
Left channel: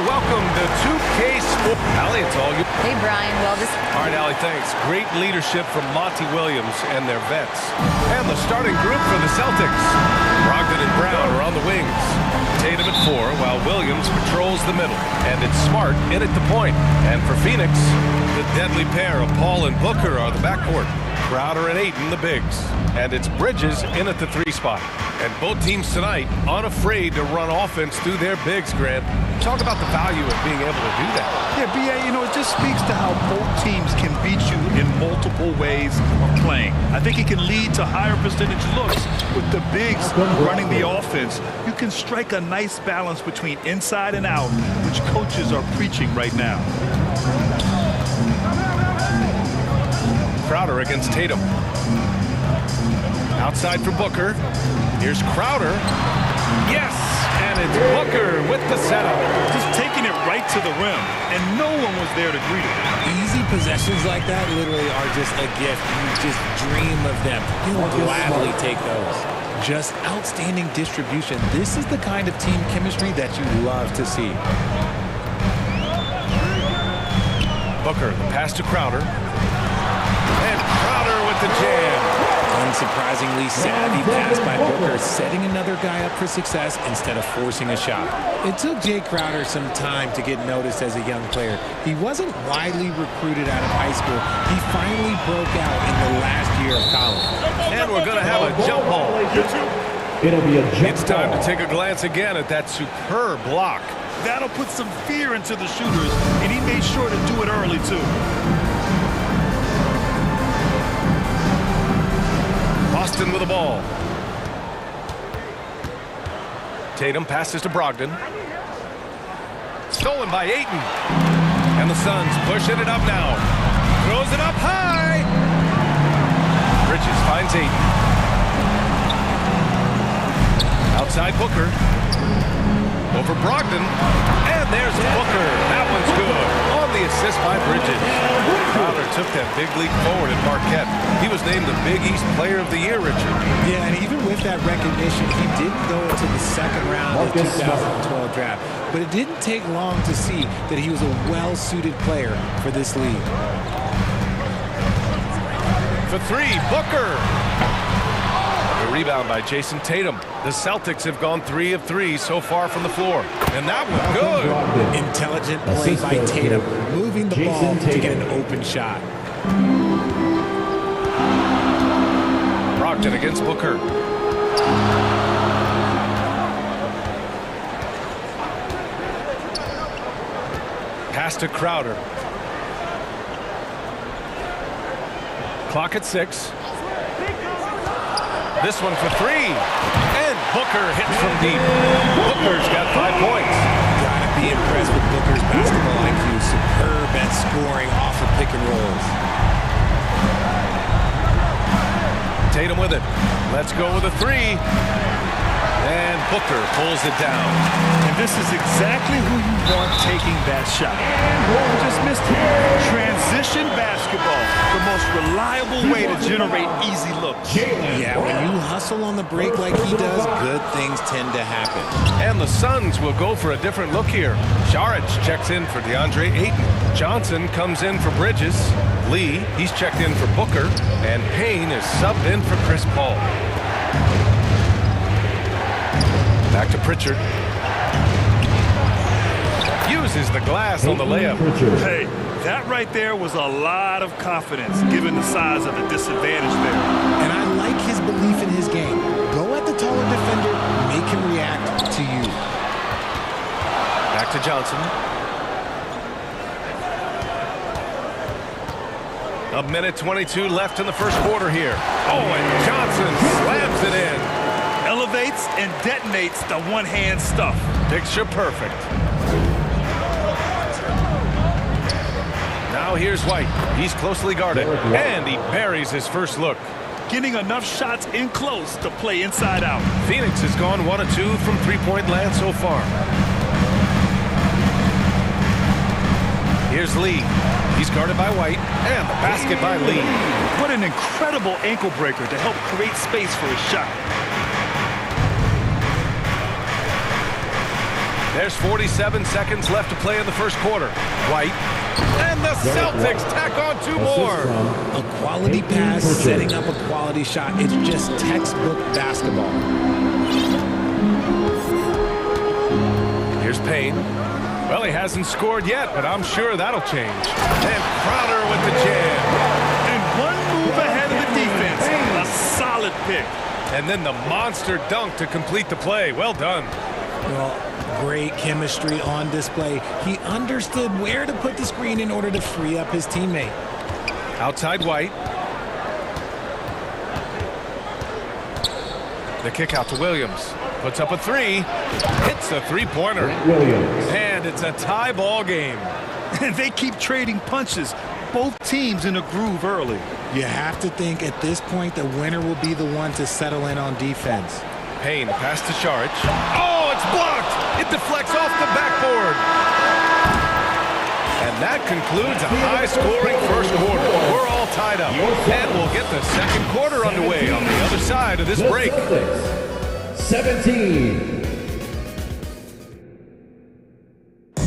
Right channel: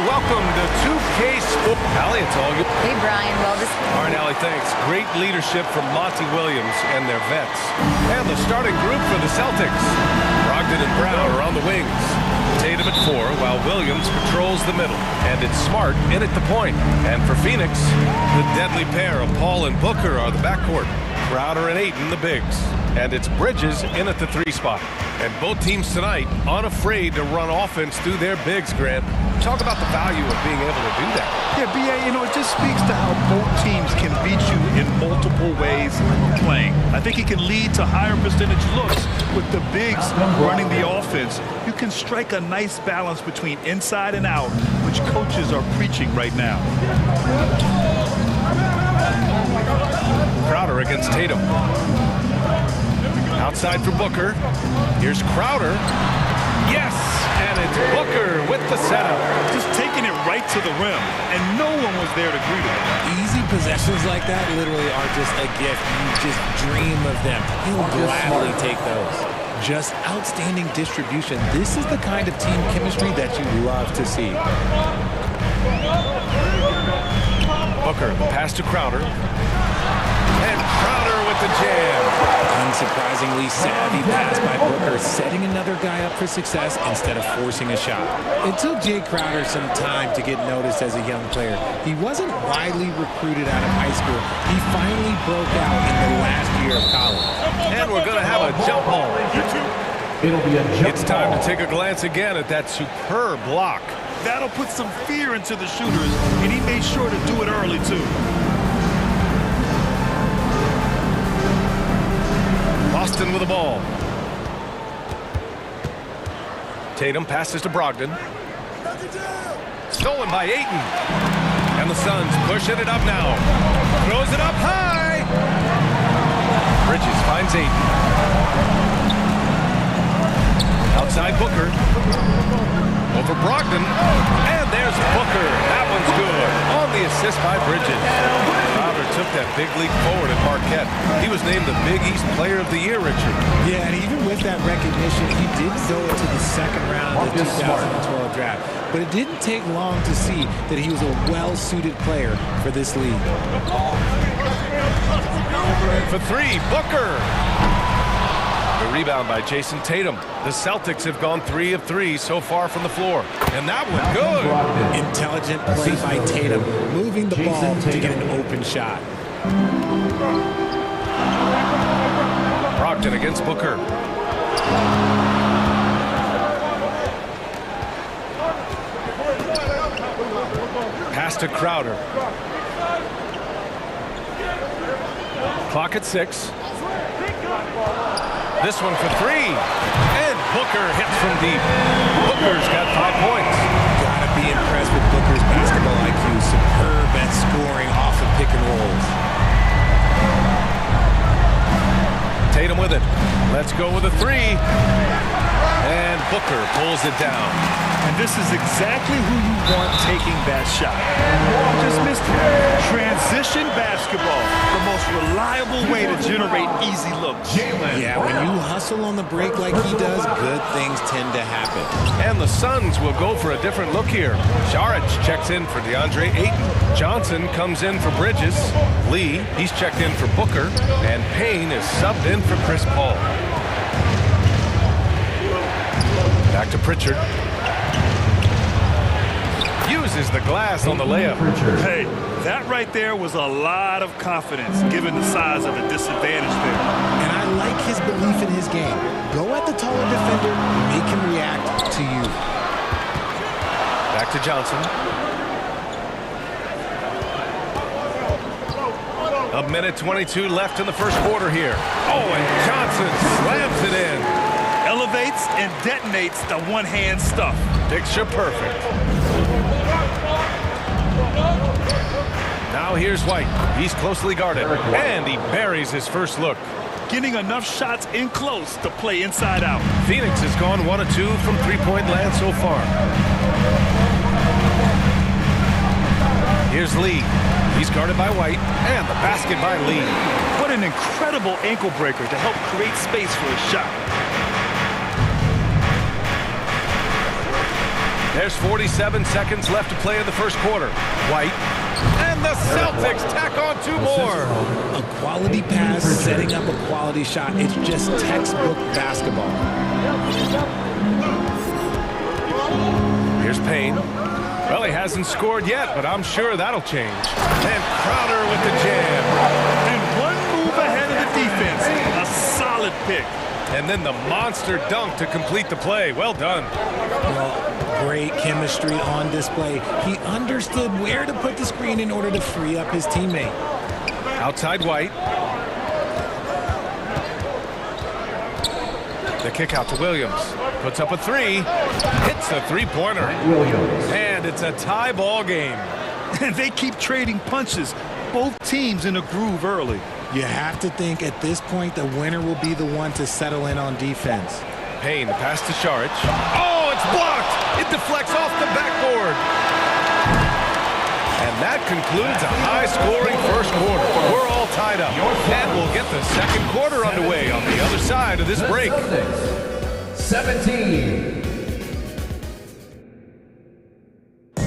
welcome to 2K Sports. Allie, it's all you. Hey, Brian. Well, All right, Allie, thanks. Great leadership from Monty Williams and their vets. And the starting group for the Celtics. Brogdon and Brown are on the wings. Tatum at 4, while Williams patrols the middle. And it's Smart in at the point. And for Phoenix, the deadly pair of Paul and Booker are the backcourt. Crowder and Ayton, the bigs. And it's Bridges in at the 3 spot. And both teams tonight unafraid to run offense through their bigs, Grant. Talk about the value of being able to do that. Yeah, B.A., you know, it just speaks to how both teams can beat you in multiple ways of playing. I think it can lead to higher percentage looks with the bigs running the offense. You can strike a nice balance between inside and out, which coaches are preaching right now. Crowder against Tatum. Outside for Booker. Here's Crowder. Yes! And it's Booker with the setup. Just taking it right to the rim, and no one was there to greet him. Easy possessions like that literally are just a gift. You just dream of them. He'll gladly take those. Just outstanding distribution. This is the kind of team chemistry that you love to see. Booker, the pass to Crowder. And Crowder with the jam. Unsurprisingly savvy pass by Booker, setting another guy up for success instead of forcing a shot. It took Jay Crowder some time to get noticed as a young player. He wasn't widely recruited out of high school. He finally broke out in the last year of college. And we're going to have a jump ball. It'll be a jump It's time to take a glance again at that superb block. That'll put some fear into the shooters, and he made sure to do it early, too. Boston with the ball. Tatum passes to Brogdon. Stolen by Ayton. And the Suns pushing it up now. Throws it up high. Bridges finds Ayton. Outside Booker. Over Brogdon. And there's Booker. That one's good. On the assist by Bridges. Crowder took that big leap forward at Marquette. He was named the Big East Player of the Year, Richard. Yeah, and even with that recognition, he didn't go into the second round of the 2012 draft. But it didn't take long to see that he was a well-suited player for this league. For 3, Booker. The rebound by Jason Tatum. The Celtics have gone 3 of 3 so far from the floor. And that one good. Intelligent play by Tatum, moving the ball to get an open shot. Brogdon against Booker. Pass to Crowder. Clock at 6. This one for 3. And Booker hits from deep. Booker's got 5 points. Gotta be impressed with Booker's basketball IQ. Superb at scoring off of pick and rolls. Tatum with it. Let's go with a 3. And Booker pulls it down. And this is exactly who you want taking that shot. Just missed it. Transition basketball, the most reliable way to generate easy looks. Yeah, when you hustle on the break like he does, good things tend to happen. And the Suns will go for a different look here. Šarić checks in for DeAndre Ayton. Johnson comes in for Bridges. Lee, he's checked in for Booker. And Payne is subbed in for Chris Paul. Back to Pritchard. Uses the glass on the layup. Hey, that right there was a lot of confidence given the size of the disadvantage there. And I like his belief in his game. Go at the taller defender, make him react to you. Back to Johnson. A minute 22 left in the first quarter here. Oh, and Johnson slams it in. Elevates and detonates the one-hand stuff. Picture perfect. Now here's White. He's closely guarded, and he buries his first look. Getting enough shots in close to play inside out. Phoenix has gone 1 of 2 from three-point land so far. Here's Lee. He's guarded by White, and the basket by Lee. What an incredible ankle breaker to help create space for a shot. There's 47 seconds left to play in the first quarter. White. And the Celtics tack on 2 more. A quality pass, setting up a quality shot. It's just textbook basketball. Here's Payne. Well, he hasn't scored yet, but I'm sure that'll change. And Crowder with the jam. And one move ahead of the defense. A solid pick. And then the monster dunk to complete the play. Well done. Well, great chemistry on display. He understood where to put the screen in order to free up his teammate. Outside White. The kick out to Williams. Puts up a 3. Hits a three-pointer. And it's a tie ball game. And they keep trading punches. Both teams in a groove early. You have to think at this point the winner will be the one to settle in on defense. Payne pass to Saric. Oh, it's blocked. It deflects off the backboard. And that concludes a high-scoring first quarter. We're all tied up. And we'll get the second quarter underway on the other side of this break. 17.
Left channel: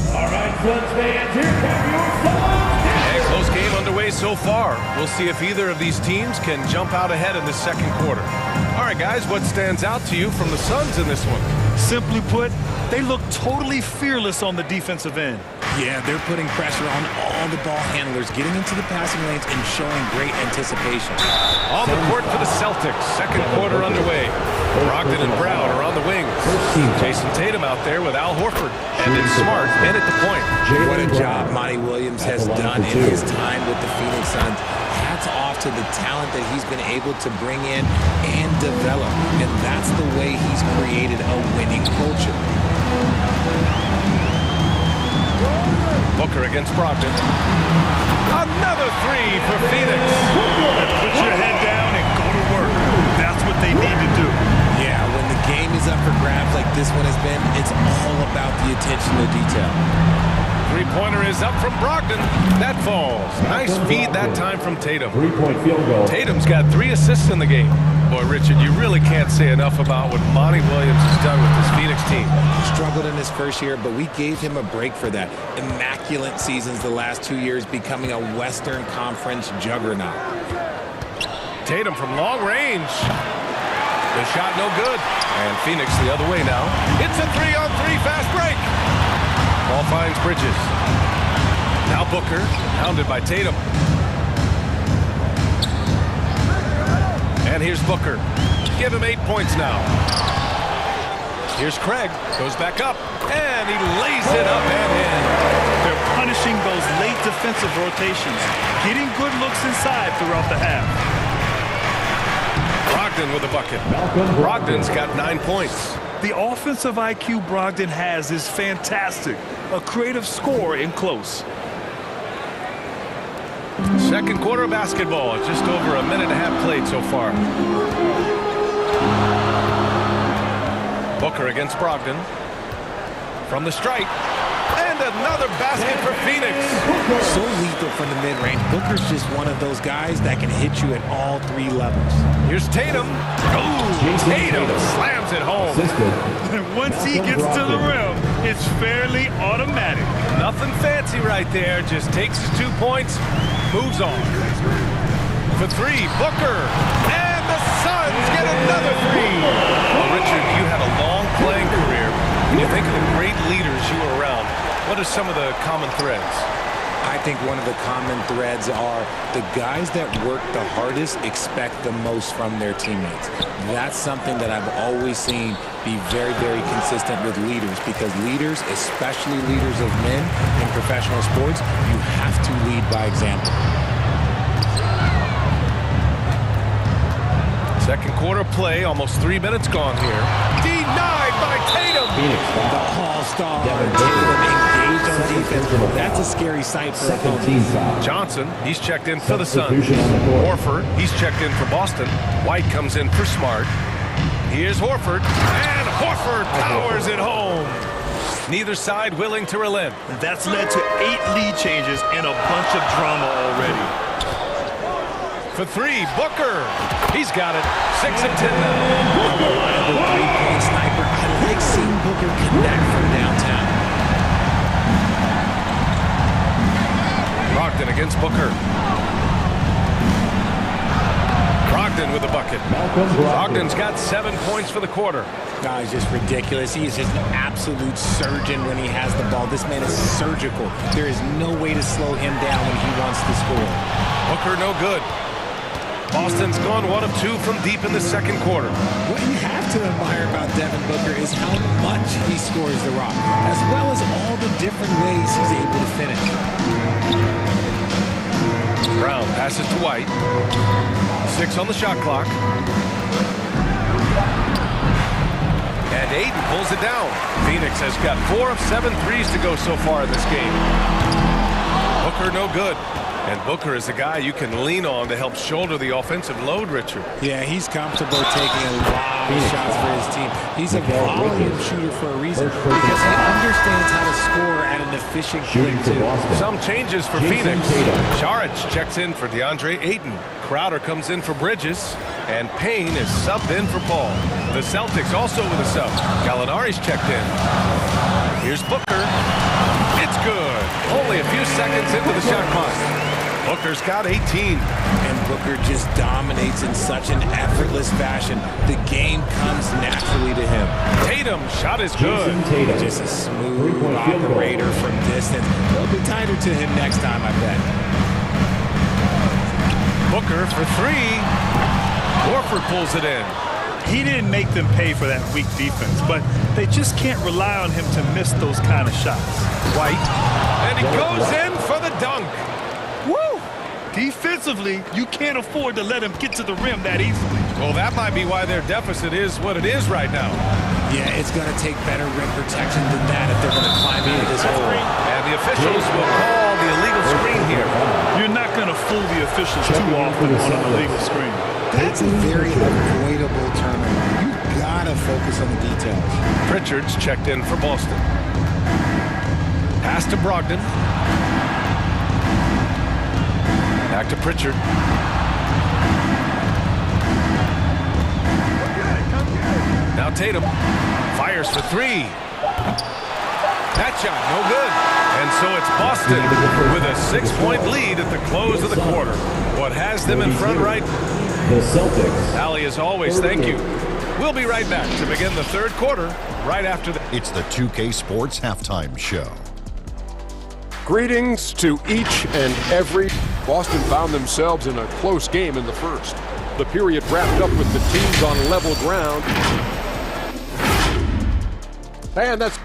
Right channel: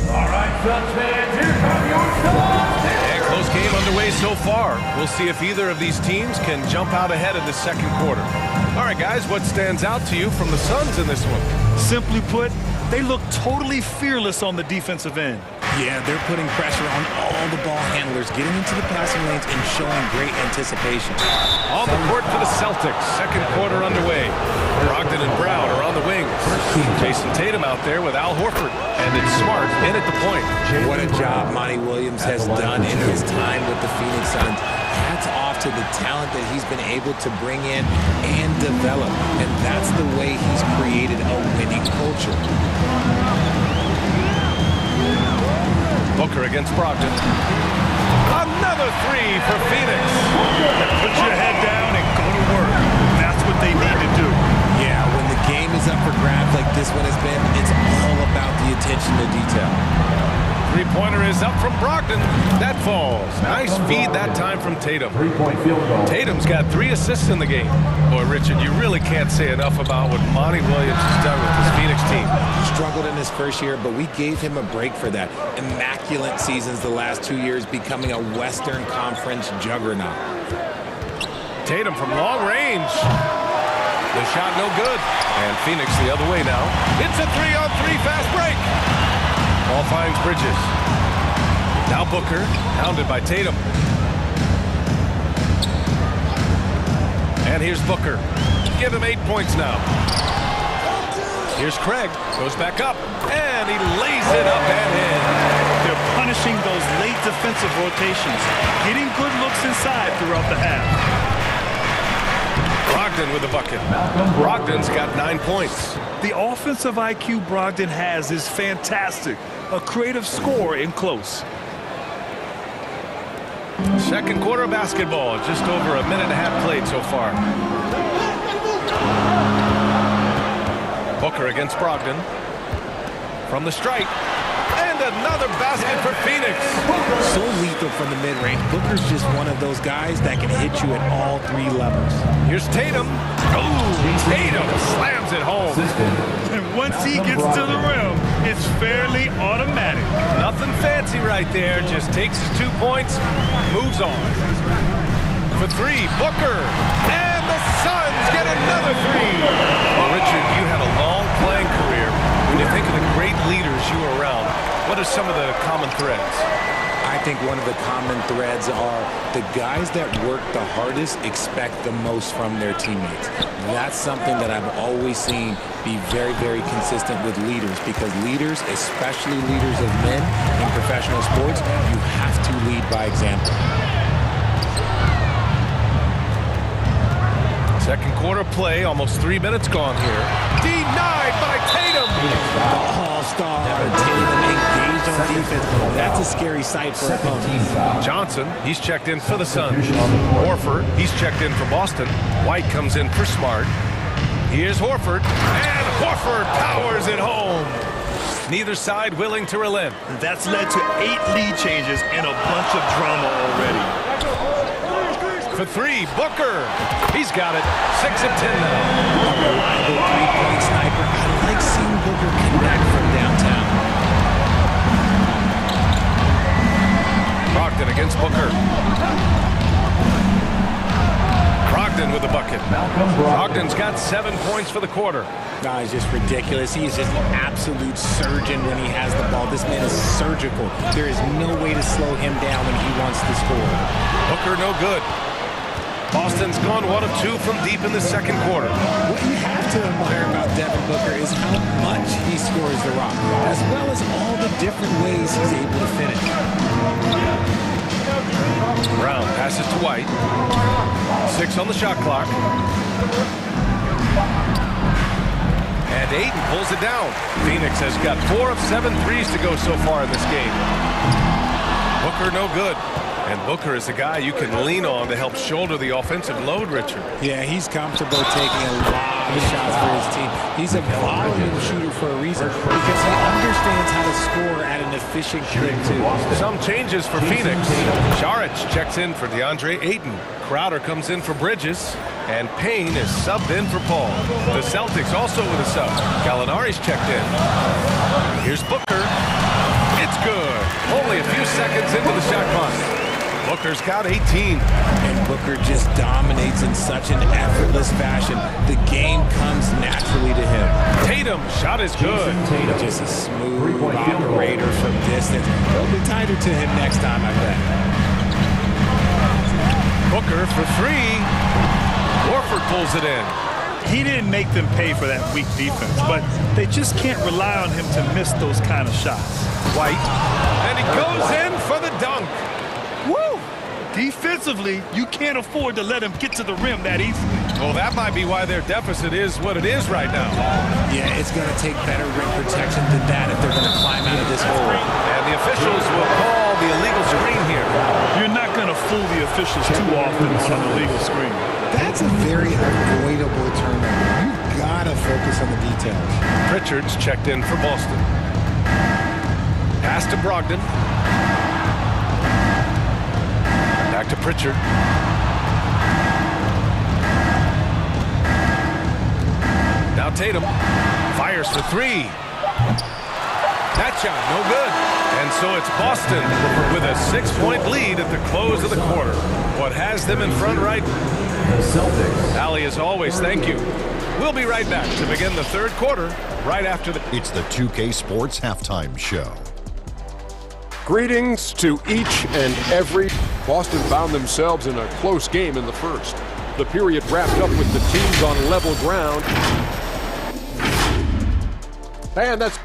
All right, Suns fans, here come your Suns. And close game underway so far. We'll see if either of these teams can jump out ahead in the second quarter. All right, guys, what stands out to you from the Suns in this one? Simply put, they look totally fearless on the defensive end. Yeah, they're putting pressure on all the ball handlers, getting into the passing lanes and showing great anticipation. On the court for the Celtics, second quarter underway. Brogdon and Brown are on the wings. Jason Tatum out there with Al Horford. And it's Smart in at the point. What a job Monty Williams has done in his time with the Phoenix Suns. Hats off to the talent that he's been able to bring in and develop. And that's the way he's created a winning culture. Booker against Brogdon. Another 3 for Phoenix. Put your head down and go to work. That's what they need to do. Yeah, when the game is up for grabs like this one has been, it's all about the attention to detail. Three-pointer is up from Brogdon. That falls. Nice feed that time from Tatum. 3-point field goal. Tatum's got 3 assists in the game. Boy, Richard, you really can't say enough about what Monty Williams has done with this Phoenix team. He struggled in his first year, but we gave him a break for that. Immaculate seasons the last 2 years, becoming a Western Conference juggernaut. Tatum from long range. The shot no good. And Phoenix the other way now. It's a 3-on-3 fast break. Ball finds Bridges. Now Booker, hounded by Tatum. And here's Booker. Give him 8 points now. Here's Craig. Goes back up. And he lays it up and in. They're punishing those late defensive rotations. Getting good looks inside throughout the half. Brogdon with a bucket. Brogdon's got 9 points. The offensive IQ Brogdon has is fantastic. A creative scorer in close. Second quarter basketball. Just over a minute and a half played so far. Booker against Brogdon. From the stripe. And another basket for Phoenix. So lethal from the mid-range. Booker's just one of those guys that can hit you at all 3 levels. Here's Tatum. Oh, Tatum slams it home. And once he gets to the rim, it's fairly automatic. Nothing fancy right there. Just takes his 2 points, moves on. For 3, Booker. And the Suns get another 3. Well, Richard, you had a long playing career. When you think of the great leaders you were around, what are some of the common threads? I think one of the common threads are the guys that work the hardest expect the most from their teammates. That's something that I've always seen be very, very consistent with leaders, because leaders, especially leaders of men in professional sports, you have to lead by example. Second quarter play, almost 3 minutes gone here. Denied by Tatum. The all-star Tatum engaged on defense. That's a scary sight for opponents. Johnson, he's checked in for the Suns. Horford, he's checked in for Boston. White comes in for Smart. Here's Horford, and Horford powers it home. Neither side willing to relent. That's led to 8 lead changes and a bunch of drama already. For 3, Booker. He's got it. 6 of 10 now. A reliable three-point sniper. I like seeing Booker connect from downtown. Brogdon against Booker. Brogdon with a bucket. Brogdon's got 7 points for the quarter. No, he's just ridiculous. He is just an absolute surgeon when he has the ball. This man is surgical. There is no way to slow him down when he wants to score. Booker no good. Boston's gone 1 of 2 from deep in the second quarter. What you have to admire about Devin Booker is how much he scores the rock, as well as all the different ways he's able to finish. Brown passes to White. 6 on the shot clock. And Ayton pulls it down. Phoenix has got 4 of 7 threes to go so far in this game. Booker no good. And Booker is the guy you can lean on to help shoulder the offensive load, Richard. Yeah, he's comfortable taking a lot of shots for his team. He's a volume shooter for a reason because he understands how to score at an efficient clip, too. Some changes for Phoenix. Saric checks in for DeAndre Ayton. Crowder comes in for Bridges. And Payne is subbed in for Paul. The Celtics also with a sub. Gallinari's checked in. Here's Booker. It's good. Only a few seconds into the shot clock. Booker's got 18. And Booker just dominates in such an effortless fashion. The game comes naturally to him. Tatum, shot is good. Tatum, just a smooth operator from distance. They'll be tighter to him next time, I bet. Booker for 3. Horford pulls it in. He didn't make them pay for that weak defense, but they just can't rely on him to miss those kind of shots. White, and he goes in for the dunk. Woo! Defensively, you can't afford to let him get to the rim that easily. Well, that might be why their deficit is what it is right now. Yeah, it's going to take better rim protection than that if they're going to climb out of this hole. And the officials will call the illegal screen here. You're not going to fool the officials too often on an illegal screen. That's a very avoidable turnover. You got to focus on the details. Pritchard's checked in for Boston. Pass to Brogdon. Back to Pritchard. Now Tatum fires for 3. That shot, no good. And so it's Boston with a 6-point lead at the close of the quarter. What has them in front right? The Celtics. Ali, as always, thank you. We'll be right back to begin the third quarter right after the... It's the 2K Sports Halftime Show. Greetings to each and every. Boston found themselves in a close game in the first. The period wrapped up with the teams on level ground. And that's...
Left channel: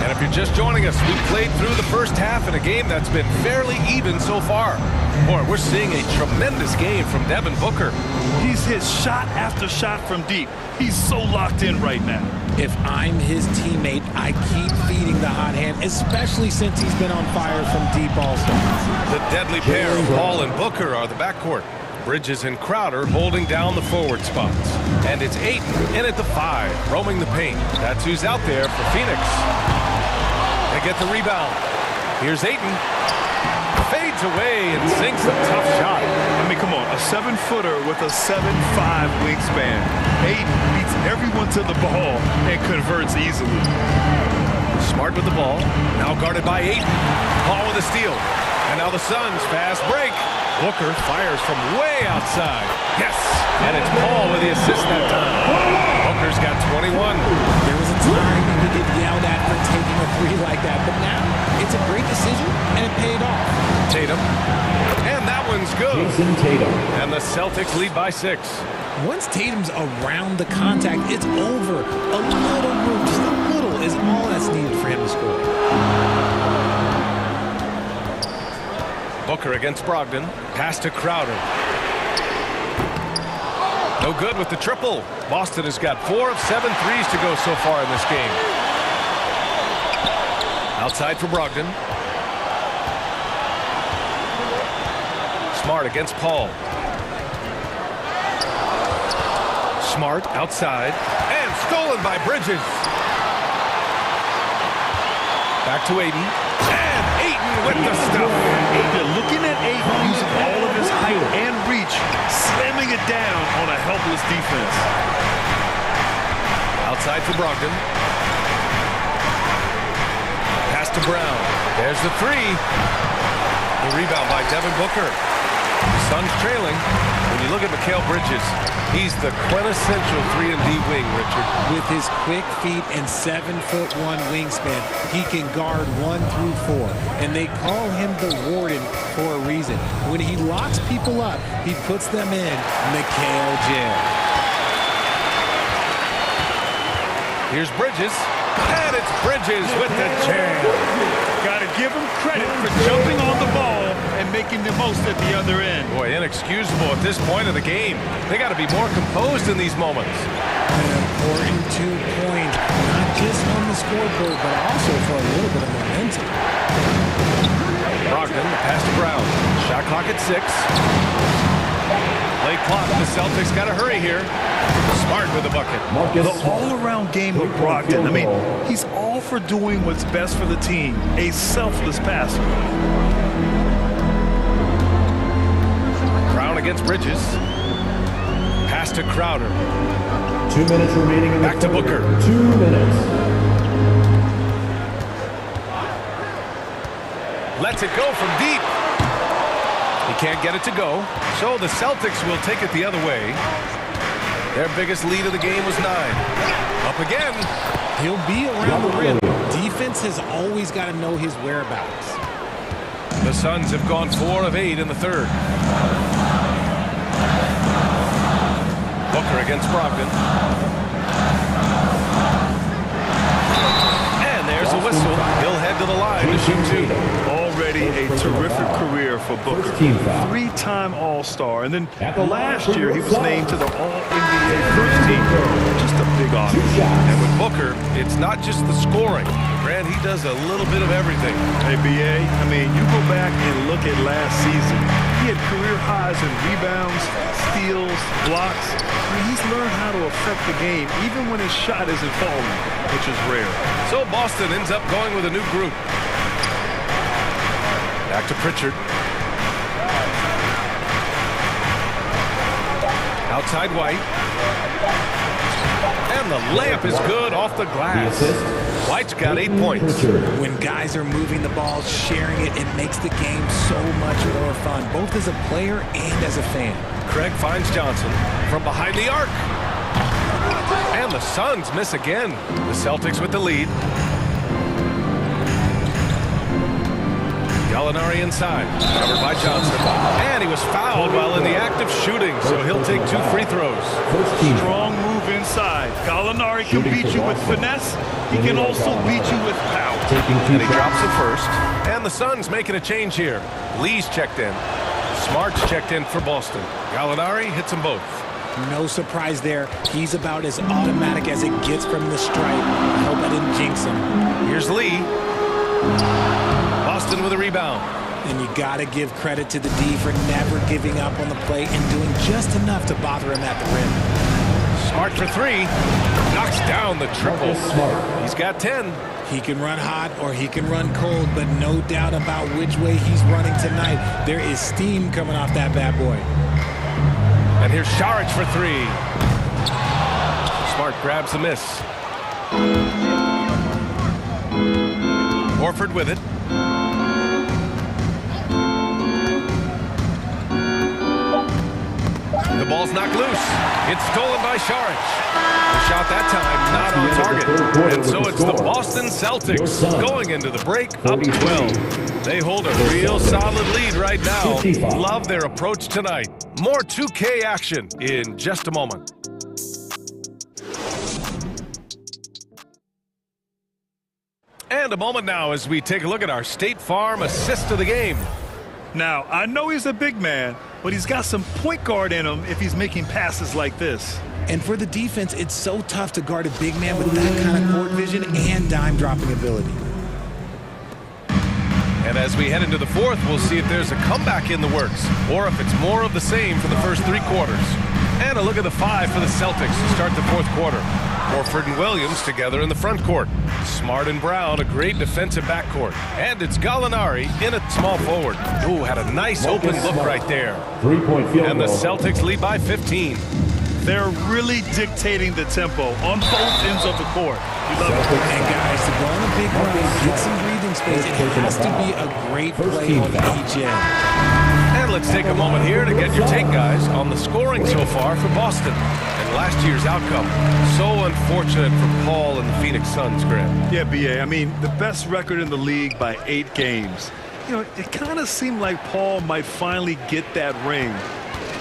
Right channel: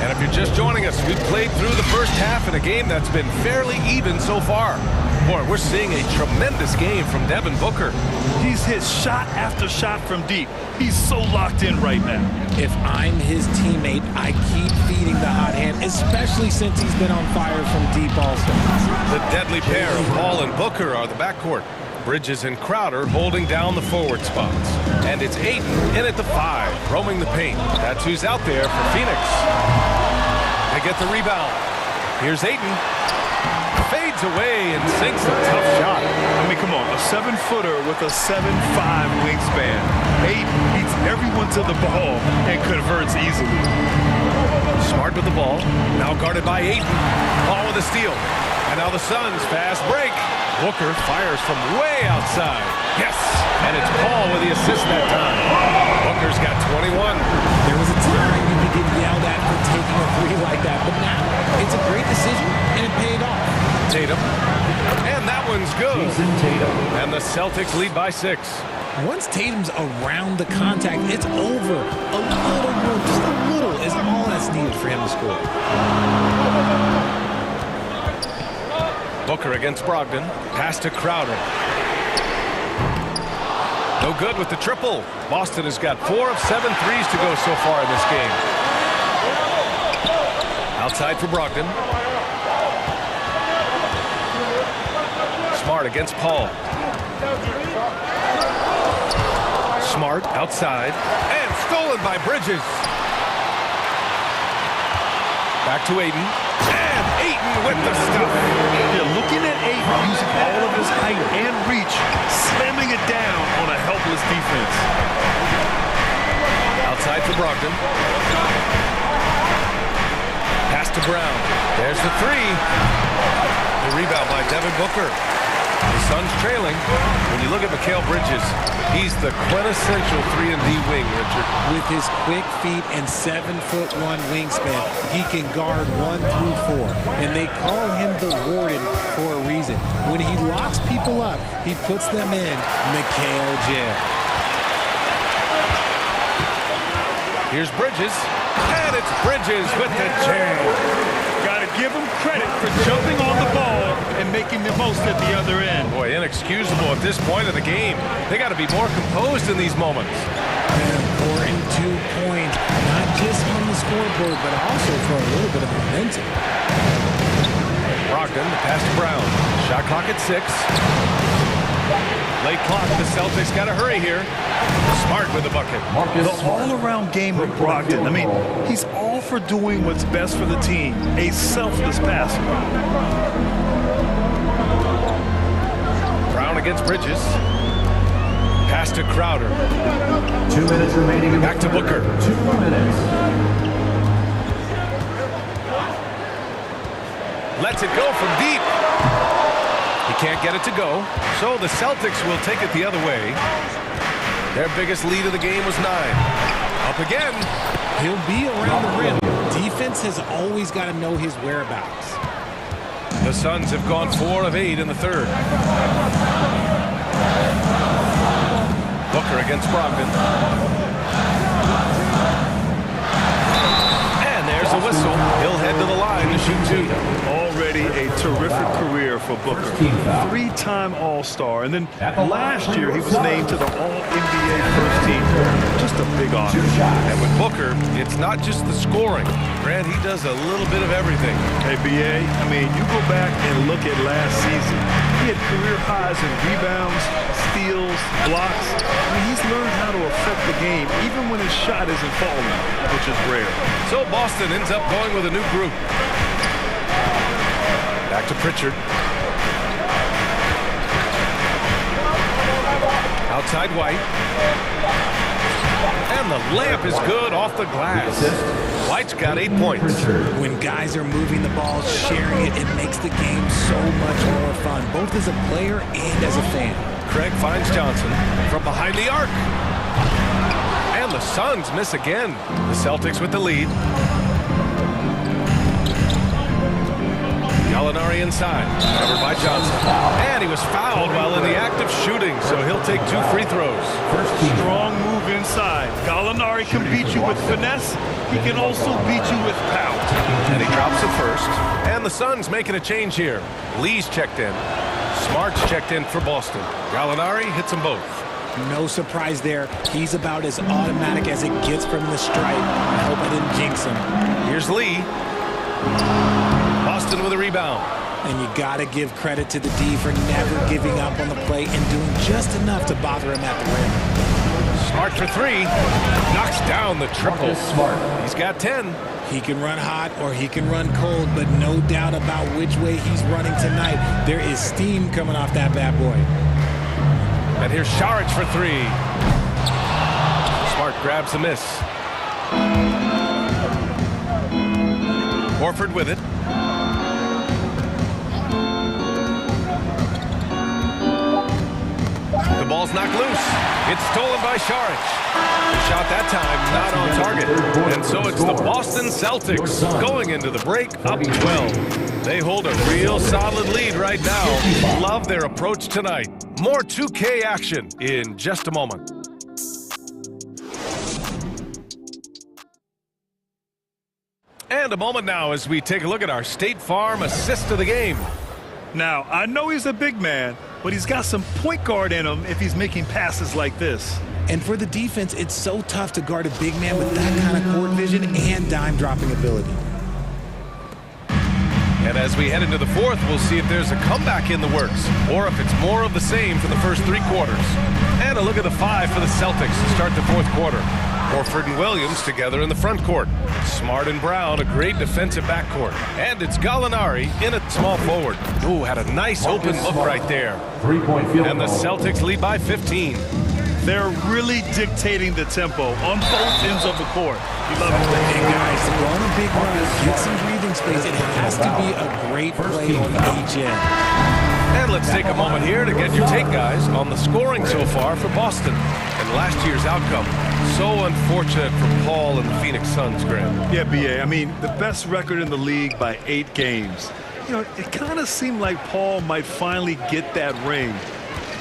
And if you're just joining us, we played through the first half in a game that's been fairly even so far. Boy, we're seeing a tremendous game from Devin Booker. He's hit shot after shot from deep. He's so locked in right now. If I'm his teammate, I keep feeding the hot hand, especially since he's been on fire from deep also. The deadly pair of Paul and Booker are the backcourt. Bridges and Crowder holding down the forward spots. And it's Ayton in at the 5, roaming the paint. That's who's out there for Phoenix. They get the rebound. Here's Ayton. Fades away and sinks a tough shot. I mean, come on, a 7-footer with a 7'5" wingspan. Ayton beats everyone to the ball and converts easily. Smart with the ball, now guarded by Ayton. Paul with a steal. And now the Suns fast break. Booker fires from way outside. Yes, and it's Paul with the assist that time. Booker's got 21. There was a time you could get yelled at for taking a 3 like that, but now it's a great decision, and it paid off. Tatum, and that one's good. Jason Tatum. And the Celtics lead by 6. Once Tatum's around the contact, it's over. A little room, just a little, is all that's needed for him to score. Booker against Brogdon. Pass to Crowder. No good with the triple. Boston has got 4 of 7 threes to go so far in this game. Outside for Brogdon. Smart against Paul. Smart outside. And stolen by Bridges. Back to Ayton. And Ayton with the stuff. Yeah, looking at Ayton using all of his height and reach, slamming it down on a helpless defense. Outside for Brogdon. Pass to Brown. There's the 3. The rebound by Devin Booker. The Suns trailing. When you look at Mikal Bridges, he's the quintessential 3-and-D wing, Richard. With his quick feet and 7'1" wingspan, he can guard 1 through 4. And they call him the Warden for a reason. When he locks people up, he puts them in Mikal jail. Here's Bridges. And it's Bridges with the jam. Got to give him credit for jumping on the ball and making the most at the other end. Boy, inexcusable at this point of the game. They got to be more composed in these moments. An important 2 points, not just on the scoreboard, but also for a little bit of momentum. Brogdon, the pass to Brown. Shot clock at 6. Late clock. The Celtics got to hurry here. Smart with the bucket. The all-around game of Brogdon. I mean, he's all for doing what's best for the team. A selfless passer. Brown against Bridges. Pass to Crowder. 2 minutes remaining in the Back to Booker. 2 minutes. Lets it go from deep. He can't get it to go. So the Celtics will take it the other way. Their biggest lead of the game was 9. Up again. He'll be around the rim. Defense has always got to know his whereabouts. The Suns have gone 4 of 8 in the third. Booker against Brogdon. And there's a whistle. He'll head to the line to shoot 2. Already a terrific career for Booker. 3-time All-Star. And then last year he was named to the All-NBA first team. Just a big honor. And with Booker, it's not just the scoring. Grant, he does a little bit of everything. Hey, B.A., I mean, you go back and look at last season. He had career highs in rebounds, steals, blocks. I mean, he's learned how to affect the game, even when his shot isn't falling, which is rare. So Boston ends up going with a new group. Back to Pritchard. Outside White. And the layup is good off the glass. White's got 8 points. When guys are moving the ball, sharing it, it makes the game so much more fun, both as a player and as a fan. Craig finds Johnson from behind the arc. And the Suns miss again. The Celtics with the lead. Gallinari inside, covered by Johnson. And he was fouled while in the act of shooting, so he'll take 2 free throws. Strong move inside. Gallinari can beat you with finesse. He can also beat you with power. And he drops the first. And the Suns making a change here. Lee's checked in. Smart's checked in for Boston. Gallinari hits them both. No surprise there. He's about as automatic as it gets from the stripe. I hope I didn't jinx him. Here's Lee. Boston with a rebound. And you got to give credit to the D for never giving up on the play and doing just enough to bother him at the rim. Smart for 3. Knocks down the triple. He's got 10. He can run hot or he can run cold, but no doubt about which way he's running tonight. There is steam coming off that bad boy. And here's Saric for 3. Smart grabs the miss. Horford with it. The ball's knocked loose. It's stolen by Saric. The shot that time not on target. And so it's the Boston Celtics going into the break up 12. They hold a real solid lead right now. Love their approach tonight. More 2K action in just a moment. And a moment now as we take a look at our State Farm assist of the game. Now, I know he's a big man, but he's got some point guard in him if he's making passes like this. And for the defense, it's so tough to guard a big man with that kind of court vision and dime dropping ability. And as we head into the fourth, we'll see if there's a comeback in the works or if it's more of the same for the first 3 quarters. And a look at the 5 for the Celtics to start the fourth quarter. Horford and Williams together in the front court. Smart and Brown, a great defensive backcourt. And it's Gallinari in a small forward. Ooh, had a nice open look right there. 3-point field goal. And the Celtics lead by 15. They're really dictating the tempo on both ends of the court. You love it. And guys, to go on a big run, get some breathing space, it has to be a great play on each end. And let's take a moment here to get your take, guys, on the scoring so far for Boston and last year's outcome. So unfortunate for Paul and the Phoenix Suns, Graham. Yeah, B.A., I mean, the best record in the league by 8 games. You know, it kind of seemed like Paul might finally get that ring.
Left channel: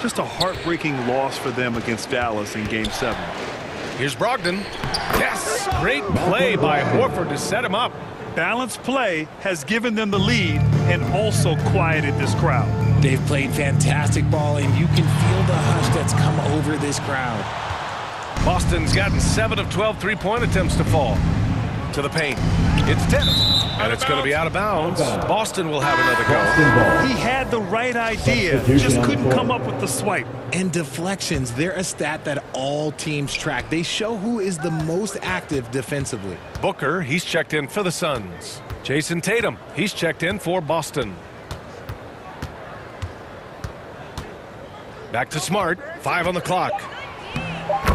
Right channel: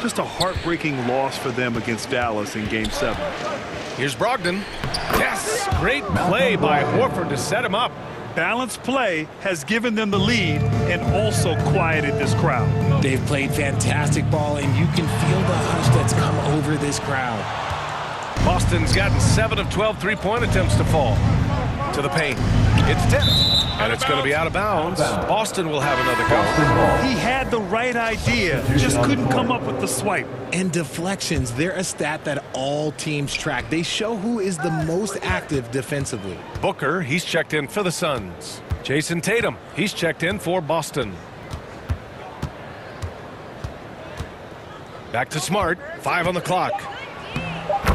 Just a heartbreaking loss for them against Dallas in Game 7. Here's Brogdon. Yes, great play by Horford to set him up. Balanced play has given them the lead and also quieted this crowd. They've played fantastic ball, and you can feel the hush that's come over this crowd. Boston's gotten 7 of 12 three-point attempts to fall. To the paint. It's Dennis. And it's going to be out of bounds. Boston will have another go. He had the right idea, just couldn't come up with the swipe. And deflections, they're a stat that all teams track. They show who is the most active defensively. Booker, he's checked in for the Suns. Jason Tatum, he's checked in for Boston. Back to Smart, 5 on the clock.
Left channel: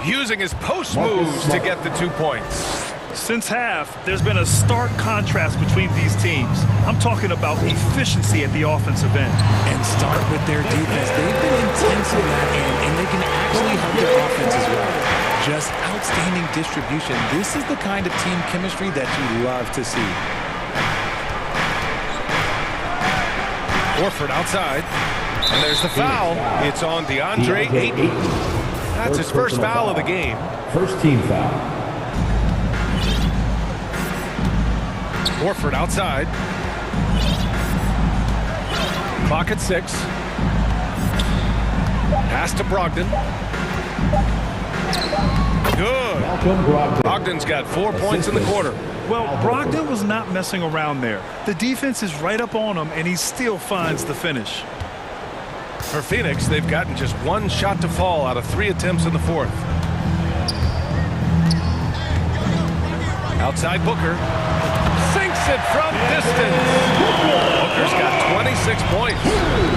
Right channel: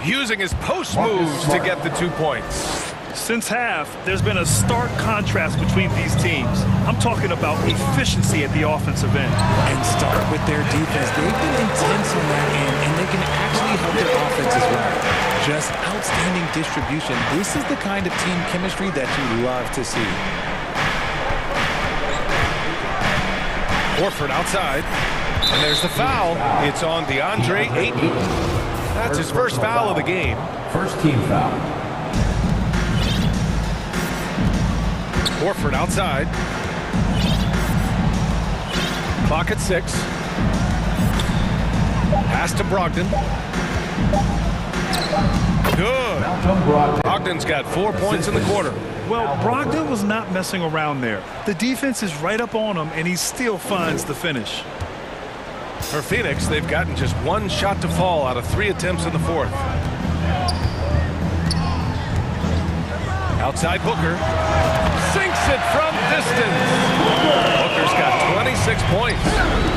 Using his post moves to get the 2 points. Since half, there's been a stark contrast between these teams. I'm talking about efficiency at the offensive end. And start with their defense. They've been intense on that end, and they can actually help their offense as well. Just outstanding distribution. This is the kind of team chemistry that you love to see. Horford outside. And there's the foul. It's on DeAndre Ayton. That's his first foul of the game. First team foul. Horford outside. Clock at 6. Pass to Brogdon. Good. Brogdon's got 4 points in the quarter. Well, Brogdon was not messing around there. The defense is right up on him, and he still finds the finish. For Phoenix, they've gotten just 1 shot to fall out of 3 attempts in the fourth. Outside Booker. Sinks it from distance. Booker's got 26 points.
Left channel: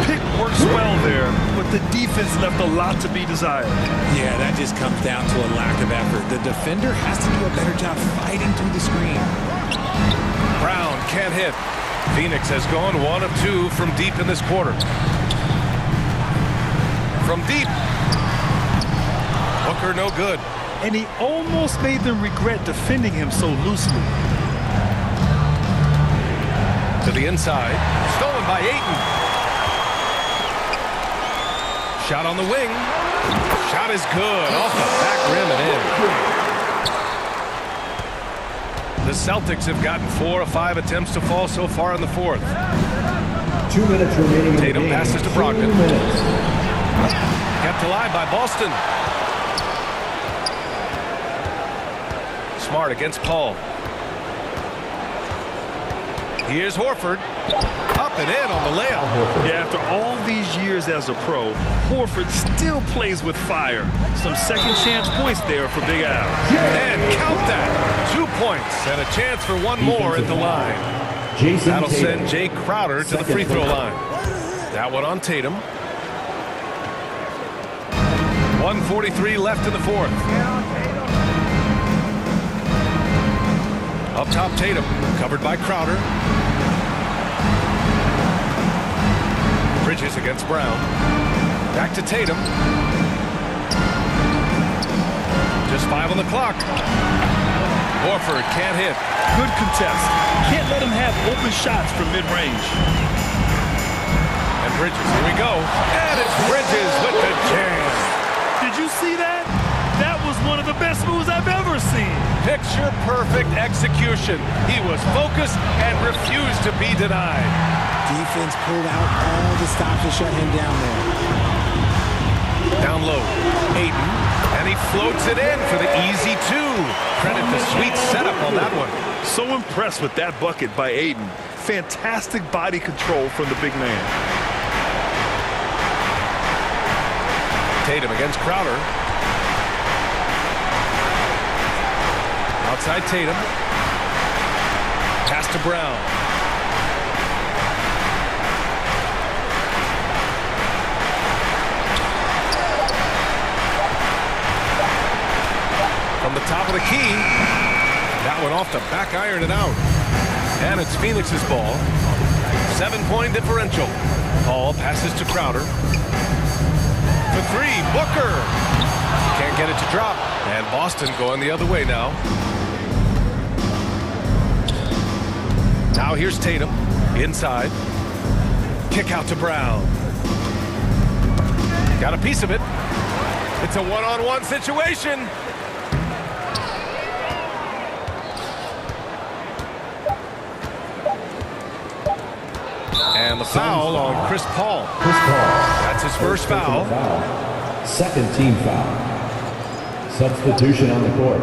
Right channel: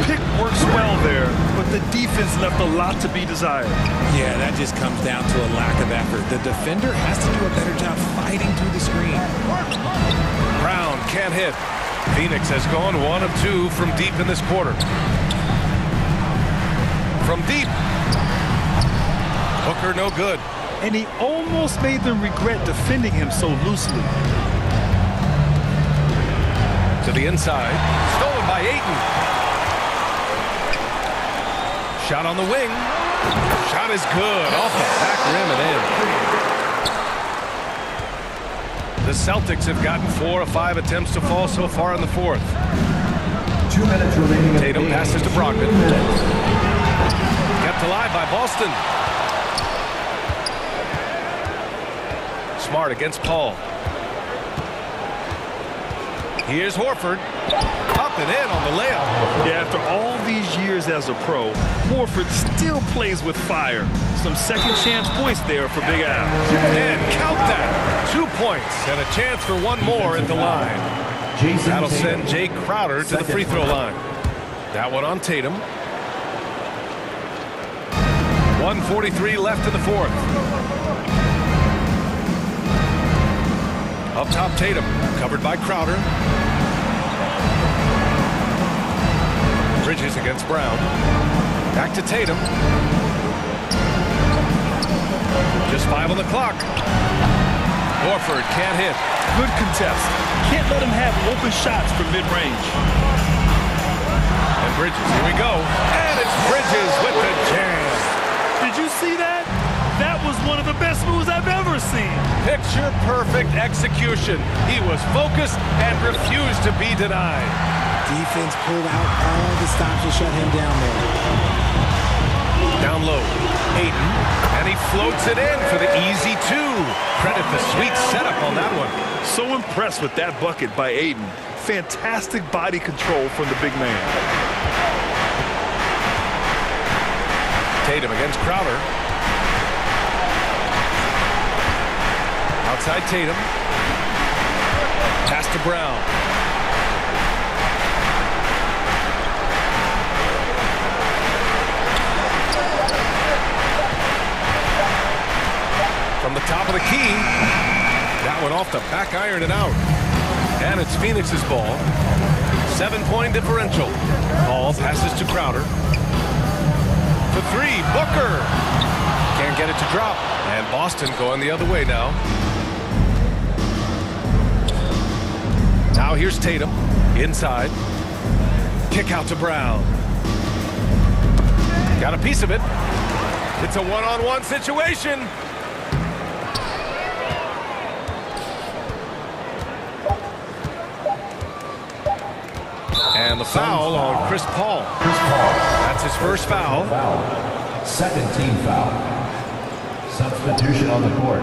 Pick works well there, but the defense left a lot to be desired. Yeah, that just comes down to a lack of effort. The defender has to do a better job fighting through the screen. Brown can't hit. Phoenix has gone 1 of 2 from deep in this quarter. From deep. Booker no good. And he almost made them regret defending him so loosely. To the inside. Stolen by Ayton. Shot on the wing. Shot is good. Off the back rim and in. The Celtics have gotten 4 of 5 attempts to fall so far in the fourth. 2 minutes remaining. Tatum passes to Brogdon. Kept alive by Boston. Smart against Paul. Here's Horford. Up and in on the layup. Yeah, after all these years as a pro, Horford still plays with fire. Some second chance points there for Big Al. And count that. 2 points and a chance for 1 more at the line. That'll send Jay Crowder to the free throw line. That one on Tatum. 1:43 left in the fourth. Up top, Tatum, covered by Crowder. Bridges against Brown. Back to Tatum. Just 5 on the clock. Horford can't hit. Good contest. Can't let him have open shots from mid-range. And Bridges, here we go. And it's Bridges with the jam. Did you see that? That was one of the best moves I've ever seen. Picture perfect execution. He was focused and refused to be denied. Defense pulled out all the stops to shut him down there. Down low, Ayton, and he floats it in for the easy two. Credit the sweet setup on that one. So impressed with that bucket by Ayton. Fantastic body control from the big man. Tatum against Crowder. Outside Tatum. Pass to Brown. From the top of the key. That one off the back iron and out. And it's Phoenix's ball. 7-point differential. Ball passes to Crowder. For three, Booker. Can't get it to drop. And Boston going the other way now. Now here's Tatum. Inside. Kick out to Brown. Got a piece of it. It's a one-on-one situation. And the foul on Chris Paul. That's his first foul. Second team foul. Substitution on the court.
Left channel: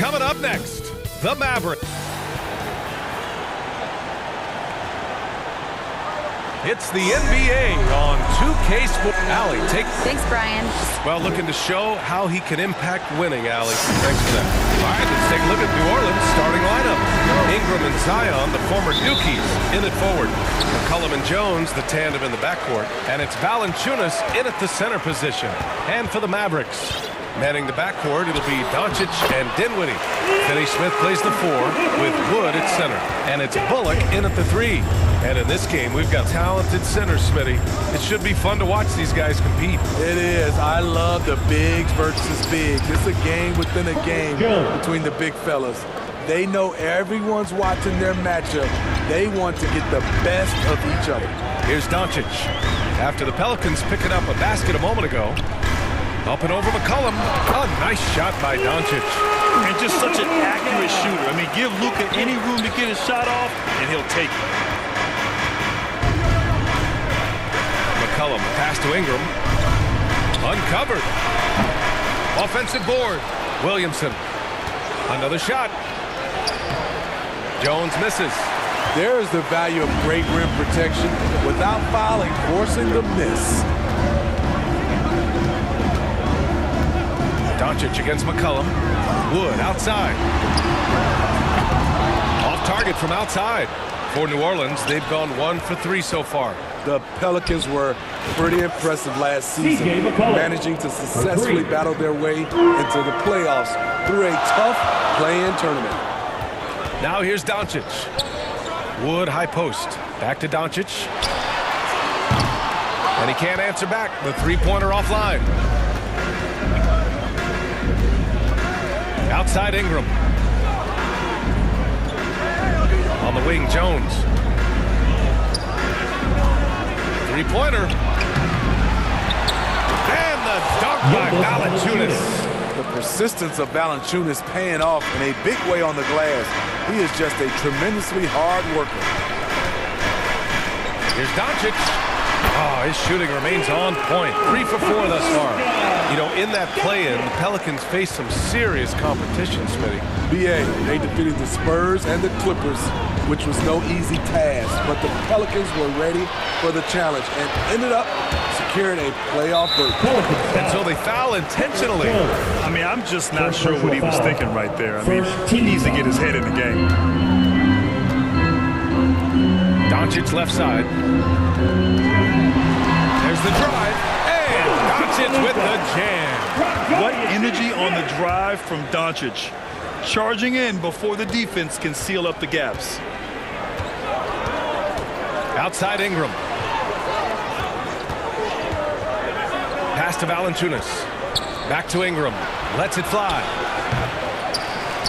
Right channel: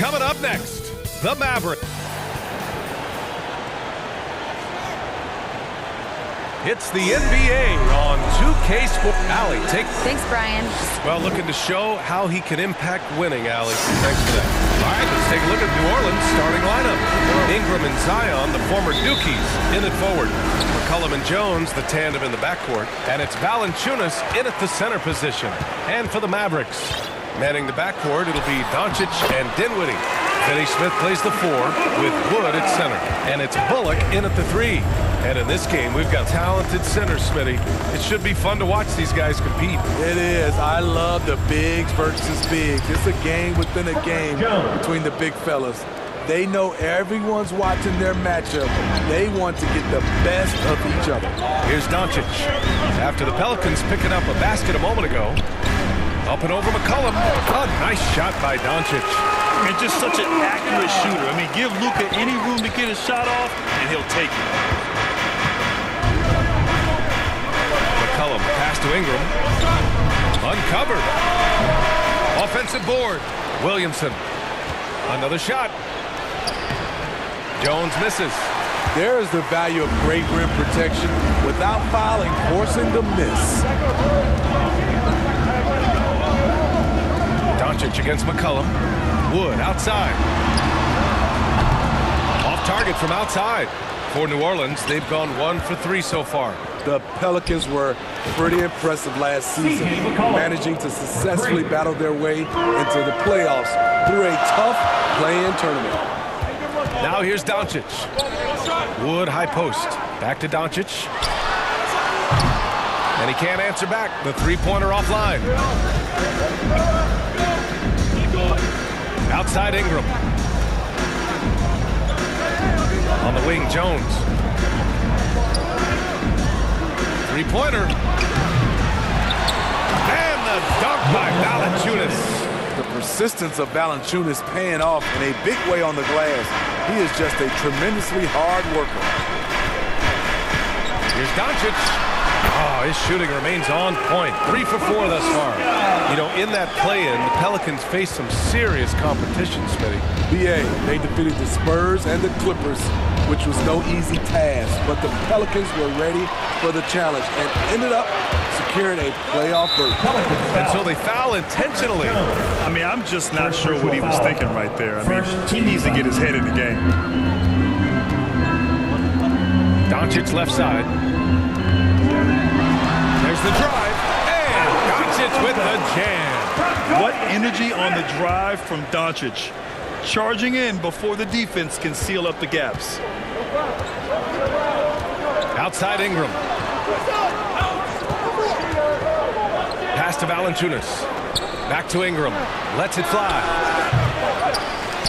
Coming up next, the Mavericks. It's the NBA on 2K Sports. Allie, Thanks, Brian. Well, looking to show how he can impact winning, Allie. Thanks for that. All right, let's take a look at New Orleans' starting lineup. Ingram and Zion, the former Dukies, in at forward. McCollum and Jones, the tandem in the backcourt. And it's Valanciunas in at the center position. And for the Mavericks, manning the backcourt, it'll be Doncic and Dinwiddie. Finney Smith plays the 4 with Wood at center. And it's Bullock in at the 3. And in this game, we've got talented centers, Smitty. It should be fun to watch these guys compete. It is. I love the bigs versus bigs. It's a game within a game between the big fellas. They know everyone's watching their matchup. They want to get the best of each other. Here's Doncic. After the Pelicans picking up a basket a moment ago. Up and over McCollum. A nice shot by Doncic. And just such an accurate shooter. I mean, give Luka any room to get his shot off, and he'll take it. McCollum, pass to Ingram. Uncovered. Offensive board. Williamson. Another shot. Jones misses. There's the value of great rim protection without fouling, forcing the miss. Doncic against McCollum. Wood outside. Off target from outside. For New Orleans, they've gone 1 for 3 so far. The Pelicans were pretty impressive last season, managing to successfully battle their way into the playoffs through a tough play-in tournament. Now here's Doncic. Wood high post. Back to Doncic. And he can't answer back. The three-pointer offline. Outside Ingram. On the wing, Jones. Three-pointer. And the dunk by Valanciunas. The persistence of Valanciunas paying off in a big way on the glass. He is just a tremendously hard worker. Here's Doncic. Oh, his shooting remains on point. 3 for 4 thus far. You know, in that play-in, the Pelicans faced some serious competition, Smitty. BA, they defeated the Spurs and the Clippers, which was no easy task, but the Pelicans were ready for the challenge and ended up securing a playoff berth. And so they foul intentionally. I mean, I'm just not sure what he was thinking right there. I mean, he needs to get his head in the game. Doncic left side. There's the drive, and Doncic with the jam. What energy on the drive from Doncic. Charging in before the defense can seal up the gaps. Outside Ingram. Pass to Valanciunas. Back to Ingram. Lets it fly.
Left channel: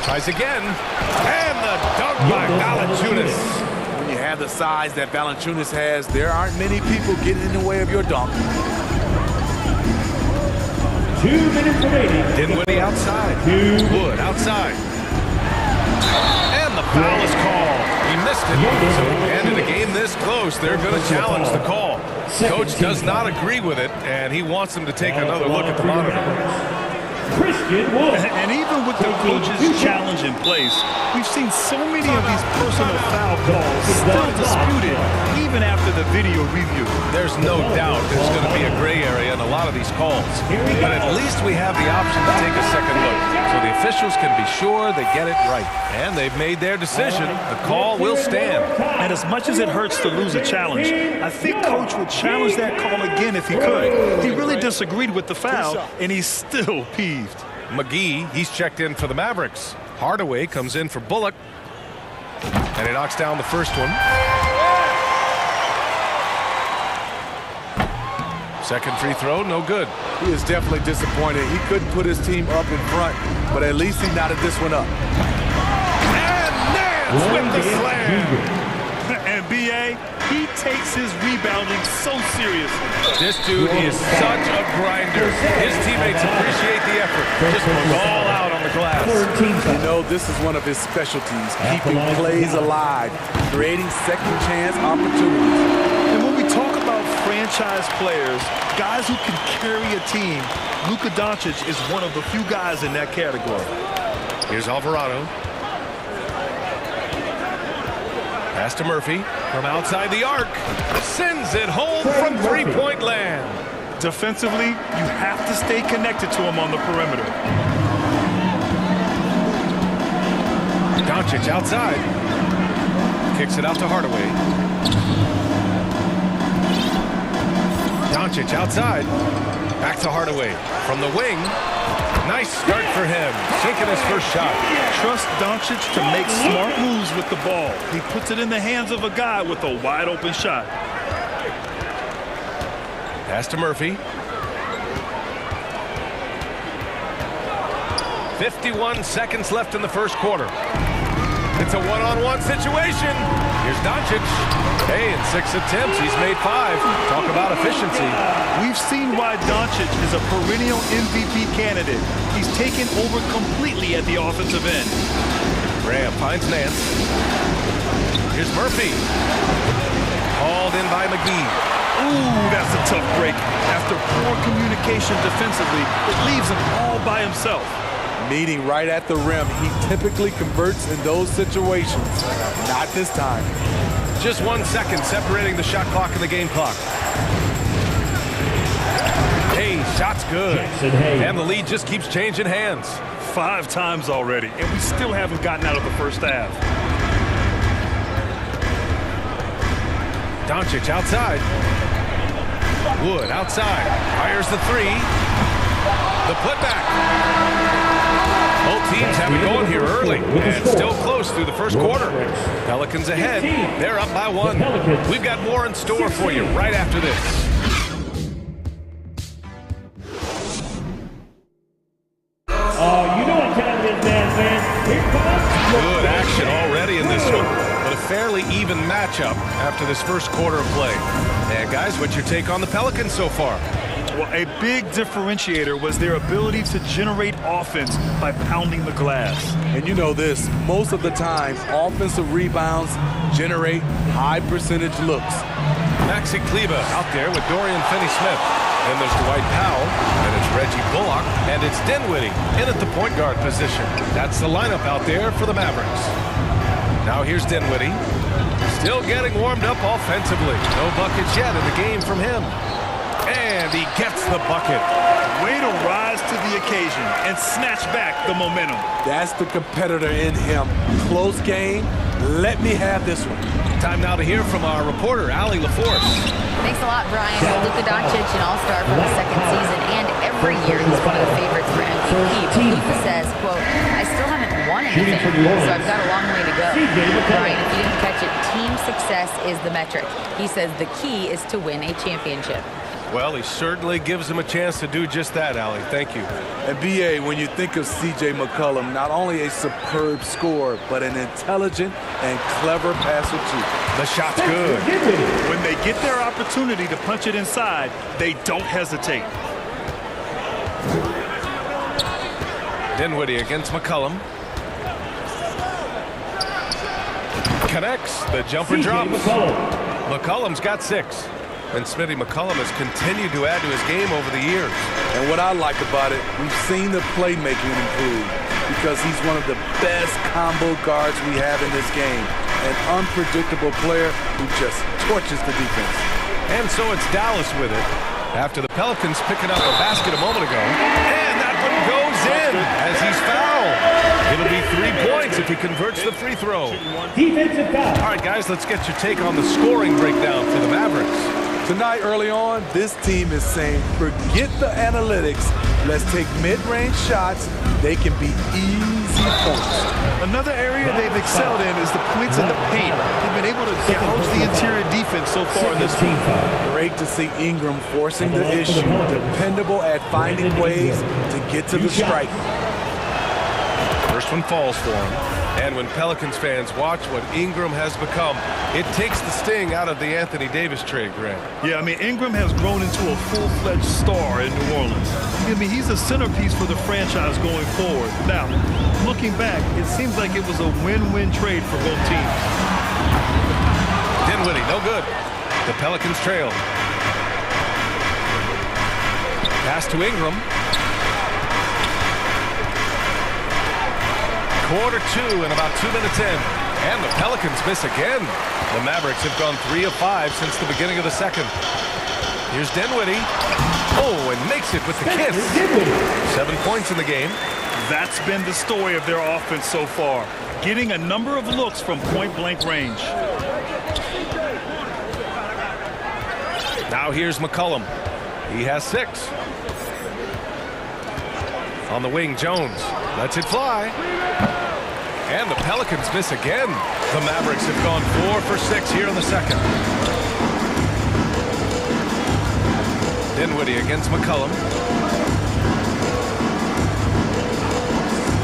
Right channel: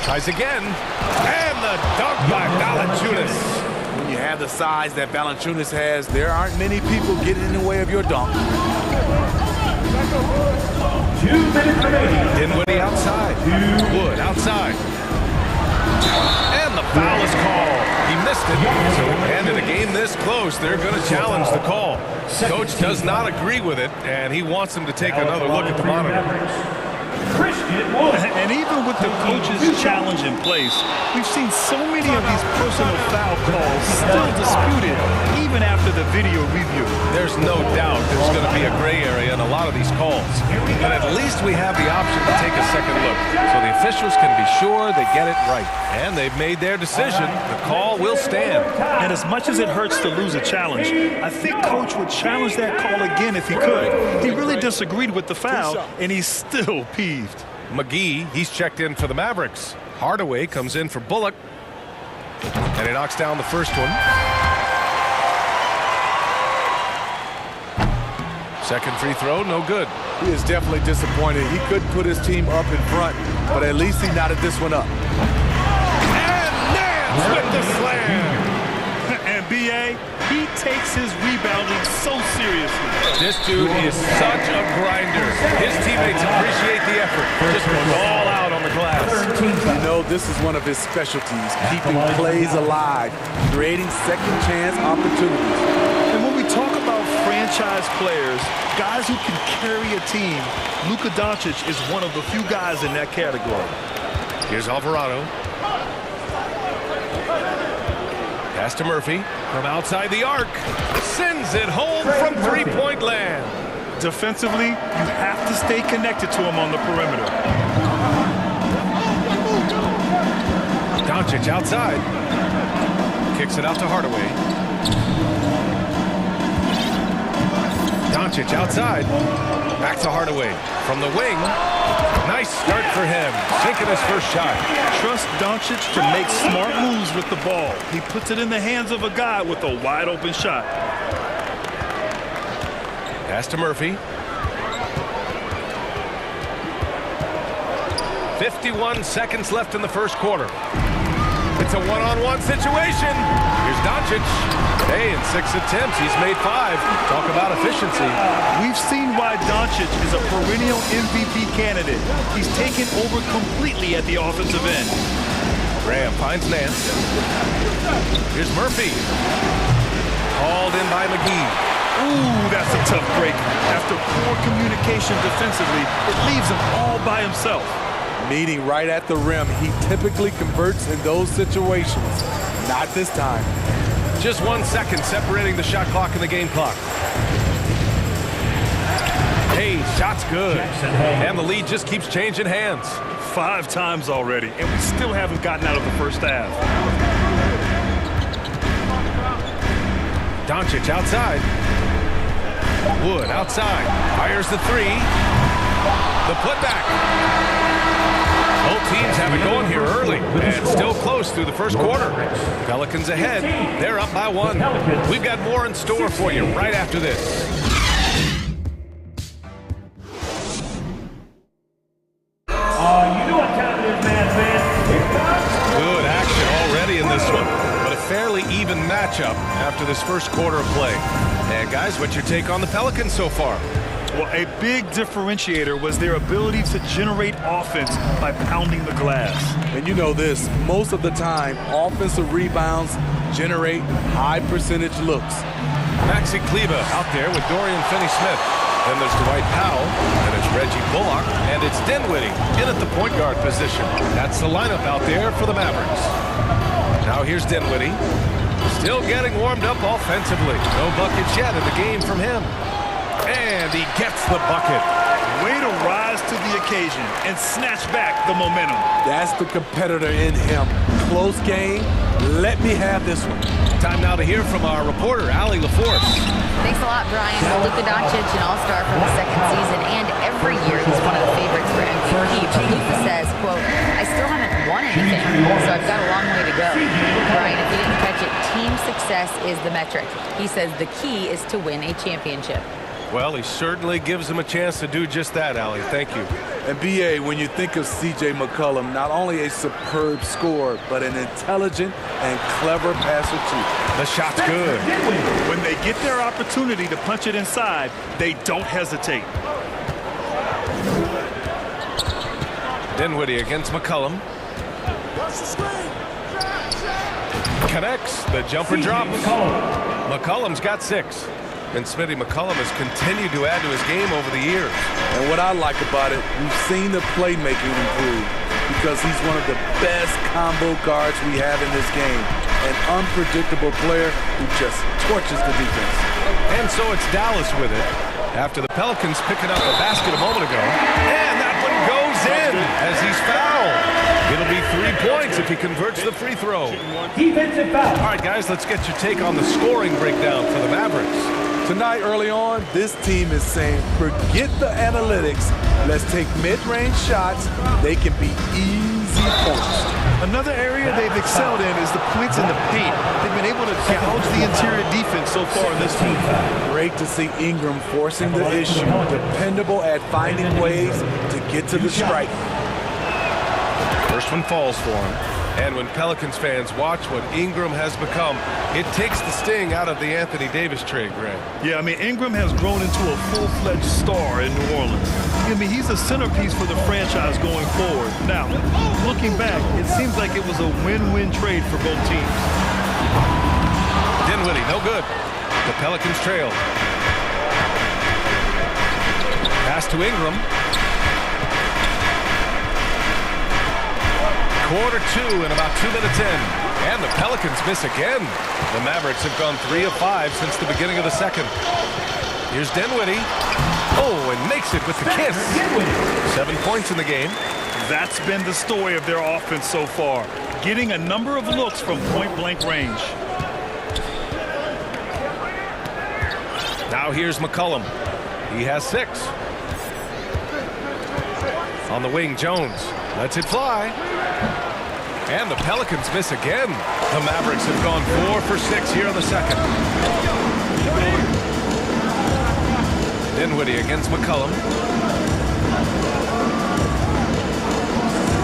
Tries again. And the dunk by Valanciunas. When you have the size that Valanciunas has, there aren't many people getting in the way of your dunk. 2 minutes remaining. Dinwiddie outside. Wood outside. And the foul is called. He missed it. So and in a game this close, they're going to challenge the call. Coach does not agree with it, and he wants them to take another look at the monitor. And even with the coach's challenge in place, we've seen so many of these personal foul calls still disputed even after the video review. There's no doubt there's going to be a gray area in a lot of these calls. But at least we have the option to take a second look. So the officials can be sure they get it right. And they've made their decision. The call will stand. And as much as it hurts to lose a challenge, I think Coach would challenge that call again if he could. He really disagreed with the foul, and he's still peeved. McGee, he's checked in for the Mavericks. Hardaway comes in for Bullock. And he knocks down the first one. Second free throw, no good. He is definitely disappointed. He couldn't put his team up in front, but at least he knotted this one up. And Nance with the slam. And B.A., he takes his rebounding so seriously. This dude is such a grinder. His teammates appreciate the effort. Just goes all out on the glass. You know, this is one of his specialties, keeping plays alive, creating second chance opportunities. And when we talk about franchise players, guys who can carry a team, Luka Doncic is one of the few guys in that category. Here's Alvarado. Pass to Murphy from outside the arc. Sends it home from three-point land. Defensively, you have to stay connected to him on the perimeter. Doncic outside. Kicks it out to Hardaway. Doncic outside. Back to Hardaway. From the wing. Nice start for him. Sinking his first shot. Trust Doncic to make smart moves with the ball. He puts it in the hands of a guy with a wide open shot. Pass to Murphy. 51 seconds left in the first quarter. It's a one-on-one situation. Here's Doncic. Hey, in 6 attempts, he's made 5. Talk about efficiency. We've seen why Doncic is a perennial MVP candidate. He's taken over completely at the offensive end. Graham finds Nance. Here's Murphy. Called in by McGee. Ooh, that's a tough break. After poor communication defensively, it leaves him all by himself. Meeting right at the rim, he typically converts in those situations. Not this time. Just 1 second separating the shot clock and the game clock. Hey, shot's good. And the lead just keeps changing hands. 5 times already, and we still haven't gotten out of the first half. Doncic outside. Wood outside. Fires the 3. The putback. Both teams have it going here early and still close through the first quarter. Pelicans ahead. They're up by 1. We've got more in store for you right after this. You know what time it is, man. Here comes. Good action already in this one, but a fairly even matchup after this first quarter of play. And guys, what's your take on the Pelicans so far? Well, a big differentiator was their ability to generate offense by pounding the glass. And you know this, most of the time, offensive rebounds generate high percentage looks. Maxi Kleba out there with Dorian Finney-Smith. Then there's Dwight Powell, then it's Reggie Bullock, and it's Dinwiddie in at the point guard position. That's the lineup out there for the Mavericks. Now here's Dinwiddie. Still getting warmed up offensively. No buckets yet in the game from him. And he gets the bucket. Way to rise to the occasion and snatch back the momentum. That's the competitor in him. Close game. Let me have this one. Time now to hear from our reporter, Allie LaForce. Thanks a lot, Brian. Well, Luka Doncic, an all-star for the second season, and every year he's one of the favorites for MVP. But Luka says, quote, I still haven't won anything, so I've got a long way to go. Brian, if you didn't catch it, team success is the metric. He says the key is to win a championship. Well, he certainly gives him a chance to do just that, Allie. Thank you. And B.A., when you think of C.J. McCollum, not only a superb scorer, but an intelligent and clever passer, too. The shot's good. When they get their opportunity to punch it inside, they don't hesitate. Dinwiddie against McCollum. Connects. The jumper drops. McCollum's got 6. And Smitty McCollum has continued to add to his game over the years. And what I like about it, we've seen the playmaking improve because he's one of the best combo guards we have in this game. An unpredictable player who just torches the defense. And so it's Dallas with it after the Pelicans picking up a basket a moment ago. And that one goes in as he's fouled. It'll be 3 points if he converts the free throw. Defensive foul. All right, guys, let's get your take on the scoring breakdown for the Mavericks. Tonight, early on, this team is saying, forget the analytics. Let's take mid-range shots. They can be easy points. Another area they've excelled in is the points in the paint. They've been able to gouge the interior defense so far in this one. Great to see Ingram forcing the issue. Dependable at finding ways to get to the stripe. First one falls for him. And when Pelicans fans watch what Ingram has become, it takes the sting out of the Anthony Davis trade, Grant. Yeah, I mean, Ingram has grown into a full-fledged star in New Orleans. I mean, he's a centerpiece for the franchise going forward. Now, looking back, it seems like it was a win-win trade for both teams. Dinwiddie, no good. The Pelicans trail. Pass to Ingram. Quarter 2 and about 2 minutes in. And the Pelicans miss again. The Mavericks have gone 3 of 5 since the beginning of the second. Here's Dinwiddie. Oh, and makes it with the kiss. 7 points in the game. That's been the story of their offense so far, getting a number of looks from point-blank range. Now here's McCollum. He has 6. On the wing, Jones lets it fly. And the Pelicans miss again. The Mavericks have gone 4 for 6 here in the second. Dinwiddie against McCollum.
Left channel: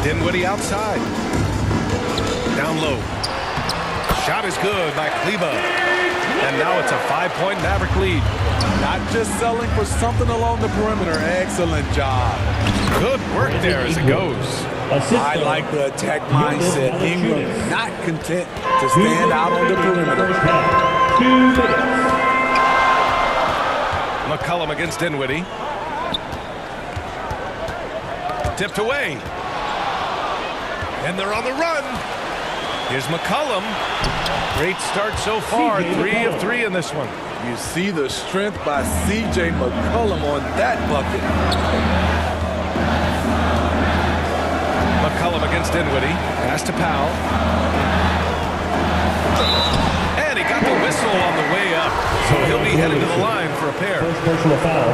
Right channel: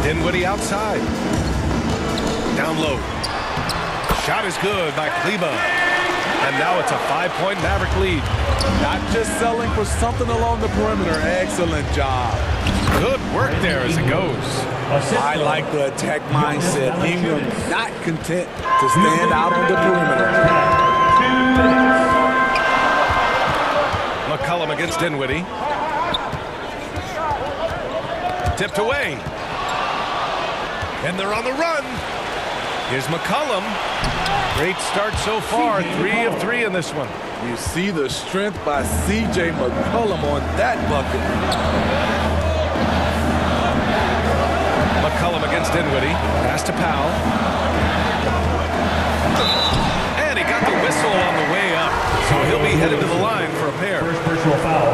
Dinwiddie outside. Down low. Shot is good by Kleba. And now it's a 5-point Maverick lead. Not just selling for something along the perimeter. Excellent job. Good work there as it goes. I like the attack mindset. Ingram not content to stand out on the perimeter. McCollum against Dinwiddie. Tipped away. And they're on the run. Here's McCollum. Great start so far. 3 of 3 in this one. You see the strength by C.J. McCollum on that bucket. McCollum against Dinwiddie. Pass to Powell. And he got the whistle on the way up. So he'll be headed to the line for a pair. First personal foul.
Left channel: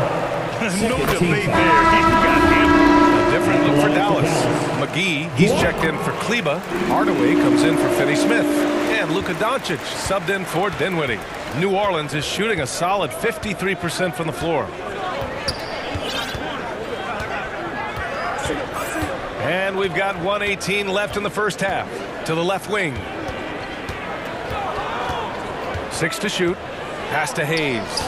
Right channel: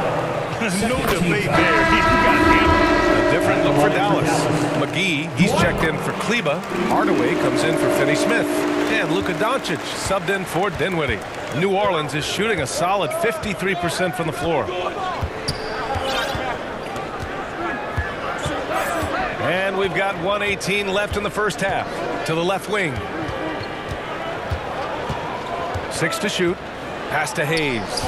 No debate there. He got hammered. A different look for Dallas. McGee, he's checked in for Kleba. Hardaway comes in for Finney-Smith. And Luka Doncic subbed in for Dinwiddie. New Orleans is shooting a solid 53% from the floor. And we've got 1:18 left in the first half. To the left wing. 6 to shoot. Pass to Hayes.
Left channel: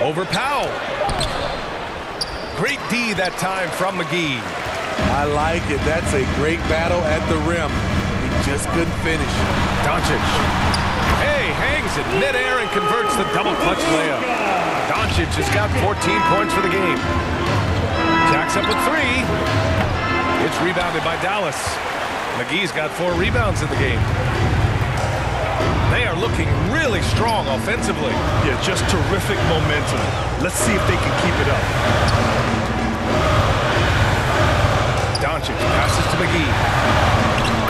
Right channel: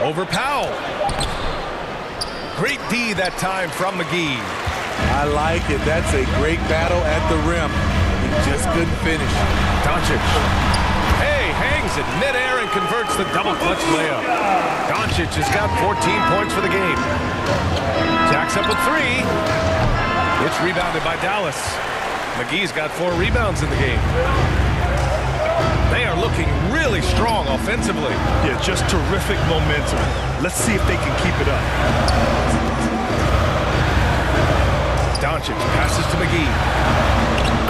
Over Powell. Great D that time from McGee. I like it. That's a great battle at the rim. He just couldn't finish. Doncic. Hey, hangs it midair and converts the double clutch layup. Doncic has got 14 points for the game. Jacks up with 3. It's rebounded by Dallas. McGee's got 4 rebounds in the game. They are looking really strong offensively. Yeah, just terrific momentum. Let's see if they can keep it up. Doncic passes to McGee.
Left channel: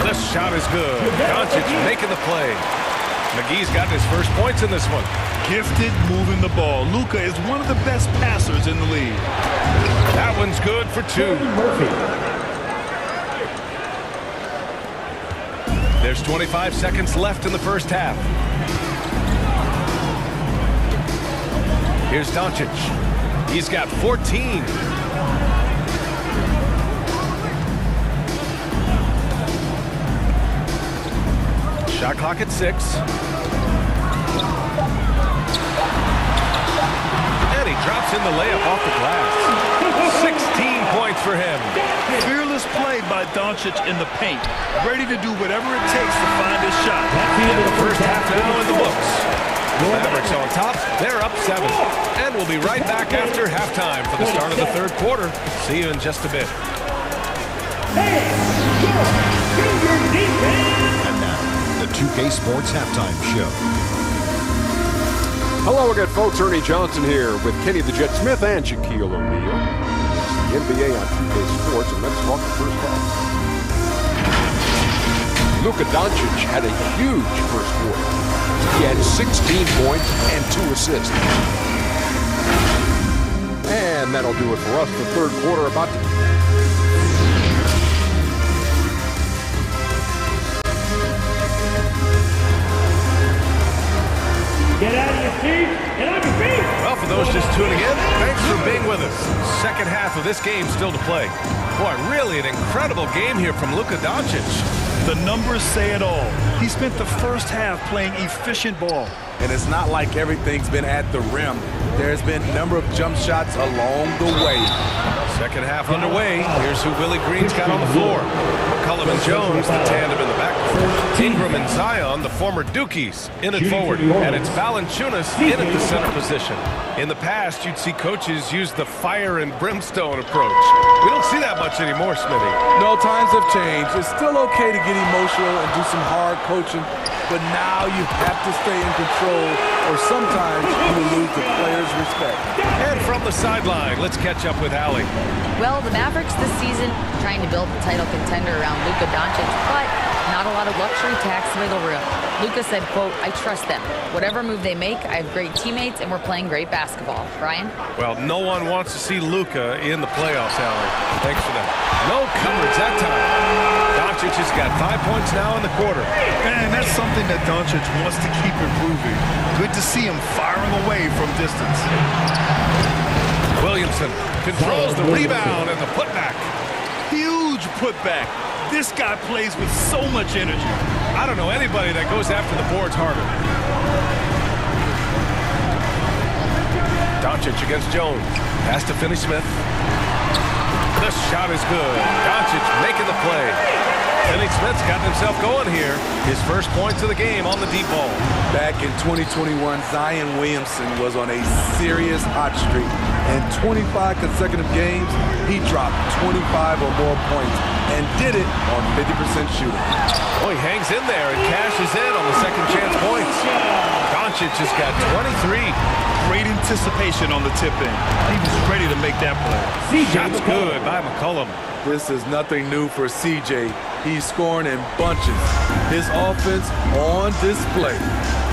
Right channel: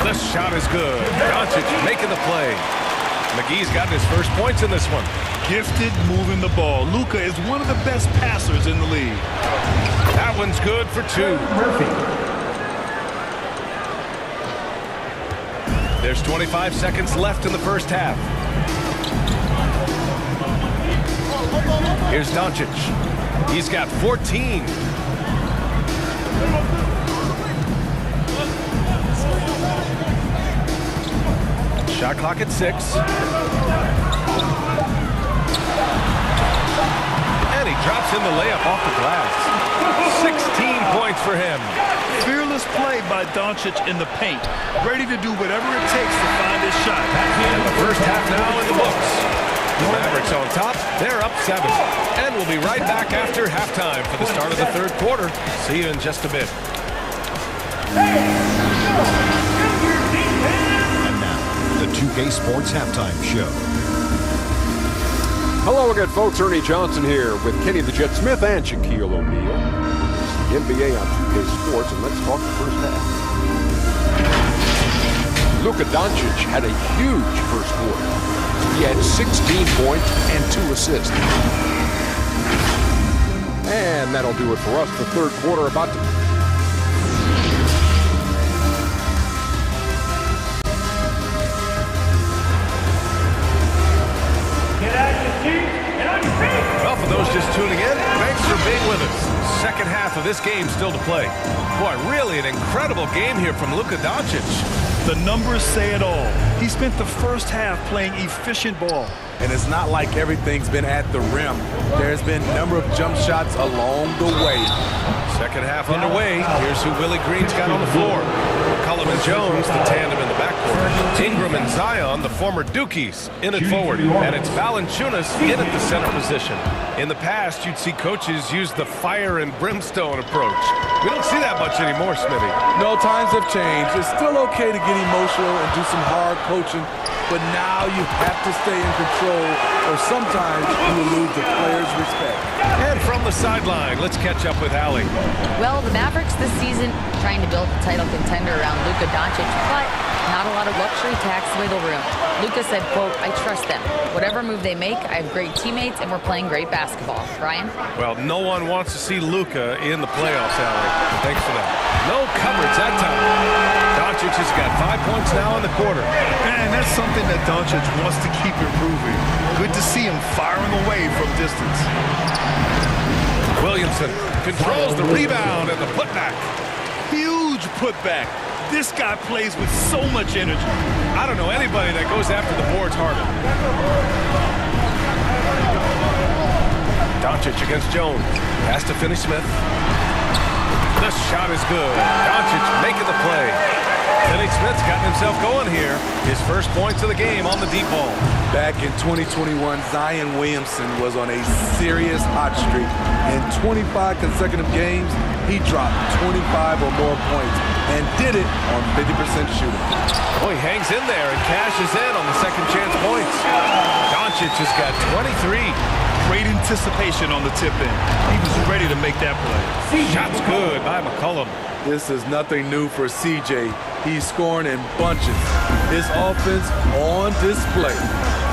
The shot is good. Doncic making the play. McGee's got his first points in this one. Gifted moving the ball. Luka is one of the best passers in the league. That one's good for 2. Murphy. There's 25 seconds left in the first half. Here's Doncic. He's got 14. Shot clock at 6. And he drops in the layup off the glass. 16 points for him. Fearless play by Doncic in the paint. Ready to do whatever it takes to find his shot. And the first half now in the books. The Mavericks on top. They're up 7. And we'll be right back after halftime for the start of the third quarter. See you in just a bit. And now, the 2K Sports Halftime Show. Hello again, folks. Ernie Johnson here with Kenny the Jet Smith and Shaquille O'Neal. It's the NBA on 2K Sports, and let's talk the first half. Luka Doncic had a huge first quarter. He had 16 points and 2 assists. And that'll do it for us. The third quarter about to... Get out of your seats and on your feet. Well, for those just tuning in, thanks for being with us. Second half of this game still to play. Boy, really an incredible game here from Luka Doncic. The numbers say it all. He spent the first half playing efficient ball. And it's not like everything's been at the rim. There's been a number of jump shots along the way. Second half underway. Here's who Willie Green's got on the floor. McCollum and Jones, the tandem in the backcourt. Ingram and Zion, the former Dukies, in it forward. And it's Valanciunas in at the center position. In the past, you'd see coaches use the fire and brimstone approach. We don't see that much anymore, Smitty. No, times have changed. It's still okay to get emotional and do some hard coaching, but now you have to stay in control, or sometimes you will lose the players' respect. And from the sideline, let's catch up with Allie. Well, the Mavericks this season trying to build a title contender around Luka Doncic, but not a lot of luxury tax wiggle room. Luka said, quote, "I trust them. Whatever move they make, I have great teammates and we're playing great basketball." Brian? Well, no one wants to see Luka in the playoffs, Allie. Thanks for that. No coverage that time. Doncic has got 5 points now in the quarter. And that's something that Doncic wants to keep improving. Good to see him firing away from distance. Williamson controls the rebound and the putback. Huge putback. This guy plays with so much energy. I don't know anybody that goes after the boards harder. Doncic against Jones. Has to finish Smith. The shot is good. Doncic making the play. Finney Smith's gotten himself going here. His first points of the game on the deep ball. Back in 2021, Zion Williamson was on a serious hot streak. In 25 consecutive games, he dropped 25 or more points and did it on 50% shooting. Oh, he hangs in there and cashes in on the second chance points. Doncic has got 23. Great anticipation on the tip in. He was ready to make that play. Shot's good by McCollum. This is nothing new for CJ. He's scoring in bunches. His offense on display.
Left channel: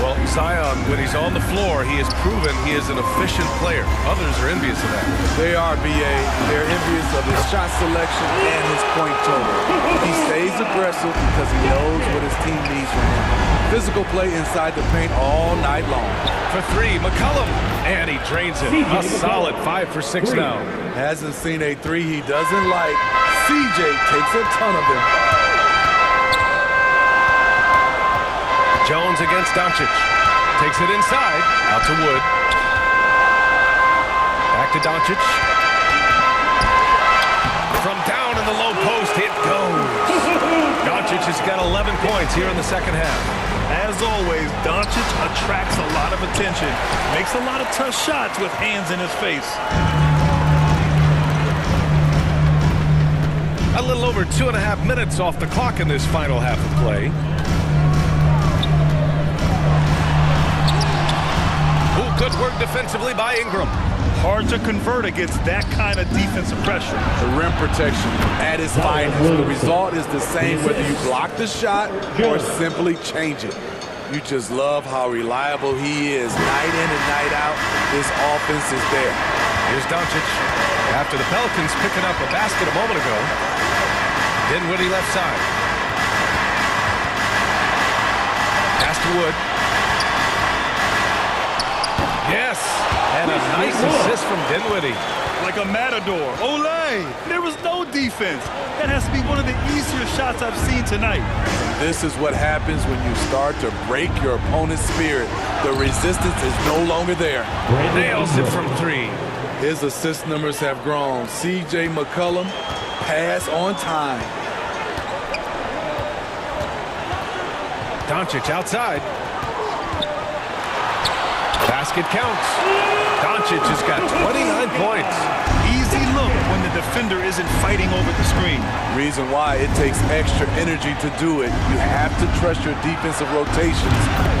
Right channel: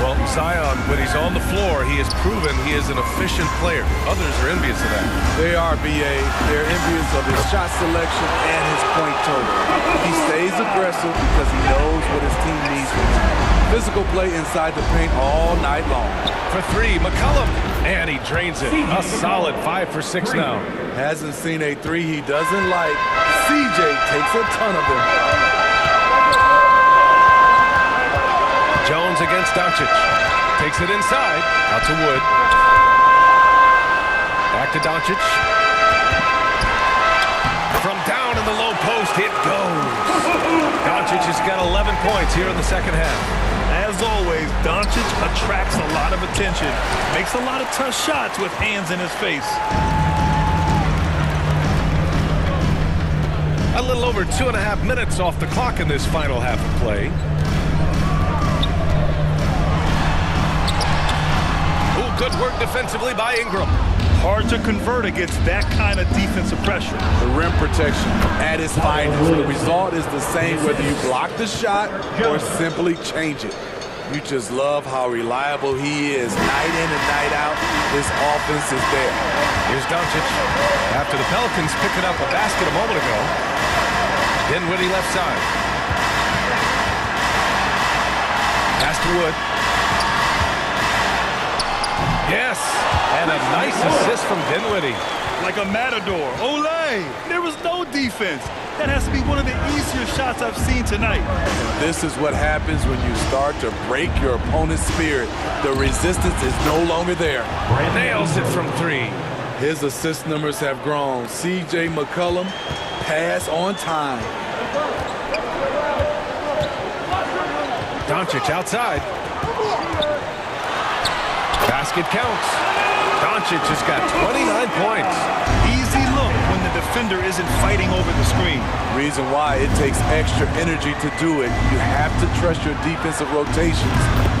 Well, Zion, when he's on the floor, he has proven he is an efficient player. Others are envious of that. They are, BA. They're envious of his shot selection and his point total. He stays aggressive because he knows what his team needs from him. Physical play inside the paint all night long. For three, McCollum. And he drains it. A solid 5 for 6 now. Hasn't seen a three he doesn't like. CJ takes a ton of them. Jones against Doncic. Takes it inside. Out to Wood. Back to Doncic. From down in the low post, it goes. Doncic has got 11 points here in the second half. As always, Doncic attracts a lot of attention. Makes a lot of tough shots with hands in his face. A little over 2.5 minutes off the clock in this final half of play. Ooh, good work defensively by Ingram. Hard to convert against that kind of defensive pressure. The rim protection at its finest. The result is the same whether you block the shot or simply change it. You just love how reliable he is. Night in and night out, this offense is there. Here's Doncic. After the Pelicans picking up a basket a moment ago. Dinwiddie left side. Pass to Wood. Yes, and a nice assist from Dinwiddie. Like a matador. Olay! There was no defense. That has to be one of the easier shots I've seen tonight. And this is what happens when you start to break your opponent's spirit. The resistance is no longer there. Nails it from 3. His assist numbers have grown. CJ McCollum, pass on time. Doncic outside. Basket counts. Doncic has got 29 points. Easy look when the defender isn't fighting over the screen. Reason why it takes extra energy to do it. You have to trust your defensive rotations,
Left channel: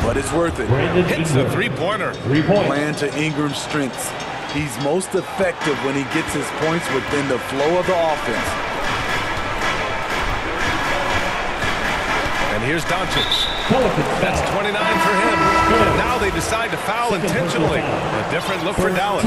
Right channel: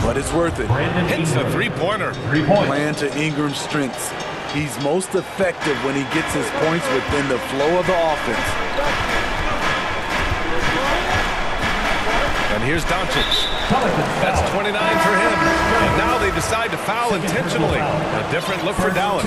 but it's worth it. Hits a three-pointer. Playing to Ingram's strengths. He's most effective when he gets his points within the flow of the offense. And here's Doncic. That's 29 for him. And now they decide to foul intentionally. A different look for Dallas.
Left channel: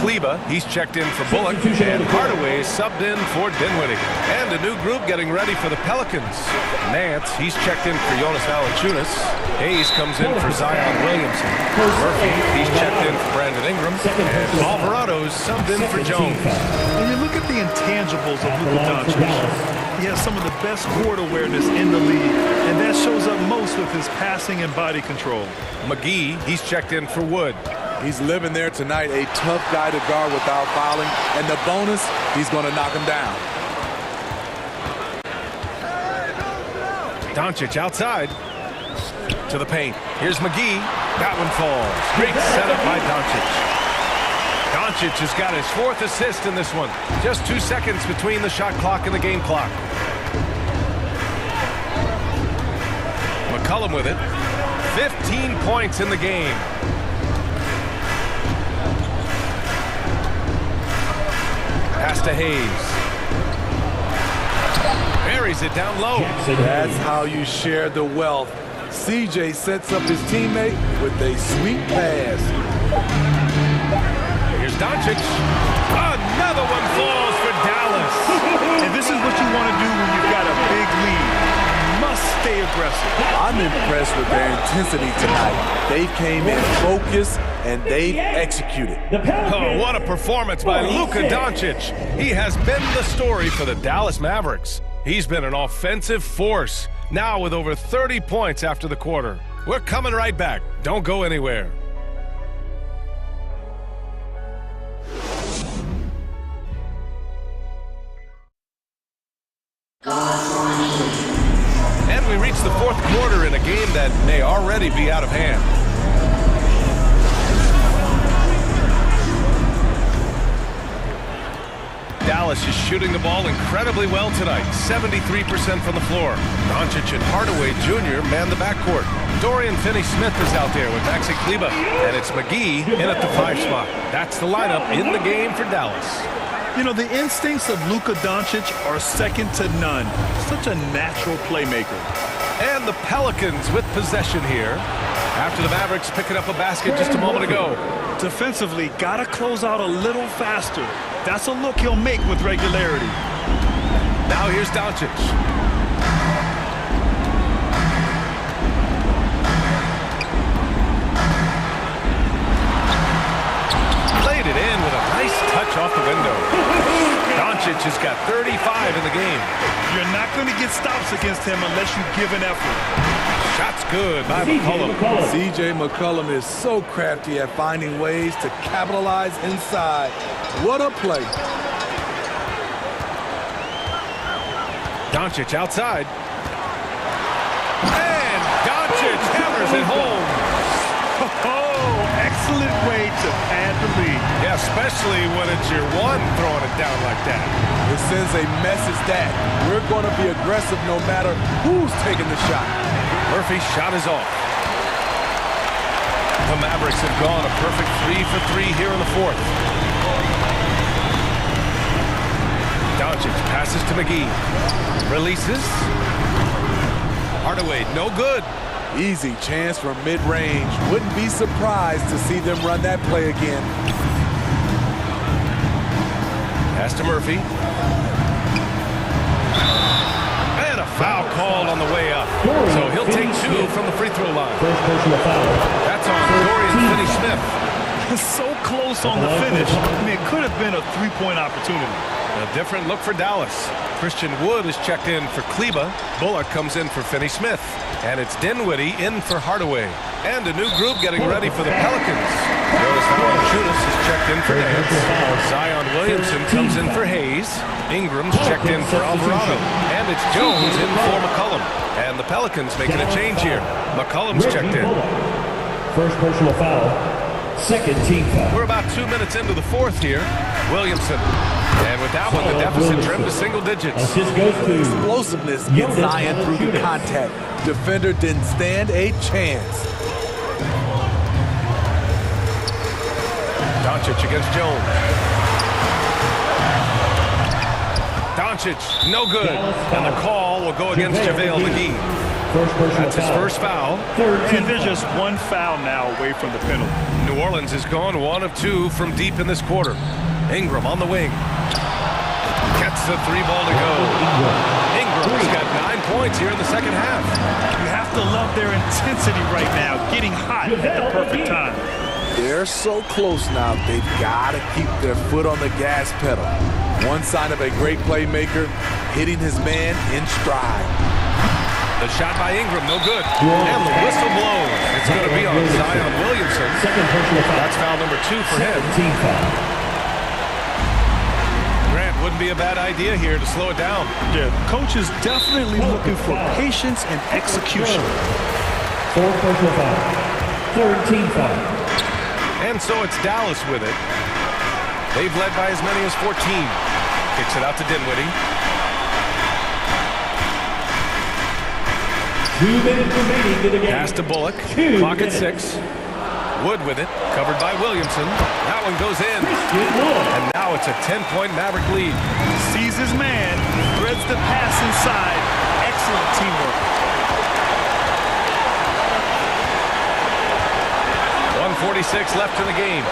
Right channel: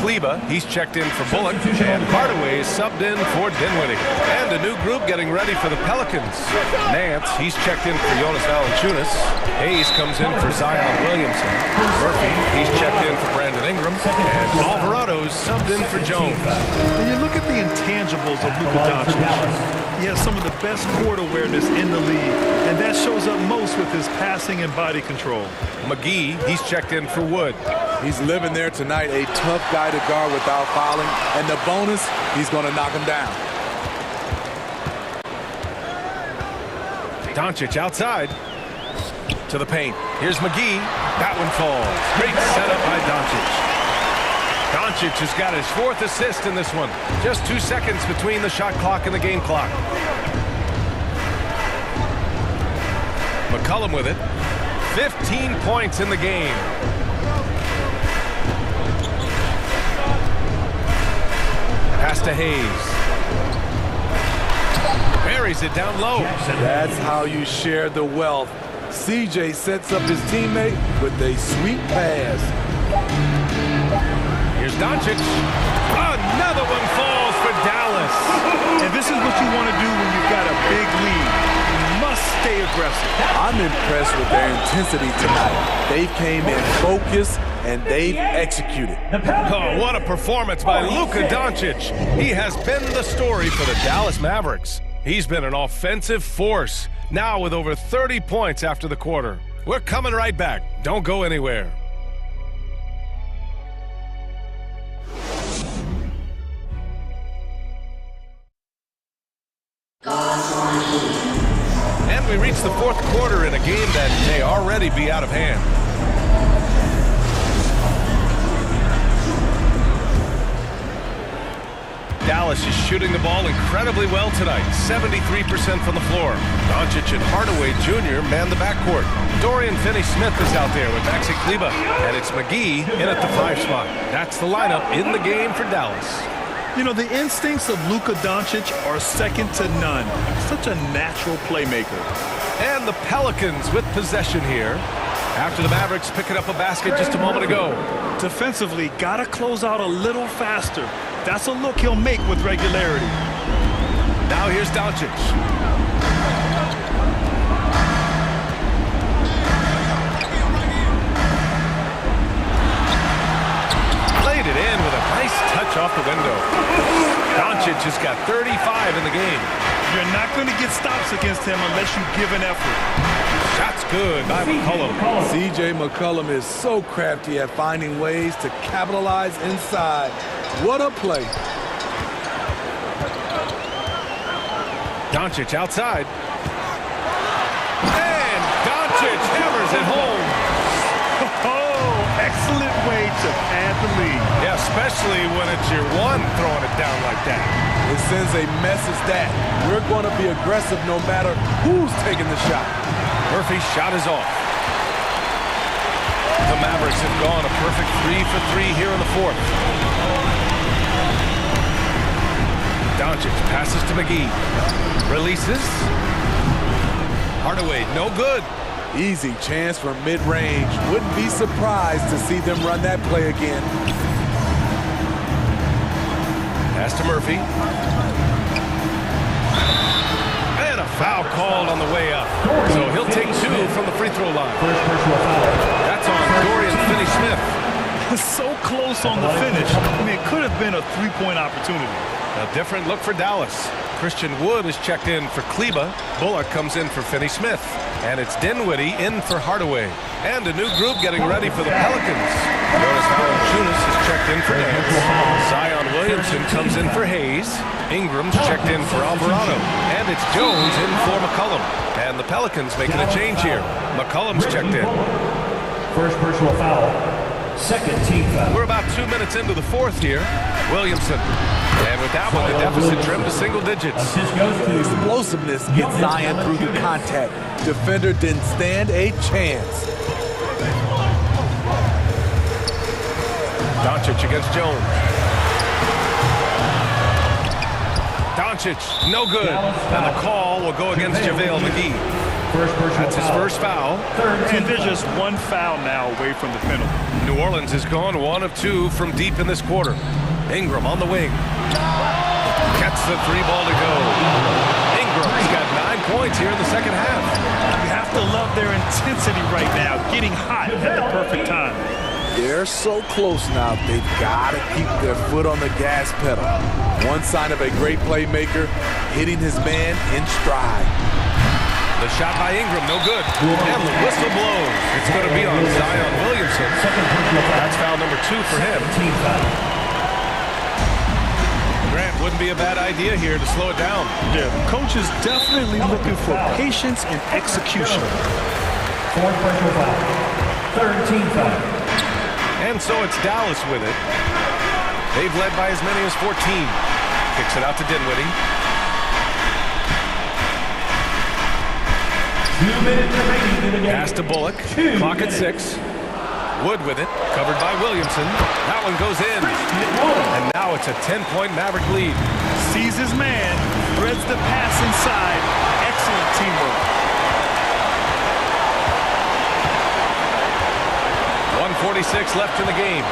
Kleba, he's checked in for Bullock. And Hardaway is subbed in for Dinwiddie. And a new group getting ready for the Pelicans. Nance, he's checked in for Jonas Valanciunas. Hayes comes in for Zion Williamson. Murphy, he's checked in for Brandon Ingram. And Alvarado's subbed in for Jones. When you look at the intangibles of Luka Doncic, he has some of the best court awareness in the league, and that shows up most with his passing and body control. McGee, he's checked in for Wood. He's living there tonight, a tough guy to guard without fouling, and the bonus, he's going to knock him down. Doncic outside to the paint. Here's McGee. That one falls. Great setup by Doncic. Doncic has got his 4th assist in this one. Just 2 seconds between the shot clock and the game clock. McCollum with it. 15 points in the game. Pass to Hayes. Buries it down low. That's how you share the wealth. CJ sets up his teammate with a sweet pass. Here's Doncic. Another one falls for Dallas. And this is what you want to do when you've got a big lead. You must stay aggressive. I'm impressed with their intensity tonight. They came in focused and they've executed. Oh, what a performance by Luka Doncic. He has been the story for the Dallas Mavericks. He's been an offensive force, now with over 30 points after the quarter. We're coming right back. Don't go anywhere. And we reach the 4th quarter in a game that may already be out of hand. Dallas is shooting the ball incredibly well tonight, 73% from the floor. Doncic and Hardaway Jr. man the backcourt. Dorian Finney-Smith is out there with Maxi Kleber, and it's McGee in at the 5 spot. That's the lineup in the game for Dallas. You know, the instincts of Luka Doncic are second to none. Such a natural playmaker. And the Pelicans with possession here after the Mavericks picking up a basket just a moment ago. Defensively, gotta close out a little faster. That's a look he'll make with regularity. Now here's Doncic. Laid it in with a nice touch off the window. Doncic has got 35 in the game. You're not going to get stops against him unless you give an effort. Shot's good by McCollum. CJ McCollum is so crafty at finding ways to capitalize inside. What a play. Doncic outside. And Doncic hammers it home. Oh, excellent way to pad the lead. Yeah, especially when it's your one throwing it down like that. It sends a message that we're going to be aggressive no matter who's taking the shot. Murphy's shot is off. The Mavericks have gone a perfect 3 for 3 here in the 4th. Doncic passes to McGee. Releases. Hardaway, no good. Easy chance from mid-range. Wouldn't be surprised to see them run that play again. Pass to Murphy. And a foul called on the way up. So he'll take 2 from the free throw line. First personal foul. That's on Dorian Finney-Smith. So close on the finish. I mean, it could have been a three-point opportunity. A different look for Dallas. Christian Wood is checked in for Kleber. Bullock comes in for Finney-Smith. And it's Dinwiddie in for Hardaway. And a new group getting ready for the Pelicans. Jonas Valanciunas is checked in for Nance. Zion Williamson comes in for Hayes. Ingram's checked in for Alvarado. And it's Jones in for McCollum. And the Pelicans making a change here. McCollum's checked in. First personal foul. Second team foul. We're about 2 minutes into the 4th here. Williamson. And with that one, the deficit trimmed to single digits. Assist goes to explosiveness gets Zion through the contact. Defender didn't stand a chance. Doncic against Jones. Doncic, no good. And the call will go against JaVale McGee. That's his first foul. And they're just one foul now away from the penalty. New Orleans has gone 1 of 2 from deep in this quarter. Ingram on the wing. Gets the 3 ball to go. Ingram's got 9 points here in the second half. You have to love their intensity right now, getting hot at the perfect time. They're so close now, they've got to keep their foot on the gas pedal. One sign of a great playmaker, hitting his man in stride. The shot by Ingram, no good. And the whistle blows. It's going to be on Zion Williamson. That's foul number 2 for him. Team foul. Grant Wouldn't be a bad idea here to slow it down. Yeah, the coach is definitely looking for patience and execution. Fourth personal foul. Third team foul. And so it's Dallas with it. They've led by as many as 14. Kicks it out to Dinwiddie. 2 minutes remaining in the game. Pass to Bullock. Clock at 6. Wood with it. Covered by Williamson. That one goes in. And now it's a 10-point Maverick lead. Sees his man. Threads the pass inside. Excellent teamwork. 1:46 left in the game.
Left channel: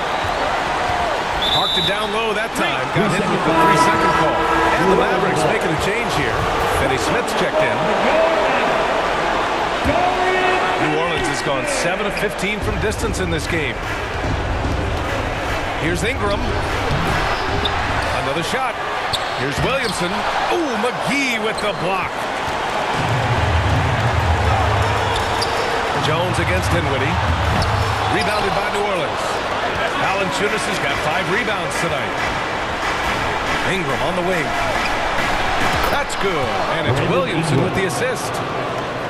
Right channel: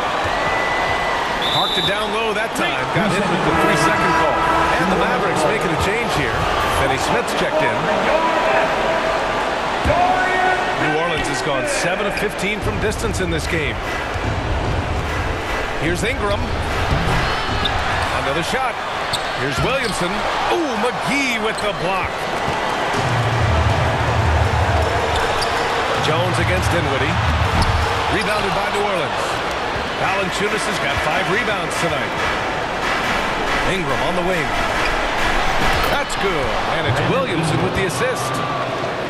Parked it down low that time. Got hit with the 3-second call. And the Mavericks making a change here. Finney Smith's checked in. New Orleans has gone 7 of 15 from distance in this game. Here's Ingram. Another shot. Here's Williamson. Ooh, McGee with the block. Jones against Dinwiddie. Rebounded by New Orleans. Valanciunas has got 5 rebounds tonight. Ingram on the wing. That's good. And it's Williamson with the assist.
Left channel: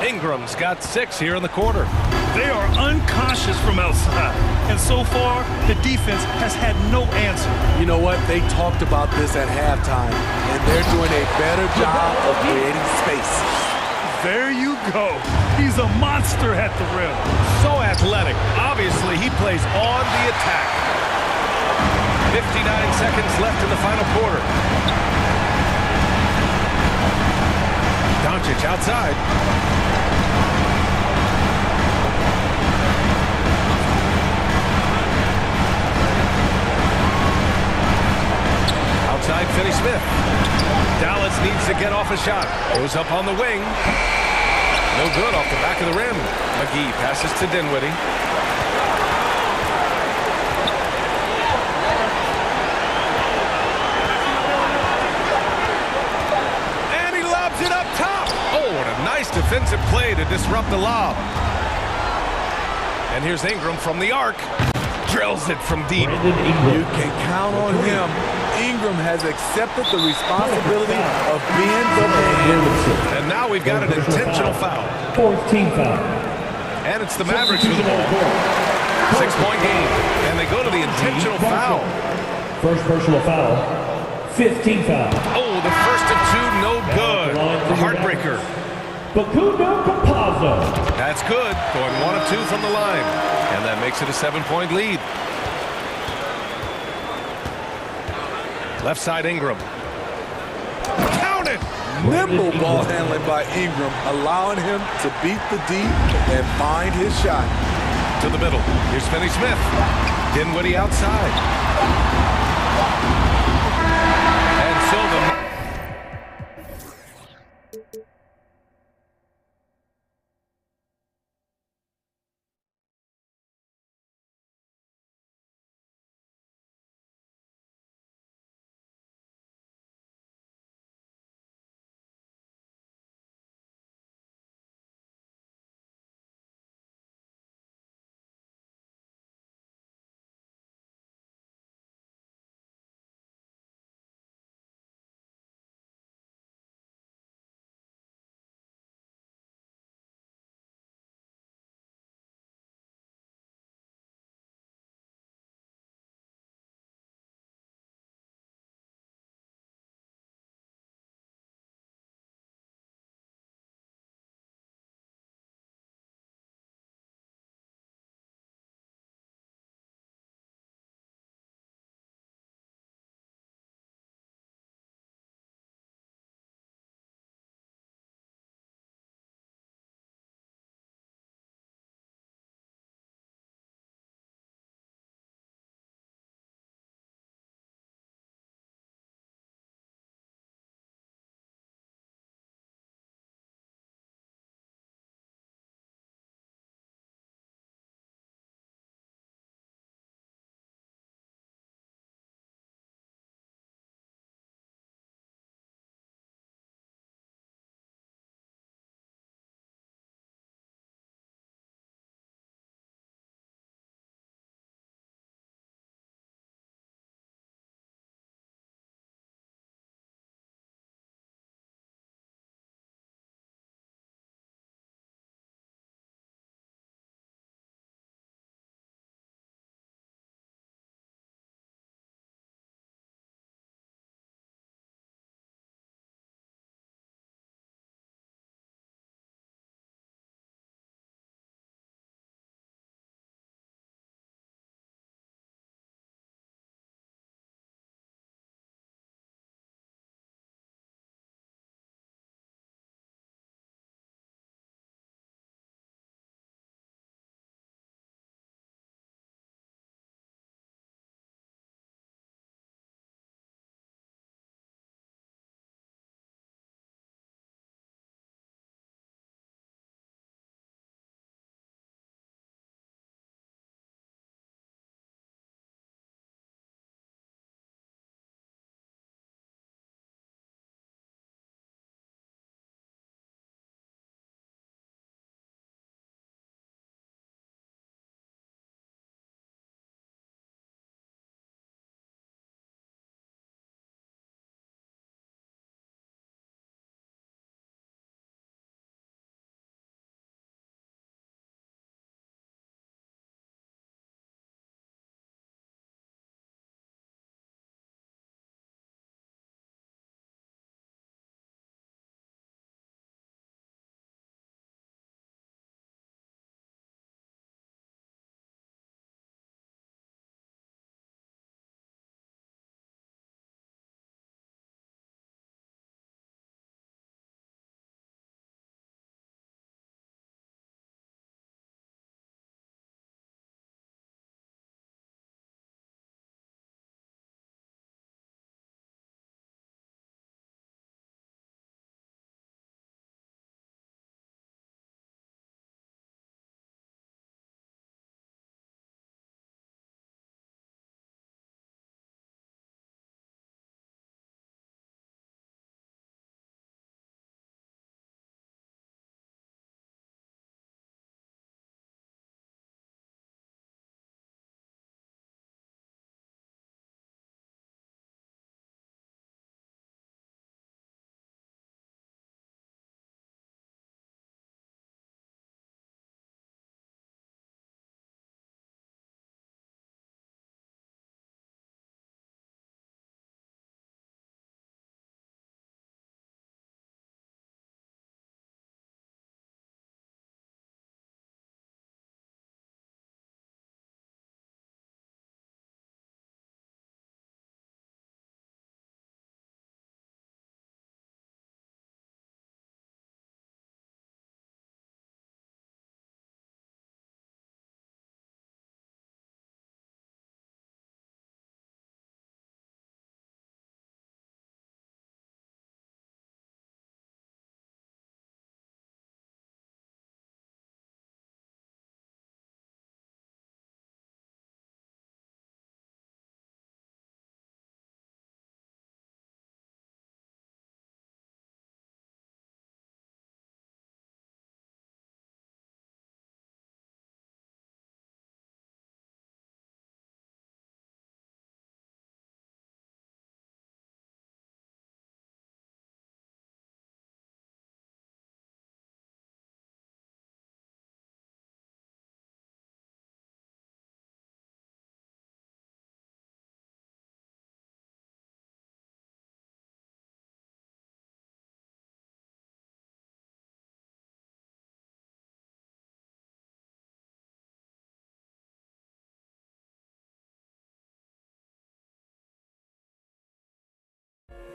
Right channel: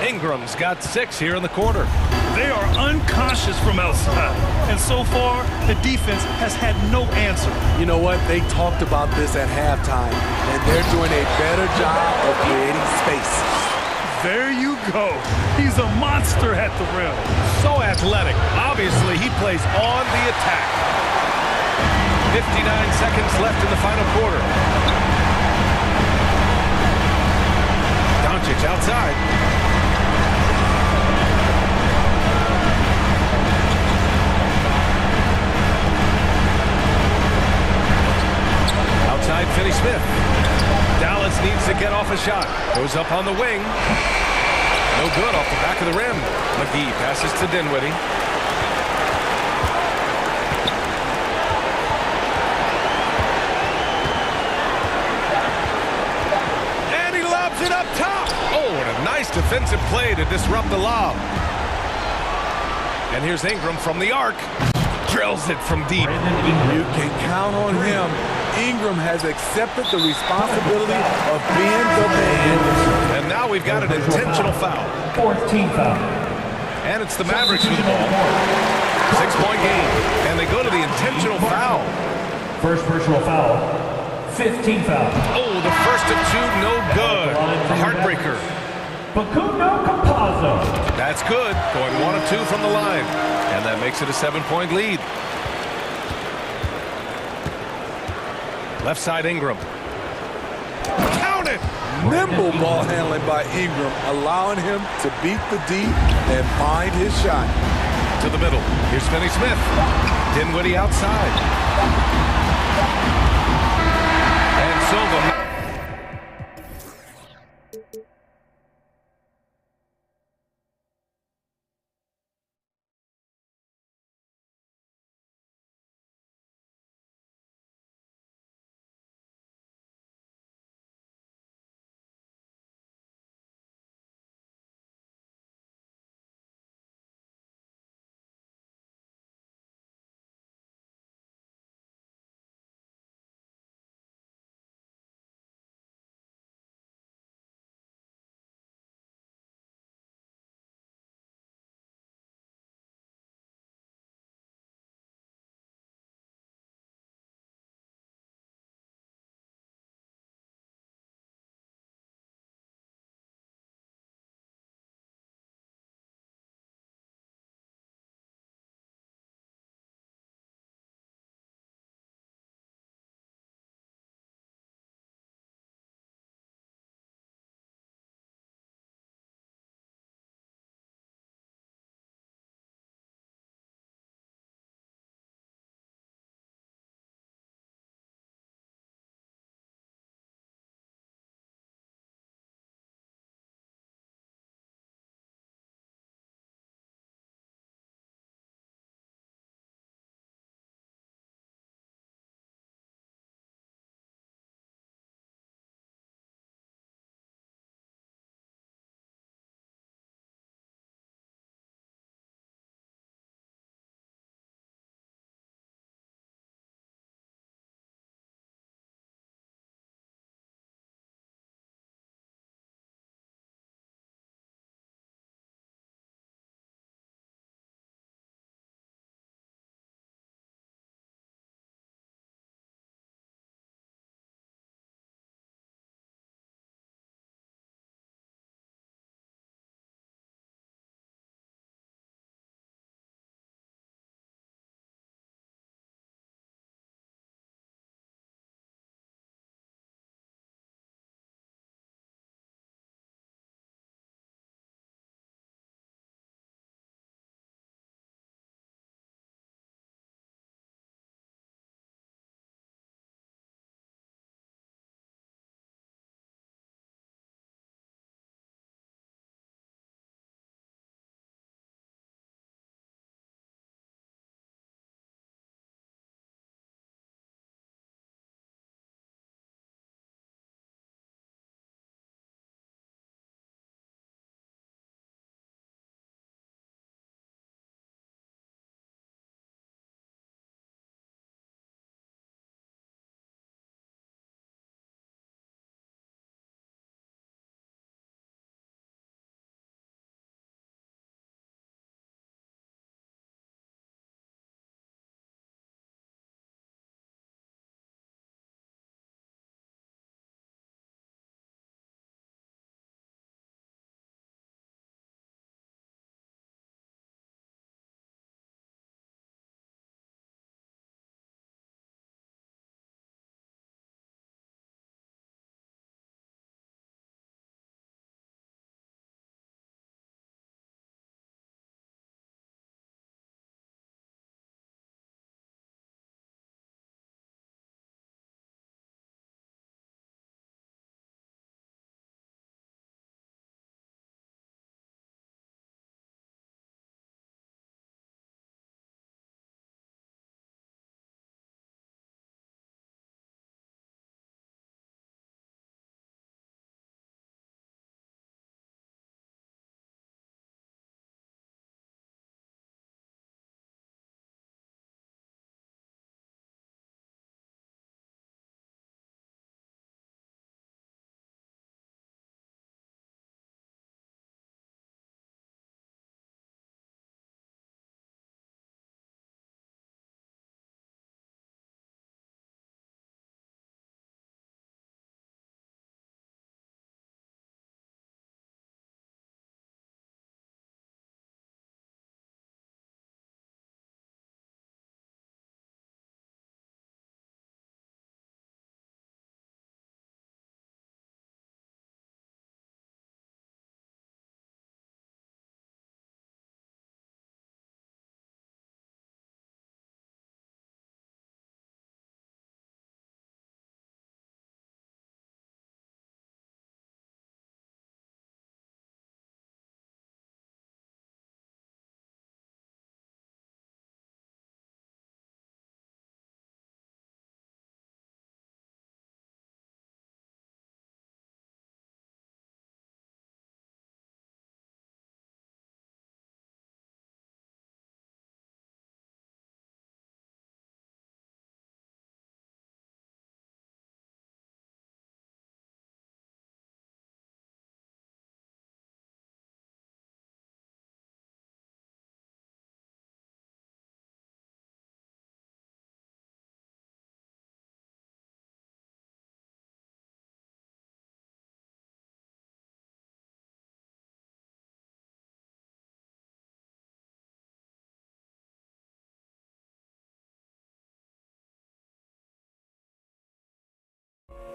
Ingram's got 6 here in the quarter. They are unconscious from outside. And so far, the defense has had no answer. You know what? They talked about this at halftime, and they're doing a better job of creating space. There you go. He's a monster at the rim. So athletic. Obviously, he plays on the attack. 59 seconds left in the final quarter. Doncic outside. Outside, Finney Smith. Dallas needs to get off a shot. Goes up on the wing. No good off the back of the rim. McGee passes to Dinwiddie. And he lobs it up top. Oh, and a nice defensive play to disrupt the lob. And here's Ingram from the arc. Drills it from deep. You can count on him. Ingram has accepted the responsibility of being the man. And now we've got an intentional foul. Fourth team foul. And it's the Mavericks with the ball. 6-point game. And they go to the intentional foul. First personal foul. 15 foul. Oh, the first of 2, no good. A heartbreaker. Facundo Campazzo. That's good. Going 1 of 2 from the line. And that makes it a 7-point lead. Left side Ingram. Count it! Nimble ball handling by Ingram, allowing him to beat the D and find his shot. To the middle. Here's Finney Smith. Dinwiddie outside. And so the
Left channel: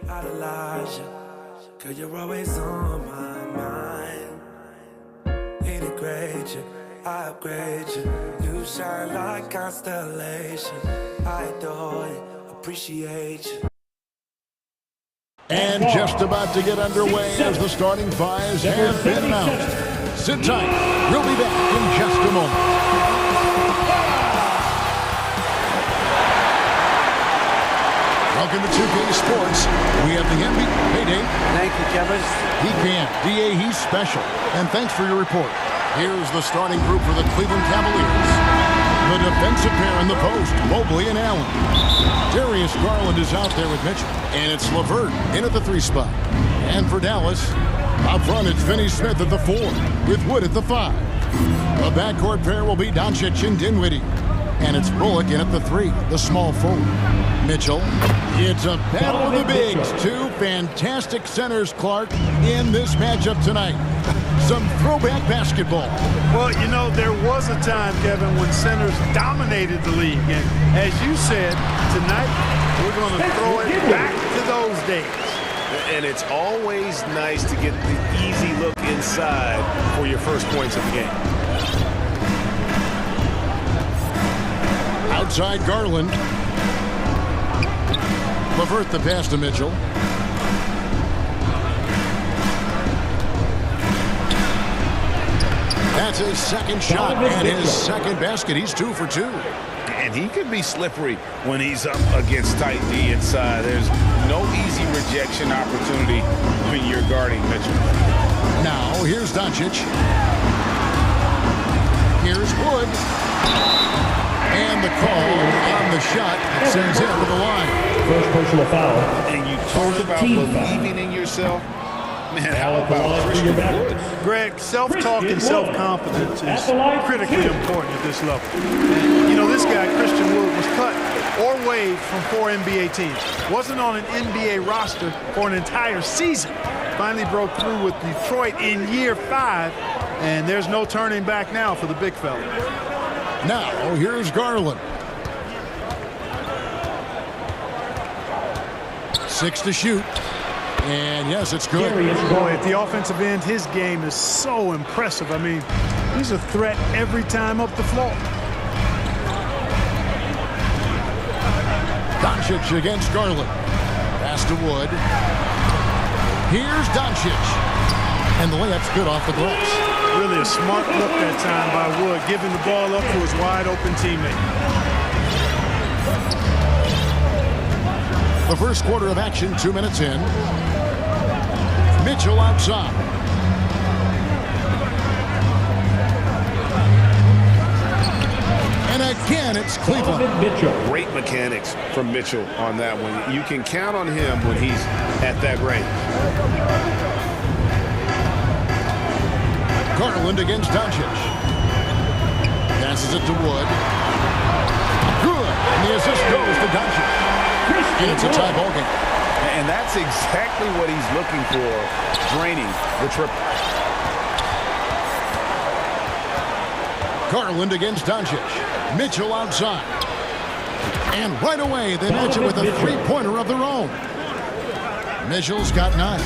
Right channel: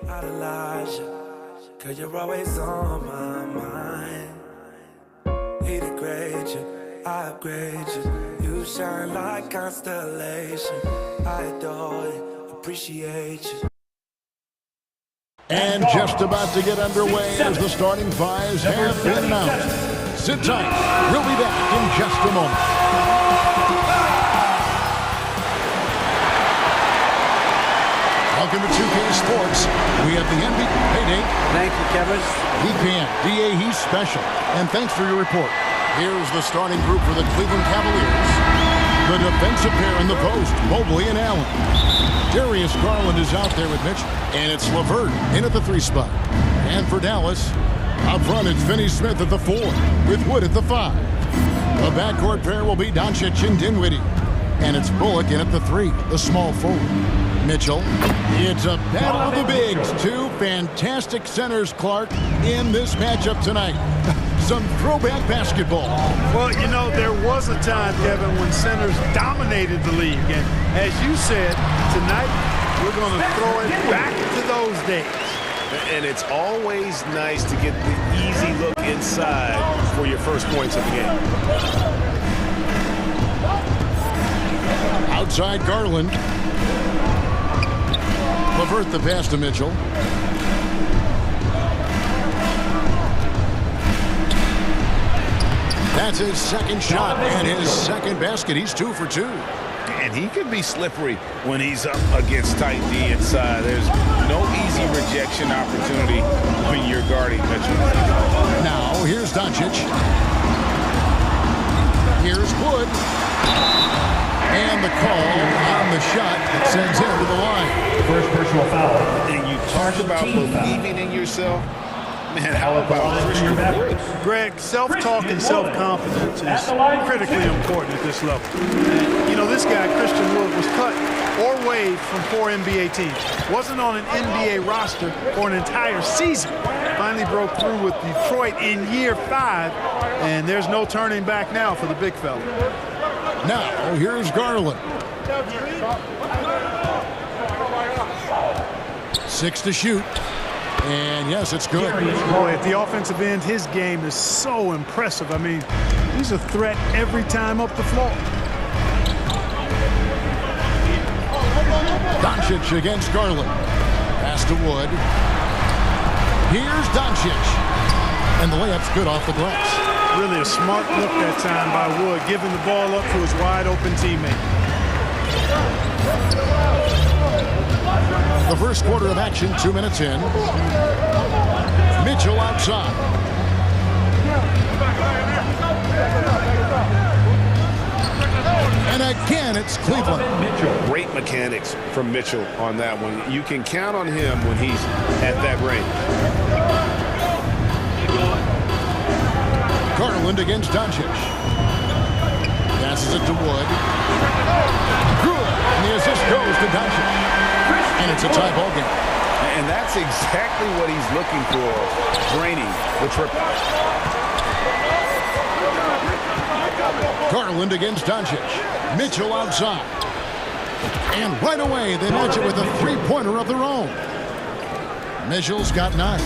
idolize you, 'cause you're always on my mind. He degrade you, I upgrade you. You shine like constellation. I adore you, appreciate you. And just about to get underway as the starting fives have been announced. Sit tight. We'll be back in just a moment. Welcome to 2K Sports. We have the NBA payday. Thank you, Kevin. He can. DA, he's special. And thanks for your report. Here's the starting group for the Cleveland Cavaliers. The defensive pair in the post, Mobley and Allen. Darius Garland is out there with Mitchell. And it's LeVert in at the 3 spot. And for Dallas, up front it's Finney Smith at the 4, with Wood at the 5. The backcourt pair will be Doncic and Dinwiddie. And it's Bullock in at the 3, the small forward. Mitchell. It's a battle of the bigs. Two fantastic centers, Clark, in this matchup tonight. Some throwback basketball. Well, you know, there was a time, Kevin, when centers dominated the league. And as you said, tonight we're going to throw it back to those days. And it's always nice to get the easy look inside for your first points of the game. Outside Garland. LeVert the pass to Mitchell. That's his second shot and his second basket. He's 2 for 2. And he could be slippery when he's up against tight D inside. There's no easy rejection opportunity when you're guarding Mitchell. Now, here's Doncic. Here's Wood. And the call on the shot that sends him to the line. First personal foul. And you talk about believing in yourself. Man, how about Christian Wood? Greg, self-talk and self-confidence is critically important at this level. And, you know, this guy, Christian Wood, was cut or waived from 4 NBA teams. Wasn't on an NBA roster for an entire season. Finally broke through with Detroit in year 5, and there's no turning back now for the big fella. Now, here's Garland. 6 to shoot. And yes, it's good. Boy, at the offensive end, his game is so impressive. I mean, he's a threat every time up the floor. Doncic against Garland. Pass to Wood. Here's Doncic. And the layup's good off the glass. Really a smart look that time by Wood, giving the ball up to his wide-open teammate. The first quarter of action, 2 minutes in. Mitchell outside. And again, it's Cleveland. Great mechanics from Mitchell on that one. You can count on him when he's at that range. Garland against Doncic. Passes it to Wood. Good. And the assist goes to Doncic. And it's a tie ball game. And that's exactly what he's looking for, draining the triple. Garland against Doncic. Mitchell outside. And right away, they match it with a three-pointer of their own. Mitchell's got 9.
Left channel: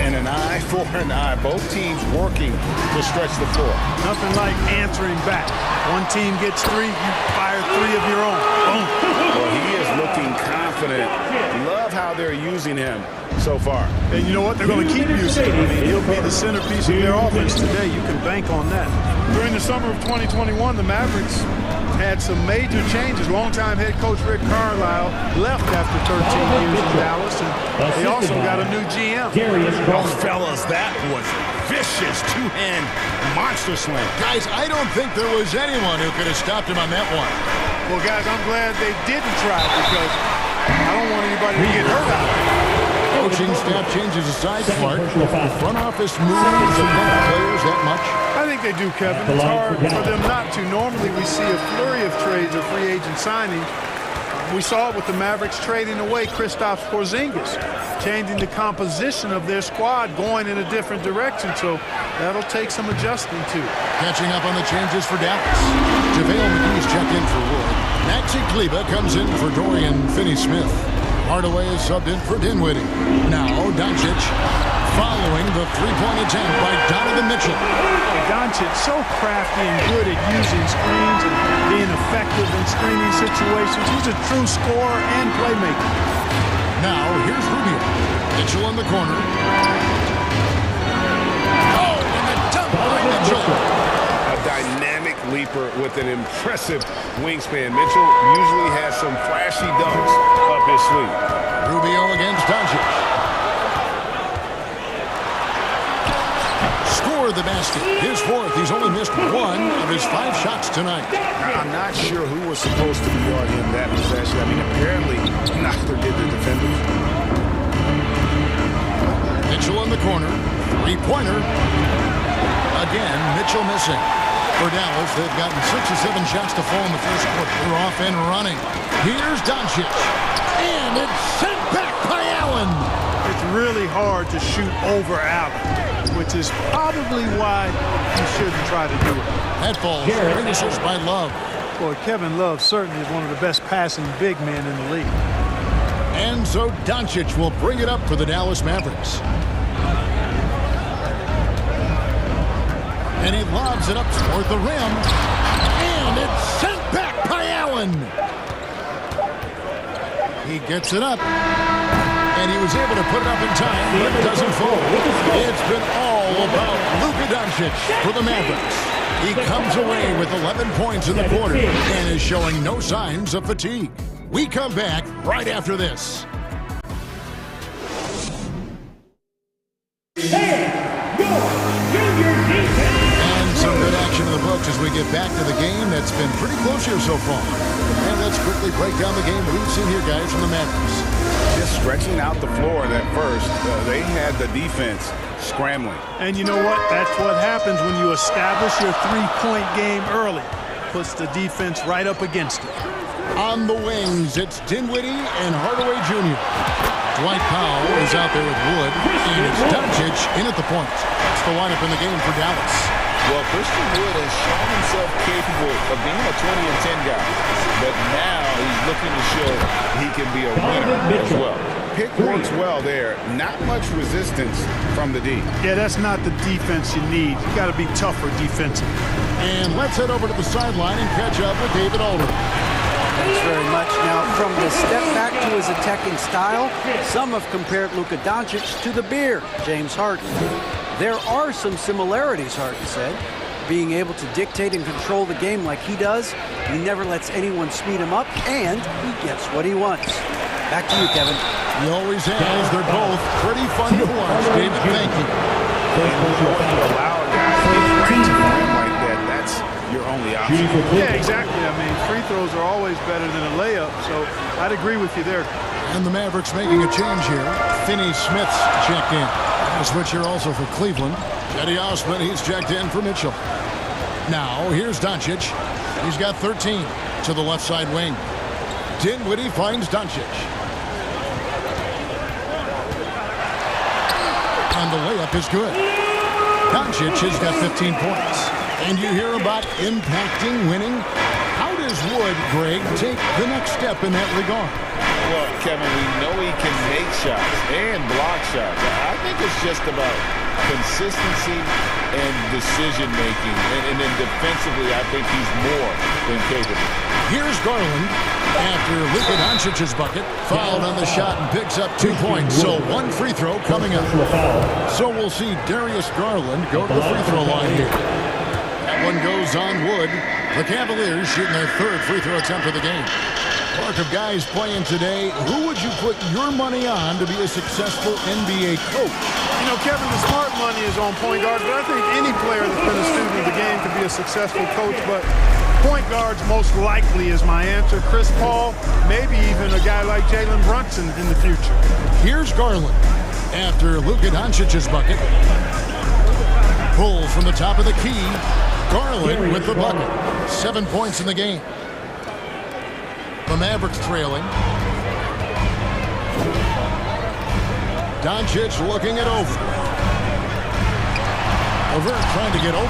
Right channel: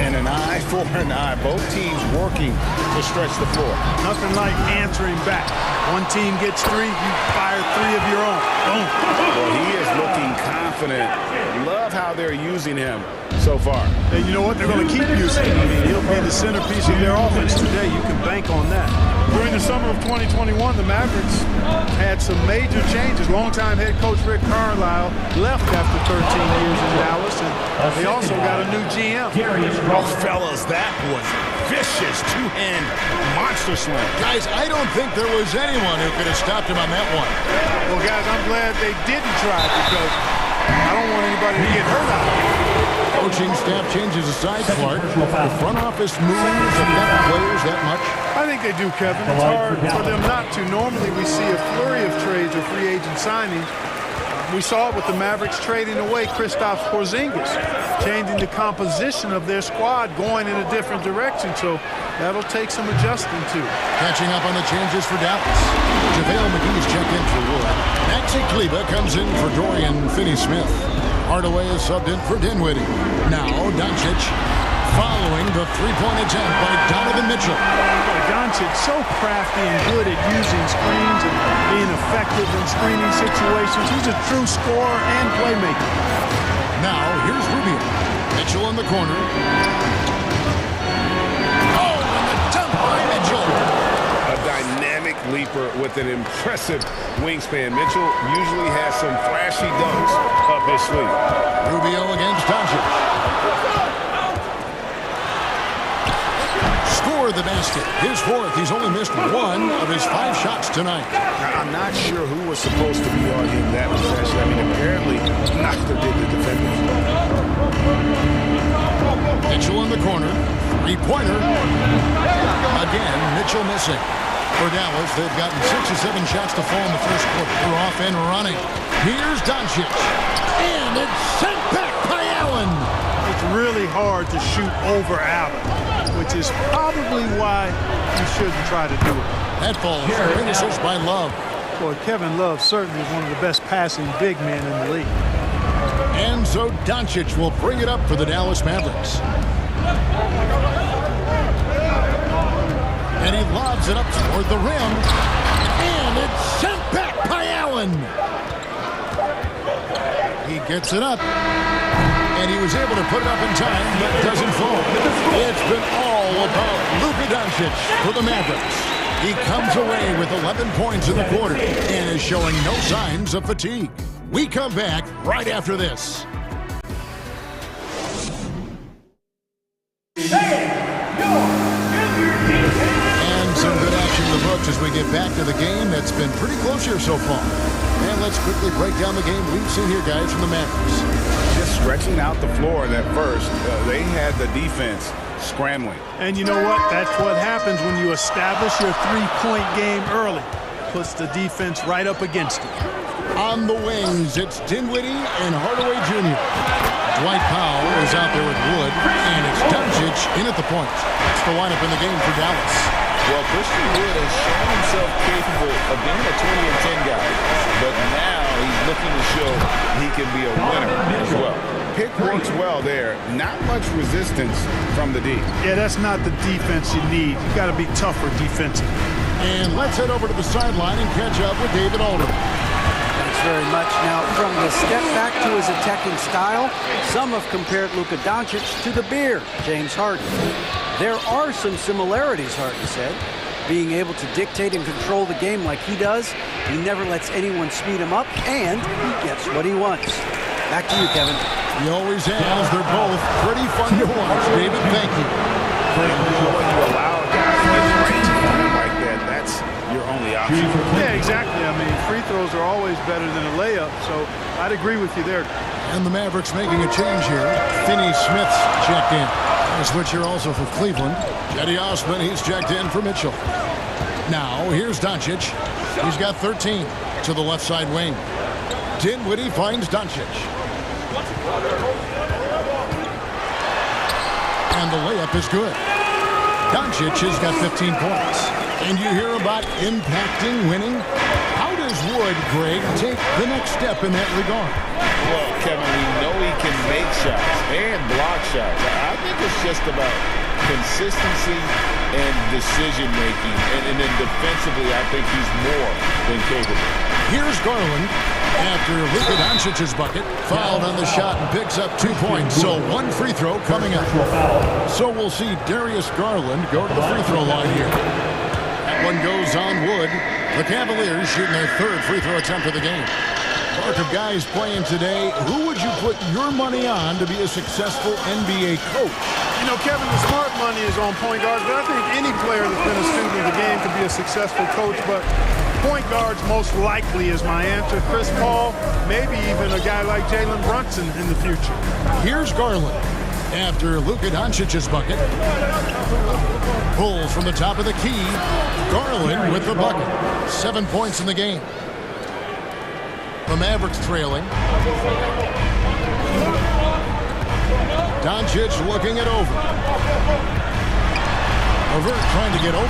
And an eye for an eye. Both teams working to stretch the floor. Nothing like answering back. One team gets 3, you fire 3 of your own. Boom. Well, he is looking confident. Love how they're using him so far. And you know what? They're going to keep using him. I mean, he'll be the centerpiece of their offense today. You can bank on that. During the summer of 2021, the Mavericks had some major changes. Longtime head coach Rick Carlisle left after 13 years in Dallas, and they also got a new GM. Oh, fellas, that was vicious two-hand monster slam. Guys, I don't think there was anyone who could have stopped him on that one. Well, guys, I'm glad they didn't try because I don't want anybody to get hurt out there. Coaching staff changes aside, Clark. The front office moves affect players that much? I think they do, Kevin. It's hard for them not to. Normally we see a flurry of trades or free agent signings. We saw it with the Mavericks trading away Kristaps Porzingis, changing the composition of their squad, going in a different direction. So that'll take some adjusting to. Catching up on the changes for Dallas. JaVale McGee's checked in for Wood. Maxi Kleber comes in for Dorian Finney-Smith. Hardaway is subbed in for Dinwiddie. Now Doncic following the three-point attempt by Donovan Mitchell. Boy, Doncic so crafty and good at using screens and being effective in screening situations. He's a true scorer and playmaker. Now here's Rubio. Mitchell in the corner. Oh, and the dunk by Mitchell. A dynamic leaper with an impressive wingspan. Mitchell usually has some flashy dunks up his sleeve. Rubio against Doncic. Score the basket. His fourth. He's only missed one of his 5 shots tonight. I'm not sure who was supposed to be on him that possession. I mean, apparently neither did the defenders. Mitchell in the corner. Three-pointer. Again, Mitchell missing. For Dallas, they've gotten 6 or 7 shots to fall in the first quarter. They're off and running. Here's Doncic. And it's sent back by Allen. It's really hard to shoot over Allen, which is probably why you shouldn't try to do it. That ball finishes by Love. Boy, Kevin Love certainly is one of the best passing big men in the league. And so Doncic will bring it up for the Dallas Mavericks. And he lobs it up toward the rim. And it's sent back by Allen. He gets it up. And he was able to put it up in time, but doesn't fall. It's been all about Luka Doncic for the Mavericks. He comes away with 11 points in the quarter and is showing no signs of fatigue. We come back right after this. And some good action in the books as we get back to the game that's been pretty close here so far. And let's quickly break down the game we've seen here, guys, from the Mavericks. Just stretching out the floor at first. They had the defense scrambling. And you know what? That's what happens when you establish your three-point game early. Puts the defense right up against it. On the wings, it's Dinwiddie and Hardaway Jr. Dwight Powell is out there with Wood, and it's Doncic in at the point. That's the lineup in the game for Dallas. Well, Christian Wood has shown himself capable of being a 20 and 10 guy, but now he's looking to show he can be a winner as well. Pick works well there. Not much resistance from the D. Yeah, that's not the defense you need. You got to be tougher defensively. And let's head over to the sideline and catch up with David Alderman. Thanks very much. Now, from the step back to his attacking style, some have compared Luka Doncic to the Beard, James Harden. There are some similarities, Harden said. Being able to dictate and control the game like he does, he never lets anyone speed him up, and he gets what he wants. Back to you, Kevin. He always has. They're both pretty fun to watch. David, thank you. When you allow a guy to get right to the rim like that, that's your only option. Yeah, exactly. I mean, free throws are always better than a layup, so I'd agree with you there. And the Mavericks making a change here. Finney Smith's checked in. A switch here also for Cleveland. Cedi Osman, he's checked in for Mitchell. Now, here's Doncic. He's got 13 to the left side wing. Dinwiddie finds Doncic. And the layup is good. Doncic has got 15 points. And you hear about impacting winning. How does Wood, Greg, take the next step in that regard? Well, Kevin, we know he can make shots and block shots. I think it's just about consistency and decision-making. And then defensively, I think he's more than capable. Here's Garland after Luka Doncic's bucket. Fouled on the shot and picks up 2 points. So one free throw coming up. So we'll see Darius Garland go to the free throw line here. That one goes on Wood. The Cavaliers shooting their third free throw attempt of the game. Part of guys playing today, who would you put your money on to be a successful NBA coach? You know, Kevin, the smart money is on point guards, but I think any player that's been a student of the game could be a successful coach, but point guards most likely is my answer. Chris Paul, maybe even a guy like Jalen Brunson in the future. Here's Garland after Luka Doncic's bucket. Pulls from the top of the key. Garland with the bucket. 7 points in the game. The Mavericks trailing. Doncic looking it over. Levert trying to get open.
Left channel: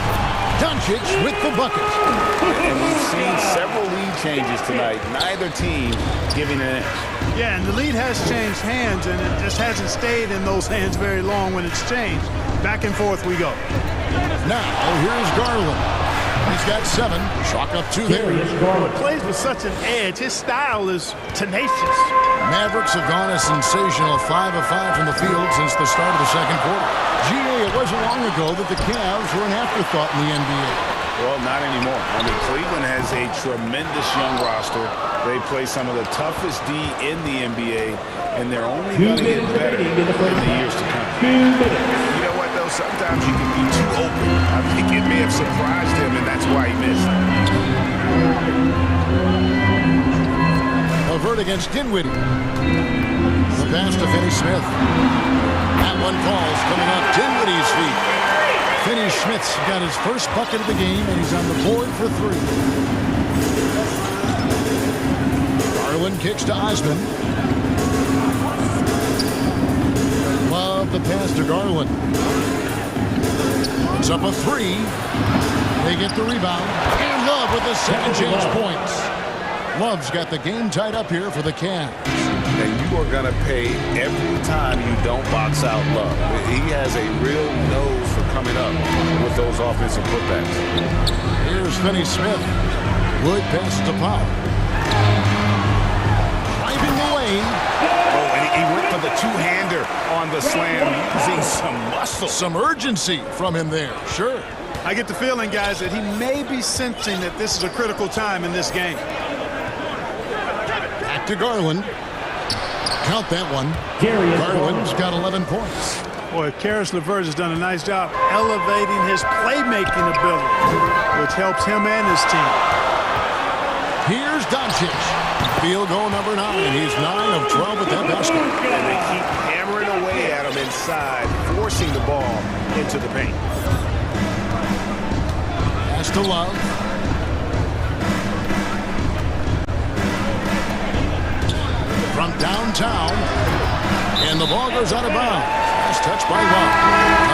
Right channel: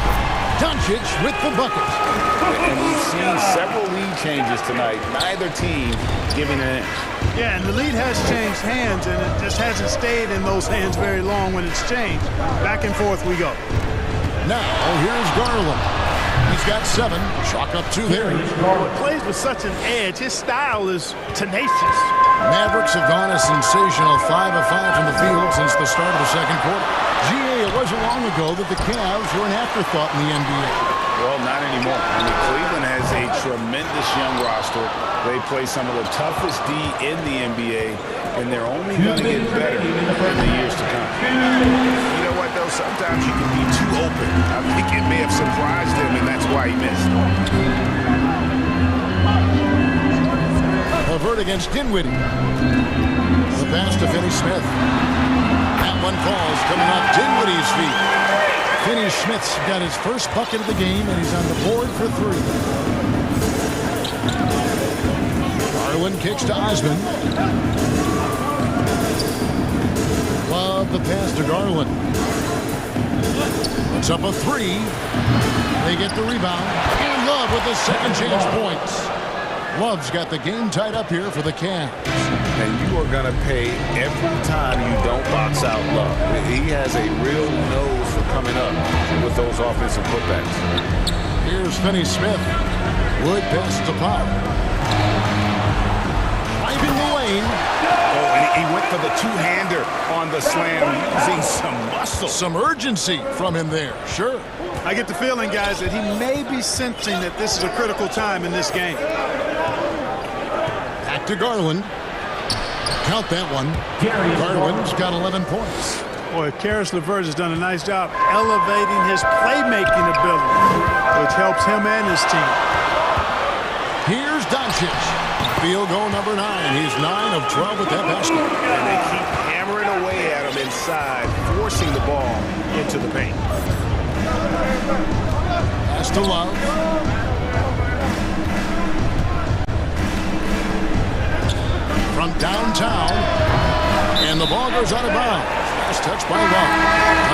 Doncic with the bucket. And we've seen several lead changes tonight. Neither team giving an inch. Yeah, and the lead has changed hands, and it just hasn't stayed in those hands very long when it's changed. Back and forth we go. Now, here's Garland. He's got 7. Chalk up 2 there. Plays with such an edge. His style is tenacious. Mavericks have gone a sensational 5 of 5 from the field since the start of the second quarter. GA, it wasn't long ago that the Cavs were an afterthought in the NBA. Well, not anymore. I mean, Cleveland has a tremendous young roster. They play some of the toughest D in the NBA, and they're only going to get better in the years to come. You know what, though? Sometimes you can be too open. I think it may have surprised him, and that's why he missed. Avert against Dinwiddie. The pass to Finney-Smith. That one falls coming off Dinwiddie's feet. Finney-Smith's got his first bucket of the game, and he's on the board for 3. Garland kicks to Osman. Love the pass to Garland. It's up a 3. They get the rebound. And Love with his second chance points. Love's got the game tied up here for the Cavs. And you are going to pay every time you don't box out Love. He has a real nose for coming up with those offensive putbacks. Here's Finney-Smith. Wood passes to Pop. Driving the lane. Oh, and he went for the two-hander on the slam, using some muscle. Some urgency from him there, sure. I get the feeling, guys, that he may be sensing that this is a critical time in this game. Back to Garland. Count that one. Garland's got 11 points. Boy, Karis LeVert has done a nice job elevating his playmaking ability, which helps him and his team. Here's Doncic. Field goal number 9. He's 9 of 12 with that basket. And they keep hammering away at him inside, forcing the ball into the paint. Pass to Love. From downtown, and the ball goes out of bounds. Last touch by Love.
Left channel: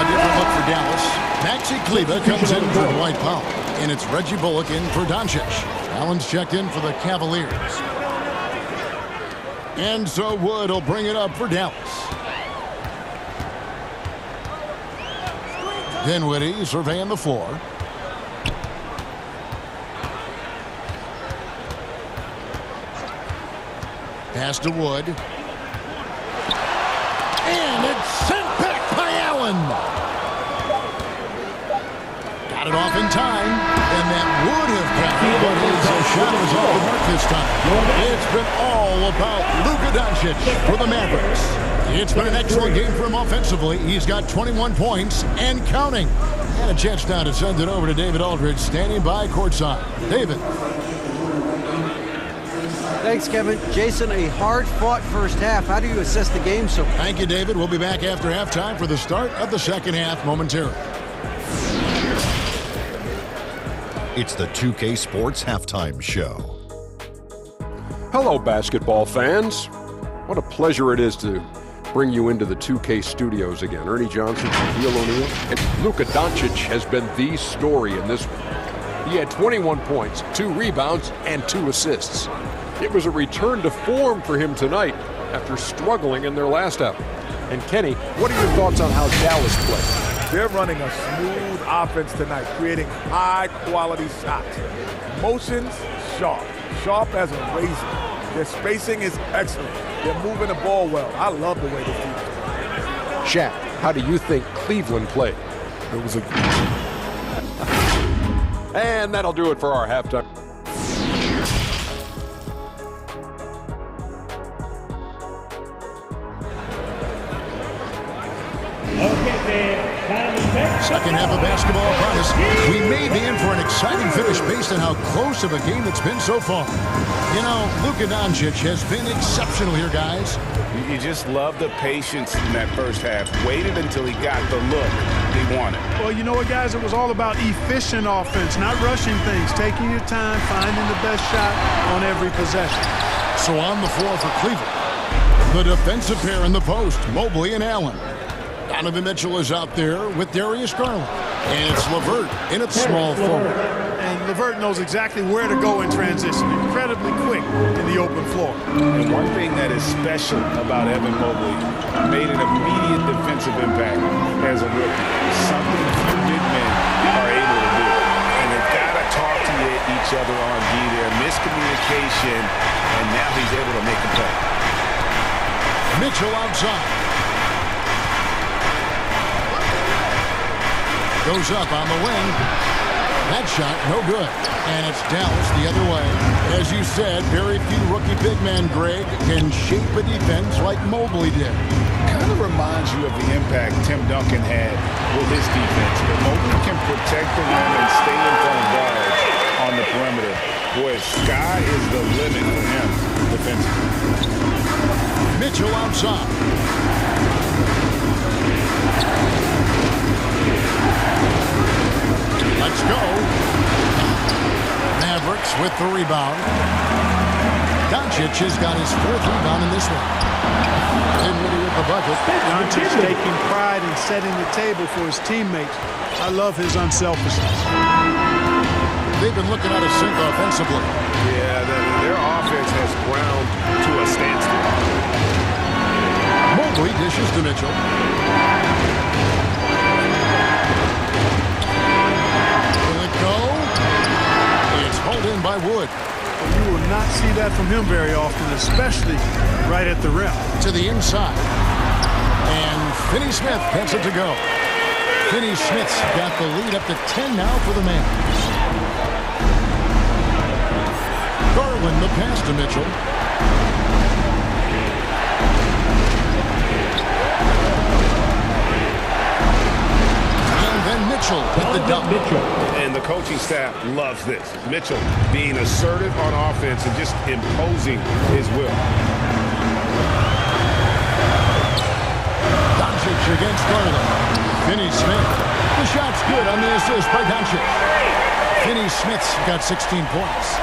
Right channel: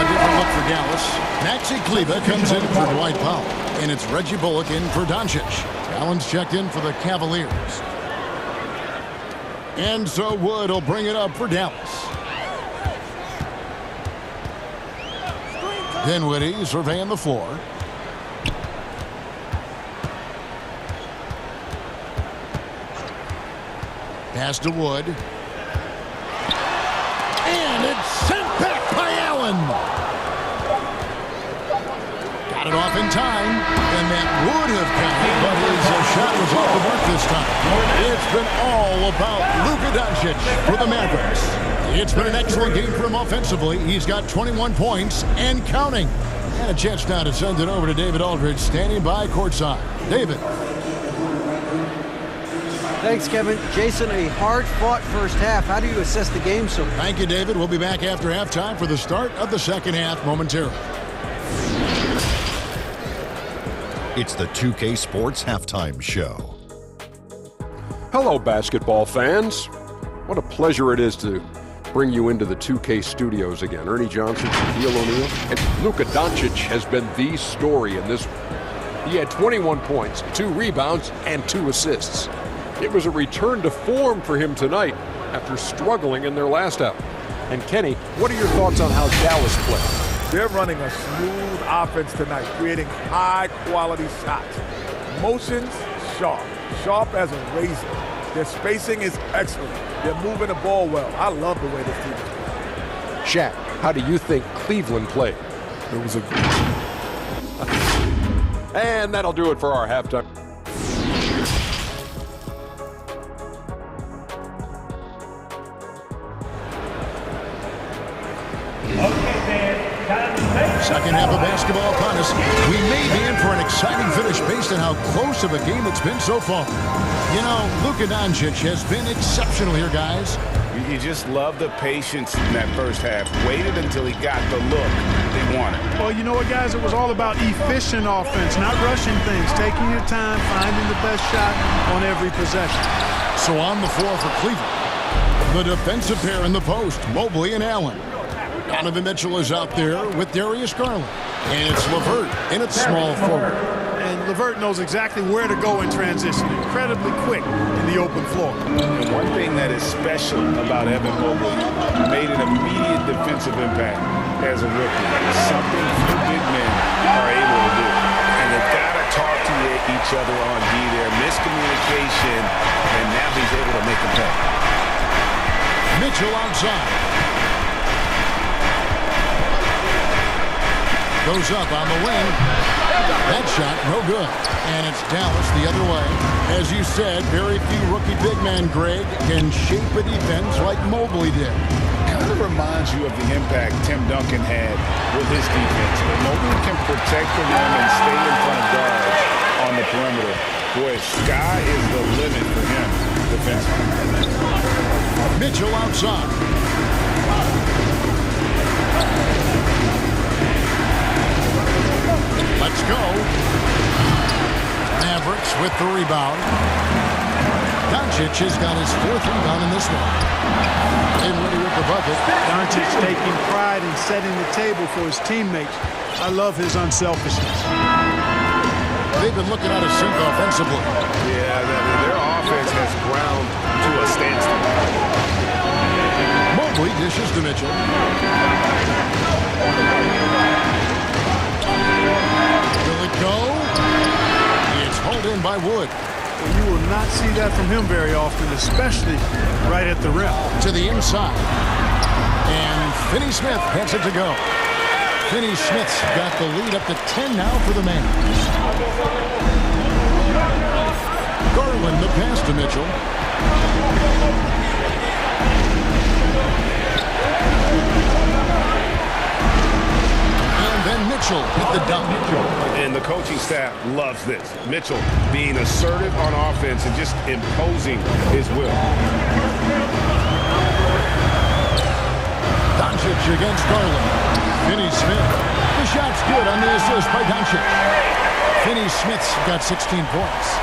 A different look for Dallas. Maxi Kleber comes in for Dwight Powell, and it's Reggie Bullock in for Doncic. Allen's checked in for the Cavaliers. And so Wood will bring it up for Dallas. Dinwiddie surveying the floor. Pass to Wood. And it's sent back by Allen. Got it off in time, and that would have counted, but his shot was off the mark this time. It's been all about Luka Doncic for the Mavericks. It's been an excellent game for him offensively. He's got 21 points and counting. And a chance now to send it over to David Aldridge, standing by courtside. David. Thanks, Kevin. Jason, a hard-fought first half. How do you assess the game so far? Thank you, David. We'll be back after halftime for the start of the second half momentarily. It's the 2K Sports Halftime Show. Hello, basketball fans. What a pleasure it is to bring you into the 2K studios again. Ernie Johnson, Shaquille O'Neal, and Luka Doncic has been the story in this one. He had 21 points, 2 rebounds, and 2 assists. It was a return to form for him tonight after struggling in their last outing. And Kenny, what are your thoughts on how Dallas played? They're running a smooth offense tonight, creating high-quality shots. Motions, sharp as a razor. Their spacing is excellent. They're moving the ball well. I love the way this team is playing. Shaq, how do you think Cleveland played? It was a... And that'll do it for our halftime. Second half of basketball upon us. We may be in for an exciting finish based on how close of a game it's been so far. You know, Luka Doncic has been exceptional here, guys. You just love the patience in that first half. Waited until he got the look they wanted. Well, you know what, guys? It was all about efficient offense, not rushing things, taking your time, finding the best shot on every possession. So on the floor for Cleveland, the defensive pair in the post, Mobley and Allen. Donovan Mitchell is out there with Darius Garland. And it's LeVert in its small forward. And LeVert knows exactly where to go in transition. Incredibly quick in the open floor. And one thing that is special about Evan Mobley, made an immediate defensive impact as a rookie. Something few big men are able to do. And they've got to talk to each other on D there. Miscommunication, and now he's able to make a play. Mitchell outside. Goes up on the wing. That shot, no good. And it's Dallas the other way. As you said, very few rookie big men, Greg, can shape a defense like Mobley did. Kind of reminds you of the impact Tim Duncan had with his defense. But Mobley can protect the rim and stay in front of guards on the perimeter. Boy, sky is the limit for him defensively. Mitchell outside. Let's go. Mavericks with the rebound. Doncic has got his 4th rebound in this one. Dinwiddie with the bucket. Doncic taking pride in setting the table for his teammates. I love his unselfishness. They've been looking out of sync offensively. Yeah, their offense has ground to a standstill. Mobley dishes to Mitchell. Will it go? It's hauled in by Wood. You will not see that from him very often, especially right at the rim. To the inside. And Finney-Smith gets it to go. Finney-Smith's got the lead up to 10 now for the Mavs. Garland the pass to Mitchell. And then Mitchell with the dunk. And the coaching staff loves this. Mitchell being assertive on offense and just imposing his will. Doncic against Garland. Finney-Smith. The shot's good on the assist by Doncic. Finney-Smith's got 16 points.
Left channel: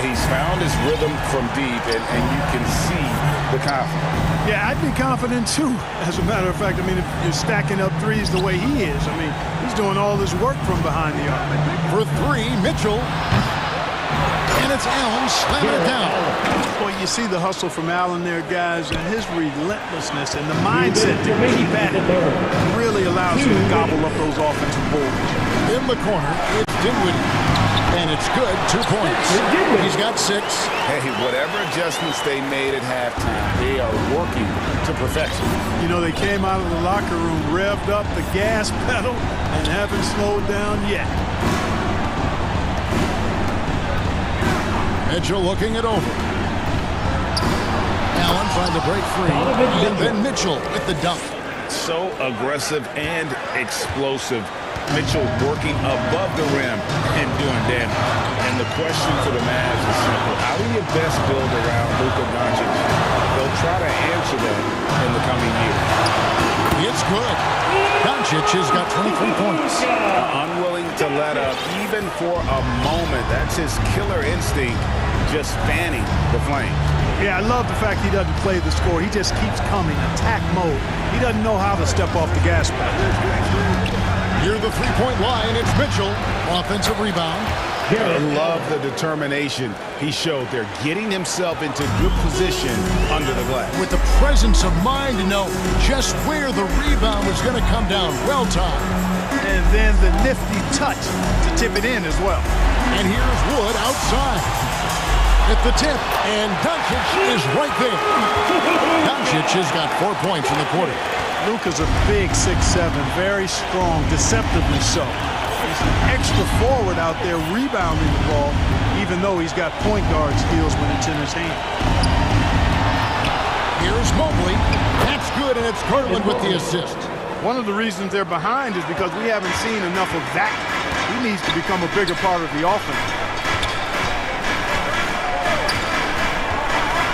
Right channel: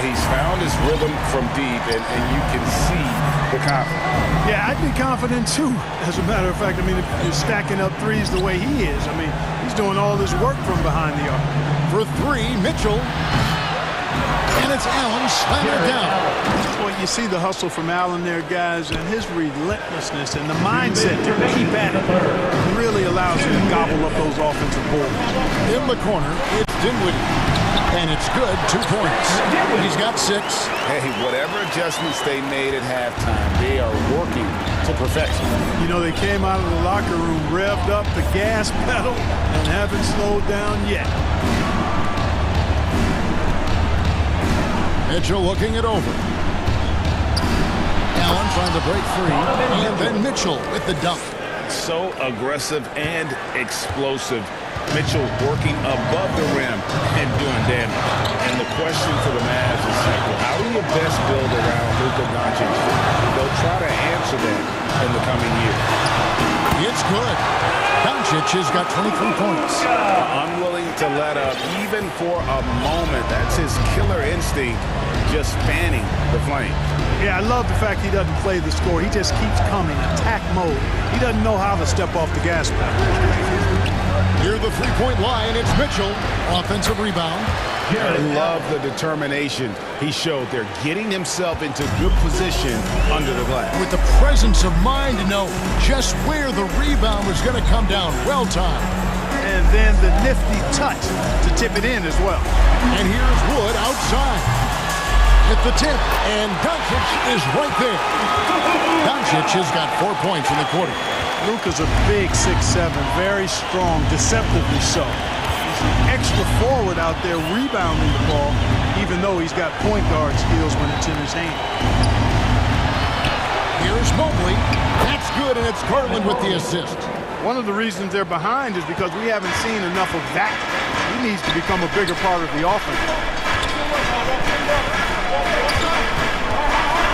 He's found his rhythm from deep, and you can see the confidence. Yeah, I'd be confident too. As a matter of fact, I mean, if you're stacking up threes the way he is, I mean, he's doing all this work from behind the arc. For 3, Mitchell. And it's Allen slamming it down. Well, you see the hustle from Allen there, guys, and his relentlessness and the mindset to keep at it really allows him to gobble up those offensive boards. In the corner, it's Dinwiddie. And it's good, 2 points. He's got 6. Hey, whatever adjustments they made at halftime, they are working to perfection. You know, they came out of the locker room, revved up the gas pedal, and haven't slowed down yet. Mitchell looking it over. Allen trying to break free. And then Mitchell with the dunk. So aggressive and explosive. Mitchell working above the rim and doing damage. And the question for the Mavs is simple. How do you best build around Luka Doncic? They'll try to answer that in the coming year. It's good. Doncic has got 23 points. Unwilling to let up even for a moment. That's his killer instinct, just fanning the flames. Yeah, I love the fact he doesn't play the score. He just keeps coming, attack mode. He doesn't know how to step off the gas pedal. Near the three-point line, it's Mitchell. Offensive rebound. I love the determination he showed there, getting himself into good position under the glass. With the presence of mind to know just where the rebound was going to come down. Well timed. And then the nifty touch to tip it in as well. And here's Wood outside. At the tip, and Doncic is right there. Doncic has got 4 points in the quarter. Luka's a big 6'7", very strong, deceptively so. He's an extra forward out there rebounding the ball, even though he's got point guard skills when it's in his hand. Here's Mobley. That's good, and it's Garland with the assist. One of the reasons they're behind is because we haven't seen enough of that. He needs to become a bigger part of the offense.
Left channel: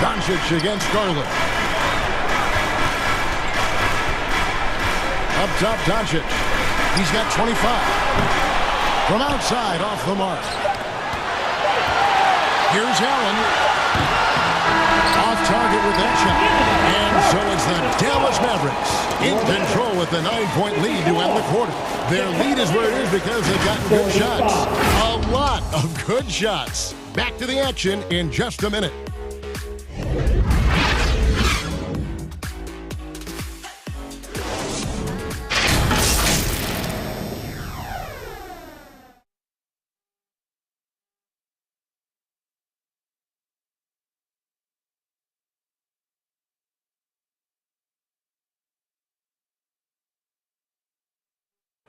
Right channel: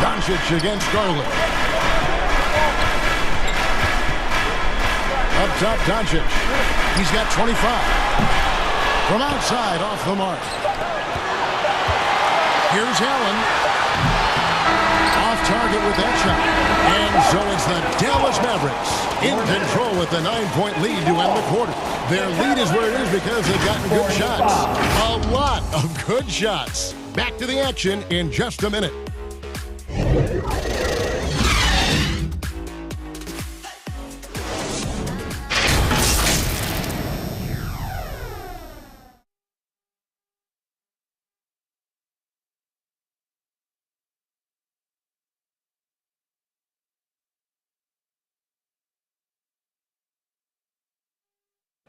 Doncic against Garland. Up top, Doncic. He's got 25. From outside, off the mark. Here's Allen. Off target with that shot. And so it's the Dallas Mavericks in control with a 9-point lead to end the quarter. Their lead is where it is because they've gotten good shots. A lot of good shots. Back to the action in just a minute.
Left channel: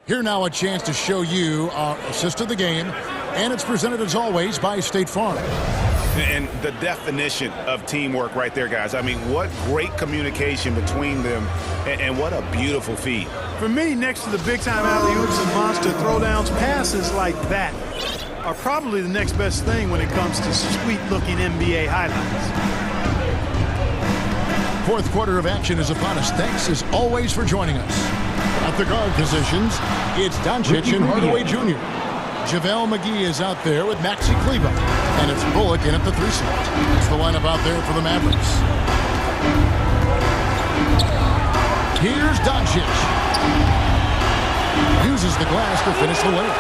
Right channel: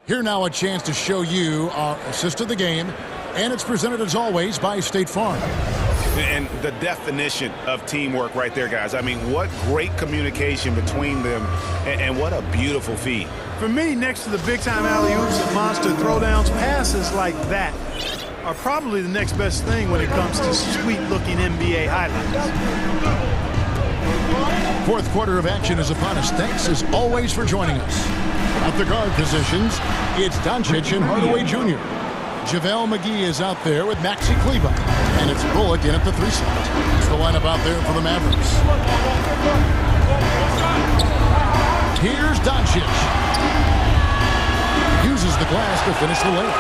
Here now a chance to show you our assist of the game, and it's presented as always by State Farm. And the definition of teamwork right there, guys. I mean, what great communication between them, and what a beautiful feed. For me, next to the big-time alley-oops and monster throwdowns, passes like that are probably the next best thing when it comes to sweet-looking NBA highlights. Fourth quarter of action is upon us. Thanks, as always, for joining us. At the guard positions, it's Doncic and Hardaway Jr. JaVale McGee is out there with Maxi Kleber. And it's Bullock in at the 3 slot. It's the lineup out there for the Mavericks. Here's Doncic. Uses the glass to finish the layup.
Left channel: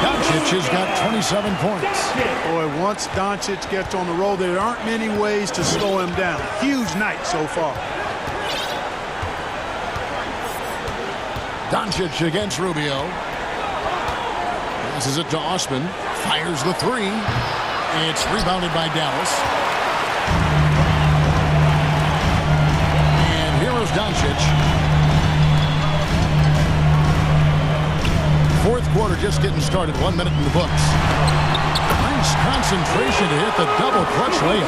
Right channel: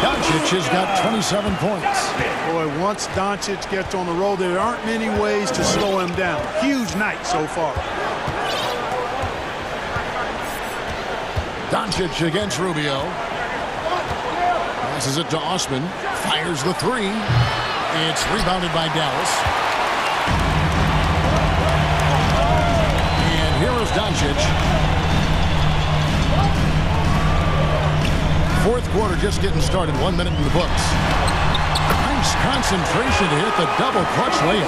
Doncic has got 27 points. Boy, once Doncic gets on the roll, there aren't many ways to slow him down. Huge night so far. Doncic against Rubio. Passes it to Osman. Fires the 3. It's rebounded by Dallas. And here is Doncic. Fourth quarter just getting started. 1 minute in the books. Nice concentration to hit the double clutch layup.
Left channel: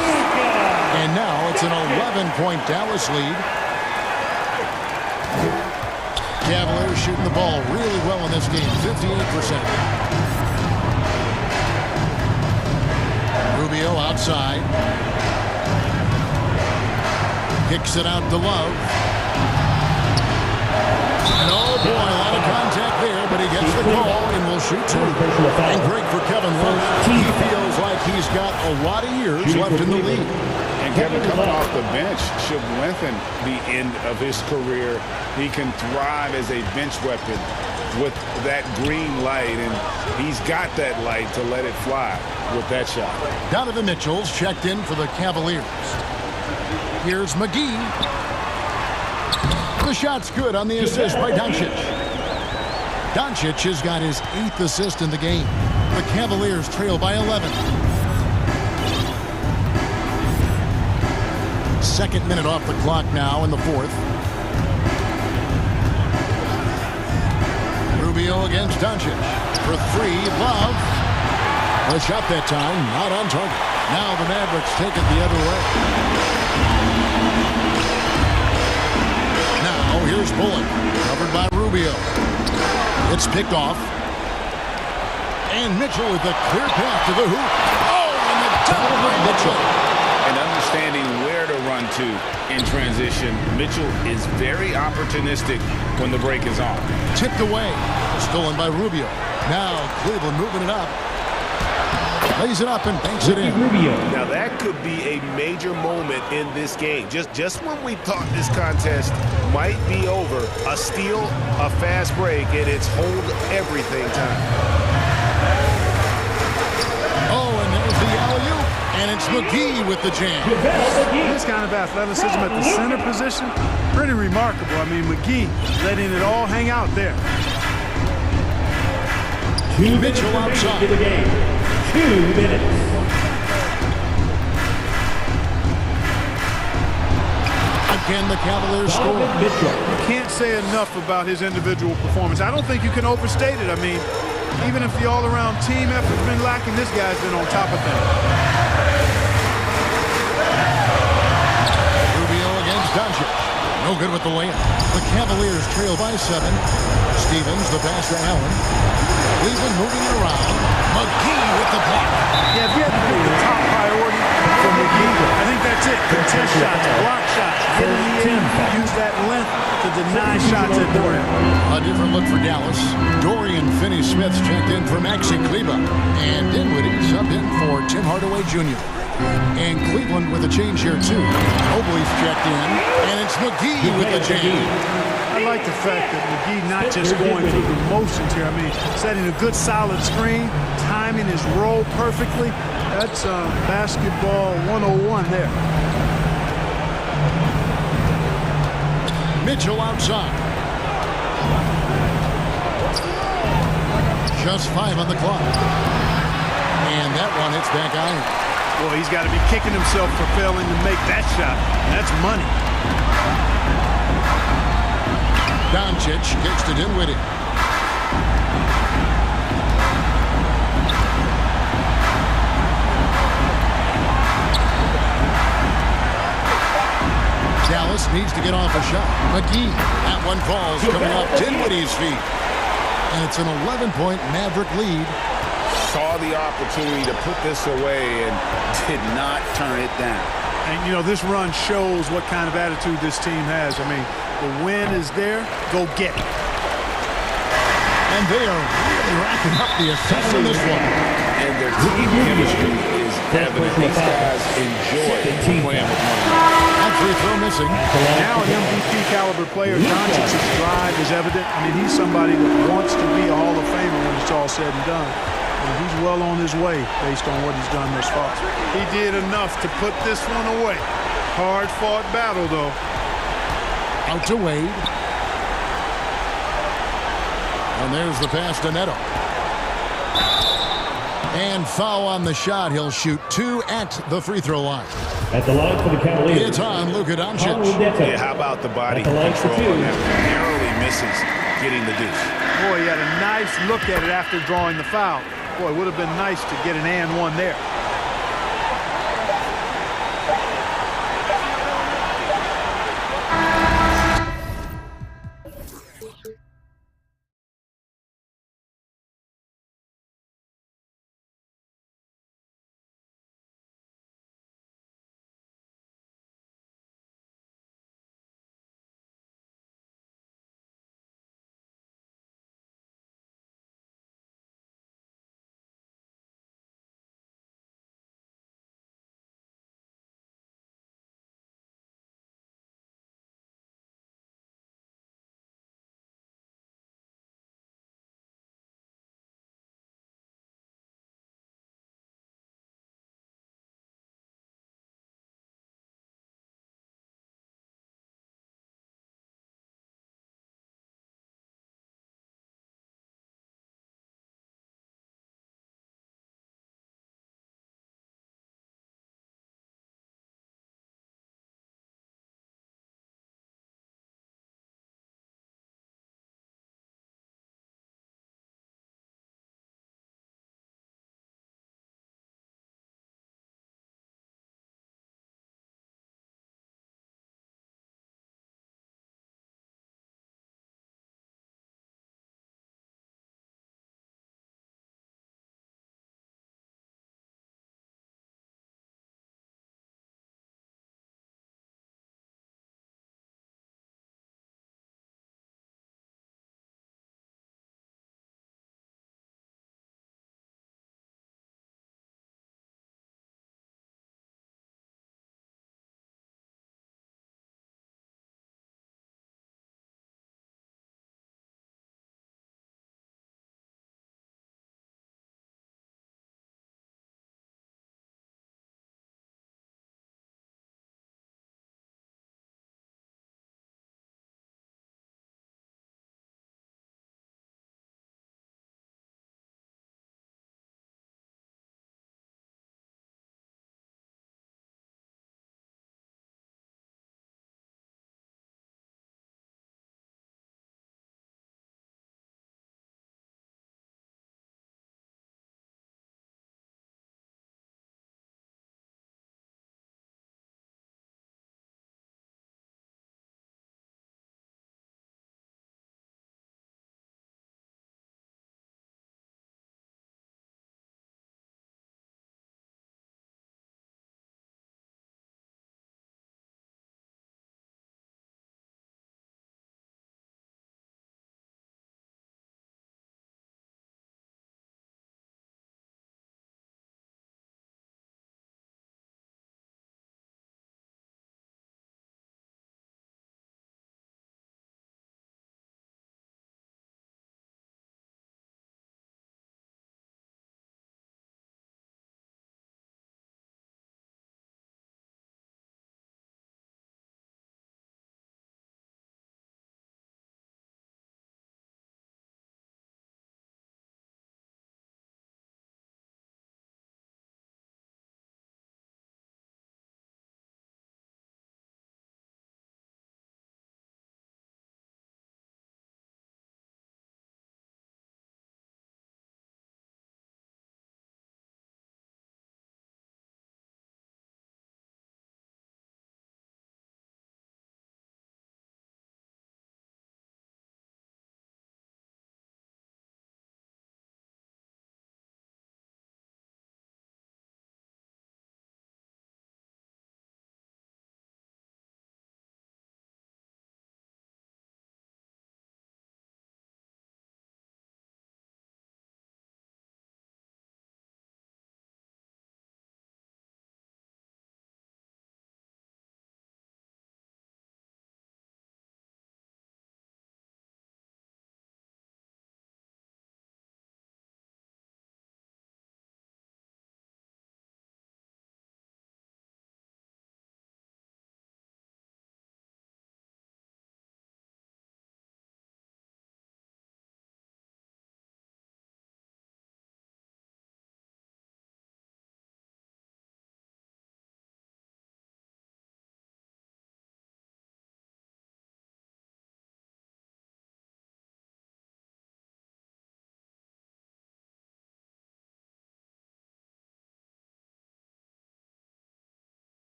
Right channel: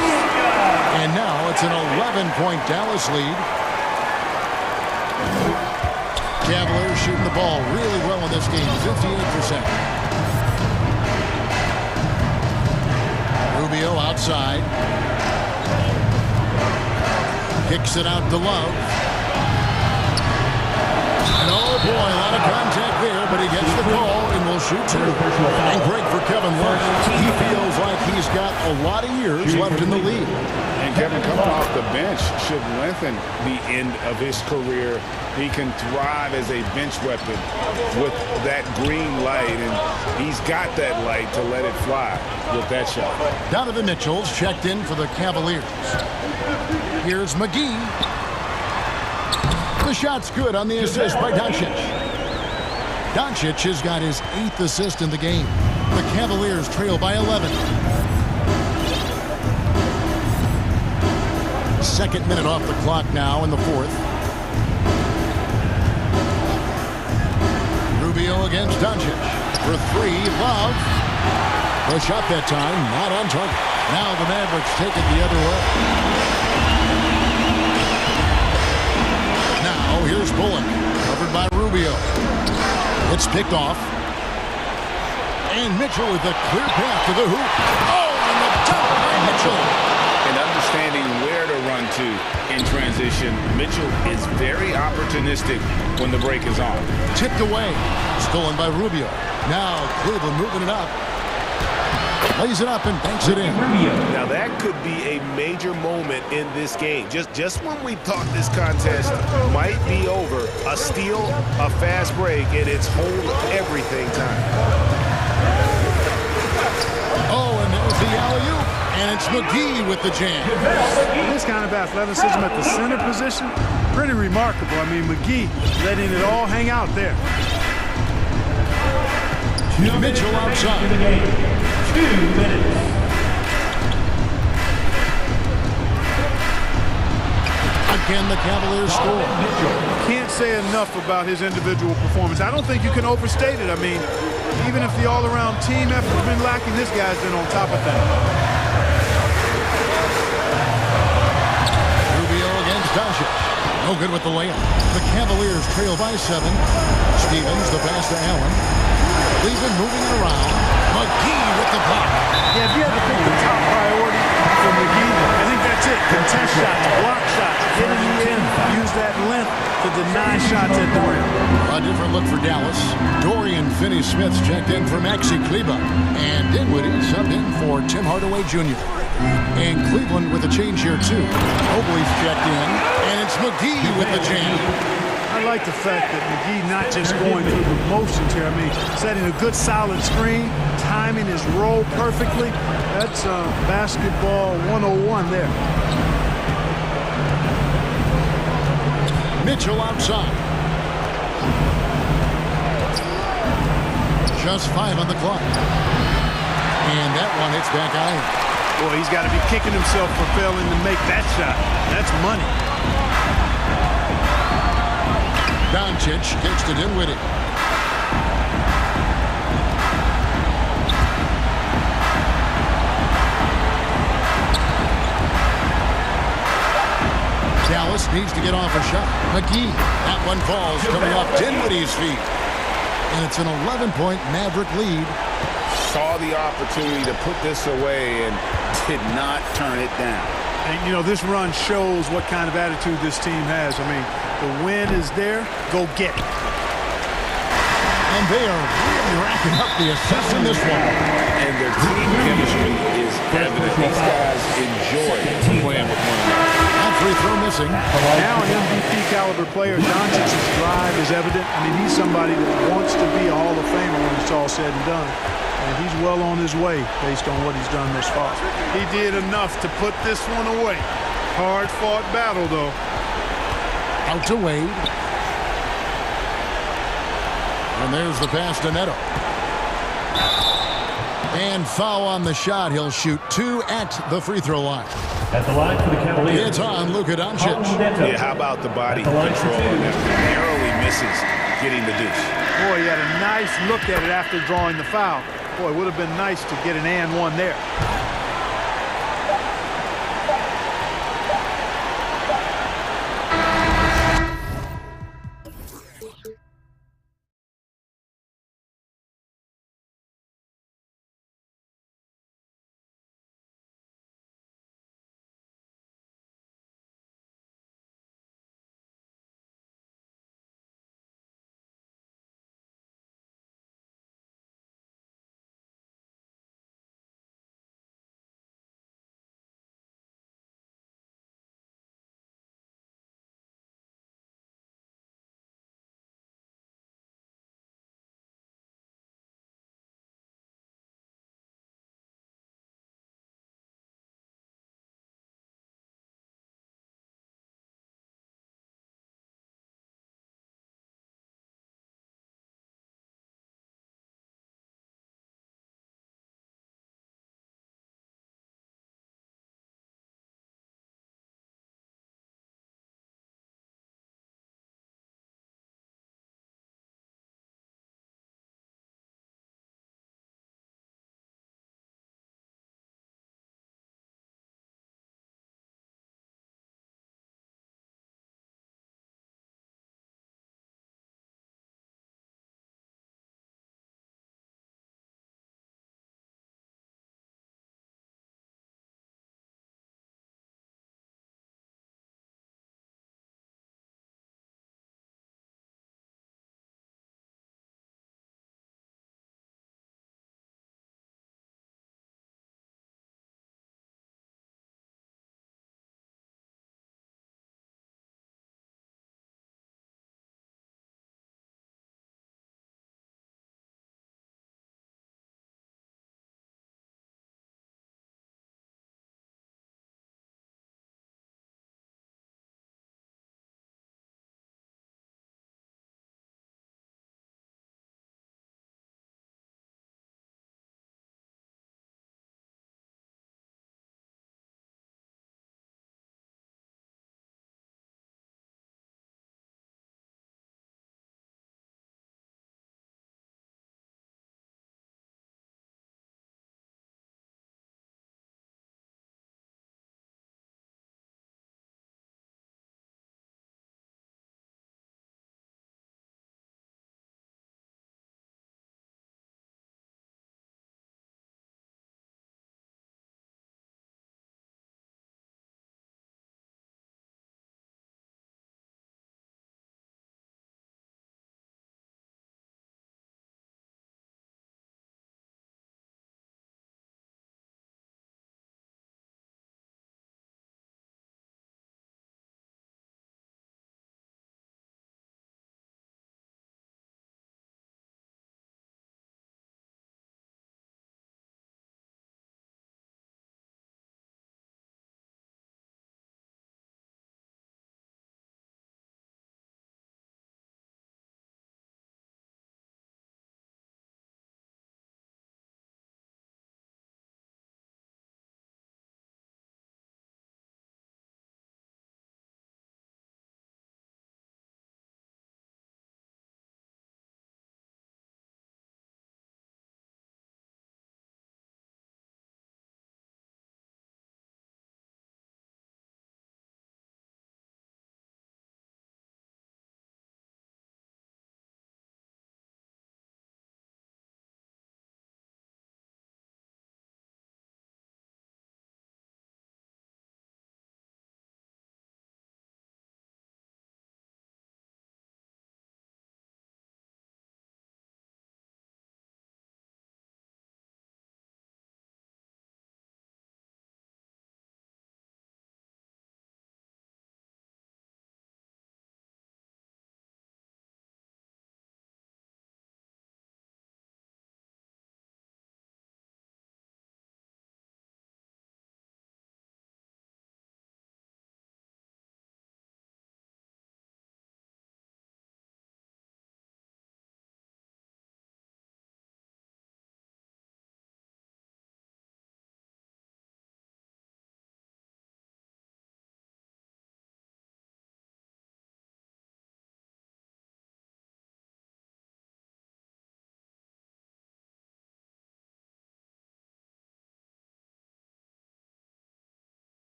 And now it's an 11-point Dallas lead. Cavaliers shooting the ball really well in this game, 58%. Rubio outside. Kicks it out to Love. And oh boy, a lot of contact there, but he gets the call and will shoot 2. And great for Kevin Love. He feels like he's got a lot of years left in the league. And Kevin, coming off the bench should lengthen the end of his career. He can thrive as a bench weapon with that green light, and he's got that light to let it fly with that shot. Donovan Mitchell's checked in for the Cavaliers. Here's McGee. The shot's good on the assist by Doncic. Doncic has got his 8th assist in the game. The Cavaliers trail by 11. Second minute off the clock now in the fourth. Rubio against Doncic. For 3, Love. The shot that time, not on target. Now the Mavericks take it the other way. Now here's Bullock. Covered by Rubio. It's picked off. And Mitchell with a clear path to the hoop. Oh, and the dunk by Mitchell. And understanding where to run to in transition, Mitchell is very opportunistic when the break is on. Tipped away. Stolen by Rubio. Now Cleveland moving it up. Lays it up and banks it in. Now that could be a major moment in this game. Just when we thought this contest might be over, a steal, a fast break, and it's hold everything time. Oh, and there's the alley-oop. And it's McGee with the jam. This kind of athleticism at the center position, pretty remarkable. I mean, McGee letting it all hang out there. Mitchell outside. The game. 2 minutes. Again, the Cavaliers score. Can't say enough about his individual performance. I don't think you can overstate it. I mean, even if the all-around team effort's been lacking, this guy's been on top of things. Doncic. No good with the layup. The Cavaliers trail by 7. Stevens, the pass to Allen. Cleveland moving it around. McGee with the block. Yeah, if you had to pick the top priority for McGee, I think that's it. Contest shots, block shots, get in the end, use that length to deny shots at the rim. A different look for Dallas. Dorian Finney-Smith's checked in for Maxi Kleba. And Dinwiddie subbed in for Tim Hardaway Jr. And Cleveland with a change here, too. Mobley's checked in, and it's McGee with the jam. I like the fact that McGee not just going through the motions here. I mean, setting a good solid screen, timing his roll perfectly. That's basketball 101 there. Mitchell outside. Just 5 on the clock. And that one hits back iron. Boy, he's got to be kicking himself for failing to make that shot. That's money. Doncic kicks to Dinwiddie. Dallas needs to get off a shot. McGee. That one falls coming off Dinwiddie's feet. And it's an 11-point Maverick lead. Saw the opportunity to put this away and did not turn it down. And, you know, this run shows what kind of attitude this team has. I mean, the win is there. Go get it. And they are really racking up the assists in this one. And their team chemistry is evident. These guys enjoy playing with one another. That free throw missing. Now an MVP caliber player, Doncic's drive is evident. I mean, he's somebody that wants to be a Hall of Famer when it's all said and done. And he's well on his way based on what he's done thus far. He did enough to put this one away. Hard-fought battle, though. Out to Wade. And there's the pass to Neto. And foul on the shot. He'll shoot 2 at the free throw line. At the line for the Cavaliers. It's on Luka Doncic. Yeah, how about the body control on that one? Narrowly misses getting the deuce. Boy, he had a nice look at it after drawing the foul. Boy, it would have been nice to get an and one there.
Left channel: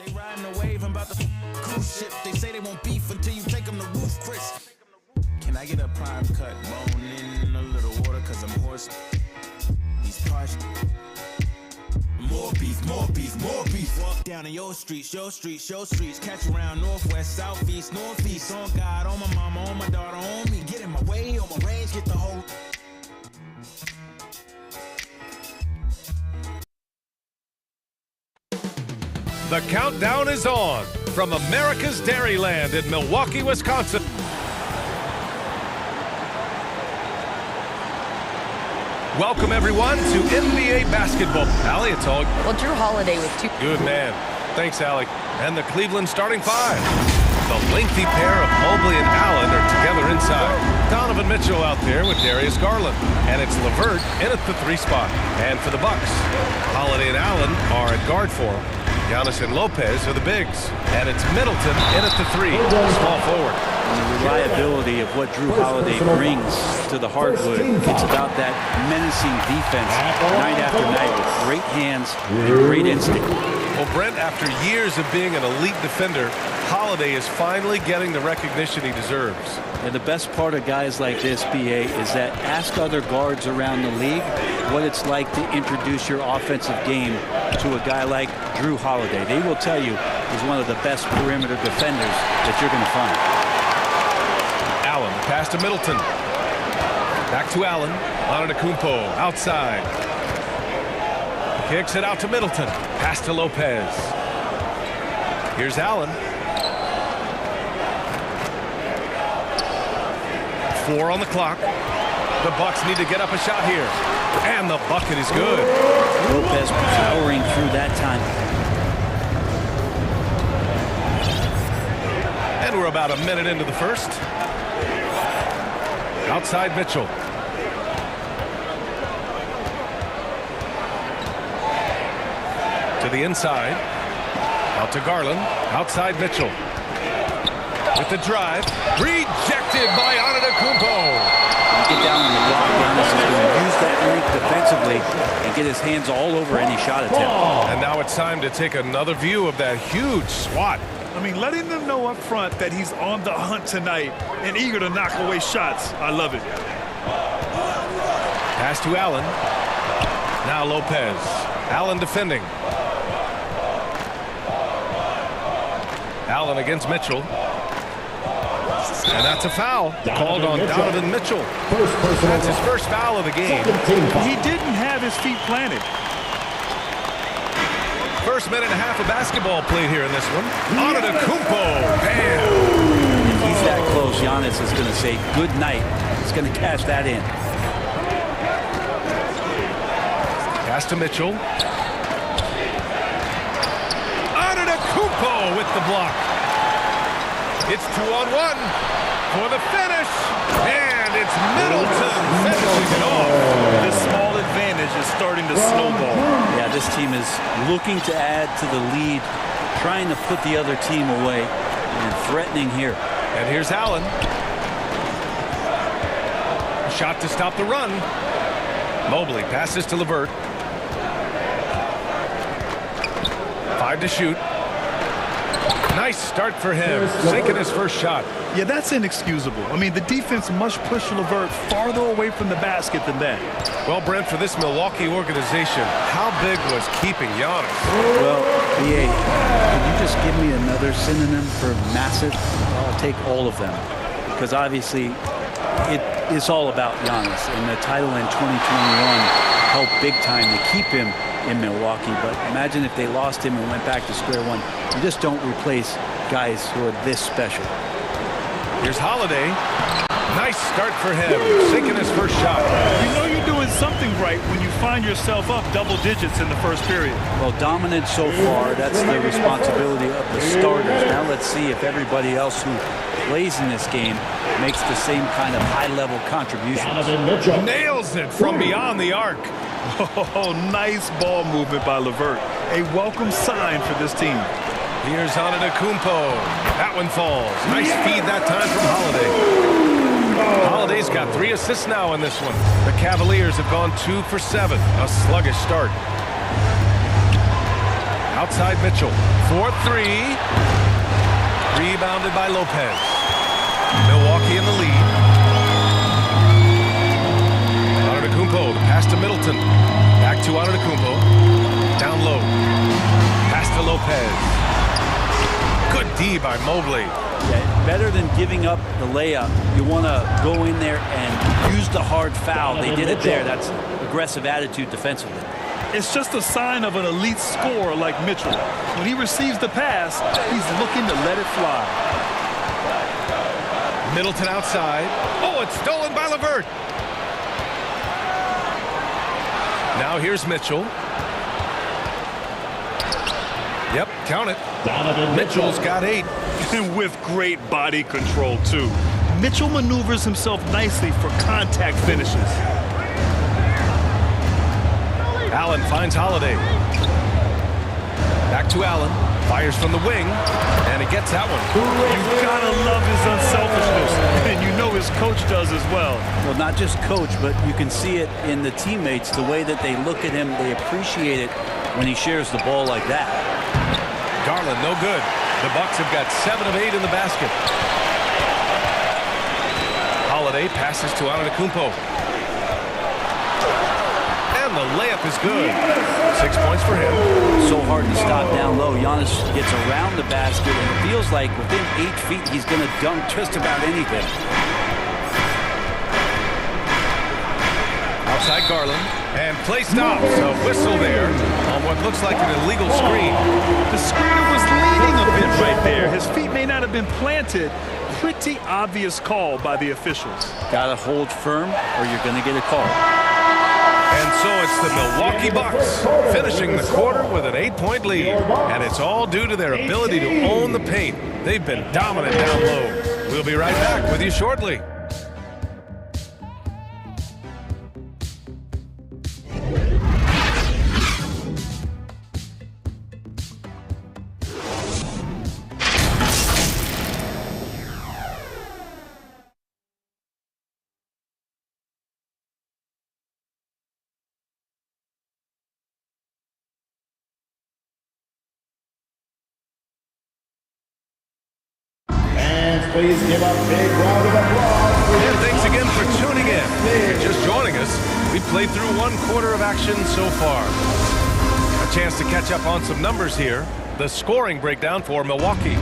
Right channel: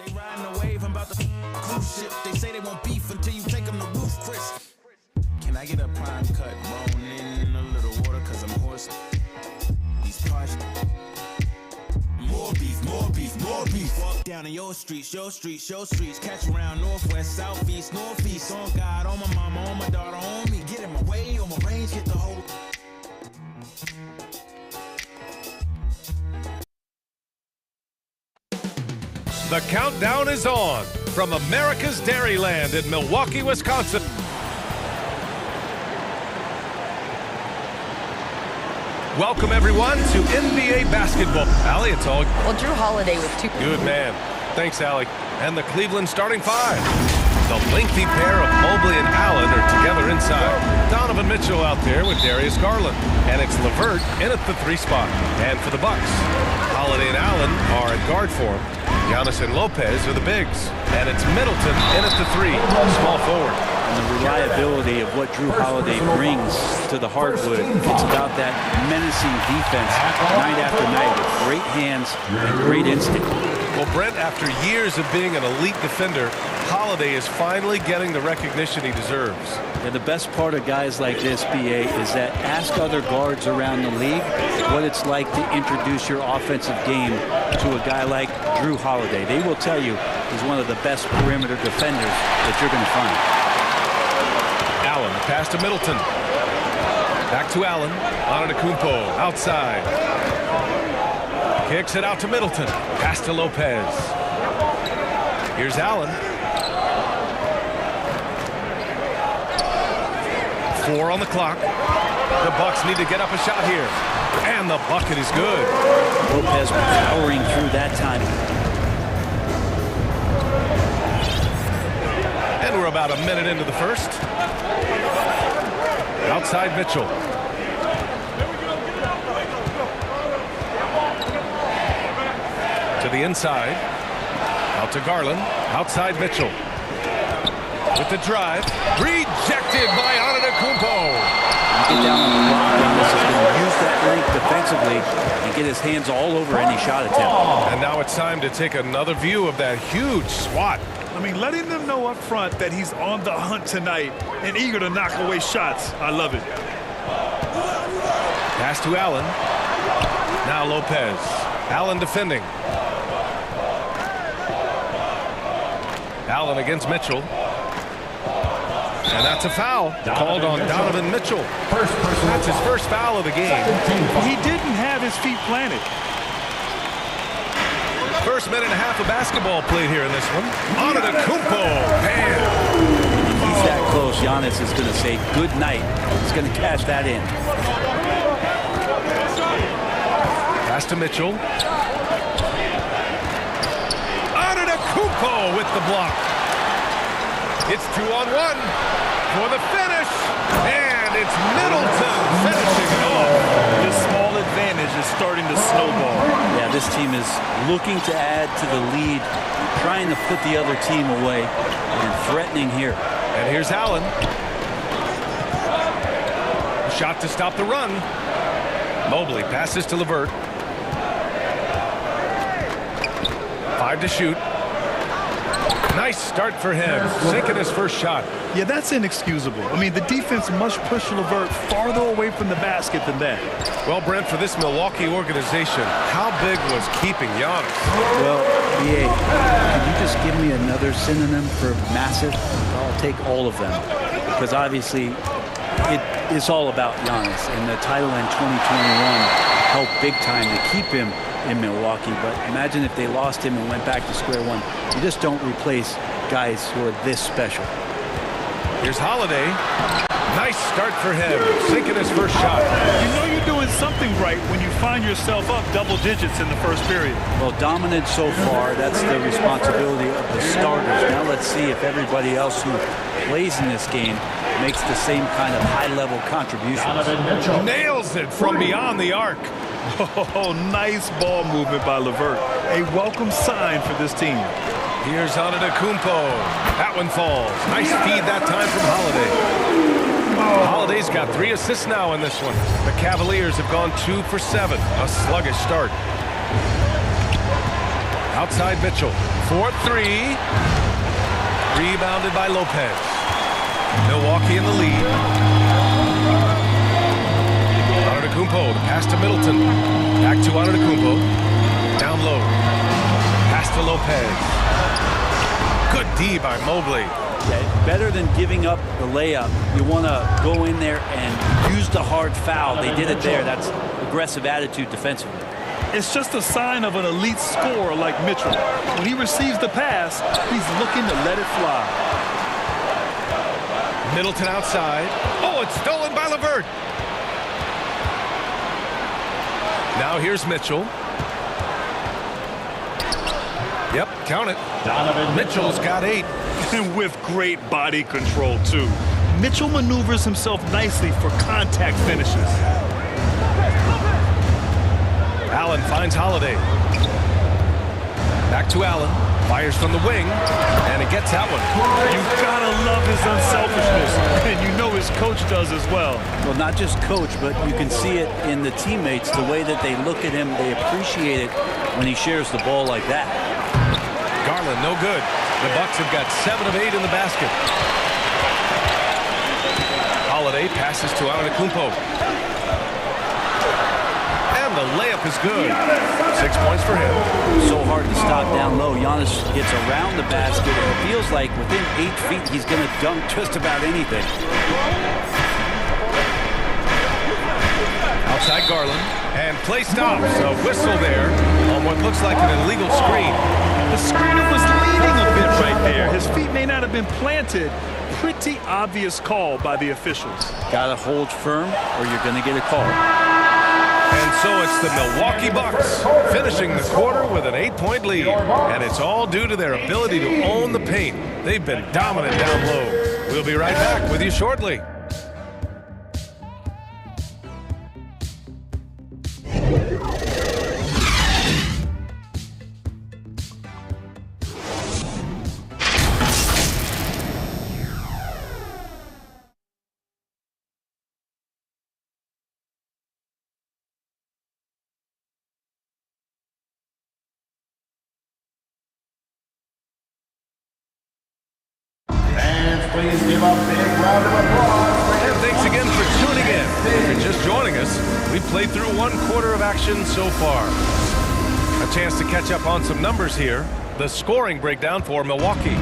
They riding the wave, I'm about to cruise ship. They say they won't beef until you take them to roof, Chris. Can I get a prime cut bone in a little water? Cause I'm hoarse. These parts. More beef, more beef, more beef. Walk down in your streets, your streets, your streets. Catch around northwest, southeast, northeast. On God, on my mama, on my daughter, on me. Get in my way, on my range, get the whole. The countdown is on from America's Dairyland in Milwaukee, Wisconsin. Welcome, everyone, to NBA basketball. Allie, it's all... Well, Drew Holiday with 2... Good man. Thanks, Allie. And the Cleveland starting 5. The lengthy pair of Mobley and Allen are together inside. Donovan Mitchell out there with Darius Garland. And it's LeVert in at the 3 spot. And for the Bucks, Holiday and Allen are at guard form. Giannis and Lopez are the bigs. And it's Middleton in at the 3, small forward. And the reliability of what Drew Holiday brings to the hardwood, it's about that menacing defense night after night with great hands and great instinct. Well, Brent, after years of being an elite defender, Holiday is finally getting the recognition he deserves. And the best part of guys like this, BA, is that ask other guards around the league what it's like to introduce your offensive game to a guy like Drew Holiday. They will tell you he's one of the best perimeter defenders that you're going to find. Allen, the pass to Middleton. Back to Allen. Antetokounmpo outside. Kicks it out to Middleton. Pass to Lopez. Here's Allen. 4 on the clock. The Bucks need to get up a shot here. And the bucket is good. Lopez powering through that time. And we're about a minute into the first. Outside Mitchell. To the inside. Out to Garland. Outside Mitchell. With the drive. Rejected by Antetokounmpo. You get down on the block, Giannis is going to use that length defensively and get his hands all over any shot attempt. And now it's time to take another view of that huge swat. I mean, letting them know up front that he's on the hunt tonight and eager to knock away shots. I love it. Pass to Allen. Now Lopez. Allen defending. Allen against Mitchell. And that's a foul called on Donovan Mitchell. That's his first foul of the game. He didn't have his feet planted. First minute and a half of basketball played here in this one. Antetokounmpo, bam! And if he's that close, Giannis is going to say good night. He's going to cash that in. Pass to Mitchell. Antetokounmpo with the block. It's 2-on-1 for the finish. And it's Middleton finishing it off. This small advantage is starting to snowball. Yeah, this team is looking to add to the lead, trying to put the other team away, and threatening here. And here's Allen. Shot to stop the run. Mobley passes to LeVert. 5 to shoot. Nice start for him, sinking his first shot. Yeah, that's inexcusable. I mean, the defense must push LeVert farther away from the basket than that. Well, Brent, for this Milwaukee organization, how big was keeping Giannis? Well, BA, could you just give me another synonym for massive? I'll take all of them. Because obviously, it's all about Giannis. And the title in 2021 helped big time to keep him in Milwaukee, but imagine if they lost him and went back to square one. You just don't replace guys who are this special. Here's Holiday. Nice start for him, sinking his first shot. You know you're doing something right when you find yourself up double digits in the first period. Well, dominant so far. That's the responsibility of the starters. Now let's see if everybody else who plays in this game makes the same kind of high-level contributions. Nails it from beyond the arc. Oh, nice ball movement by LeVert. A welcome sign for this team. Here's Antetokounmpo. That one falls. Nice feed that time from Holiday. Holiday's got 3 assists now in this one. The Cavaliers have gone 2 for 7. A sluggish start. Outside Mitchell. for three. Rebounded by Lopez. Milwaukee in the lead. Antetokounmpo, the pass to Middleton. Back to Antetokounmpo. Down low. Pass to Lopez. Good D by Mobley. Yeah, better than giving up the layup. You want to go in there and use the hard foul. They did it there. That's aggressive attitude defensively. It's just a sign of an elite scorer like Mitchell. When he receives the pass, he's looking to let it fly. Middleton outside. Oh, it's stolen by LeVert. Now here's Mitchell. Yep, count it. Mitchell's got 8. And with great body control, too. Mitchell maneuvers himself nicely for contact finishes. Allen finds Holiday. Back to Allen. Fires from the wing. And he gets that one. You gotta love his unselfishness. And you know his coach does as well. Well, not just coach, but you can see it in the teammates. The way that they look at him, they appreciate it when he shares the ball like that. Garland, no good. The Bucks have got 7 of 8 in the basket. Holiday passes to Antetokounmpo. And the layup is good. 6 points for him. So hard to stop down low. Giannis gets around the basket, and it feels like within 8 feet he's going to dunk just about anything. Outside Garland. And play stops. A whistle there on what looks like an illegal screen. The screener was leaning a bit right there. His feet may not have been planted. Pretty obvious call by the officials. Got to hold firm or you're going to get a call. And so it's the Milwaukee Bucks finishing the quarter with an 8-point lead. And it's all due to their ability to own the paint. They've been dominant down low. We'll be right back with you shortly. Please give a big round of applause. And thanks again for tuning in. If you're just joining us, we've played through 1 quarter of action so far. A chance to catch up on some numbers here. The scoring breakdown for Milwaukee.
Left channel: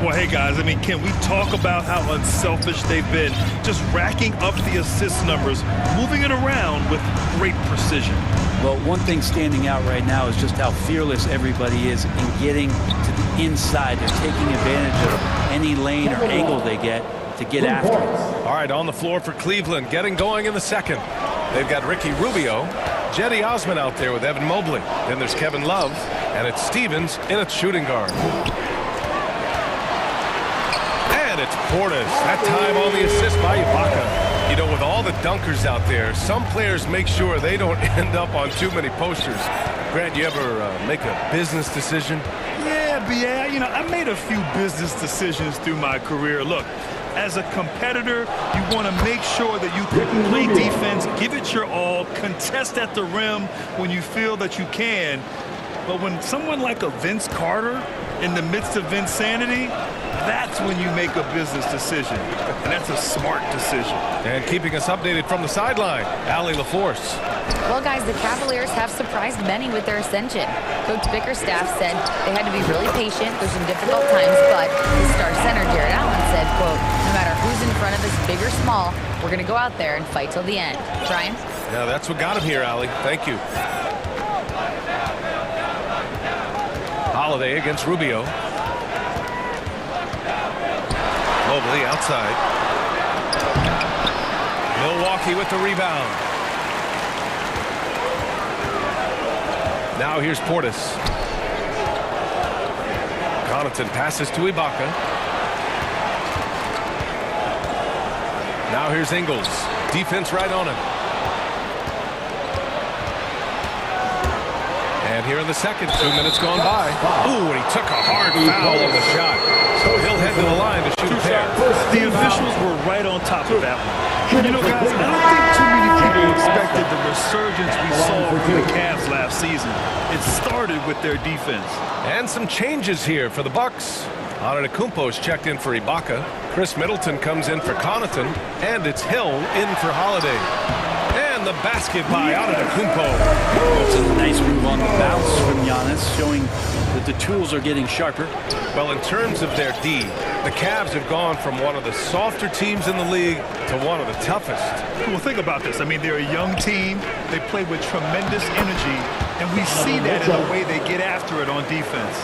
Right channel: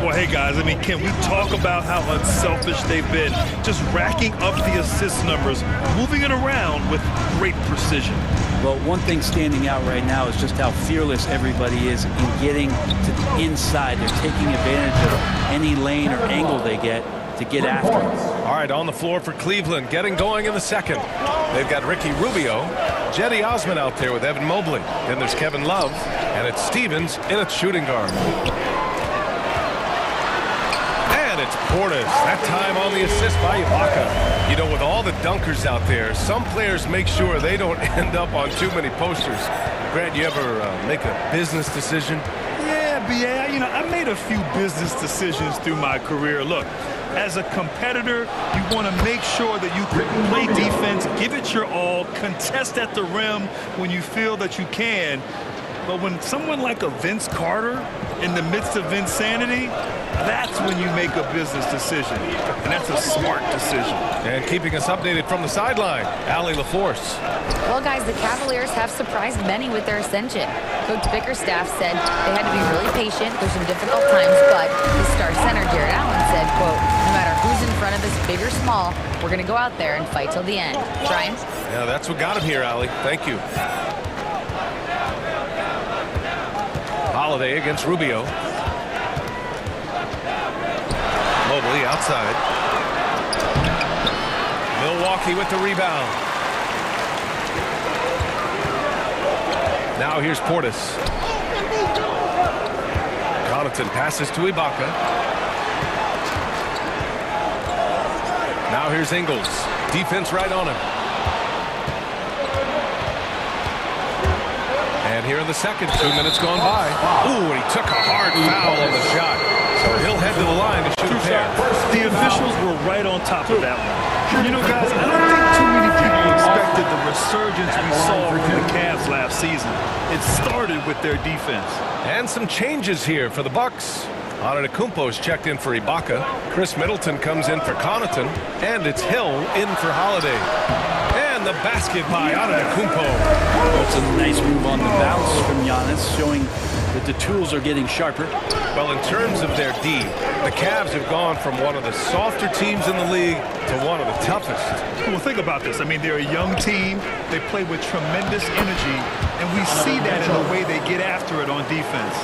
Well, hey, guys, I mean, can we talk about how unselfish they've been? Just racking up the assist numbers, moving it around with great precision. Well, one thing standing out right now is just how fearless everybody is in getting to the inside. They're taking advantage of any lane or angle they get to get after it. All right, on the floor for Cleveland, getting going in the second. They've got Ricky Rubio, Jetty Osman out there with Evan Mobley. Then there's Kevin Love, and it's Stevens in at shooting guard. And it's Portis, that time on the assist by Ibaka. You know, with all the dunkers out there, some players make sure they don't end up on too many posters. Grant, you ever make a business decision? Yeah, B.A., you know, I made a few business decisions through my career. Look, as a competitor, you want to make sure that you can play defense, give it your all, contest at the rim when you feel that you can. But when someone like a Vince Carter in the midst of insanity, that's when you make a business decision. And that's a smart decision. And keeping us updated from the sideline, Allie LaForce. Well, guys, the Cavaliers have surprised many with their ascension. Coach Bickerstaff said they had to be really patient through some difficult times, but his star center, Jared Allen, said, quote, no matter who's in front of us, big or small, we're going to go out there and fight till the end. Brian? Yeah, that's what got him here, Allie. Thank you. Holiday against Rubio. Mobley outside. Milwaukee with the rebound. Now here's Portis. Connaughton passes to Ibaka. Now here's Ingles. Defense right on him. And here in the second, 2 minutes gone by. Ooh, and he took a hard foul on the shot. So he'll head to the line to shoot a pair. The officials were right on top of that one. You know, guys, I don't think too many people expected the resurgence we saw from the Cavs last season. It started with their defense. And some changes here for the Bucks. Antetokounmpo's checked in for Ibaka. Chris Middleton comes in for Connaughton. And it's Hill in for Holiday. And the basket by Antetokounmpo. That's a nice move on the bounce from Giannis, showing that the tools are getting sharper. Well, in terms of their D, the Cavs have gone from one of the softer teams in the league to one of the toughest. Well, think about this. I mean, they're a young team. They play with tremendous energy, and we see that in the way they get after it on defense.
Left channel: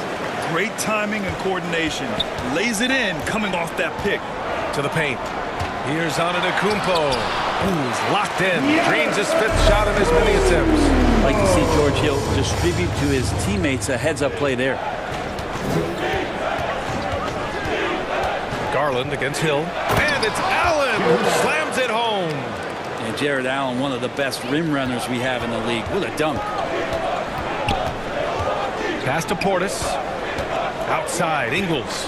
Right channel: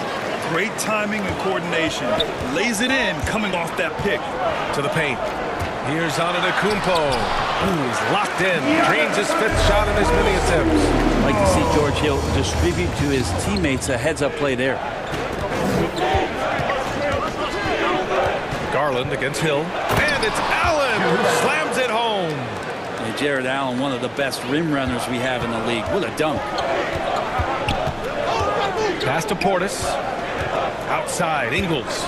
Great timing and coordination. Lays it in coming off that pick. To the paint. Here's Antetokounmpo. Ooh, he's locked in. Drains his 5th shot in as many attempts. I'd like to see George Hill distribute to his teammates a heads-up play there. Garland against Hill. And it's Allen who slams it home. And Jared Allen, one of the best rim runners we have in the league. What a dunk. Pass to Portis. Outside, Ingles.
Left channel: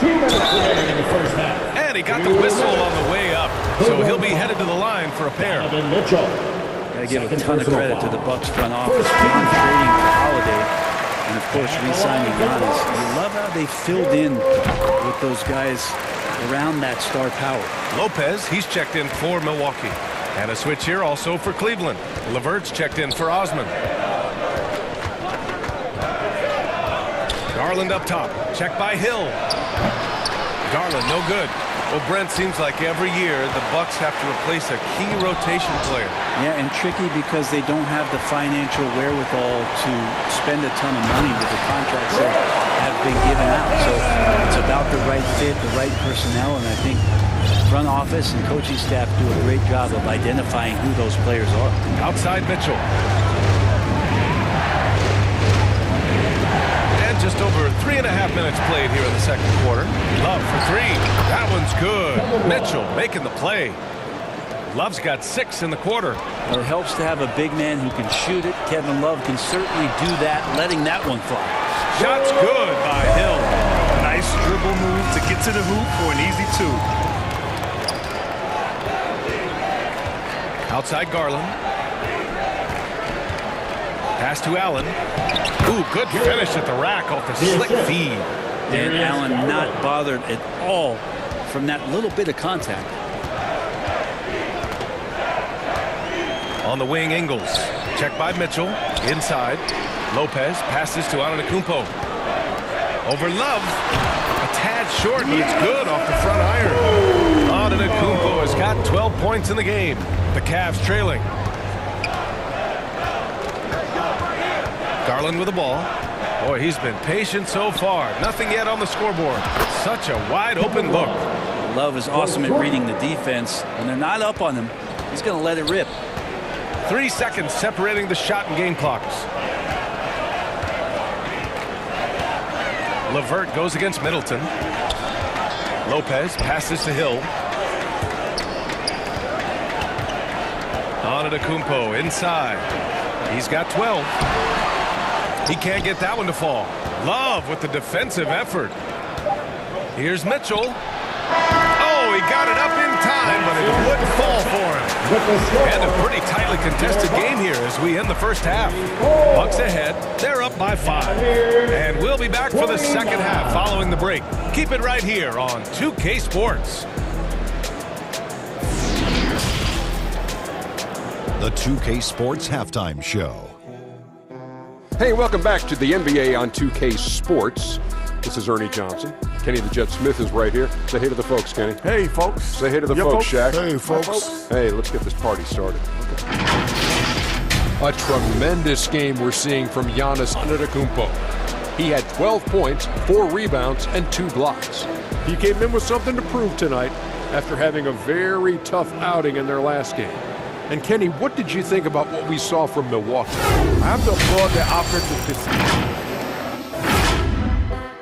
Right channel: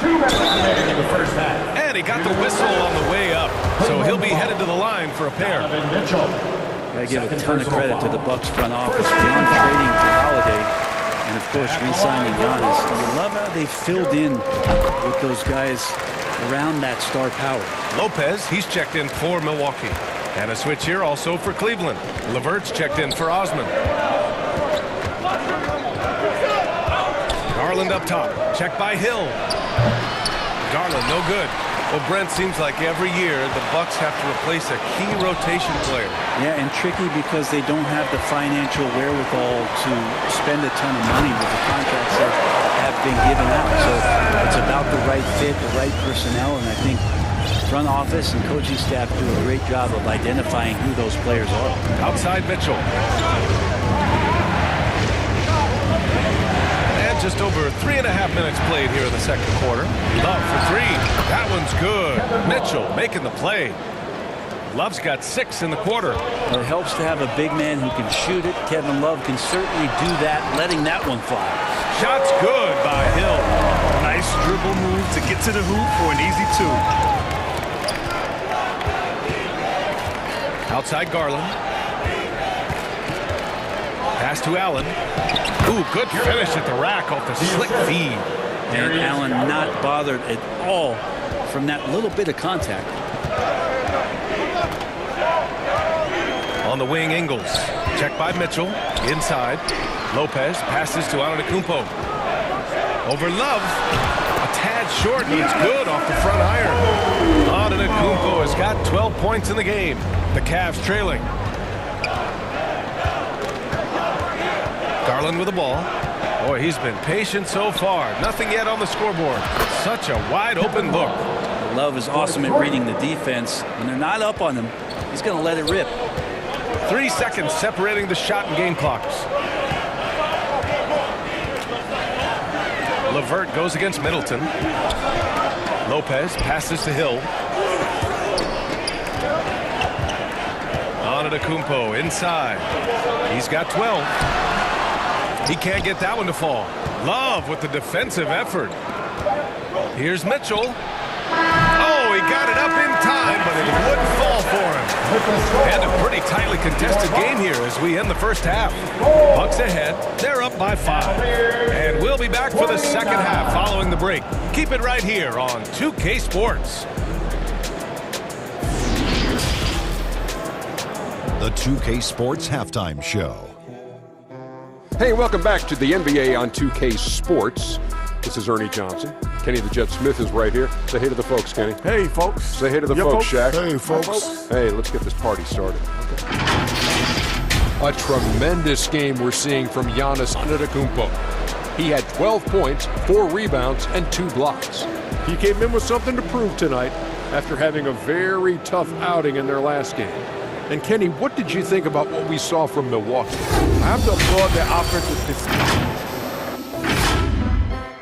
2 minutes remaining in the first half. And he got the whistle on the way up. So he'll be headed to the line for a pair. Gotta give a ton of credit to the Bucks front office beyond trading to Holiday. And, of course, re-signing Giannis. You love how they filled in with those guys around that star power. Lopez, he's checked in for Milwaukee. And a switch here also for Cleveland. LeVert's checked in for Osman. Garland up top. Checked by Hill. Garland, no good. Well, Brent, seems like every year the Bucks have to replace a key rotation player. Yeah, and tricky because they don't have the financial wherewithal to spend a ton of money with the contracts that have been given out. So it's about the right fit, the right personnel, and I think front office and coaching staff do a great job of identifying who those players are. Outside Mitchell. And just over 3.5 minutes played here in the second quarter. Love for 3. That one's good. Mitchell making the play. Love's got 6 in the quarter. Well, it helps to have a big man who can shoot it. Kevin Love can certainly do that, letting that one fly. Shot's good by Hill. Nice dribble move to get to the hoop for an easy 2. Outside Garland. Pass to Allen. Ooh, good finish at the rack off the slick feed. And Allen not bothered at all from that little bit of contact. On the wing, Ingles. Checked by Mitchell. Inside. Lopez passes to Antetokounmpo. Over Love. A tad short, but it's good off the front iron. Antetokounmpo has got 12 points in the game. The Cavs trailing. Garland with the ball. Boy, he's been patient so far. Nothing yet on the scoreboard. Such a wide open look. Love is awesome at reading the defense. When they're not up on him, he's going to let it rip. 3 seconds separating the shot and game clocks. LeVert goes against Middleton. Lopez passes to Hill. Antetokounmpo inside. He's got 12. He can't get that one to fall. Love with the defensive effort. Here's Mitchell. Oh, he got it up in time, but it wouldn't fall for him. And a pretty tightly contested game here as we end the first half. Bucks ahead. They're up by 5. And we'll be back for the second half following the break. Keep it right here on 2K Sports. The 2K Sports Halftime Show. Hey, welcome back to the NBA on 2K Sports. This is Ernie Johnson. Kenny the Jet Smith is right here. Say hey to the folks, Kenny. Hey, folks. Say hey to the folks, Shaq. Hey, folks. Hey, let's get this party started. Okay. A tremendous game we're seeing from Giannis Antetokounmpo. He had 12 points, 4 rebounds, and 2 blocks. He came in with something to prove tonight after having a very tough outing in their last game. And Kenny, what did you think about what we saw from Milwaukee? I have to applaud their offensive discipline.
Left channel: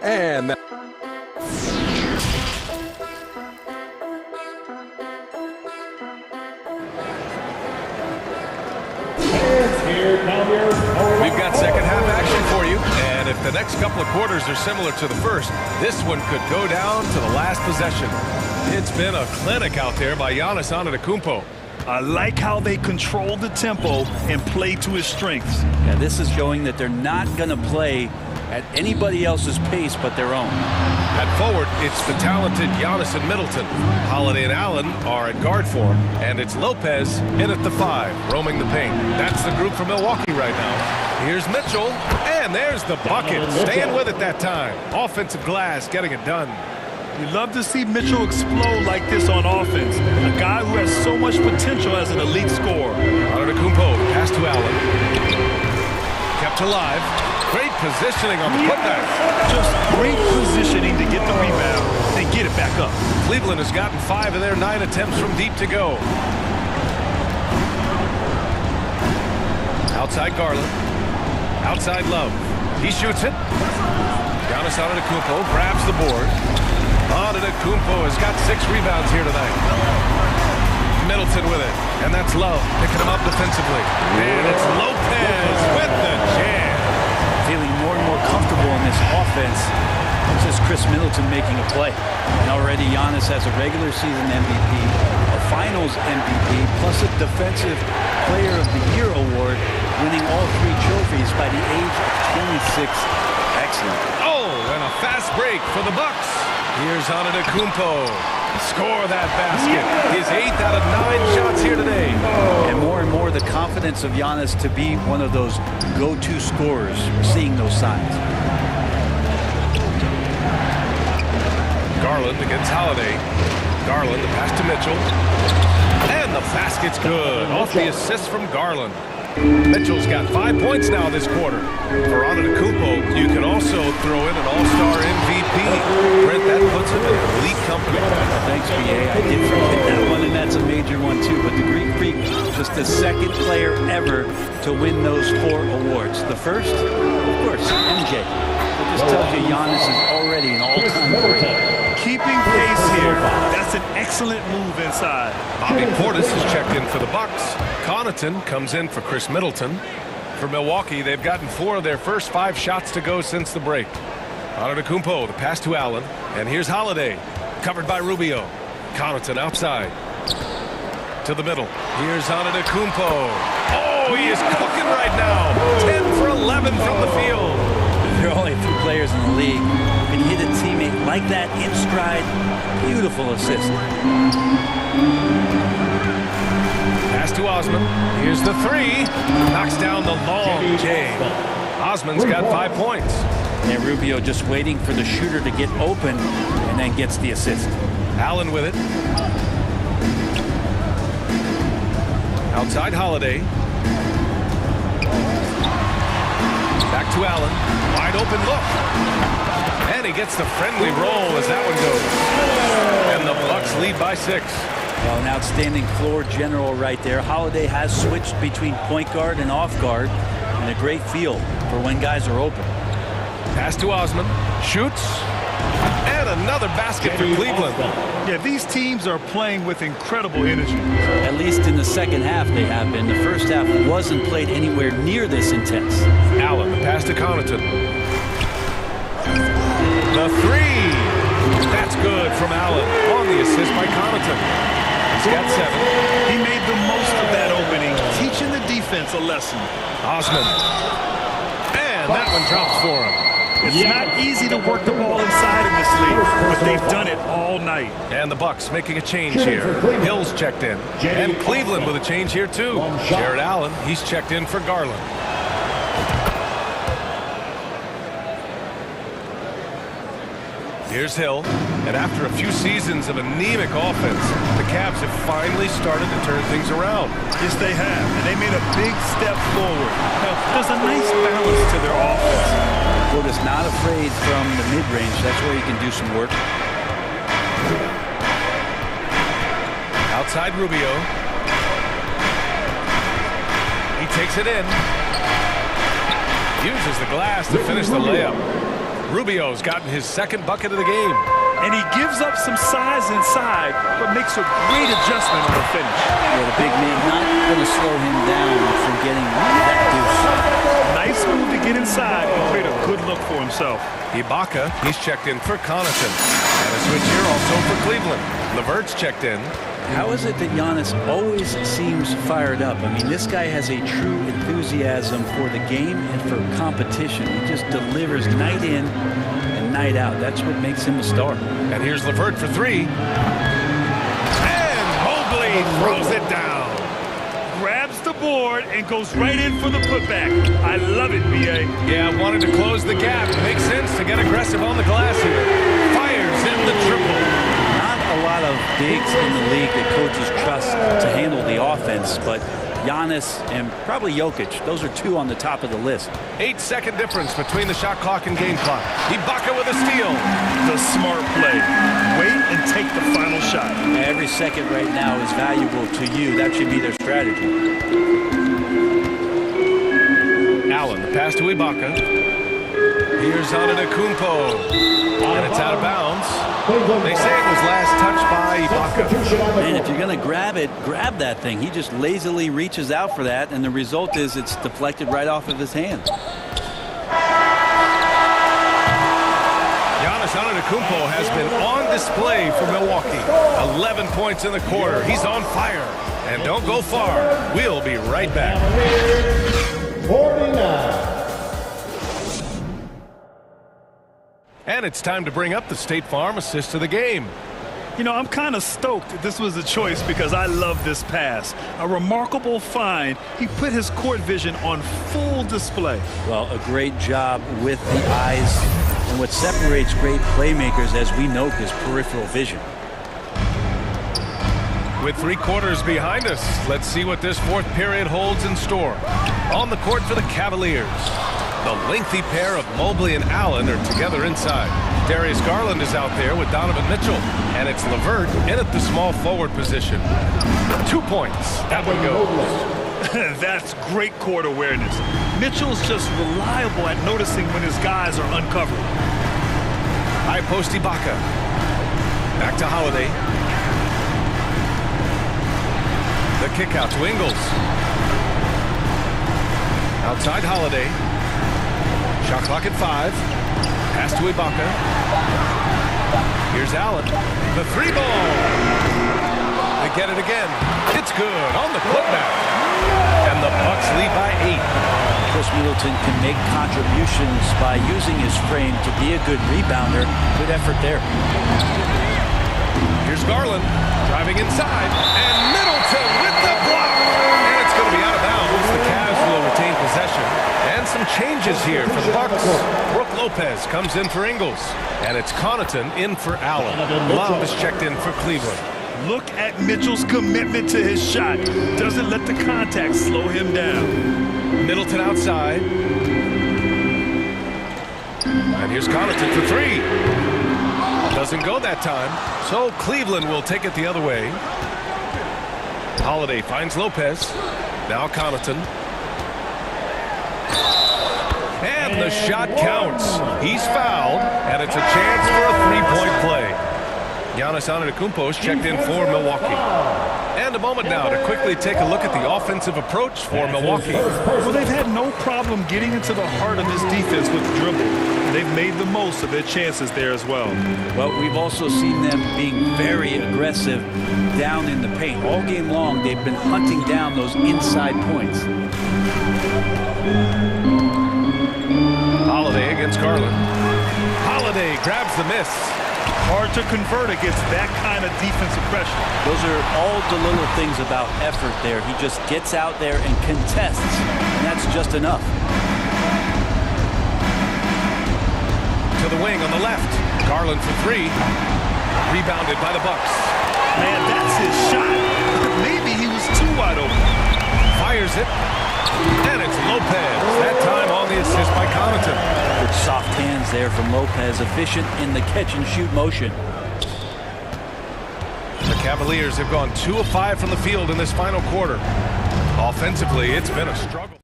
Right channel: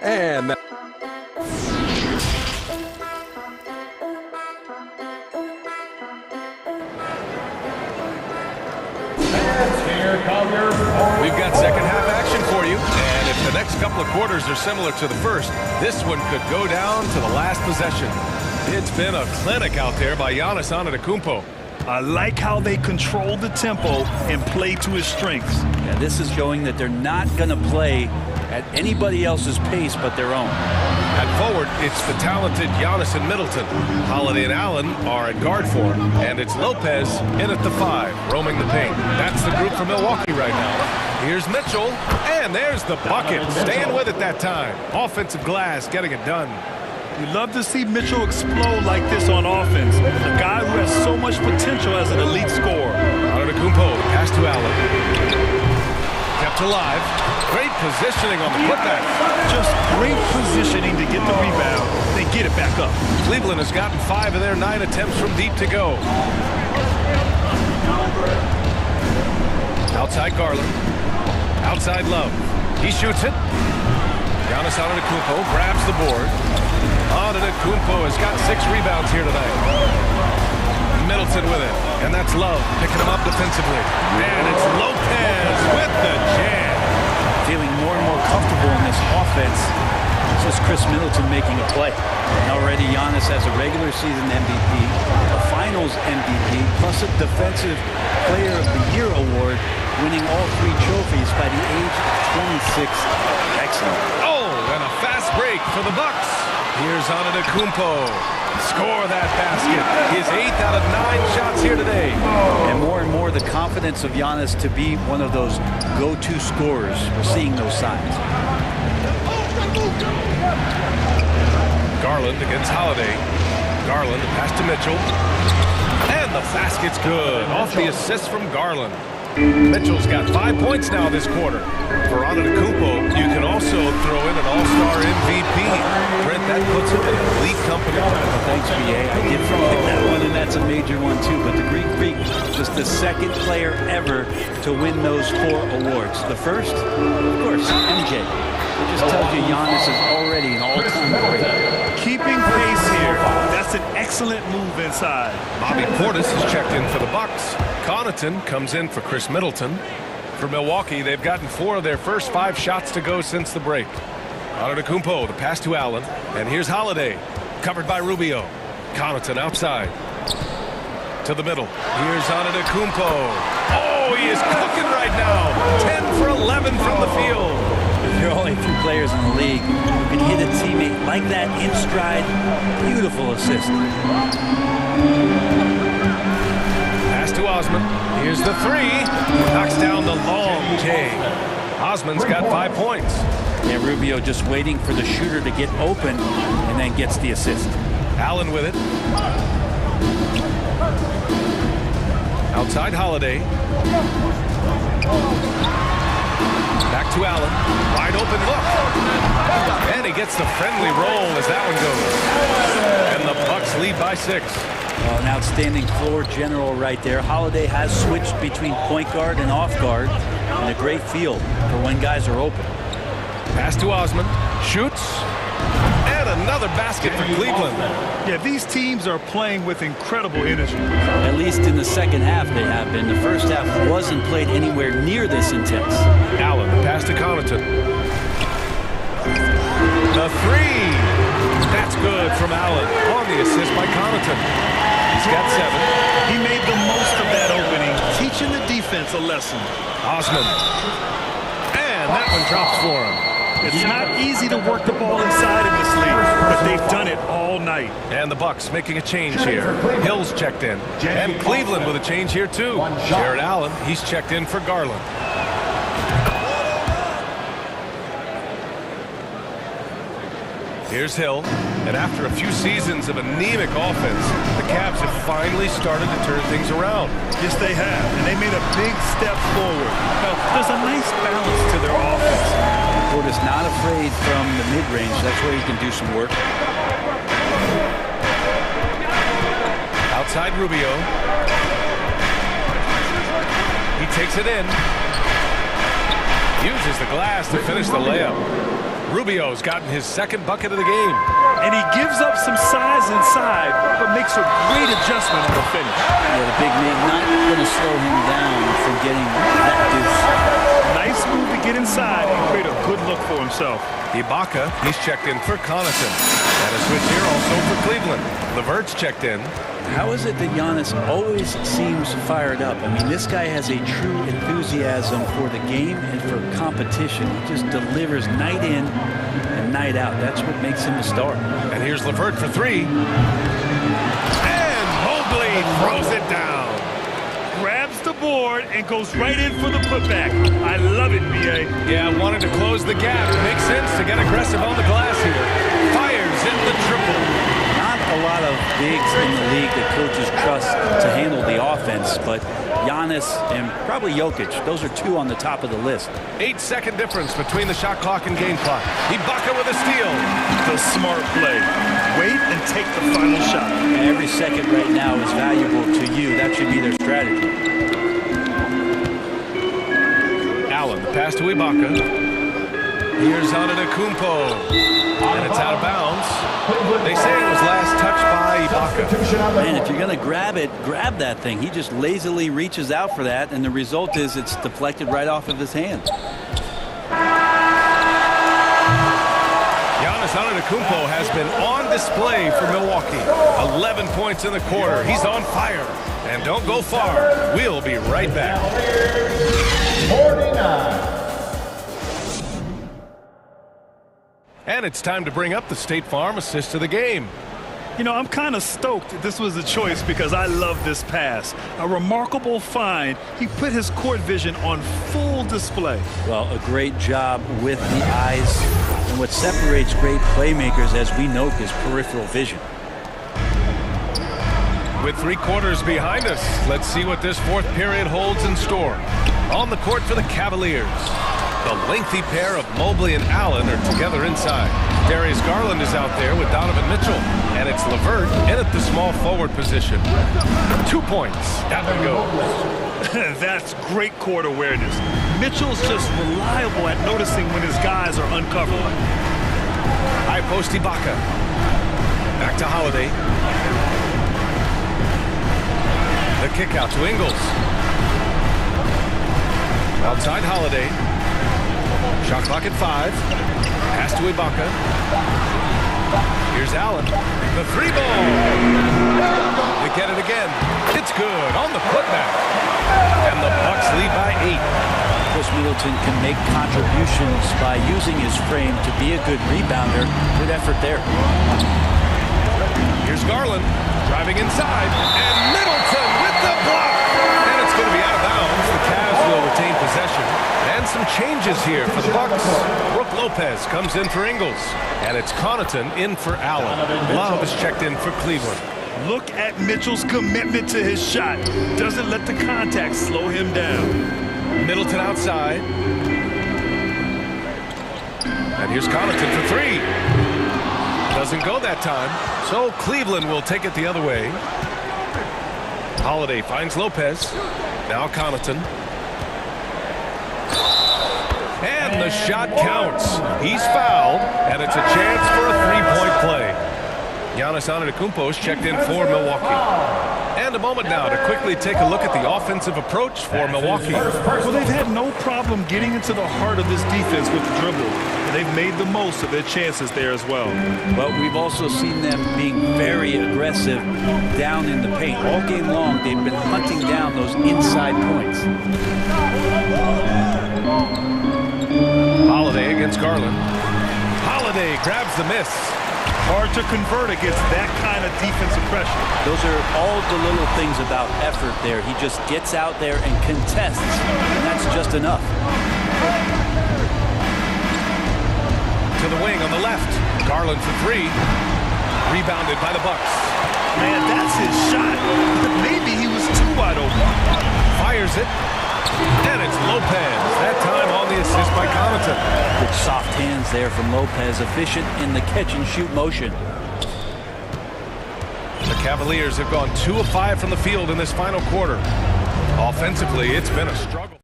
And that We've got second half action for you, and if the next couple of quarters are similar to the first, this one could go down to the last possession. It's been a clinic out there by Giannis Antetokounmpo. I like how they control the tempo and play to his strengths. Yeah, this is showing that they're not going to play at anybody else's pace but their own. At forward, it's the talented Giannis and Middleton. Holiday and Allen are at guard for him, and it's Lopez in at the 5, roaming the paint. That's the group for Milwaukee right now. Here's Mitchell, and there's the bucket. Staying with it that time. Offensive glass, getting it done. You love to see Mitchell explode like this on offense. A guy who has so much potential as an elite scorer. Antetokounmpo, the pass to Allen. Kept alive. Great positioning on the putback. Just great positioning to get the rebound, then get it back up. Cleveland has gotten 5 of their 9 attempts from deep to go. Outside Garland. Outside Love. He shoots it. Giannis Antetokounmpo grabs the board. Antetokounmpo has got 6 rebounds here tonight. Middleton with it. And that's Love picking him up defensively. And it's Lopez with the jam. Feeling more and more comfortable in this offense. It's just Chris Middleton making a play. And already Giannis has a regular season MVP, a finals MVP, plus a Defensive Player of the Year award, winning all 3 trophies by the age of 26. Excellent. Oh, and a fast break for the Bucks. Here's Antetokounmpo. Score that basket. His 8th out of 9 shots here today. And more the confidence of Giannis to be one of those go-to scorers. We're seeing those signs. Garland against Holiday. Garland, the pass to Mitchell. And the basket's good. Off the assist from Garland. Mitchell's got 5 points now this quarter. For Antetokounmpo, you can also throw in an all-star MVP. Brent, that puts him in elite company. Well, thanks, B.A. I did forget that one, and that's a major one, too. But the Greek Freak, just the 2nd player ever to win those 4 awards. The first, of course, MJ. It just tells you Giannis is already an all-time great. Keeping pace here. That's an excellent move inside. Bobby Portis is checked in for the Bucks. Connaughton comes in for Chris Middleton. For Milwaukee, they've gotten 4 of their first 5 shots to go since the break. Antetokounmpo, the pass to Allen. And here's Holiday, covered by Rubio. Connaughton outside. To the middle. Here's Antetokounmpo. Oh, he is cooking right now. 10 for 11 from the field. There are only a few players in the league who can hit a teammate like that in stride. Beautiful assist. Pass to Osman. Here's the 3. Knocks down the long J. Osman's got 5 points. And Rubio just waiting for the shooter to get open and then gets the assist. Allen with it. Outside Holiday. Back to Allen. Wide open look. And he gets the friendly roll as that one goes. And the Bucks lead by 6. Well, an outstanding floor general right there. Holiday has switched between point guard and off guard, and a great feel for when guys are open. Pass to Osman. Shoots. And another basket for Cleveland. Yeah, these teams are playing with incredible energy. At least in the second half they have been. The first half wasn't played anywhere near this intense. Allen, the pass to Connaughton. The 3. That's good from Allen on the assist by Connaughton. He's got 7. He made the most of that opening, teaching the defense a lesson. Osman. And that one drops for him. It's not easy to work the ball inside in this league, but they've done it all night. And the Bucks making a change here. Hill's checked in. And Cleveland with a change here, too. Jared Allen, he's checked in for Garland. Here's Hill. And after a few seasons of anemic offense, the Cavs have finally started to turn things around. Yes, they have. And they made a big step forward. Now, there's a nice balance to their offense. Portis not afraid from the mid-range. That's where he can do some work. Outside Rubio. He takes it in. Uses the glass to finish the layup. Rubio's gotten his 2nd bucket of the game. And he gives up some size inside, but makes a great adjustment on the finish. Yeah, the big man not going to slow him down from getting that deuce. Nice move to get inside and create a good look for himself. Ibaka, he's checked in for Connaughton. And a switch here also for Cleveland. Levert's checked in. How is it that Giannis always seems fired up? I mean, this guy has a true enthusiasm for the game and for competition. He just delivers night in and night out. That's what makes him a star. And here's Levert for three. And Mobley throws it down. Grabs the board and goes right in for the putback. I love it, B.A. Yeah, wanted to close the gap. Makes sense to get aggressive on the glass here. Fires in the triple. Not a lot of bigs in the league that coaches trust to handle the offense, but Giannis and probably Jokic, those are two on the top of the list. 8-second difference between the shot clock and game clock. Ibaka with a steal. The smart play. Wait and take the final shot. Every second right now is valuable to you. That should be their strategy. Allen, the pass to Ibaka. Here's Antetokounmpo. And it's out of bounds. They say it was last touched by Ibaka. Man, if you're going to grab it, grab that thing. He just lazily reaches out for that, and the result is it's deflected right off of his hand. Giannis Antetokounmpo has been on display for Milwaukee. 11 points in the quarter. He's on fire. And don't go far. We'll be right back. 49. And it's time to bring up the State Farm assist of the game. You know, I'm kind of stoked this was a choice because I love this pass. A remarkable find. He put his court vision on full display. Well, a great job with the eyes. And what separates great playmakers, as we know, is peripheral vision. With 3 quarters behind us, let's see what this fourth period holds in store. On the court for the Cavaliers. The lengthy pair of Mobley and Allen are together inside. Darius Garland is out there with Donovan Mitchell. And it's Levert in at the small forward position. 2 points. That one goes. That's great court awareness. Mitchell's just reliable at noticing when his guys are uncovered. High post Ibaka. Back to Holiday. The kick out to Ingles. Outside Holiday. Shot clock at 5. Pass to Ibaka. Here's Allen. The 3-ball. They get it again. It's good on the putback. And the Bucks lead by 8. Chris Middleton can make contributions by using his frame to be a good rebounder. Good effort there. Here's Garland driving inside. And Middleton with the block. And it's going to be out of bounds. The Cavs will retain possession. And some changes here for the Bucks. Brook Lopez comes in for Ingles. And it's Connaughton in for Allen. Love is checked in for Cleveland. Look at Mitchell's commitment to his shot. Doesn't let the contact slow him down. Middleton outside. And here's Connaughton for 3. Doesn't go that time. So Cleveland will take it the other way. Holiday finds Lopez. Now Connaughton. And the shot counts. He's fouled, and it's a chance for a 3-point play. Giannis Antetokounmpo is checked in for Milwaukee. And a moment now to quickly take a look at the offensive approach for Milwaukee. Well, they've had no problem getting into the heart of this defense with the dribble. And they've made the most of their chances there as well. Well, we've also seen them being very aggressive down in the paint. All game long, they've been hunting down those inside points. Holiday against Garland. Holiday grabs the miss. Hard to convert against that kind of defensive pressure. Those are all the little things about effort there. He just gets out there and contests, and that's just enough. To the wing on the left. Garland for 3. Rebounded by the Bucks. Man, that's his shot. Maybe he was too wide open. Fires it. And it's Lopez. That time on the assist by Connaughton. Good soft hands there from Lopez. Efficient in the catch-and-shoot motion. The Cavaliers have gone 2 of 5 from the field in this final quarter. Offensively, it's been a struggle.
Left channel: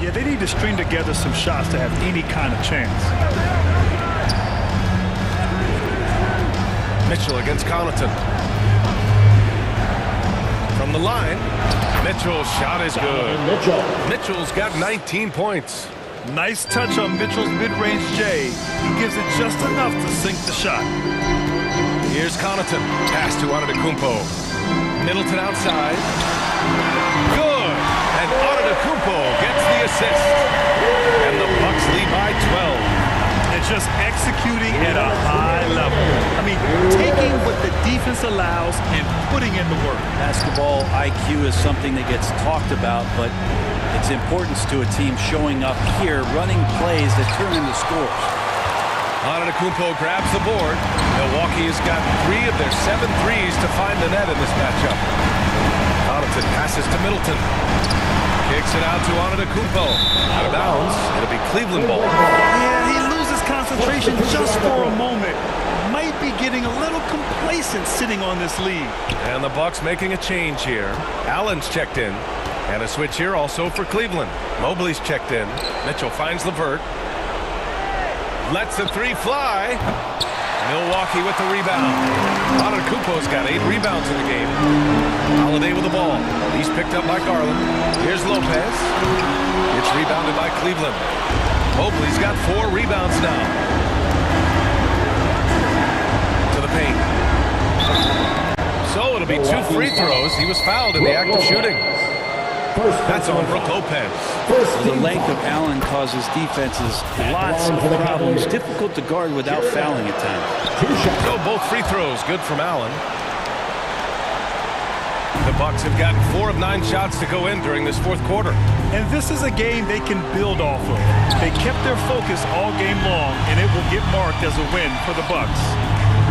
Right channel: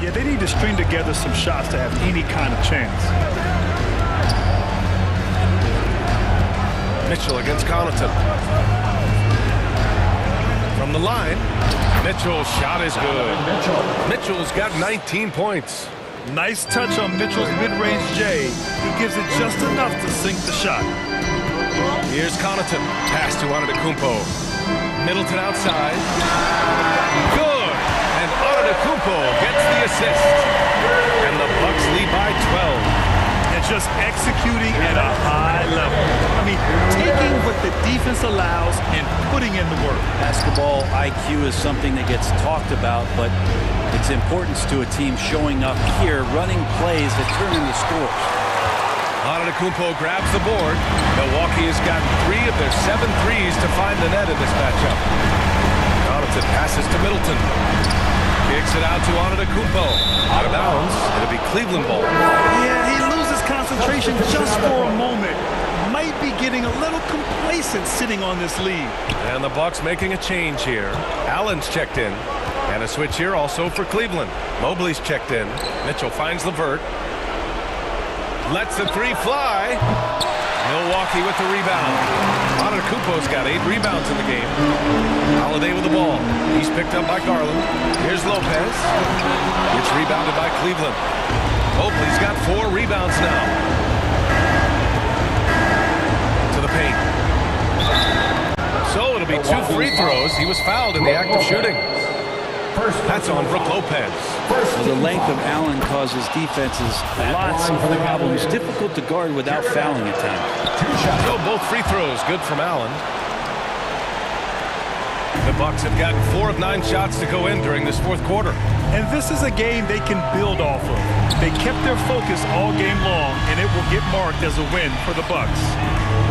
Yeah, they need to string together some shots to have any kind of chance. Mitchell against Connaughton. From the line, Mitchell's shot is good. Mitchell's got 19 points. Nice touch on Mitchell's mid-range J. He gives it just enough to sink the shot. Here's Connaughton. Pass to Antetokounmpo. Middleton outside. Good. And Antetokounmpo gets the assist. And the Bucks lead by 12. And just executing at a high level. I mean, taking what the defense allows and putting in the work. Basketball IQ is something that gets talked about, but its importance to a team showing up here, running plays that turn into scores. Antetokounmpo grabs the board. Milwaukee has gotten 3 of their 7 threes to find the net in this matchup. Connaughton passes to Middleton. Kicks it out to Antetokounmpo. Out of bounds. It'll be Cleveland ball. Yeah, he loses concentration just for a moment. Might be getting a little complacent sitting on this lead. And the Bucks making a change here. Allen's checked in. And a switch here also for Cleveland. Mobley's checked in. Mitchell finds LeVert. Lets the 3 fly. Milwaukee with the rebound. Antetokounmpo's got 8 rebounds in the game. Holiday with the ball. He's picked up by Garland. Here's Lopez. It's rebounded by Cleveland. Mobley's got 4 rebounds now. To the paint. So it'll be 2 free throws. He was fouled in the act of shooting. That's on Brook Lopez. Well, the length of Allen causes defenses lots of problems. Difficult to guard without fouling at times. So both free throws good from Allen. The Bucks have gotten 4 of 9 shots to go in during this 4th quarter. And this is a game they can build off of. They kept their focus all game long, and it will get marked as a win for the Bucks.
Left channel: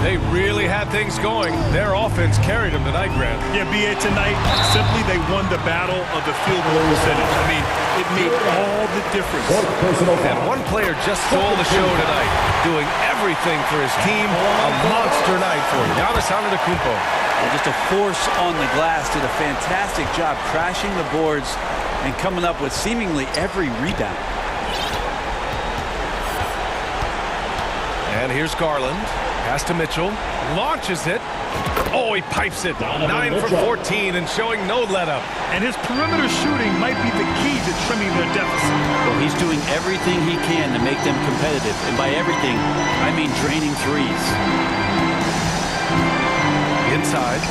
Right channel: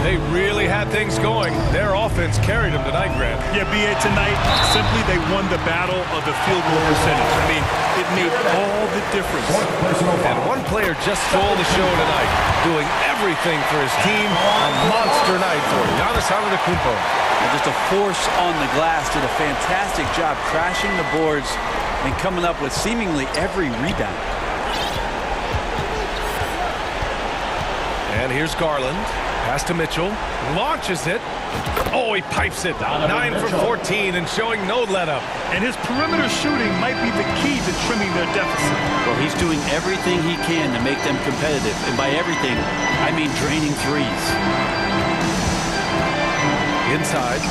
They really had things going. Their offense carried them tonight, Grant. Yeah, B.A., tonight, simply they won the battle of the field goal percentage. I mean, it made all the difference. And one player just stole the show tonight, doing everything for his team. A monster night for Giannis Antetokounmpo. Well, just a force on the glass. Did a fantastic job crashing the boards and coming up with seemingly every rebound. And here's Garland. Pass to Mitchell. Launches it. Oh, he pipes it. 9 for 14 and showing no let-up. And his perimeter shooting might be the key to trimming their deficit. Well, he's doing everything he can to make them competitive. And by everything, I mean draining threes. Inside.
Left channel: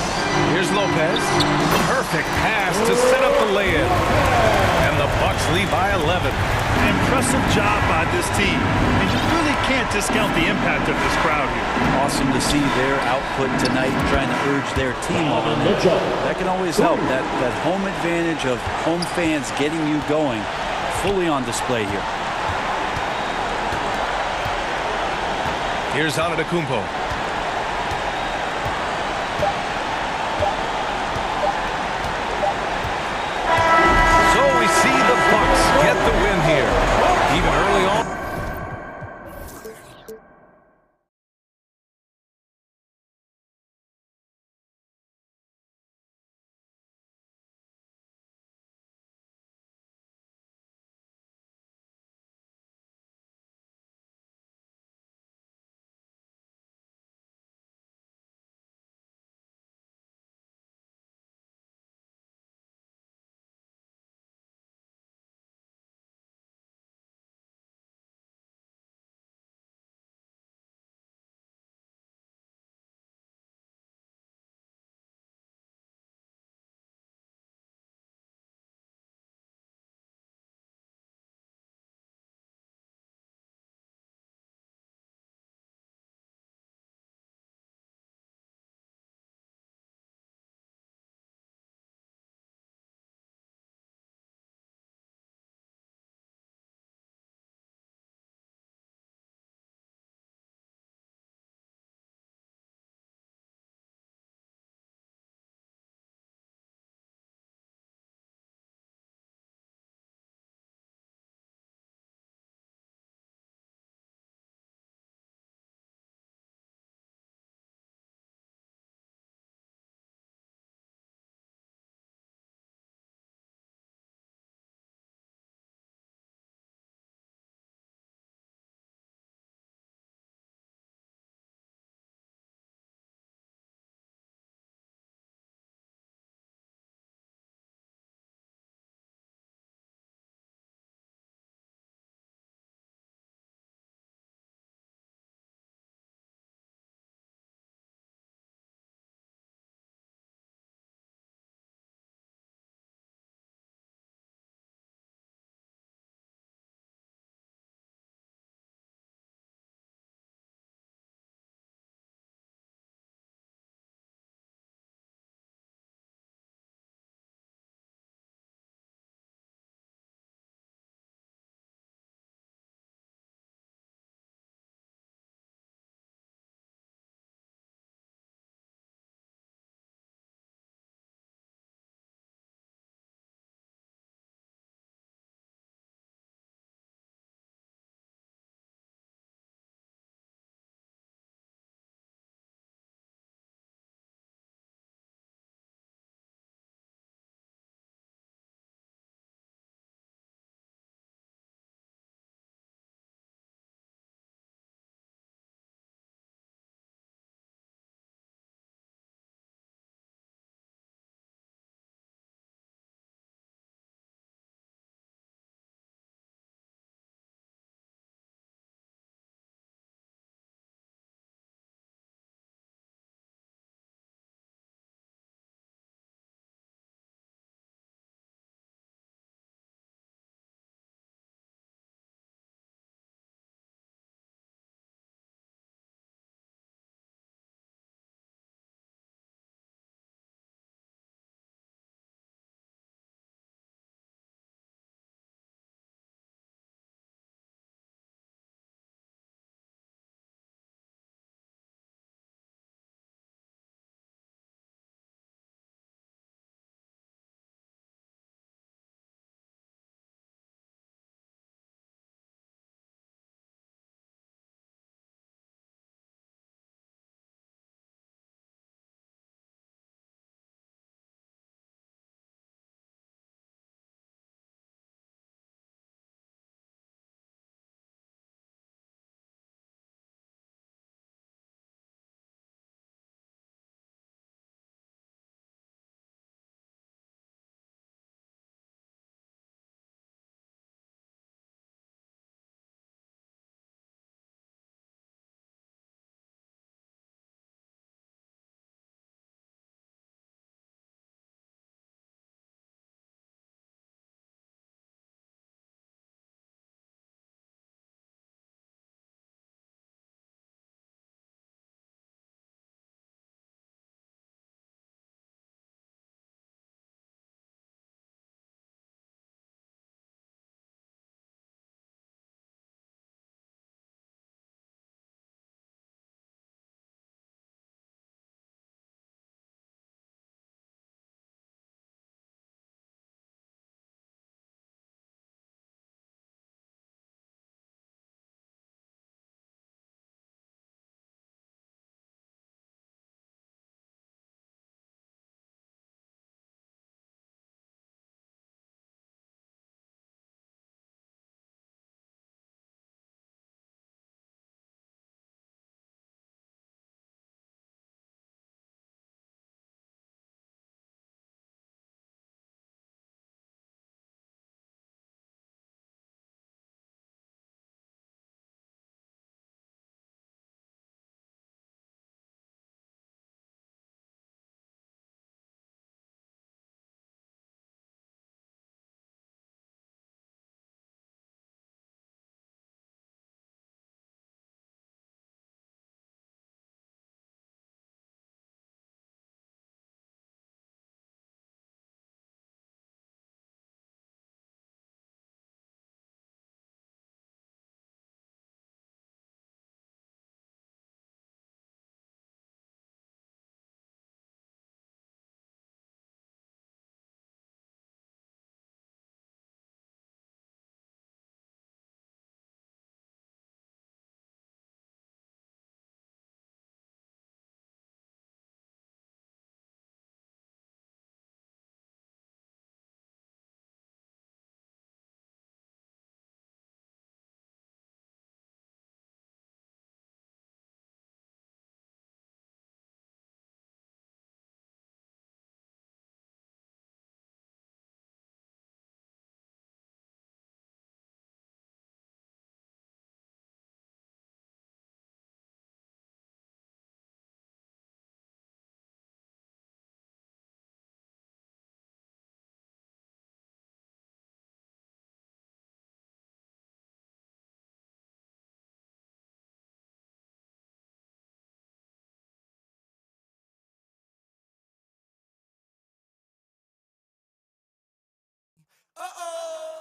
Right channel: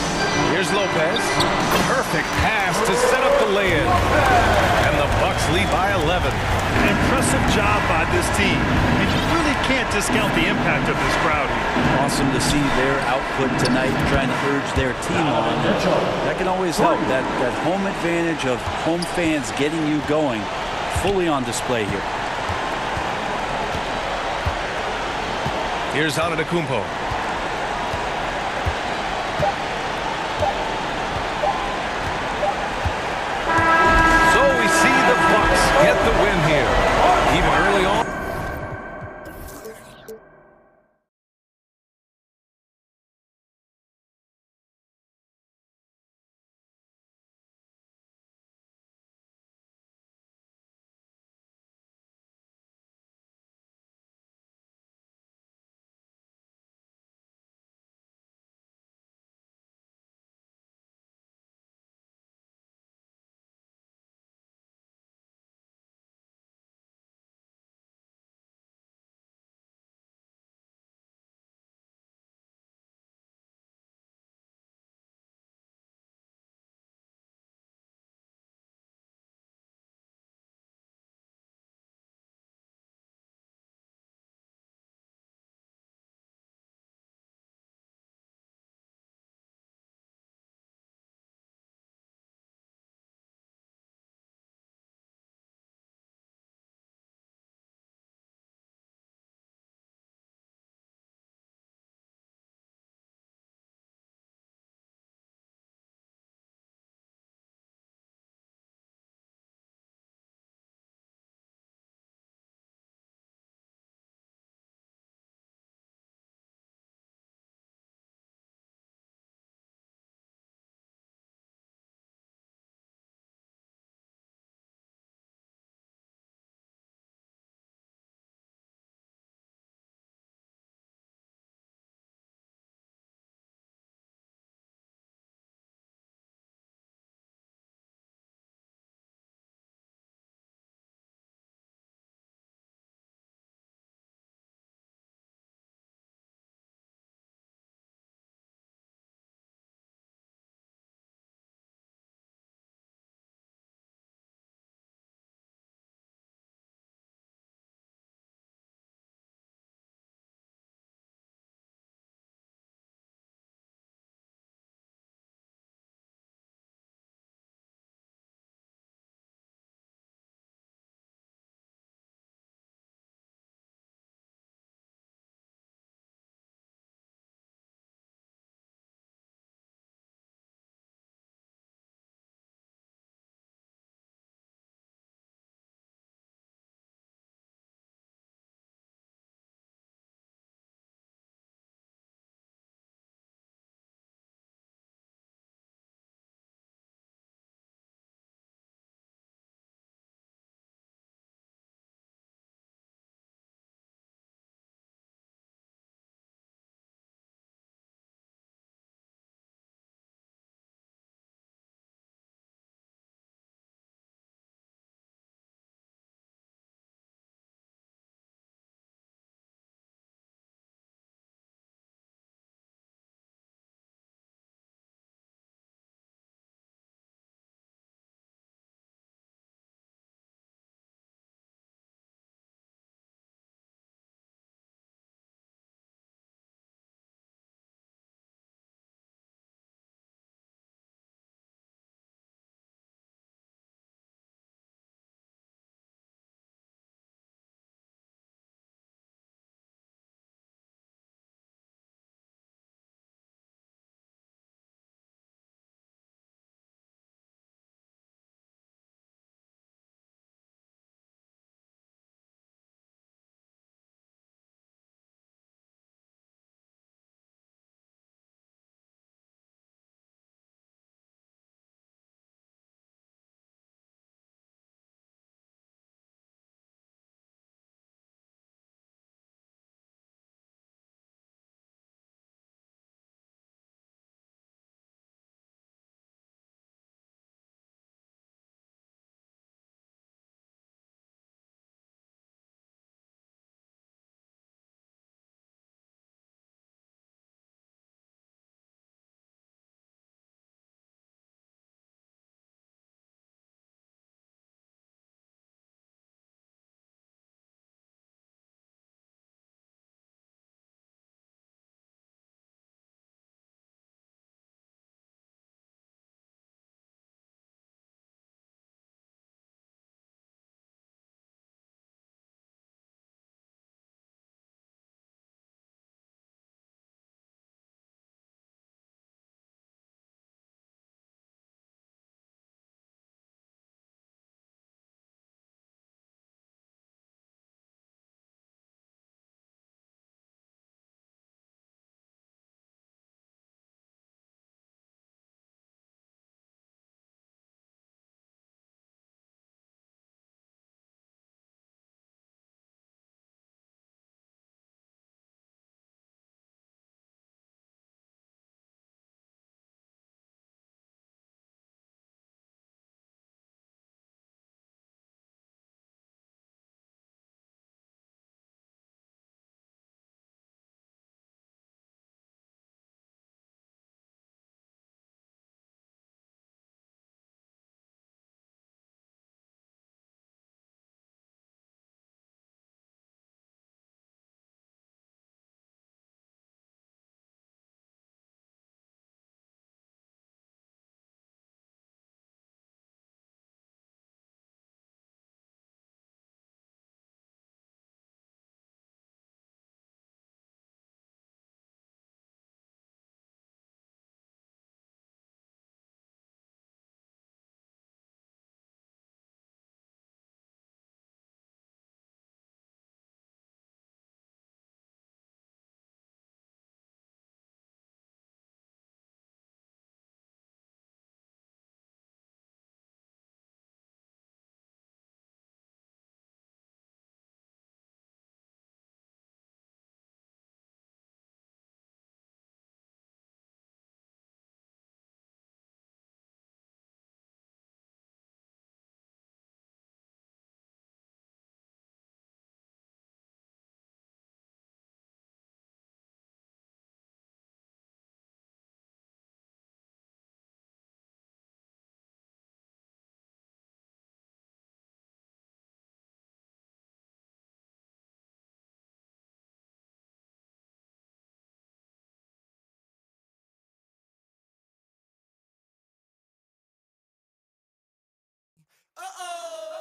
Here's Lopez. Perfect pass to set up the lay-in. And the Bucks lead by 11. An impressive job by this team. And you really can't discount the impact of this crowd here. Awesome to see their output tonight, trying to urge their team on. That can always help. That home advantage of home fans getting you going, fully on display here. Here's Antetokounmpo. So we see the Bucks get the win here. Even early on.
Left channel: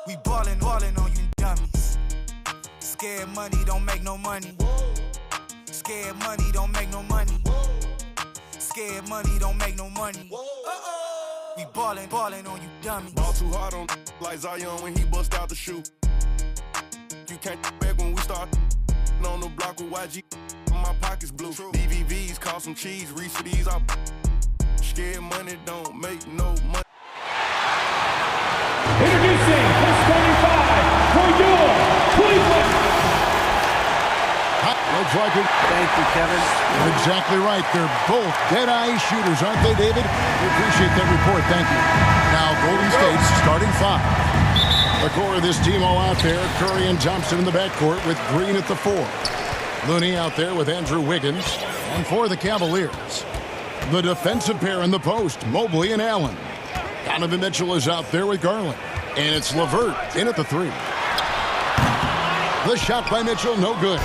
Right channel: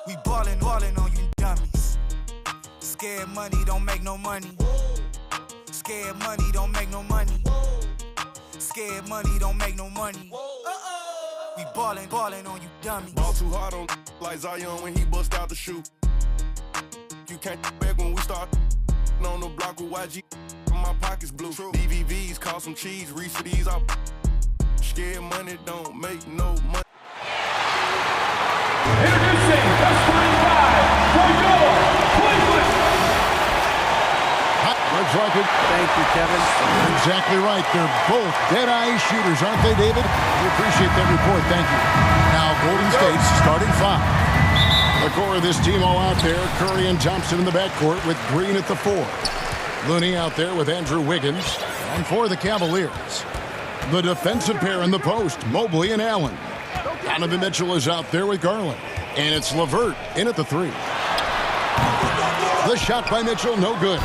We ballin' on you dummies. Scared money don't make no money. Scared money don't make no money. Scared money don't make no money. We ballin' on you dummies. Ball too hard on like Zion when he bust out the shoe. You can't back when we start on the block with YG. My pockets blue. DVVs cost some cheese. Reach for these up. Scared money don't make no money. Introducing plus 25 for your Cleveland. Looks like it. Thank you, Kevin. You're exactly right. They're both dead-eye shooters, aren't they, David? We appreciate that report. Thank you. Now, Golden State's starting 5. The core of this team all out there. Curry and Thompson in the backcourt with Green at the 4. Looney out there with Andrew Wiggins. And for the Cavaliers, the defensive pair in the post, Mobley and Allen. Donovan Mitchell is out there with Garland. And it's LeVert in at the 3. The shot by Mitchell, no good.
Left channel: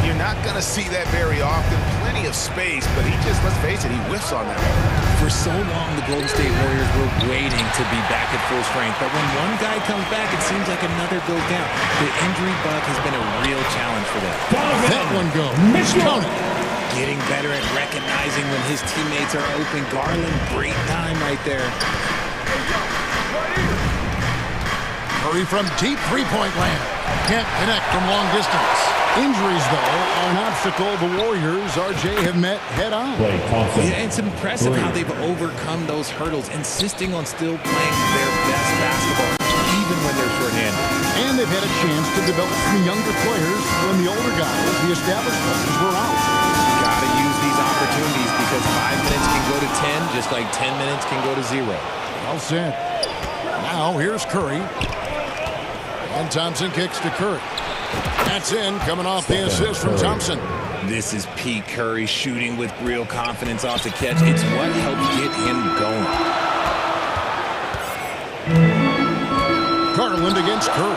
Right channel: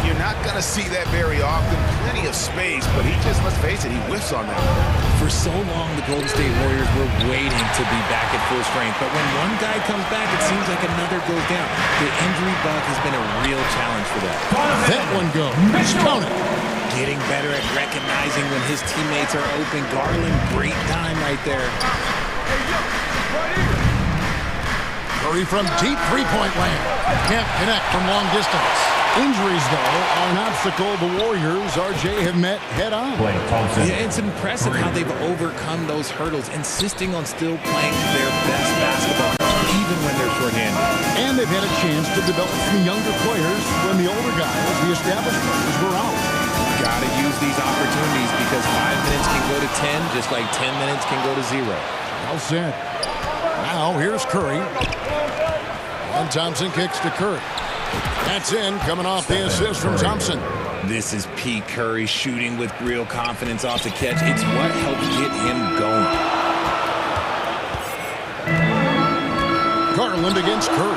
You're not going to see that very often. Plenty of space, but he just, let's face it, he whiffs on that one. For so long, the Golden State Warriors were waiting to be back at full strength. But when one guy comes back, it seems like another goes down. The injury bug has been a real challenge for them. That one goes. Count it. Getting better at recognizing when his teammates are open. Garland, great time right there. Curry from deep three-point land. Can't connect from long distance. Injuries, though, are an obstacle the Warriors, RJ, have met head-on. Yeah, it's impressive how they've overcome those hurdles, insisting on still playing their best basketball, even when they're shorthanded. And they've had a chance to develop some younger players when the older guys, the established players, were out. Got to use these opportunities because 5 minutes can go to 10, just like 10 minutes can go to 0. Well said. Now, here's Curry. And Thompson kicks to Curry. That's in, coming off the assist from Thompson. This is P. Curry shooting with real confidence off the catch. It's what helps get him going. Garland against Curry.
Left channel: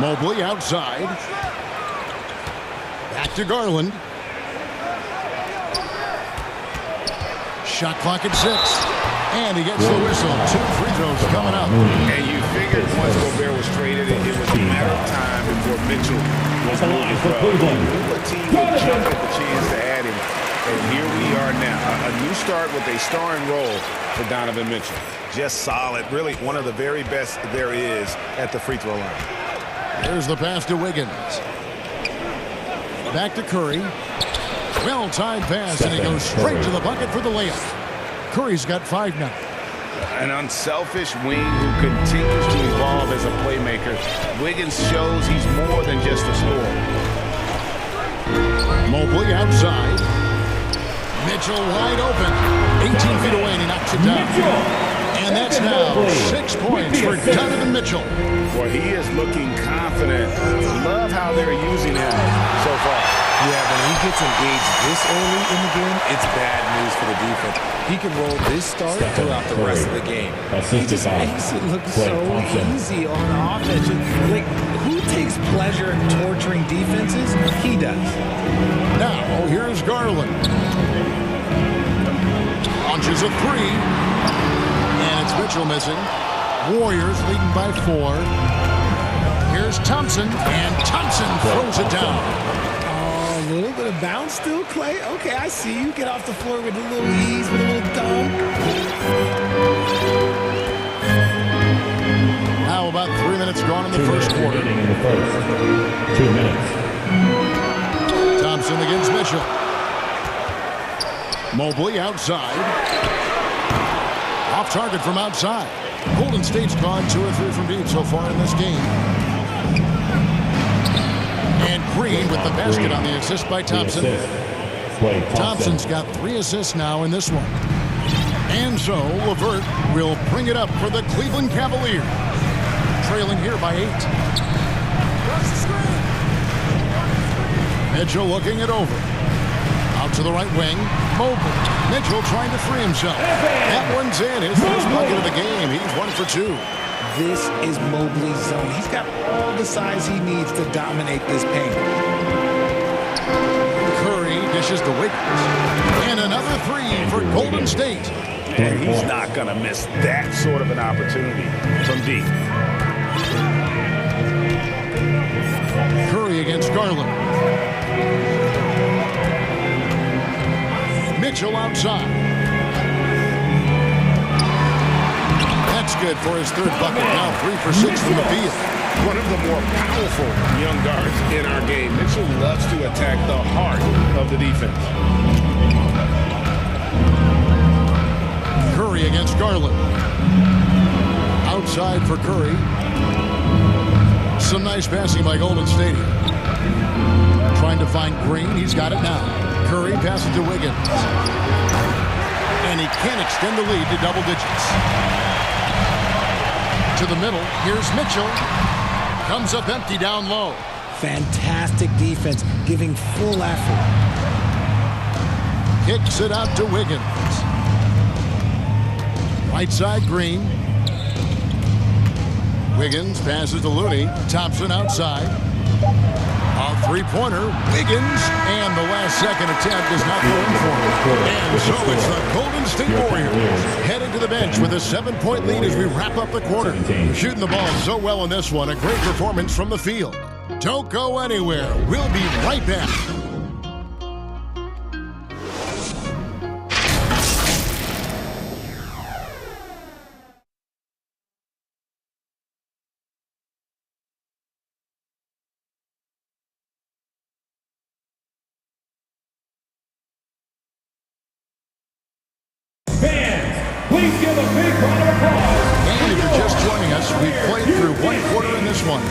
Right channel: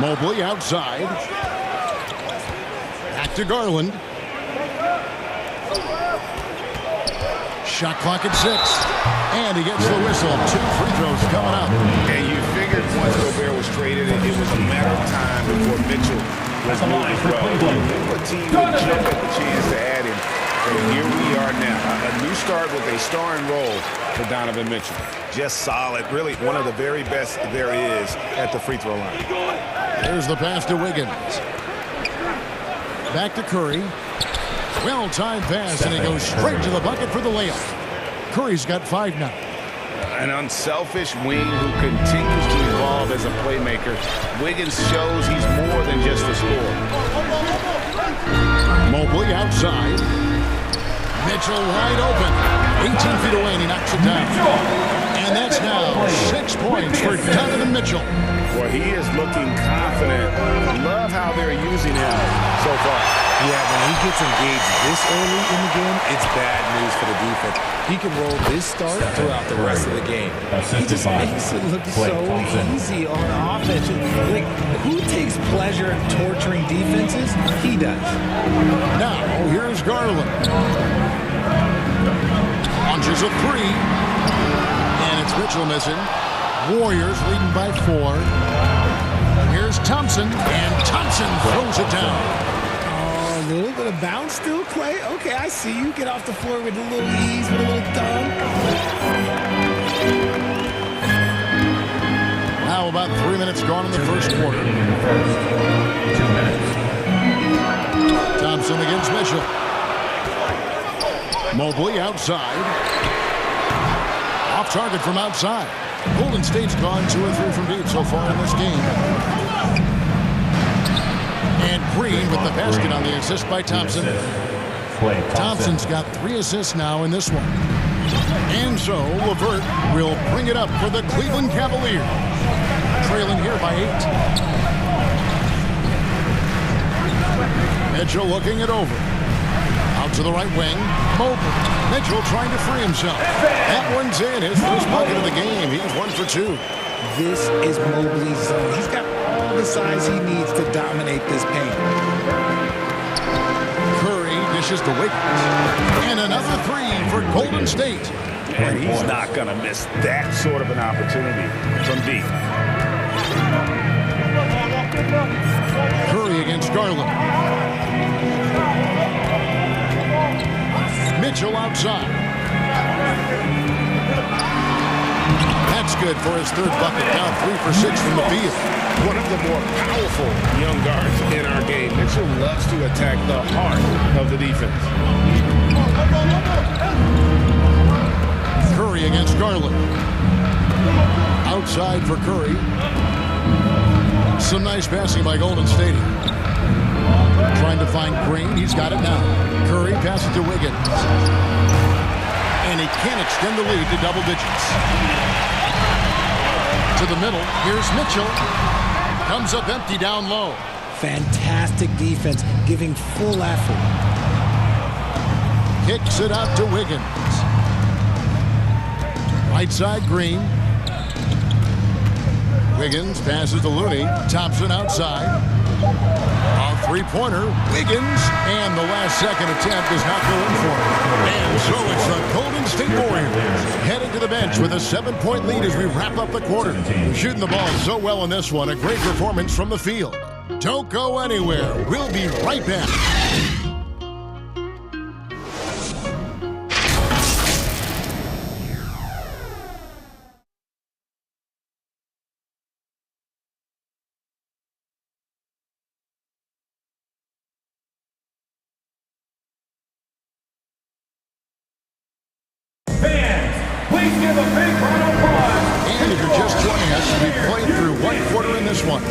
Mobley outside. Back to Garland. Shot clock at 6. And he gets the whistle. 2 free throws coming up. And you figured once Gobert was traded, it was a matter of time before Mitchell was moved as well. You knew a team would jump at the chance to add him. And here we are now. A new start with a starring role for Donovan Mitchell. Just solid. Really one of the very best there is at the free throw line. There's the pass to Wiggins. Back to Curry. Well-timed pass, and he goes straight to the bucket for the layup. Curry's got 5 now. An unselfish wing who continues to evolve as a playmaker. Wiggins shows he's more than just a scorer. Mobley outside. Mitchell wide open. 18 feet away, and he knocks it down. And that's now 6 points for Donovan Mitchell. Well, he is looking confident. Love how they're using him so far. Yeah, when he gets engaged this early in the game, it's bad news for the defense. He can roll this start throughout the rest of the game. He just makes it look so easy on offense. Like, who takes pleasure in torturing defenses? He does. Now, here's Garland. Launches a 3. And it's Mitchell missing. Warriors leading by 4. Here's Thompson, and Thompson throws it down. Oh, a little bit of bounce still, Clay. Okay, I see you. Get off the floor with a little ease, with a little dunk. Now about 3 minutes gone in the first quarter. 2 minutes. Thompson against Mitchell. Mobley outside. Off target from outside. Golden State's gone 2 or 3 from deep so far in this game. And Green with the basket on the assist by Thompson. Thompson's got 3 assists now in this one. And so LeVert will bring it up for the Cleveland Cavaliers. Trailing here by 8. Mitchell looking it over. Out to the right wing. Mobley. Mitchell trying to free himself. That one's in. His first bucket of the game. He's 1 for 2. This is Mobley's zone. He's got all the size he needs to dominate this paint. Curry dishes to Wiggins. And another 3 for Golden State. And he's not going to miss that sort of an opportunity from deep. against Garland. Mitchell outside. That's good for his third bucket. Now 3 for 6 from the field. One of the more powerful young guards in our game. Mitchell loves to attack the heart of the defense. Curry against Garland. Outside for Curry. Some nice passing by Golden State here. Trying to find Green. He's got it now. Curry passes to Wiggins. And he can't extend the lead to double digits. To the middle. Here's Mitchell. Comes up empty down low. Fantastic defense, giving full effort. Kicks it out to Wiggins. Right side, Green. Wiggins passes to Looney. Thompson outside. A three-pointer. Wiggins. And the last second attempt does not go in for him. And so it's the Golden State Warriors heading to the bench with a 7-point lead as we wrap up the quarter. We're shooting the ball so well in this one. A great performance from the field. Don't go anywhere. We'll be right back. Please give a big round of applause. And if you're just joining us, we've played through one quarter in this one.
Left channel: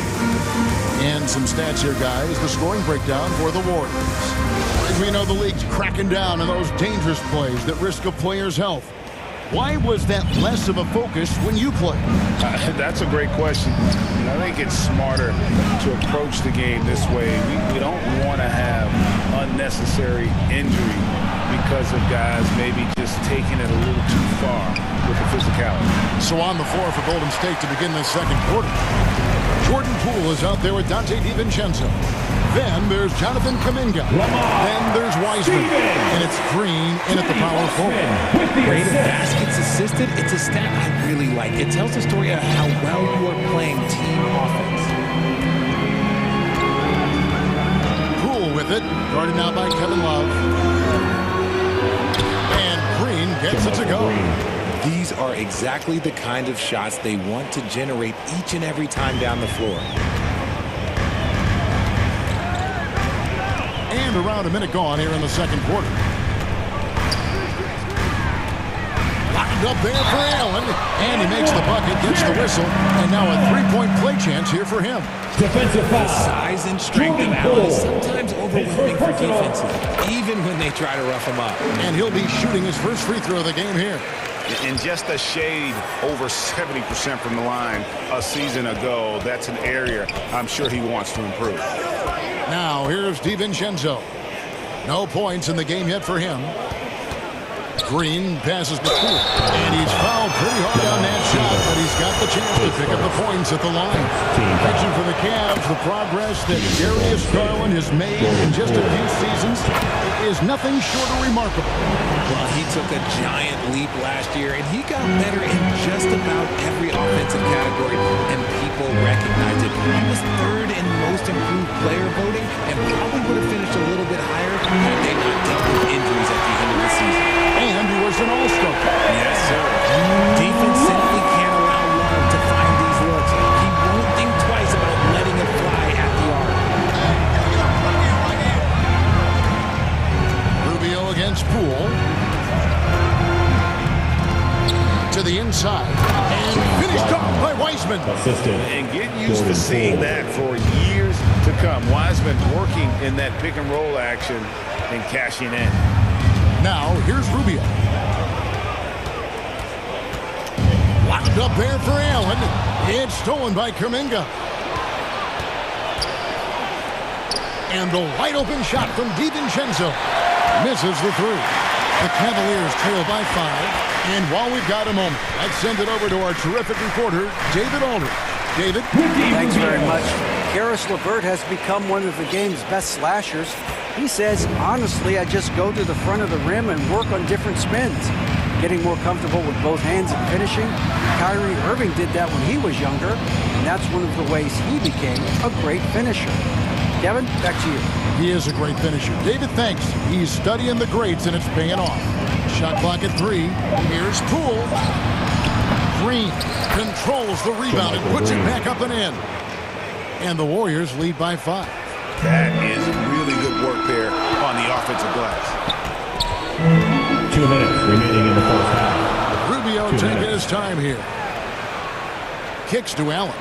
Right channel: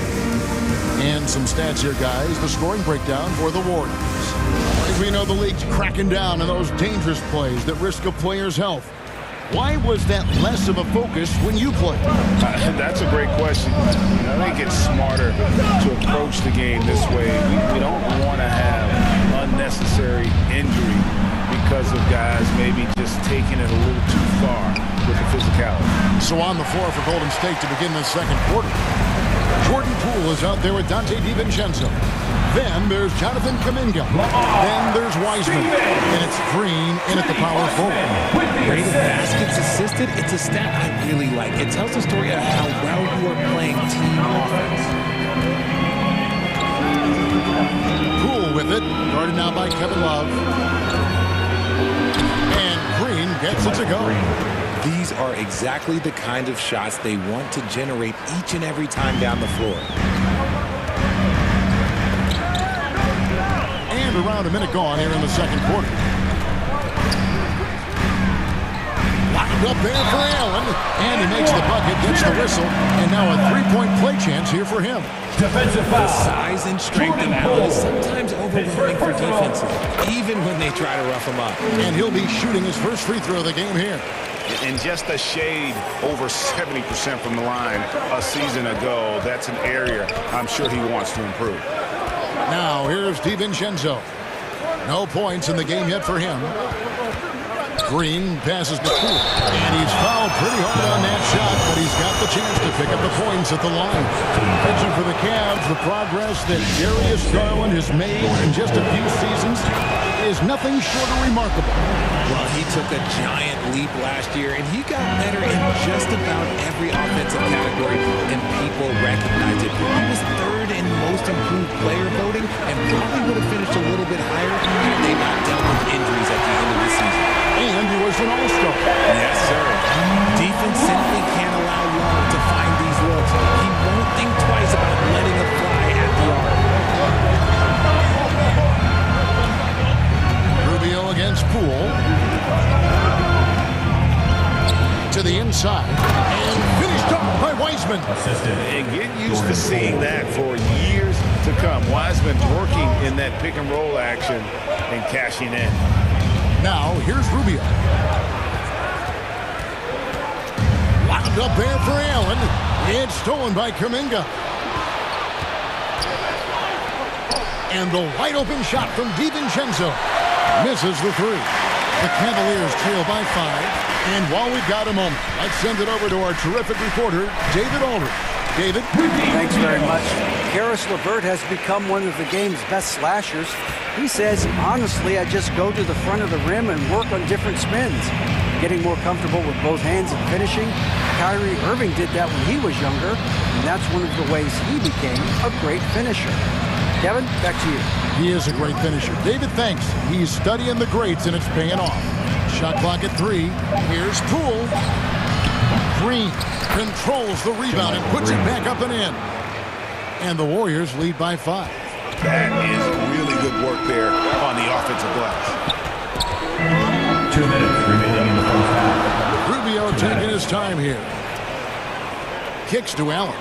And some stats here, guys. The scoring breakdown for the Warriors. As we know, the league's cracking down on those dangerous plays that risk a player's health. Why was that less of a focus when you played? That's a great question. I think it's smarter to approach the game this way. We don't want to have unnecessary injury because of guys maybe just taking it a little too far with the physicality. So on the floor for Golden State to begin the second quarter. Jordan Poole is out there with Dante DiVincenzo. Then there's Jonathan Kuminga. Then there's Wiseman. And it's Green in at the power forward. Rate of baskets assisted, it's a stat I really like. It tells the story of how well you are playing team offense. Poole with it. Guarded now by Kevin Love. And Green gets it to go. These are exactly the kind of shots they want to generate each and every time down the floor. And around a minute gone here in the second quarter. Lined up there for Allen. And he makes the bucket, gets the whistle. And now a three-point play chance here for him. Defensive foul. The size and strength of Allen is sometimes overwhelming for defenses, even when they try to rough him up. And he'll be shooting his first free throw of the game here. In just a shade over 70% from the line a season ago, that's an area I'm sure he wants to improve. Now here's DiVincenzo. No points in the game yet for him. Green passes to Poole. And he's fouled pretty hard on that shot, but he's got the chance to pick up the points at the line. Mention for the Cavs, the progress that Darius Garland has made in just a few seasons is nothing short of remarkable. Well, he took a giant leap last year, and he got better in just about every offensive category, and people recognized it. He was third in most improved player voting, and probably would have finished a little bit higher had they not dealt with injuries at the end of the season. And he was an all-star. Yes, sir. Defense simply can't allow Love to find these looks. He won't think twice about letting it fly at the arc. Rubio against Poole. To the inside. And finished off by Wiseman. And get used to seeing that for years to come. Wiseman working in that pick-and-roll action and cashing in. Now, here's Rubio. Locked up there for Allen. It's stolen by Kuminga. And the wide-open shot from DiVincenzo. Misses the three. The Cavaliers trail by 5. And while we've got a moment, let's send it over to our terrific reporter, David Aldridge. David? Thanks very much. Karis LeVert has become one of the game's best slashers. He says, honestly, I just go to the front of the rim and work on different spins. Getting more comfortable with both hands and finishing. Kyrie Irving did that when he was younger, and that's one of the ways he became a great finisher. Kevin, back to you. He is a great finisher. David thinks he's studying the greats, and it's paying off. Shot clock at 3. Here's Poole. Green controls the rebound and puts it back up and in. And the Warriors lead by 5. That is really good work there on the offensive glass. 2 minutes remaining in the first half. Rubio taking his time here. Kicks to Allen.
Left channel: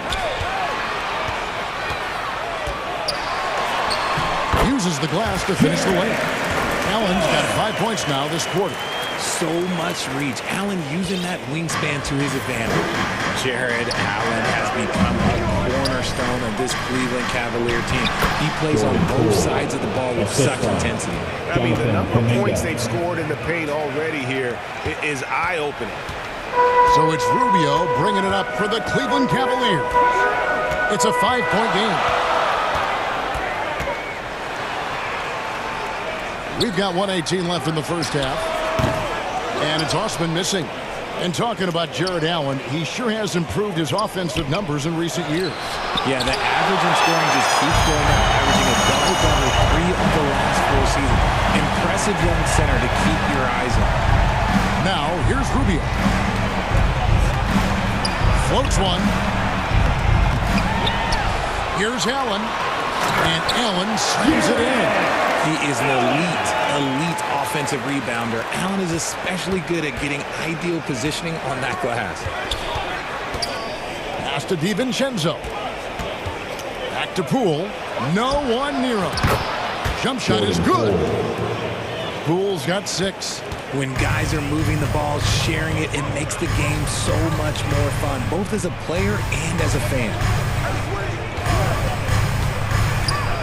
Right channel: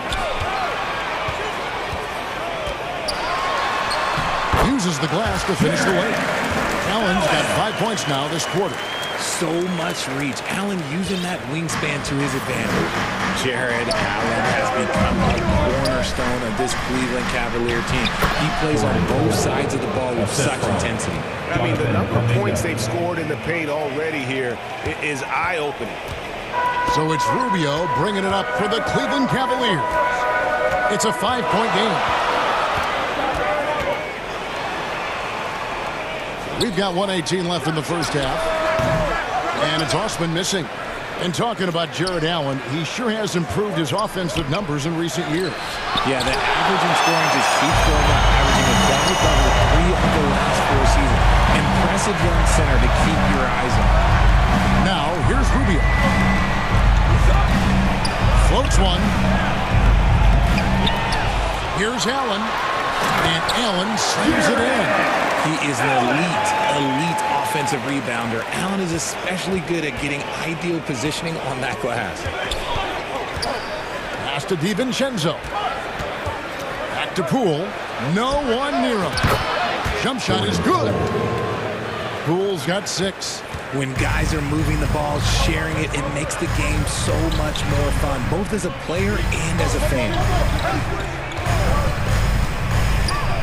Uses the glass to finish the layup. Allen's got 5 points now this quarter. So much reach. Allen using that wingspan to his advantage. Jared Allen has become a cornerstone of this Cleveland Cavalier team. He plays on both sides of the ball with such intensity. I mean, the number of points they've scored in the paint already here is eye-opening. So it's Rubio bringing it up for the Cleveland Cavaliers. It's a 5-point game. We've got 1:18 left in the first half. And it's Osman missing. And talking about Jared Allen, he sure has improved his offensive numbers in recent years. Yeah, the average in scoring just keeps going up, averaging a double-double 3 of the last 4 seasons. Impressive young center to keep your eyes on. Now, here's Rubio. Floats one. Here's Allen. And Allen slams it in. He is an elite offensive rebounder. Allen is especially good at getting ideal positioning on that glass. Pass to DiVincenzo. Back to Poole. No one near him. Jump shot is good. Poole's got 6. When guys are moving the ball, sharing it, it makes the game so much more fun, both as a player and as a fan.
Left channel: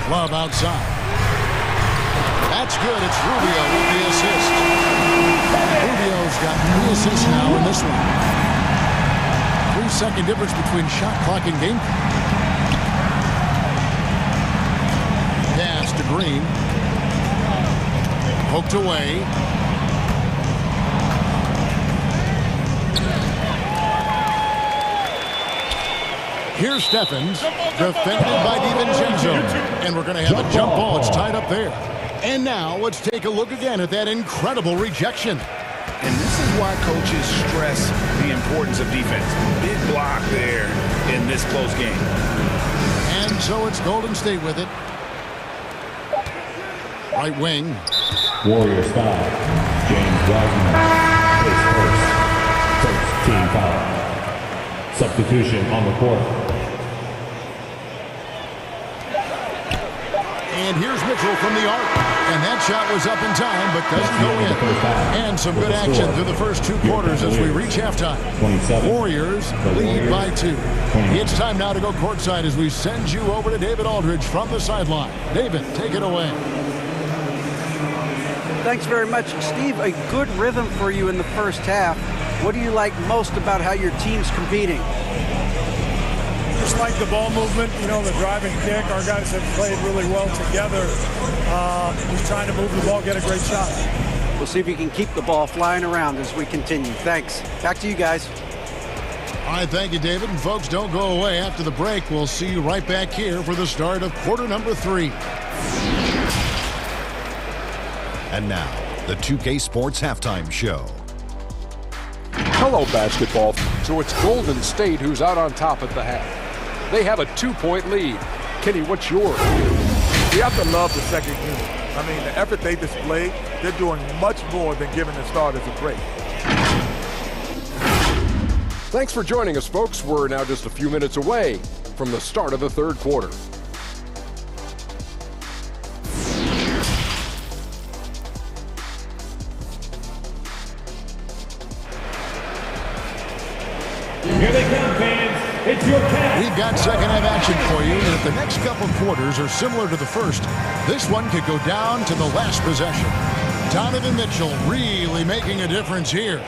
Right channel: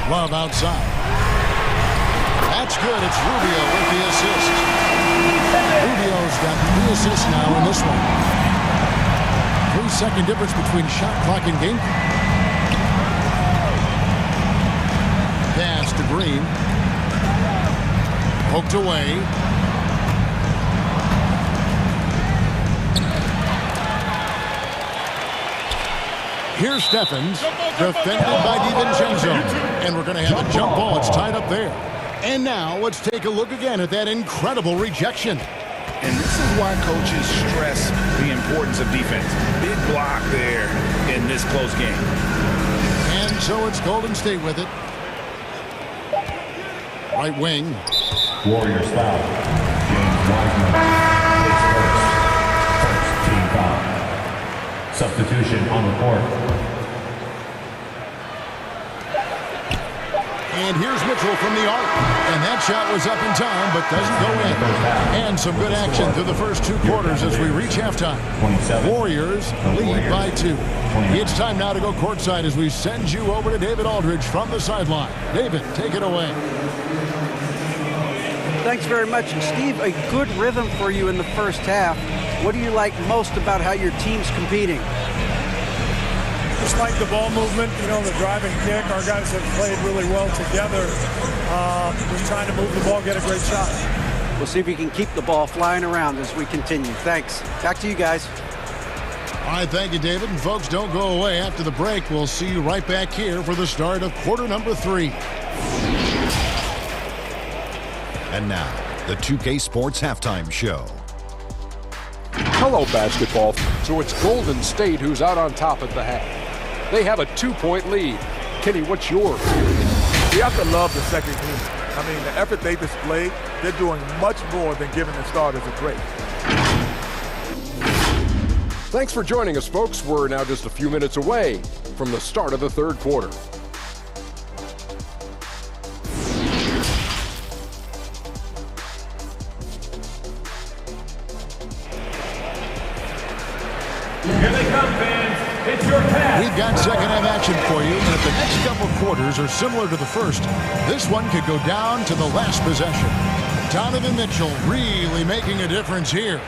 Love outside. That's good. It's Rubio with the assist. Rubio's got 3 assists now in this one. 3-second difference between shot clock and game clock. Pass to Green. Poked away. Here's Stephens, defended by DiVincenzo. And we're going to have a jump ball. It's tied up there. And now let's take a look again at that incredible rejection. And this is why coaches stress the importance of defense. Big block there in this close game. And so it's Golden State with it. Right wing. Warriors foul. James Wiseman is first team foul. Substitution on the court. And here's Mitchell from the arc. And that shot was up in time, but doesn't go in. And some good action through the first 2 quarters as we reach halftime. Warriors lead by 2. It's time now to go courtside as we send you over to David Aldridge from the sideline. David, take it away. Thanks very much, Steve. A good rhythm for you in the first half. What do you like most about how your team's competing? Just like the ball movement, you know, the drive and kick. Our guys have played really well together. Just trying to move the ball, get a great shot. We'll see if we can keep the ball flying around as we continue. Thanks. Back to you guys. All right, thank you, David. And folks, don't go away. After the break, we'll see you right back here for the start of quarter number 3. And now, the 2K Sports Halftime Show. Hello, basketball. So it's Golden State who's out on top at the half. They have a 2-point lead. Kenny, what's your view? You have to love the second unit. I mean, the effort they displayed, they're doing much more than giving the starters a break. Thanks for joining us, folks. We're now just a few minutes away from the start of the third quarter. Here they come, fans. It's your pass. We've got second half action for you, and if the next couple quarters are similar to the first, this one could go down to the last possession. Donovan Mitchell really making a difference here.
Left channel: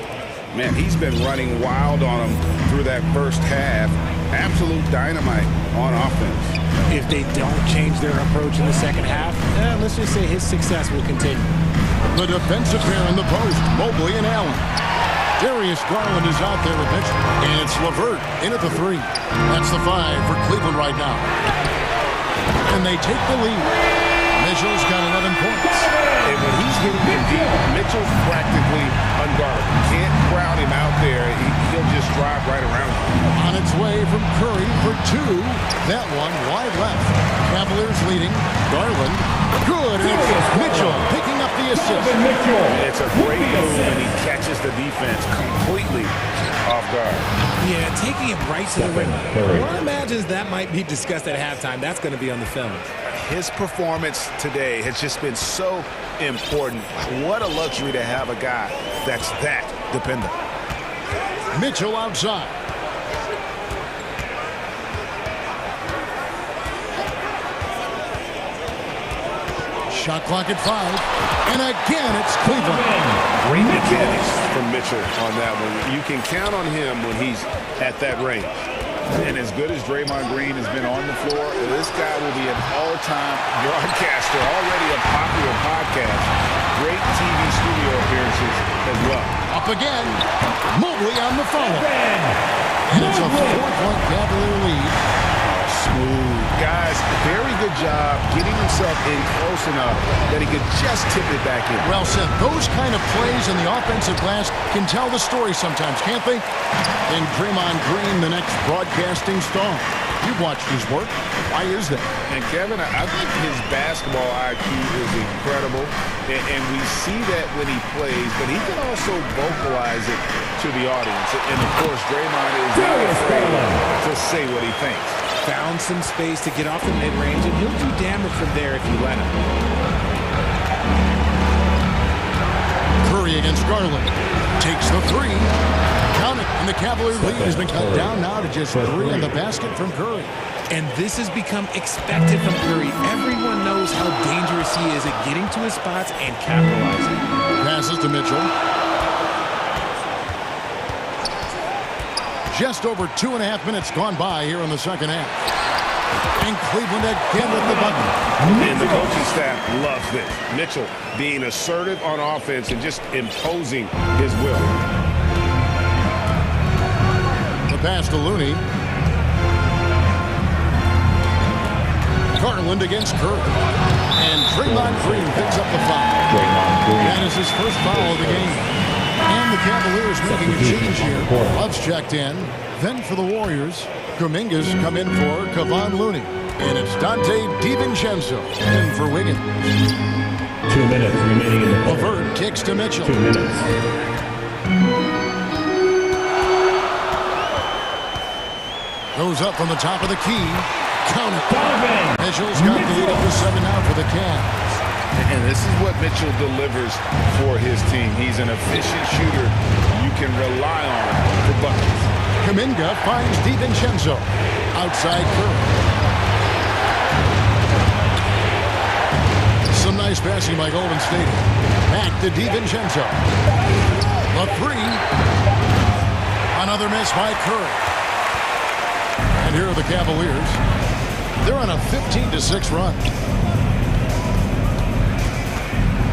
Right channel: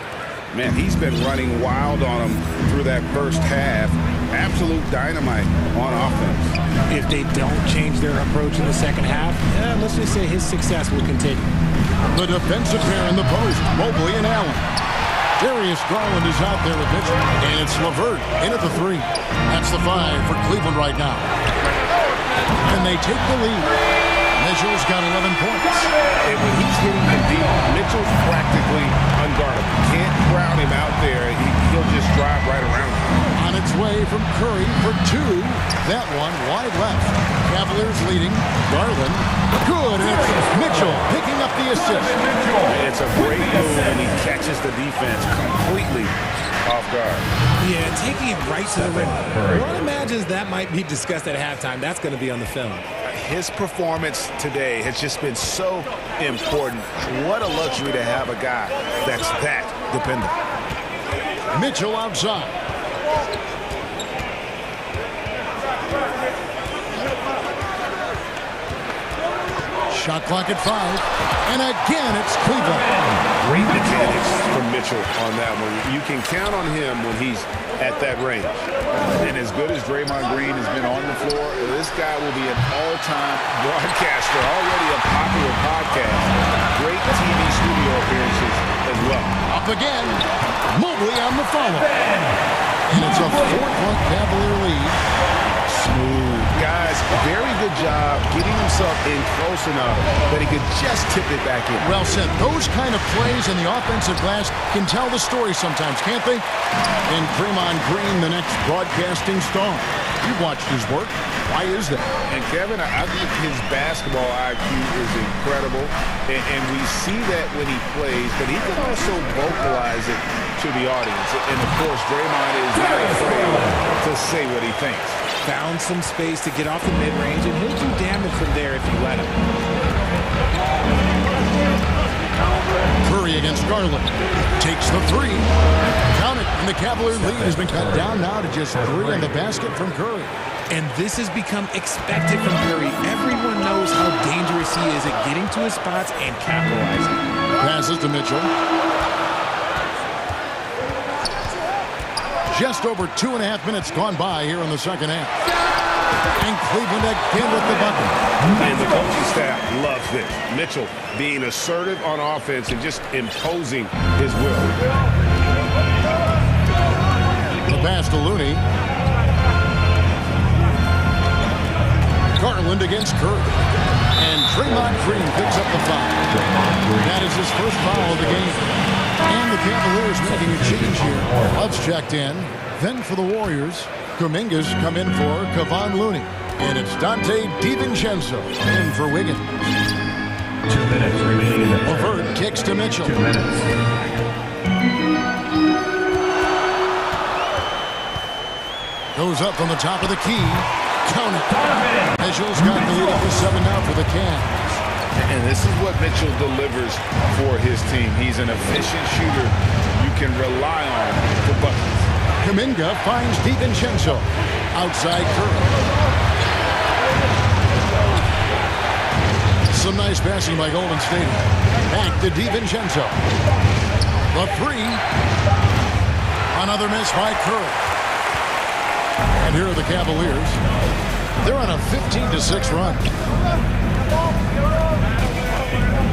Man, he's been running wild on him through that first half. Absolute dynamite on offense. If they don't change their approach in the second half, let's just say his success will continue. The defensive pair in the post, Mobley and Allen. Darius Garland is out there with Mitchell, and it's LeVert in at the 3. That's the 5 for Cleveland right now. and they take the lead. Mitchell's got 11 points. And when he's hitting them deep, Mitchell's practically unguardable. Can't crowd him out there. He'll just drive right around you. On its way from Curry for 2. That one wide left. Cavaliers leading. Garland. Good. And it's Mitchell picking up the assist. It's a great move, and he catches the defense completely off guard. Yeah, taking it right to the rim. One imagines that might be discussed at halftime. That's going to be on the film. His performance today has just been so important. What a luxury to have a guy that's that dependent. Mitchell outside. Shot clock at 5. And again, it's Cleveland. Great mechanics from Mitchell on that one. You can count on him when he's at that range. And as good as Draymond Green has been on the floor, this guy will be an all-time broadcaster, already a popular podcast. Great TV studio appearances as well. Up again. Mobley on the follow. And it's a 4-point Cavalier lead. Smooth. Guys, very good job getting himself in close enough that he could just tip it back in. Well said. Those kind of plays in the offensive glass can tell the story sometimes, can't they? And Draymond Green, the next broadcasting star. You've watched his work. Why is that? And Kevin, I think his basketball IQ is incredible. And we see that when he plays, but he can also vocalize it to the audience. And of course, Draymond is not afraid to say what he thinks. Found some space to get off the mid-range, and he'll do damage from there if you let him. Curry against Garland. Takes the 3. Count it. And the Cavalier lead has been cut down now to just 3 on the basket from Curry. And this has become expected from Curry. Everyone knows how dangerous he is at getting to his spots and capitalizing. Passes to Mitchell. Just over 2.5 minutes gone by here in the second half. And Cleveland again with the bucket. And the coaching staff loves this. Mitchell being assertive on offense and just imposing his will. The pass to Looney. Garland against Curry. And Draymond Green picks up the foul. That is his first foul of the game. And the Cavaliers making a change here. Love's checked in. Then for the Warriors, Kuminga's come in for Kevon Looney. And it's Dante DiVincenzo in for Wiggins. 2 minutes remaining in the third. LeVert kicks to Mitchell. 2 minutes. Goes up from the top of the key. Count it. Mitchell's got the lead up to 7 now for the Cavs. And this is what Mitchell delivers for his team. He's an efficient shooter you can rely on for buckets. Kuminga finds DiVincenzo. Outside Curry. Some nice passing by Golden State. Back to DiVincenzo. The 3. Another miss by Curry. And here are the Cavaliers. They're on a 15-6 run.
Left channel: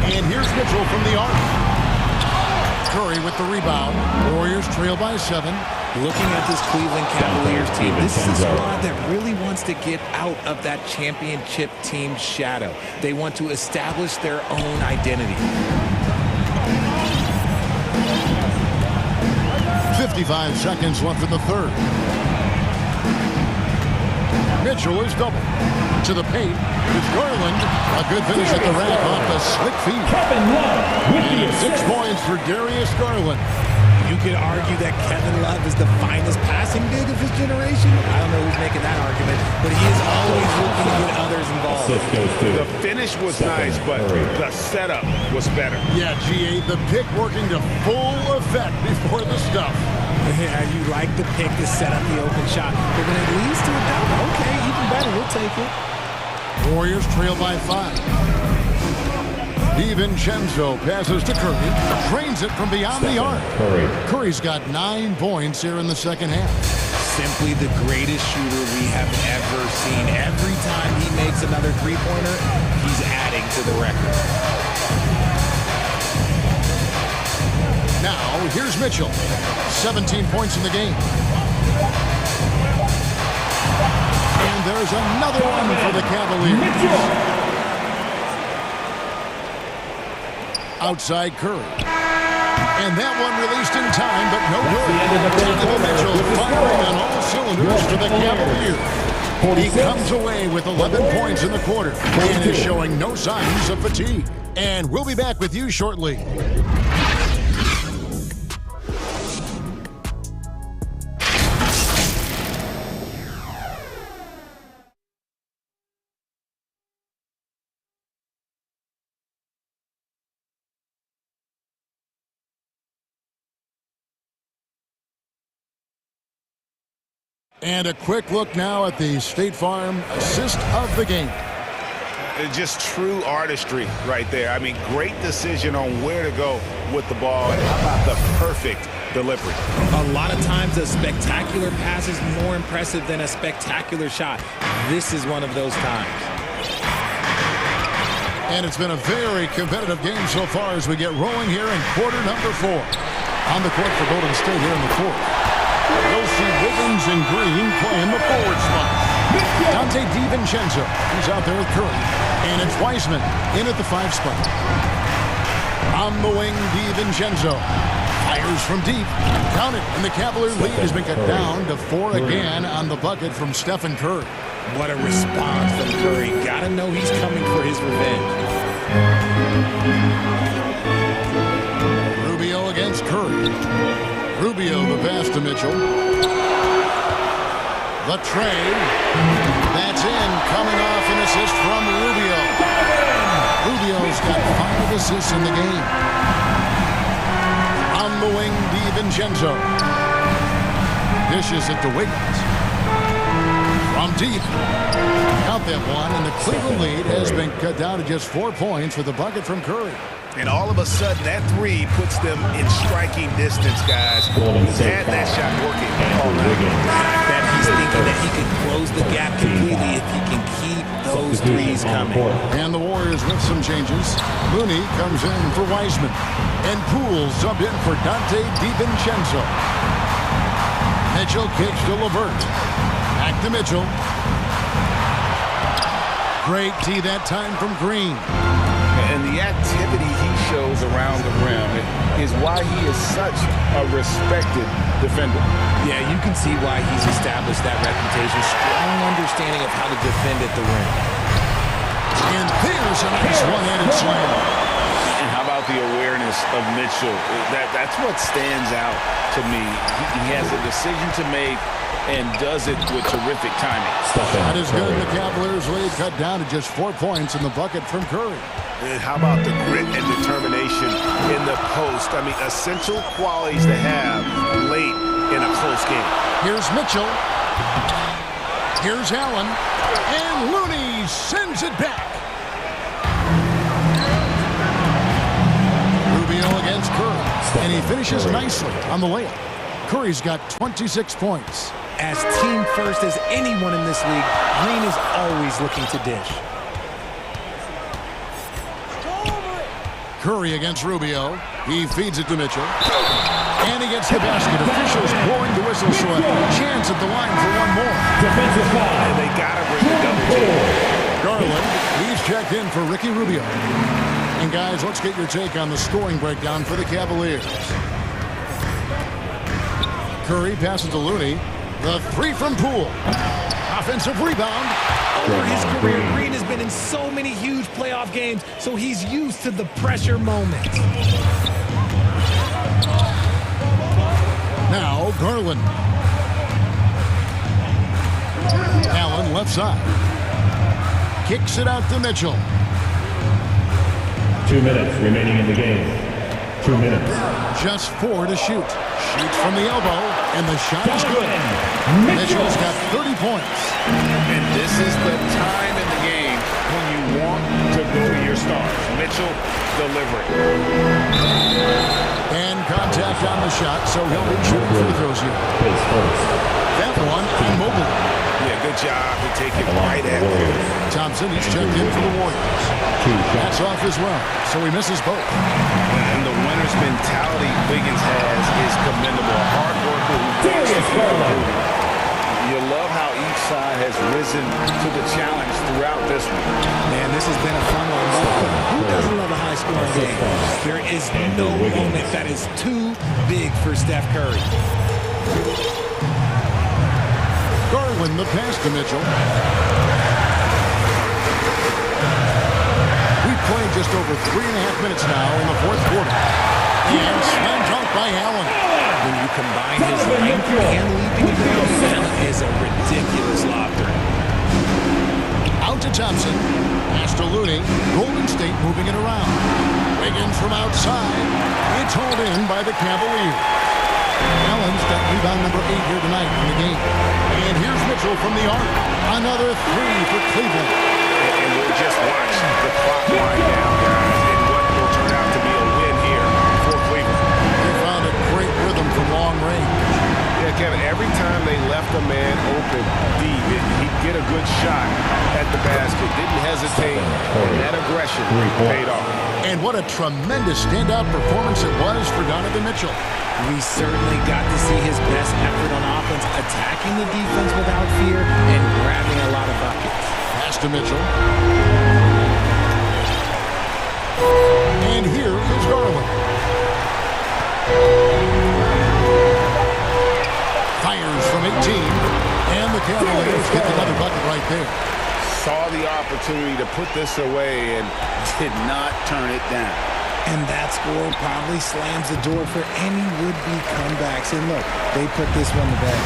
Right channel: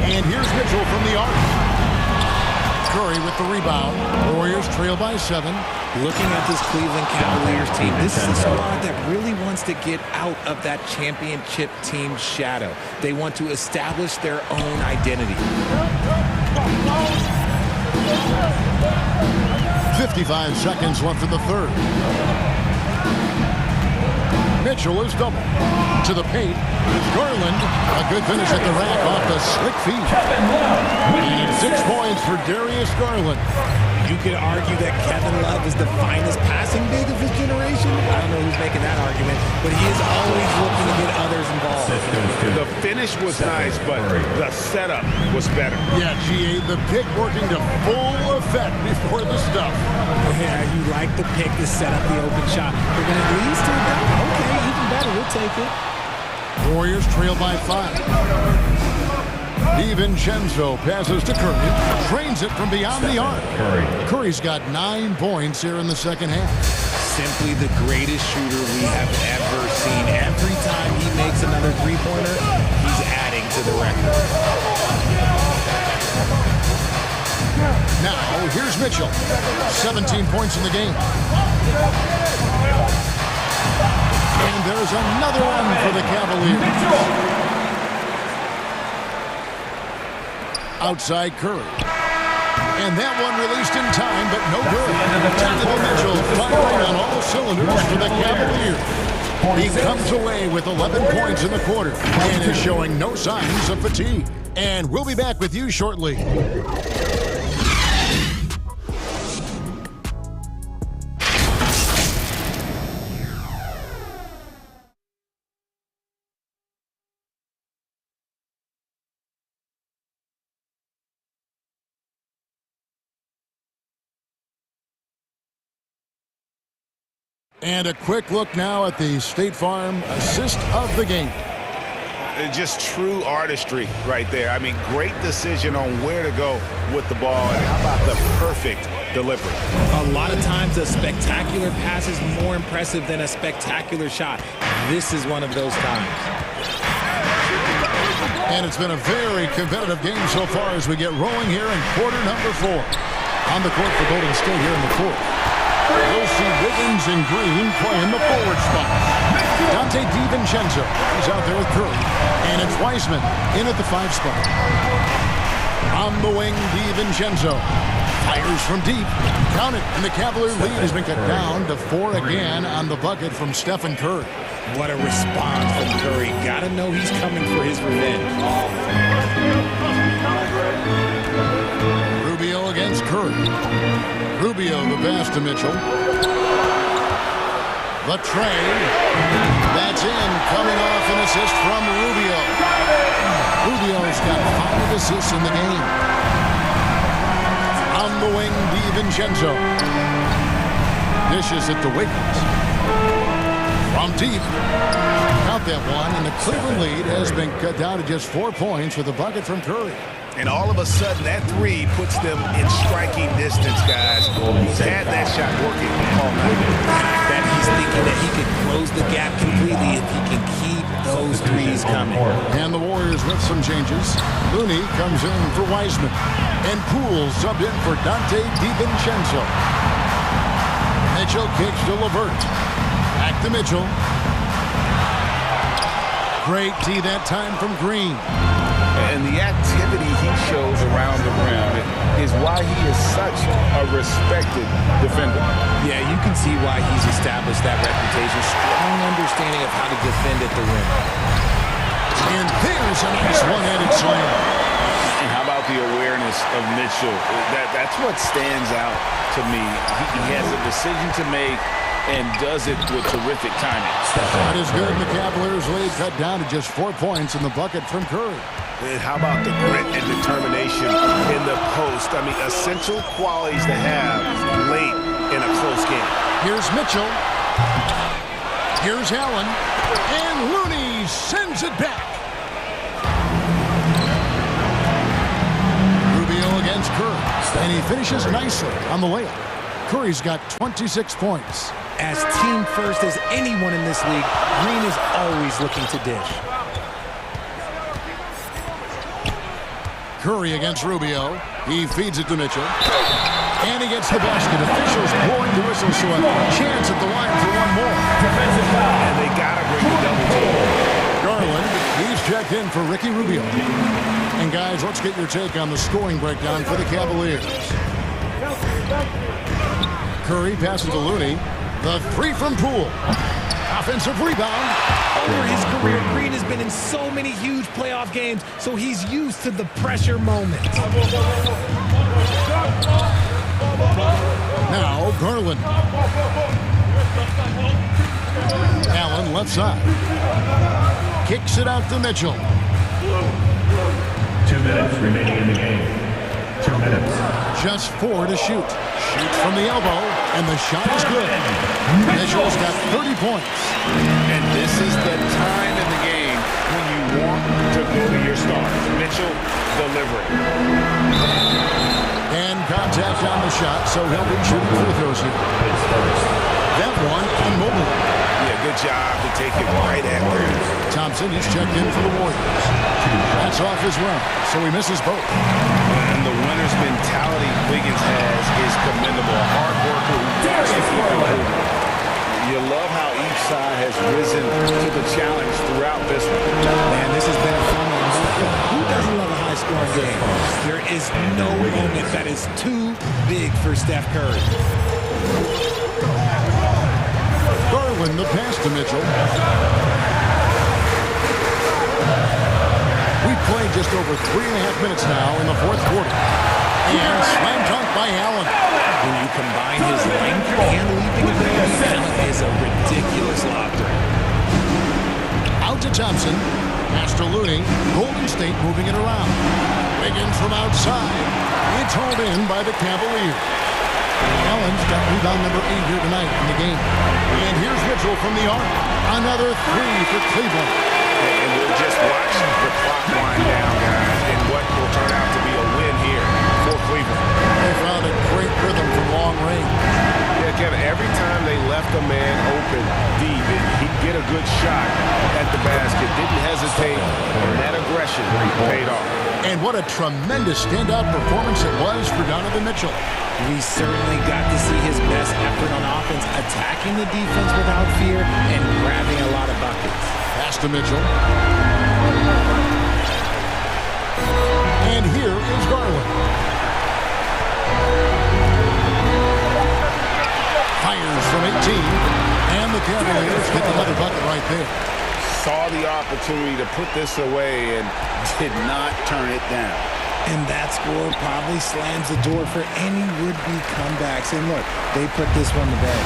And here's Mitchell from the arc. Curry with the rebound. Warriors trail by 7. Looking at this Cleveland Cavaliers team, this is a squad that really wants to get out of that championship team shadow. They want to establish their own identity. 55 seconds left in the third. Mitchell is double. To the paint is Garland. A good finish at the rack off the slick feet. And it's 6 points for Darius Garland. You could argue that Kevin Love is the finest passing big of his generation. I don't know who's making that argument, but he is always looking to get others involved. The finish was nice, but the setup was better. Yeah, GA, the pick working to full effect before the stuff. Yeah, you like the pick to set up the open shot, but when it leads to a dunk, okay, even better, we'll take it. Warriors trail by 5. DiVincenzo passes to Curry. Trains it from beyond the arc. Curry's got 9 points here in the second half. Simply the greatest shooter we have ever seen. Every time he makes another three-pointer, he's adding to the record. Now, here's Mitchell. 17 points in the game. And there's another one for the Cavaliers. Outside Curry. And that one released in time, but no good. Donovan Mitchell firing on all cylinders for the Cavaliers. He comes away with 11 points in the quarter and is showing no signs of fatigue. And we'll be back with you shortly. And a quick look now at the State Farm assist of the game. Just true artistry right there. I mean, great decision on where to go with the ball, and how about the perfect delivery? A lot of times a spectacular pass is more impressive than a spectacular shot. This is one of those times. And it's been a very competitive game so far as we get rolling here in quarter number 4. On the court for Golden State here in the 4th. We'll see Wiggins and Green play in the forward spot. Dante DiVincenzo, he's out there with Curry. And it's Wiseman in at the 5 spot. On the wing, DiVincenzo fires from deep. Count it, and the Cavalier lead has been cut down to 4 again on the bucket from Stephen Curry. What a response from Curry. Gotta know he's coming for his revenge. Rubio against Curry. Rubio the pass to Mitchell. The tray. That's in. Coming off an assist from Rubio. Rubio's got 5 assists in the game. On the wing, DiVincenzo. Dishes it to Wiggins. From deep. Count that one, and the Cleveland lead has been cut down to just 4 points with a bucket from Curry. And all of a sudden, that 3 puts them in striking distance, guys. He's had that shot working all night. And I bet he's thinking that he could close the gap completely if he can keep those 3s coming. And the Warriors with some changes. Looney comes in for Wiseman. And Poole subbed in for Dante DiVincenzo. Mitchell kicks to LeVert. Back to Mitchell. Great D that time from Green. And the activity he shows around the rim is why he is such a respected defender. Yeah, you can see why he's established that reputation. Strong understanding of how to defend at the rim. And there's a nice one-handed slam. And how about the awareness of Mitchell? That's what stands out to me. He has a decision to make and does it with terrific timing. That is good. The Cavaliers lead cut down to just 4 points in the bucket from Curry. And how about the grit and determination in the post? I mean, essential qualities to have late in a close game. Here's Mitchell. Here's Allen. And Looney sends it back. Rubio against Curry. And he finishes nicely on the layup. Curry's got 26 points. As team first as anyone in this league, Green is always looking to dish. Curry against Rubio. He feeds it to Mitchell. And he gets the basket. Officials blowing the whistle, so a chance at the line for one more. Defensive foul. And they got to bring the double team. Garland, he's checked in for Ricky Rubio. And guys, let's get your take on the scoring breakdown for the Cavaliers. Curry passes to Looney. The 3 from Poole. Offensive rebound. Over his career, Green has been in so many huge playoff games, so he's used to the pressure moments. Now, Garland. Allen left side. Kicks it out to Mitchell. 2 minutes remaining in the game. 2 minutes. Just 4 to shoot. Shoots from the elbow, and the shot is good. Mitchell's got 30 points. And this is the time in the game when you want to go to your stars. Mitchell delivering. And contact on the shot, so he'll be shooting free throws here. That one on Mobley. Yeah, good job to take it right after. Thompson, he's checked in for the Warriors. That's off as well, so he misses both. And the winner's mentality Wiggins has is commendable. A hard worker who wants to keep improving. You love how each side has risen to the challenge throughout this one. Man, this has been a fun one. Who doesn't love a high-scoring game? There is no moment that is too big for Steph Curry. Garland the pass to Mitchell. We've played just over 3.5 minutes now in the fourth quarter. And slam dunk by Allen. When you combine his length and leaping ability, Allen is a ridiculous lob threat. Out to Thompson. Pass to Looney. Golden State moving it around. Wiggins from outside. It's hauled in by the Cavaliers. Allen's got rebound number 8 here tonight in the game. And here's Mitchell from the arc. Another 3 for Cleveland. And we'll just watch the clock wind down, guys, in what will turn out to be a win here for Cleveland. They found a great rhythm from long range. Yeah, Kevin, every time they left a man open deep, he'd get a good shot at the basket. Didn't hesitate, and that aggression paid off. And what a tremendous standout performance it was for Donovan Mitchell. We certainly got to see his best effort on offense, attacking the defense without fear and grabbing a lot of buckets. Pass to Mitchell. And here is Garland. Fires from 18. And the Cavaliers get another bucket right there. Saw the opportunity to put this away and did not turn it down. And that score probably slams the door for any would-be comebacks. And look, they put this one to bed.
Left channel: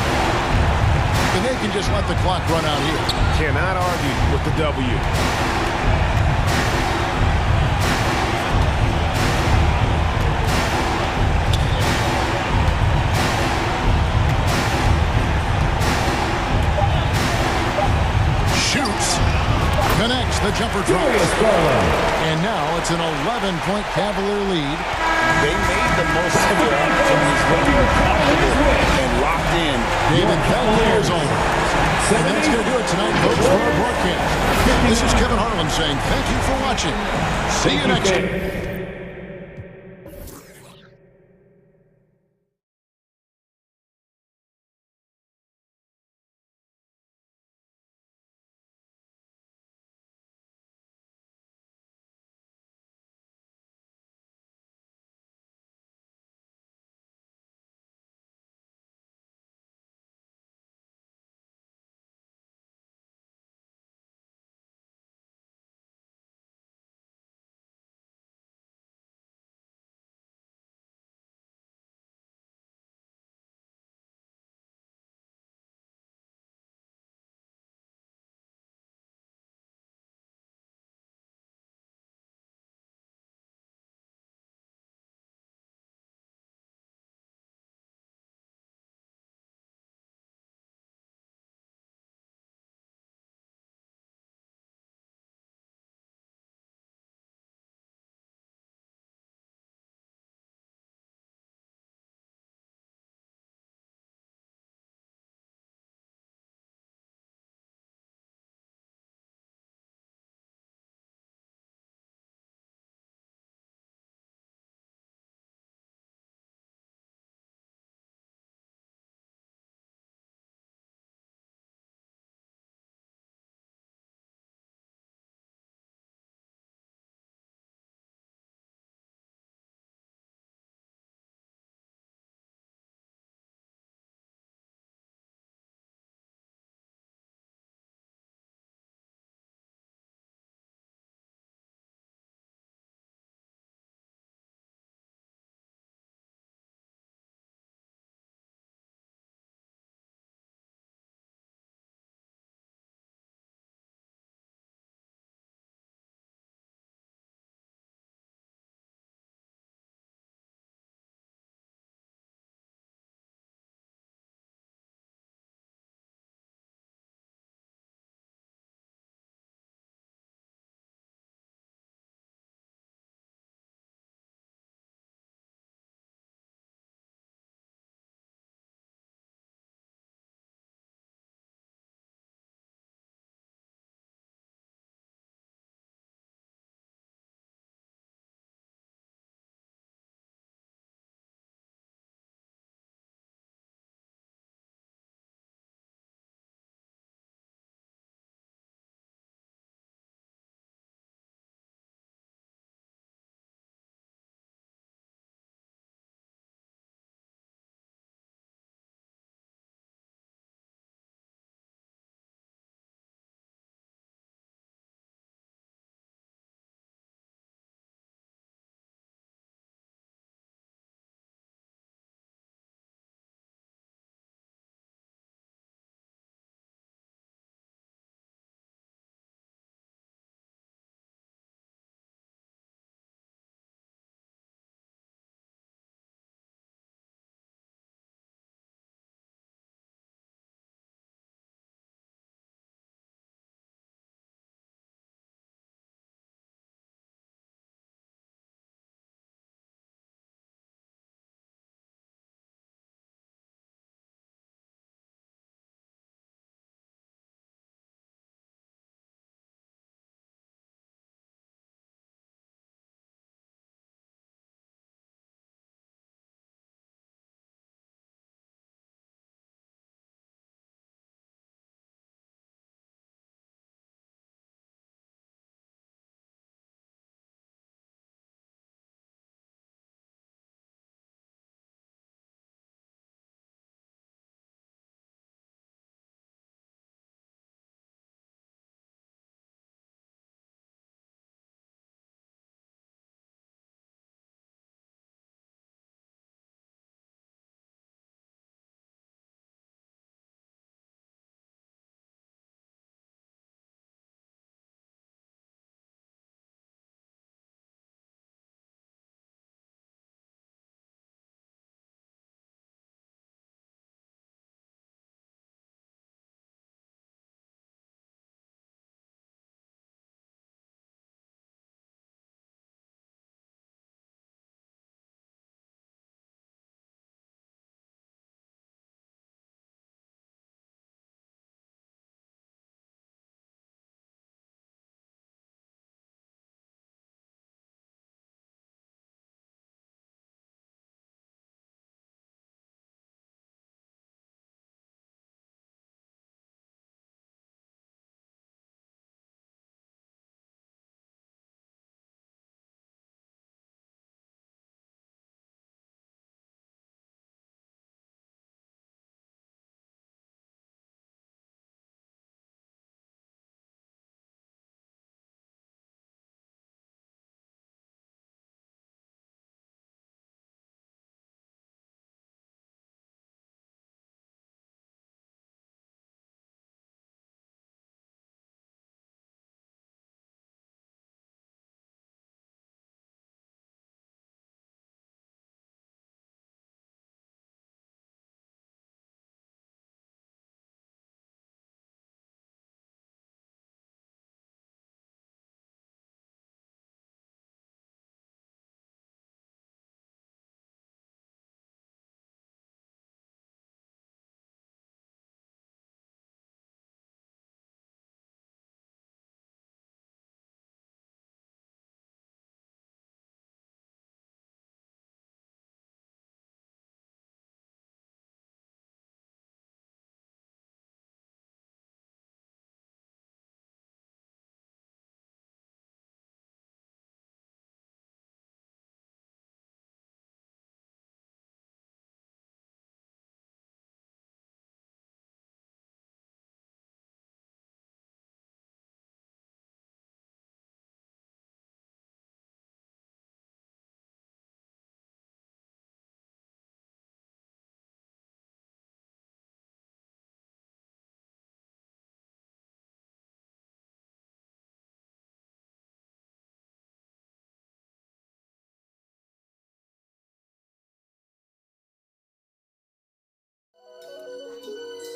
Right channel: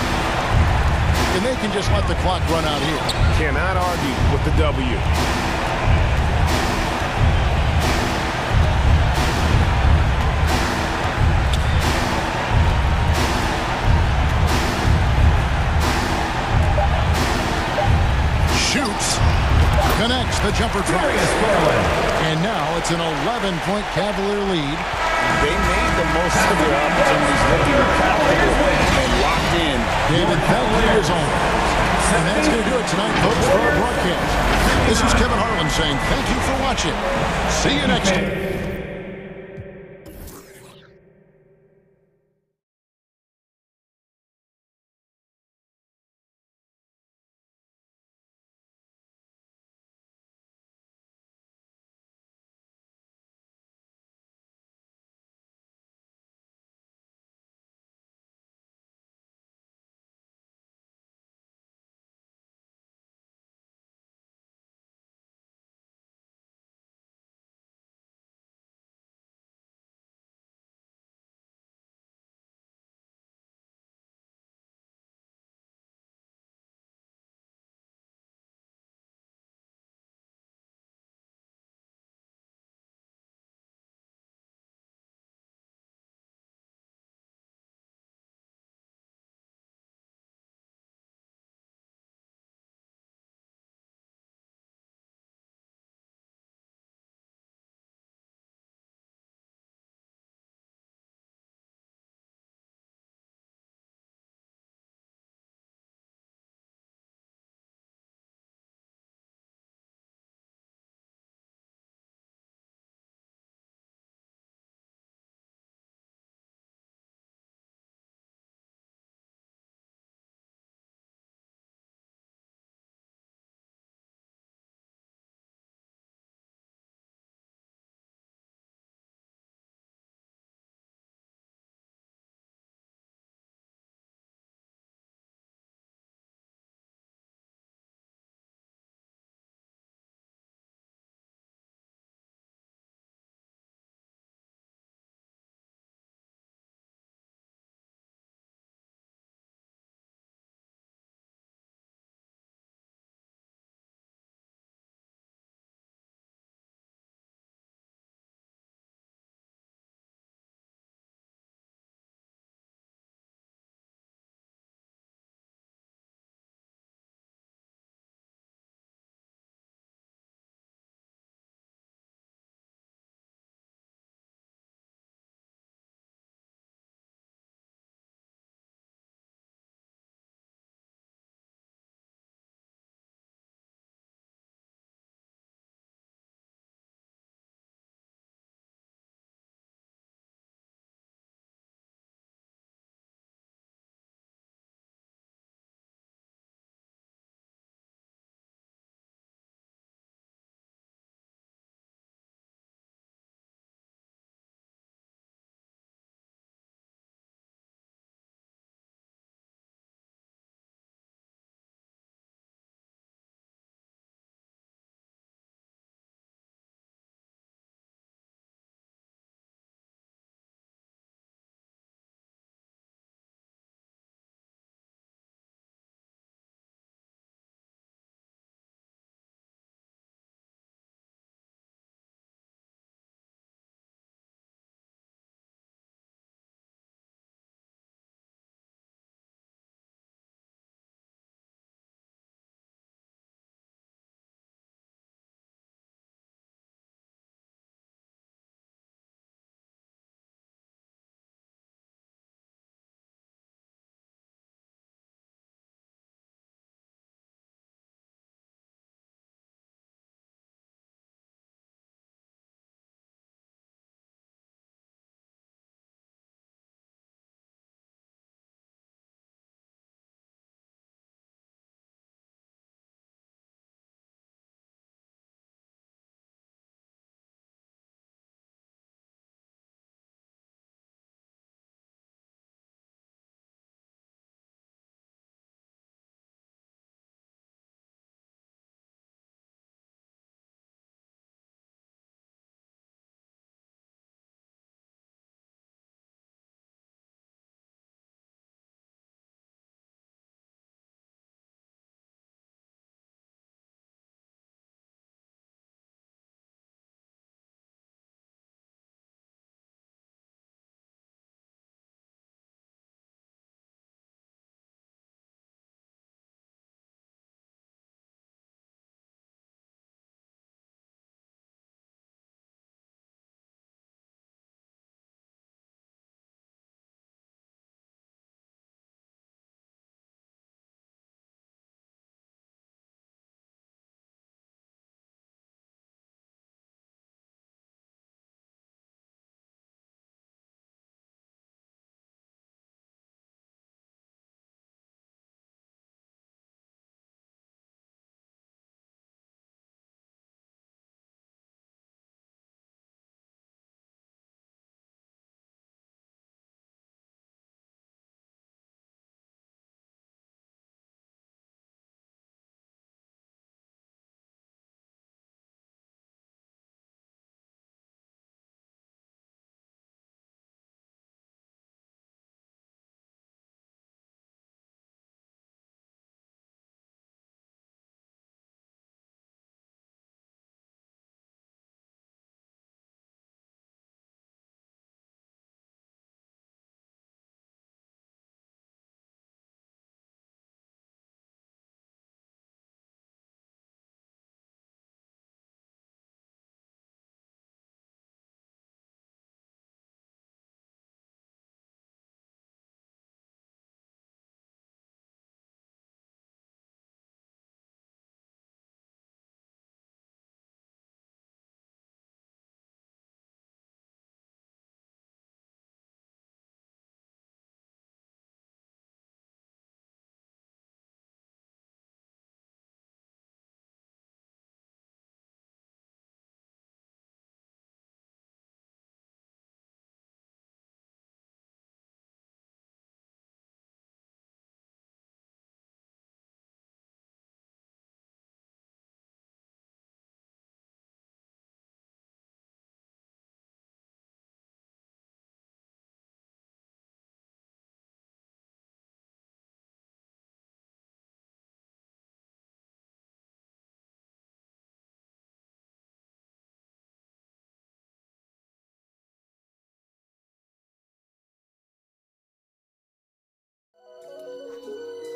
And they can just let the clock run out here. Cannot argue with the W. Shoots. Connects the jumper drop. And now it's an 11-point Cavalier lead. They made the most of their opportunities, looking comfortable and locked in. David, thank you as always. And that's going to do it tonight, folks, for our broadcast. This is Kevin Harlan saying thank you for watching. See you next time.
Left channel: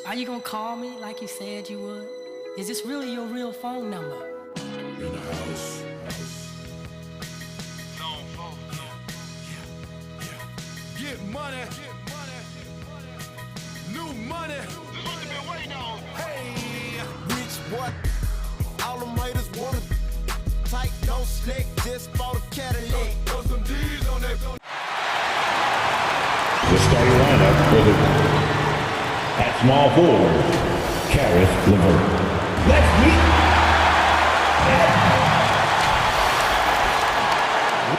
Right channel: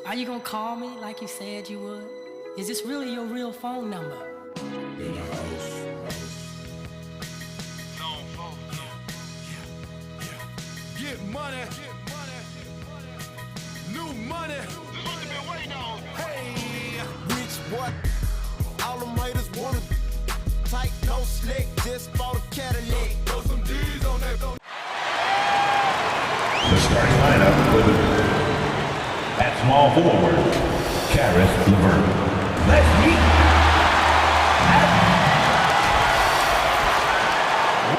Are you gonna call me like you said you would? Is this really your real phone number? Get money. New money. This is what they've been waiting on. Hey, rich boy. All them haters wanna tight, no slick, just bought a Cadillac. Throw some D's on that. The starting lineup for the at small forward, Caris LeVert. Let's meet.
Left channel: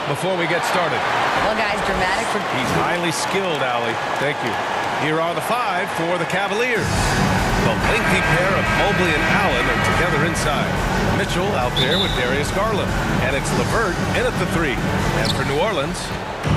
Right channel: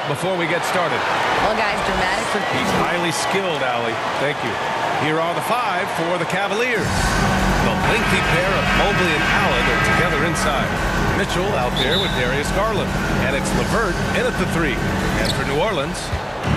Before we get started. Well, guys, dramatic for... He's highly skilled, Allie. Thank you. Here are the 5 for the Cavaliers. The lengthy pair of Mobley and Allen are together inside. Mitchell out there with Darius Garland. And it's LeVert in at the 3. And for New Orleans,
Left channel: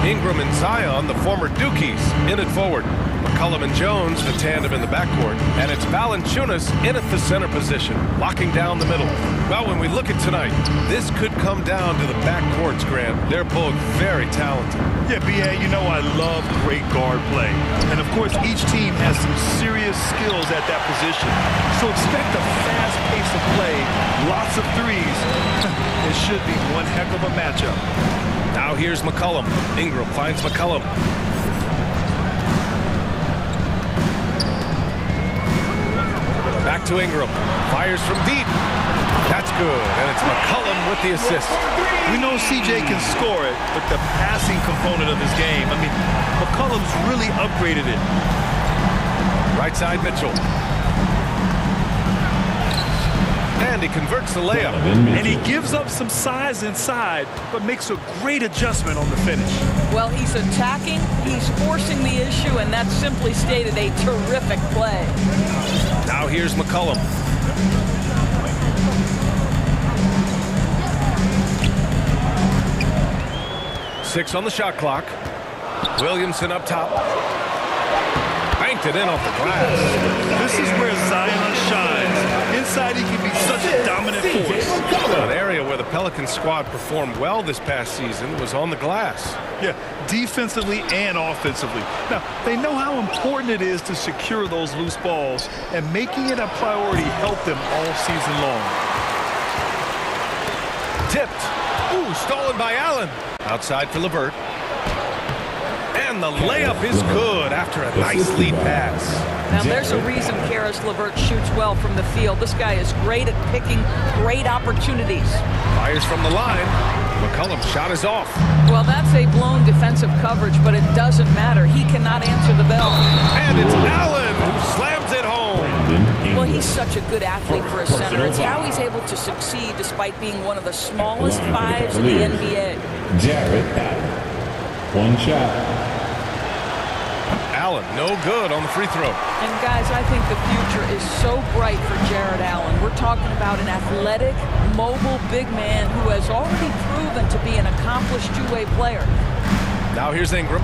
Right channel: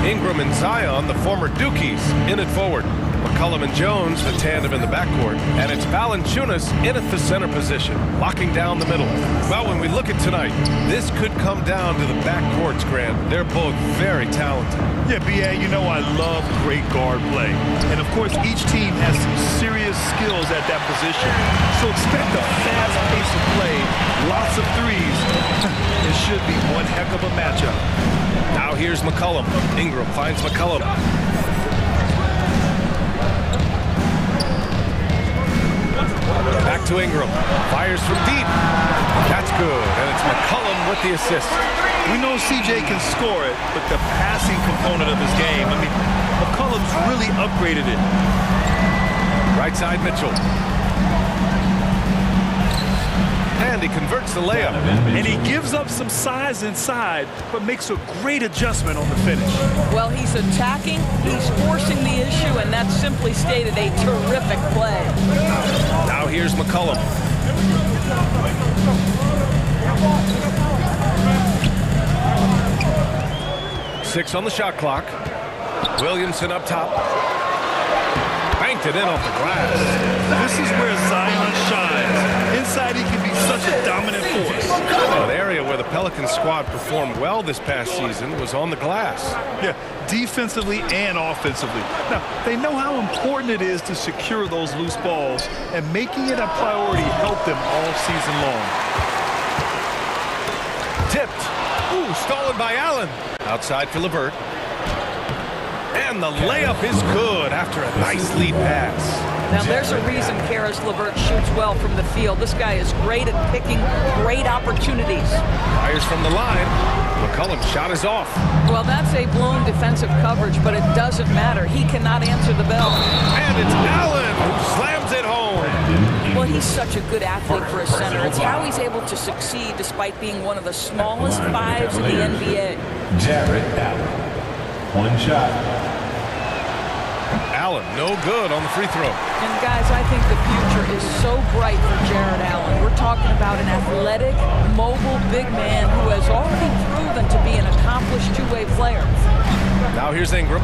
Ingram and Zion, the former Dukies, in at forward. McCollum and Jones, the tandem in the backcourt. And it's Valanciunas in at the center position, locking down the middle. Well, when we look at tonight, this could come down to the backcourts, Grant. They're both very talented. Yeah, B.A., you know I love great guard play. And, of course, each team has some serious skills at that position. So expect a fast pace of play, lots of threes. It should be one heck of a matchup. Now here's McCollum. Ingram finds McCollum. Back to Ingram. Fires from deep. That's good. And it's McCollum with the assist. We know CJ can score it, but the passing component of his game, I mean, McCollum's really upgraded it. Right side Mitchell. And he converts the layup. And he gives up some size inside, but makes a great adjustment on the finish. Well, he's attacking, he's forcing the issue, and that's simply stated a terrific play. Now here's McCollum. Six on the shot clock. Williamson up top. Banked it in off the glass. This is where Zion shines. Inside, he can be such a dominant force. An area where the Pelicans squad performed well this past season was on the glass. Yeah, defensively and offensively. Now, they know how important it is to secure those loose balls, and making it a priority helped them all season long. Tipped. Ooh, stolen by Allen. Outside for LeVert. And the layup is good after a nice lead pass. Now, there's a reason Caris LeVert shoots well from the field. This guy is great at picking great opportunities. Fires from the line. McCollum's shot is off. Well, that's a blown defensive coverage, but it doesn't matter. He cannot answer the bell. And it's Allen who slams it home. Well, he's such a good athlete for a center. It's how he's able to succeed despite being one of the smallest 5s in the NBA. Jarrett Allen. One shot. Allen, no good on the free throw. And, guys, I think the future is so bright for Jarrett Allen. We're talking about an athletic, mobile big man who has already proven to be an accomplished two-way player. Now here's Ingram.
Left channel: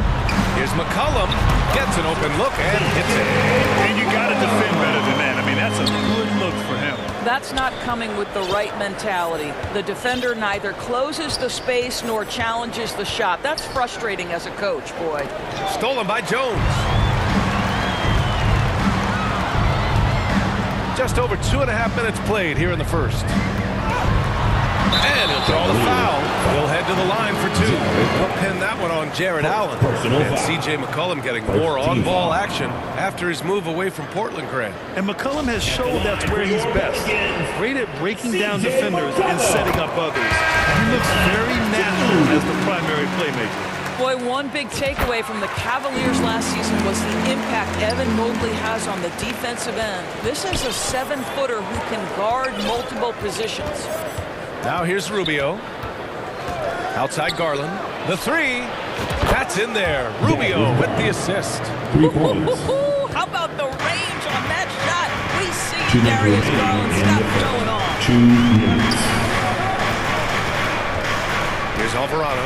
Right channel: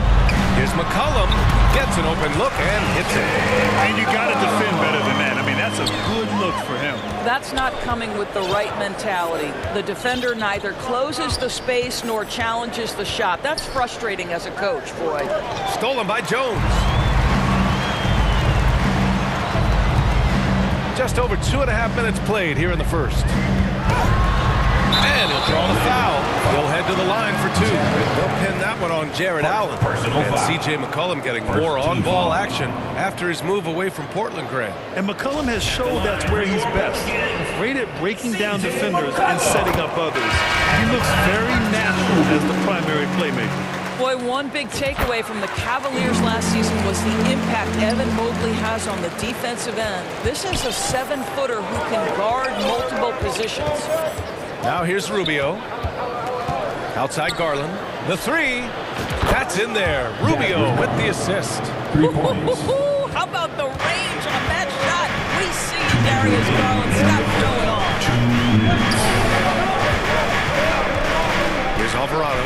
Here's McCollum. Gets an open look and hits it. And you got to defend better than that. I mean, that's a good look for him. That's not coming with the right mentality. The defender neither closes the space nor challenges the shot. That's frustrating as a coach, boy. Stolen by Jones. Just over 2.5 minutes played here in the first. And he'll draw the foul. He'll head to the line for 2. They'll pin that one on Jarrett Allen. And C.J. McCollum getting more on-ball action after his move away from Portland, Grant. And McCollum has showed that's where he's best. Great at breaking down defenders and setting up others. He looks very natural as the primary playmaker. Boy, one big takeaway from the Cavaliers last season was the impact Evan Mobley has on the defensive end. This is a 7-footer who can guard multiple positions. Now here's Rubio. Outside Garland. The 3. That's in there. Rubio with the assist. 3 points. How about the range on that shot? We see Darius Garland stop showing off. 2 minutes. Here's Alvarado.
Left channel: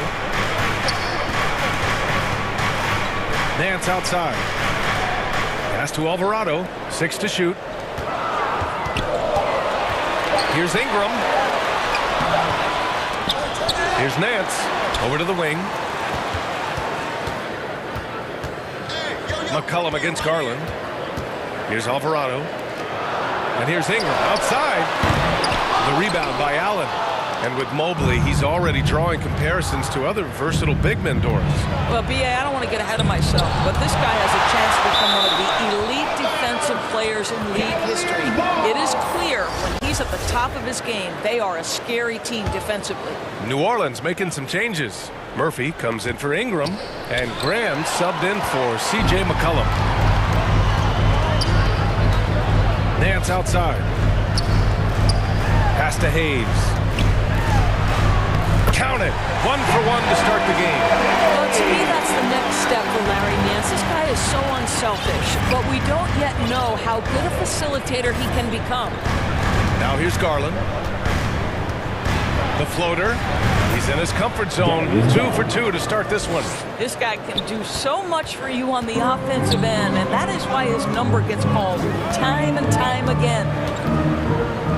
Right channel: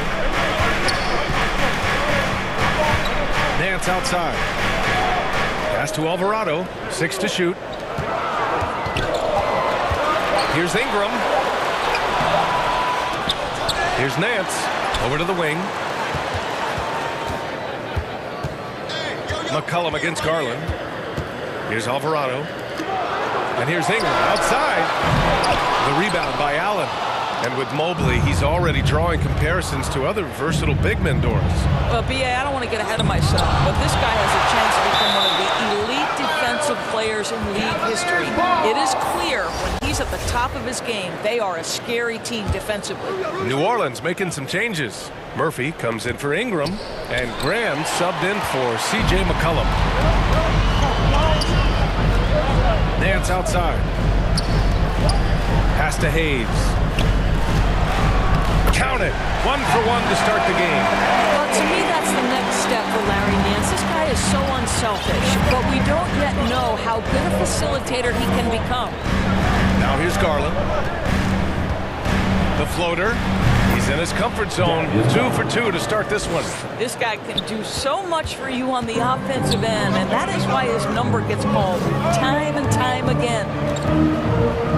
Nance outside. Pass to Alvarado. 6 to shoot. Here's Ingram. Here's Nance. Over to the wing. McCollum against Garland. Here's Alvarado. And here's Ingram outside. The rebound by Allen. And with Mobley, he's already drawing comparisons to other versatile big men, Doris. Well, B.A., I don't want to get ahead of myself, but this guy has a chance to become one of the elite defensive players in league history. It is clear when he's at the top of his game, they are a scary team defensively. New Orleans making some changes. Murphy comes in for Ingram, and Graham subbed in for C.J. McCollum. Nance outside. Pass to Hayes. Count it. 1 for 1 to start the game. Well, to me, that's the next step for Larry Nance. This guy is so unselfish, but we don't yet know how good a facilitator he can become. Now here's Garland. The floater. He's in his comfort zone. 2 for 2 to start this one. This guy can do so much for you on the offensive end, and that is why his number gets called time and time again.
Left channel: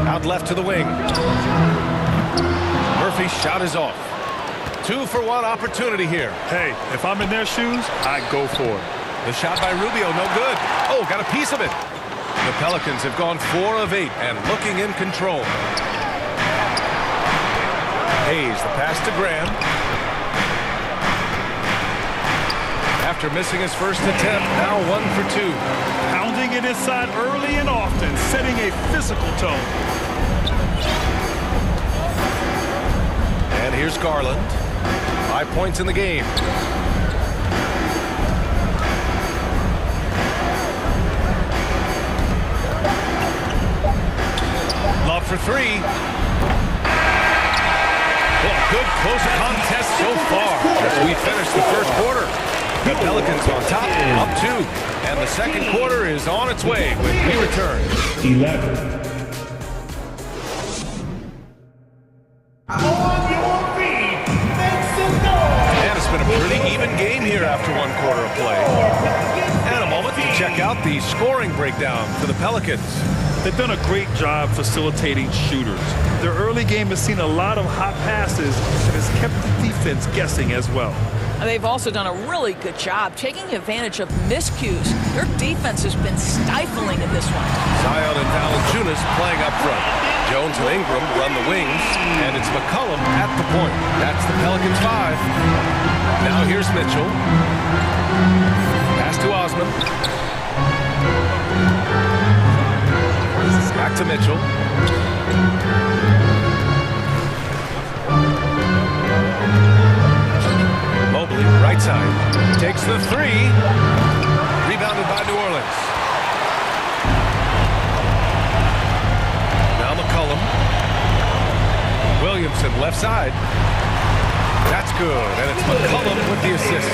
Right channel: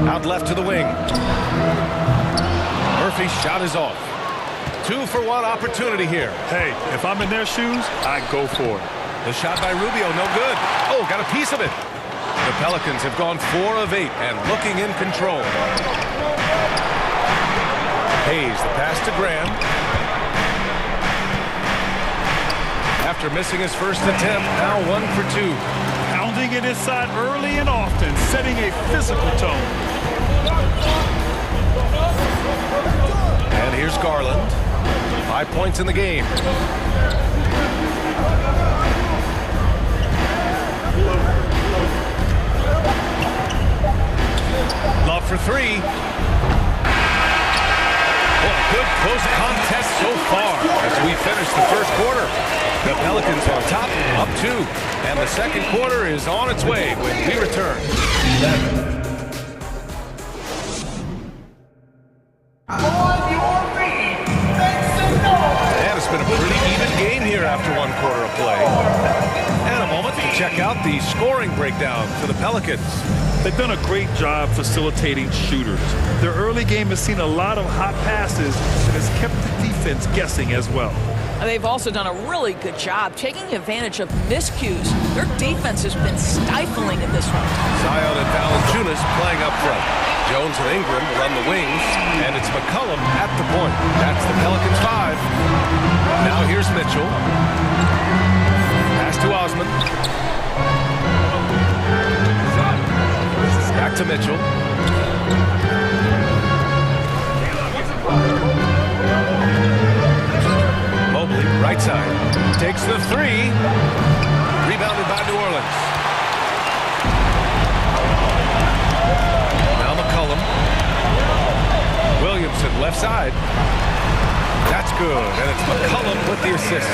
Out left to the wing. Murphy's shot is off. 2 for 1 opportunity here. Hey, if I'm in their shoes, I go for it. The shot by Rubio, no good. Oh, got a piece of it. The Pelicans have gone 4 of 8 and looking in control. Hayes, the pass to Graham. After missing his first attempt, now 1 for 2. Pounding it inside early and often, setting a physical tone. And here's Garland. 5 points in the game. Love for 3. Well, a good close contest so far as we finish the first quarter. The Pelicans on top, up 2. And the second quarter is on its way when we return. 11. And it's been a pretty even game here after 1 quarter of play. And a moment to check out the scoring breakdown for the Pelicans. They've done a great job facilitating shooters. Their early game has seen a lot of hot passes and has kept the defense guessing as well. They've also done a really good job taking advantage of miscues. Their defense has been stifling in this one. Zion and Valanciunas playing up front. Jones and Ingram run the wings, and it's McCollum at the point. That's the Pelicans 5. Now here's Mitchell. Pass to Osman. Back to Mitchell. Mobley, right side. Takes the 3. Rebounded by New Orleans. Now McCollum. Williamson, left side. That's good, and it's McCollum with the assist.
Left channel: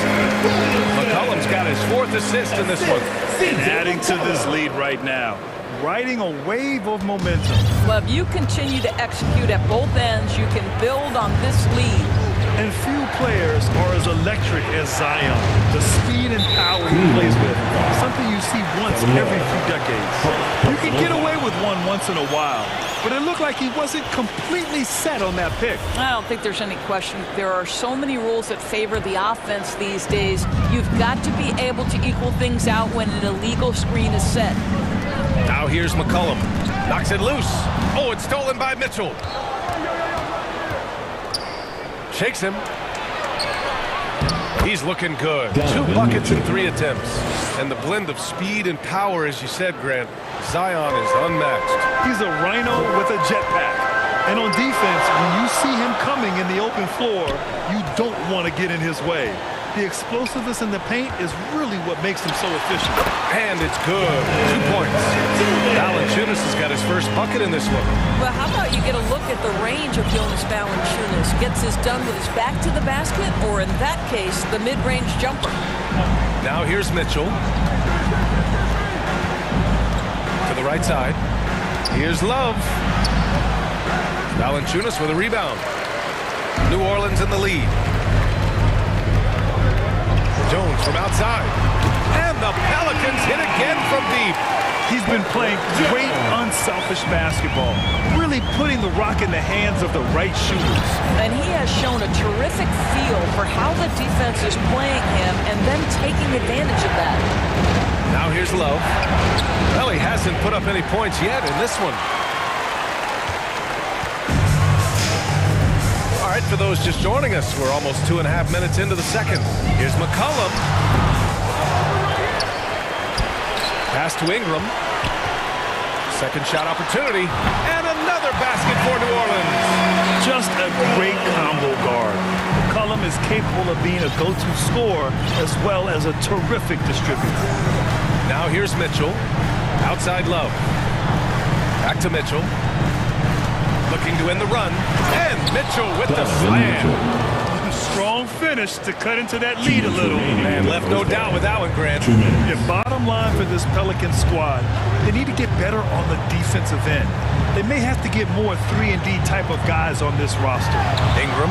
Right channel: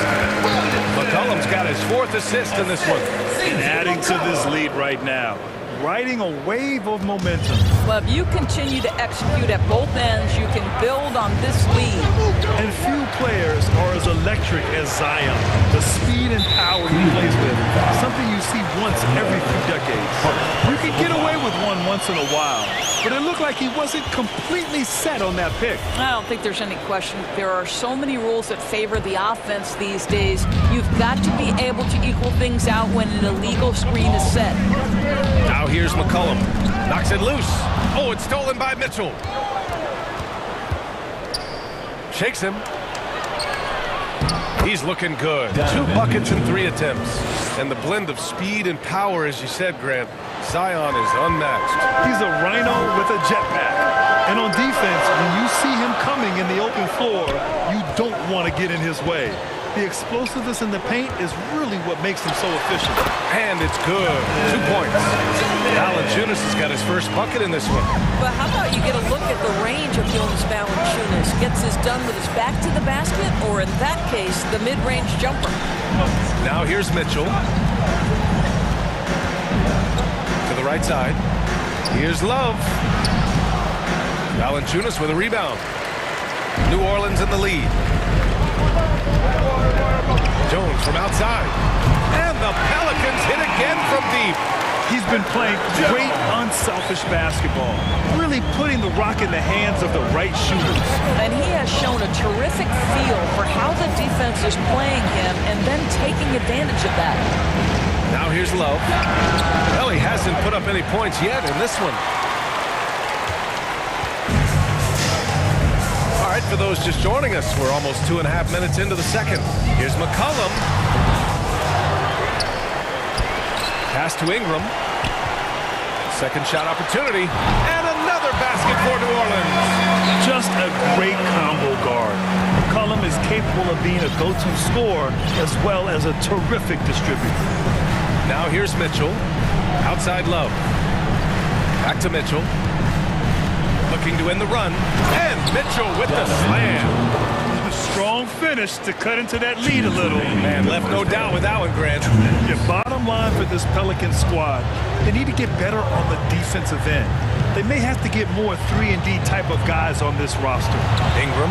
McCollum's got his 4th assist in this one. And adding to this lead right now. Riding a wave of momentum. Well, if you continue to execute at both ends, you can build on this lead. And few players are as electric as Zion. The speed and power he plays with, something you see once every few decades. You can get away with one once in a while, but it looked like he wasn't completely set on that pick. I don't think there's any question. There are so many rules that favor the offense these days. You've got to be able to equal things out when an illegal screen is set. Now here's McCollum. Knocks it loose. Oh, it's stolen by Mitchell. Shakes him. He's looking good. 2 buckets in 3 attempts. And the blend of speed and power, as you said, Grant, Zion is unmatched. He's a rhino with a jetpack. And on defense, when you see him coming in the open floor, you don't want to get in his way. The explosiveness in the paint is really what makes him so efficient. And it's good. 2 points. Valanciunas has got his first bucket in this one. But how about you get a look at the range of Jonas Valanciunas? Gets his done with his back to the basket, or in that case, the mid-range jumper. Now here's Mitchell. To the right side. Here's Love. Valanciunas with a rebound. New Orleans in the lead. Jones from outside. And the Pelicans hit again from deep. He's been playing great unselfish basketball, really putting the rock in the hands of the right shooters. And he has shown a terrific feel for how the defense is playing him and then taking advantage of that. Now here's Love. Well, he hasn't put up any points yet in this one. All right, for those just joining us, we're almost 2.5 minutes into the second. Here's McCollum. Pass to Ingram. Second shot opportunity. And another basket for New Orleans. Just a great combo guard. McCollum is capable of being a go-to scorer as well as a terrific distributor. Now here's Mitchell. Outside Love. Back to Mitchell. Looking to end the run. And Mitchell with the slam. Strong finish to cut into that lead a little. Man, left no doubt with that one, Grant. Yeah, bottom line for this Pelican squad, they need to get better on the defensive end. They may have to get more 3-and-D type of guys on this roster. Ingram.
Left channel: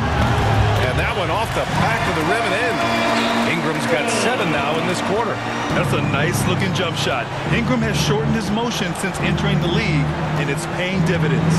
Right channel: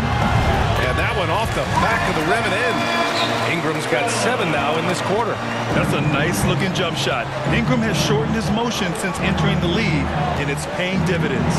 And that one off the back of the rim and in. Ingram's got 7 now in this quarter. That's a nice-looking jump shot. Ingram has shortened his motion since entering the league, and it's paying dividends.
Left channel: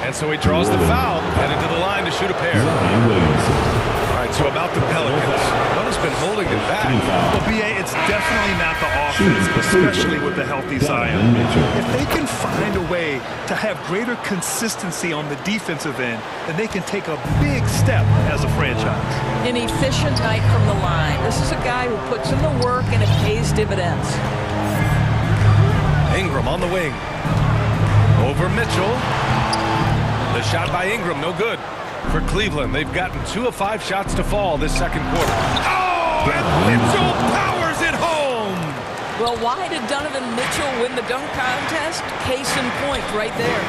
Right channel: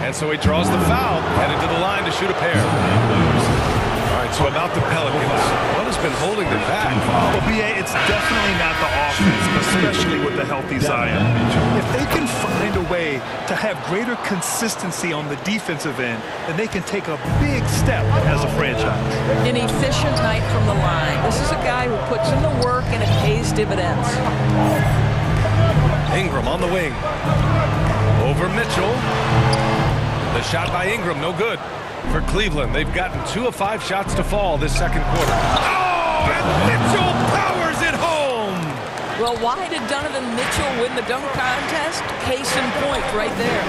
And so he draws the foul, headed to the line to shoot a pair. All right, so about the Pelicans, what has been holding them back? Well, B.A., it's definitely not the offense, especially with the healthy Zion. If they can find a way to have greater consistency on the defensive end, then they can take a big step as a franchise. An efficient night from the line. This is a guy who puts in the work and it pays dividends. Ingram on the wing. Over Mitchell. The shot by Ingram, no good. For Cleveland, they've gotten 2 of 5 shots to fall this second quarter. Oh, and Mitchell powers it home! Well, why did Donovan Mitchell win the dunk contest? Case in point right there.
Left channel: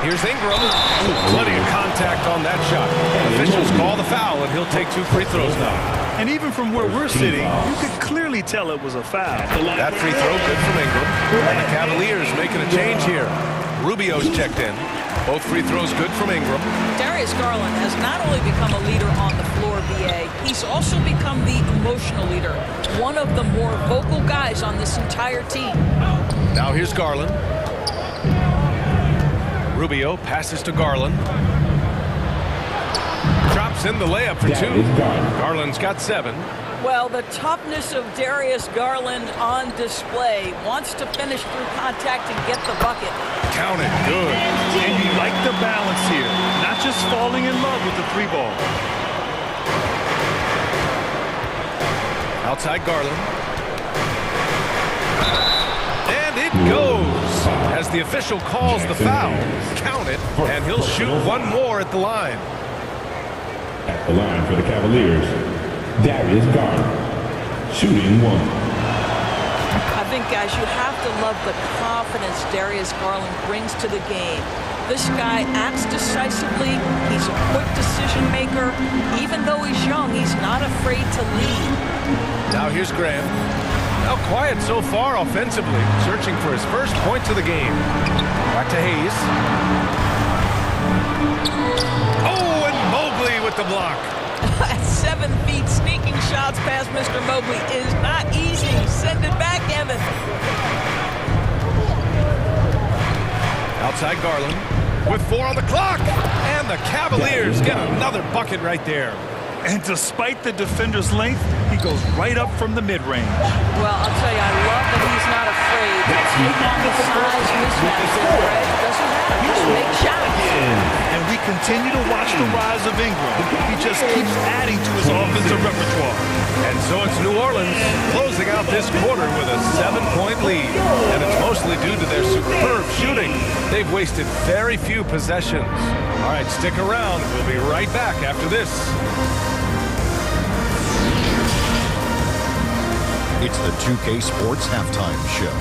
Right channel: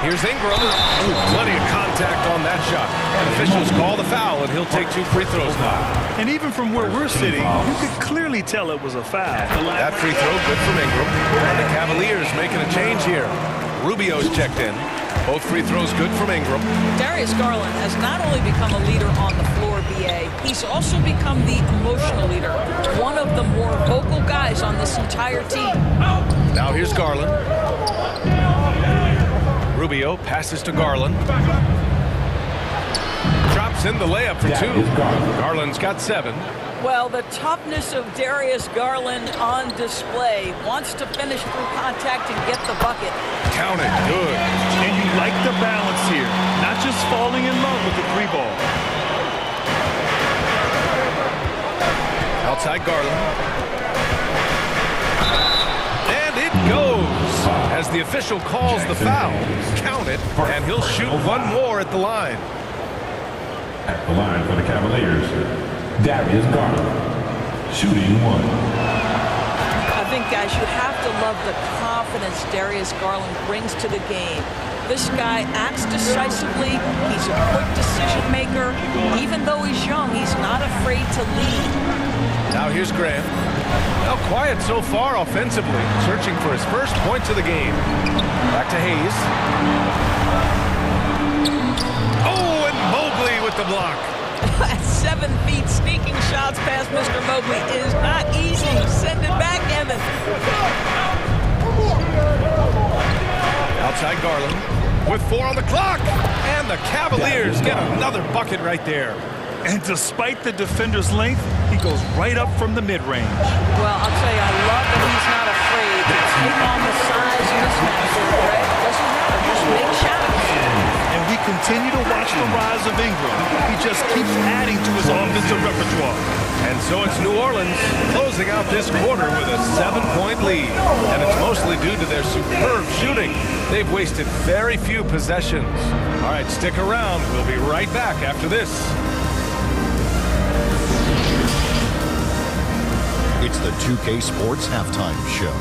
Here's Ingram. Ooh, plenty of contact on that shot. Officials call the foul, and he'll take 2 free throws now. And even from where we're sitting, you could clearly tell it was a foul. That free throw good from Ingram. And the Cavaliers making a change here. Rubio's checked in. Both free throws good from Ingram. Darius Garland has not only become a leader on the floor, B.A., he's also become the emotional leader. One of the more vocal guys on this entire team. Now here's Garland. Rubio passes to Garland. Drops in the layup for 2. Garland's got 7. Well, the toughness of Darius Garland on display. Wants to finish through contact and get the bucket. Count it. Good. And you like the balance here. Not just falling in love with the 3-ball. Outside Garland. And it goes. As the official calls the foul, count it, and he'll shoot 1 more at the line. At the line for the Cavaliers, Darius Garland, shooting 1. I think, guys, you have to love the confidence Darius Garland brings to the game. This guy acts decisively. He's a quick decision maker. Even though he's young, he's not afraid to lead. Now here's Graham. Now quiet so far offensively, searching for his first points of the game. Back to Hayes. Oh, and Mobley with the block. At 7 feet, sneaking shots past Mr. Mobley is not easy. Send it back, Evan. Outside Garland with 4 on the clock. And the Cavaliers get another bucket right there. And despite the defender's length, he goes right up from the mid-range. Well, I'll tell you, I love that he's not afraid to take on the size mismatch there, Greg. Doesn't matter. Just make shots. And we continue to watch the rise of Ingram. He just keeps adding to his offensive repertoire. And so it's New Orleans closing out this quarter with a 7-point lead. And it's mostly due to their superb shooting. They've wasted very few possessions. All right, stick around. We'll be right back after this. It's the 2K Sports Halftime Show.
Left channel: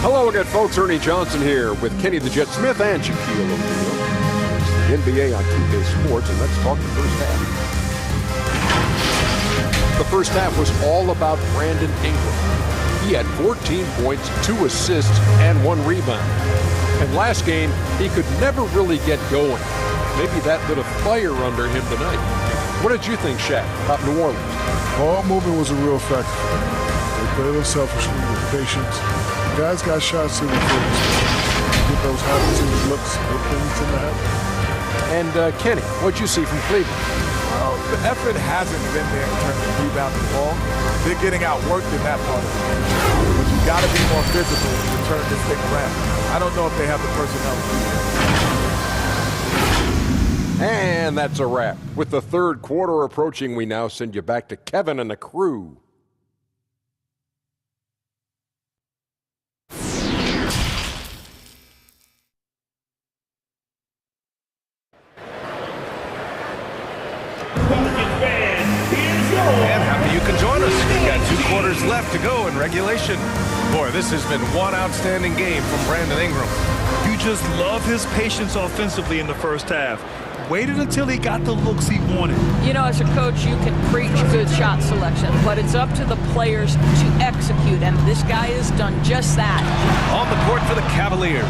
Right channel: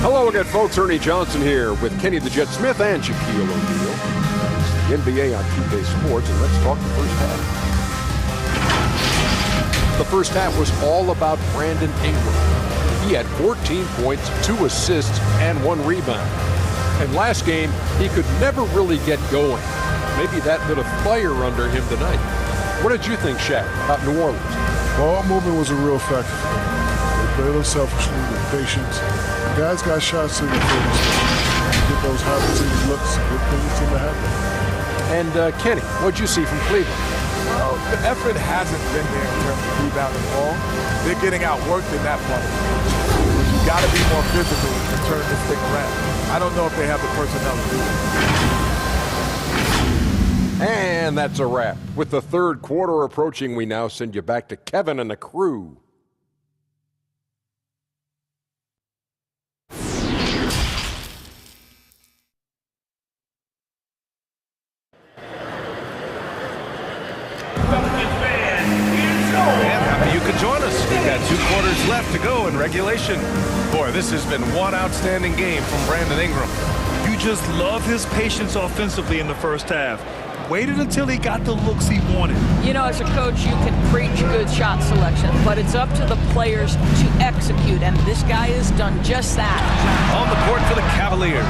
Hello again, folks. Ernie Johnson here with Kenny the Jet Smith and Shaquille O'Neal. It's the NBA on 2K Sports, and let's talk the first half. The first half was all about Brandon Ingram. He had 14 points, 2 assists, and 1 rebound. And last game, he could never really get going. Maybe that lit a fire under him tonight. What did you think, Shaq, about New Orleans? Ball movement was a real factor for them. They played unselfishly with patience. Guys got shots in the face. Get those high percentage looks. Good things tend to happen. And Kenny, what'd you see from Cleveland? Well, Well, the effort hasn't been there in terms of rebounding the ball. They're getting outworked in that part of the game. But you got to be more physical to turn this thing around. I don't know if they have the personnel to do that. And that's a wrap. With the third quarter approaching, we now send you back to Kevin and the crew. And happy you could join us. We've got 2 quarters left to go in regulation. Boy, this has been one outstanding game from Brandon Ingram. You just love his patience offensively in the first half. Waited until he got the looks he wanted. You know, as a coach, you can preach good shot selection, but it's up to the players to execute, and this guy has done just that. On the court for the Cavaliers,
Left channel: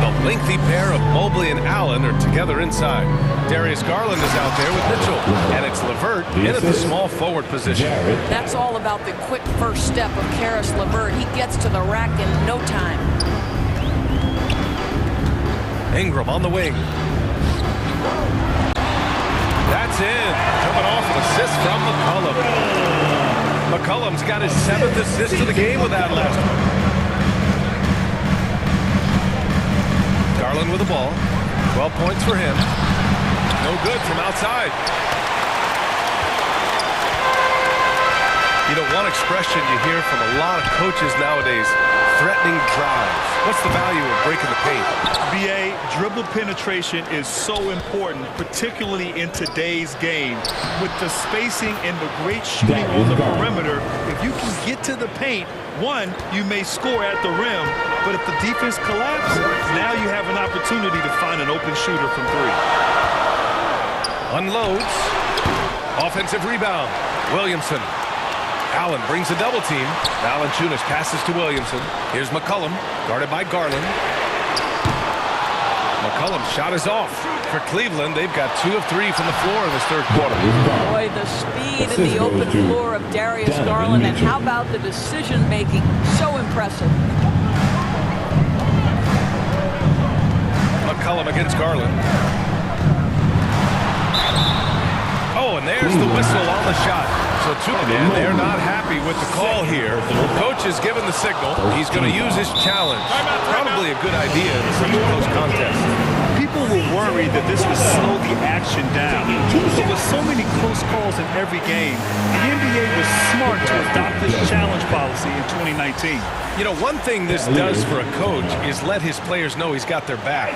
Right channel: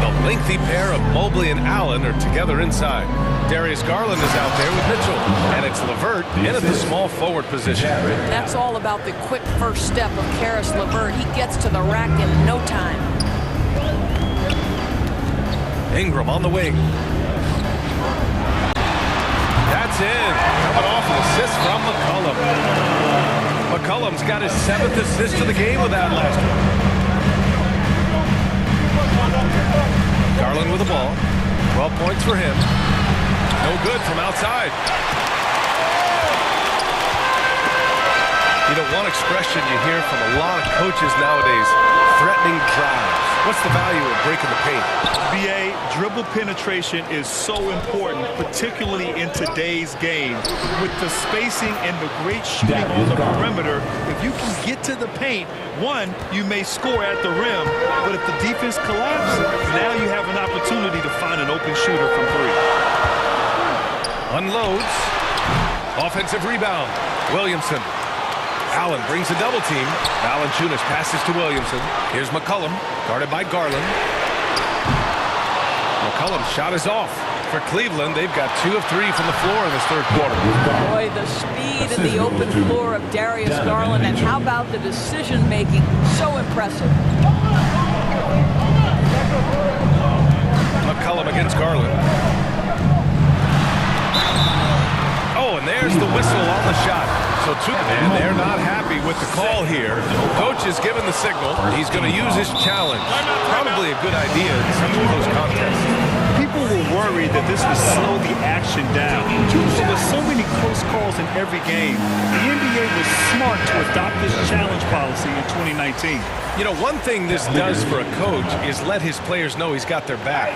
the lengthy pair of Mobley and Allen are together inside. Darius Garland is out there with Mitchell, and it's LeVert in at the small forward position. That's all about the quick first step of Karis LeVert. He gets to the rack in no time. Ingram on the wing. That's in. Coming off an assist from McCollum. McCollum's got his 7th assist of the game with that last one. Garland with the ball. 12 points for him. No good from outside. You know, one expression you hear from a lot of coaches nowadays, threatening drives. What's the value of breaking the paint? BA, dribble penetration is so important, particularly in today's game. With the spacing and the great shooting on the perimeter, if you can get to the paint, one, you may score at the rim, but if the defense collapses, now you have an opportunity to find an open shooter from 3. Unloads. Offensive rebound. Williamson. Allen brings a double team. Valanciunas passes to Williamson. Here's McCollum, guarded by Garland. McCollum's shot is off. For Cleveland, they've got 2 of 3 from the floor in this third quarter. Boy, the speed and the open floor of Darius Garland, and how about the decision-making? So impressive. McCollum against Garland. Oh, and there's the whistle on the shot. So and they're not happy with the call here. Coach is given the signal. He's going to use his challenge. Probably a good idea in such a close contest. People were worried that this would slow the action down. There were so many close calls in every game. The NBA was smart to adopt this challenge policy in 2019. You know, one thing this does for a coach is let his players know he's got their back.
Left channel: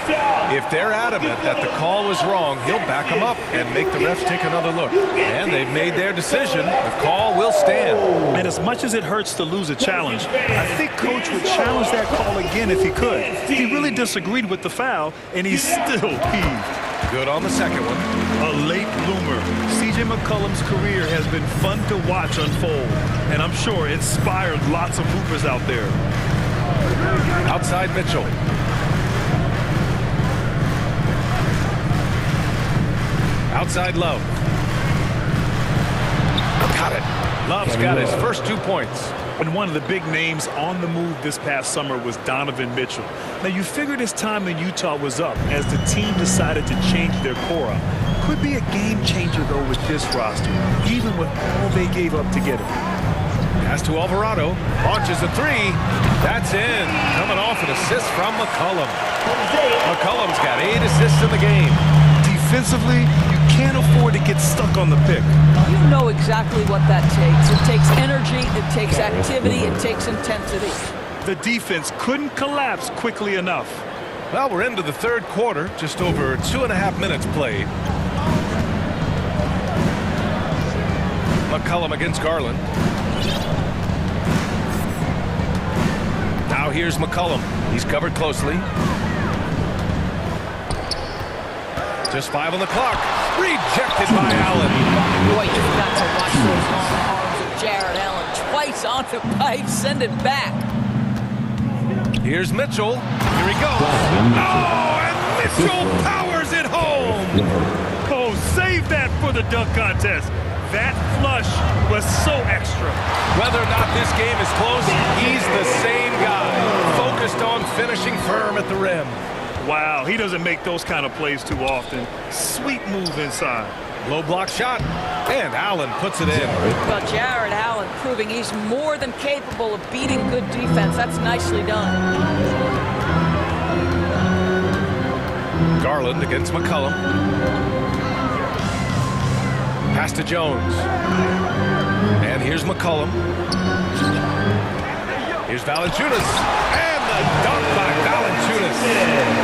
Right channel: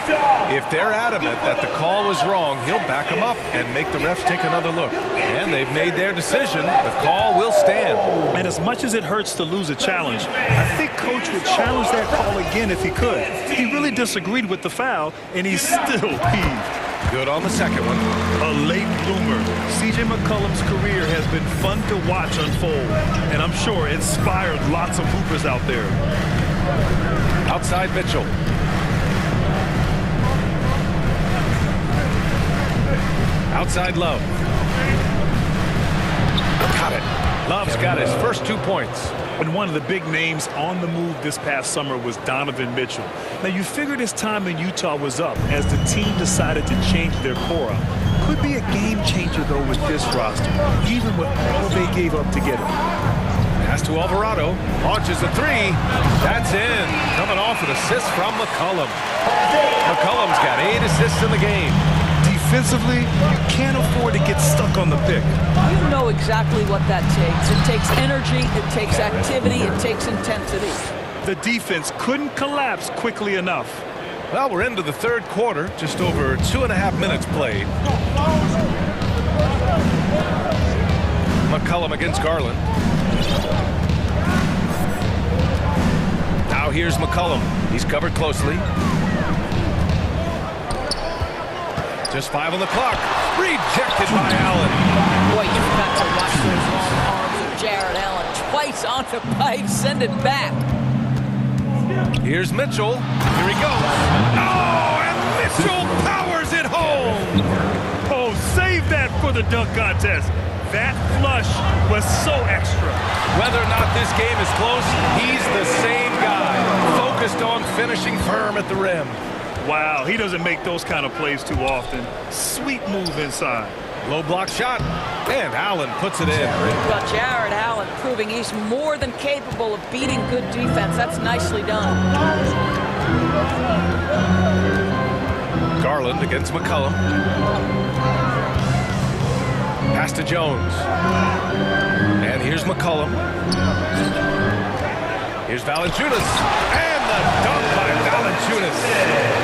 If they're adamant that the call was wrong, he'll back them up and make the refs take another look. And they've made their decision. The call will stand. And as much as it hurts to lose a challenge, I think Coach would challenge that call again if he could. He really disagreed with the foul, and he's still peeved. Good on the second one. A late bloomer. C.J. McCollum's career has been fun to watch unfold, and I'm sure inspired lots of hoopers out there. Outside Mitchell. Outside Love. Got it. Love's got his first 2 points. And one of the big names on the move this past summer was Donovan Mitchell. Now, you figured his time in Utah was up as the team decided to change their core up. Could be a game changer, though, with this roster, even with all they gave up to get him. Pass to Alvarado. Launches a 3. That's in. Coming off an assist from McCollum. McCollum's got 8 assists in the game. Defensively, you can't afford to get stuck on the pick. You know exactly what that takes. It takes energy, it takes activity, it takes intensity. The defense couldn't collapse quickly enough. Well, we're into the third quarter, just over 2.5 minutes played. McCollum against Garland. Now here's McCollum. He's covered closely. Just 5 on the clock. Rejected by Allen. Boy, you've got to watch those long arms of Jared Allen. Twice on the pipe. Send it back. Here's Mitchell. Here he goes. Oh, and Mitchell powers it home. Oh, save that for the dunk contest. That flush was so extra. Whether or not this game is close, he's the same guy. Focused on finishing firm at the rim. Wow, he doesn't make those kind of plays too often. Sweet move inside. Low block shot. And Allen puts it in. Well, Jared Allen proving he's more than capable of beating good defense. That's nicely done. Garland against McCollum. Pass to Jones. And here's McCollum. Here's Valanciunas. And the dunk by Valanciunas.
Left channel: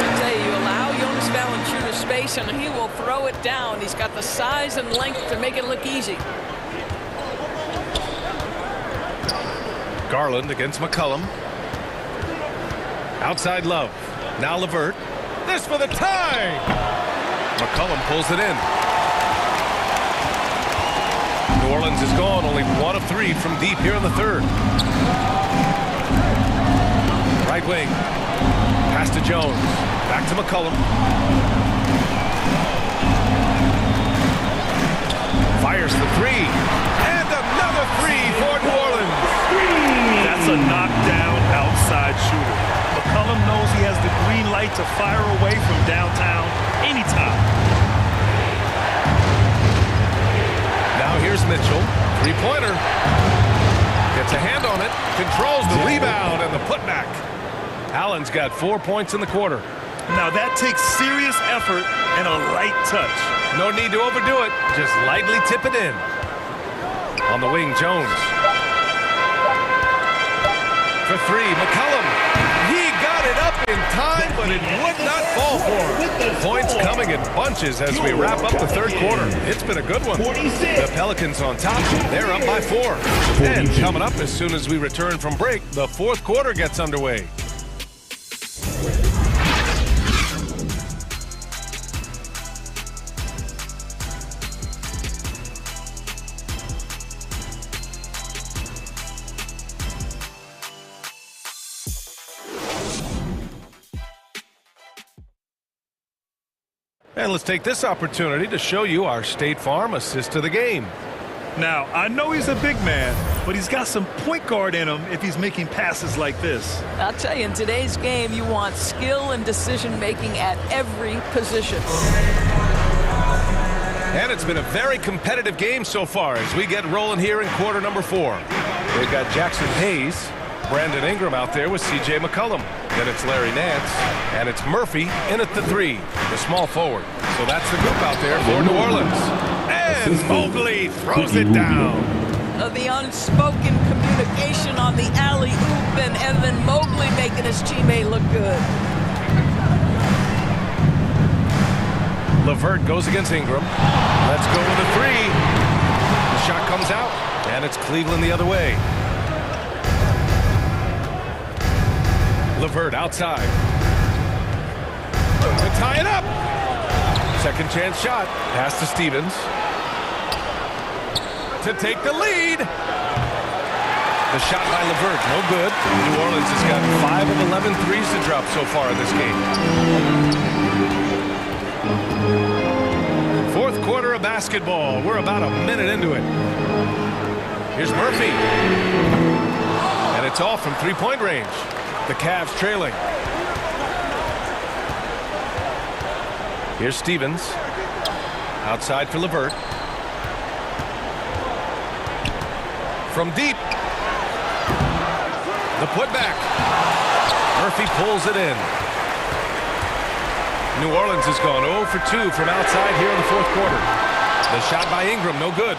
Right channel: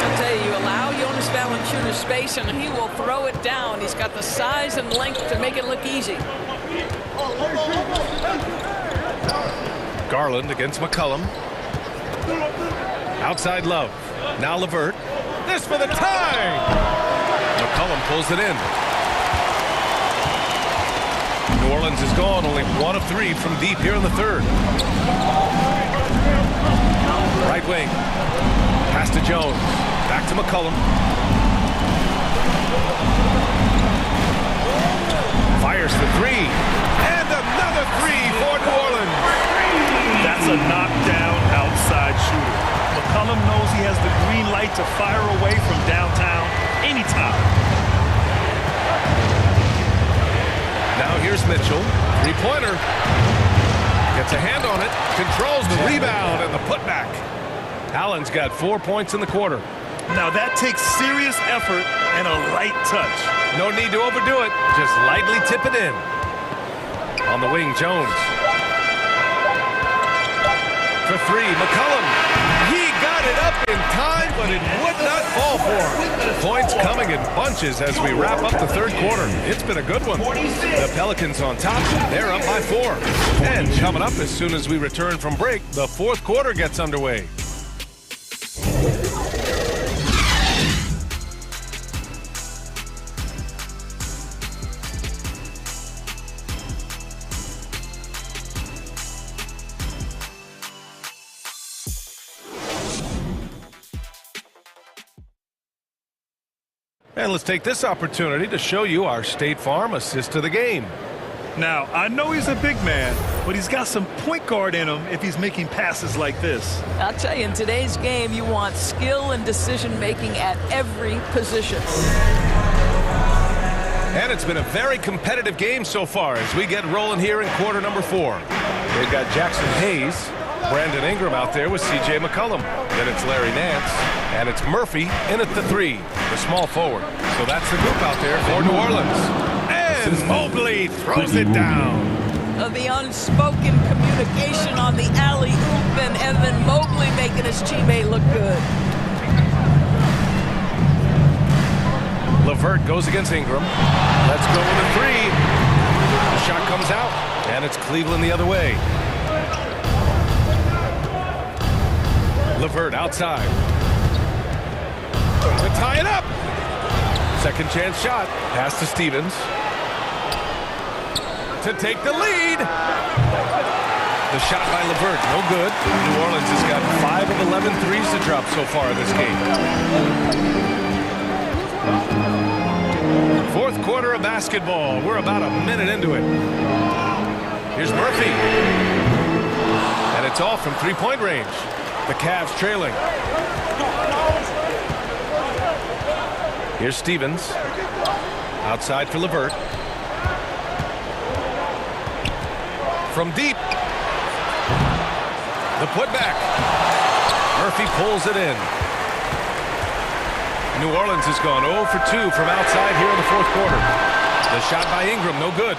I'll tell you, allow Jonas Valanciunas space and he will throw it down. He's got the size and length to make it look easy. Garland against McCollum. Outside Love. Now LeVert. This for the tie. McCollum pulls it in. New Orleans is gone, only 1 of 3 from deep here in the third. Right wing. Pass to Jones. Back to McCollum. Fires the 3. And another 3 for New Orleans. That's a knockdown outside shooter. McCollum knows he has the green light to fire away from downtown anytime. Now here's Mitchell. Three-pointer. Gets a hand on it. Controls the rebound and the putback. Allen's got 4 points in the quarter. Now that takes serious effort and a light touch. No need to overdo it. Just lightly tip it in. On the wing, Jones. For 3, McCollum. He got it up in time, but it would not fall for him. Points coming in bunches as we wrap up the third quarter. It's been a good one. The Pelicans on top. They're up by 4. And coming up as soon as we return from break, the fourth quarter gets underway. And let's take this opportunity to show you our State Farm assist to the game. Now, I know he's a big man, but he's got some point guard in him if he's making passes like this. I'll tell you, in today's game, you want skill and decision-making at every position. And it's been a very competitive game so far as we get rolling here in quarter number 4. They've got Jackson Hayes, Brandon Ingram out there with C.J. McCollum. Then it's Larry Nance, and it's Murphy in at the 3, the small forward. So that's the group out there for New Orleans. And Mobley throws it down. The unspoken communication on the alley-oop, and then Mobley making his teammate look good. LeVert goes against Ingram. Let's go with a 3. The shot comes out, and it's Cleveland the other way. LeVert outside. To tie it up. Second chance shot. Pass to Stevens. To take the lead. The shot by LeVert, no good. New Orleans has gotten 5 of 11 threes to drop so far in this game. Fourth quarter of basketball. We're about a minute into it. Here's Murphy. And it's off from three-point range. The Cavs trailing. Here's Stevens. Outside for LeVert. From deep. The putback. Murphy pulls it in. New Orleans has gone 0 for 2 from outside here in the fourth quarter. The shot by Ingram, no good.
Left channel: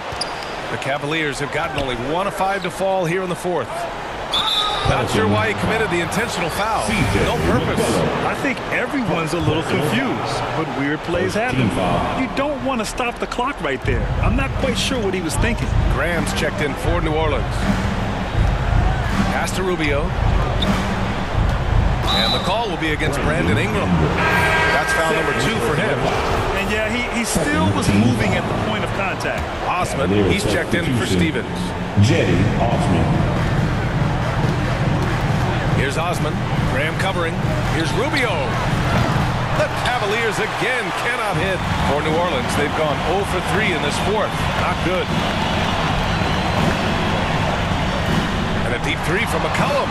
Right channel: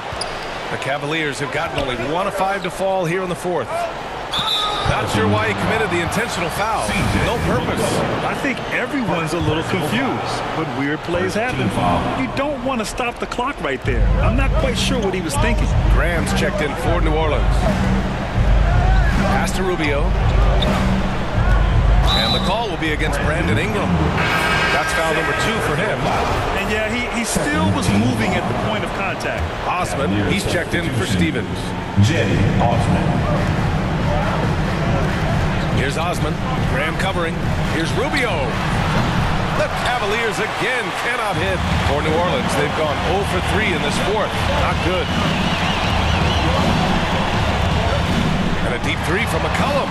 The Cavaliers have gotten only 1 of 5 to fall here in the fourth. Not sure why he committed the intentional foul. No purpose. I think everyone's a little confused, but weird plays happen. You don't want to stop the clock right there. I'm not quite sure what he was thinking. Graham's checked in for New Orleans. Pass to Rubio. And the call will be against Brandon Ingram. That's foul number 2 for him. And yeah, he still was moving at the point of contact. Osman, he's checked in for Stevens. Jetty Osman. Here's Osman. Graham covering. Here's Rubio. The Cavaliers again cannot hit. For New Orleans, they've gone 0 for 3 in this fourth. Not good. And a deep 3 from McCollum.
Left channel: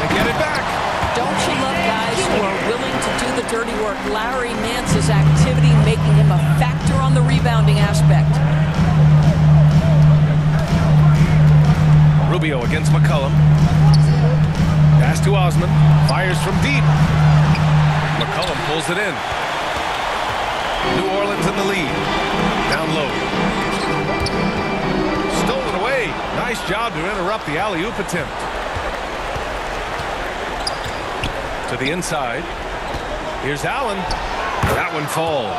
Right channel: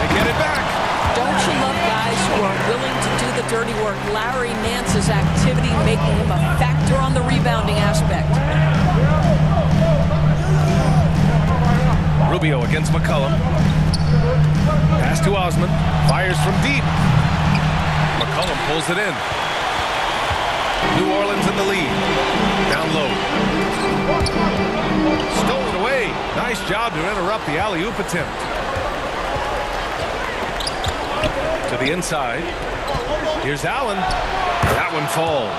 They get it back. Don't you love guys who are willing to do the dirty work? Larry Nance's activity making him a factor on the rebounding aspect. Rubio against McCollum. Pass to Osman. Fires from deep. McCollum pulls it in. New Orleans in the lead. Down low. Stole it away. Nice job to interrupt the alley-oop attempt. To the inside. Here's Allen. That one falls.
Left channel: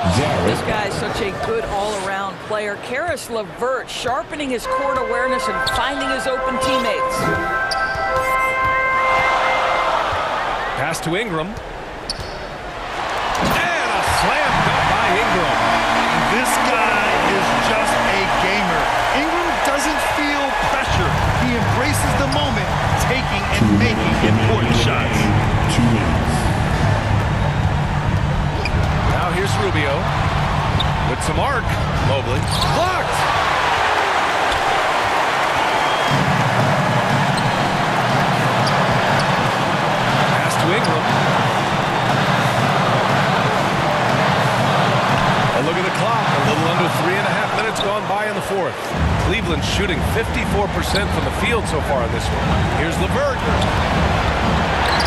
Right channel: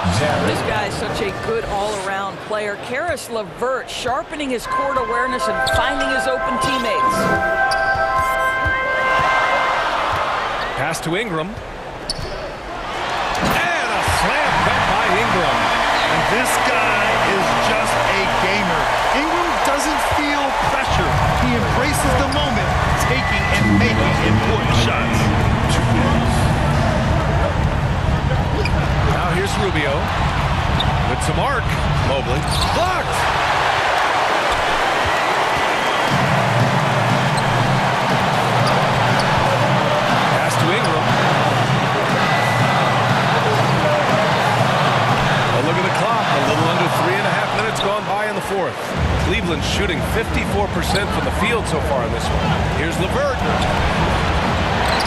This guy is such a good all-around player. Karis LeVert sharpening his court awareness and finding his open teammates. Pass to Ingram. And a slam dunk by Ingram. And this guy is just a gamer. Ingram doesn't feel pressure. He embraces the moment, taking and making important shots. Now here's Rubio with some arc. Mobley blocked. Pass to Ingram. A look at the clock. A little under 3.5 minutes gone by in the fourth. Cleveland shooting 54% from the field so far in this one. Here's LeVert.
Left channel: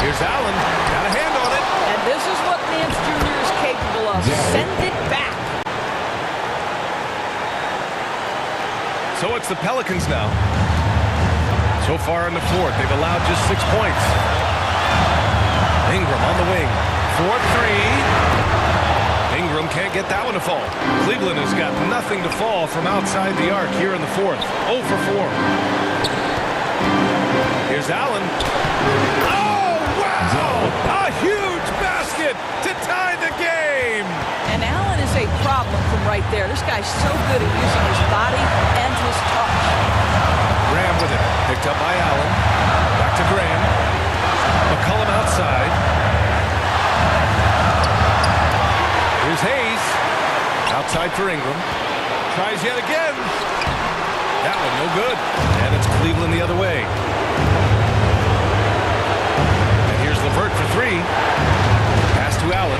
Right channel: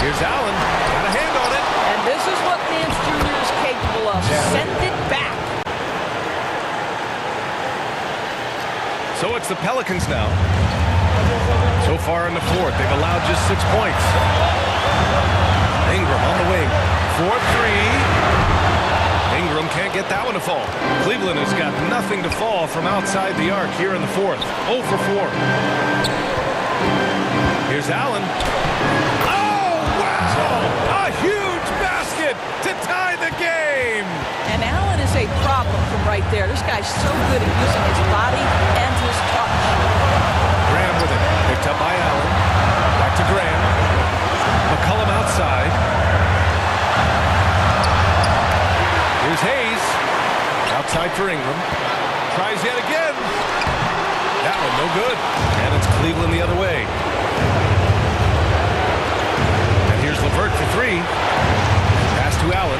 Here's Allen. Got a hand on it. And this is what Nance Jr. is capable of. Send it back. So it's the Pelicans now. So far in the fourth, they've allowed just 6 points. Ingram on the wing. 4-3. Ingram can't get that one to fall. Cleveland has got nothing to fall from outside the arc here in the fourth. 0 for 4. Here's Allen. Oh, wow! A huge basket to tie the game! And Allen is a problem from right there. This guy's so good at using his body and his touch. Graham with it. Picked up by Allen. Back to Graham. McCollum outside. Here's Hayes. Outside for Ingram. Tries yet again. That one no good. And it's Cleveland the other way. And here's LeVert for 3. Pass to Allen.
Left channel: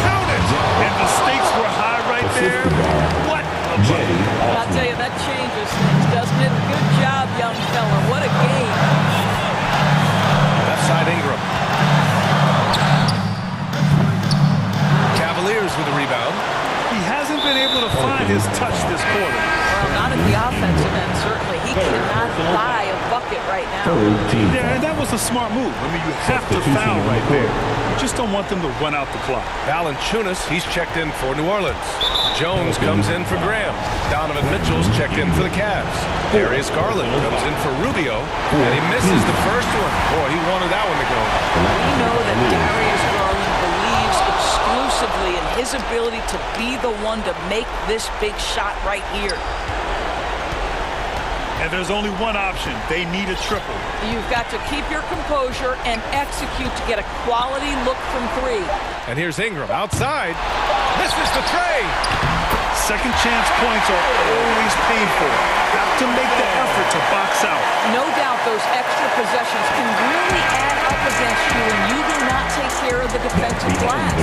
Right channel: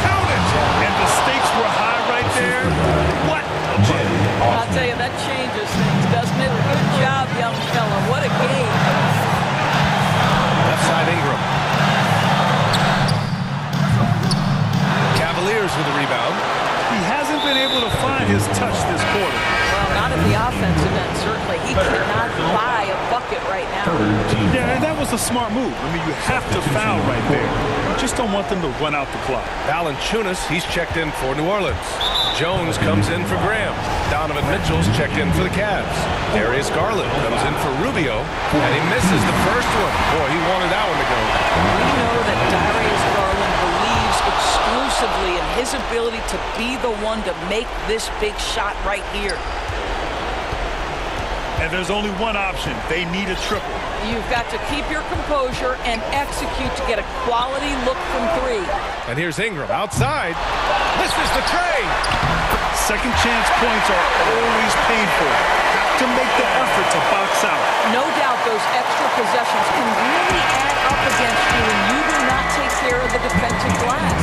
Count it! And the stakes were high right there. What a bucket. I'll tell you, that changes things, doesn't it? Good job, young fella. What a game. Left side Ingram. Cavaliers with the rebound. He hasn't been able to find his touch this quarter. Well, not at the offensive end, certainly. He cannot buy a bucket right now. Yeah, and that was a smart move. I mean, you have to foul right there. You just don't want them to run out the clock. Valanciunas, he's checked in for New Orleans. Jones comes in for Graham. Donovan Mitchell's checked in for the Cavs. Darius Garland comes in for Rubio, and he misses the first one. Boy, he wanted that one to go. We know that Darius Garland believes exclusively in his ability to be the one to make this big shot right here. And there's only one option. They need a triple. You've got to keep your composure and execute to get a quality look from 3. And here's Ingram outside. Misses the tray. Second chance points are always painful. Have to make the effort to box out. No doubt those extra possessions can really add up against you when you do not take care of the defensive glass.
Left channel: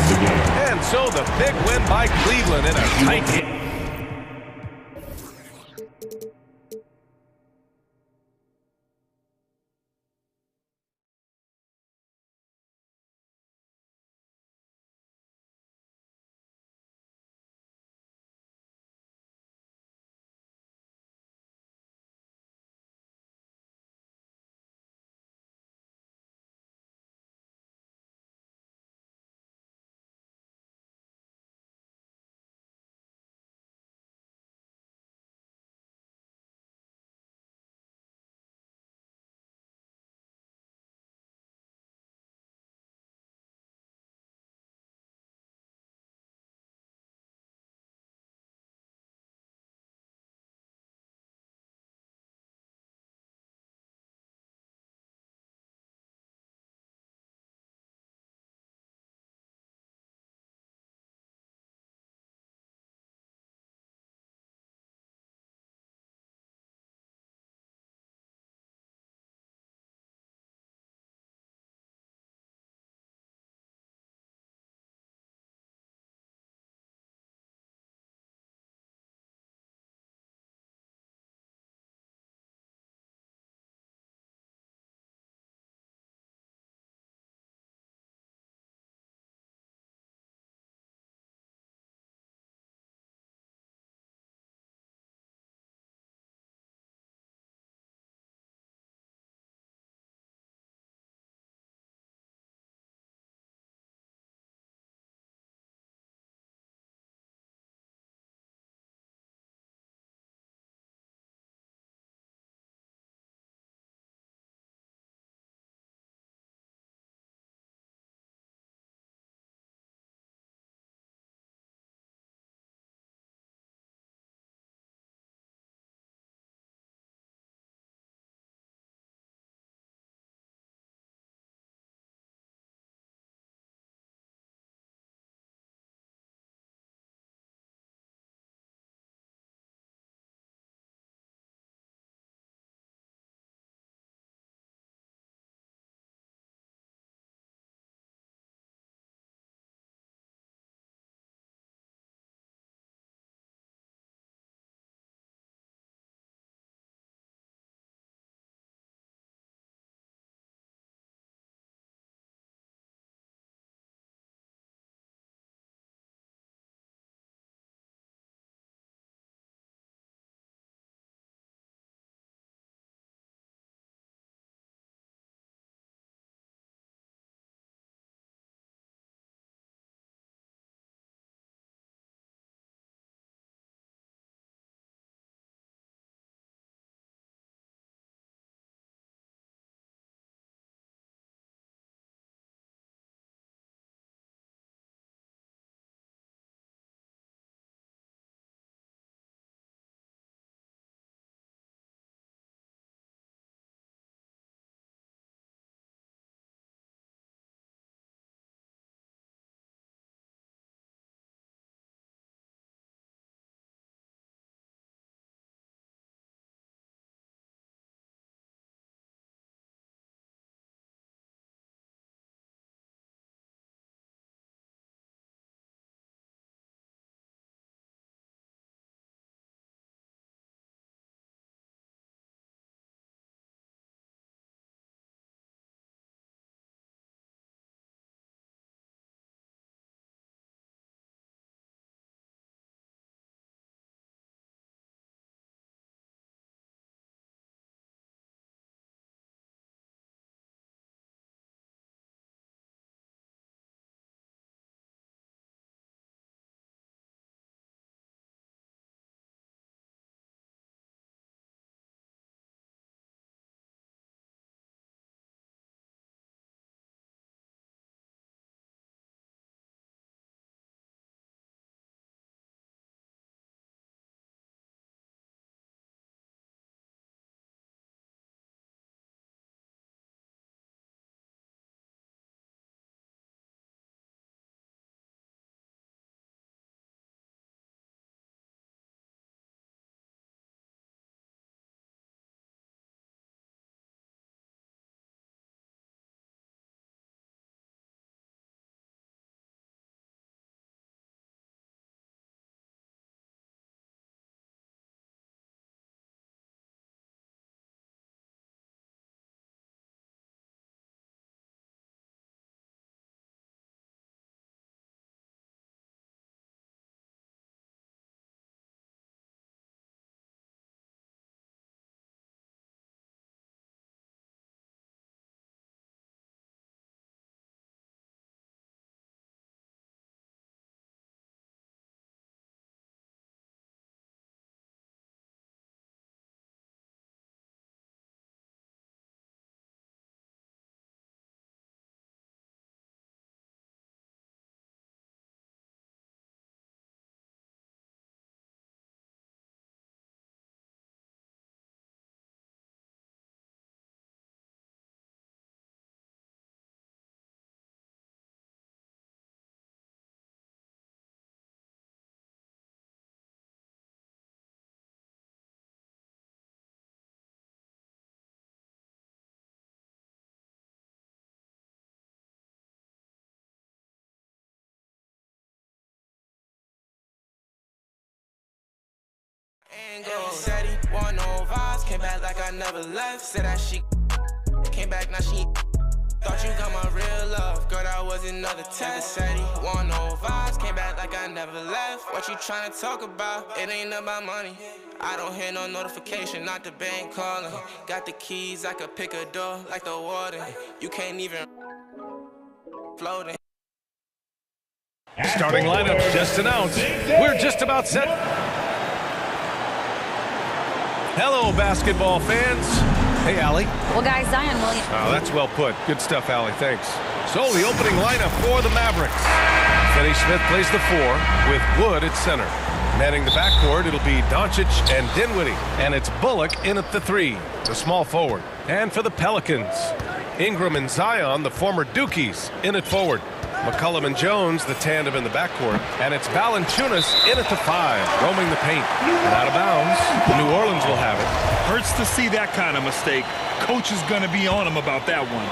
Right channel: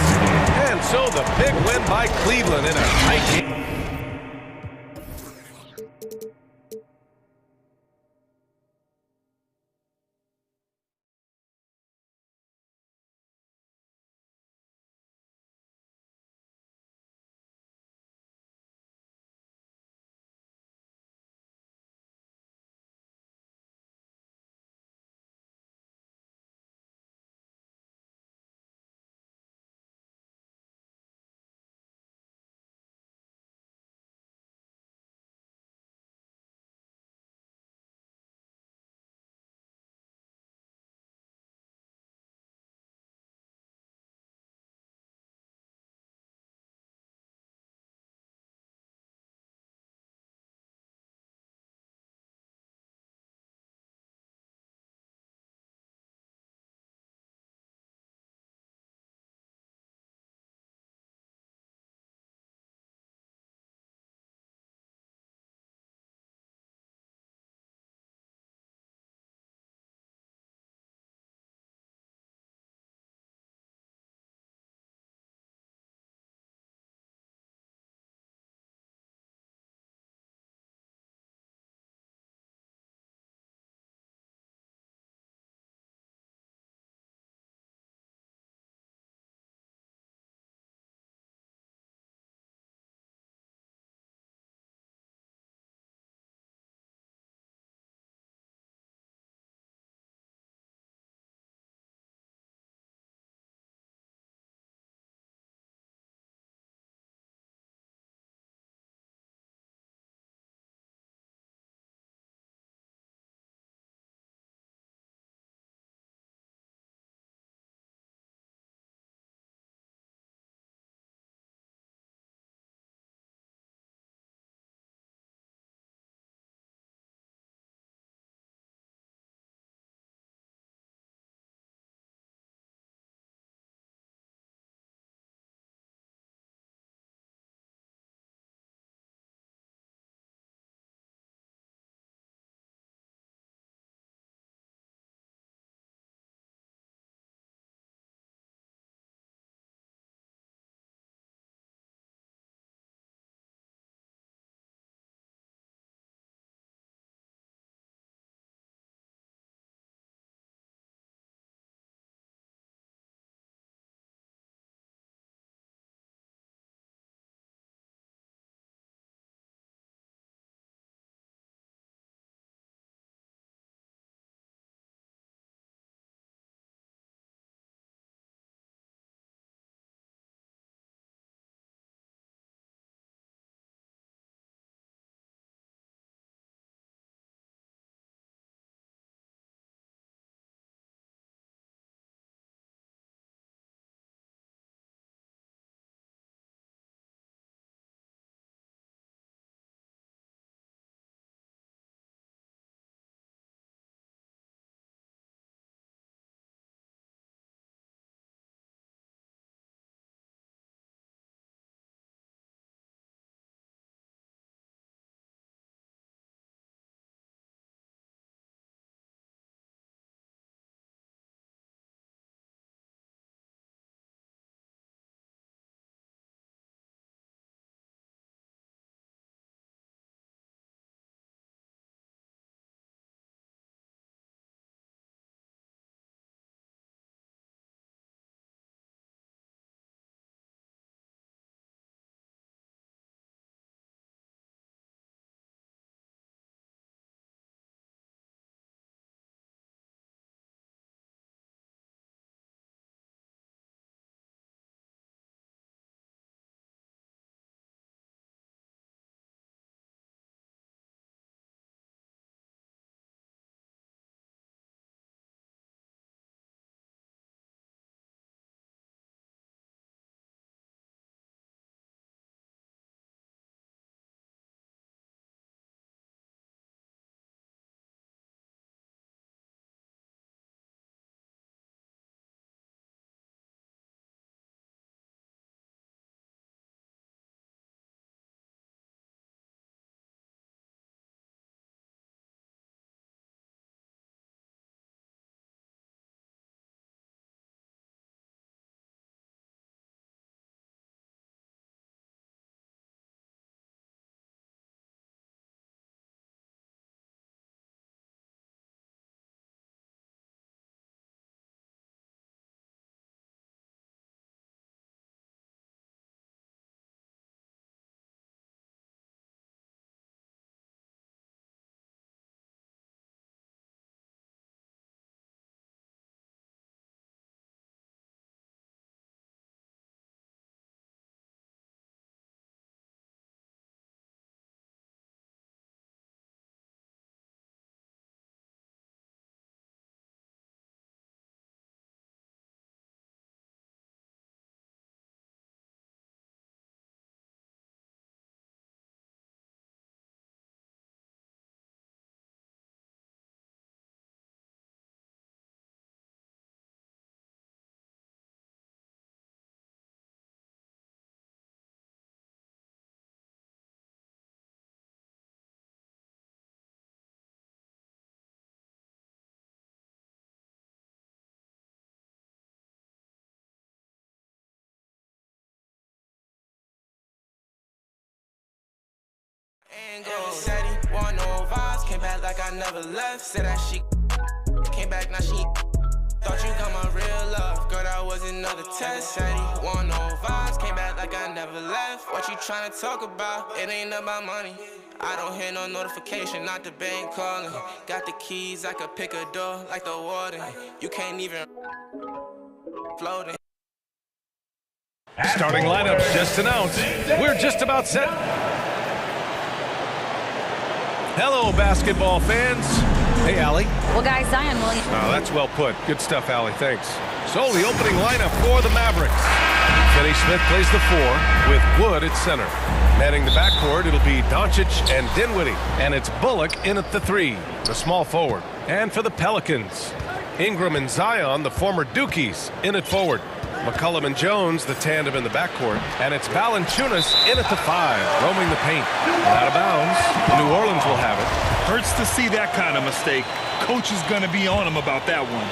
And so the big win by Cleveland in a tight game. Said he want no vibes, came back like I never left. Said that she came back, now she thought you got my real love. Girl, that was another test. Said he want no vibes, came back like I never left. What you tryna talk about? It ain't about money. I don't hear no notification, not the bank calling. Got the keys, I could pick a door like the warden. You can't even float it. Starting lineups just announced. We're just about set. Hello, basketball fans. Hey, Allie. Well, guys, Zion Williams. Oh, that's well put. Good stuff, Allie. Thanks. So, the opening lineup for the Mavericks. Finney Smith plays the 4 with Wood at center. Manning the backcourt, it'll be Doncic and Dinwiddie. And it's Bullock in at the 3, the small forward. And for the Pelicans, Ingram and Zion, the former Dukies, in at forward. McCollum and Jones, the tandem in the backcourt. And it's Valanciunas in at the 5, roaming the paint. And out of bounds, New Orleans will have it. Hurts to see that kind of mistake. Coach is going to be on him about that one.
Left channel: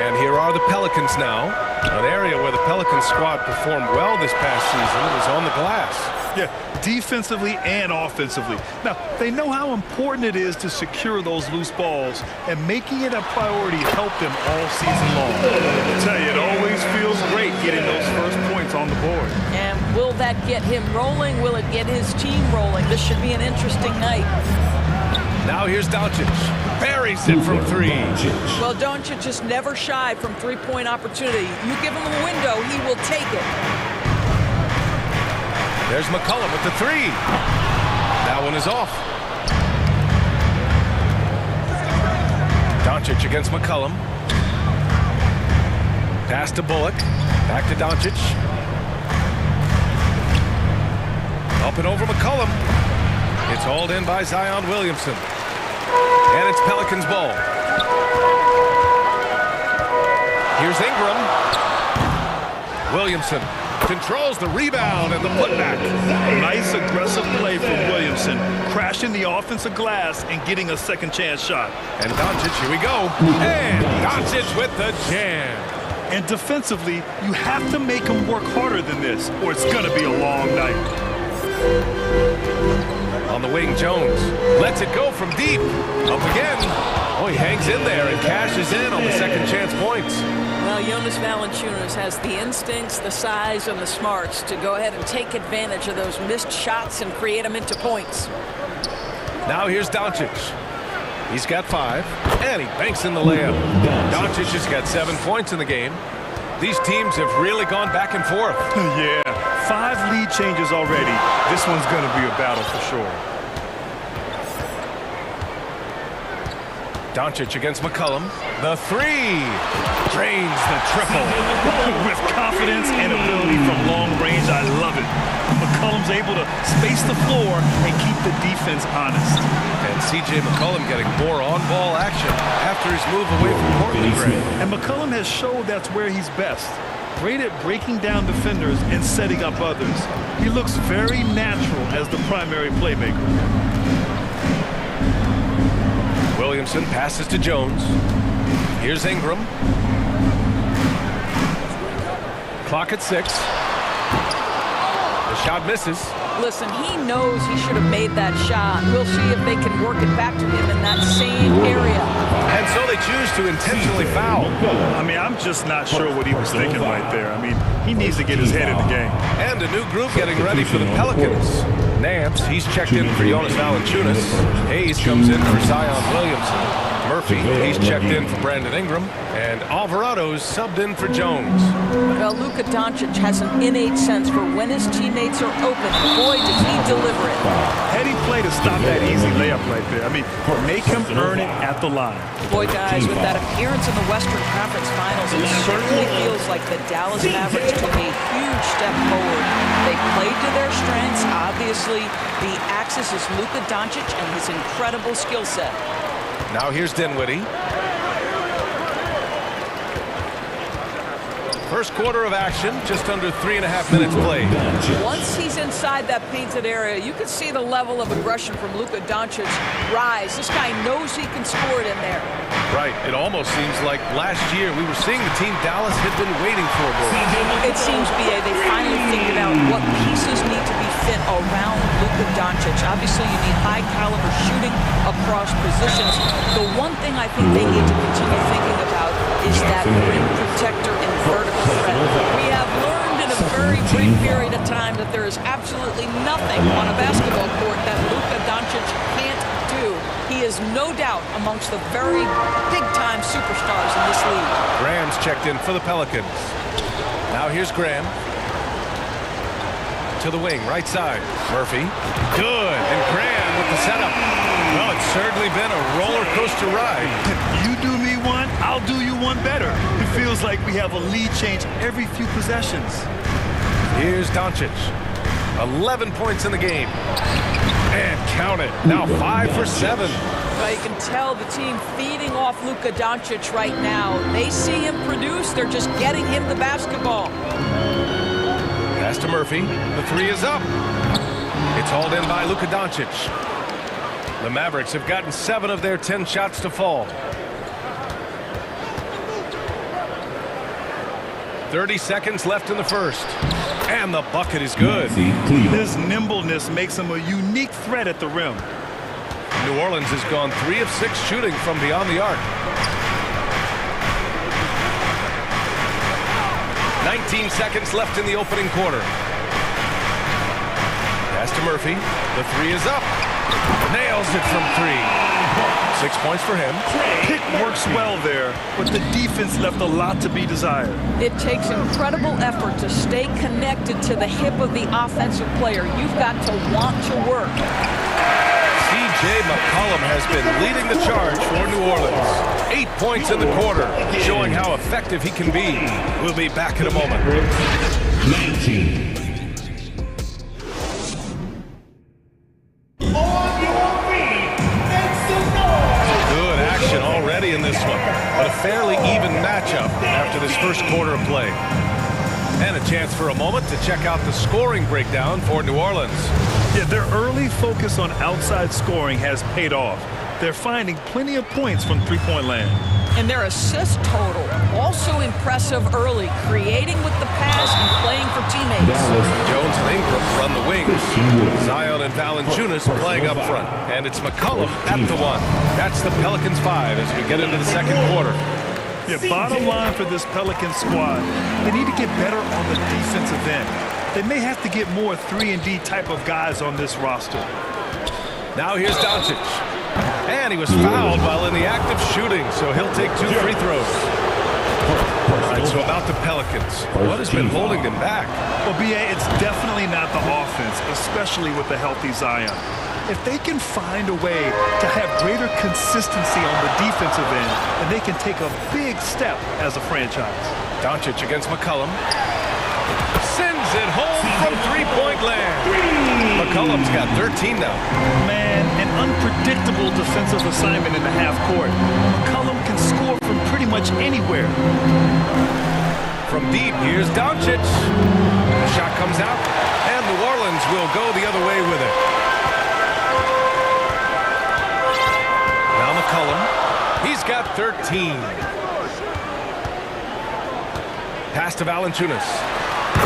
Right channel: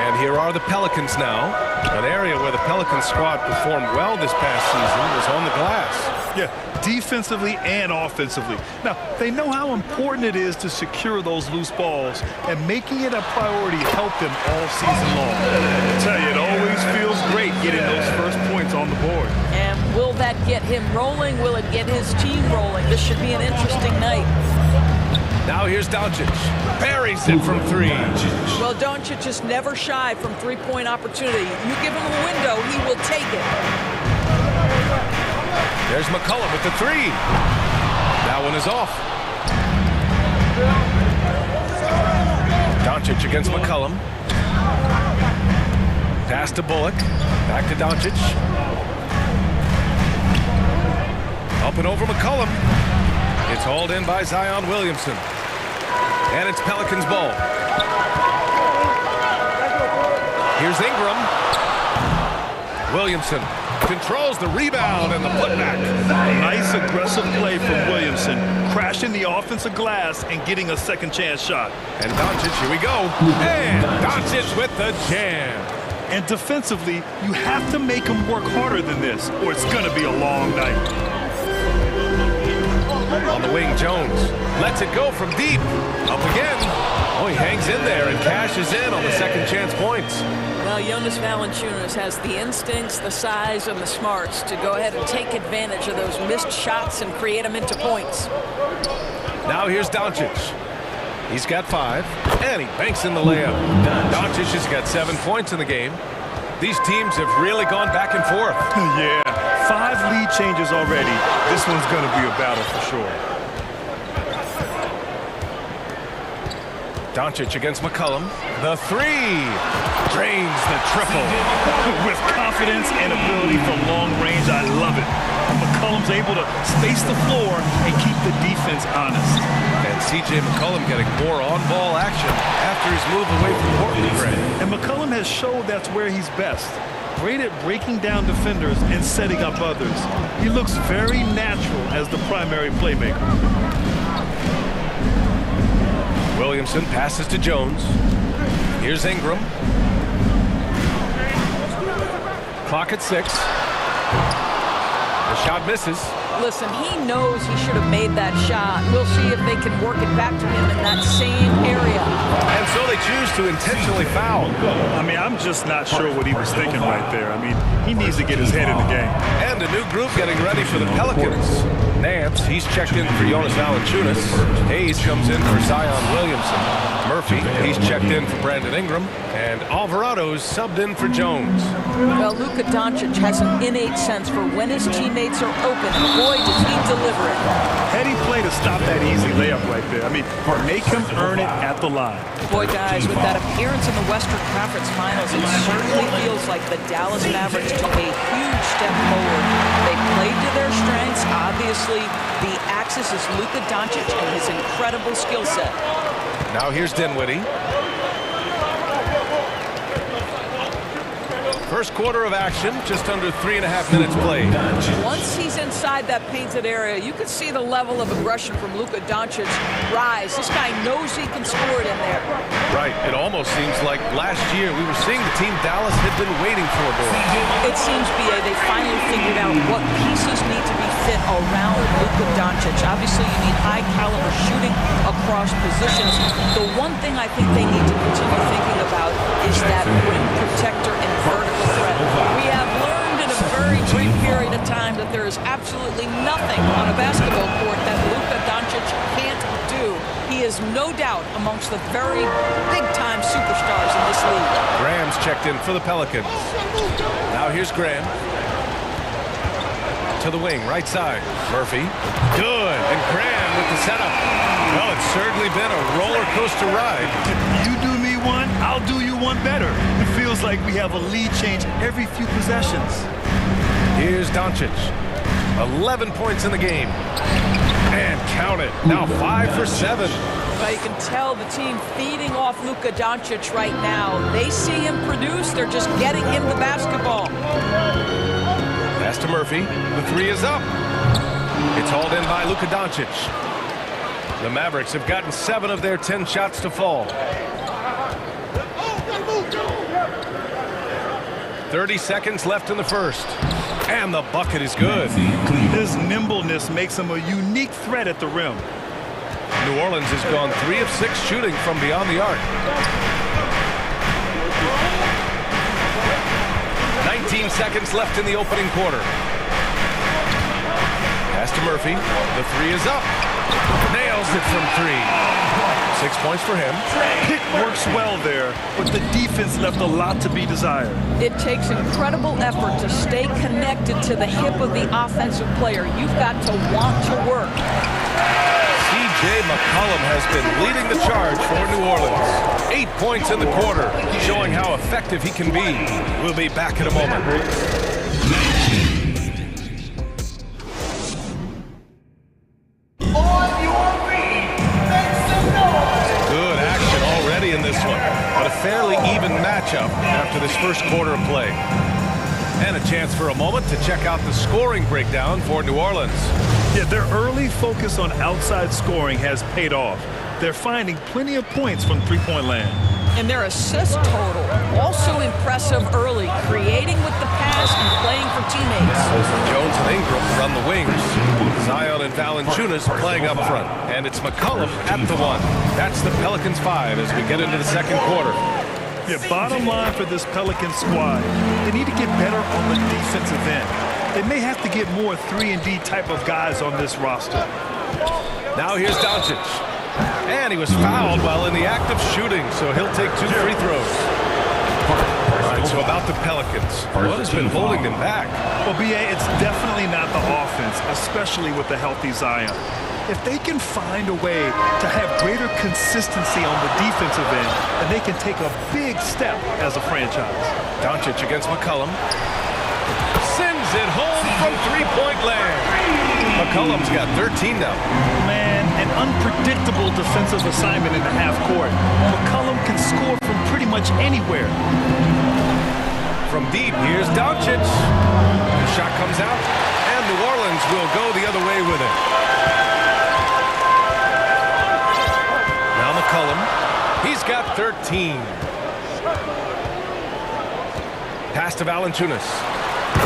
And here are the Pelicans now. An area where the Pelicans squad performed well this past season was on the glass. Yeah, defensively and offensively. Now, they know how important it is to secure those loose balls, and making it a priority helped them all season long. I tell you, it always feels great getting those first points on the board. And will that get him rolling? Will it get his team rolling? This should be an interesting night. Now here's Doncic. Buries it from 3. Well, Doncic is never shy from three-point opportunity. You give him a window, he will take it. There's McCollum with the 3. That one is off. Doncic against McCollum. Pass to Bullock. Back to Doncic. Up and over McCollum. It's hauled in by Zion Williamson. And it's Pelicans ball. Here's Ingram. Williamson controls the rebound and the putback. Nice aggressive play from Williamson, crashing the offensive glass and getting a second chance shot. And Doncic, here we go. And Doncic with the jam. And defensively, you have to make him work harder than this, or it's going to be a long night. On the wing, Jones lets it go from deep. Up again. Oh, he hangs in there and cashes in on the second chance points. Well, Jonas Valanciunas has the instincts, the size, and the smarts to go ahead and take advantage of those missed shots and create them into points. Now here's Doncic. He's got 5, and he banks in the layup. Doncic has got 7 points in the game. These teams have really gone back and forth. Yeah, 5 lead changes already. This one's going to be a battle for sure. Doncic against McCollum. The 3 drains the triple. With confidence and ability from long range, I love it. McCollum's able to space the floor and keep the defense honest. And C.J. McCollum getting more on-ball action after his move away from Portland, Gray. And McCollum has showed that's where he's best. Great at breaking down defenders and setting up others. He looks very natural as the primary playmaker. Williamson passes to Jones. Here's Ingram. Clock at 6. The shot misses. Listen, he knows he should have made that shot. We'll see if they can work it back to him in that same area. And so they choose to intentionally foul. I mean, I'm just not sure what he was thinking right there. I mean, he needs to get his head in the game. And a new group getting ready for the Pelicans. Nance, he's checked in for Jonas Valanciunas. Hayes comes in for Zion Williamson. Murphy, he's checked in for Brandon Ingram. And Alvarado's subbed in for Jones. Well, Luka Doncic has an innate sense for when his teammates are open, and boy, does he deliver it. Heady play to stop that easy layup right there. I mean, make him earn it at the line. Boy, guys, with that appearance in the Western Conference Finals, it certainly feels like the Dallas Mavericks took a huge step forward. They played to their strengths. Obviously, the axis is Luka Doncic and his incredible skill set. Now here's Dinwiddie. First quarter of action, just under 3.5 minutes played. Once he's inside that painted area, you can see the level of aggression from Luka Doncic rise. This guy knows he can score it in there. Right. It almost seems like last year we were seeing the team Dallas had been waiting for, Doris. It seems, B.A., they finally figured out what pieces need to be fit around Luka Doncic. Obviously, you need high-caliber shooting across positions. The one thing I think they need to continue thinking about is that rim protector and vertical threat. We have learned in a very brief period of time that there is absolutely nothing on a basketball court that Luka Doncic can't do. He is no doubt amongst the very big-time superstars in this league. Graham's checked in for the Pelicans. Now here's Graham. To the wing, right side. Murphy. Good. And Graham with the setup. Well, it's certainly been a roller coaster ride. You do me one, I'll do you one better. It feels like we have a lead change every few possessions. Here's Doncic. 11 points in the game. And count it. Now 5 for 7. Well, you can tell the team feeding off Luka Doncic right now. They see him produce. They're just getting him the basketball. Pass to Murphy. The three is up. It's hauled in by Luka Doncic. The Mavericks have gotten 7 of their 10 shots to fall. 30 seconds left in the first. And the bucket is good. His nimbleness makes him a unique threat at the rim. New Orleans has gone 3 of 6 shooting from beyond the arc. 19 seconds left in the opening quarter. Pass to Murphy. The three is up. Nails it from 3. 6 points for him. Pick works well there, but the defense left a lot to be desired. It takes incredible effort to stay connected to the hip of the offensive player. You've got to want to work. C.J. McCollum has been leading the charge for New Orleans. 8 points in the quarter, showing how effective he can be. We'll be back in a moment. 19. Good action already in this one, but a fairly even matchup after this first quarter of play. And a chance for a moment to check out the scoring breakdown for New Orleans. Yeah, their early focus on outside scoring has paid off. They're finding plenty of points from three-point land. And their assist total, also impressive early, creating with the pass and playing for teammates. Jones and Ingram run the wings. Zion and Valanciunas playing up front. And it's McCollum at the 1. That's the Pelicans 5 as we get into the second quarter. Yeah, bottom line for this Pelicans squad, they need to get better on the defensive end. They may have to get more 3-and-D type of guys on this roster. Now here's Doncic. And he was fouled while in the act of shooting, so he'll take 2 free throws. All right, so about the Pelicans. What has been holding them back? Well, B.A., it's definitely not the offense, especially with the healthy Zion. If they can find a way to have greater consistency on the defensive end, then they can take a big step as a franchise. Doncic against McCollum. Sends it home from three-point land. McCollum's got 13 now. Man, an unpredictable defensive assignment in the half court. McCollum can score from pretty much anywhere. From deep, here's Doncic. The shot comes out, and New Orleans will go the other way with it. Now McCollum. He's got 13. Pass to Valanciunas.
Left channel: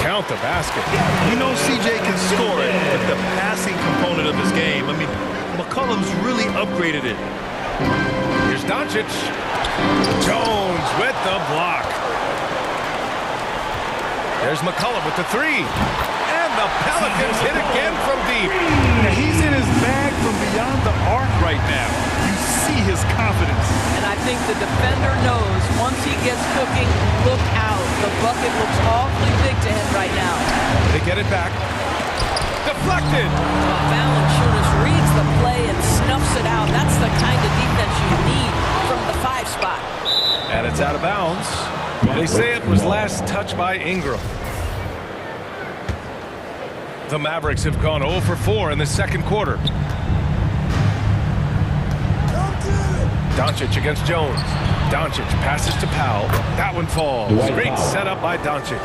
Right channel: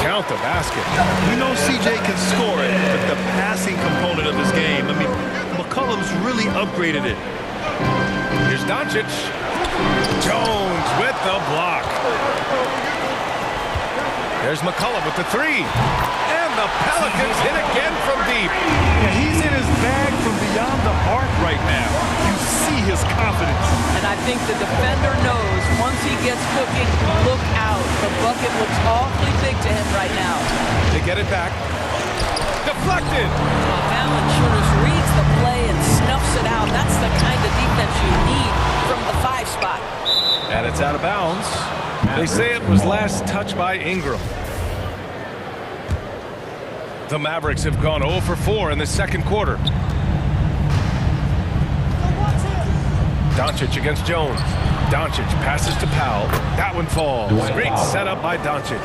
Count the basket. We know CJ can score it, but the passing component of his game, I mean, McCollum's really upgraded it. Here's Doncic. Jones with the block. There's McCollum with the 3. And the Pelicans hit again from deep. Yeah, he's in his bag from beyond the arc right now. You see his confidence. And I think the defender knows once he gets cooking, look out. The bucket looks awfully big to him right now. They get it back. Deflected. Well, Valanciunas reads the play and snuffs it out. That's the kind of defense you need from the 5 spot. And it's out of bounds. They say it was last touched by Ingram. The Mavericks have gone 0 for 4 in the second quarter. Doncic against Jones. Doncic passes to Powell. That one falls. Great setup by Doncic.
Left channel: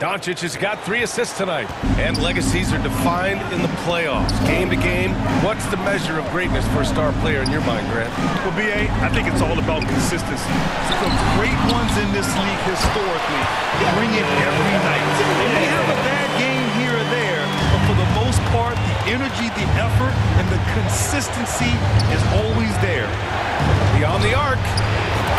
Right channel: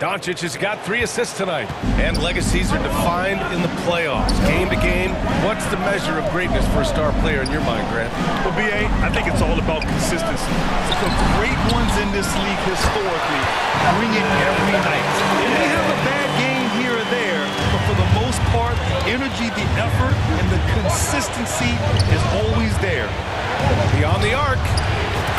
Doncic has got 3 assists tonight. And legacies are defined in the playoffs. Game to game, what's the measure of greatness for a star player in your mind, Grant? Well, B.A., I think it's all about consistency. The great ones in this league historically bring it every night. They may have a bad game here or there, but for the most part, the energy, the effort, and the consistency is always there. Beyond the arc.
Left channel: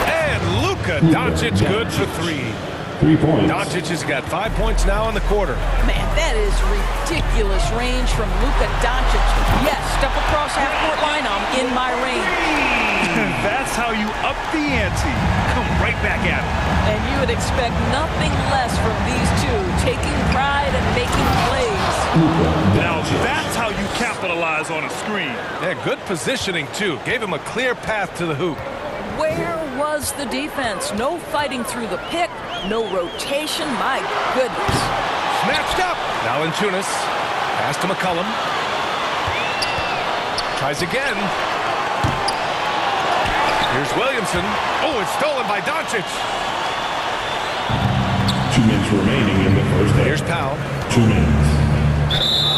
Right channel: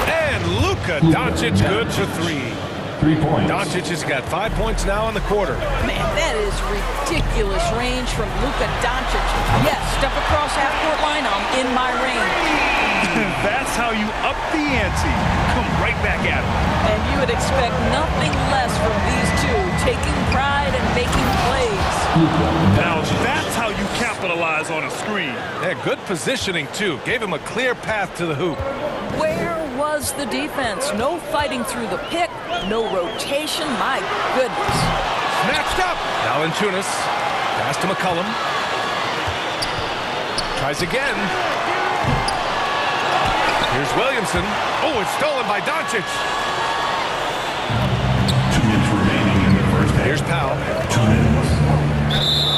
And Luka Doncic good for 3. 3 points. Doncic has got 5 points now in the quarter. Man, that is ridiculous range from Luka Doncic. Yes, step across half-court line, I'm in my range. That's how you up the ante. Come right back at him. And you would expect nothing less from these two, taking pride and making plays. Now that's how you capitalize on a screen. Yeah, good positioning, too. Gave him a clear path to the hoop. Where was the defense? No fighting through the pick, no rotation. My goodness. Snatched up. Valanciunas. Pass to McCollum. Tries again. Here's Williamson. Oh, it's stolen by Doncic. 2 minutes remaining in the first half. Here's Powell. 2 minutes.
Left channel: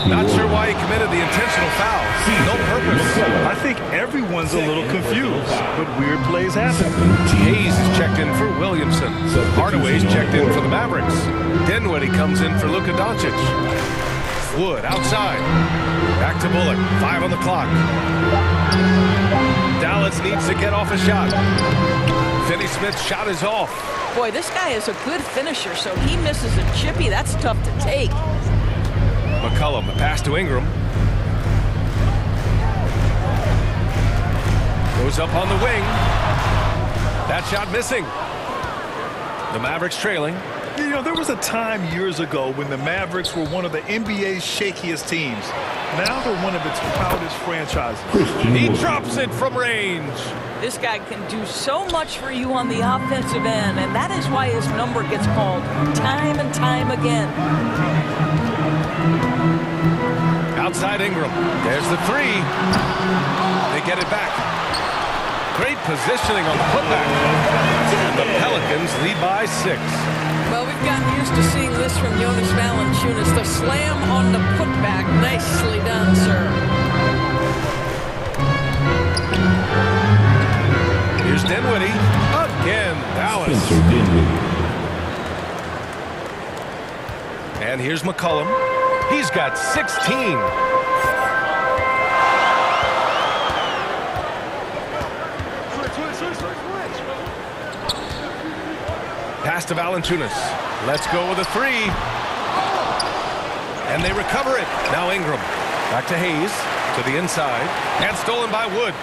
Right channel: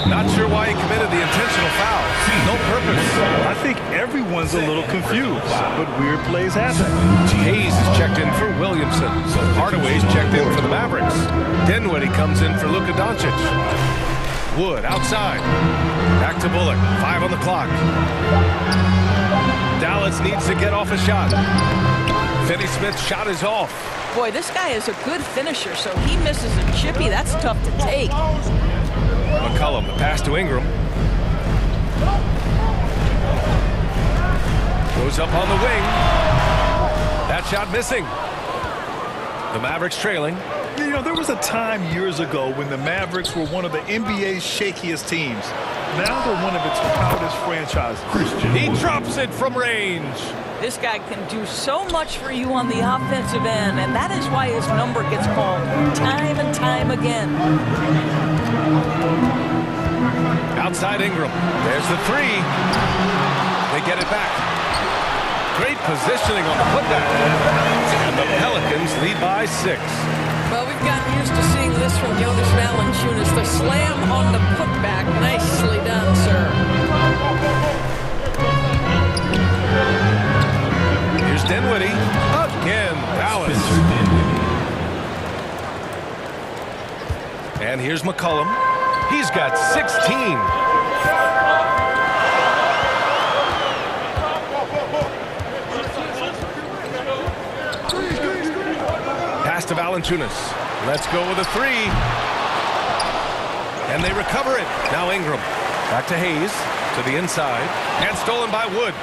Not sure why he committed the intentional foul. No purpose. I think everyone's a little confused, but weird plays happen. Hayes is checked in for Williamson. Hardaway's checked in for the Mavericks. Dinwiddie comes in for Luka Doncic. Wood outside. Back to Bullock. 5 on the clock. Dallas needs to get off a shot. Finney-Smith's shot is off. Boy, this guy is a good finisher, so he misses a chippy. That's tough to take. McCollum, the pass to Ingram. Goes up on the wing. That shot missing. The Mavericks trailing. You know, there was a time years ago when the Mavericks were one of the NBA's shakiest teams. Now they're one of its proudest franchises. He drops it from range. This guy can do so much for you on the offensive end, and that is why his number gets called time and time again. Outside Ingram. There's the 3. They get it back. Great positioning on the putback. And the Pelicans lead by 6. Well, we've gotten used to seeing this from Jonas Valanciunas. The slam on the putback. Nicely done, sir. Here's Dinwiddie. Again, Dallas. Spencer Dinwiddie. And here's McCollum. He's got 16. Pass to Valanciunas. Let's go with a 3. And they recover it. Now Ingram. Back to Hayes. To the inside. And stolen by Wood.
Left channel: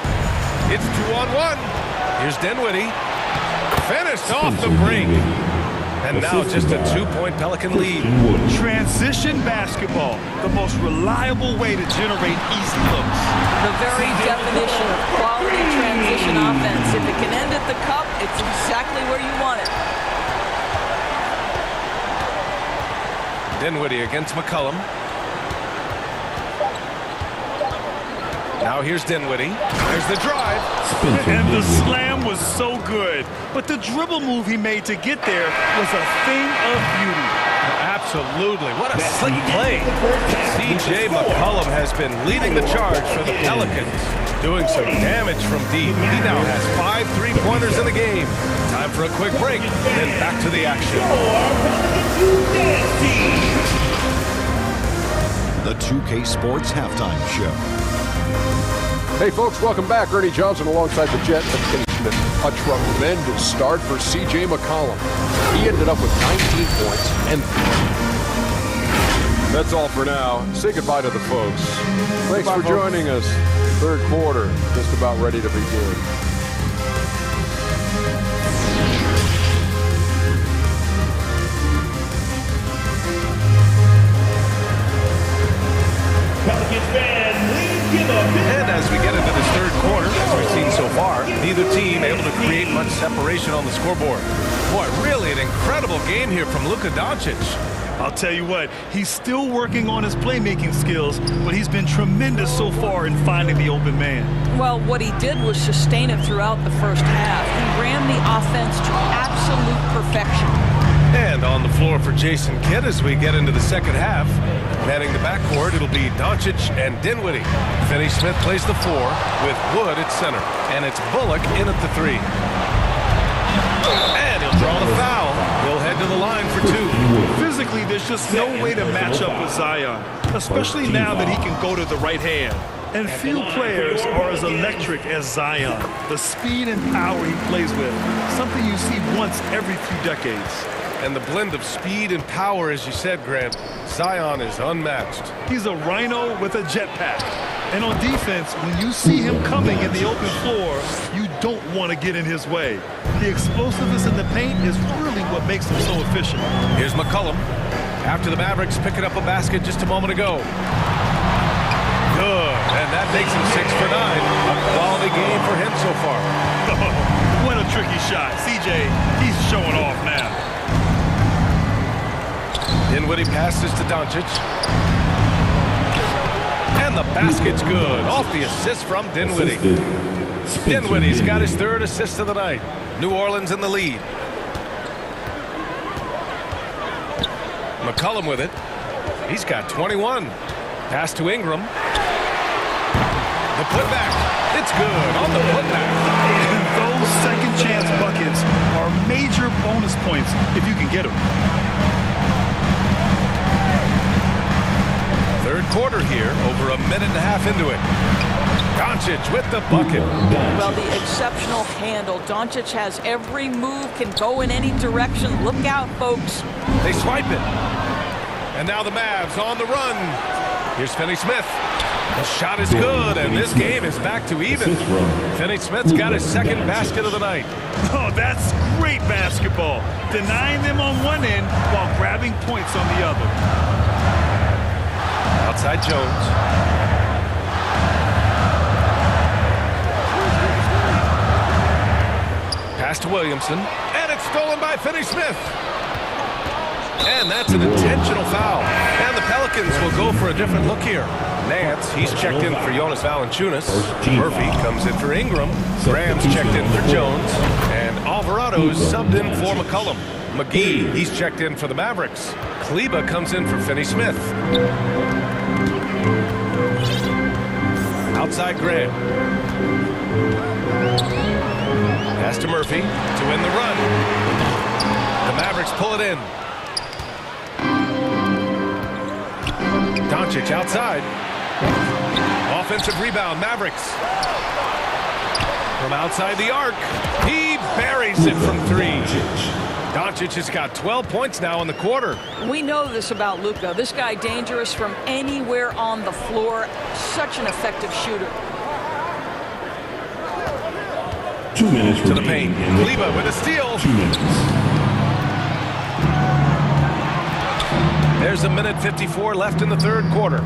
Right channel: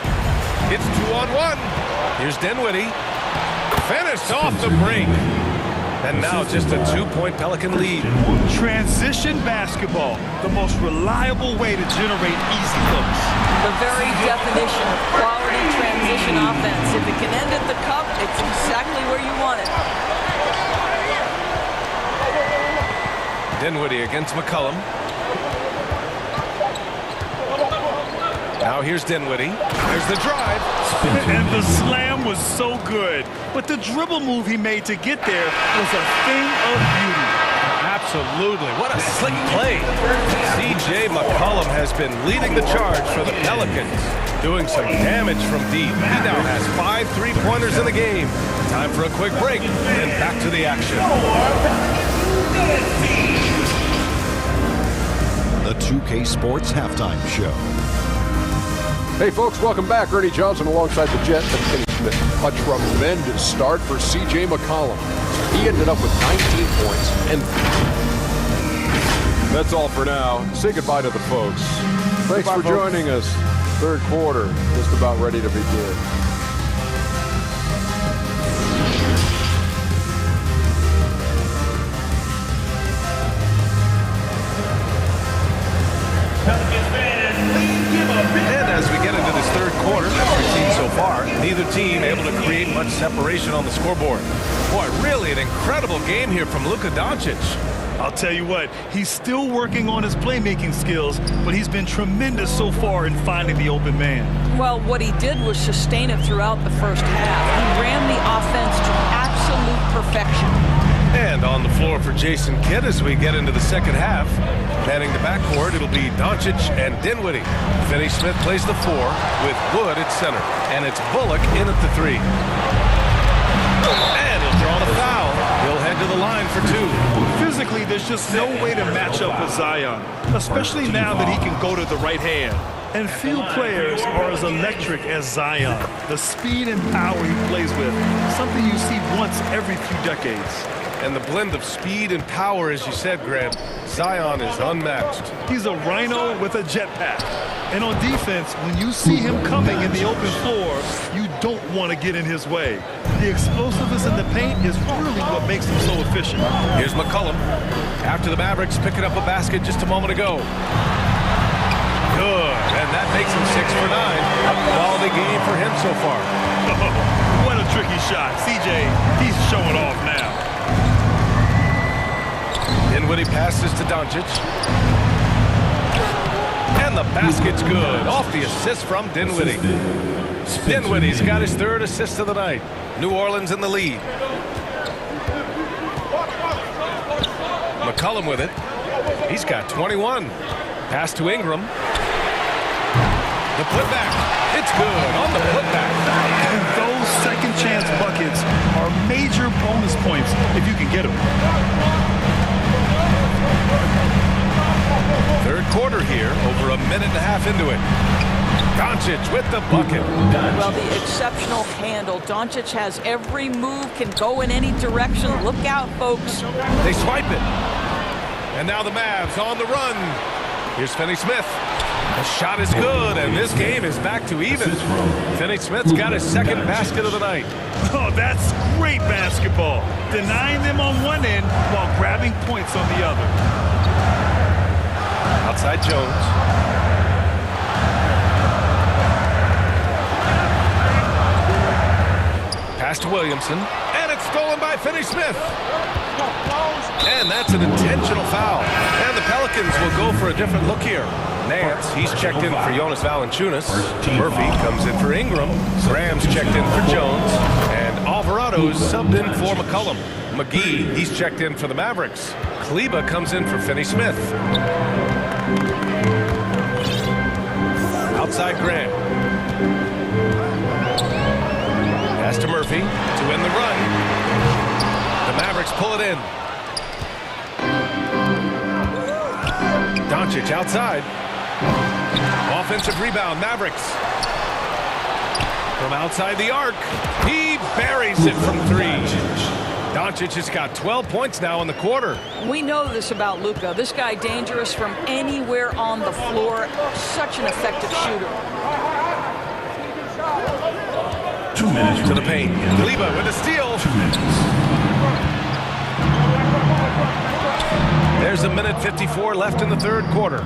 It's 2-on-1. Here's Dinwiddie. Finished off the break. And now just a 2-point Pelican lead. Transition basketball, the most reliable way to generate easy looks. The very definition of quality transition offense. If it can end at the cup, it's exactly where you want it. Dinwiddie against McCollum. Now here's Dinwiddie. There's the drive. And the slam was so good. But the dribble move he made to get there was a thing of beauty. Absolutely. What a slick play. C.J. McCollum has been leading the charge for the Pelicans, doing some damage from deep. He now has 5 3-pointers in the game. Time for a quick break, then back to the action. The 2K Sports Halftime Show. Hey folks, welcome back. Ernie Johnson alongside the Jet and Kenny Schmidt. A tremendous start for C.J. McCollum. He ended up with 19 points and... That's all for now. Say goodbye to the folks. Thanks for joining us. Third quarter, just about ready to begin. And as we get into this third quarter, as we've seen so far, neither team able to create much separation on the scoreboard. Boy, really an incredible game here from Luka Doncic. I'll tell you what, he's still working on his playmaking skills, but he's been tremendous so far in finding the open man. Well, what he did was sustain it throughout the first half. He ran the offense to absolute perfection. And on the floor for Jason Kidd as we get into the second half. Manning the backcourt, it'll be Doncic and Dinwiddie. Finney Smith plays the 4 with Wood at center. And it's Bullock in at the 3. And he'll draw the foul. He'll head to the line for 2. Physically, there's just no way to match up with Zion, especially now that he can go to the right hand. And few players are as electric as Zion. The speed and power he plays with, something you see once every few decades. And the blend of speed and power, as you said, Grant, Zion is unmatched. He's a rhino with a jetpack. And on defense, when you see him coming in the open floor, you don't want to get in his way. The explosiveness in the paint is really what makes him so efficient. Here's McCollum. After the Mavericks picking up a basket just a moment ago. Good, and that makes him 6 for 9. A quality game for him so far. Oh, what a tricky shot. CJ, he's showing off now. Dinwiddie passes to Doncic. And the basket's good. Off the assist from Dinwiddie. Dinwiddie's got his 3rd assist of the night. New Orleans in the lead. McCollum with it. He's got 21. Pass to Ingram. The putback. It's good on the putback. Those second chance buckets are major bonus points if you can get them. Third quarter here, over a minute and a half into it. Doncic with the bucket. Well, the exceptional handle. Doncic has every move, can go in any direction. Look out, folks. They swipe it. And now the Mavs on the run. Here's Finney Smith. The shot is good, and this game is back to even. Finney Smith's got his 2nd basket of the night. Oh, that's great basketball. Denying them on one end while grabbing points on the other. Outside Jones. Pass to Williamson, and it's stolen by Finney Smith. And that's an intentional foul. And the Pelicans will go for a different look here. Nance, he's checked in for Jonas Valanciunas. Murphy comes in for Ingram. Graham's checked in for Jones. And Alvarado's subbed in for McCollum. McGee, he's checked in for the Mavericks. Kleba comes in for Finney Smith. Outside Graham. Pass to Murphy to win the run. The Mavericks pull it in. Doncic outside. Offensive rebound, Mavericks. From outside the arc, he buries it from 3. Doncic has got 12 points now in the quarter. We know this about Luka. This guy dangerous from anywhere on the floor. Such an effective shooter. 2 minutes to the paint. Kleba with a steal. 2 minutes. There's a minute 54 left in the third quarter.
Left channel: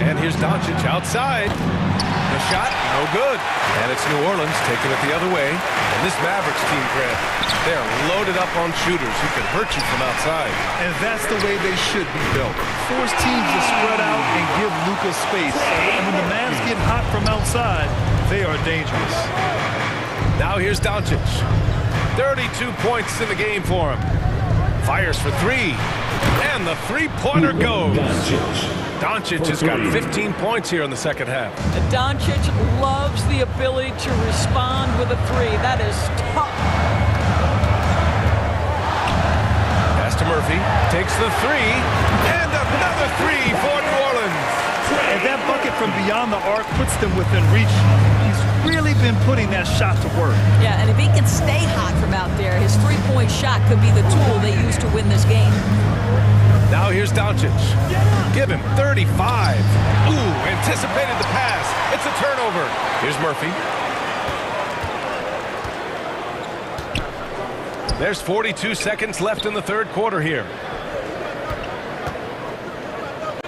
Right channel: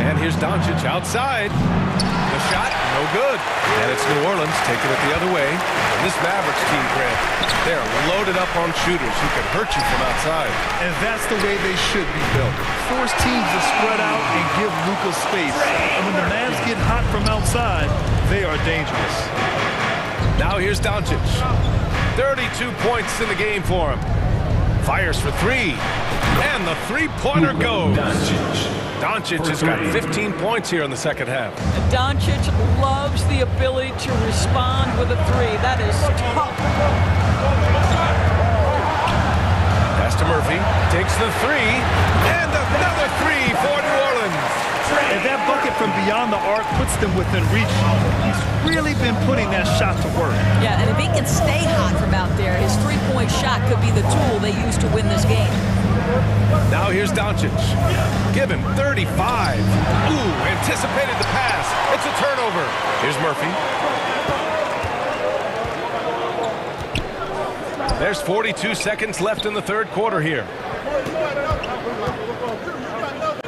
And here's Doncic outside. The shot, no good. And it's New Orleans taking it the other way. And this Mavericks team, Grant, they're loaded up on shooters who can hurt you from outside. And that's the way they should be built. Force teams to spread out and give Luka space. And when the Mavs get hot from outside, they are dangerous. Now here's Doncic. 32 points in the game for him. Fires for 3. And the three-pointer goes. Doncic has got 15 points here in the second half. Doncic loves the ability to respond with a 3. That is tough. Pass to Murphy. Takes the 3. And another 3 for New Orleans. And that bucket from beyond the arc puts them within reach. He's really been putting that shot to work. Yeah, and if he can stay hot from out there, his three-point shot could be the tool they use to win this game. Now here's Doncic. Give him 35. Ooh, anticipated the pass. It's a turnover. Here's Murphy. There's 42 seconds left in the third quarter here.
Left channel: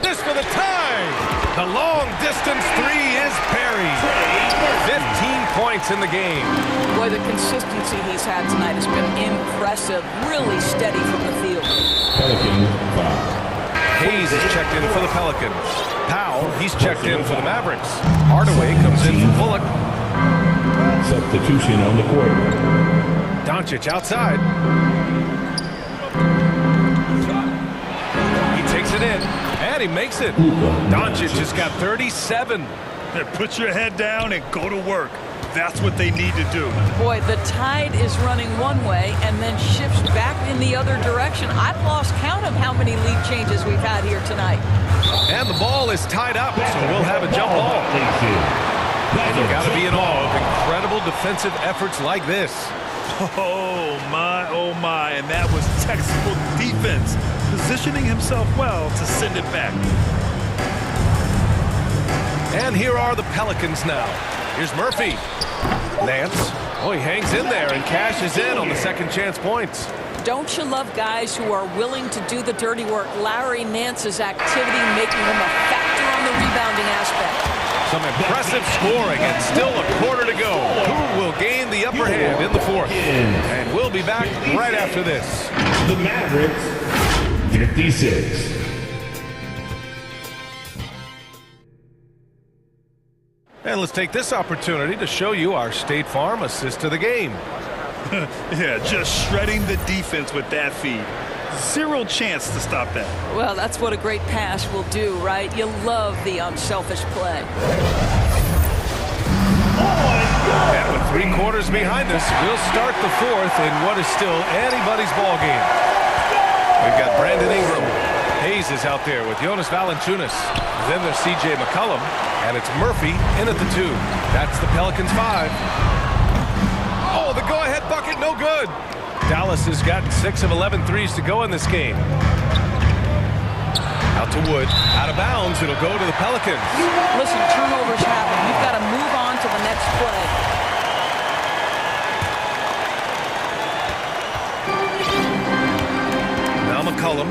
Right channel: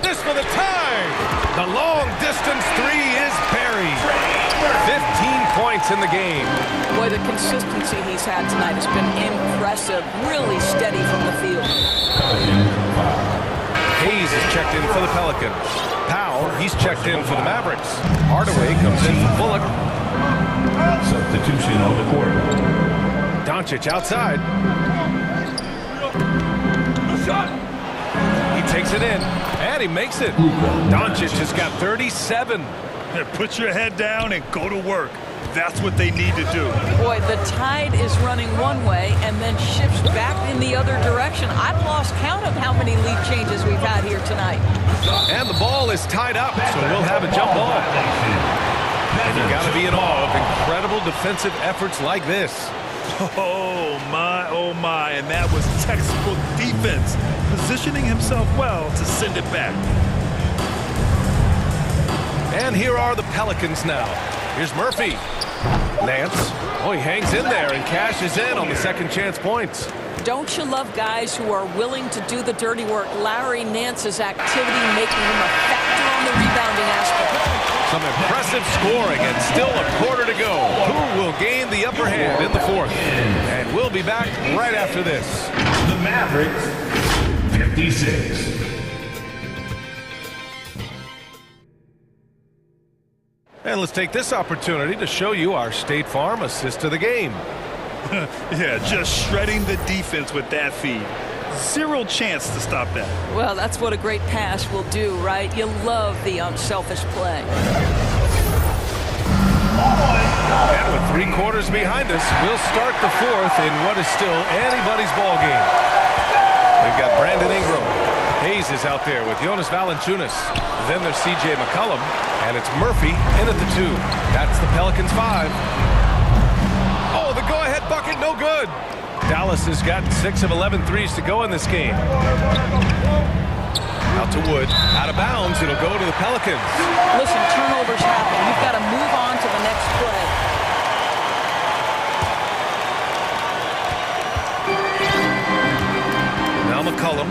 This for the tie. The long-distance three is buried. 15 points in the game. Boy, the consistency he's had tonight has been impressive. Really steady from the field. Pelicans foul. Hayes is checked in for the Pelicans. Powell, he's checked in for the Mavericks. Hardaway comes in for Bullock. Substitution on the court. Doncic outside. He takes it in, and he makes it. Doncic has got 37. Put your head down and go to work. That's what they need to do. Boy, the tide is running one way and then shifts back in the other direction. I've lost count of how many lead changes we've had here tonight. And the ball is tied up, so we'll have a jump ball. And you got to be in awe of incredible defensive efforts like this. Oh my, and that was textbook defense, positioning himself well to send it back. And here are the Pelicans now. Here's Murphy. Nance. Oh, he hangs in there and cashes in on the second chance points. Don't you love guys who are willing to do the dirty work? Larry Nance's activity making him a factor on the rebounding aspect. Some impressive scoring and still a quarter to go. Who will gain the upper hand in the fourth? And we'll be back right after this. The Mavericks, 56. And let's take this opportunity to show you our State Farm assist to the game. Yeah, just shredding the defense with that feed. Zero chance to stop that. Well, that's what a great pass will do, right? You love the unselfish play. And with 3 quarters behind us, we'll start the fourth in what is still anybody's ball game. We've got Brandon Ingram. Hayes is out there with Jonas Valanciunas. Then there's C.J. McCollum, and it's Murphy in at the 2. That's the Pelicans 5. Oh, the go-ahead bucket, no good. Dallas has gotten 6 of 11 threes to go in this game. Out to Wood, out of bounds, it'll go to the Pelicans. Listen, turnovers happen. You've got to move on to the next play. Now McCollum,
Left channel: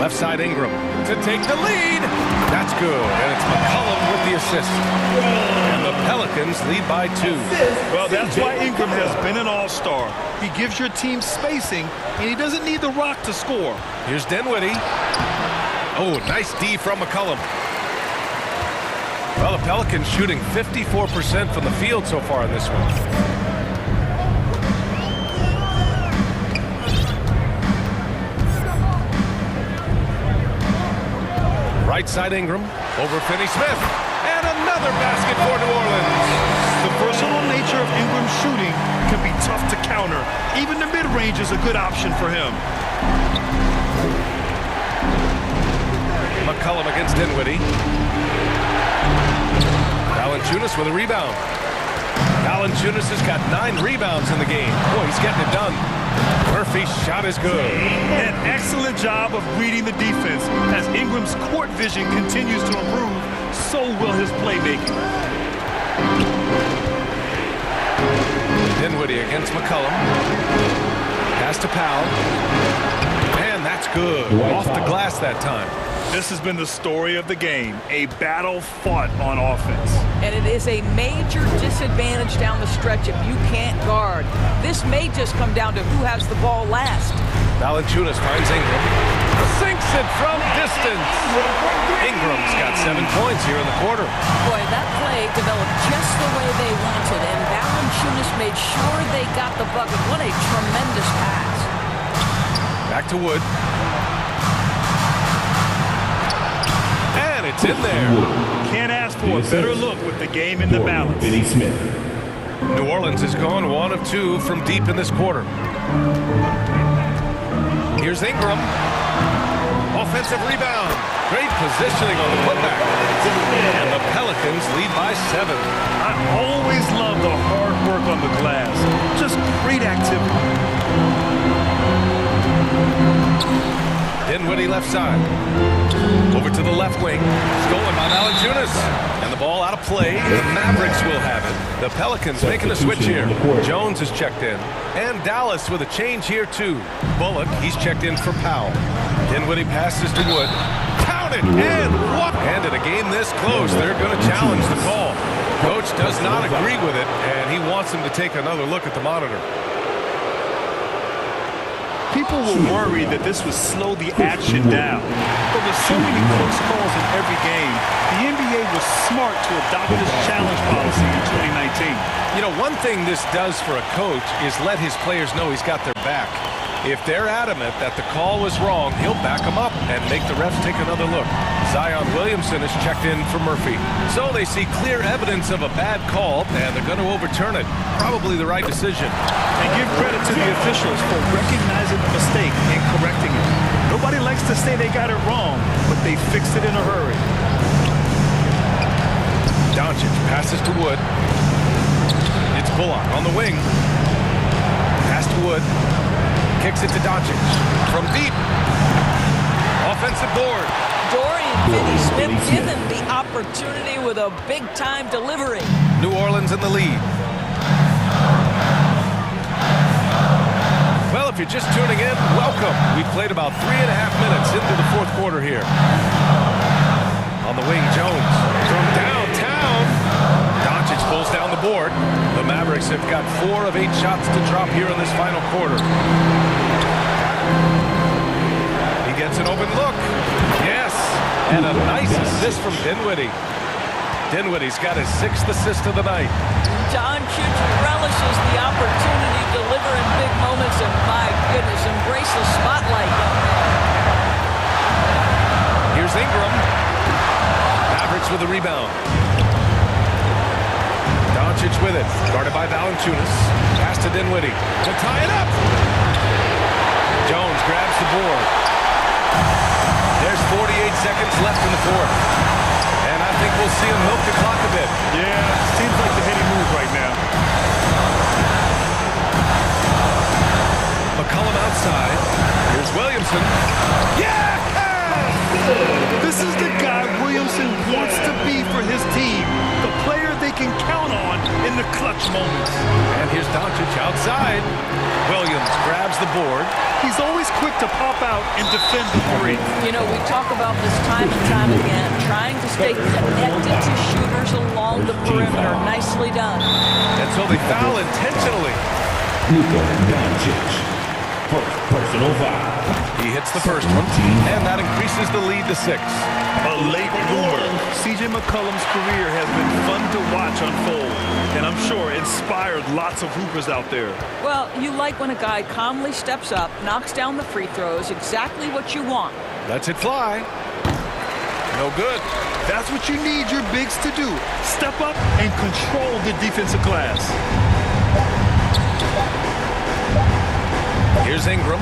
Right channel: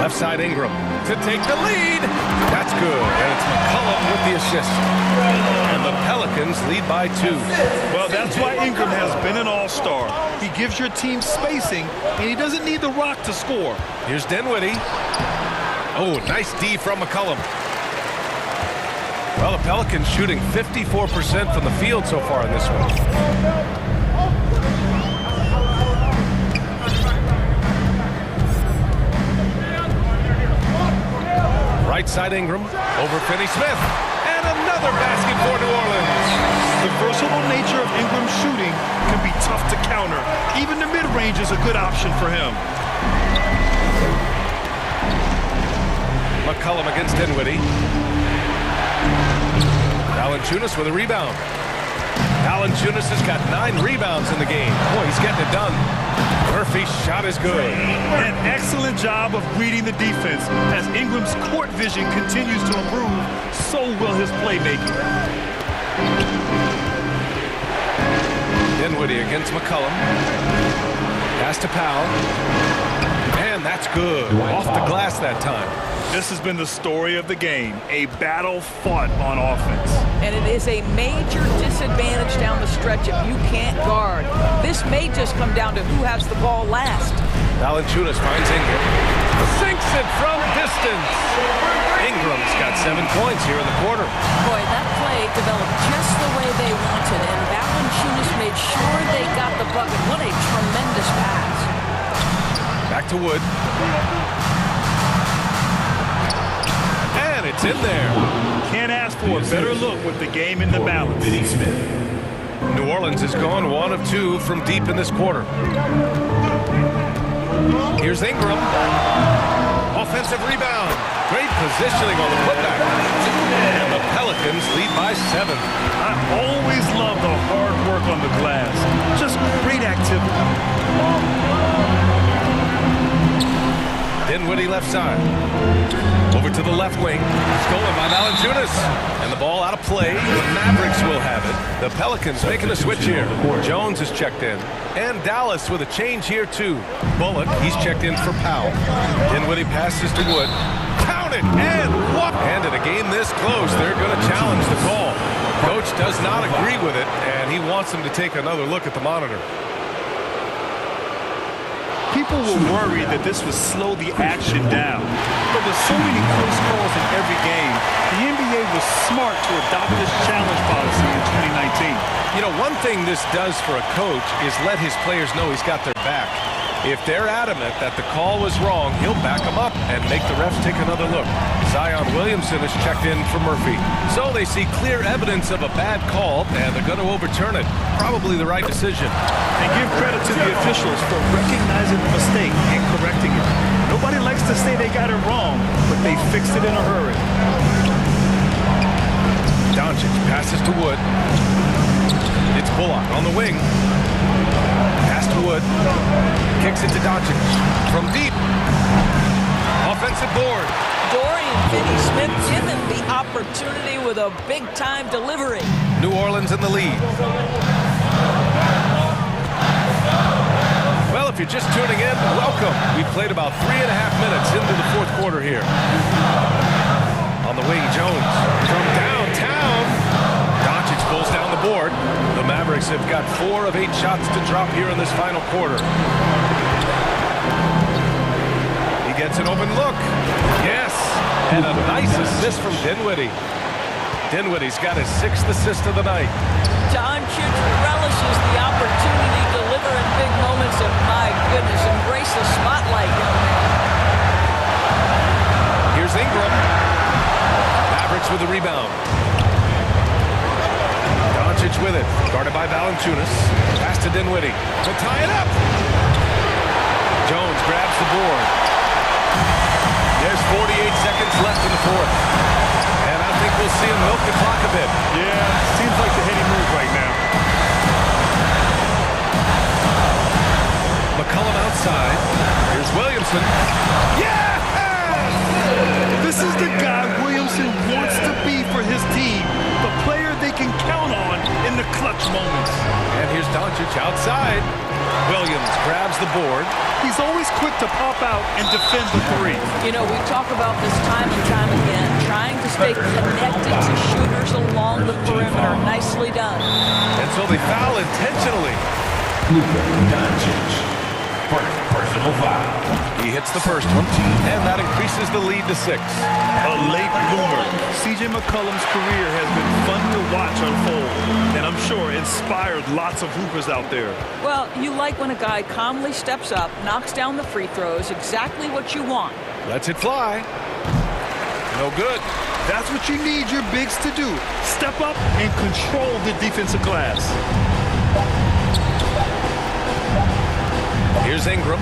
left side Ingram to take the lead. That's good, and it's McCollum with the assist. And the Pelicans lead by 2. Well, that's why Ingram has been an all-star. He gives your team spacing, and he doesn't need the rock to score. Here's Dinwiddie. Oh, nice D from McCollum. Well, the Pelicans shooting 54% from the field so far in this one. Right side Ingram, over Finney-Smith, and another basket for New Orleans. The versatile nature of Ingram's shooting can be tough to counter. Even the mid-range is a good option for him. McCollum against Dinwiddie. Valanciunas with a rebound. Valanciunas has got 9 rebounds in the game. Boy, he's getting it done. Murphy's shot is good. An excellent job of reading the defense. As Ingram's court vision continues to improve, so will his playmaking. Dinwiddie against McCollum. Pass to Powell. And that's good. Off the glass that time. This has been the story of the game, a battle fought on offense. And it is a major disadvantage down the stretch if you can't guard. This may just come down to who has the ball last. Valanciunas finds Ingram. Sinks it from distance. Ingram's got 7 points here in the quarter. Boy, that play developed just the way they wanted, and Valanciunas made sure they got the bucket. What a tremendous pass. Back to Wood. And it's in there. Can't ask for a better look with the game in the balance. Finney-Smith. New Orleans has gone 1 of 2 from deep in this quarter. Here's Ingram. Offensive rebound. Great positioning on the putback. And the Pelicans lead by 7. I always love the hard work on the glass. Just great activity. Dinwiddie left side. Over to the left wing. Stolen by Valanciunas. And the ball out of play. The Mavericks will have it. The Pelicans making a switch here. Jones is checked in. And Dallas with a change here too. Bullock, he's checked in for Powell. Dinwiddie passes to Wood. Counter! Count it, and what? And in a game this close, they're going to challenge the call. Coach does not agree with it, and he wants him to take another look at the monitor. People were worried that this would slow the action down. But with so many close calls in every game, the NBA was smart to adopt this challenge policy in 2019. You know, one thing this does for a coach is let his players know he's got their back. If they're adamant that the call was wrong, he'll back them up and make the refs take another look. Zion Williamson is checked in for Murphy. So they see clear evidence of a bad call, and they're going to overturn it. Probably the right decision. And give credit to the officials for recognizing the mistake and correcting it. Nobody likes to say they got it wrong, but they fixed it in a hurry. Doncic passes to Wood. It's Bullock on the wing. Pass to Wood. Kicks it to Doncic. From deep. Offensive board. Dorian Finney-Smith given the opportunity with a big-time delivery. New Orleans in the lead. Well, if you're just tuning in, welcome. We've played about 3.5 minutes into the fourth quarter here. On the wing, Jones from downtown. Doncic pulls down the board. The Mavericks have got 4 of 8 shots to drop here in this final quarter. He gets an open look. Yes, and a nice assist from Dinwiddie. Dinwiddie's got his 6th assist of the night. Doncic relishes the opportunity to deliver in big moments, and my goodness, embrace the spotlight, young man. Here's Ingram. Mavericks with the rebound. Doncic with it, guarded by Valanciunas. Pass to Dinwiddie to tie it up. Jones grabs the board. There's 48 seconds left in the fourth. And I think we'll see him milk the clock a bit. Yeah, seems like the heady move right now. McCollum outside. Here's Williamson. Yes! This is the guy Williamson wants to be for his team. The player they can count on in the clutch moments. And here's Doncic outside. Williams grabs the board. He's always quick to pop out and defend the three. You know, we talk about this time and time again, trying to stay connected to shooters along the perimeter. Nicely done. And so they foul intentionally. Luka Doncic. First personal foul. He hits the first one, and that increases the lead to 6. A late bloomer. C.J. McCollum's career has been fun to watch unfold, and I'm sure inspired lots of hoopers out there. Well, you like when a guy calmly steps up, knocks down the free throws, exactly what you want. Lets it fly. No good. That's what you need your bigs to do. Step up and control the defensive glass. Here's Ingram.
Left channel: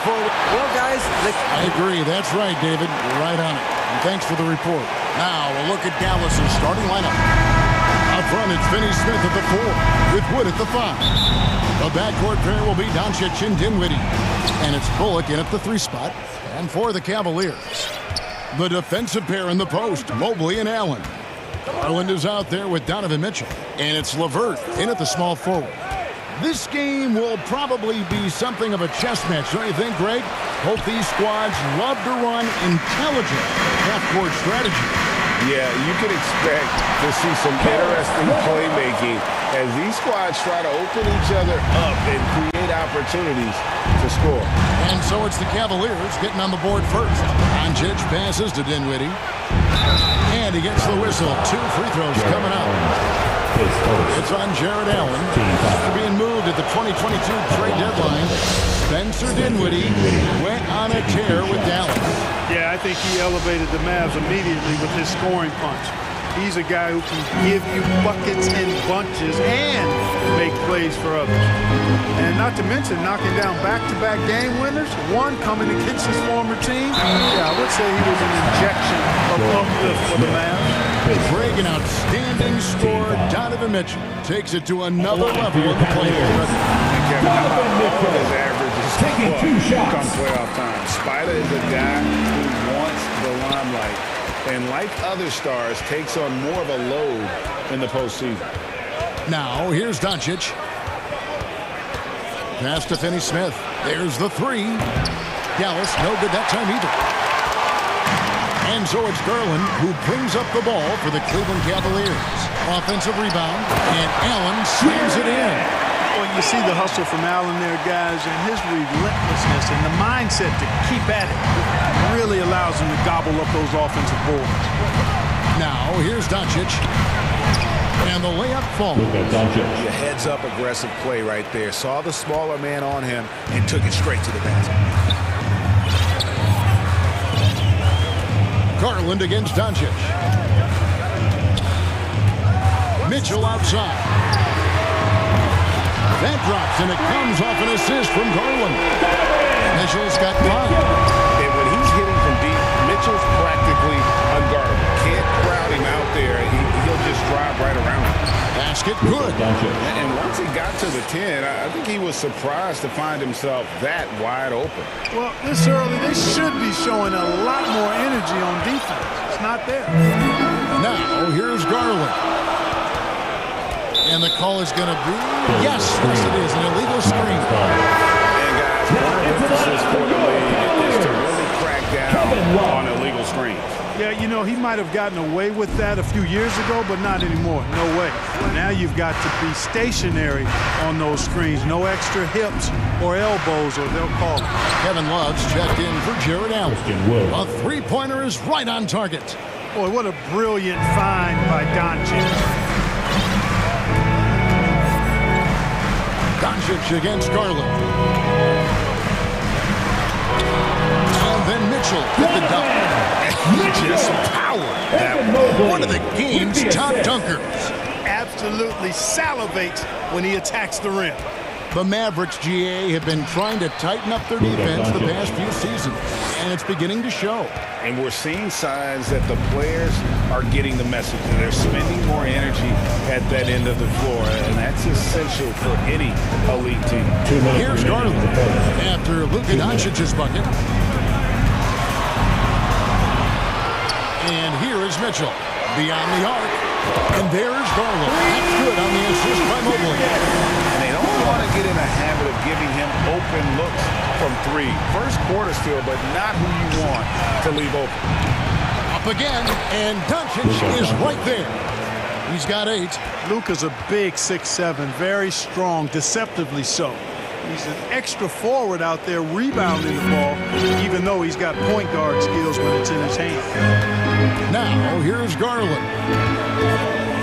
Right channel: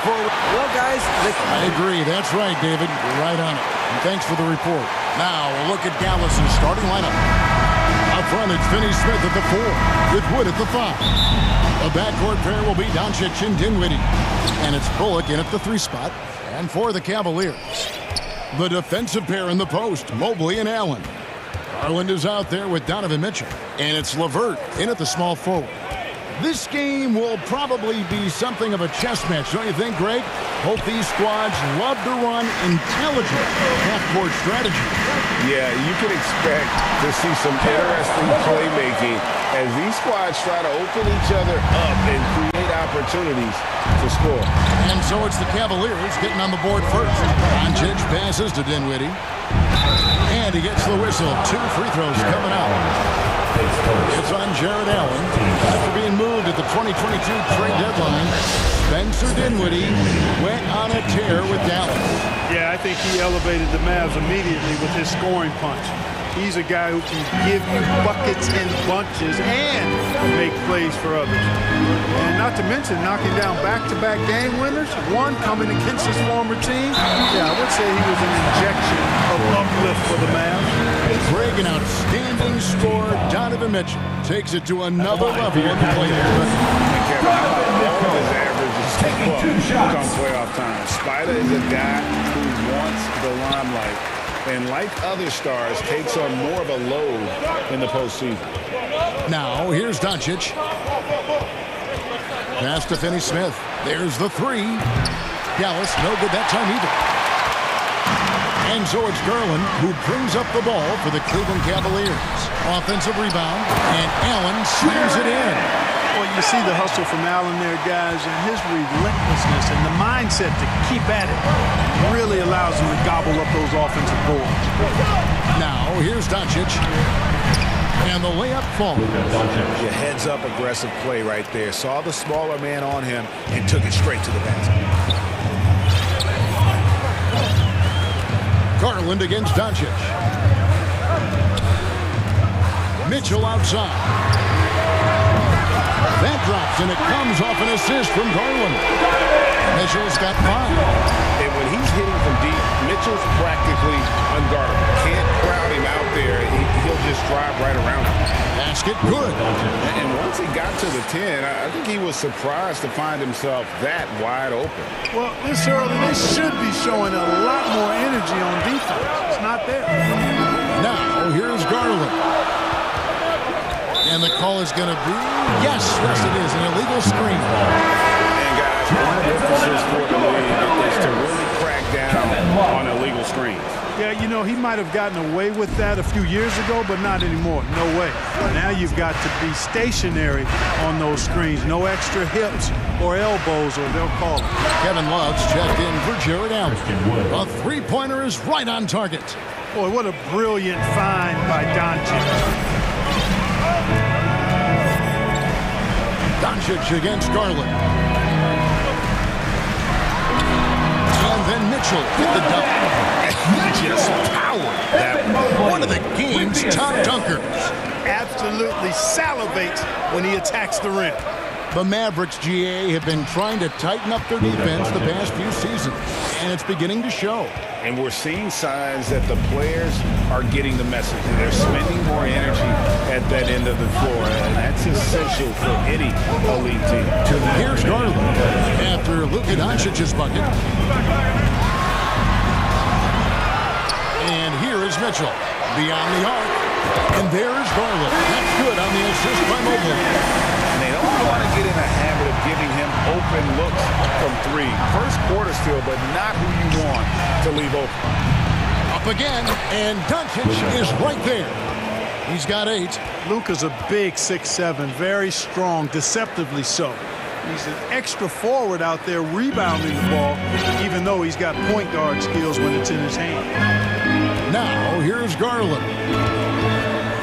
before we... Well, guys, I agree. That's right, David. You're right on it. And thanks for the report. Now, a look at Dallas's starting lineup. Up front, it's Finney-Smith at the 4, with Wood at the 5. The backcourt pair will be Doncic and Dinwiddie. And it's Bullock in at the 3 spot. And for the Cavaliers, the defensive pair in the post, Mobley and Allen. Garland is out there with Donovan Mitchell. And it's LeVert in at the small forward. This game will probably be something of a chess match, don't you think, Greg? Both these squads love to run intelligent half-court strategy. Yeah, you can expect to see some interesting playmaking as these squads try to open each other up and create opportunities to score. And so it's the Cavaliers getting on the board first. Doncic passes to Dinwiddie. And he gets the whistle. 2 free throws coming up. It's on Jared Allen. After being moved at the 2022 trade deadline, Spencer Dinwiddie went on a tear with Dallas. Yeah, I think he elevated the Mavs immediately with his scoring punch. He's a guy who can give you buckets in bunches and make plays for others. And not to mention knocking down back-to-back game winners, one coming against his former team. Yeah, I would say he was an injection of uplift for the Mavs. Greg, an outstanding scorer, Donovan Mitchell takes it to another level in the playoffs. And Kevin, how about all of his averages come playoff time? Spider is a guy who wants the limelight, and like other stars, takes on more of a load in the postseason. Now, here's Doncic. Pass to Finney-Smith. There's the 3. Dallas, no good that time either. And so it's Garland who brings up the ball for the Cleveland Cavaliers. Offensive rebound, and Allen slams it in. Well, you see the hustle from Allen there, guys, and his relentlessness and the mindset to keep at it really allows him to gobble up those offensive boards. Now, here's Doncic. And the layup falls. Your heads-up aggressive play right there. Saw the smaller man on him and took it straight to the basket. Garland against Doncic. Mitchell outside. That drops, and it comes off an assist from Garland. Mitchell's got 5. And when he's hitting from deep, Mitchell's practically unguardable. Can't crowd him out there. He'll just drive right around him. Basket good. And once he got to the 10, I think he was surprised to find himself that wide open. Well, this early, they should be showing a lot more energy on defense. It's not there. Now, here's Garland. And the call is going to be, yes, it is, an illegal screen. And guys, one emphasis for the league is to really crack down on illegal screens. Yeah, you know, he might have gotten away with that a few years ago, but not anymore. No way. Now you've got to be stationary on those screens. No extra hips or elbows, or they'll call it. Kevin Love's checked in for Jared Allen. A 3-pointer is right on target. Boy, what a brilliant find by Doncic. Doncic against Garland. And then Mitchell hit the dunk. He just powered that one of the game's top dunkers. Absolutely salivates when he attacks the rim. The Mavericks, GA, have been trying to tighten up their defense the past few seasons, and it's beginning to show. And we're seeing signs that the players are getting the message. They're spending more energy at that end of the floor, and that's essential for any elite team. Here's Garland after Luka Doncic's bucket. And here is Mitchell beyond the arc. And there's Garland. That's good on the assist by Mobley. And they don't want to get in a habit of giving him open looks from 3. First quarter still, but not who you want to leave open. Up again, and Doncic is right there. He's got 8. Luka's a big 6'7", very strong, deceptively so. He's an extra forward out there rebounding the ball, even though he's got point guard skills when it's in his hand. Now, here's Garland.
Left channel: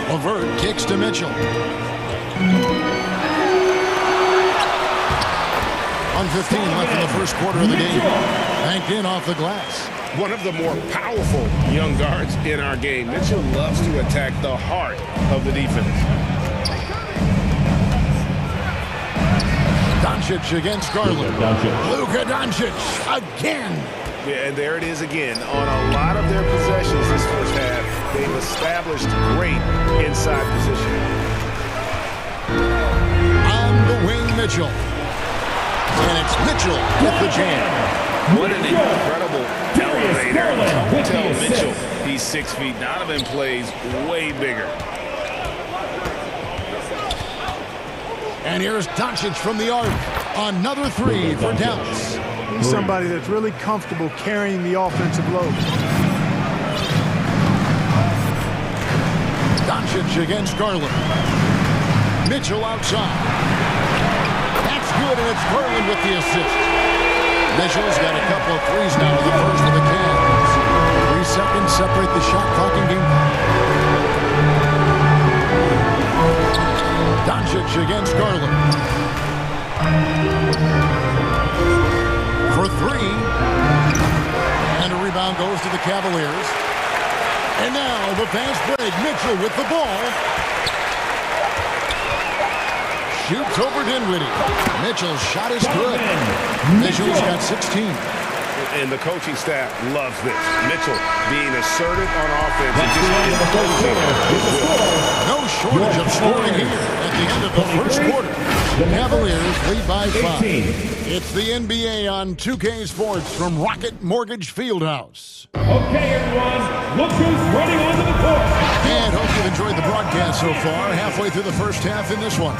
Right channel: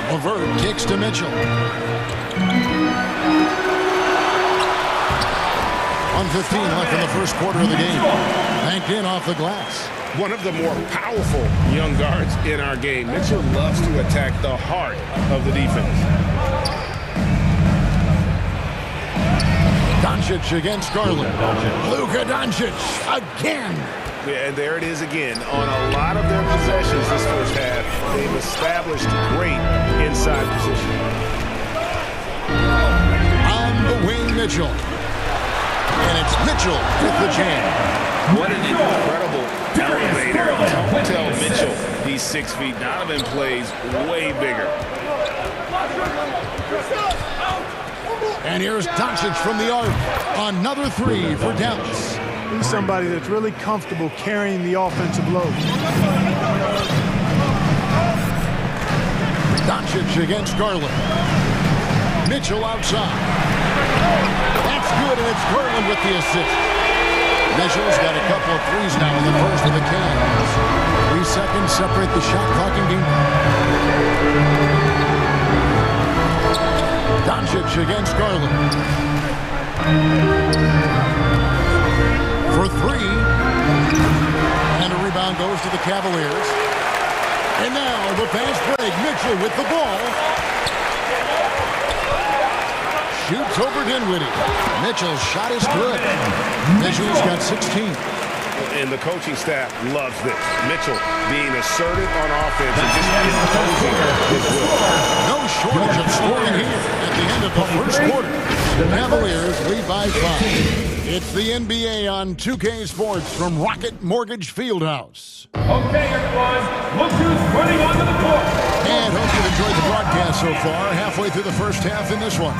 LeVert kicks to Mitchell. 1:15 left in the first quarter of the game. Banked in off the glass. One of the more powerful young guards in our game. Mitchell loves to attack the heart of the defense. Doncic against Garland. Luka Doncic again. Yeah, and there it is again. On a lot of their possessions this first half, they've established great inside position. On the wing, Mitchell. And it's Mitchell with the jam. What an incredible elevator. Don't tell Mitchell he's 6 feet. Donovan plays way bigger. And here's Doncic from the arc. Another three for Dallas. He's somebody that's really comfortable carrying the offensive load. Doncic against Garland. Mitchell outside. That's good, and it's Garland with the assist. Mitchell's got a couple of threes now in the first of the Cavs. 3 seconds separate the shot clock and game clock. Doncic against Garland. For 3. And a rebound goes to the Cavaliers. And now the fast break. Mitchell with the ball. Shoots over Dinwiddie. Mitchell's shot is good. Mitchell's got 16. And the coaching staff loves this. Mitchell being assertive on offense and just imposing his will. No shortage of scoring here at the end of the first quarter. The Cavaliers lead by 5. It's the NBA on 2K Sports from Rocket Mortgage Fieldhouse. Okay, everyone, look who's running onto the court. And hope you've enjoyed the broadcast so far. Halfway through the first half in this one.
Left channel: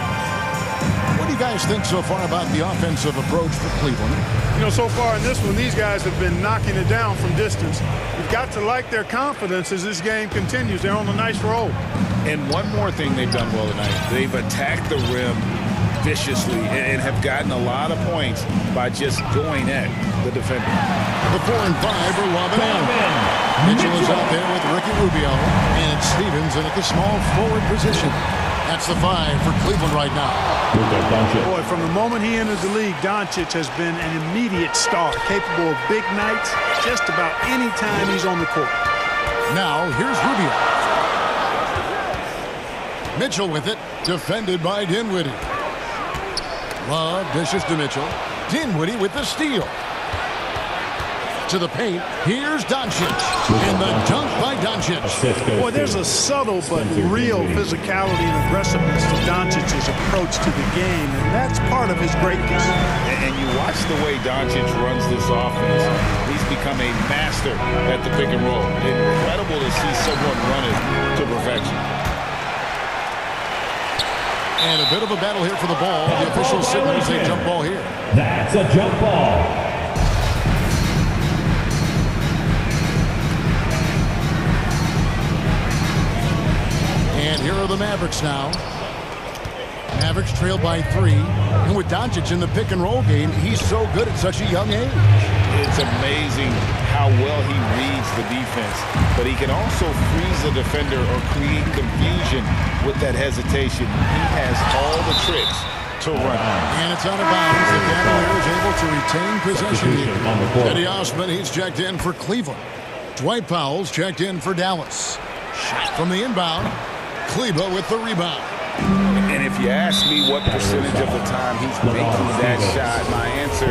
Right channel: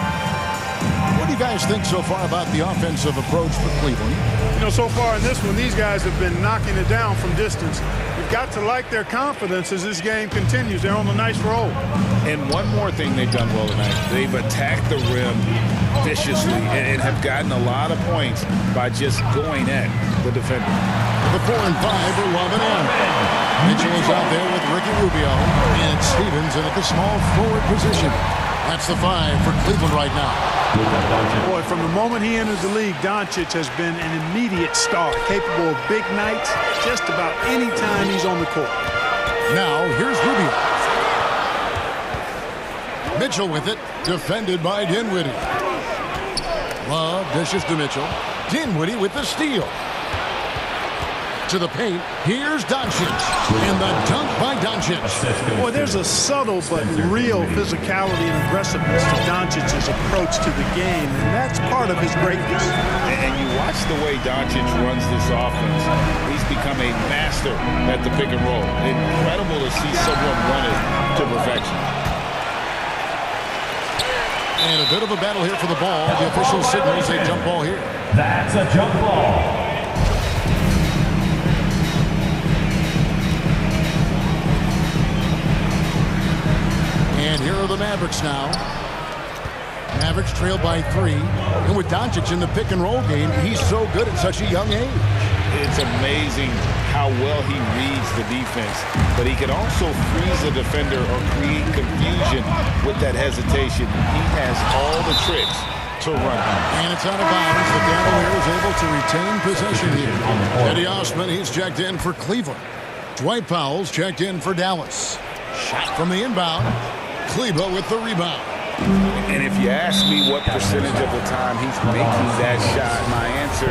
What do you guys think so far about the offensive approach for Cleveland? You know, so far in this one, these guys have been knocking it down from distance. You've got to like their confidence as this game continues. They're on a nice roll. And one more thing they've done well tonight. They've attacked the rim viciously and have gotten a lot of points by just going at the defender. The 4 and 5 are Love and Allen. Mitchell is out there with Ricky Rubio, and it's Stevens in at the small forward position. That's the 5 for Cleveland right now. Boy, from the moment he entered the league, Doncic has been an immediate star, capable of big nights just about any time he's on the court. Now, here's Rubio. Mitchell with it, defended by Dinwiddie. Love dishes to Mitchell. Dinwiddie with the steal. To the paint, here's Doncic. And the dunk by Doncic. Boy, there's a subtle but real physicality and aggressiveness to Doncic's approach to the game, and that's part of his greatness. And you watch the way Doncic runs this offense. He's become a master at the pick and roll. Incredible to see someone run it to perfection. And a bit of a battle here for the ball. The official signals a jump ball here. That's a jump ball. And here are the Mavericks now. Mavericks trail by 3. And with Doncic in the pick and roll game, he's so good at such a young age. It's amazing how well he reads the defense, but he can also freeze a defender or create confusion with that hesitation. He has all the tricks to run. And it's out of bounds. The Cavaliers able to retain possession here. Teddy Osman, he's checked in for Cleveland. Dwight Powell's checked in for Dallas. Shot from the inbound. Kleba with the rebound. And if you ask me what percentage of the time he's making that shot, my answer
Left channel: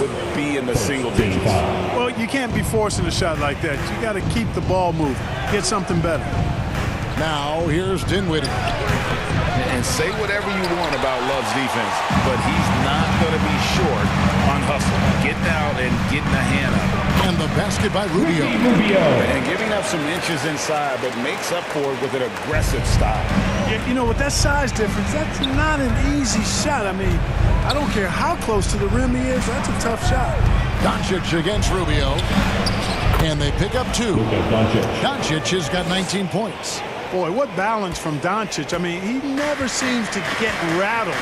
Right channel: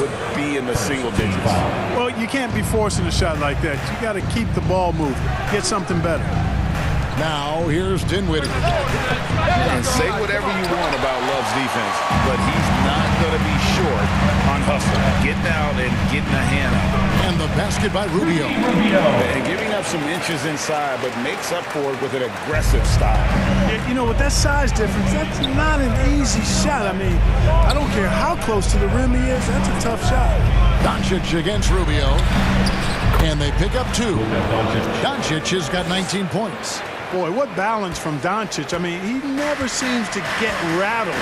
would be in the single digits. Well, you can't be forcing a shot like that. You got to keep the ball moving. Get something better. Now, here's Dinwiddie. And say whatever you want about Love's defense, but he's not going to be short on hustle, getting out and getting a hand up. And the basket by Rubio. And giving up some inches inside, but makes up for it with an aggressive style. Yeah, you know, with that size difference, that's not an easy shot. I mean, I don't care how close to the rim he is, that's a tough shot. Doncic against Rubio. And they pick up 2. Doncic has got 19 points. Boy, what balance from Doncic. I mean, he never seems to get rattled,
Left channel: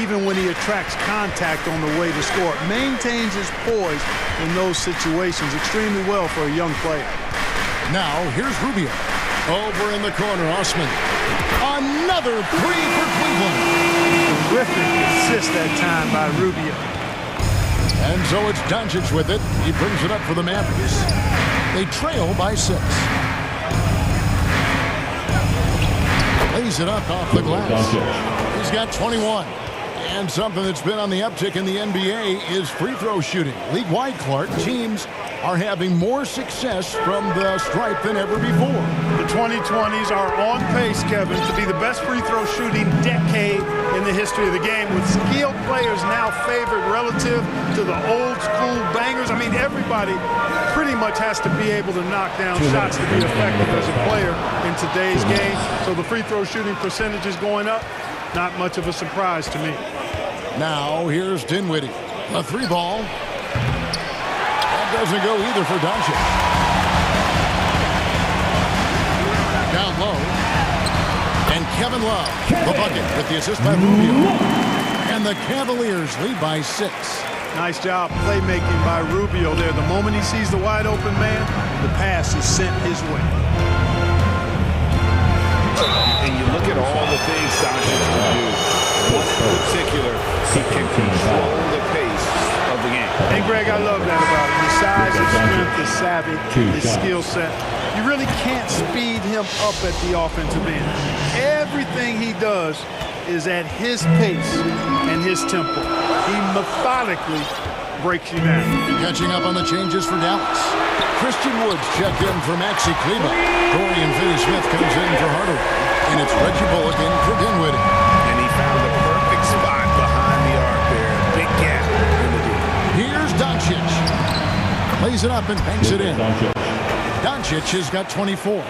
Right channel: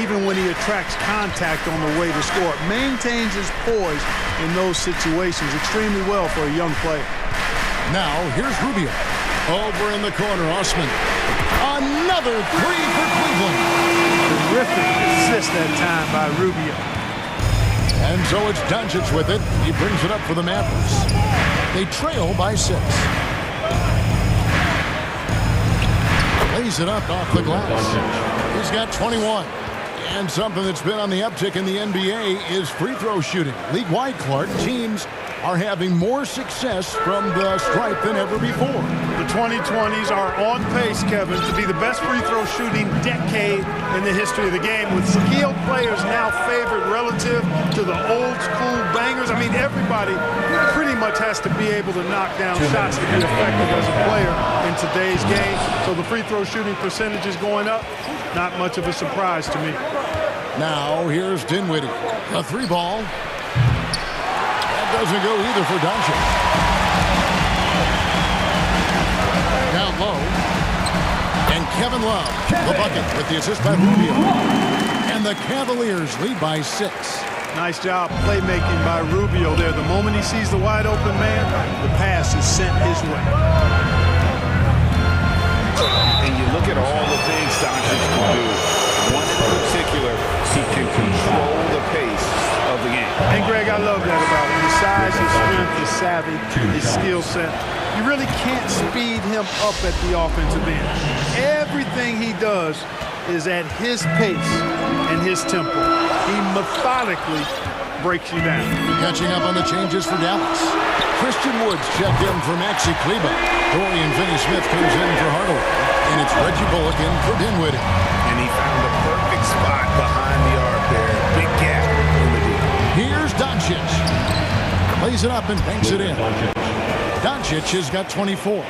even when he attracts contact on the way to score. Maintains his poise in those situations extremely well for a young player. Now, here's Rubio. Over in the corner, Osman. Another 3 for Cleveland. Terrific assist that time by Rubio. And so it's Doncic with it. He brings it up for the Mavericks. They trail by 6. Lays it up off the glass. He's got 21. And something that's been on the uptick in the NBA is free throw shooting. League-wide, Clark, teams are having more success from the stripe than ever before. The 2020s are on pace, Kevin, to be the best free throw shooting decade in the history of the game, with skilled players now favored relative to the old school bangers. I mean, everybody pretty much has to be able to knock down shots to be effective as a player in today's game. So the free throw shooting percentage is going up. Not much of a surprise to me. Now here's Dinwiddie. A three ball. Doesn't go either for Doncic. Down low. And Kevin Love, the bucket with the assist by Rubio. And the Cavaliers lead by 6. Nice job playmaking by Rubio there. The moment he sees the wide open man, the pass is sent his way. And you look at all the things Doncic can do. One in particular, he can control the pace of the game. And Greg, I love that about him. His size, his strength, his savvy, his skill set. You really can't speed him up at the offensive end. Everything he does is at his pace and his tempo. He methodically breaks you down. Catching up on the changes for Dallas. Christian Woods checked in for Maxi Kleba. Dorian Finney-Smith comes in for Hardaway. And it's Reggie Bullock in for Dinwiddie. And he found the perfect spot behind the arc there. Big gap in the D. Here's Doncic. Plays it up and banks it in. Doncic has got 24.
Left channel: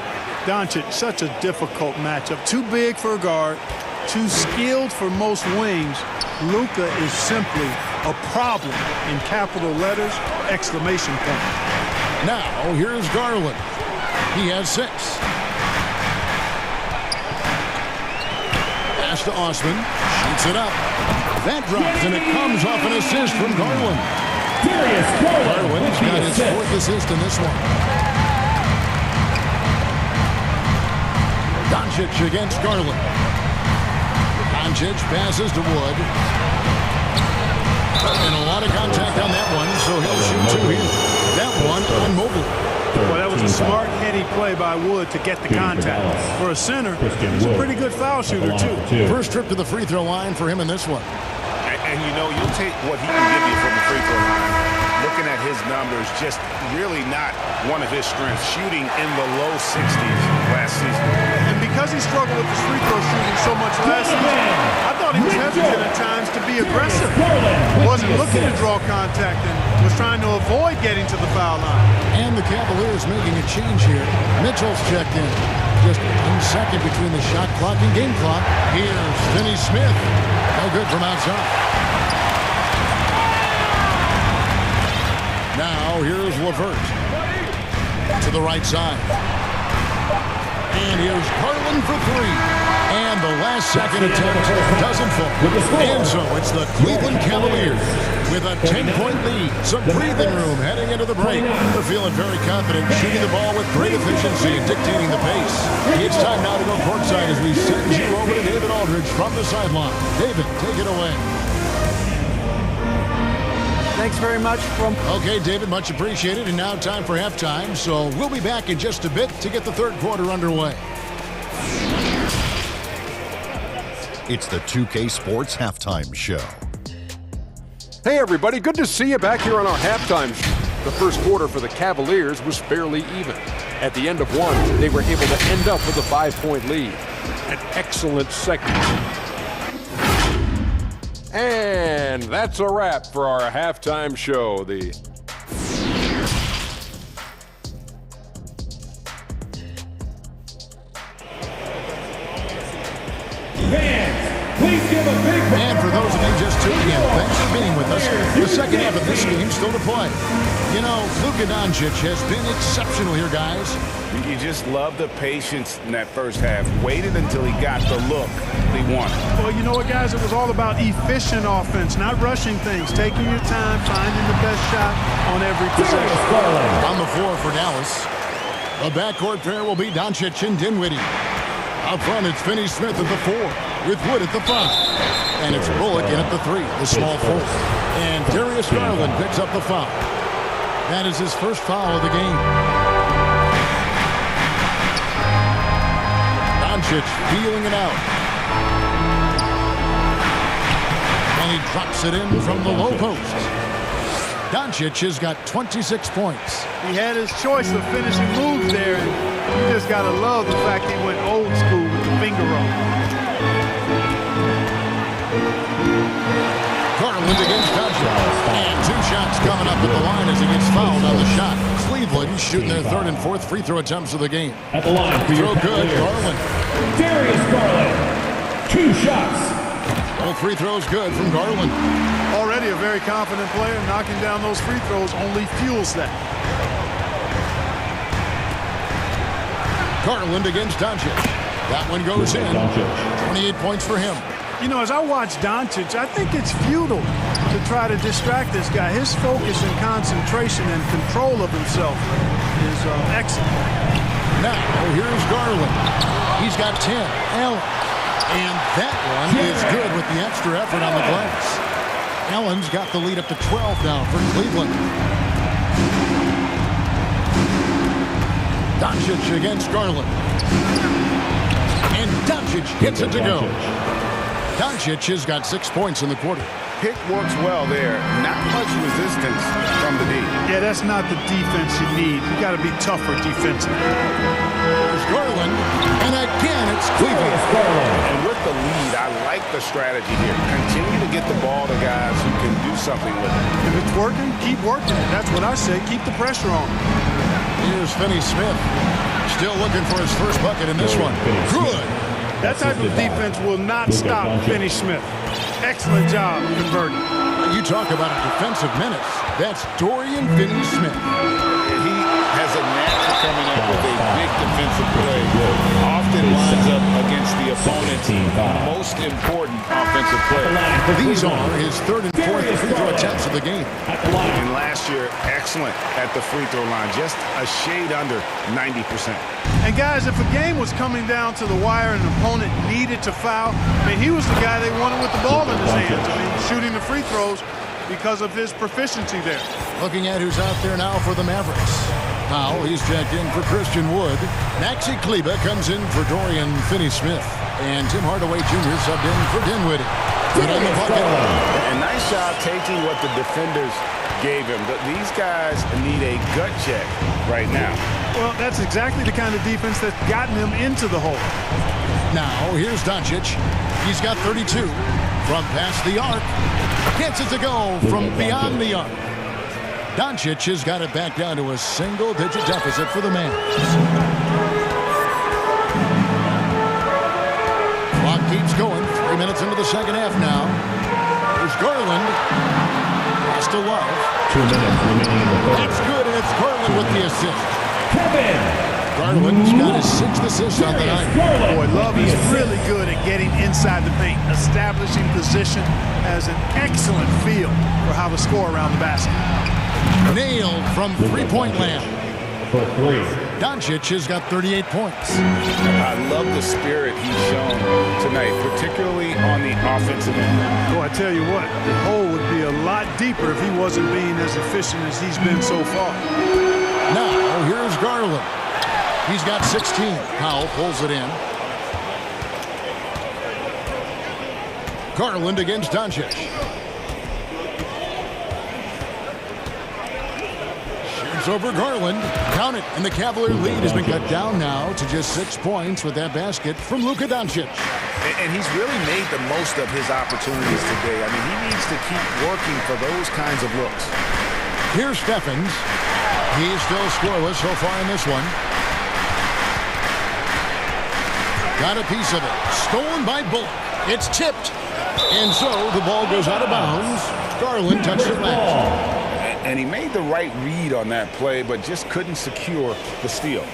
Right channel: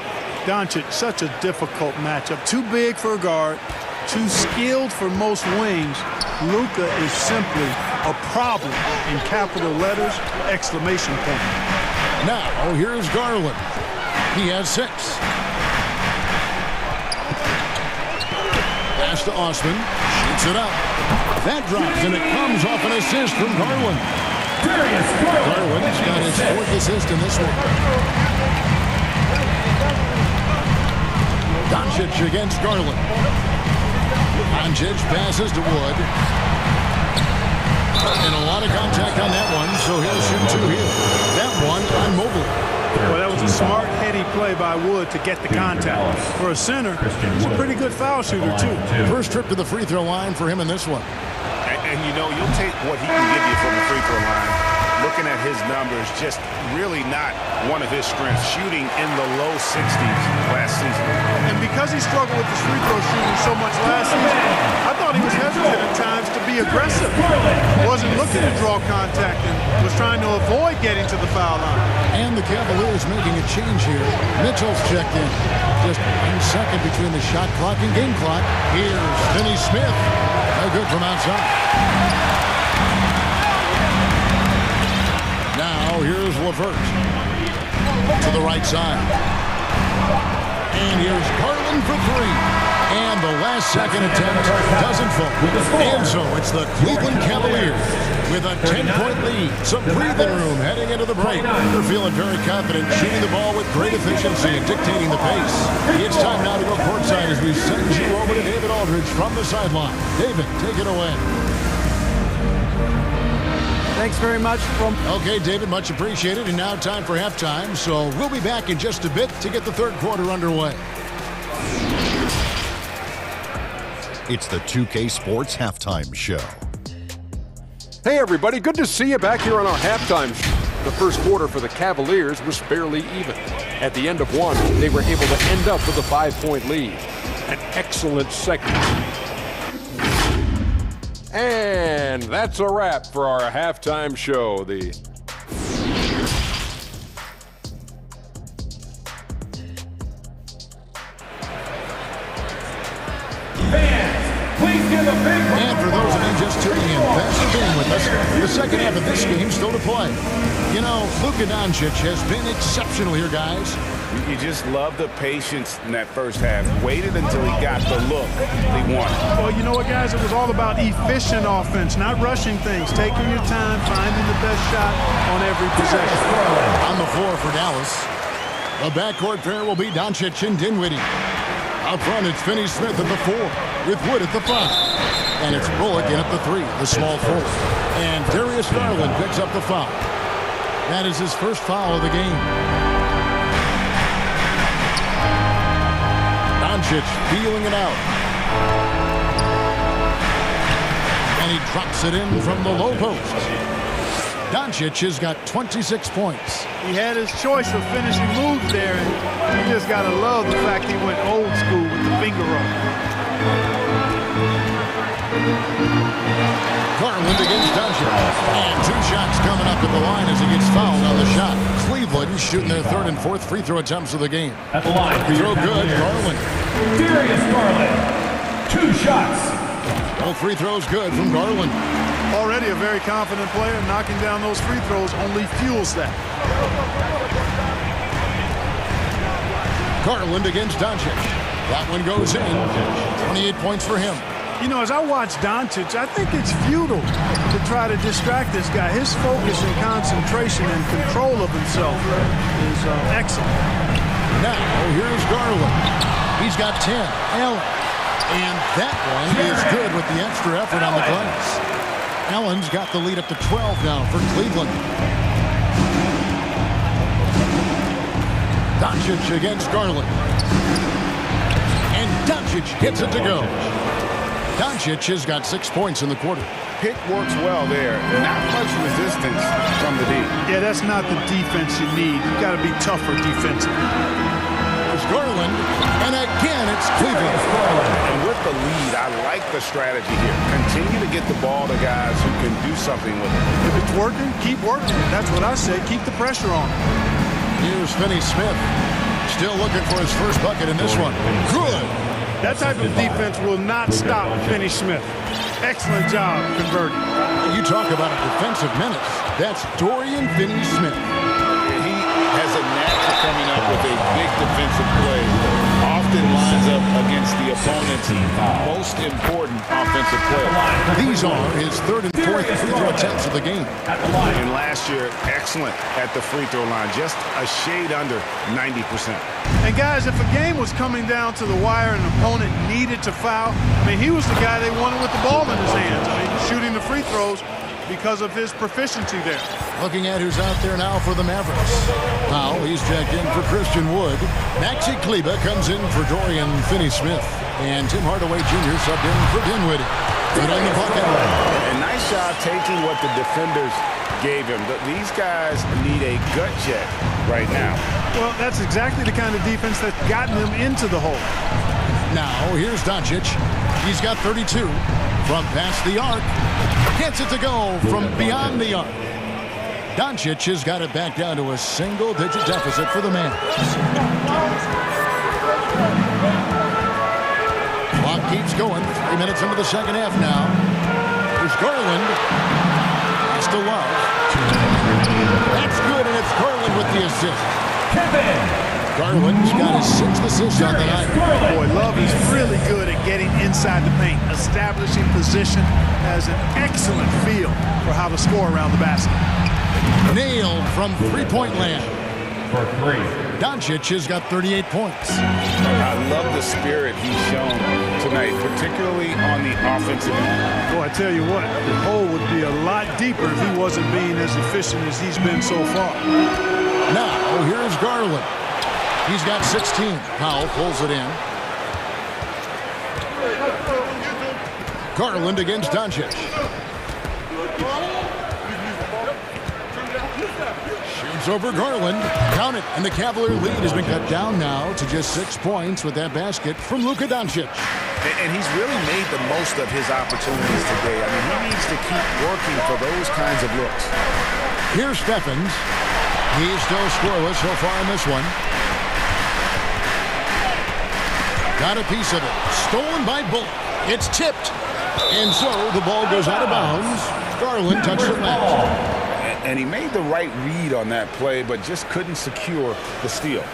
Doncic, such a difficult matchup. Too big for a guard, too skilled for most wings. Luka is simply a problem in capital letters, exclamation point. Now here's Garland. He has 6. Pass to Osman. Shoots it up. That drops, and it comes off an assist from Garland. Garland's got his 4th assist in this one. Doncic against Garland. Doncic passes to Wood. And a lot of contact on that one, so he'll shoot 2 here. That one on Mobley. Well, that was a smart, heady play by Wood to get the contact. For a center, he's a pretty good foul shooter, too. First trip to the free throw line for him in this one. And you know, you'll take what he can give you from the free throw line. Looking at his numbers, just really not one of his strengths. Shooting in the low 60s last season. And because he struggled with his free throw shooting so much last season, I thought he was hesitant at times to be aggressive. Wasn't looking to draw contact and was trying to avoid getting to the foul line. And the Cavaliers making a change here. Mitchell's checked in. Just 1 second between the shot clock and game clock. Here's Finney-Smith. No good from outside. Now here's LeVert to the right side. And here's Garland for 3. And the last second attempt doesn't fall. And so it's the Cleveland Cavaliers with a 10-point lead. Some breathing room heading into the break. They're feeling very confident, shooting the ball with great efficiency and dictating the pace. It's time now to go courtside as we send you over to David Aldridge from the sideline. David, take it away. Thanks very much. Okay, David, much appreciated. And now time for halftime. So we'll be back in just a bit to get the third quarter underway. It's the 2K Sports Halftime Show. Hey, everybody. Good to see you back here on our halftime show. The first quarter for the Cavaliers was fairly even. At the end of one, they were able to end up with a 5-point lead. An excellent second. And that's a wrap for our halftime show. And for those of you just tuning in, thanks for being with us. The second half of this game still to play. You know, Luka Doncic has been exceptional here, guys. You just love the patience in that first half. Waited until he got the look he wanted. Well, you know what, guys? It was all about efficient offense, not rushing things, taking your time, finding the best shot on every possession. On the floor for Dallas, the backcourt pair will be Doncic and Dinwiddie. Up front, it's Finney-Smith at the 4, with Wood at the 5. And it's Bullock in at the 3, the small forward. And Darius Garland picks up the foul. That is his first foul of the game. Doncic feeling it out. And he drops it in from the low post. Doncic has got 26 points. He had his choice of finishing moves there, and you just got to love the fact he went old school with the finger roll. Garland against Doncic. And 2 shots coming up at the line as he gets fouled on the shot. Cleveland shooting their 3rd and 4th free throw attempts of the game. At the line for throw your good, Garland. Darius Garland, 2 shots. All free throws good from Garland. Already a very confident player. Knocking down those free throws only fuels that. Garland against Doncic. That one goes in. 28 points for him. You know, as I watch Doncic, I think it's futile to try to distract this guy. His focus and concentration and control of himself is excellent. Now, here's Garland. He's got 10. Allen. And that one is good with the extra effort on the glass. Allen's got the lead up to 12 now for Cleveland. Doncic against Garland. And Doncic hits it to go. Doncic has got 6 points in the quarter. Pick works well there. Not much resistance from the D. Yeah, that's not the defense you need. You got to be tougher defensively. There's Garland, and again it's Cleveland. And with the lead, I like the strategy here. Continue to get the ball to guys who can do something with it. If it's working, keep working it. That's what I say. Keep the pressure on. Here's Finney Smith. Still looking for his first bucket in this one. Good. That type of defense will not stop Finney Smith. Excellent job converting. You talk about a defensive menace. That's Dorian Finney-Smith. He has a knack for coming up with a big defensive play. Often lines up against the opponent's most important offensive play. These are his 3rd and 4th free throw attempts of the game. And last year, excellent at the free throw line. Just a shade under 90%. And guys, if a game was coming down to the wire and an opponent needed to foul, I mean, he was the guy they wanted with the ball in his hands. I mean, shooting the free throws because of his proficiency there. Looking at who's out there now for the Mavericks. Powell, he's checked in for Christian Wood. Maxi Kleba comes in for Dorian Finney-Smith. And Tim Hardaway Jr. subbed in for Dinwiddie. Good on the bucket. A nice job taking what the defenders gave him. These guys need a gut check right now. Well, that's exactly the kind of defense that's gotten them into the hole. Now, here's Doncic. He's got 32 from past the arc. Gets it to go from beyond the arc. Doncic has got it back down to a single-digit deficit for the Mavs. Clock keeps going. 3 minutes into the second half now. Here's Garland. Pass to Love. 2 minutes remaining in the third. That's good, and it's Garland with the assist. Kevin! Garland's got his 6th assist on the night. Boy, Love is really good at getting inside the paint. Establishing position, has an excellent feel for how to score around the basket. Nailed from three-point land. For 3. Doncic has got 38 points. I love the spirit he's shown tonight, particularly on the offensive end. Boy, I tell you what, the hole would be a lot deeper if he wasn't being as efficient as he's been so far. Now, here's Garland. He's got 16. Powell pulls it in. Garland against Doncic. Shoots over Garland. Count it. And the Cavalier lead has been cut down now to just 6 points with that basket from Luka Doncic. And he's really made the most of his opportunities today. I mean, he needs to keep working for those kinds of looks. Here's Stephens. He's still scoreless so far in this one. Got a piece of it. Stolen by Bullock. It's tipped. And so the ball goes out of bounds. Garland touched it last. And he made the right read on that play, but just couldn't secure the steal.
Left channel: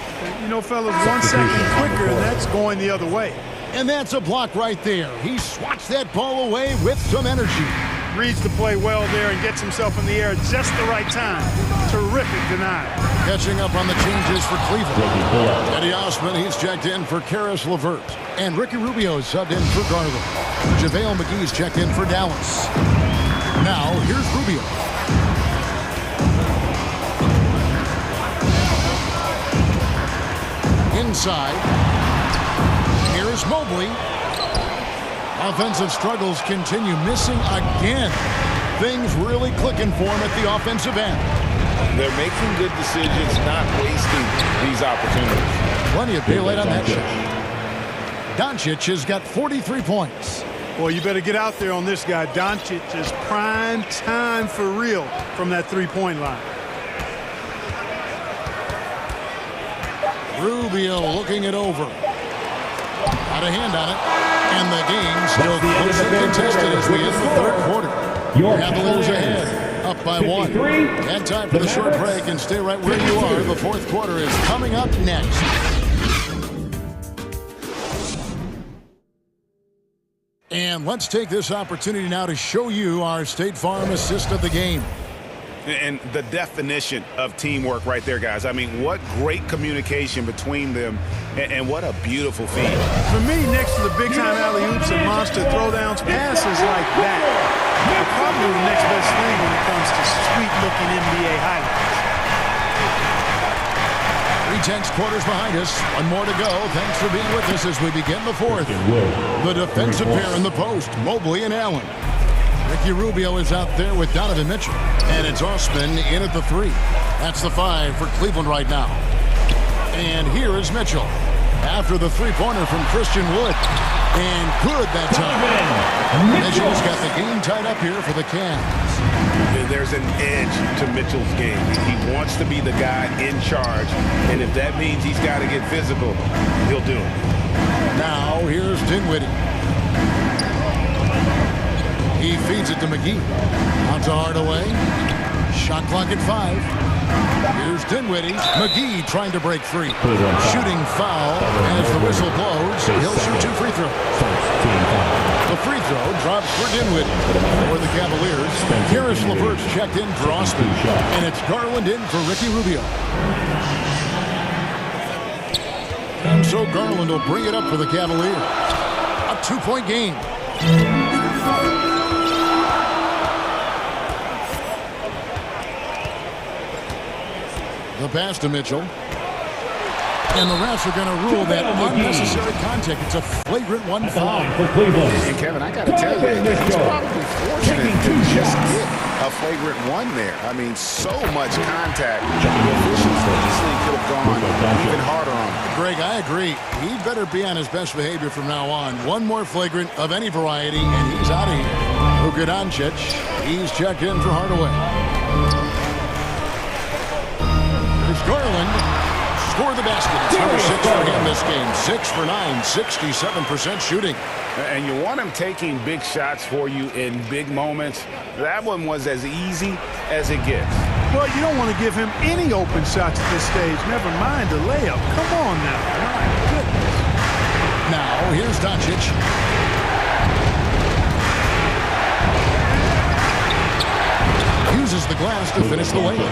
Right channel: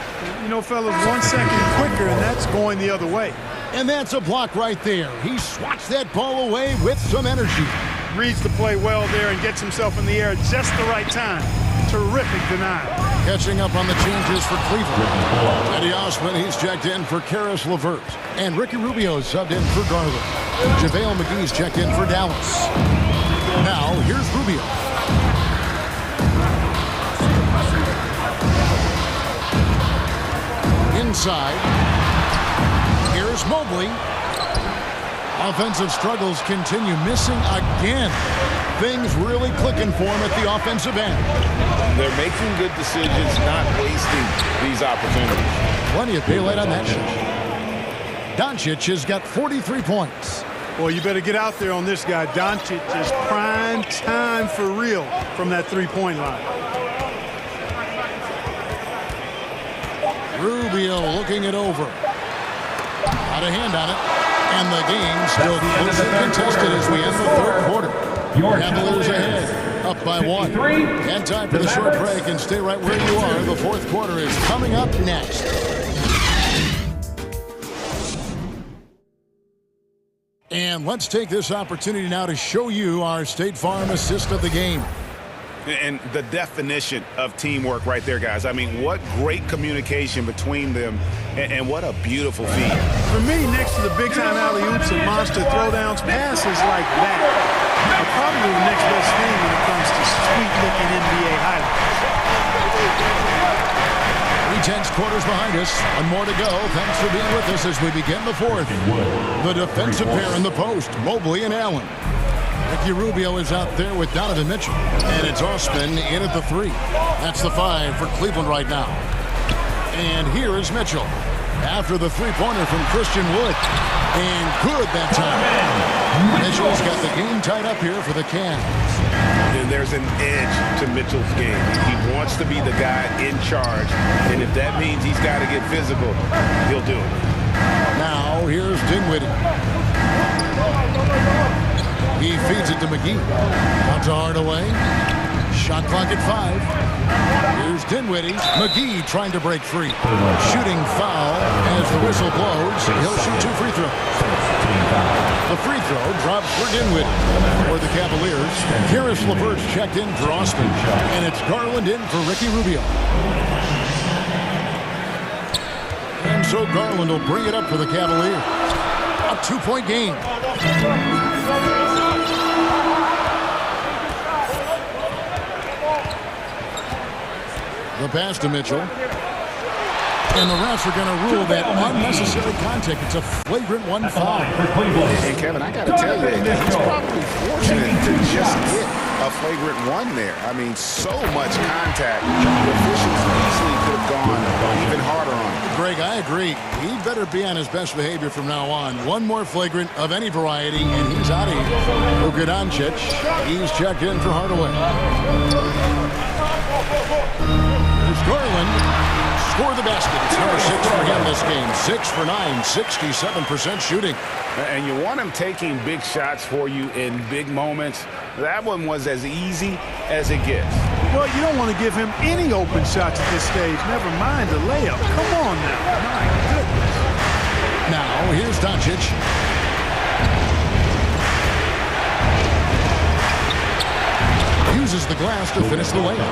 You know, fellas, 1 second quicker, and that's going the other way. And that's a block right there. He swats that ball away with some energy. Reads the play well there and gets himself in the air at just the right time. Terrific denial. Catching up on the changes for Cleveland. Eddie Osman, he's checked in for Karis LeVert. And Ricky Rubio subbed in for Garland. JaVale McGee's checked in for Dallas. Now, here's Rubio. Inside. Here's Mobley. Offensive struggles continue, missing again. Things really clicking for him at the offensive end. They're making good decisions, not wasting these opportunities. Plenty of daylight on that shot. Doncic has got 43 points. Well, you better get out there on this guy. Doncic is prime time for real from that three-point line. Rubio looking it over. Got a hand on it. And the game still closely contested as we end the third quarter. Cavaliers ahead, up by 1. And time for the short break, and stay right where you are. The fourth quarter is coming up next. And let's take this opportunity now to show you our State Farm assist of the game. And the definition of teamwork right there, guys. I mean, what great communication between them, and what a beautiful feed. For me, next to the big-time alley-oops and monster throwdowns, passes like that are probably the next best thing when it comes to sweet-looking NBA highlights. 3/10 quarters behind us. One more to go. Thanks for being with us as we begin the fourth. The defensive pair in the post, Mobley and Allen. Ricky Rubio is out there with Donovan Mitchell. And it's Osman in at the 3. That's the 5 for Cleveland right now. And here is Mitchell after the three-pointer from Christian Wood. And good that time. Mitchell's got the game tied up here for the Cavs. And there's an edge to Mitchell's game. He wants to be the guy in charge. And if that means he's got to get physical, he'll do it. Now here's Dinwiddie. He feeds it to McGee. Out to Hardaway. Shot clock at 5. Here's Dinwiddie. McGee trying to break free. Shooting foul as the whistle blows. He'll shoot 2 free throws. The free throw drops for Dinwiddie. For the Cavaliers, Karis LeVert's checked in for Osman. And it's Garland in for Ricky Rubio. And so Garland will bring it up for the Cavaliers. A 2-point game. The pass to Mitchell. And the refs are going to rule that unnecessary contact. It's a flagrant 1 foul. And Kevin, I got to tell you, he's probably fortunate to just get a flagrant 1 there. I mean, so much contact. The officials easily could have gone even harder on him. Greg, I agree. He'd better be on his best behavior from now on. One more flagrant of any variety, and he's out of here. Luka Doncic, he's checked in for Hardaway. There's Garland. Score the basket. It's number 6 for him this game. 6 for 9, 67% shooting. And you want him taking big shots for you in big moments. That one was as easy as it gets. Well, you don't want to give him any open shots at this stage. Never mind a layup. Come on now. My goodness. Now, here's Doncic. Uses the glass to finish the layup.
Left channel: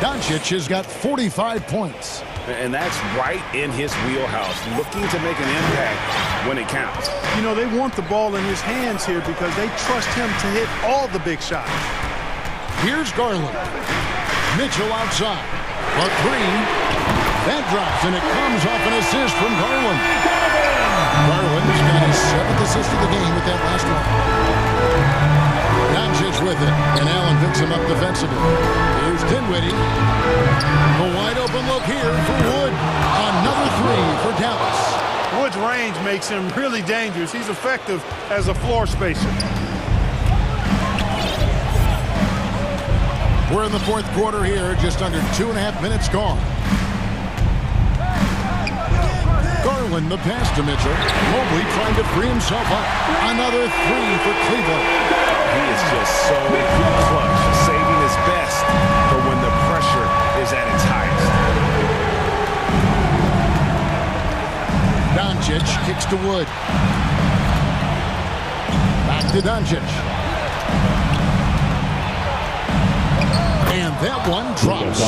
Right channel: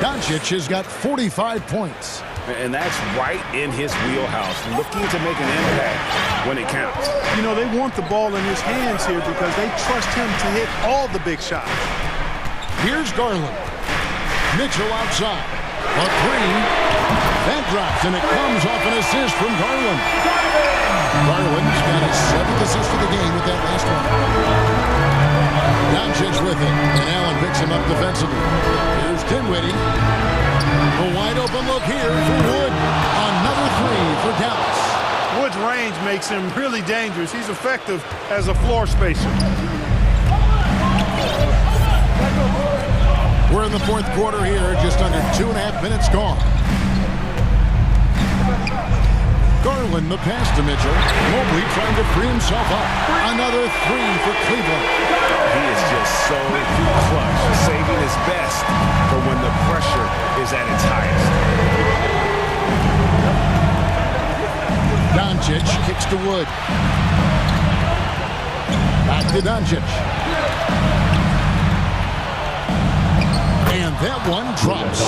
Doncic has got 45 points. And that's right in his wheelhouse, looking to make an impact when it counts. You know, they want the ball in his hands here because they trust him to hit all the big shots. Here's Garland. Mitchell outside. A 3. That drops, and it comes off an assist from Garland. Garland's got his 7th assist of the game with that last one. Doncic with it, and Allen picks him up defensively. Here's Dinwiddie. The wide open look here for Wood. Another 3 for Dallas. Wood's range makes him really dangerous. He's effective as a floor spacer. We're in the fourth quarter here, just under 2.5 minutes gone. Garland the pass to Mitchell. Mobley trying to free himself up. Another 3 for Cleveland. He is just so clutch, saving his best for when the pressure is at its highest. Doncic kicks to Wood. Back to Doncic. And that one drops.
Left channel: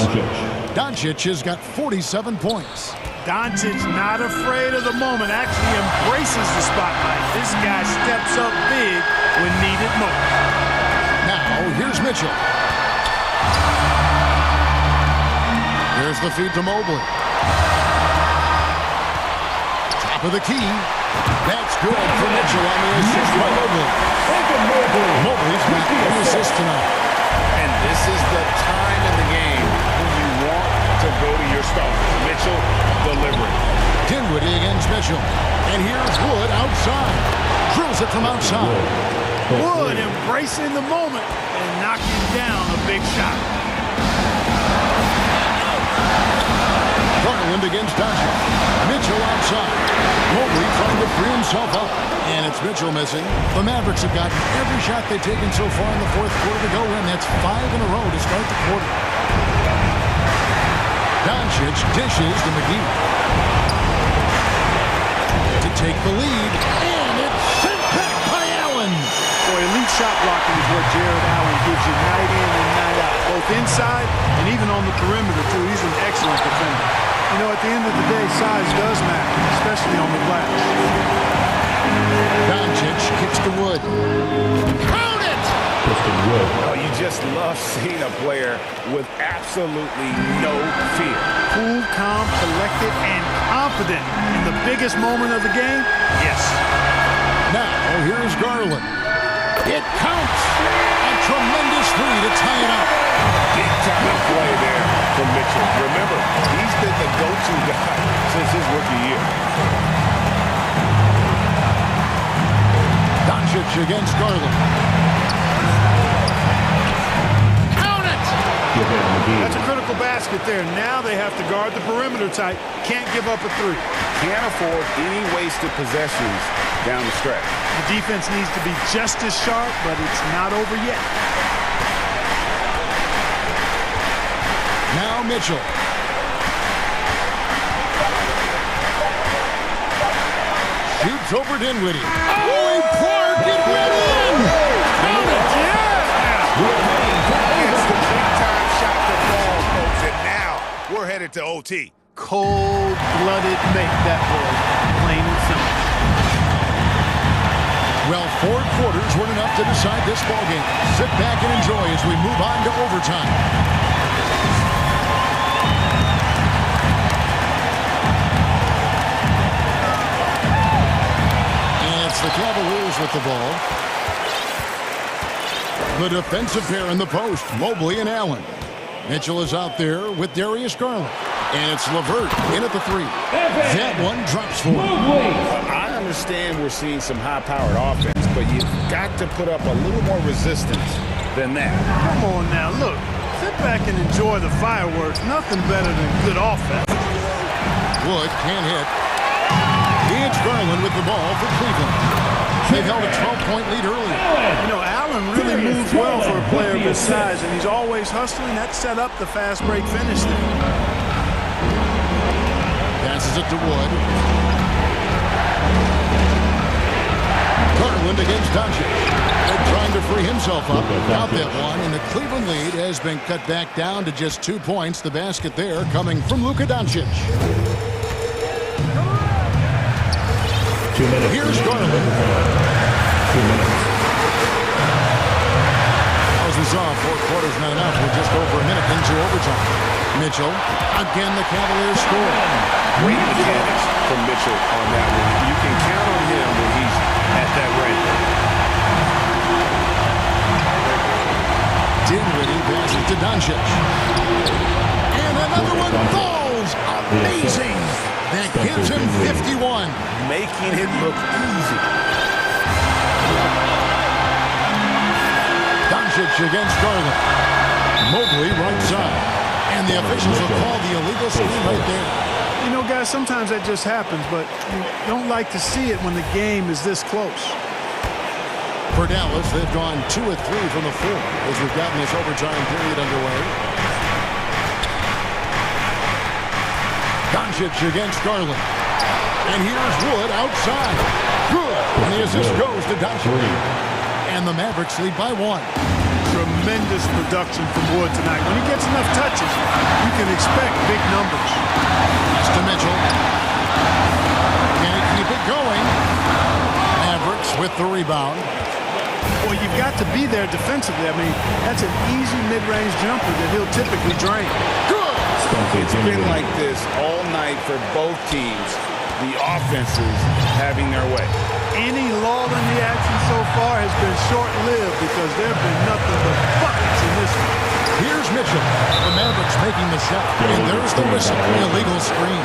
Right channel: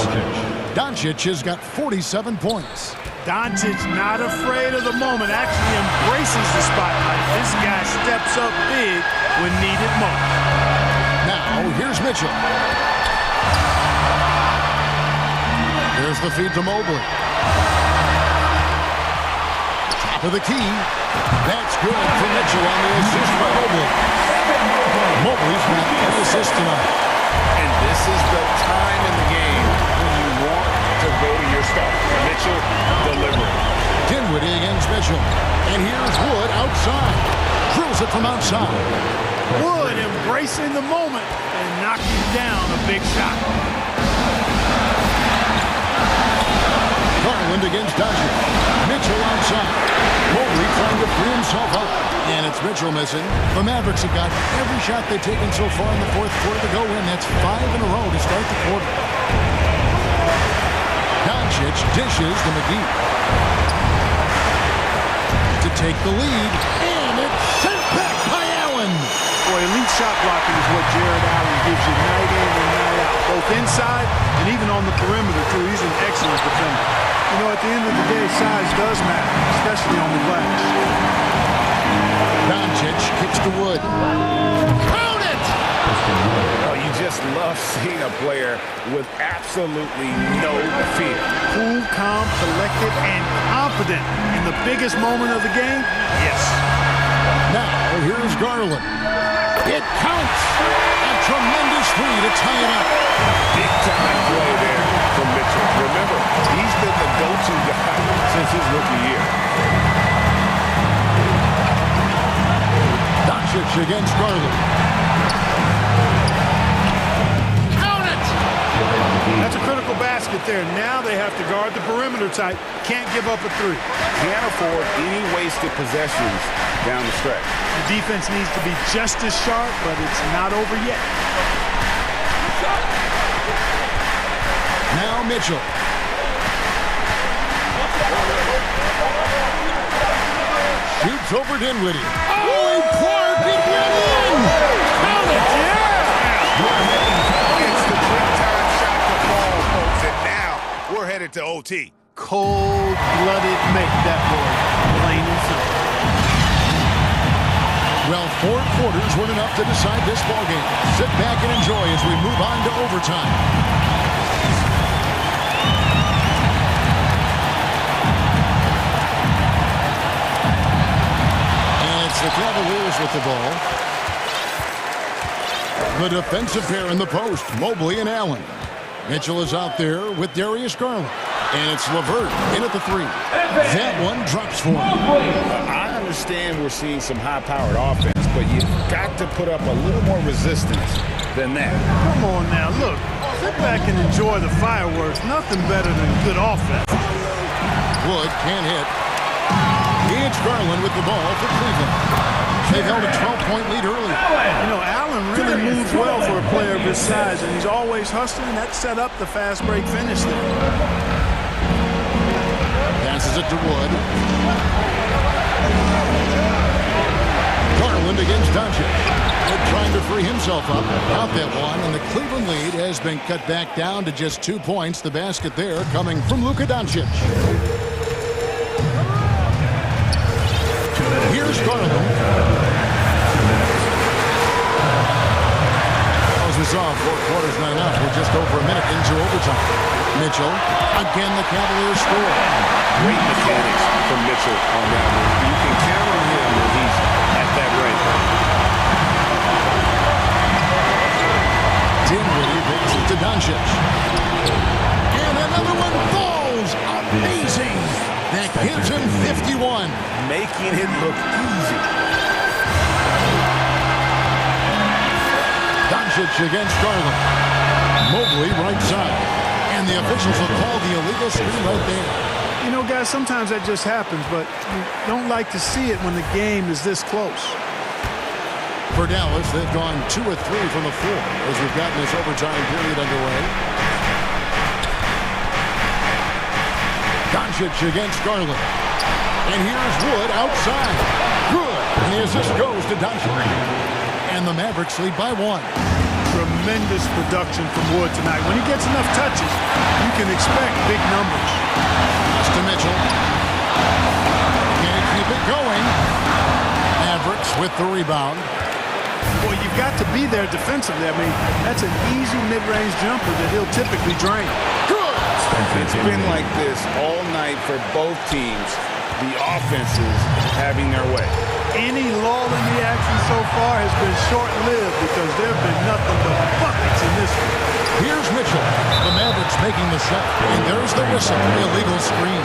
Doncic has got 47 points. Doncic not afraid of the moment, actually embraces the spotlight. This guy steps up big when needed most. Now, here's Mitchell. Here's the feed to Mobley. Top of the key. That's good for Mitchell on the assist by Mobley. Mobley's got 3 assists tonight. And this is the time in the game when you want to go to your stars. Mitchell delivering. Dinwiddie against Mitchell. And here's Wood outside. Drills it from outside. Wood embracing the moment and knocking down a big shot. Garland against Doncic. Mitchell outside. Mobley trying to free himself up. And it's Mitchell missing. The Mavericks have gotten every shot they've taken so far in the fourth quarter to go in. That's 5 in a row to start the quarter. Doncic dishes to McGee. To take the lead. And it's sent back by Allen. Boy, elite shot blocking is what Jared Allen gives you night in and night out. Both inside and even on the perimeter, too. He's an excellent defender. You know, at the end of the day, size does matter, especially on the glass. Doncic kicks to Wood. Count it! Oh, you just love seeing a player with absolutely no fear. Cool, calm, collected, and confident in the biggest moment of the game? Yes. Now, here's Garland. It counts! A tremendous 3 to tie it up. Big-time play there from Mitchell. Remember, he's been the go-to guy since his rookie year. Doncic against Garland. Count it! That's a critical basket there. Now they have to guard the perimeter tight. Can't give up a 3. Can't afford any wasted possessions down the stretch. The defense needs to be just as sharp, but it's not over yet. Now Mitchell. Shoots over Dinwiddie. Oh, and Clark, it went in! Count it! Yeah! It's the big-time shot to fall, folks, and now we're headed to OT. Cold-blooded make, that boy. Plain and simple. Well, 4 quarters weren't enough to decide this ballgame. Sit back and enjoy as we move on to overtime. It's the Cavaliers with the ball. The defensive pair in the post, Mobley and Allen. Mitchell is out there with Darius Garland. And it's LeVert in at the 3. That one drops for him. I understand we're seeing some high-powered offense, but you've got to put up a little more resistance than that. Come on now, look. Sit back and enjoy the fireworks. Nothing better than good offense. Wood can't hit. It's Garland with the ball for Cleveland. They've held a 12-point lead earlier. You know, Allen really moves well for a player of his size, and he's always hustling. That set up the fast break finish there. Passes it to Wood. Garland against Doncic. Wood trying to free himself up. Got that one, and the Cleveland lead has been cut back down to just 2 points. The basket there coming from Luka Doncic. 2 minutes. Here's Garland. 2 minutes. As we saw, 4 quarters not enough. We're just over a minute into overtime. Mitchell, again the Cavaliers score. Great mechanics from Mitchell on that one. You can count on him when he's at that rate. Dinwiddie passes to Doncic. And another one falls. Amazing. That gives him 51. Making it look easy. Doncic against Garland. Mobley right side. And the officials will call the illegal screen right there. You know, guys, sometimes that just happens, but you don't like to see it when the game is this close. For Dallas, they've gone 2 of 3 from the floor as we've gotten this overtime period underway. Doncic against Garland. And here's Wood outside. Good. And the assist goes to Doncic. And the Mavericks lead by 1. Tremendous production from Wood tonight. When he gets enough touches, you can expect big numbers. Pass to Mitchell. Can he keep it going? Mavericks with the rebound. Boy, you've got to be there defensively. I mean, that's an easy mid-range jumper that he'll typically drain. Good. It's been like this all night for both teams. the offenses having their way. Any lull in the action so far has been short-lived because there have been nothing but buckets in this one. Here's Mitchell. The Mavericks making the shot. And there's the whistle. Illegal screen.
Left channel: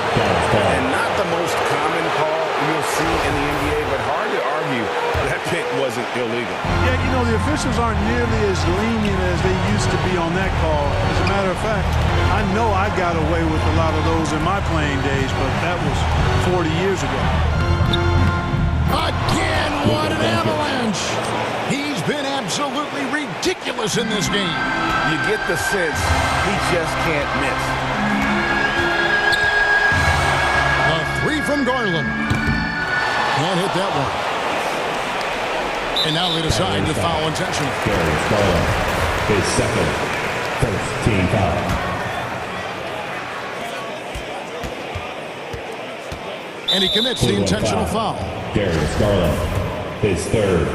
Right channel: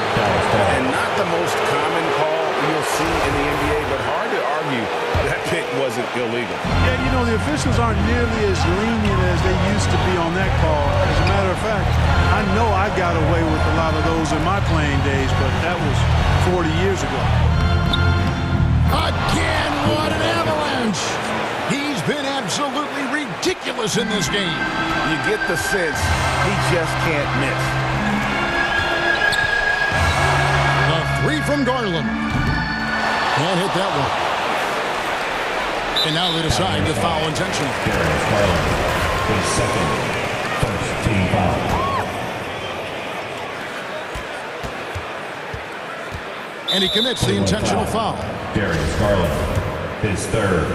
And not the most common call you'll see in the NBA, but hard to argue that pick wasn't illegal. Yeah, you know, the officials aren't nearly as lenient as they used to be on that call. As a matter of fact, I know I got away with a lot of those in my playing days, but that was 40 years ago. Again, what an avalanche! He's been absolutely ridiculous in this game. You get the sense he just can't miss. The three from Garland. Can't hit that one. And now they decide to foul intentionally. Darius Garland, his second first team foul. And he commits the intentional foul. Darius Garland, his third,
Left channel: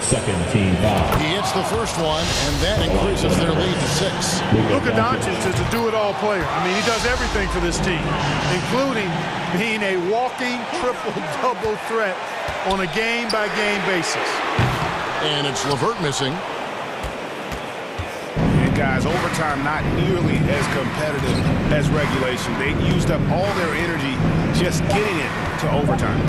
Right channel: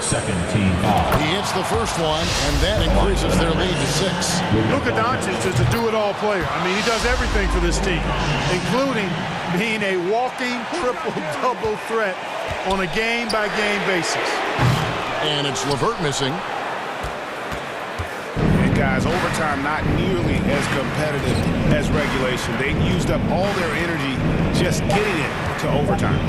second team foul. He hits the first one, and that increases their lead to 6. Luka Doncic is a do-it-all player. I mean, he does everything for this team, including being a walking triple-double threat on a game-by-game basis. And it's LeVert missing. And guys, overtime not nearly as competitive as regulation. They used up all their energy just getting it to overtime.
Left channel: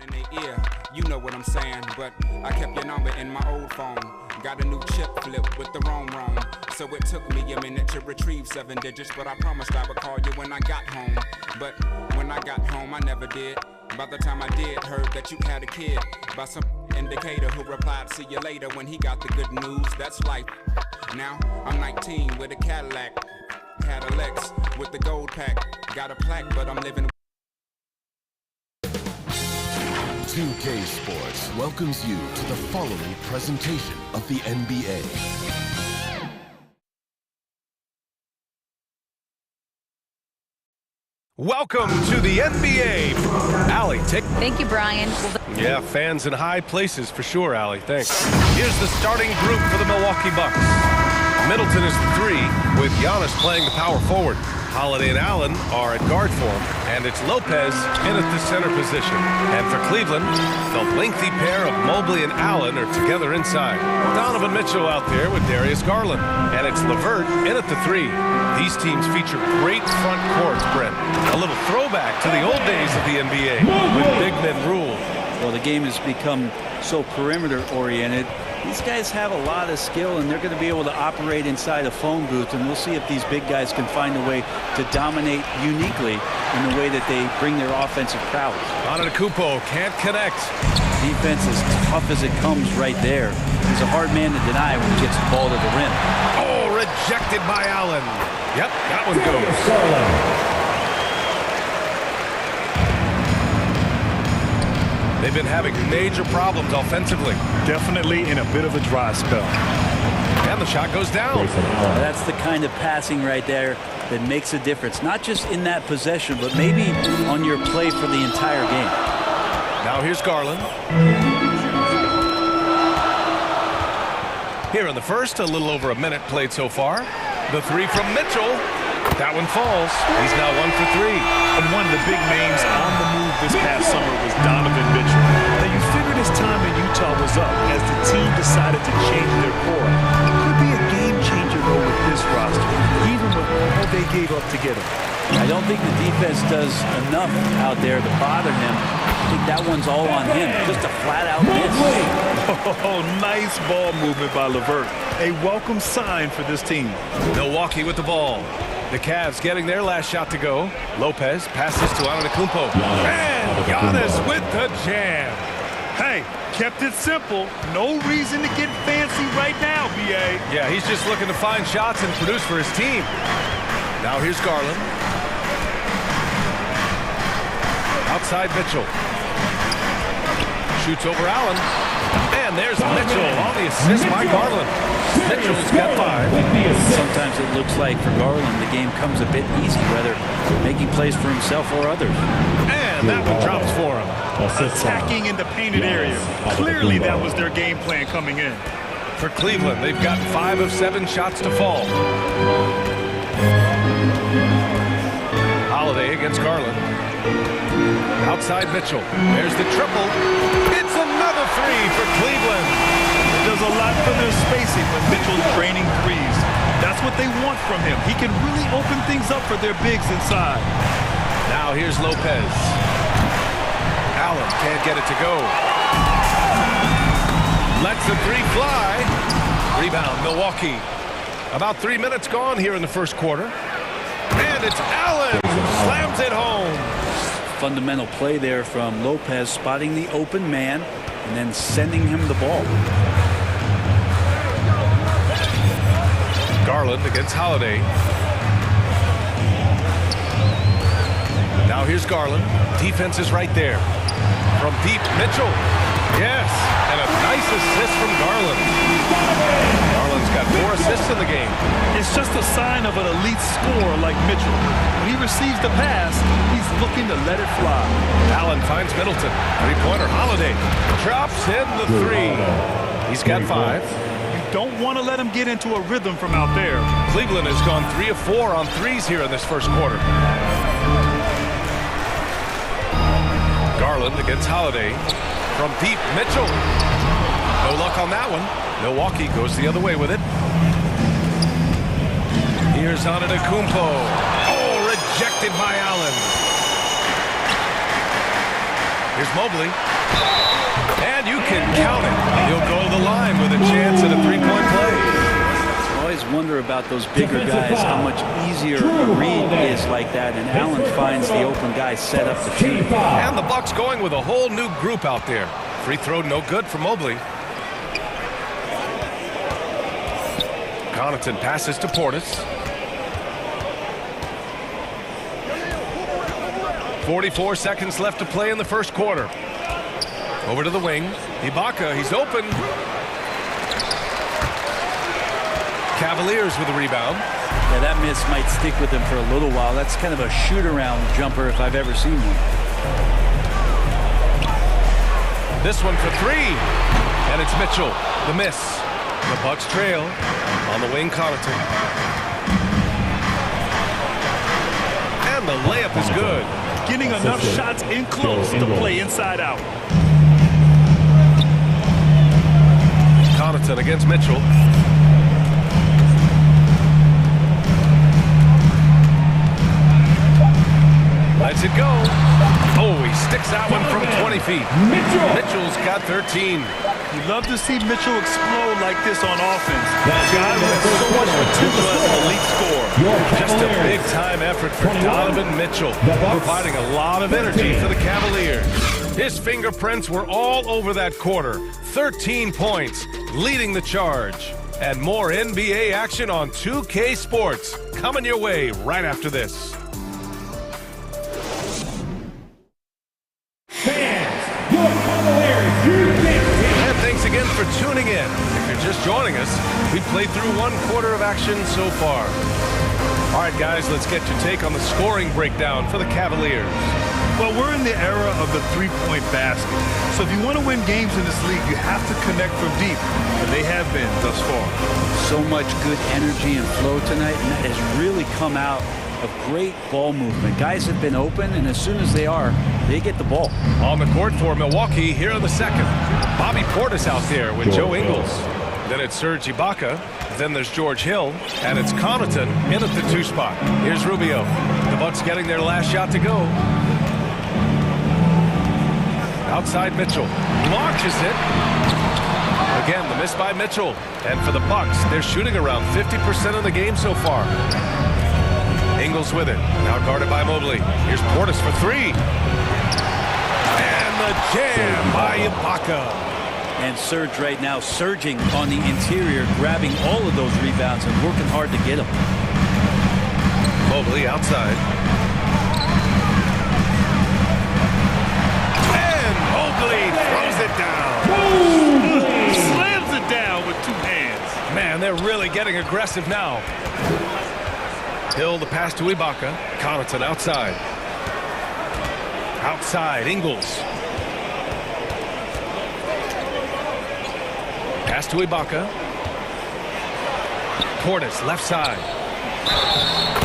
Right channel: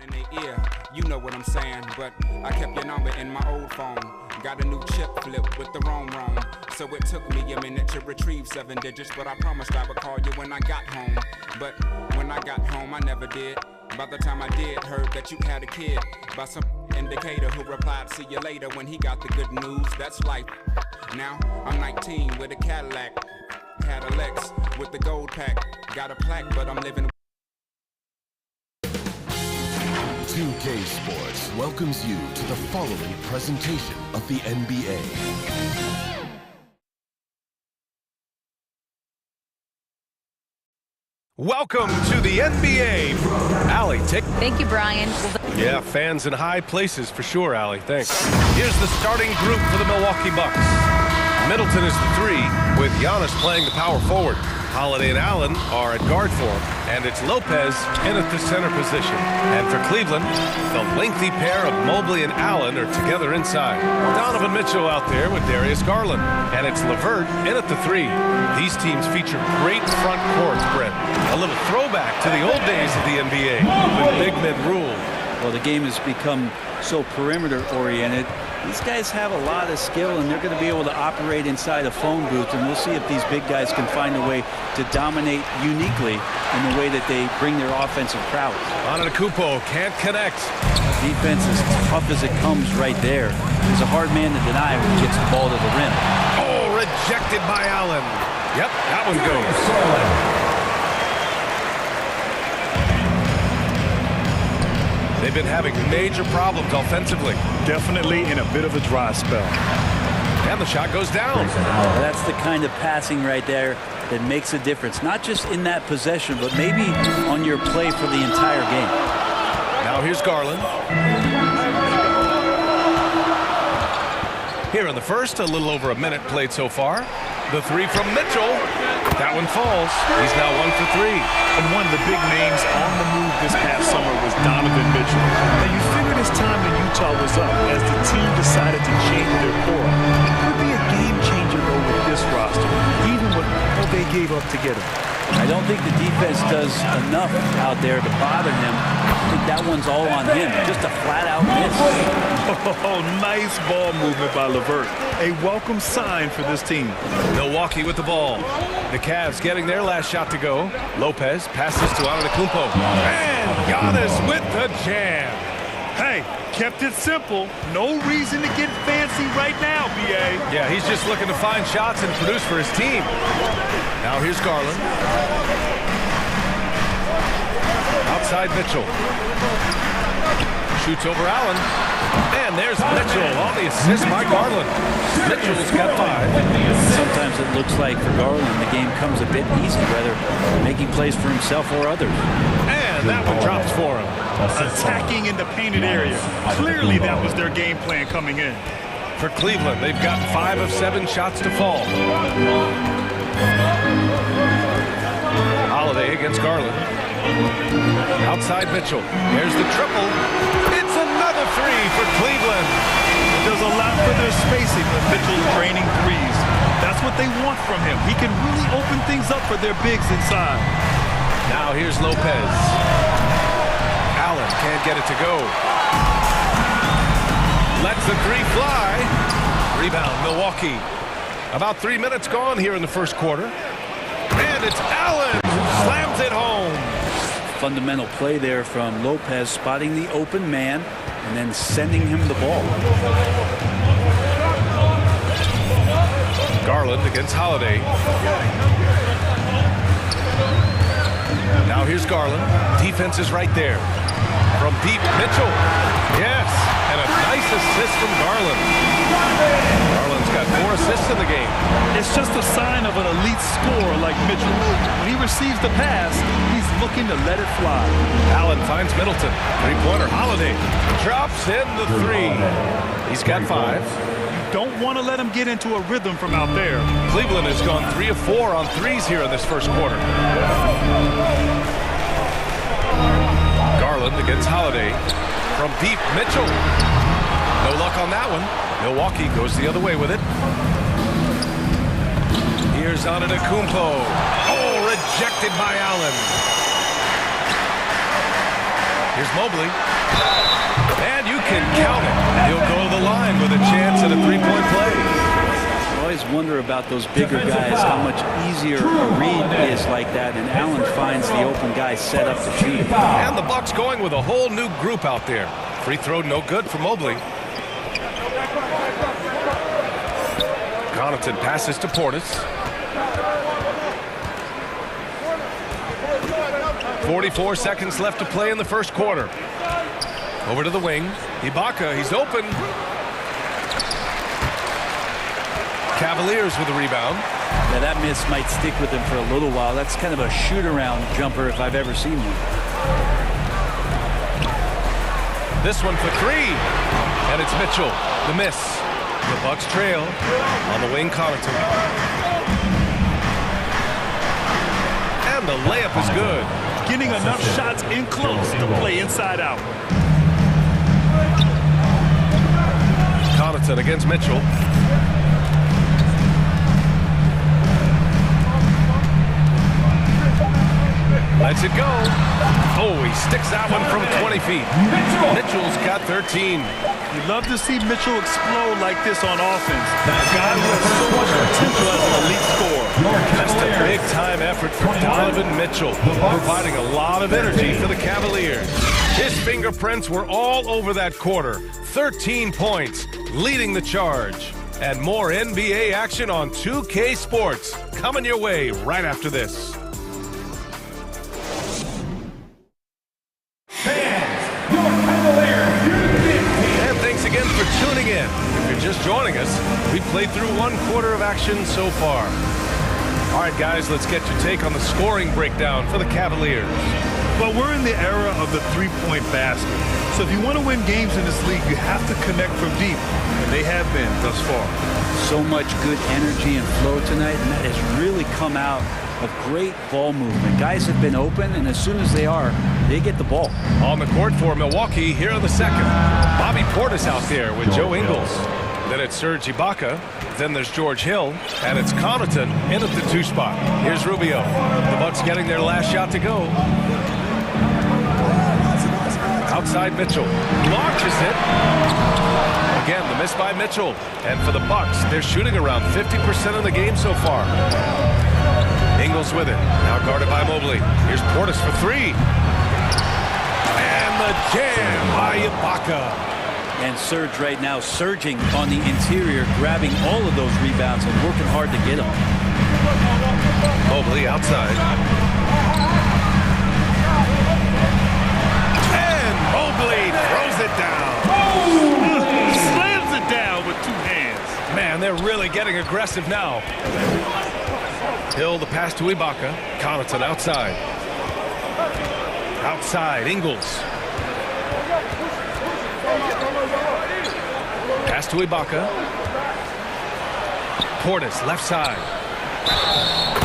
In their ear. you know what I'm saying. But I kept your number in my old phone. Got a new chip flip with the wrong. So it took me a minute to retrieve 7 digits, but I promised I would call you when I got home. But when I got home, I never did. By the time I did, heard that you had a kid by some indicator who replied, see you later, when he got the good news. That's life. Now I'm 19 with a Cadillac, had a Lex with the gold pack. Got a plaque, but I'm living. 2K Sports welcomes you to the following presentation of the NBA. Welcome to the NBA. Allie, Thank you, Brian. Yeah, fans in high places for sure, Allie. Thanks. Here's the starting group for the Milwaukee Bucks. Middleton is the 3, with Giannis playing the power forward. Holiday and Allen are at guard for him, and it's Lopez in at the center position. And for Cleveland, the lengthy pair of Mobley and Allen are together inside. Donovan Mitchell out there with Darius Garland, and it's LeVert in at the 3. These teams feature great front courts, Brent. A little throwback to the old days of the NBA when big men ruled. Well, the game has become so perimeter-oriented. These guys have a lot of skill, and they're going to be able to operate inside a phone booth, and we'll see if these big guys can find a way to dominate uniquely in the way that they bring their offensive prowess. Antetokounmpo can't connect. Defense is tough as it comes right there. He's a hard man to deny when he gets the ball to the rim. Oh, rejected by Allen. Yep, that one goes. They've been having major problems offensively. Definitely in a bit of a dry spell. And the shot goes down. That's the kind of passing right there that makes a difference. Not just in that possession, but maybe on your play for the entire game. Now here's Garland. Here in the first, a little over a minute played so far. The 3 from Mitchell. That one falls. He's now 1 for 3. And one of the big names on the move this past summer was Donovan Mitchell. Now you figured his time in Utah was up as the team decided to change their core up. Could be a game changer though with this roster, even with all they gave up to get him. I don't think the defense does enough out there to bother him. I think that one's all on him. Just a flat-out miss. Oh, nice ball movement by LeVert. A welcome sign for this team. Milwaukee with the ball. The Cavs getting their last shot to go. Lopez passes to Antetokounmpo. And Giannis with the jam. Hey, kept it simple. No reason to get fancy right now, B.A. Yeah, he's just looking to find shots and produce for his team. Now here's Garland. Outside Mitchell. Shoots over Allen. And there's Mitchell on the assist by Garland. Mitchell's got 5. Sometimes it looks like for Garland the game comes a bit easy, whether making plays for himself or others. And that one drops for him. Attacking in the painted area. Clearly that was their game plan coming in. For Cleveland, they've got 5 of 7 shots to fall. Holiday against Garland. Outside Mitchell. There's the triple. It's another 3 for Cleveland. It does a lot for their spacing when Mitchell's draining threes. That's what they want from him. He can really open things up for their bigs inside. Now here's Lopez. Allen can't get it to go. Lets the 3 fly. Rebound, Milwaukee. About 3 minutes gone here in the first quarter. And it's Allen who slams it home. Fundamental play there from Lopez, spotting the open man and then sending him the ball. Garland against Holiday. Now here's Garland. Defense is right there. From deep, Mitchell. Yes, and a nice assist from Garland. Garland's got 4 assists in the game. It's just a sign of an elite scorer like Mitchell. When he receives the pass, he's looking to let it fly. Allen finds Middleton. 3-pointer, Holiday. Drops in the 3. He's got 5. You don't want to let him get into a rhythm from out there. Cleveland has gone 3 of 4 on threes here in this first quarter. Garland against Holiday. From deep, Mitchell. No luck on that one. Milwaukee goes the other way with it. Here's Antetokounmpo. Oh, rejected by Allen. Here's Mobley. And you can count it. He'll go to the line with a chance at a three-point play. I always wonder about those bigger guys, how much easier a read is like that, and Allen finds the open guy set up to shoot it. And the Bucks going with a whole new group out there. Free throw no good for Mobley. Connaughton passes to Portis. 44 seconds left to play in the first quarter. Over to the wing. Ibaka, he's open. Cavaliers with a rebound. Yeah, that miss might stick with him for a little while. That's kind of a shoot-around jumper if I've ever seen one. This one for three. And it's Mitchell. The miss. The Bucks trail. On the wing, Connaughton. And the layup is good. Getting enough shots in close to play inside out. Connaughton against Mitchell. Lets it go. Oh, he sticks that one from 20 feet. Mitchell's got 13. You love to see Mitchell explode like this on offense. A guy who has so much potential as an elite scorer. Just a big-time effort for Donovan Mitchell, providing a lot of energy for the Cavaliers. His fingerprints were all over that quarter. 13 points, leading the charge. And more NBA action on 2K Sports coming your way right after this. And thanks again for tuning in. If you're just joining us, we've played through one quarter of action so far. All right, guys, let's get your take on the scoring breakdown for the Cavaliers. Well, we're in the era of the three-point basket. So if you want to win games in this league, you have to connect from deep, and they have been thus far. So much good energy and flow tonight, and that has really come out of great ball movement. Guys have been open, and as soon as they are, they get the ball. On the court for Milwaukee here in the second. Bobby Portis out there with Joe Ingles. Then it's Serge Ibaka. Then there's George Hill. And it's Connaughton in at the 2 spot. Here's Rubio. The Bucks getting their last shot to go. Outside Mitchell. Launches it. Again, the miss by Mitchell. And for the Bucks, they're shooting around 50% of the game so far. Ingles with it. Now guarded by Mobley. Here's Portis for 3. And the jam by Ibaka. And Serge right now surging on the interior, grabbing all of those rebounds and working hard to get them. Mobley outside. And Mobley throws it down. Slams it down with 2 hands. Man, they're really getting aggressive now. Hill, the pass to Ibaka. Connaughton outside. Outside, Ingles. Pass to Ibaka. Portis, left side.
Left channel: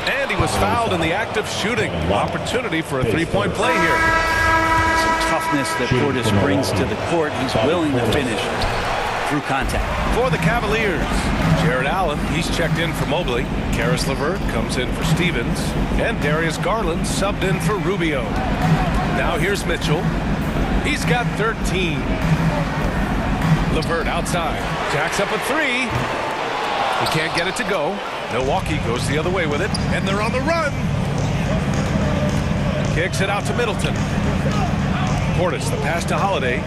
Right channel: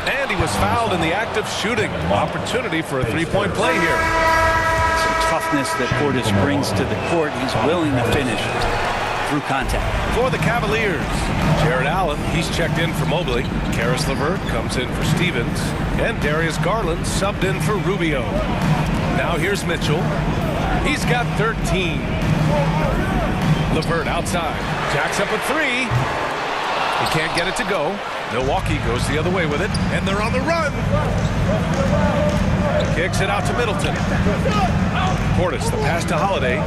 And he was fouled in the act of shooting. Opportunity for a three-point play here. Some toughness that Portis brings to the court. He's willing to finish through contact. For the Cavaliers, Jared Allen, he's checked in for Mobley. Karis LeVert comes in for Stevens. And Darius Garland subbed in for Rubio. Now here's Mitchell. He's got 13. LeVert outside. Jacks up a 3. He can't get it to go. Milwaukee goes the other way with it. And they're on the run. Kicks it out to Middleton. Portis, the pass to Holiday.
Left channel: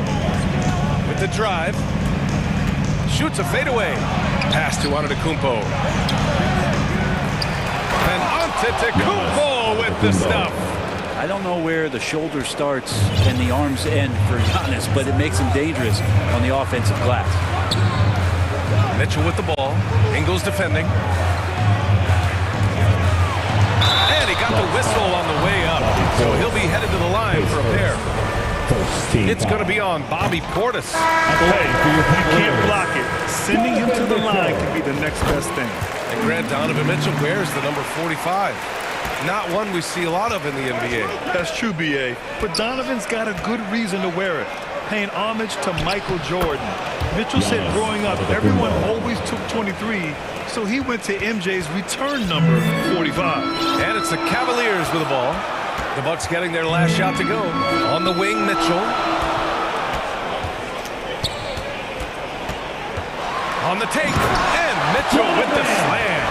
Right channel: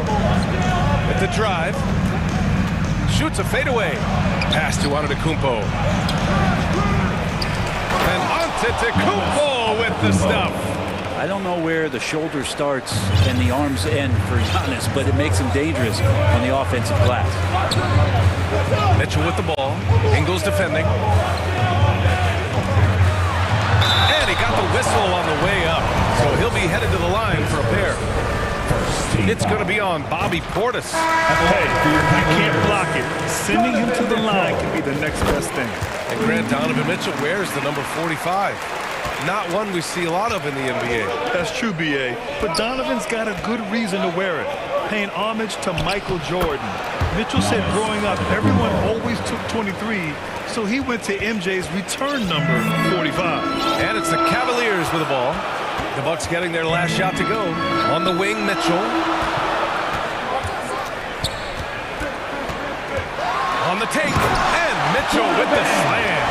With the drive. Shoots a fadeaway. Pass to Antetokounmpo. And Antetokounmpo with the stuff. I don't know where the shoulder starts and the arms end for Giannis, but it makes him dangerous on the offensive glass. Mitchell with the ball. Ingles defending. And he got the whistle on the way up. So he'll be headed to the line for a pair. It's going to be on Bobby Portis. Hey, you can't block it. Sending him to the line can be the next best thing. And Grant, Donovan Mitchell wears the number 45. Not one we see a lot of in the NBA. That's true, B.A. But Donovan's got a good reason to wear it. Paying homage to Michael Jordan. Mitchell said growing up, everyone always took 23, so he went to MJ's return number 45. And it's the Cavaliers with the ball. The Bucks getting their last shot to go. On the wing, Mitchell. On the take, and Mitchell with the slam.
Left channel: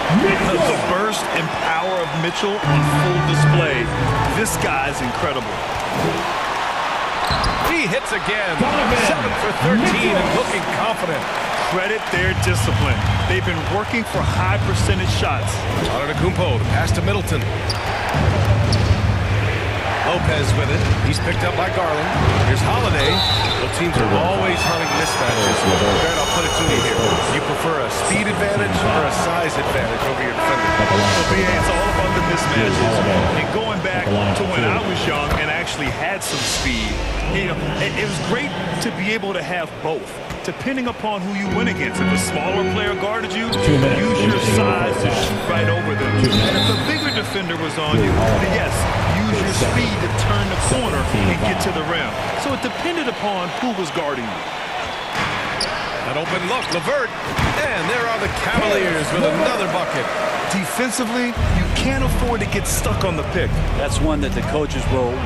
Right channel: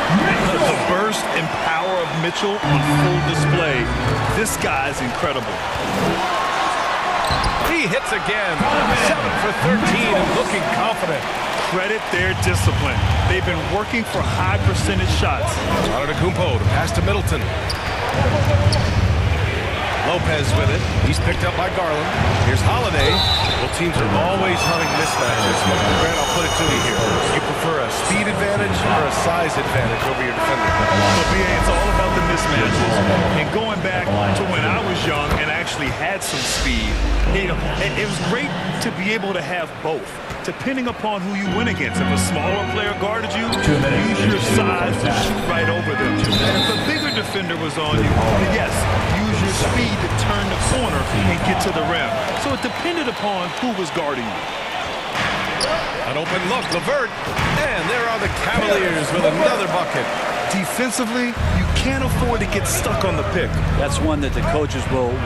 The burst and power of Mitchell on full display. This guy's incredible. He hits again. 7 for 13 and looking confident. Credit their discipline. They've been working for high percentage shots. Antetokounmpo to pass to Middleton. Lopez with it. He's picked up by Garland. Here's Holiday. Well, teams are always hunting mismatches. Grant, I'll put it to you here. You prefer a speed advantage or a size advantage over your defender? Well, BA, it's all about the mismatches. And going back to when I was young and actually had some speed, you know, it was great to be able to have both, depending upon who you win against. If a smaller player guarded you, use your size to shoot right over them. And if a bigger defender was on you, then yes, use your speed to turn the corner and get to the rim. So it depended upon who was guarding you. An open look, LeVert. And there are the Cavaliers with another bucket. Defensively, you can't afford to get stuck on the pick. That's one that the coaches will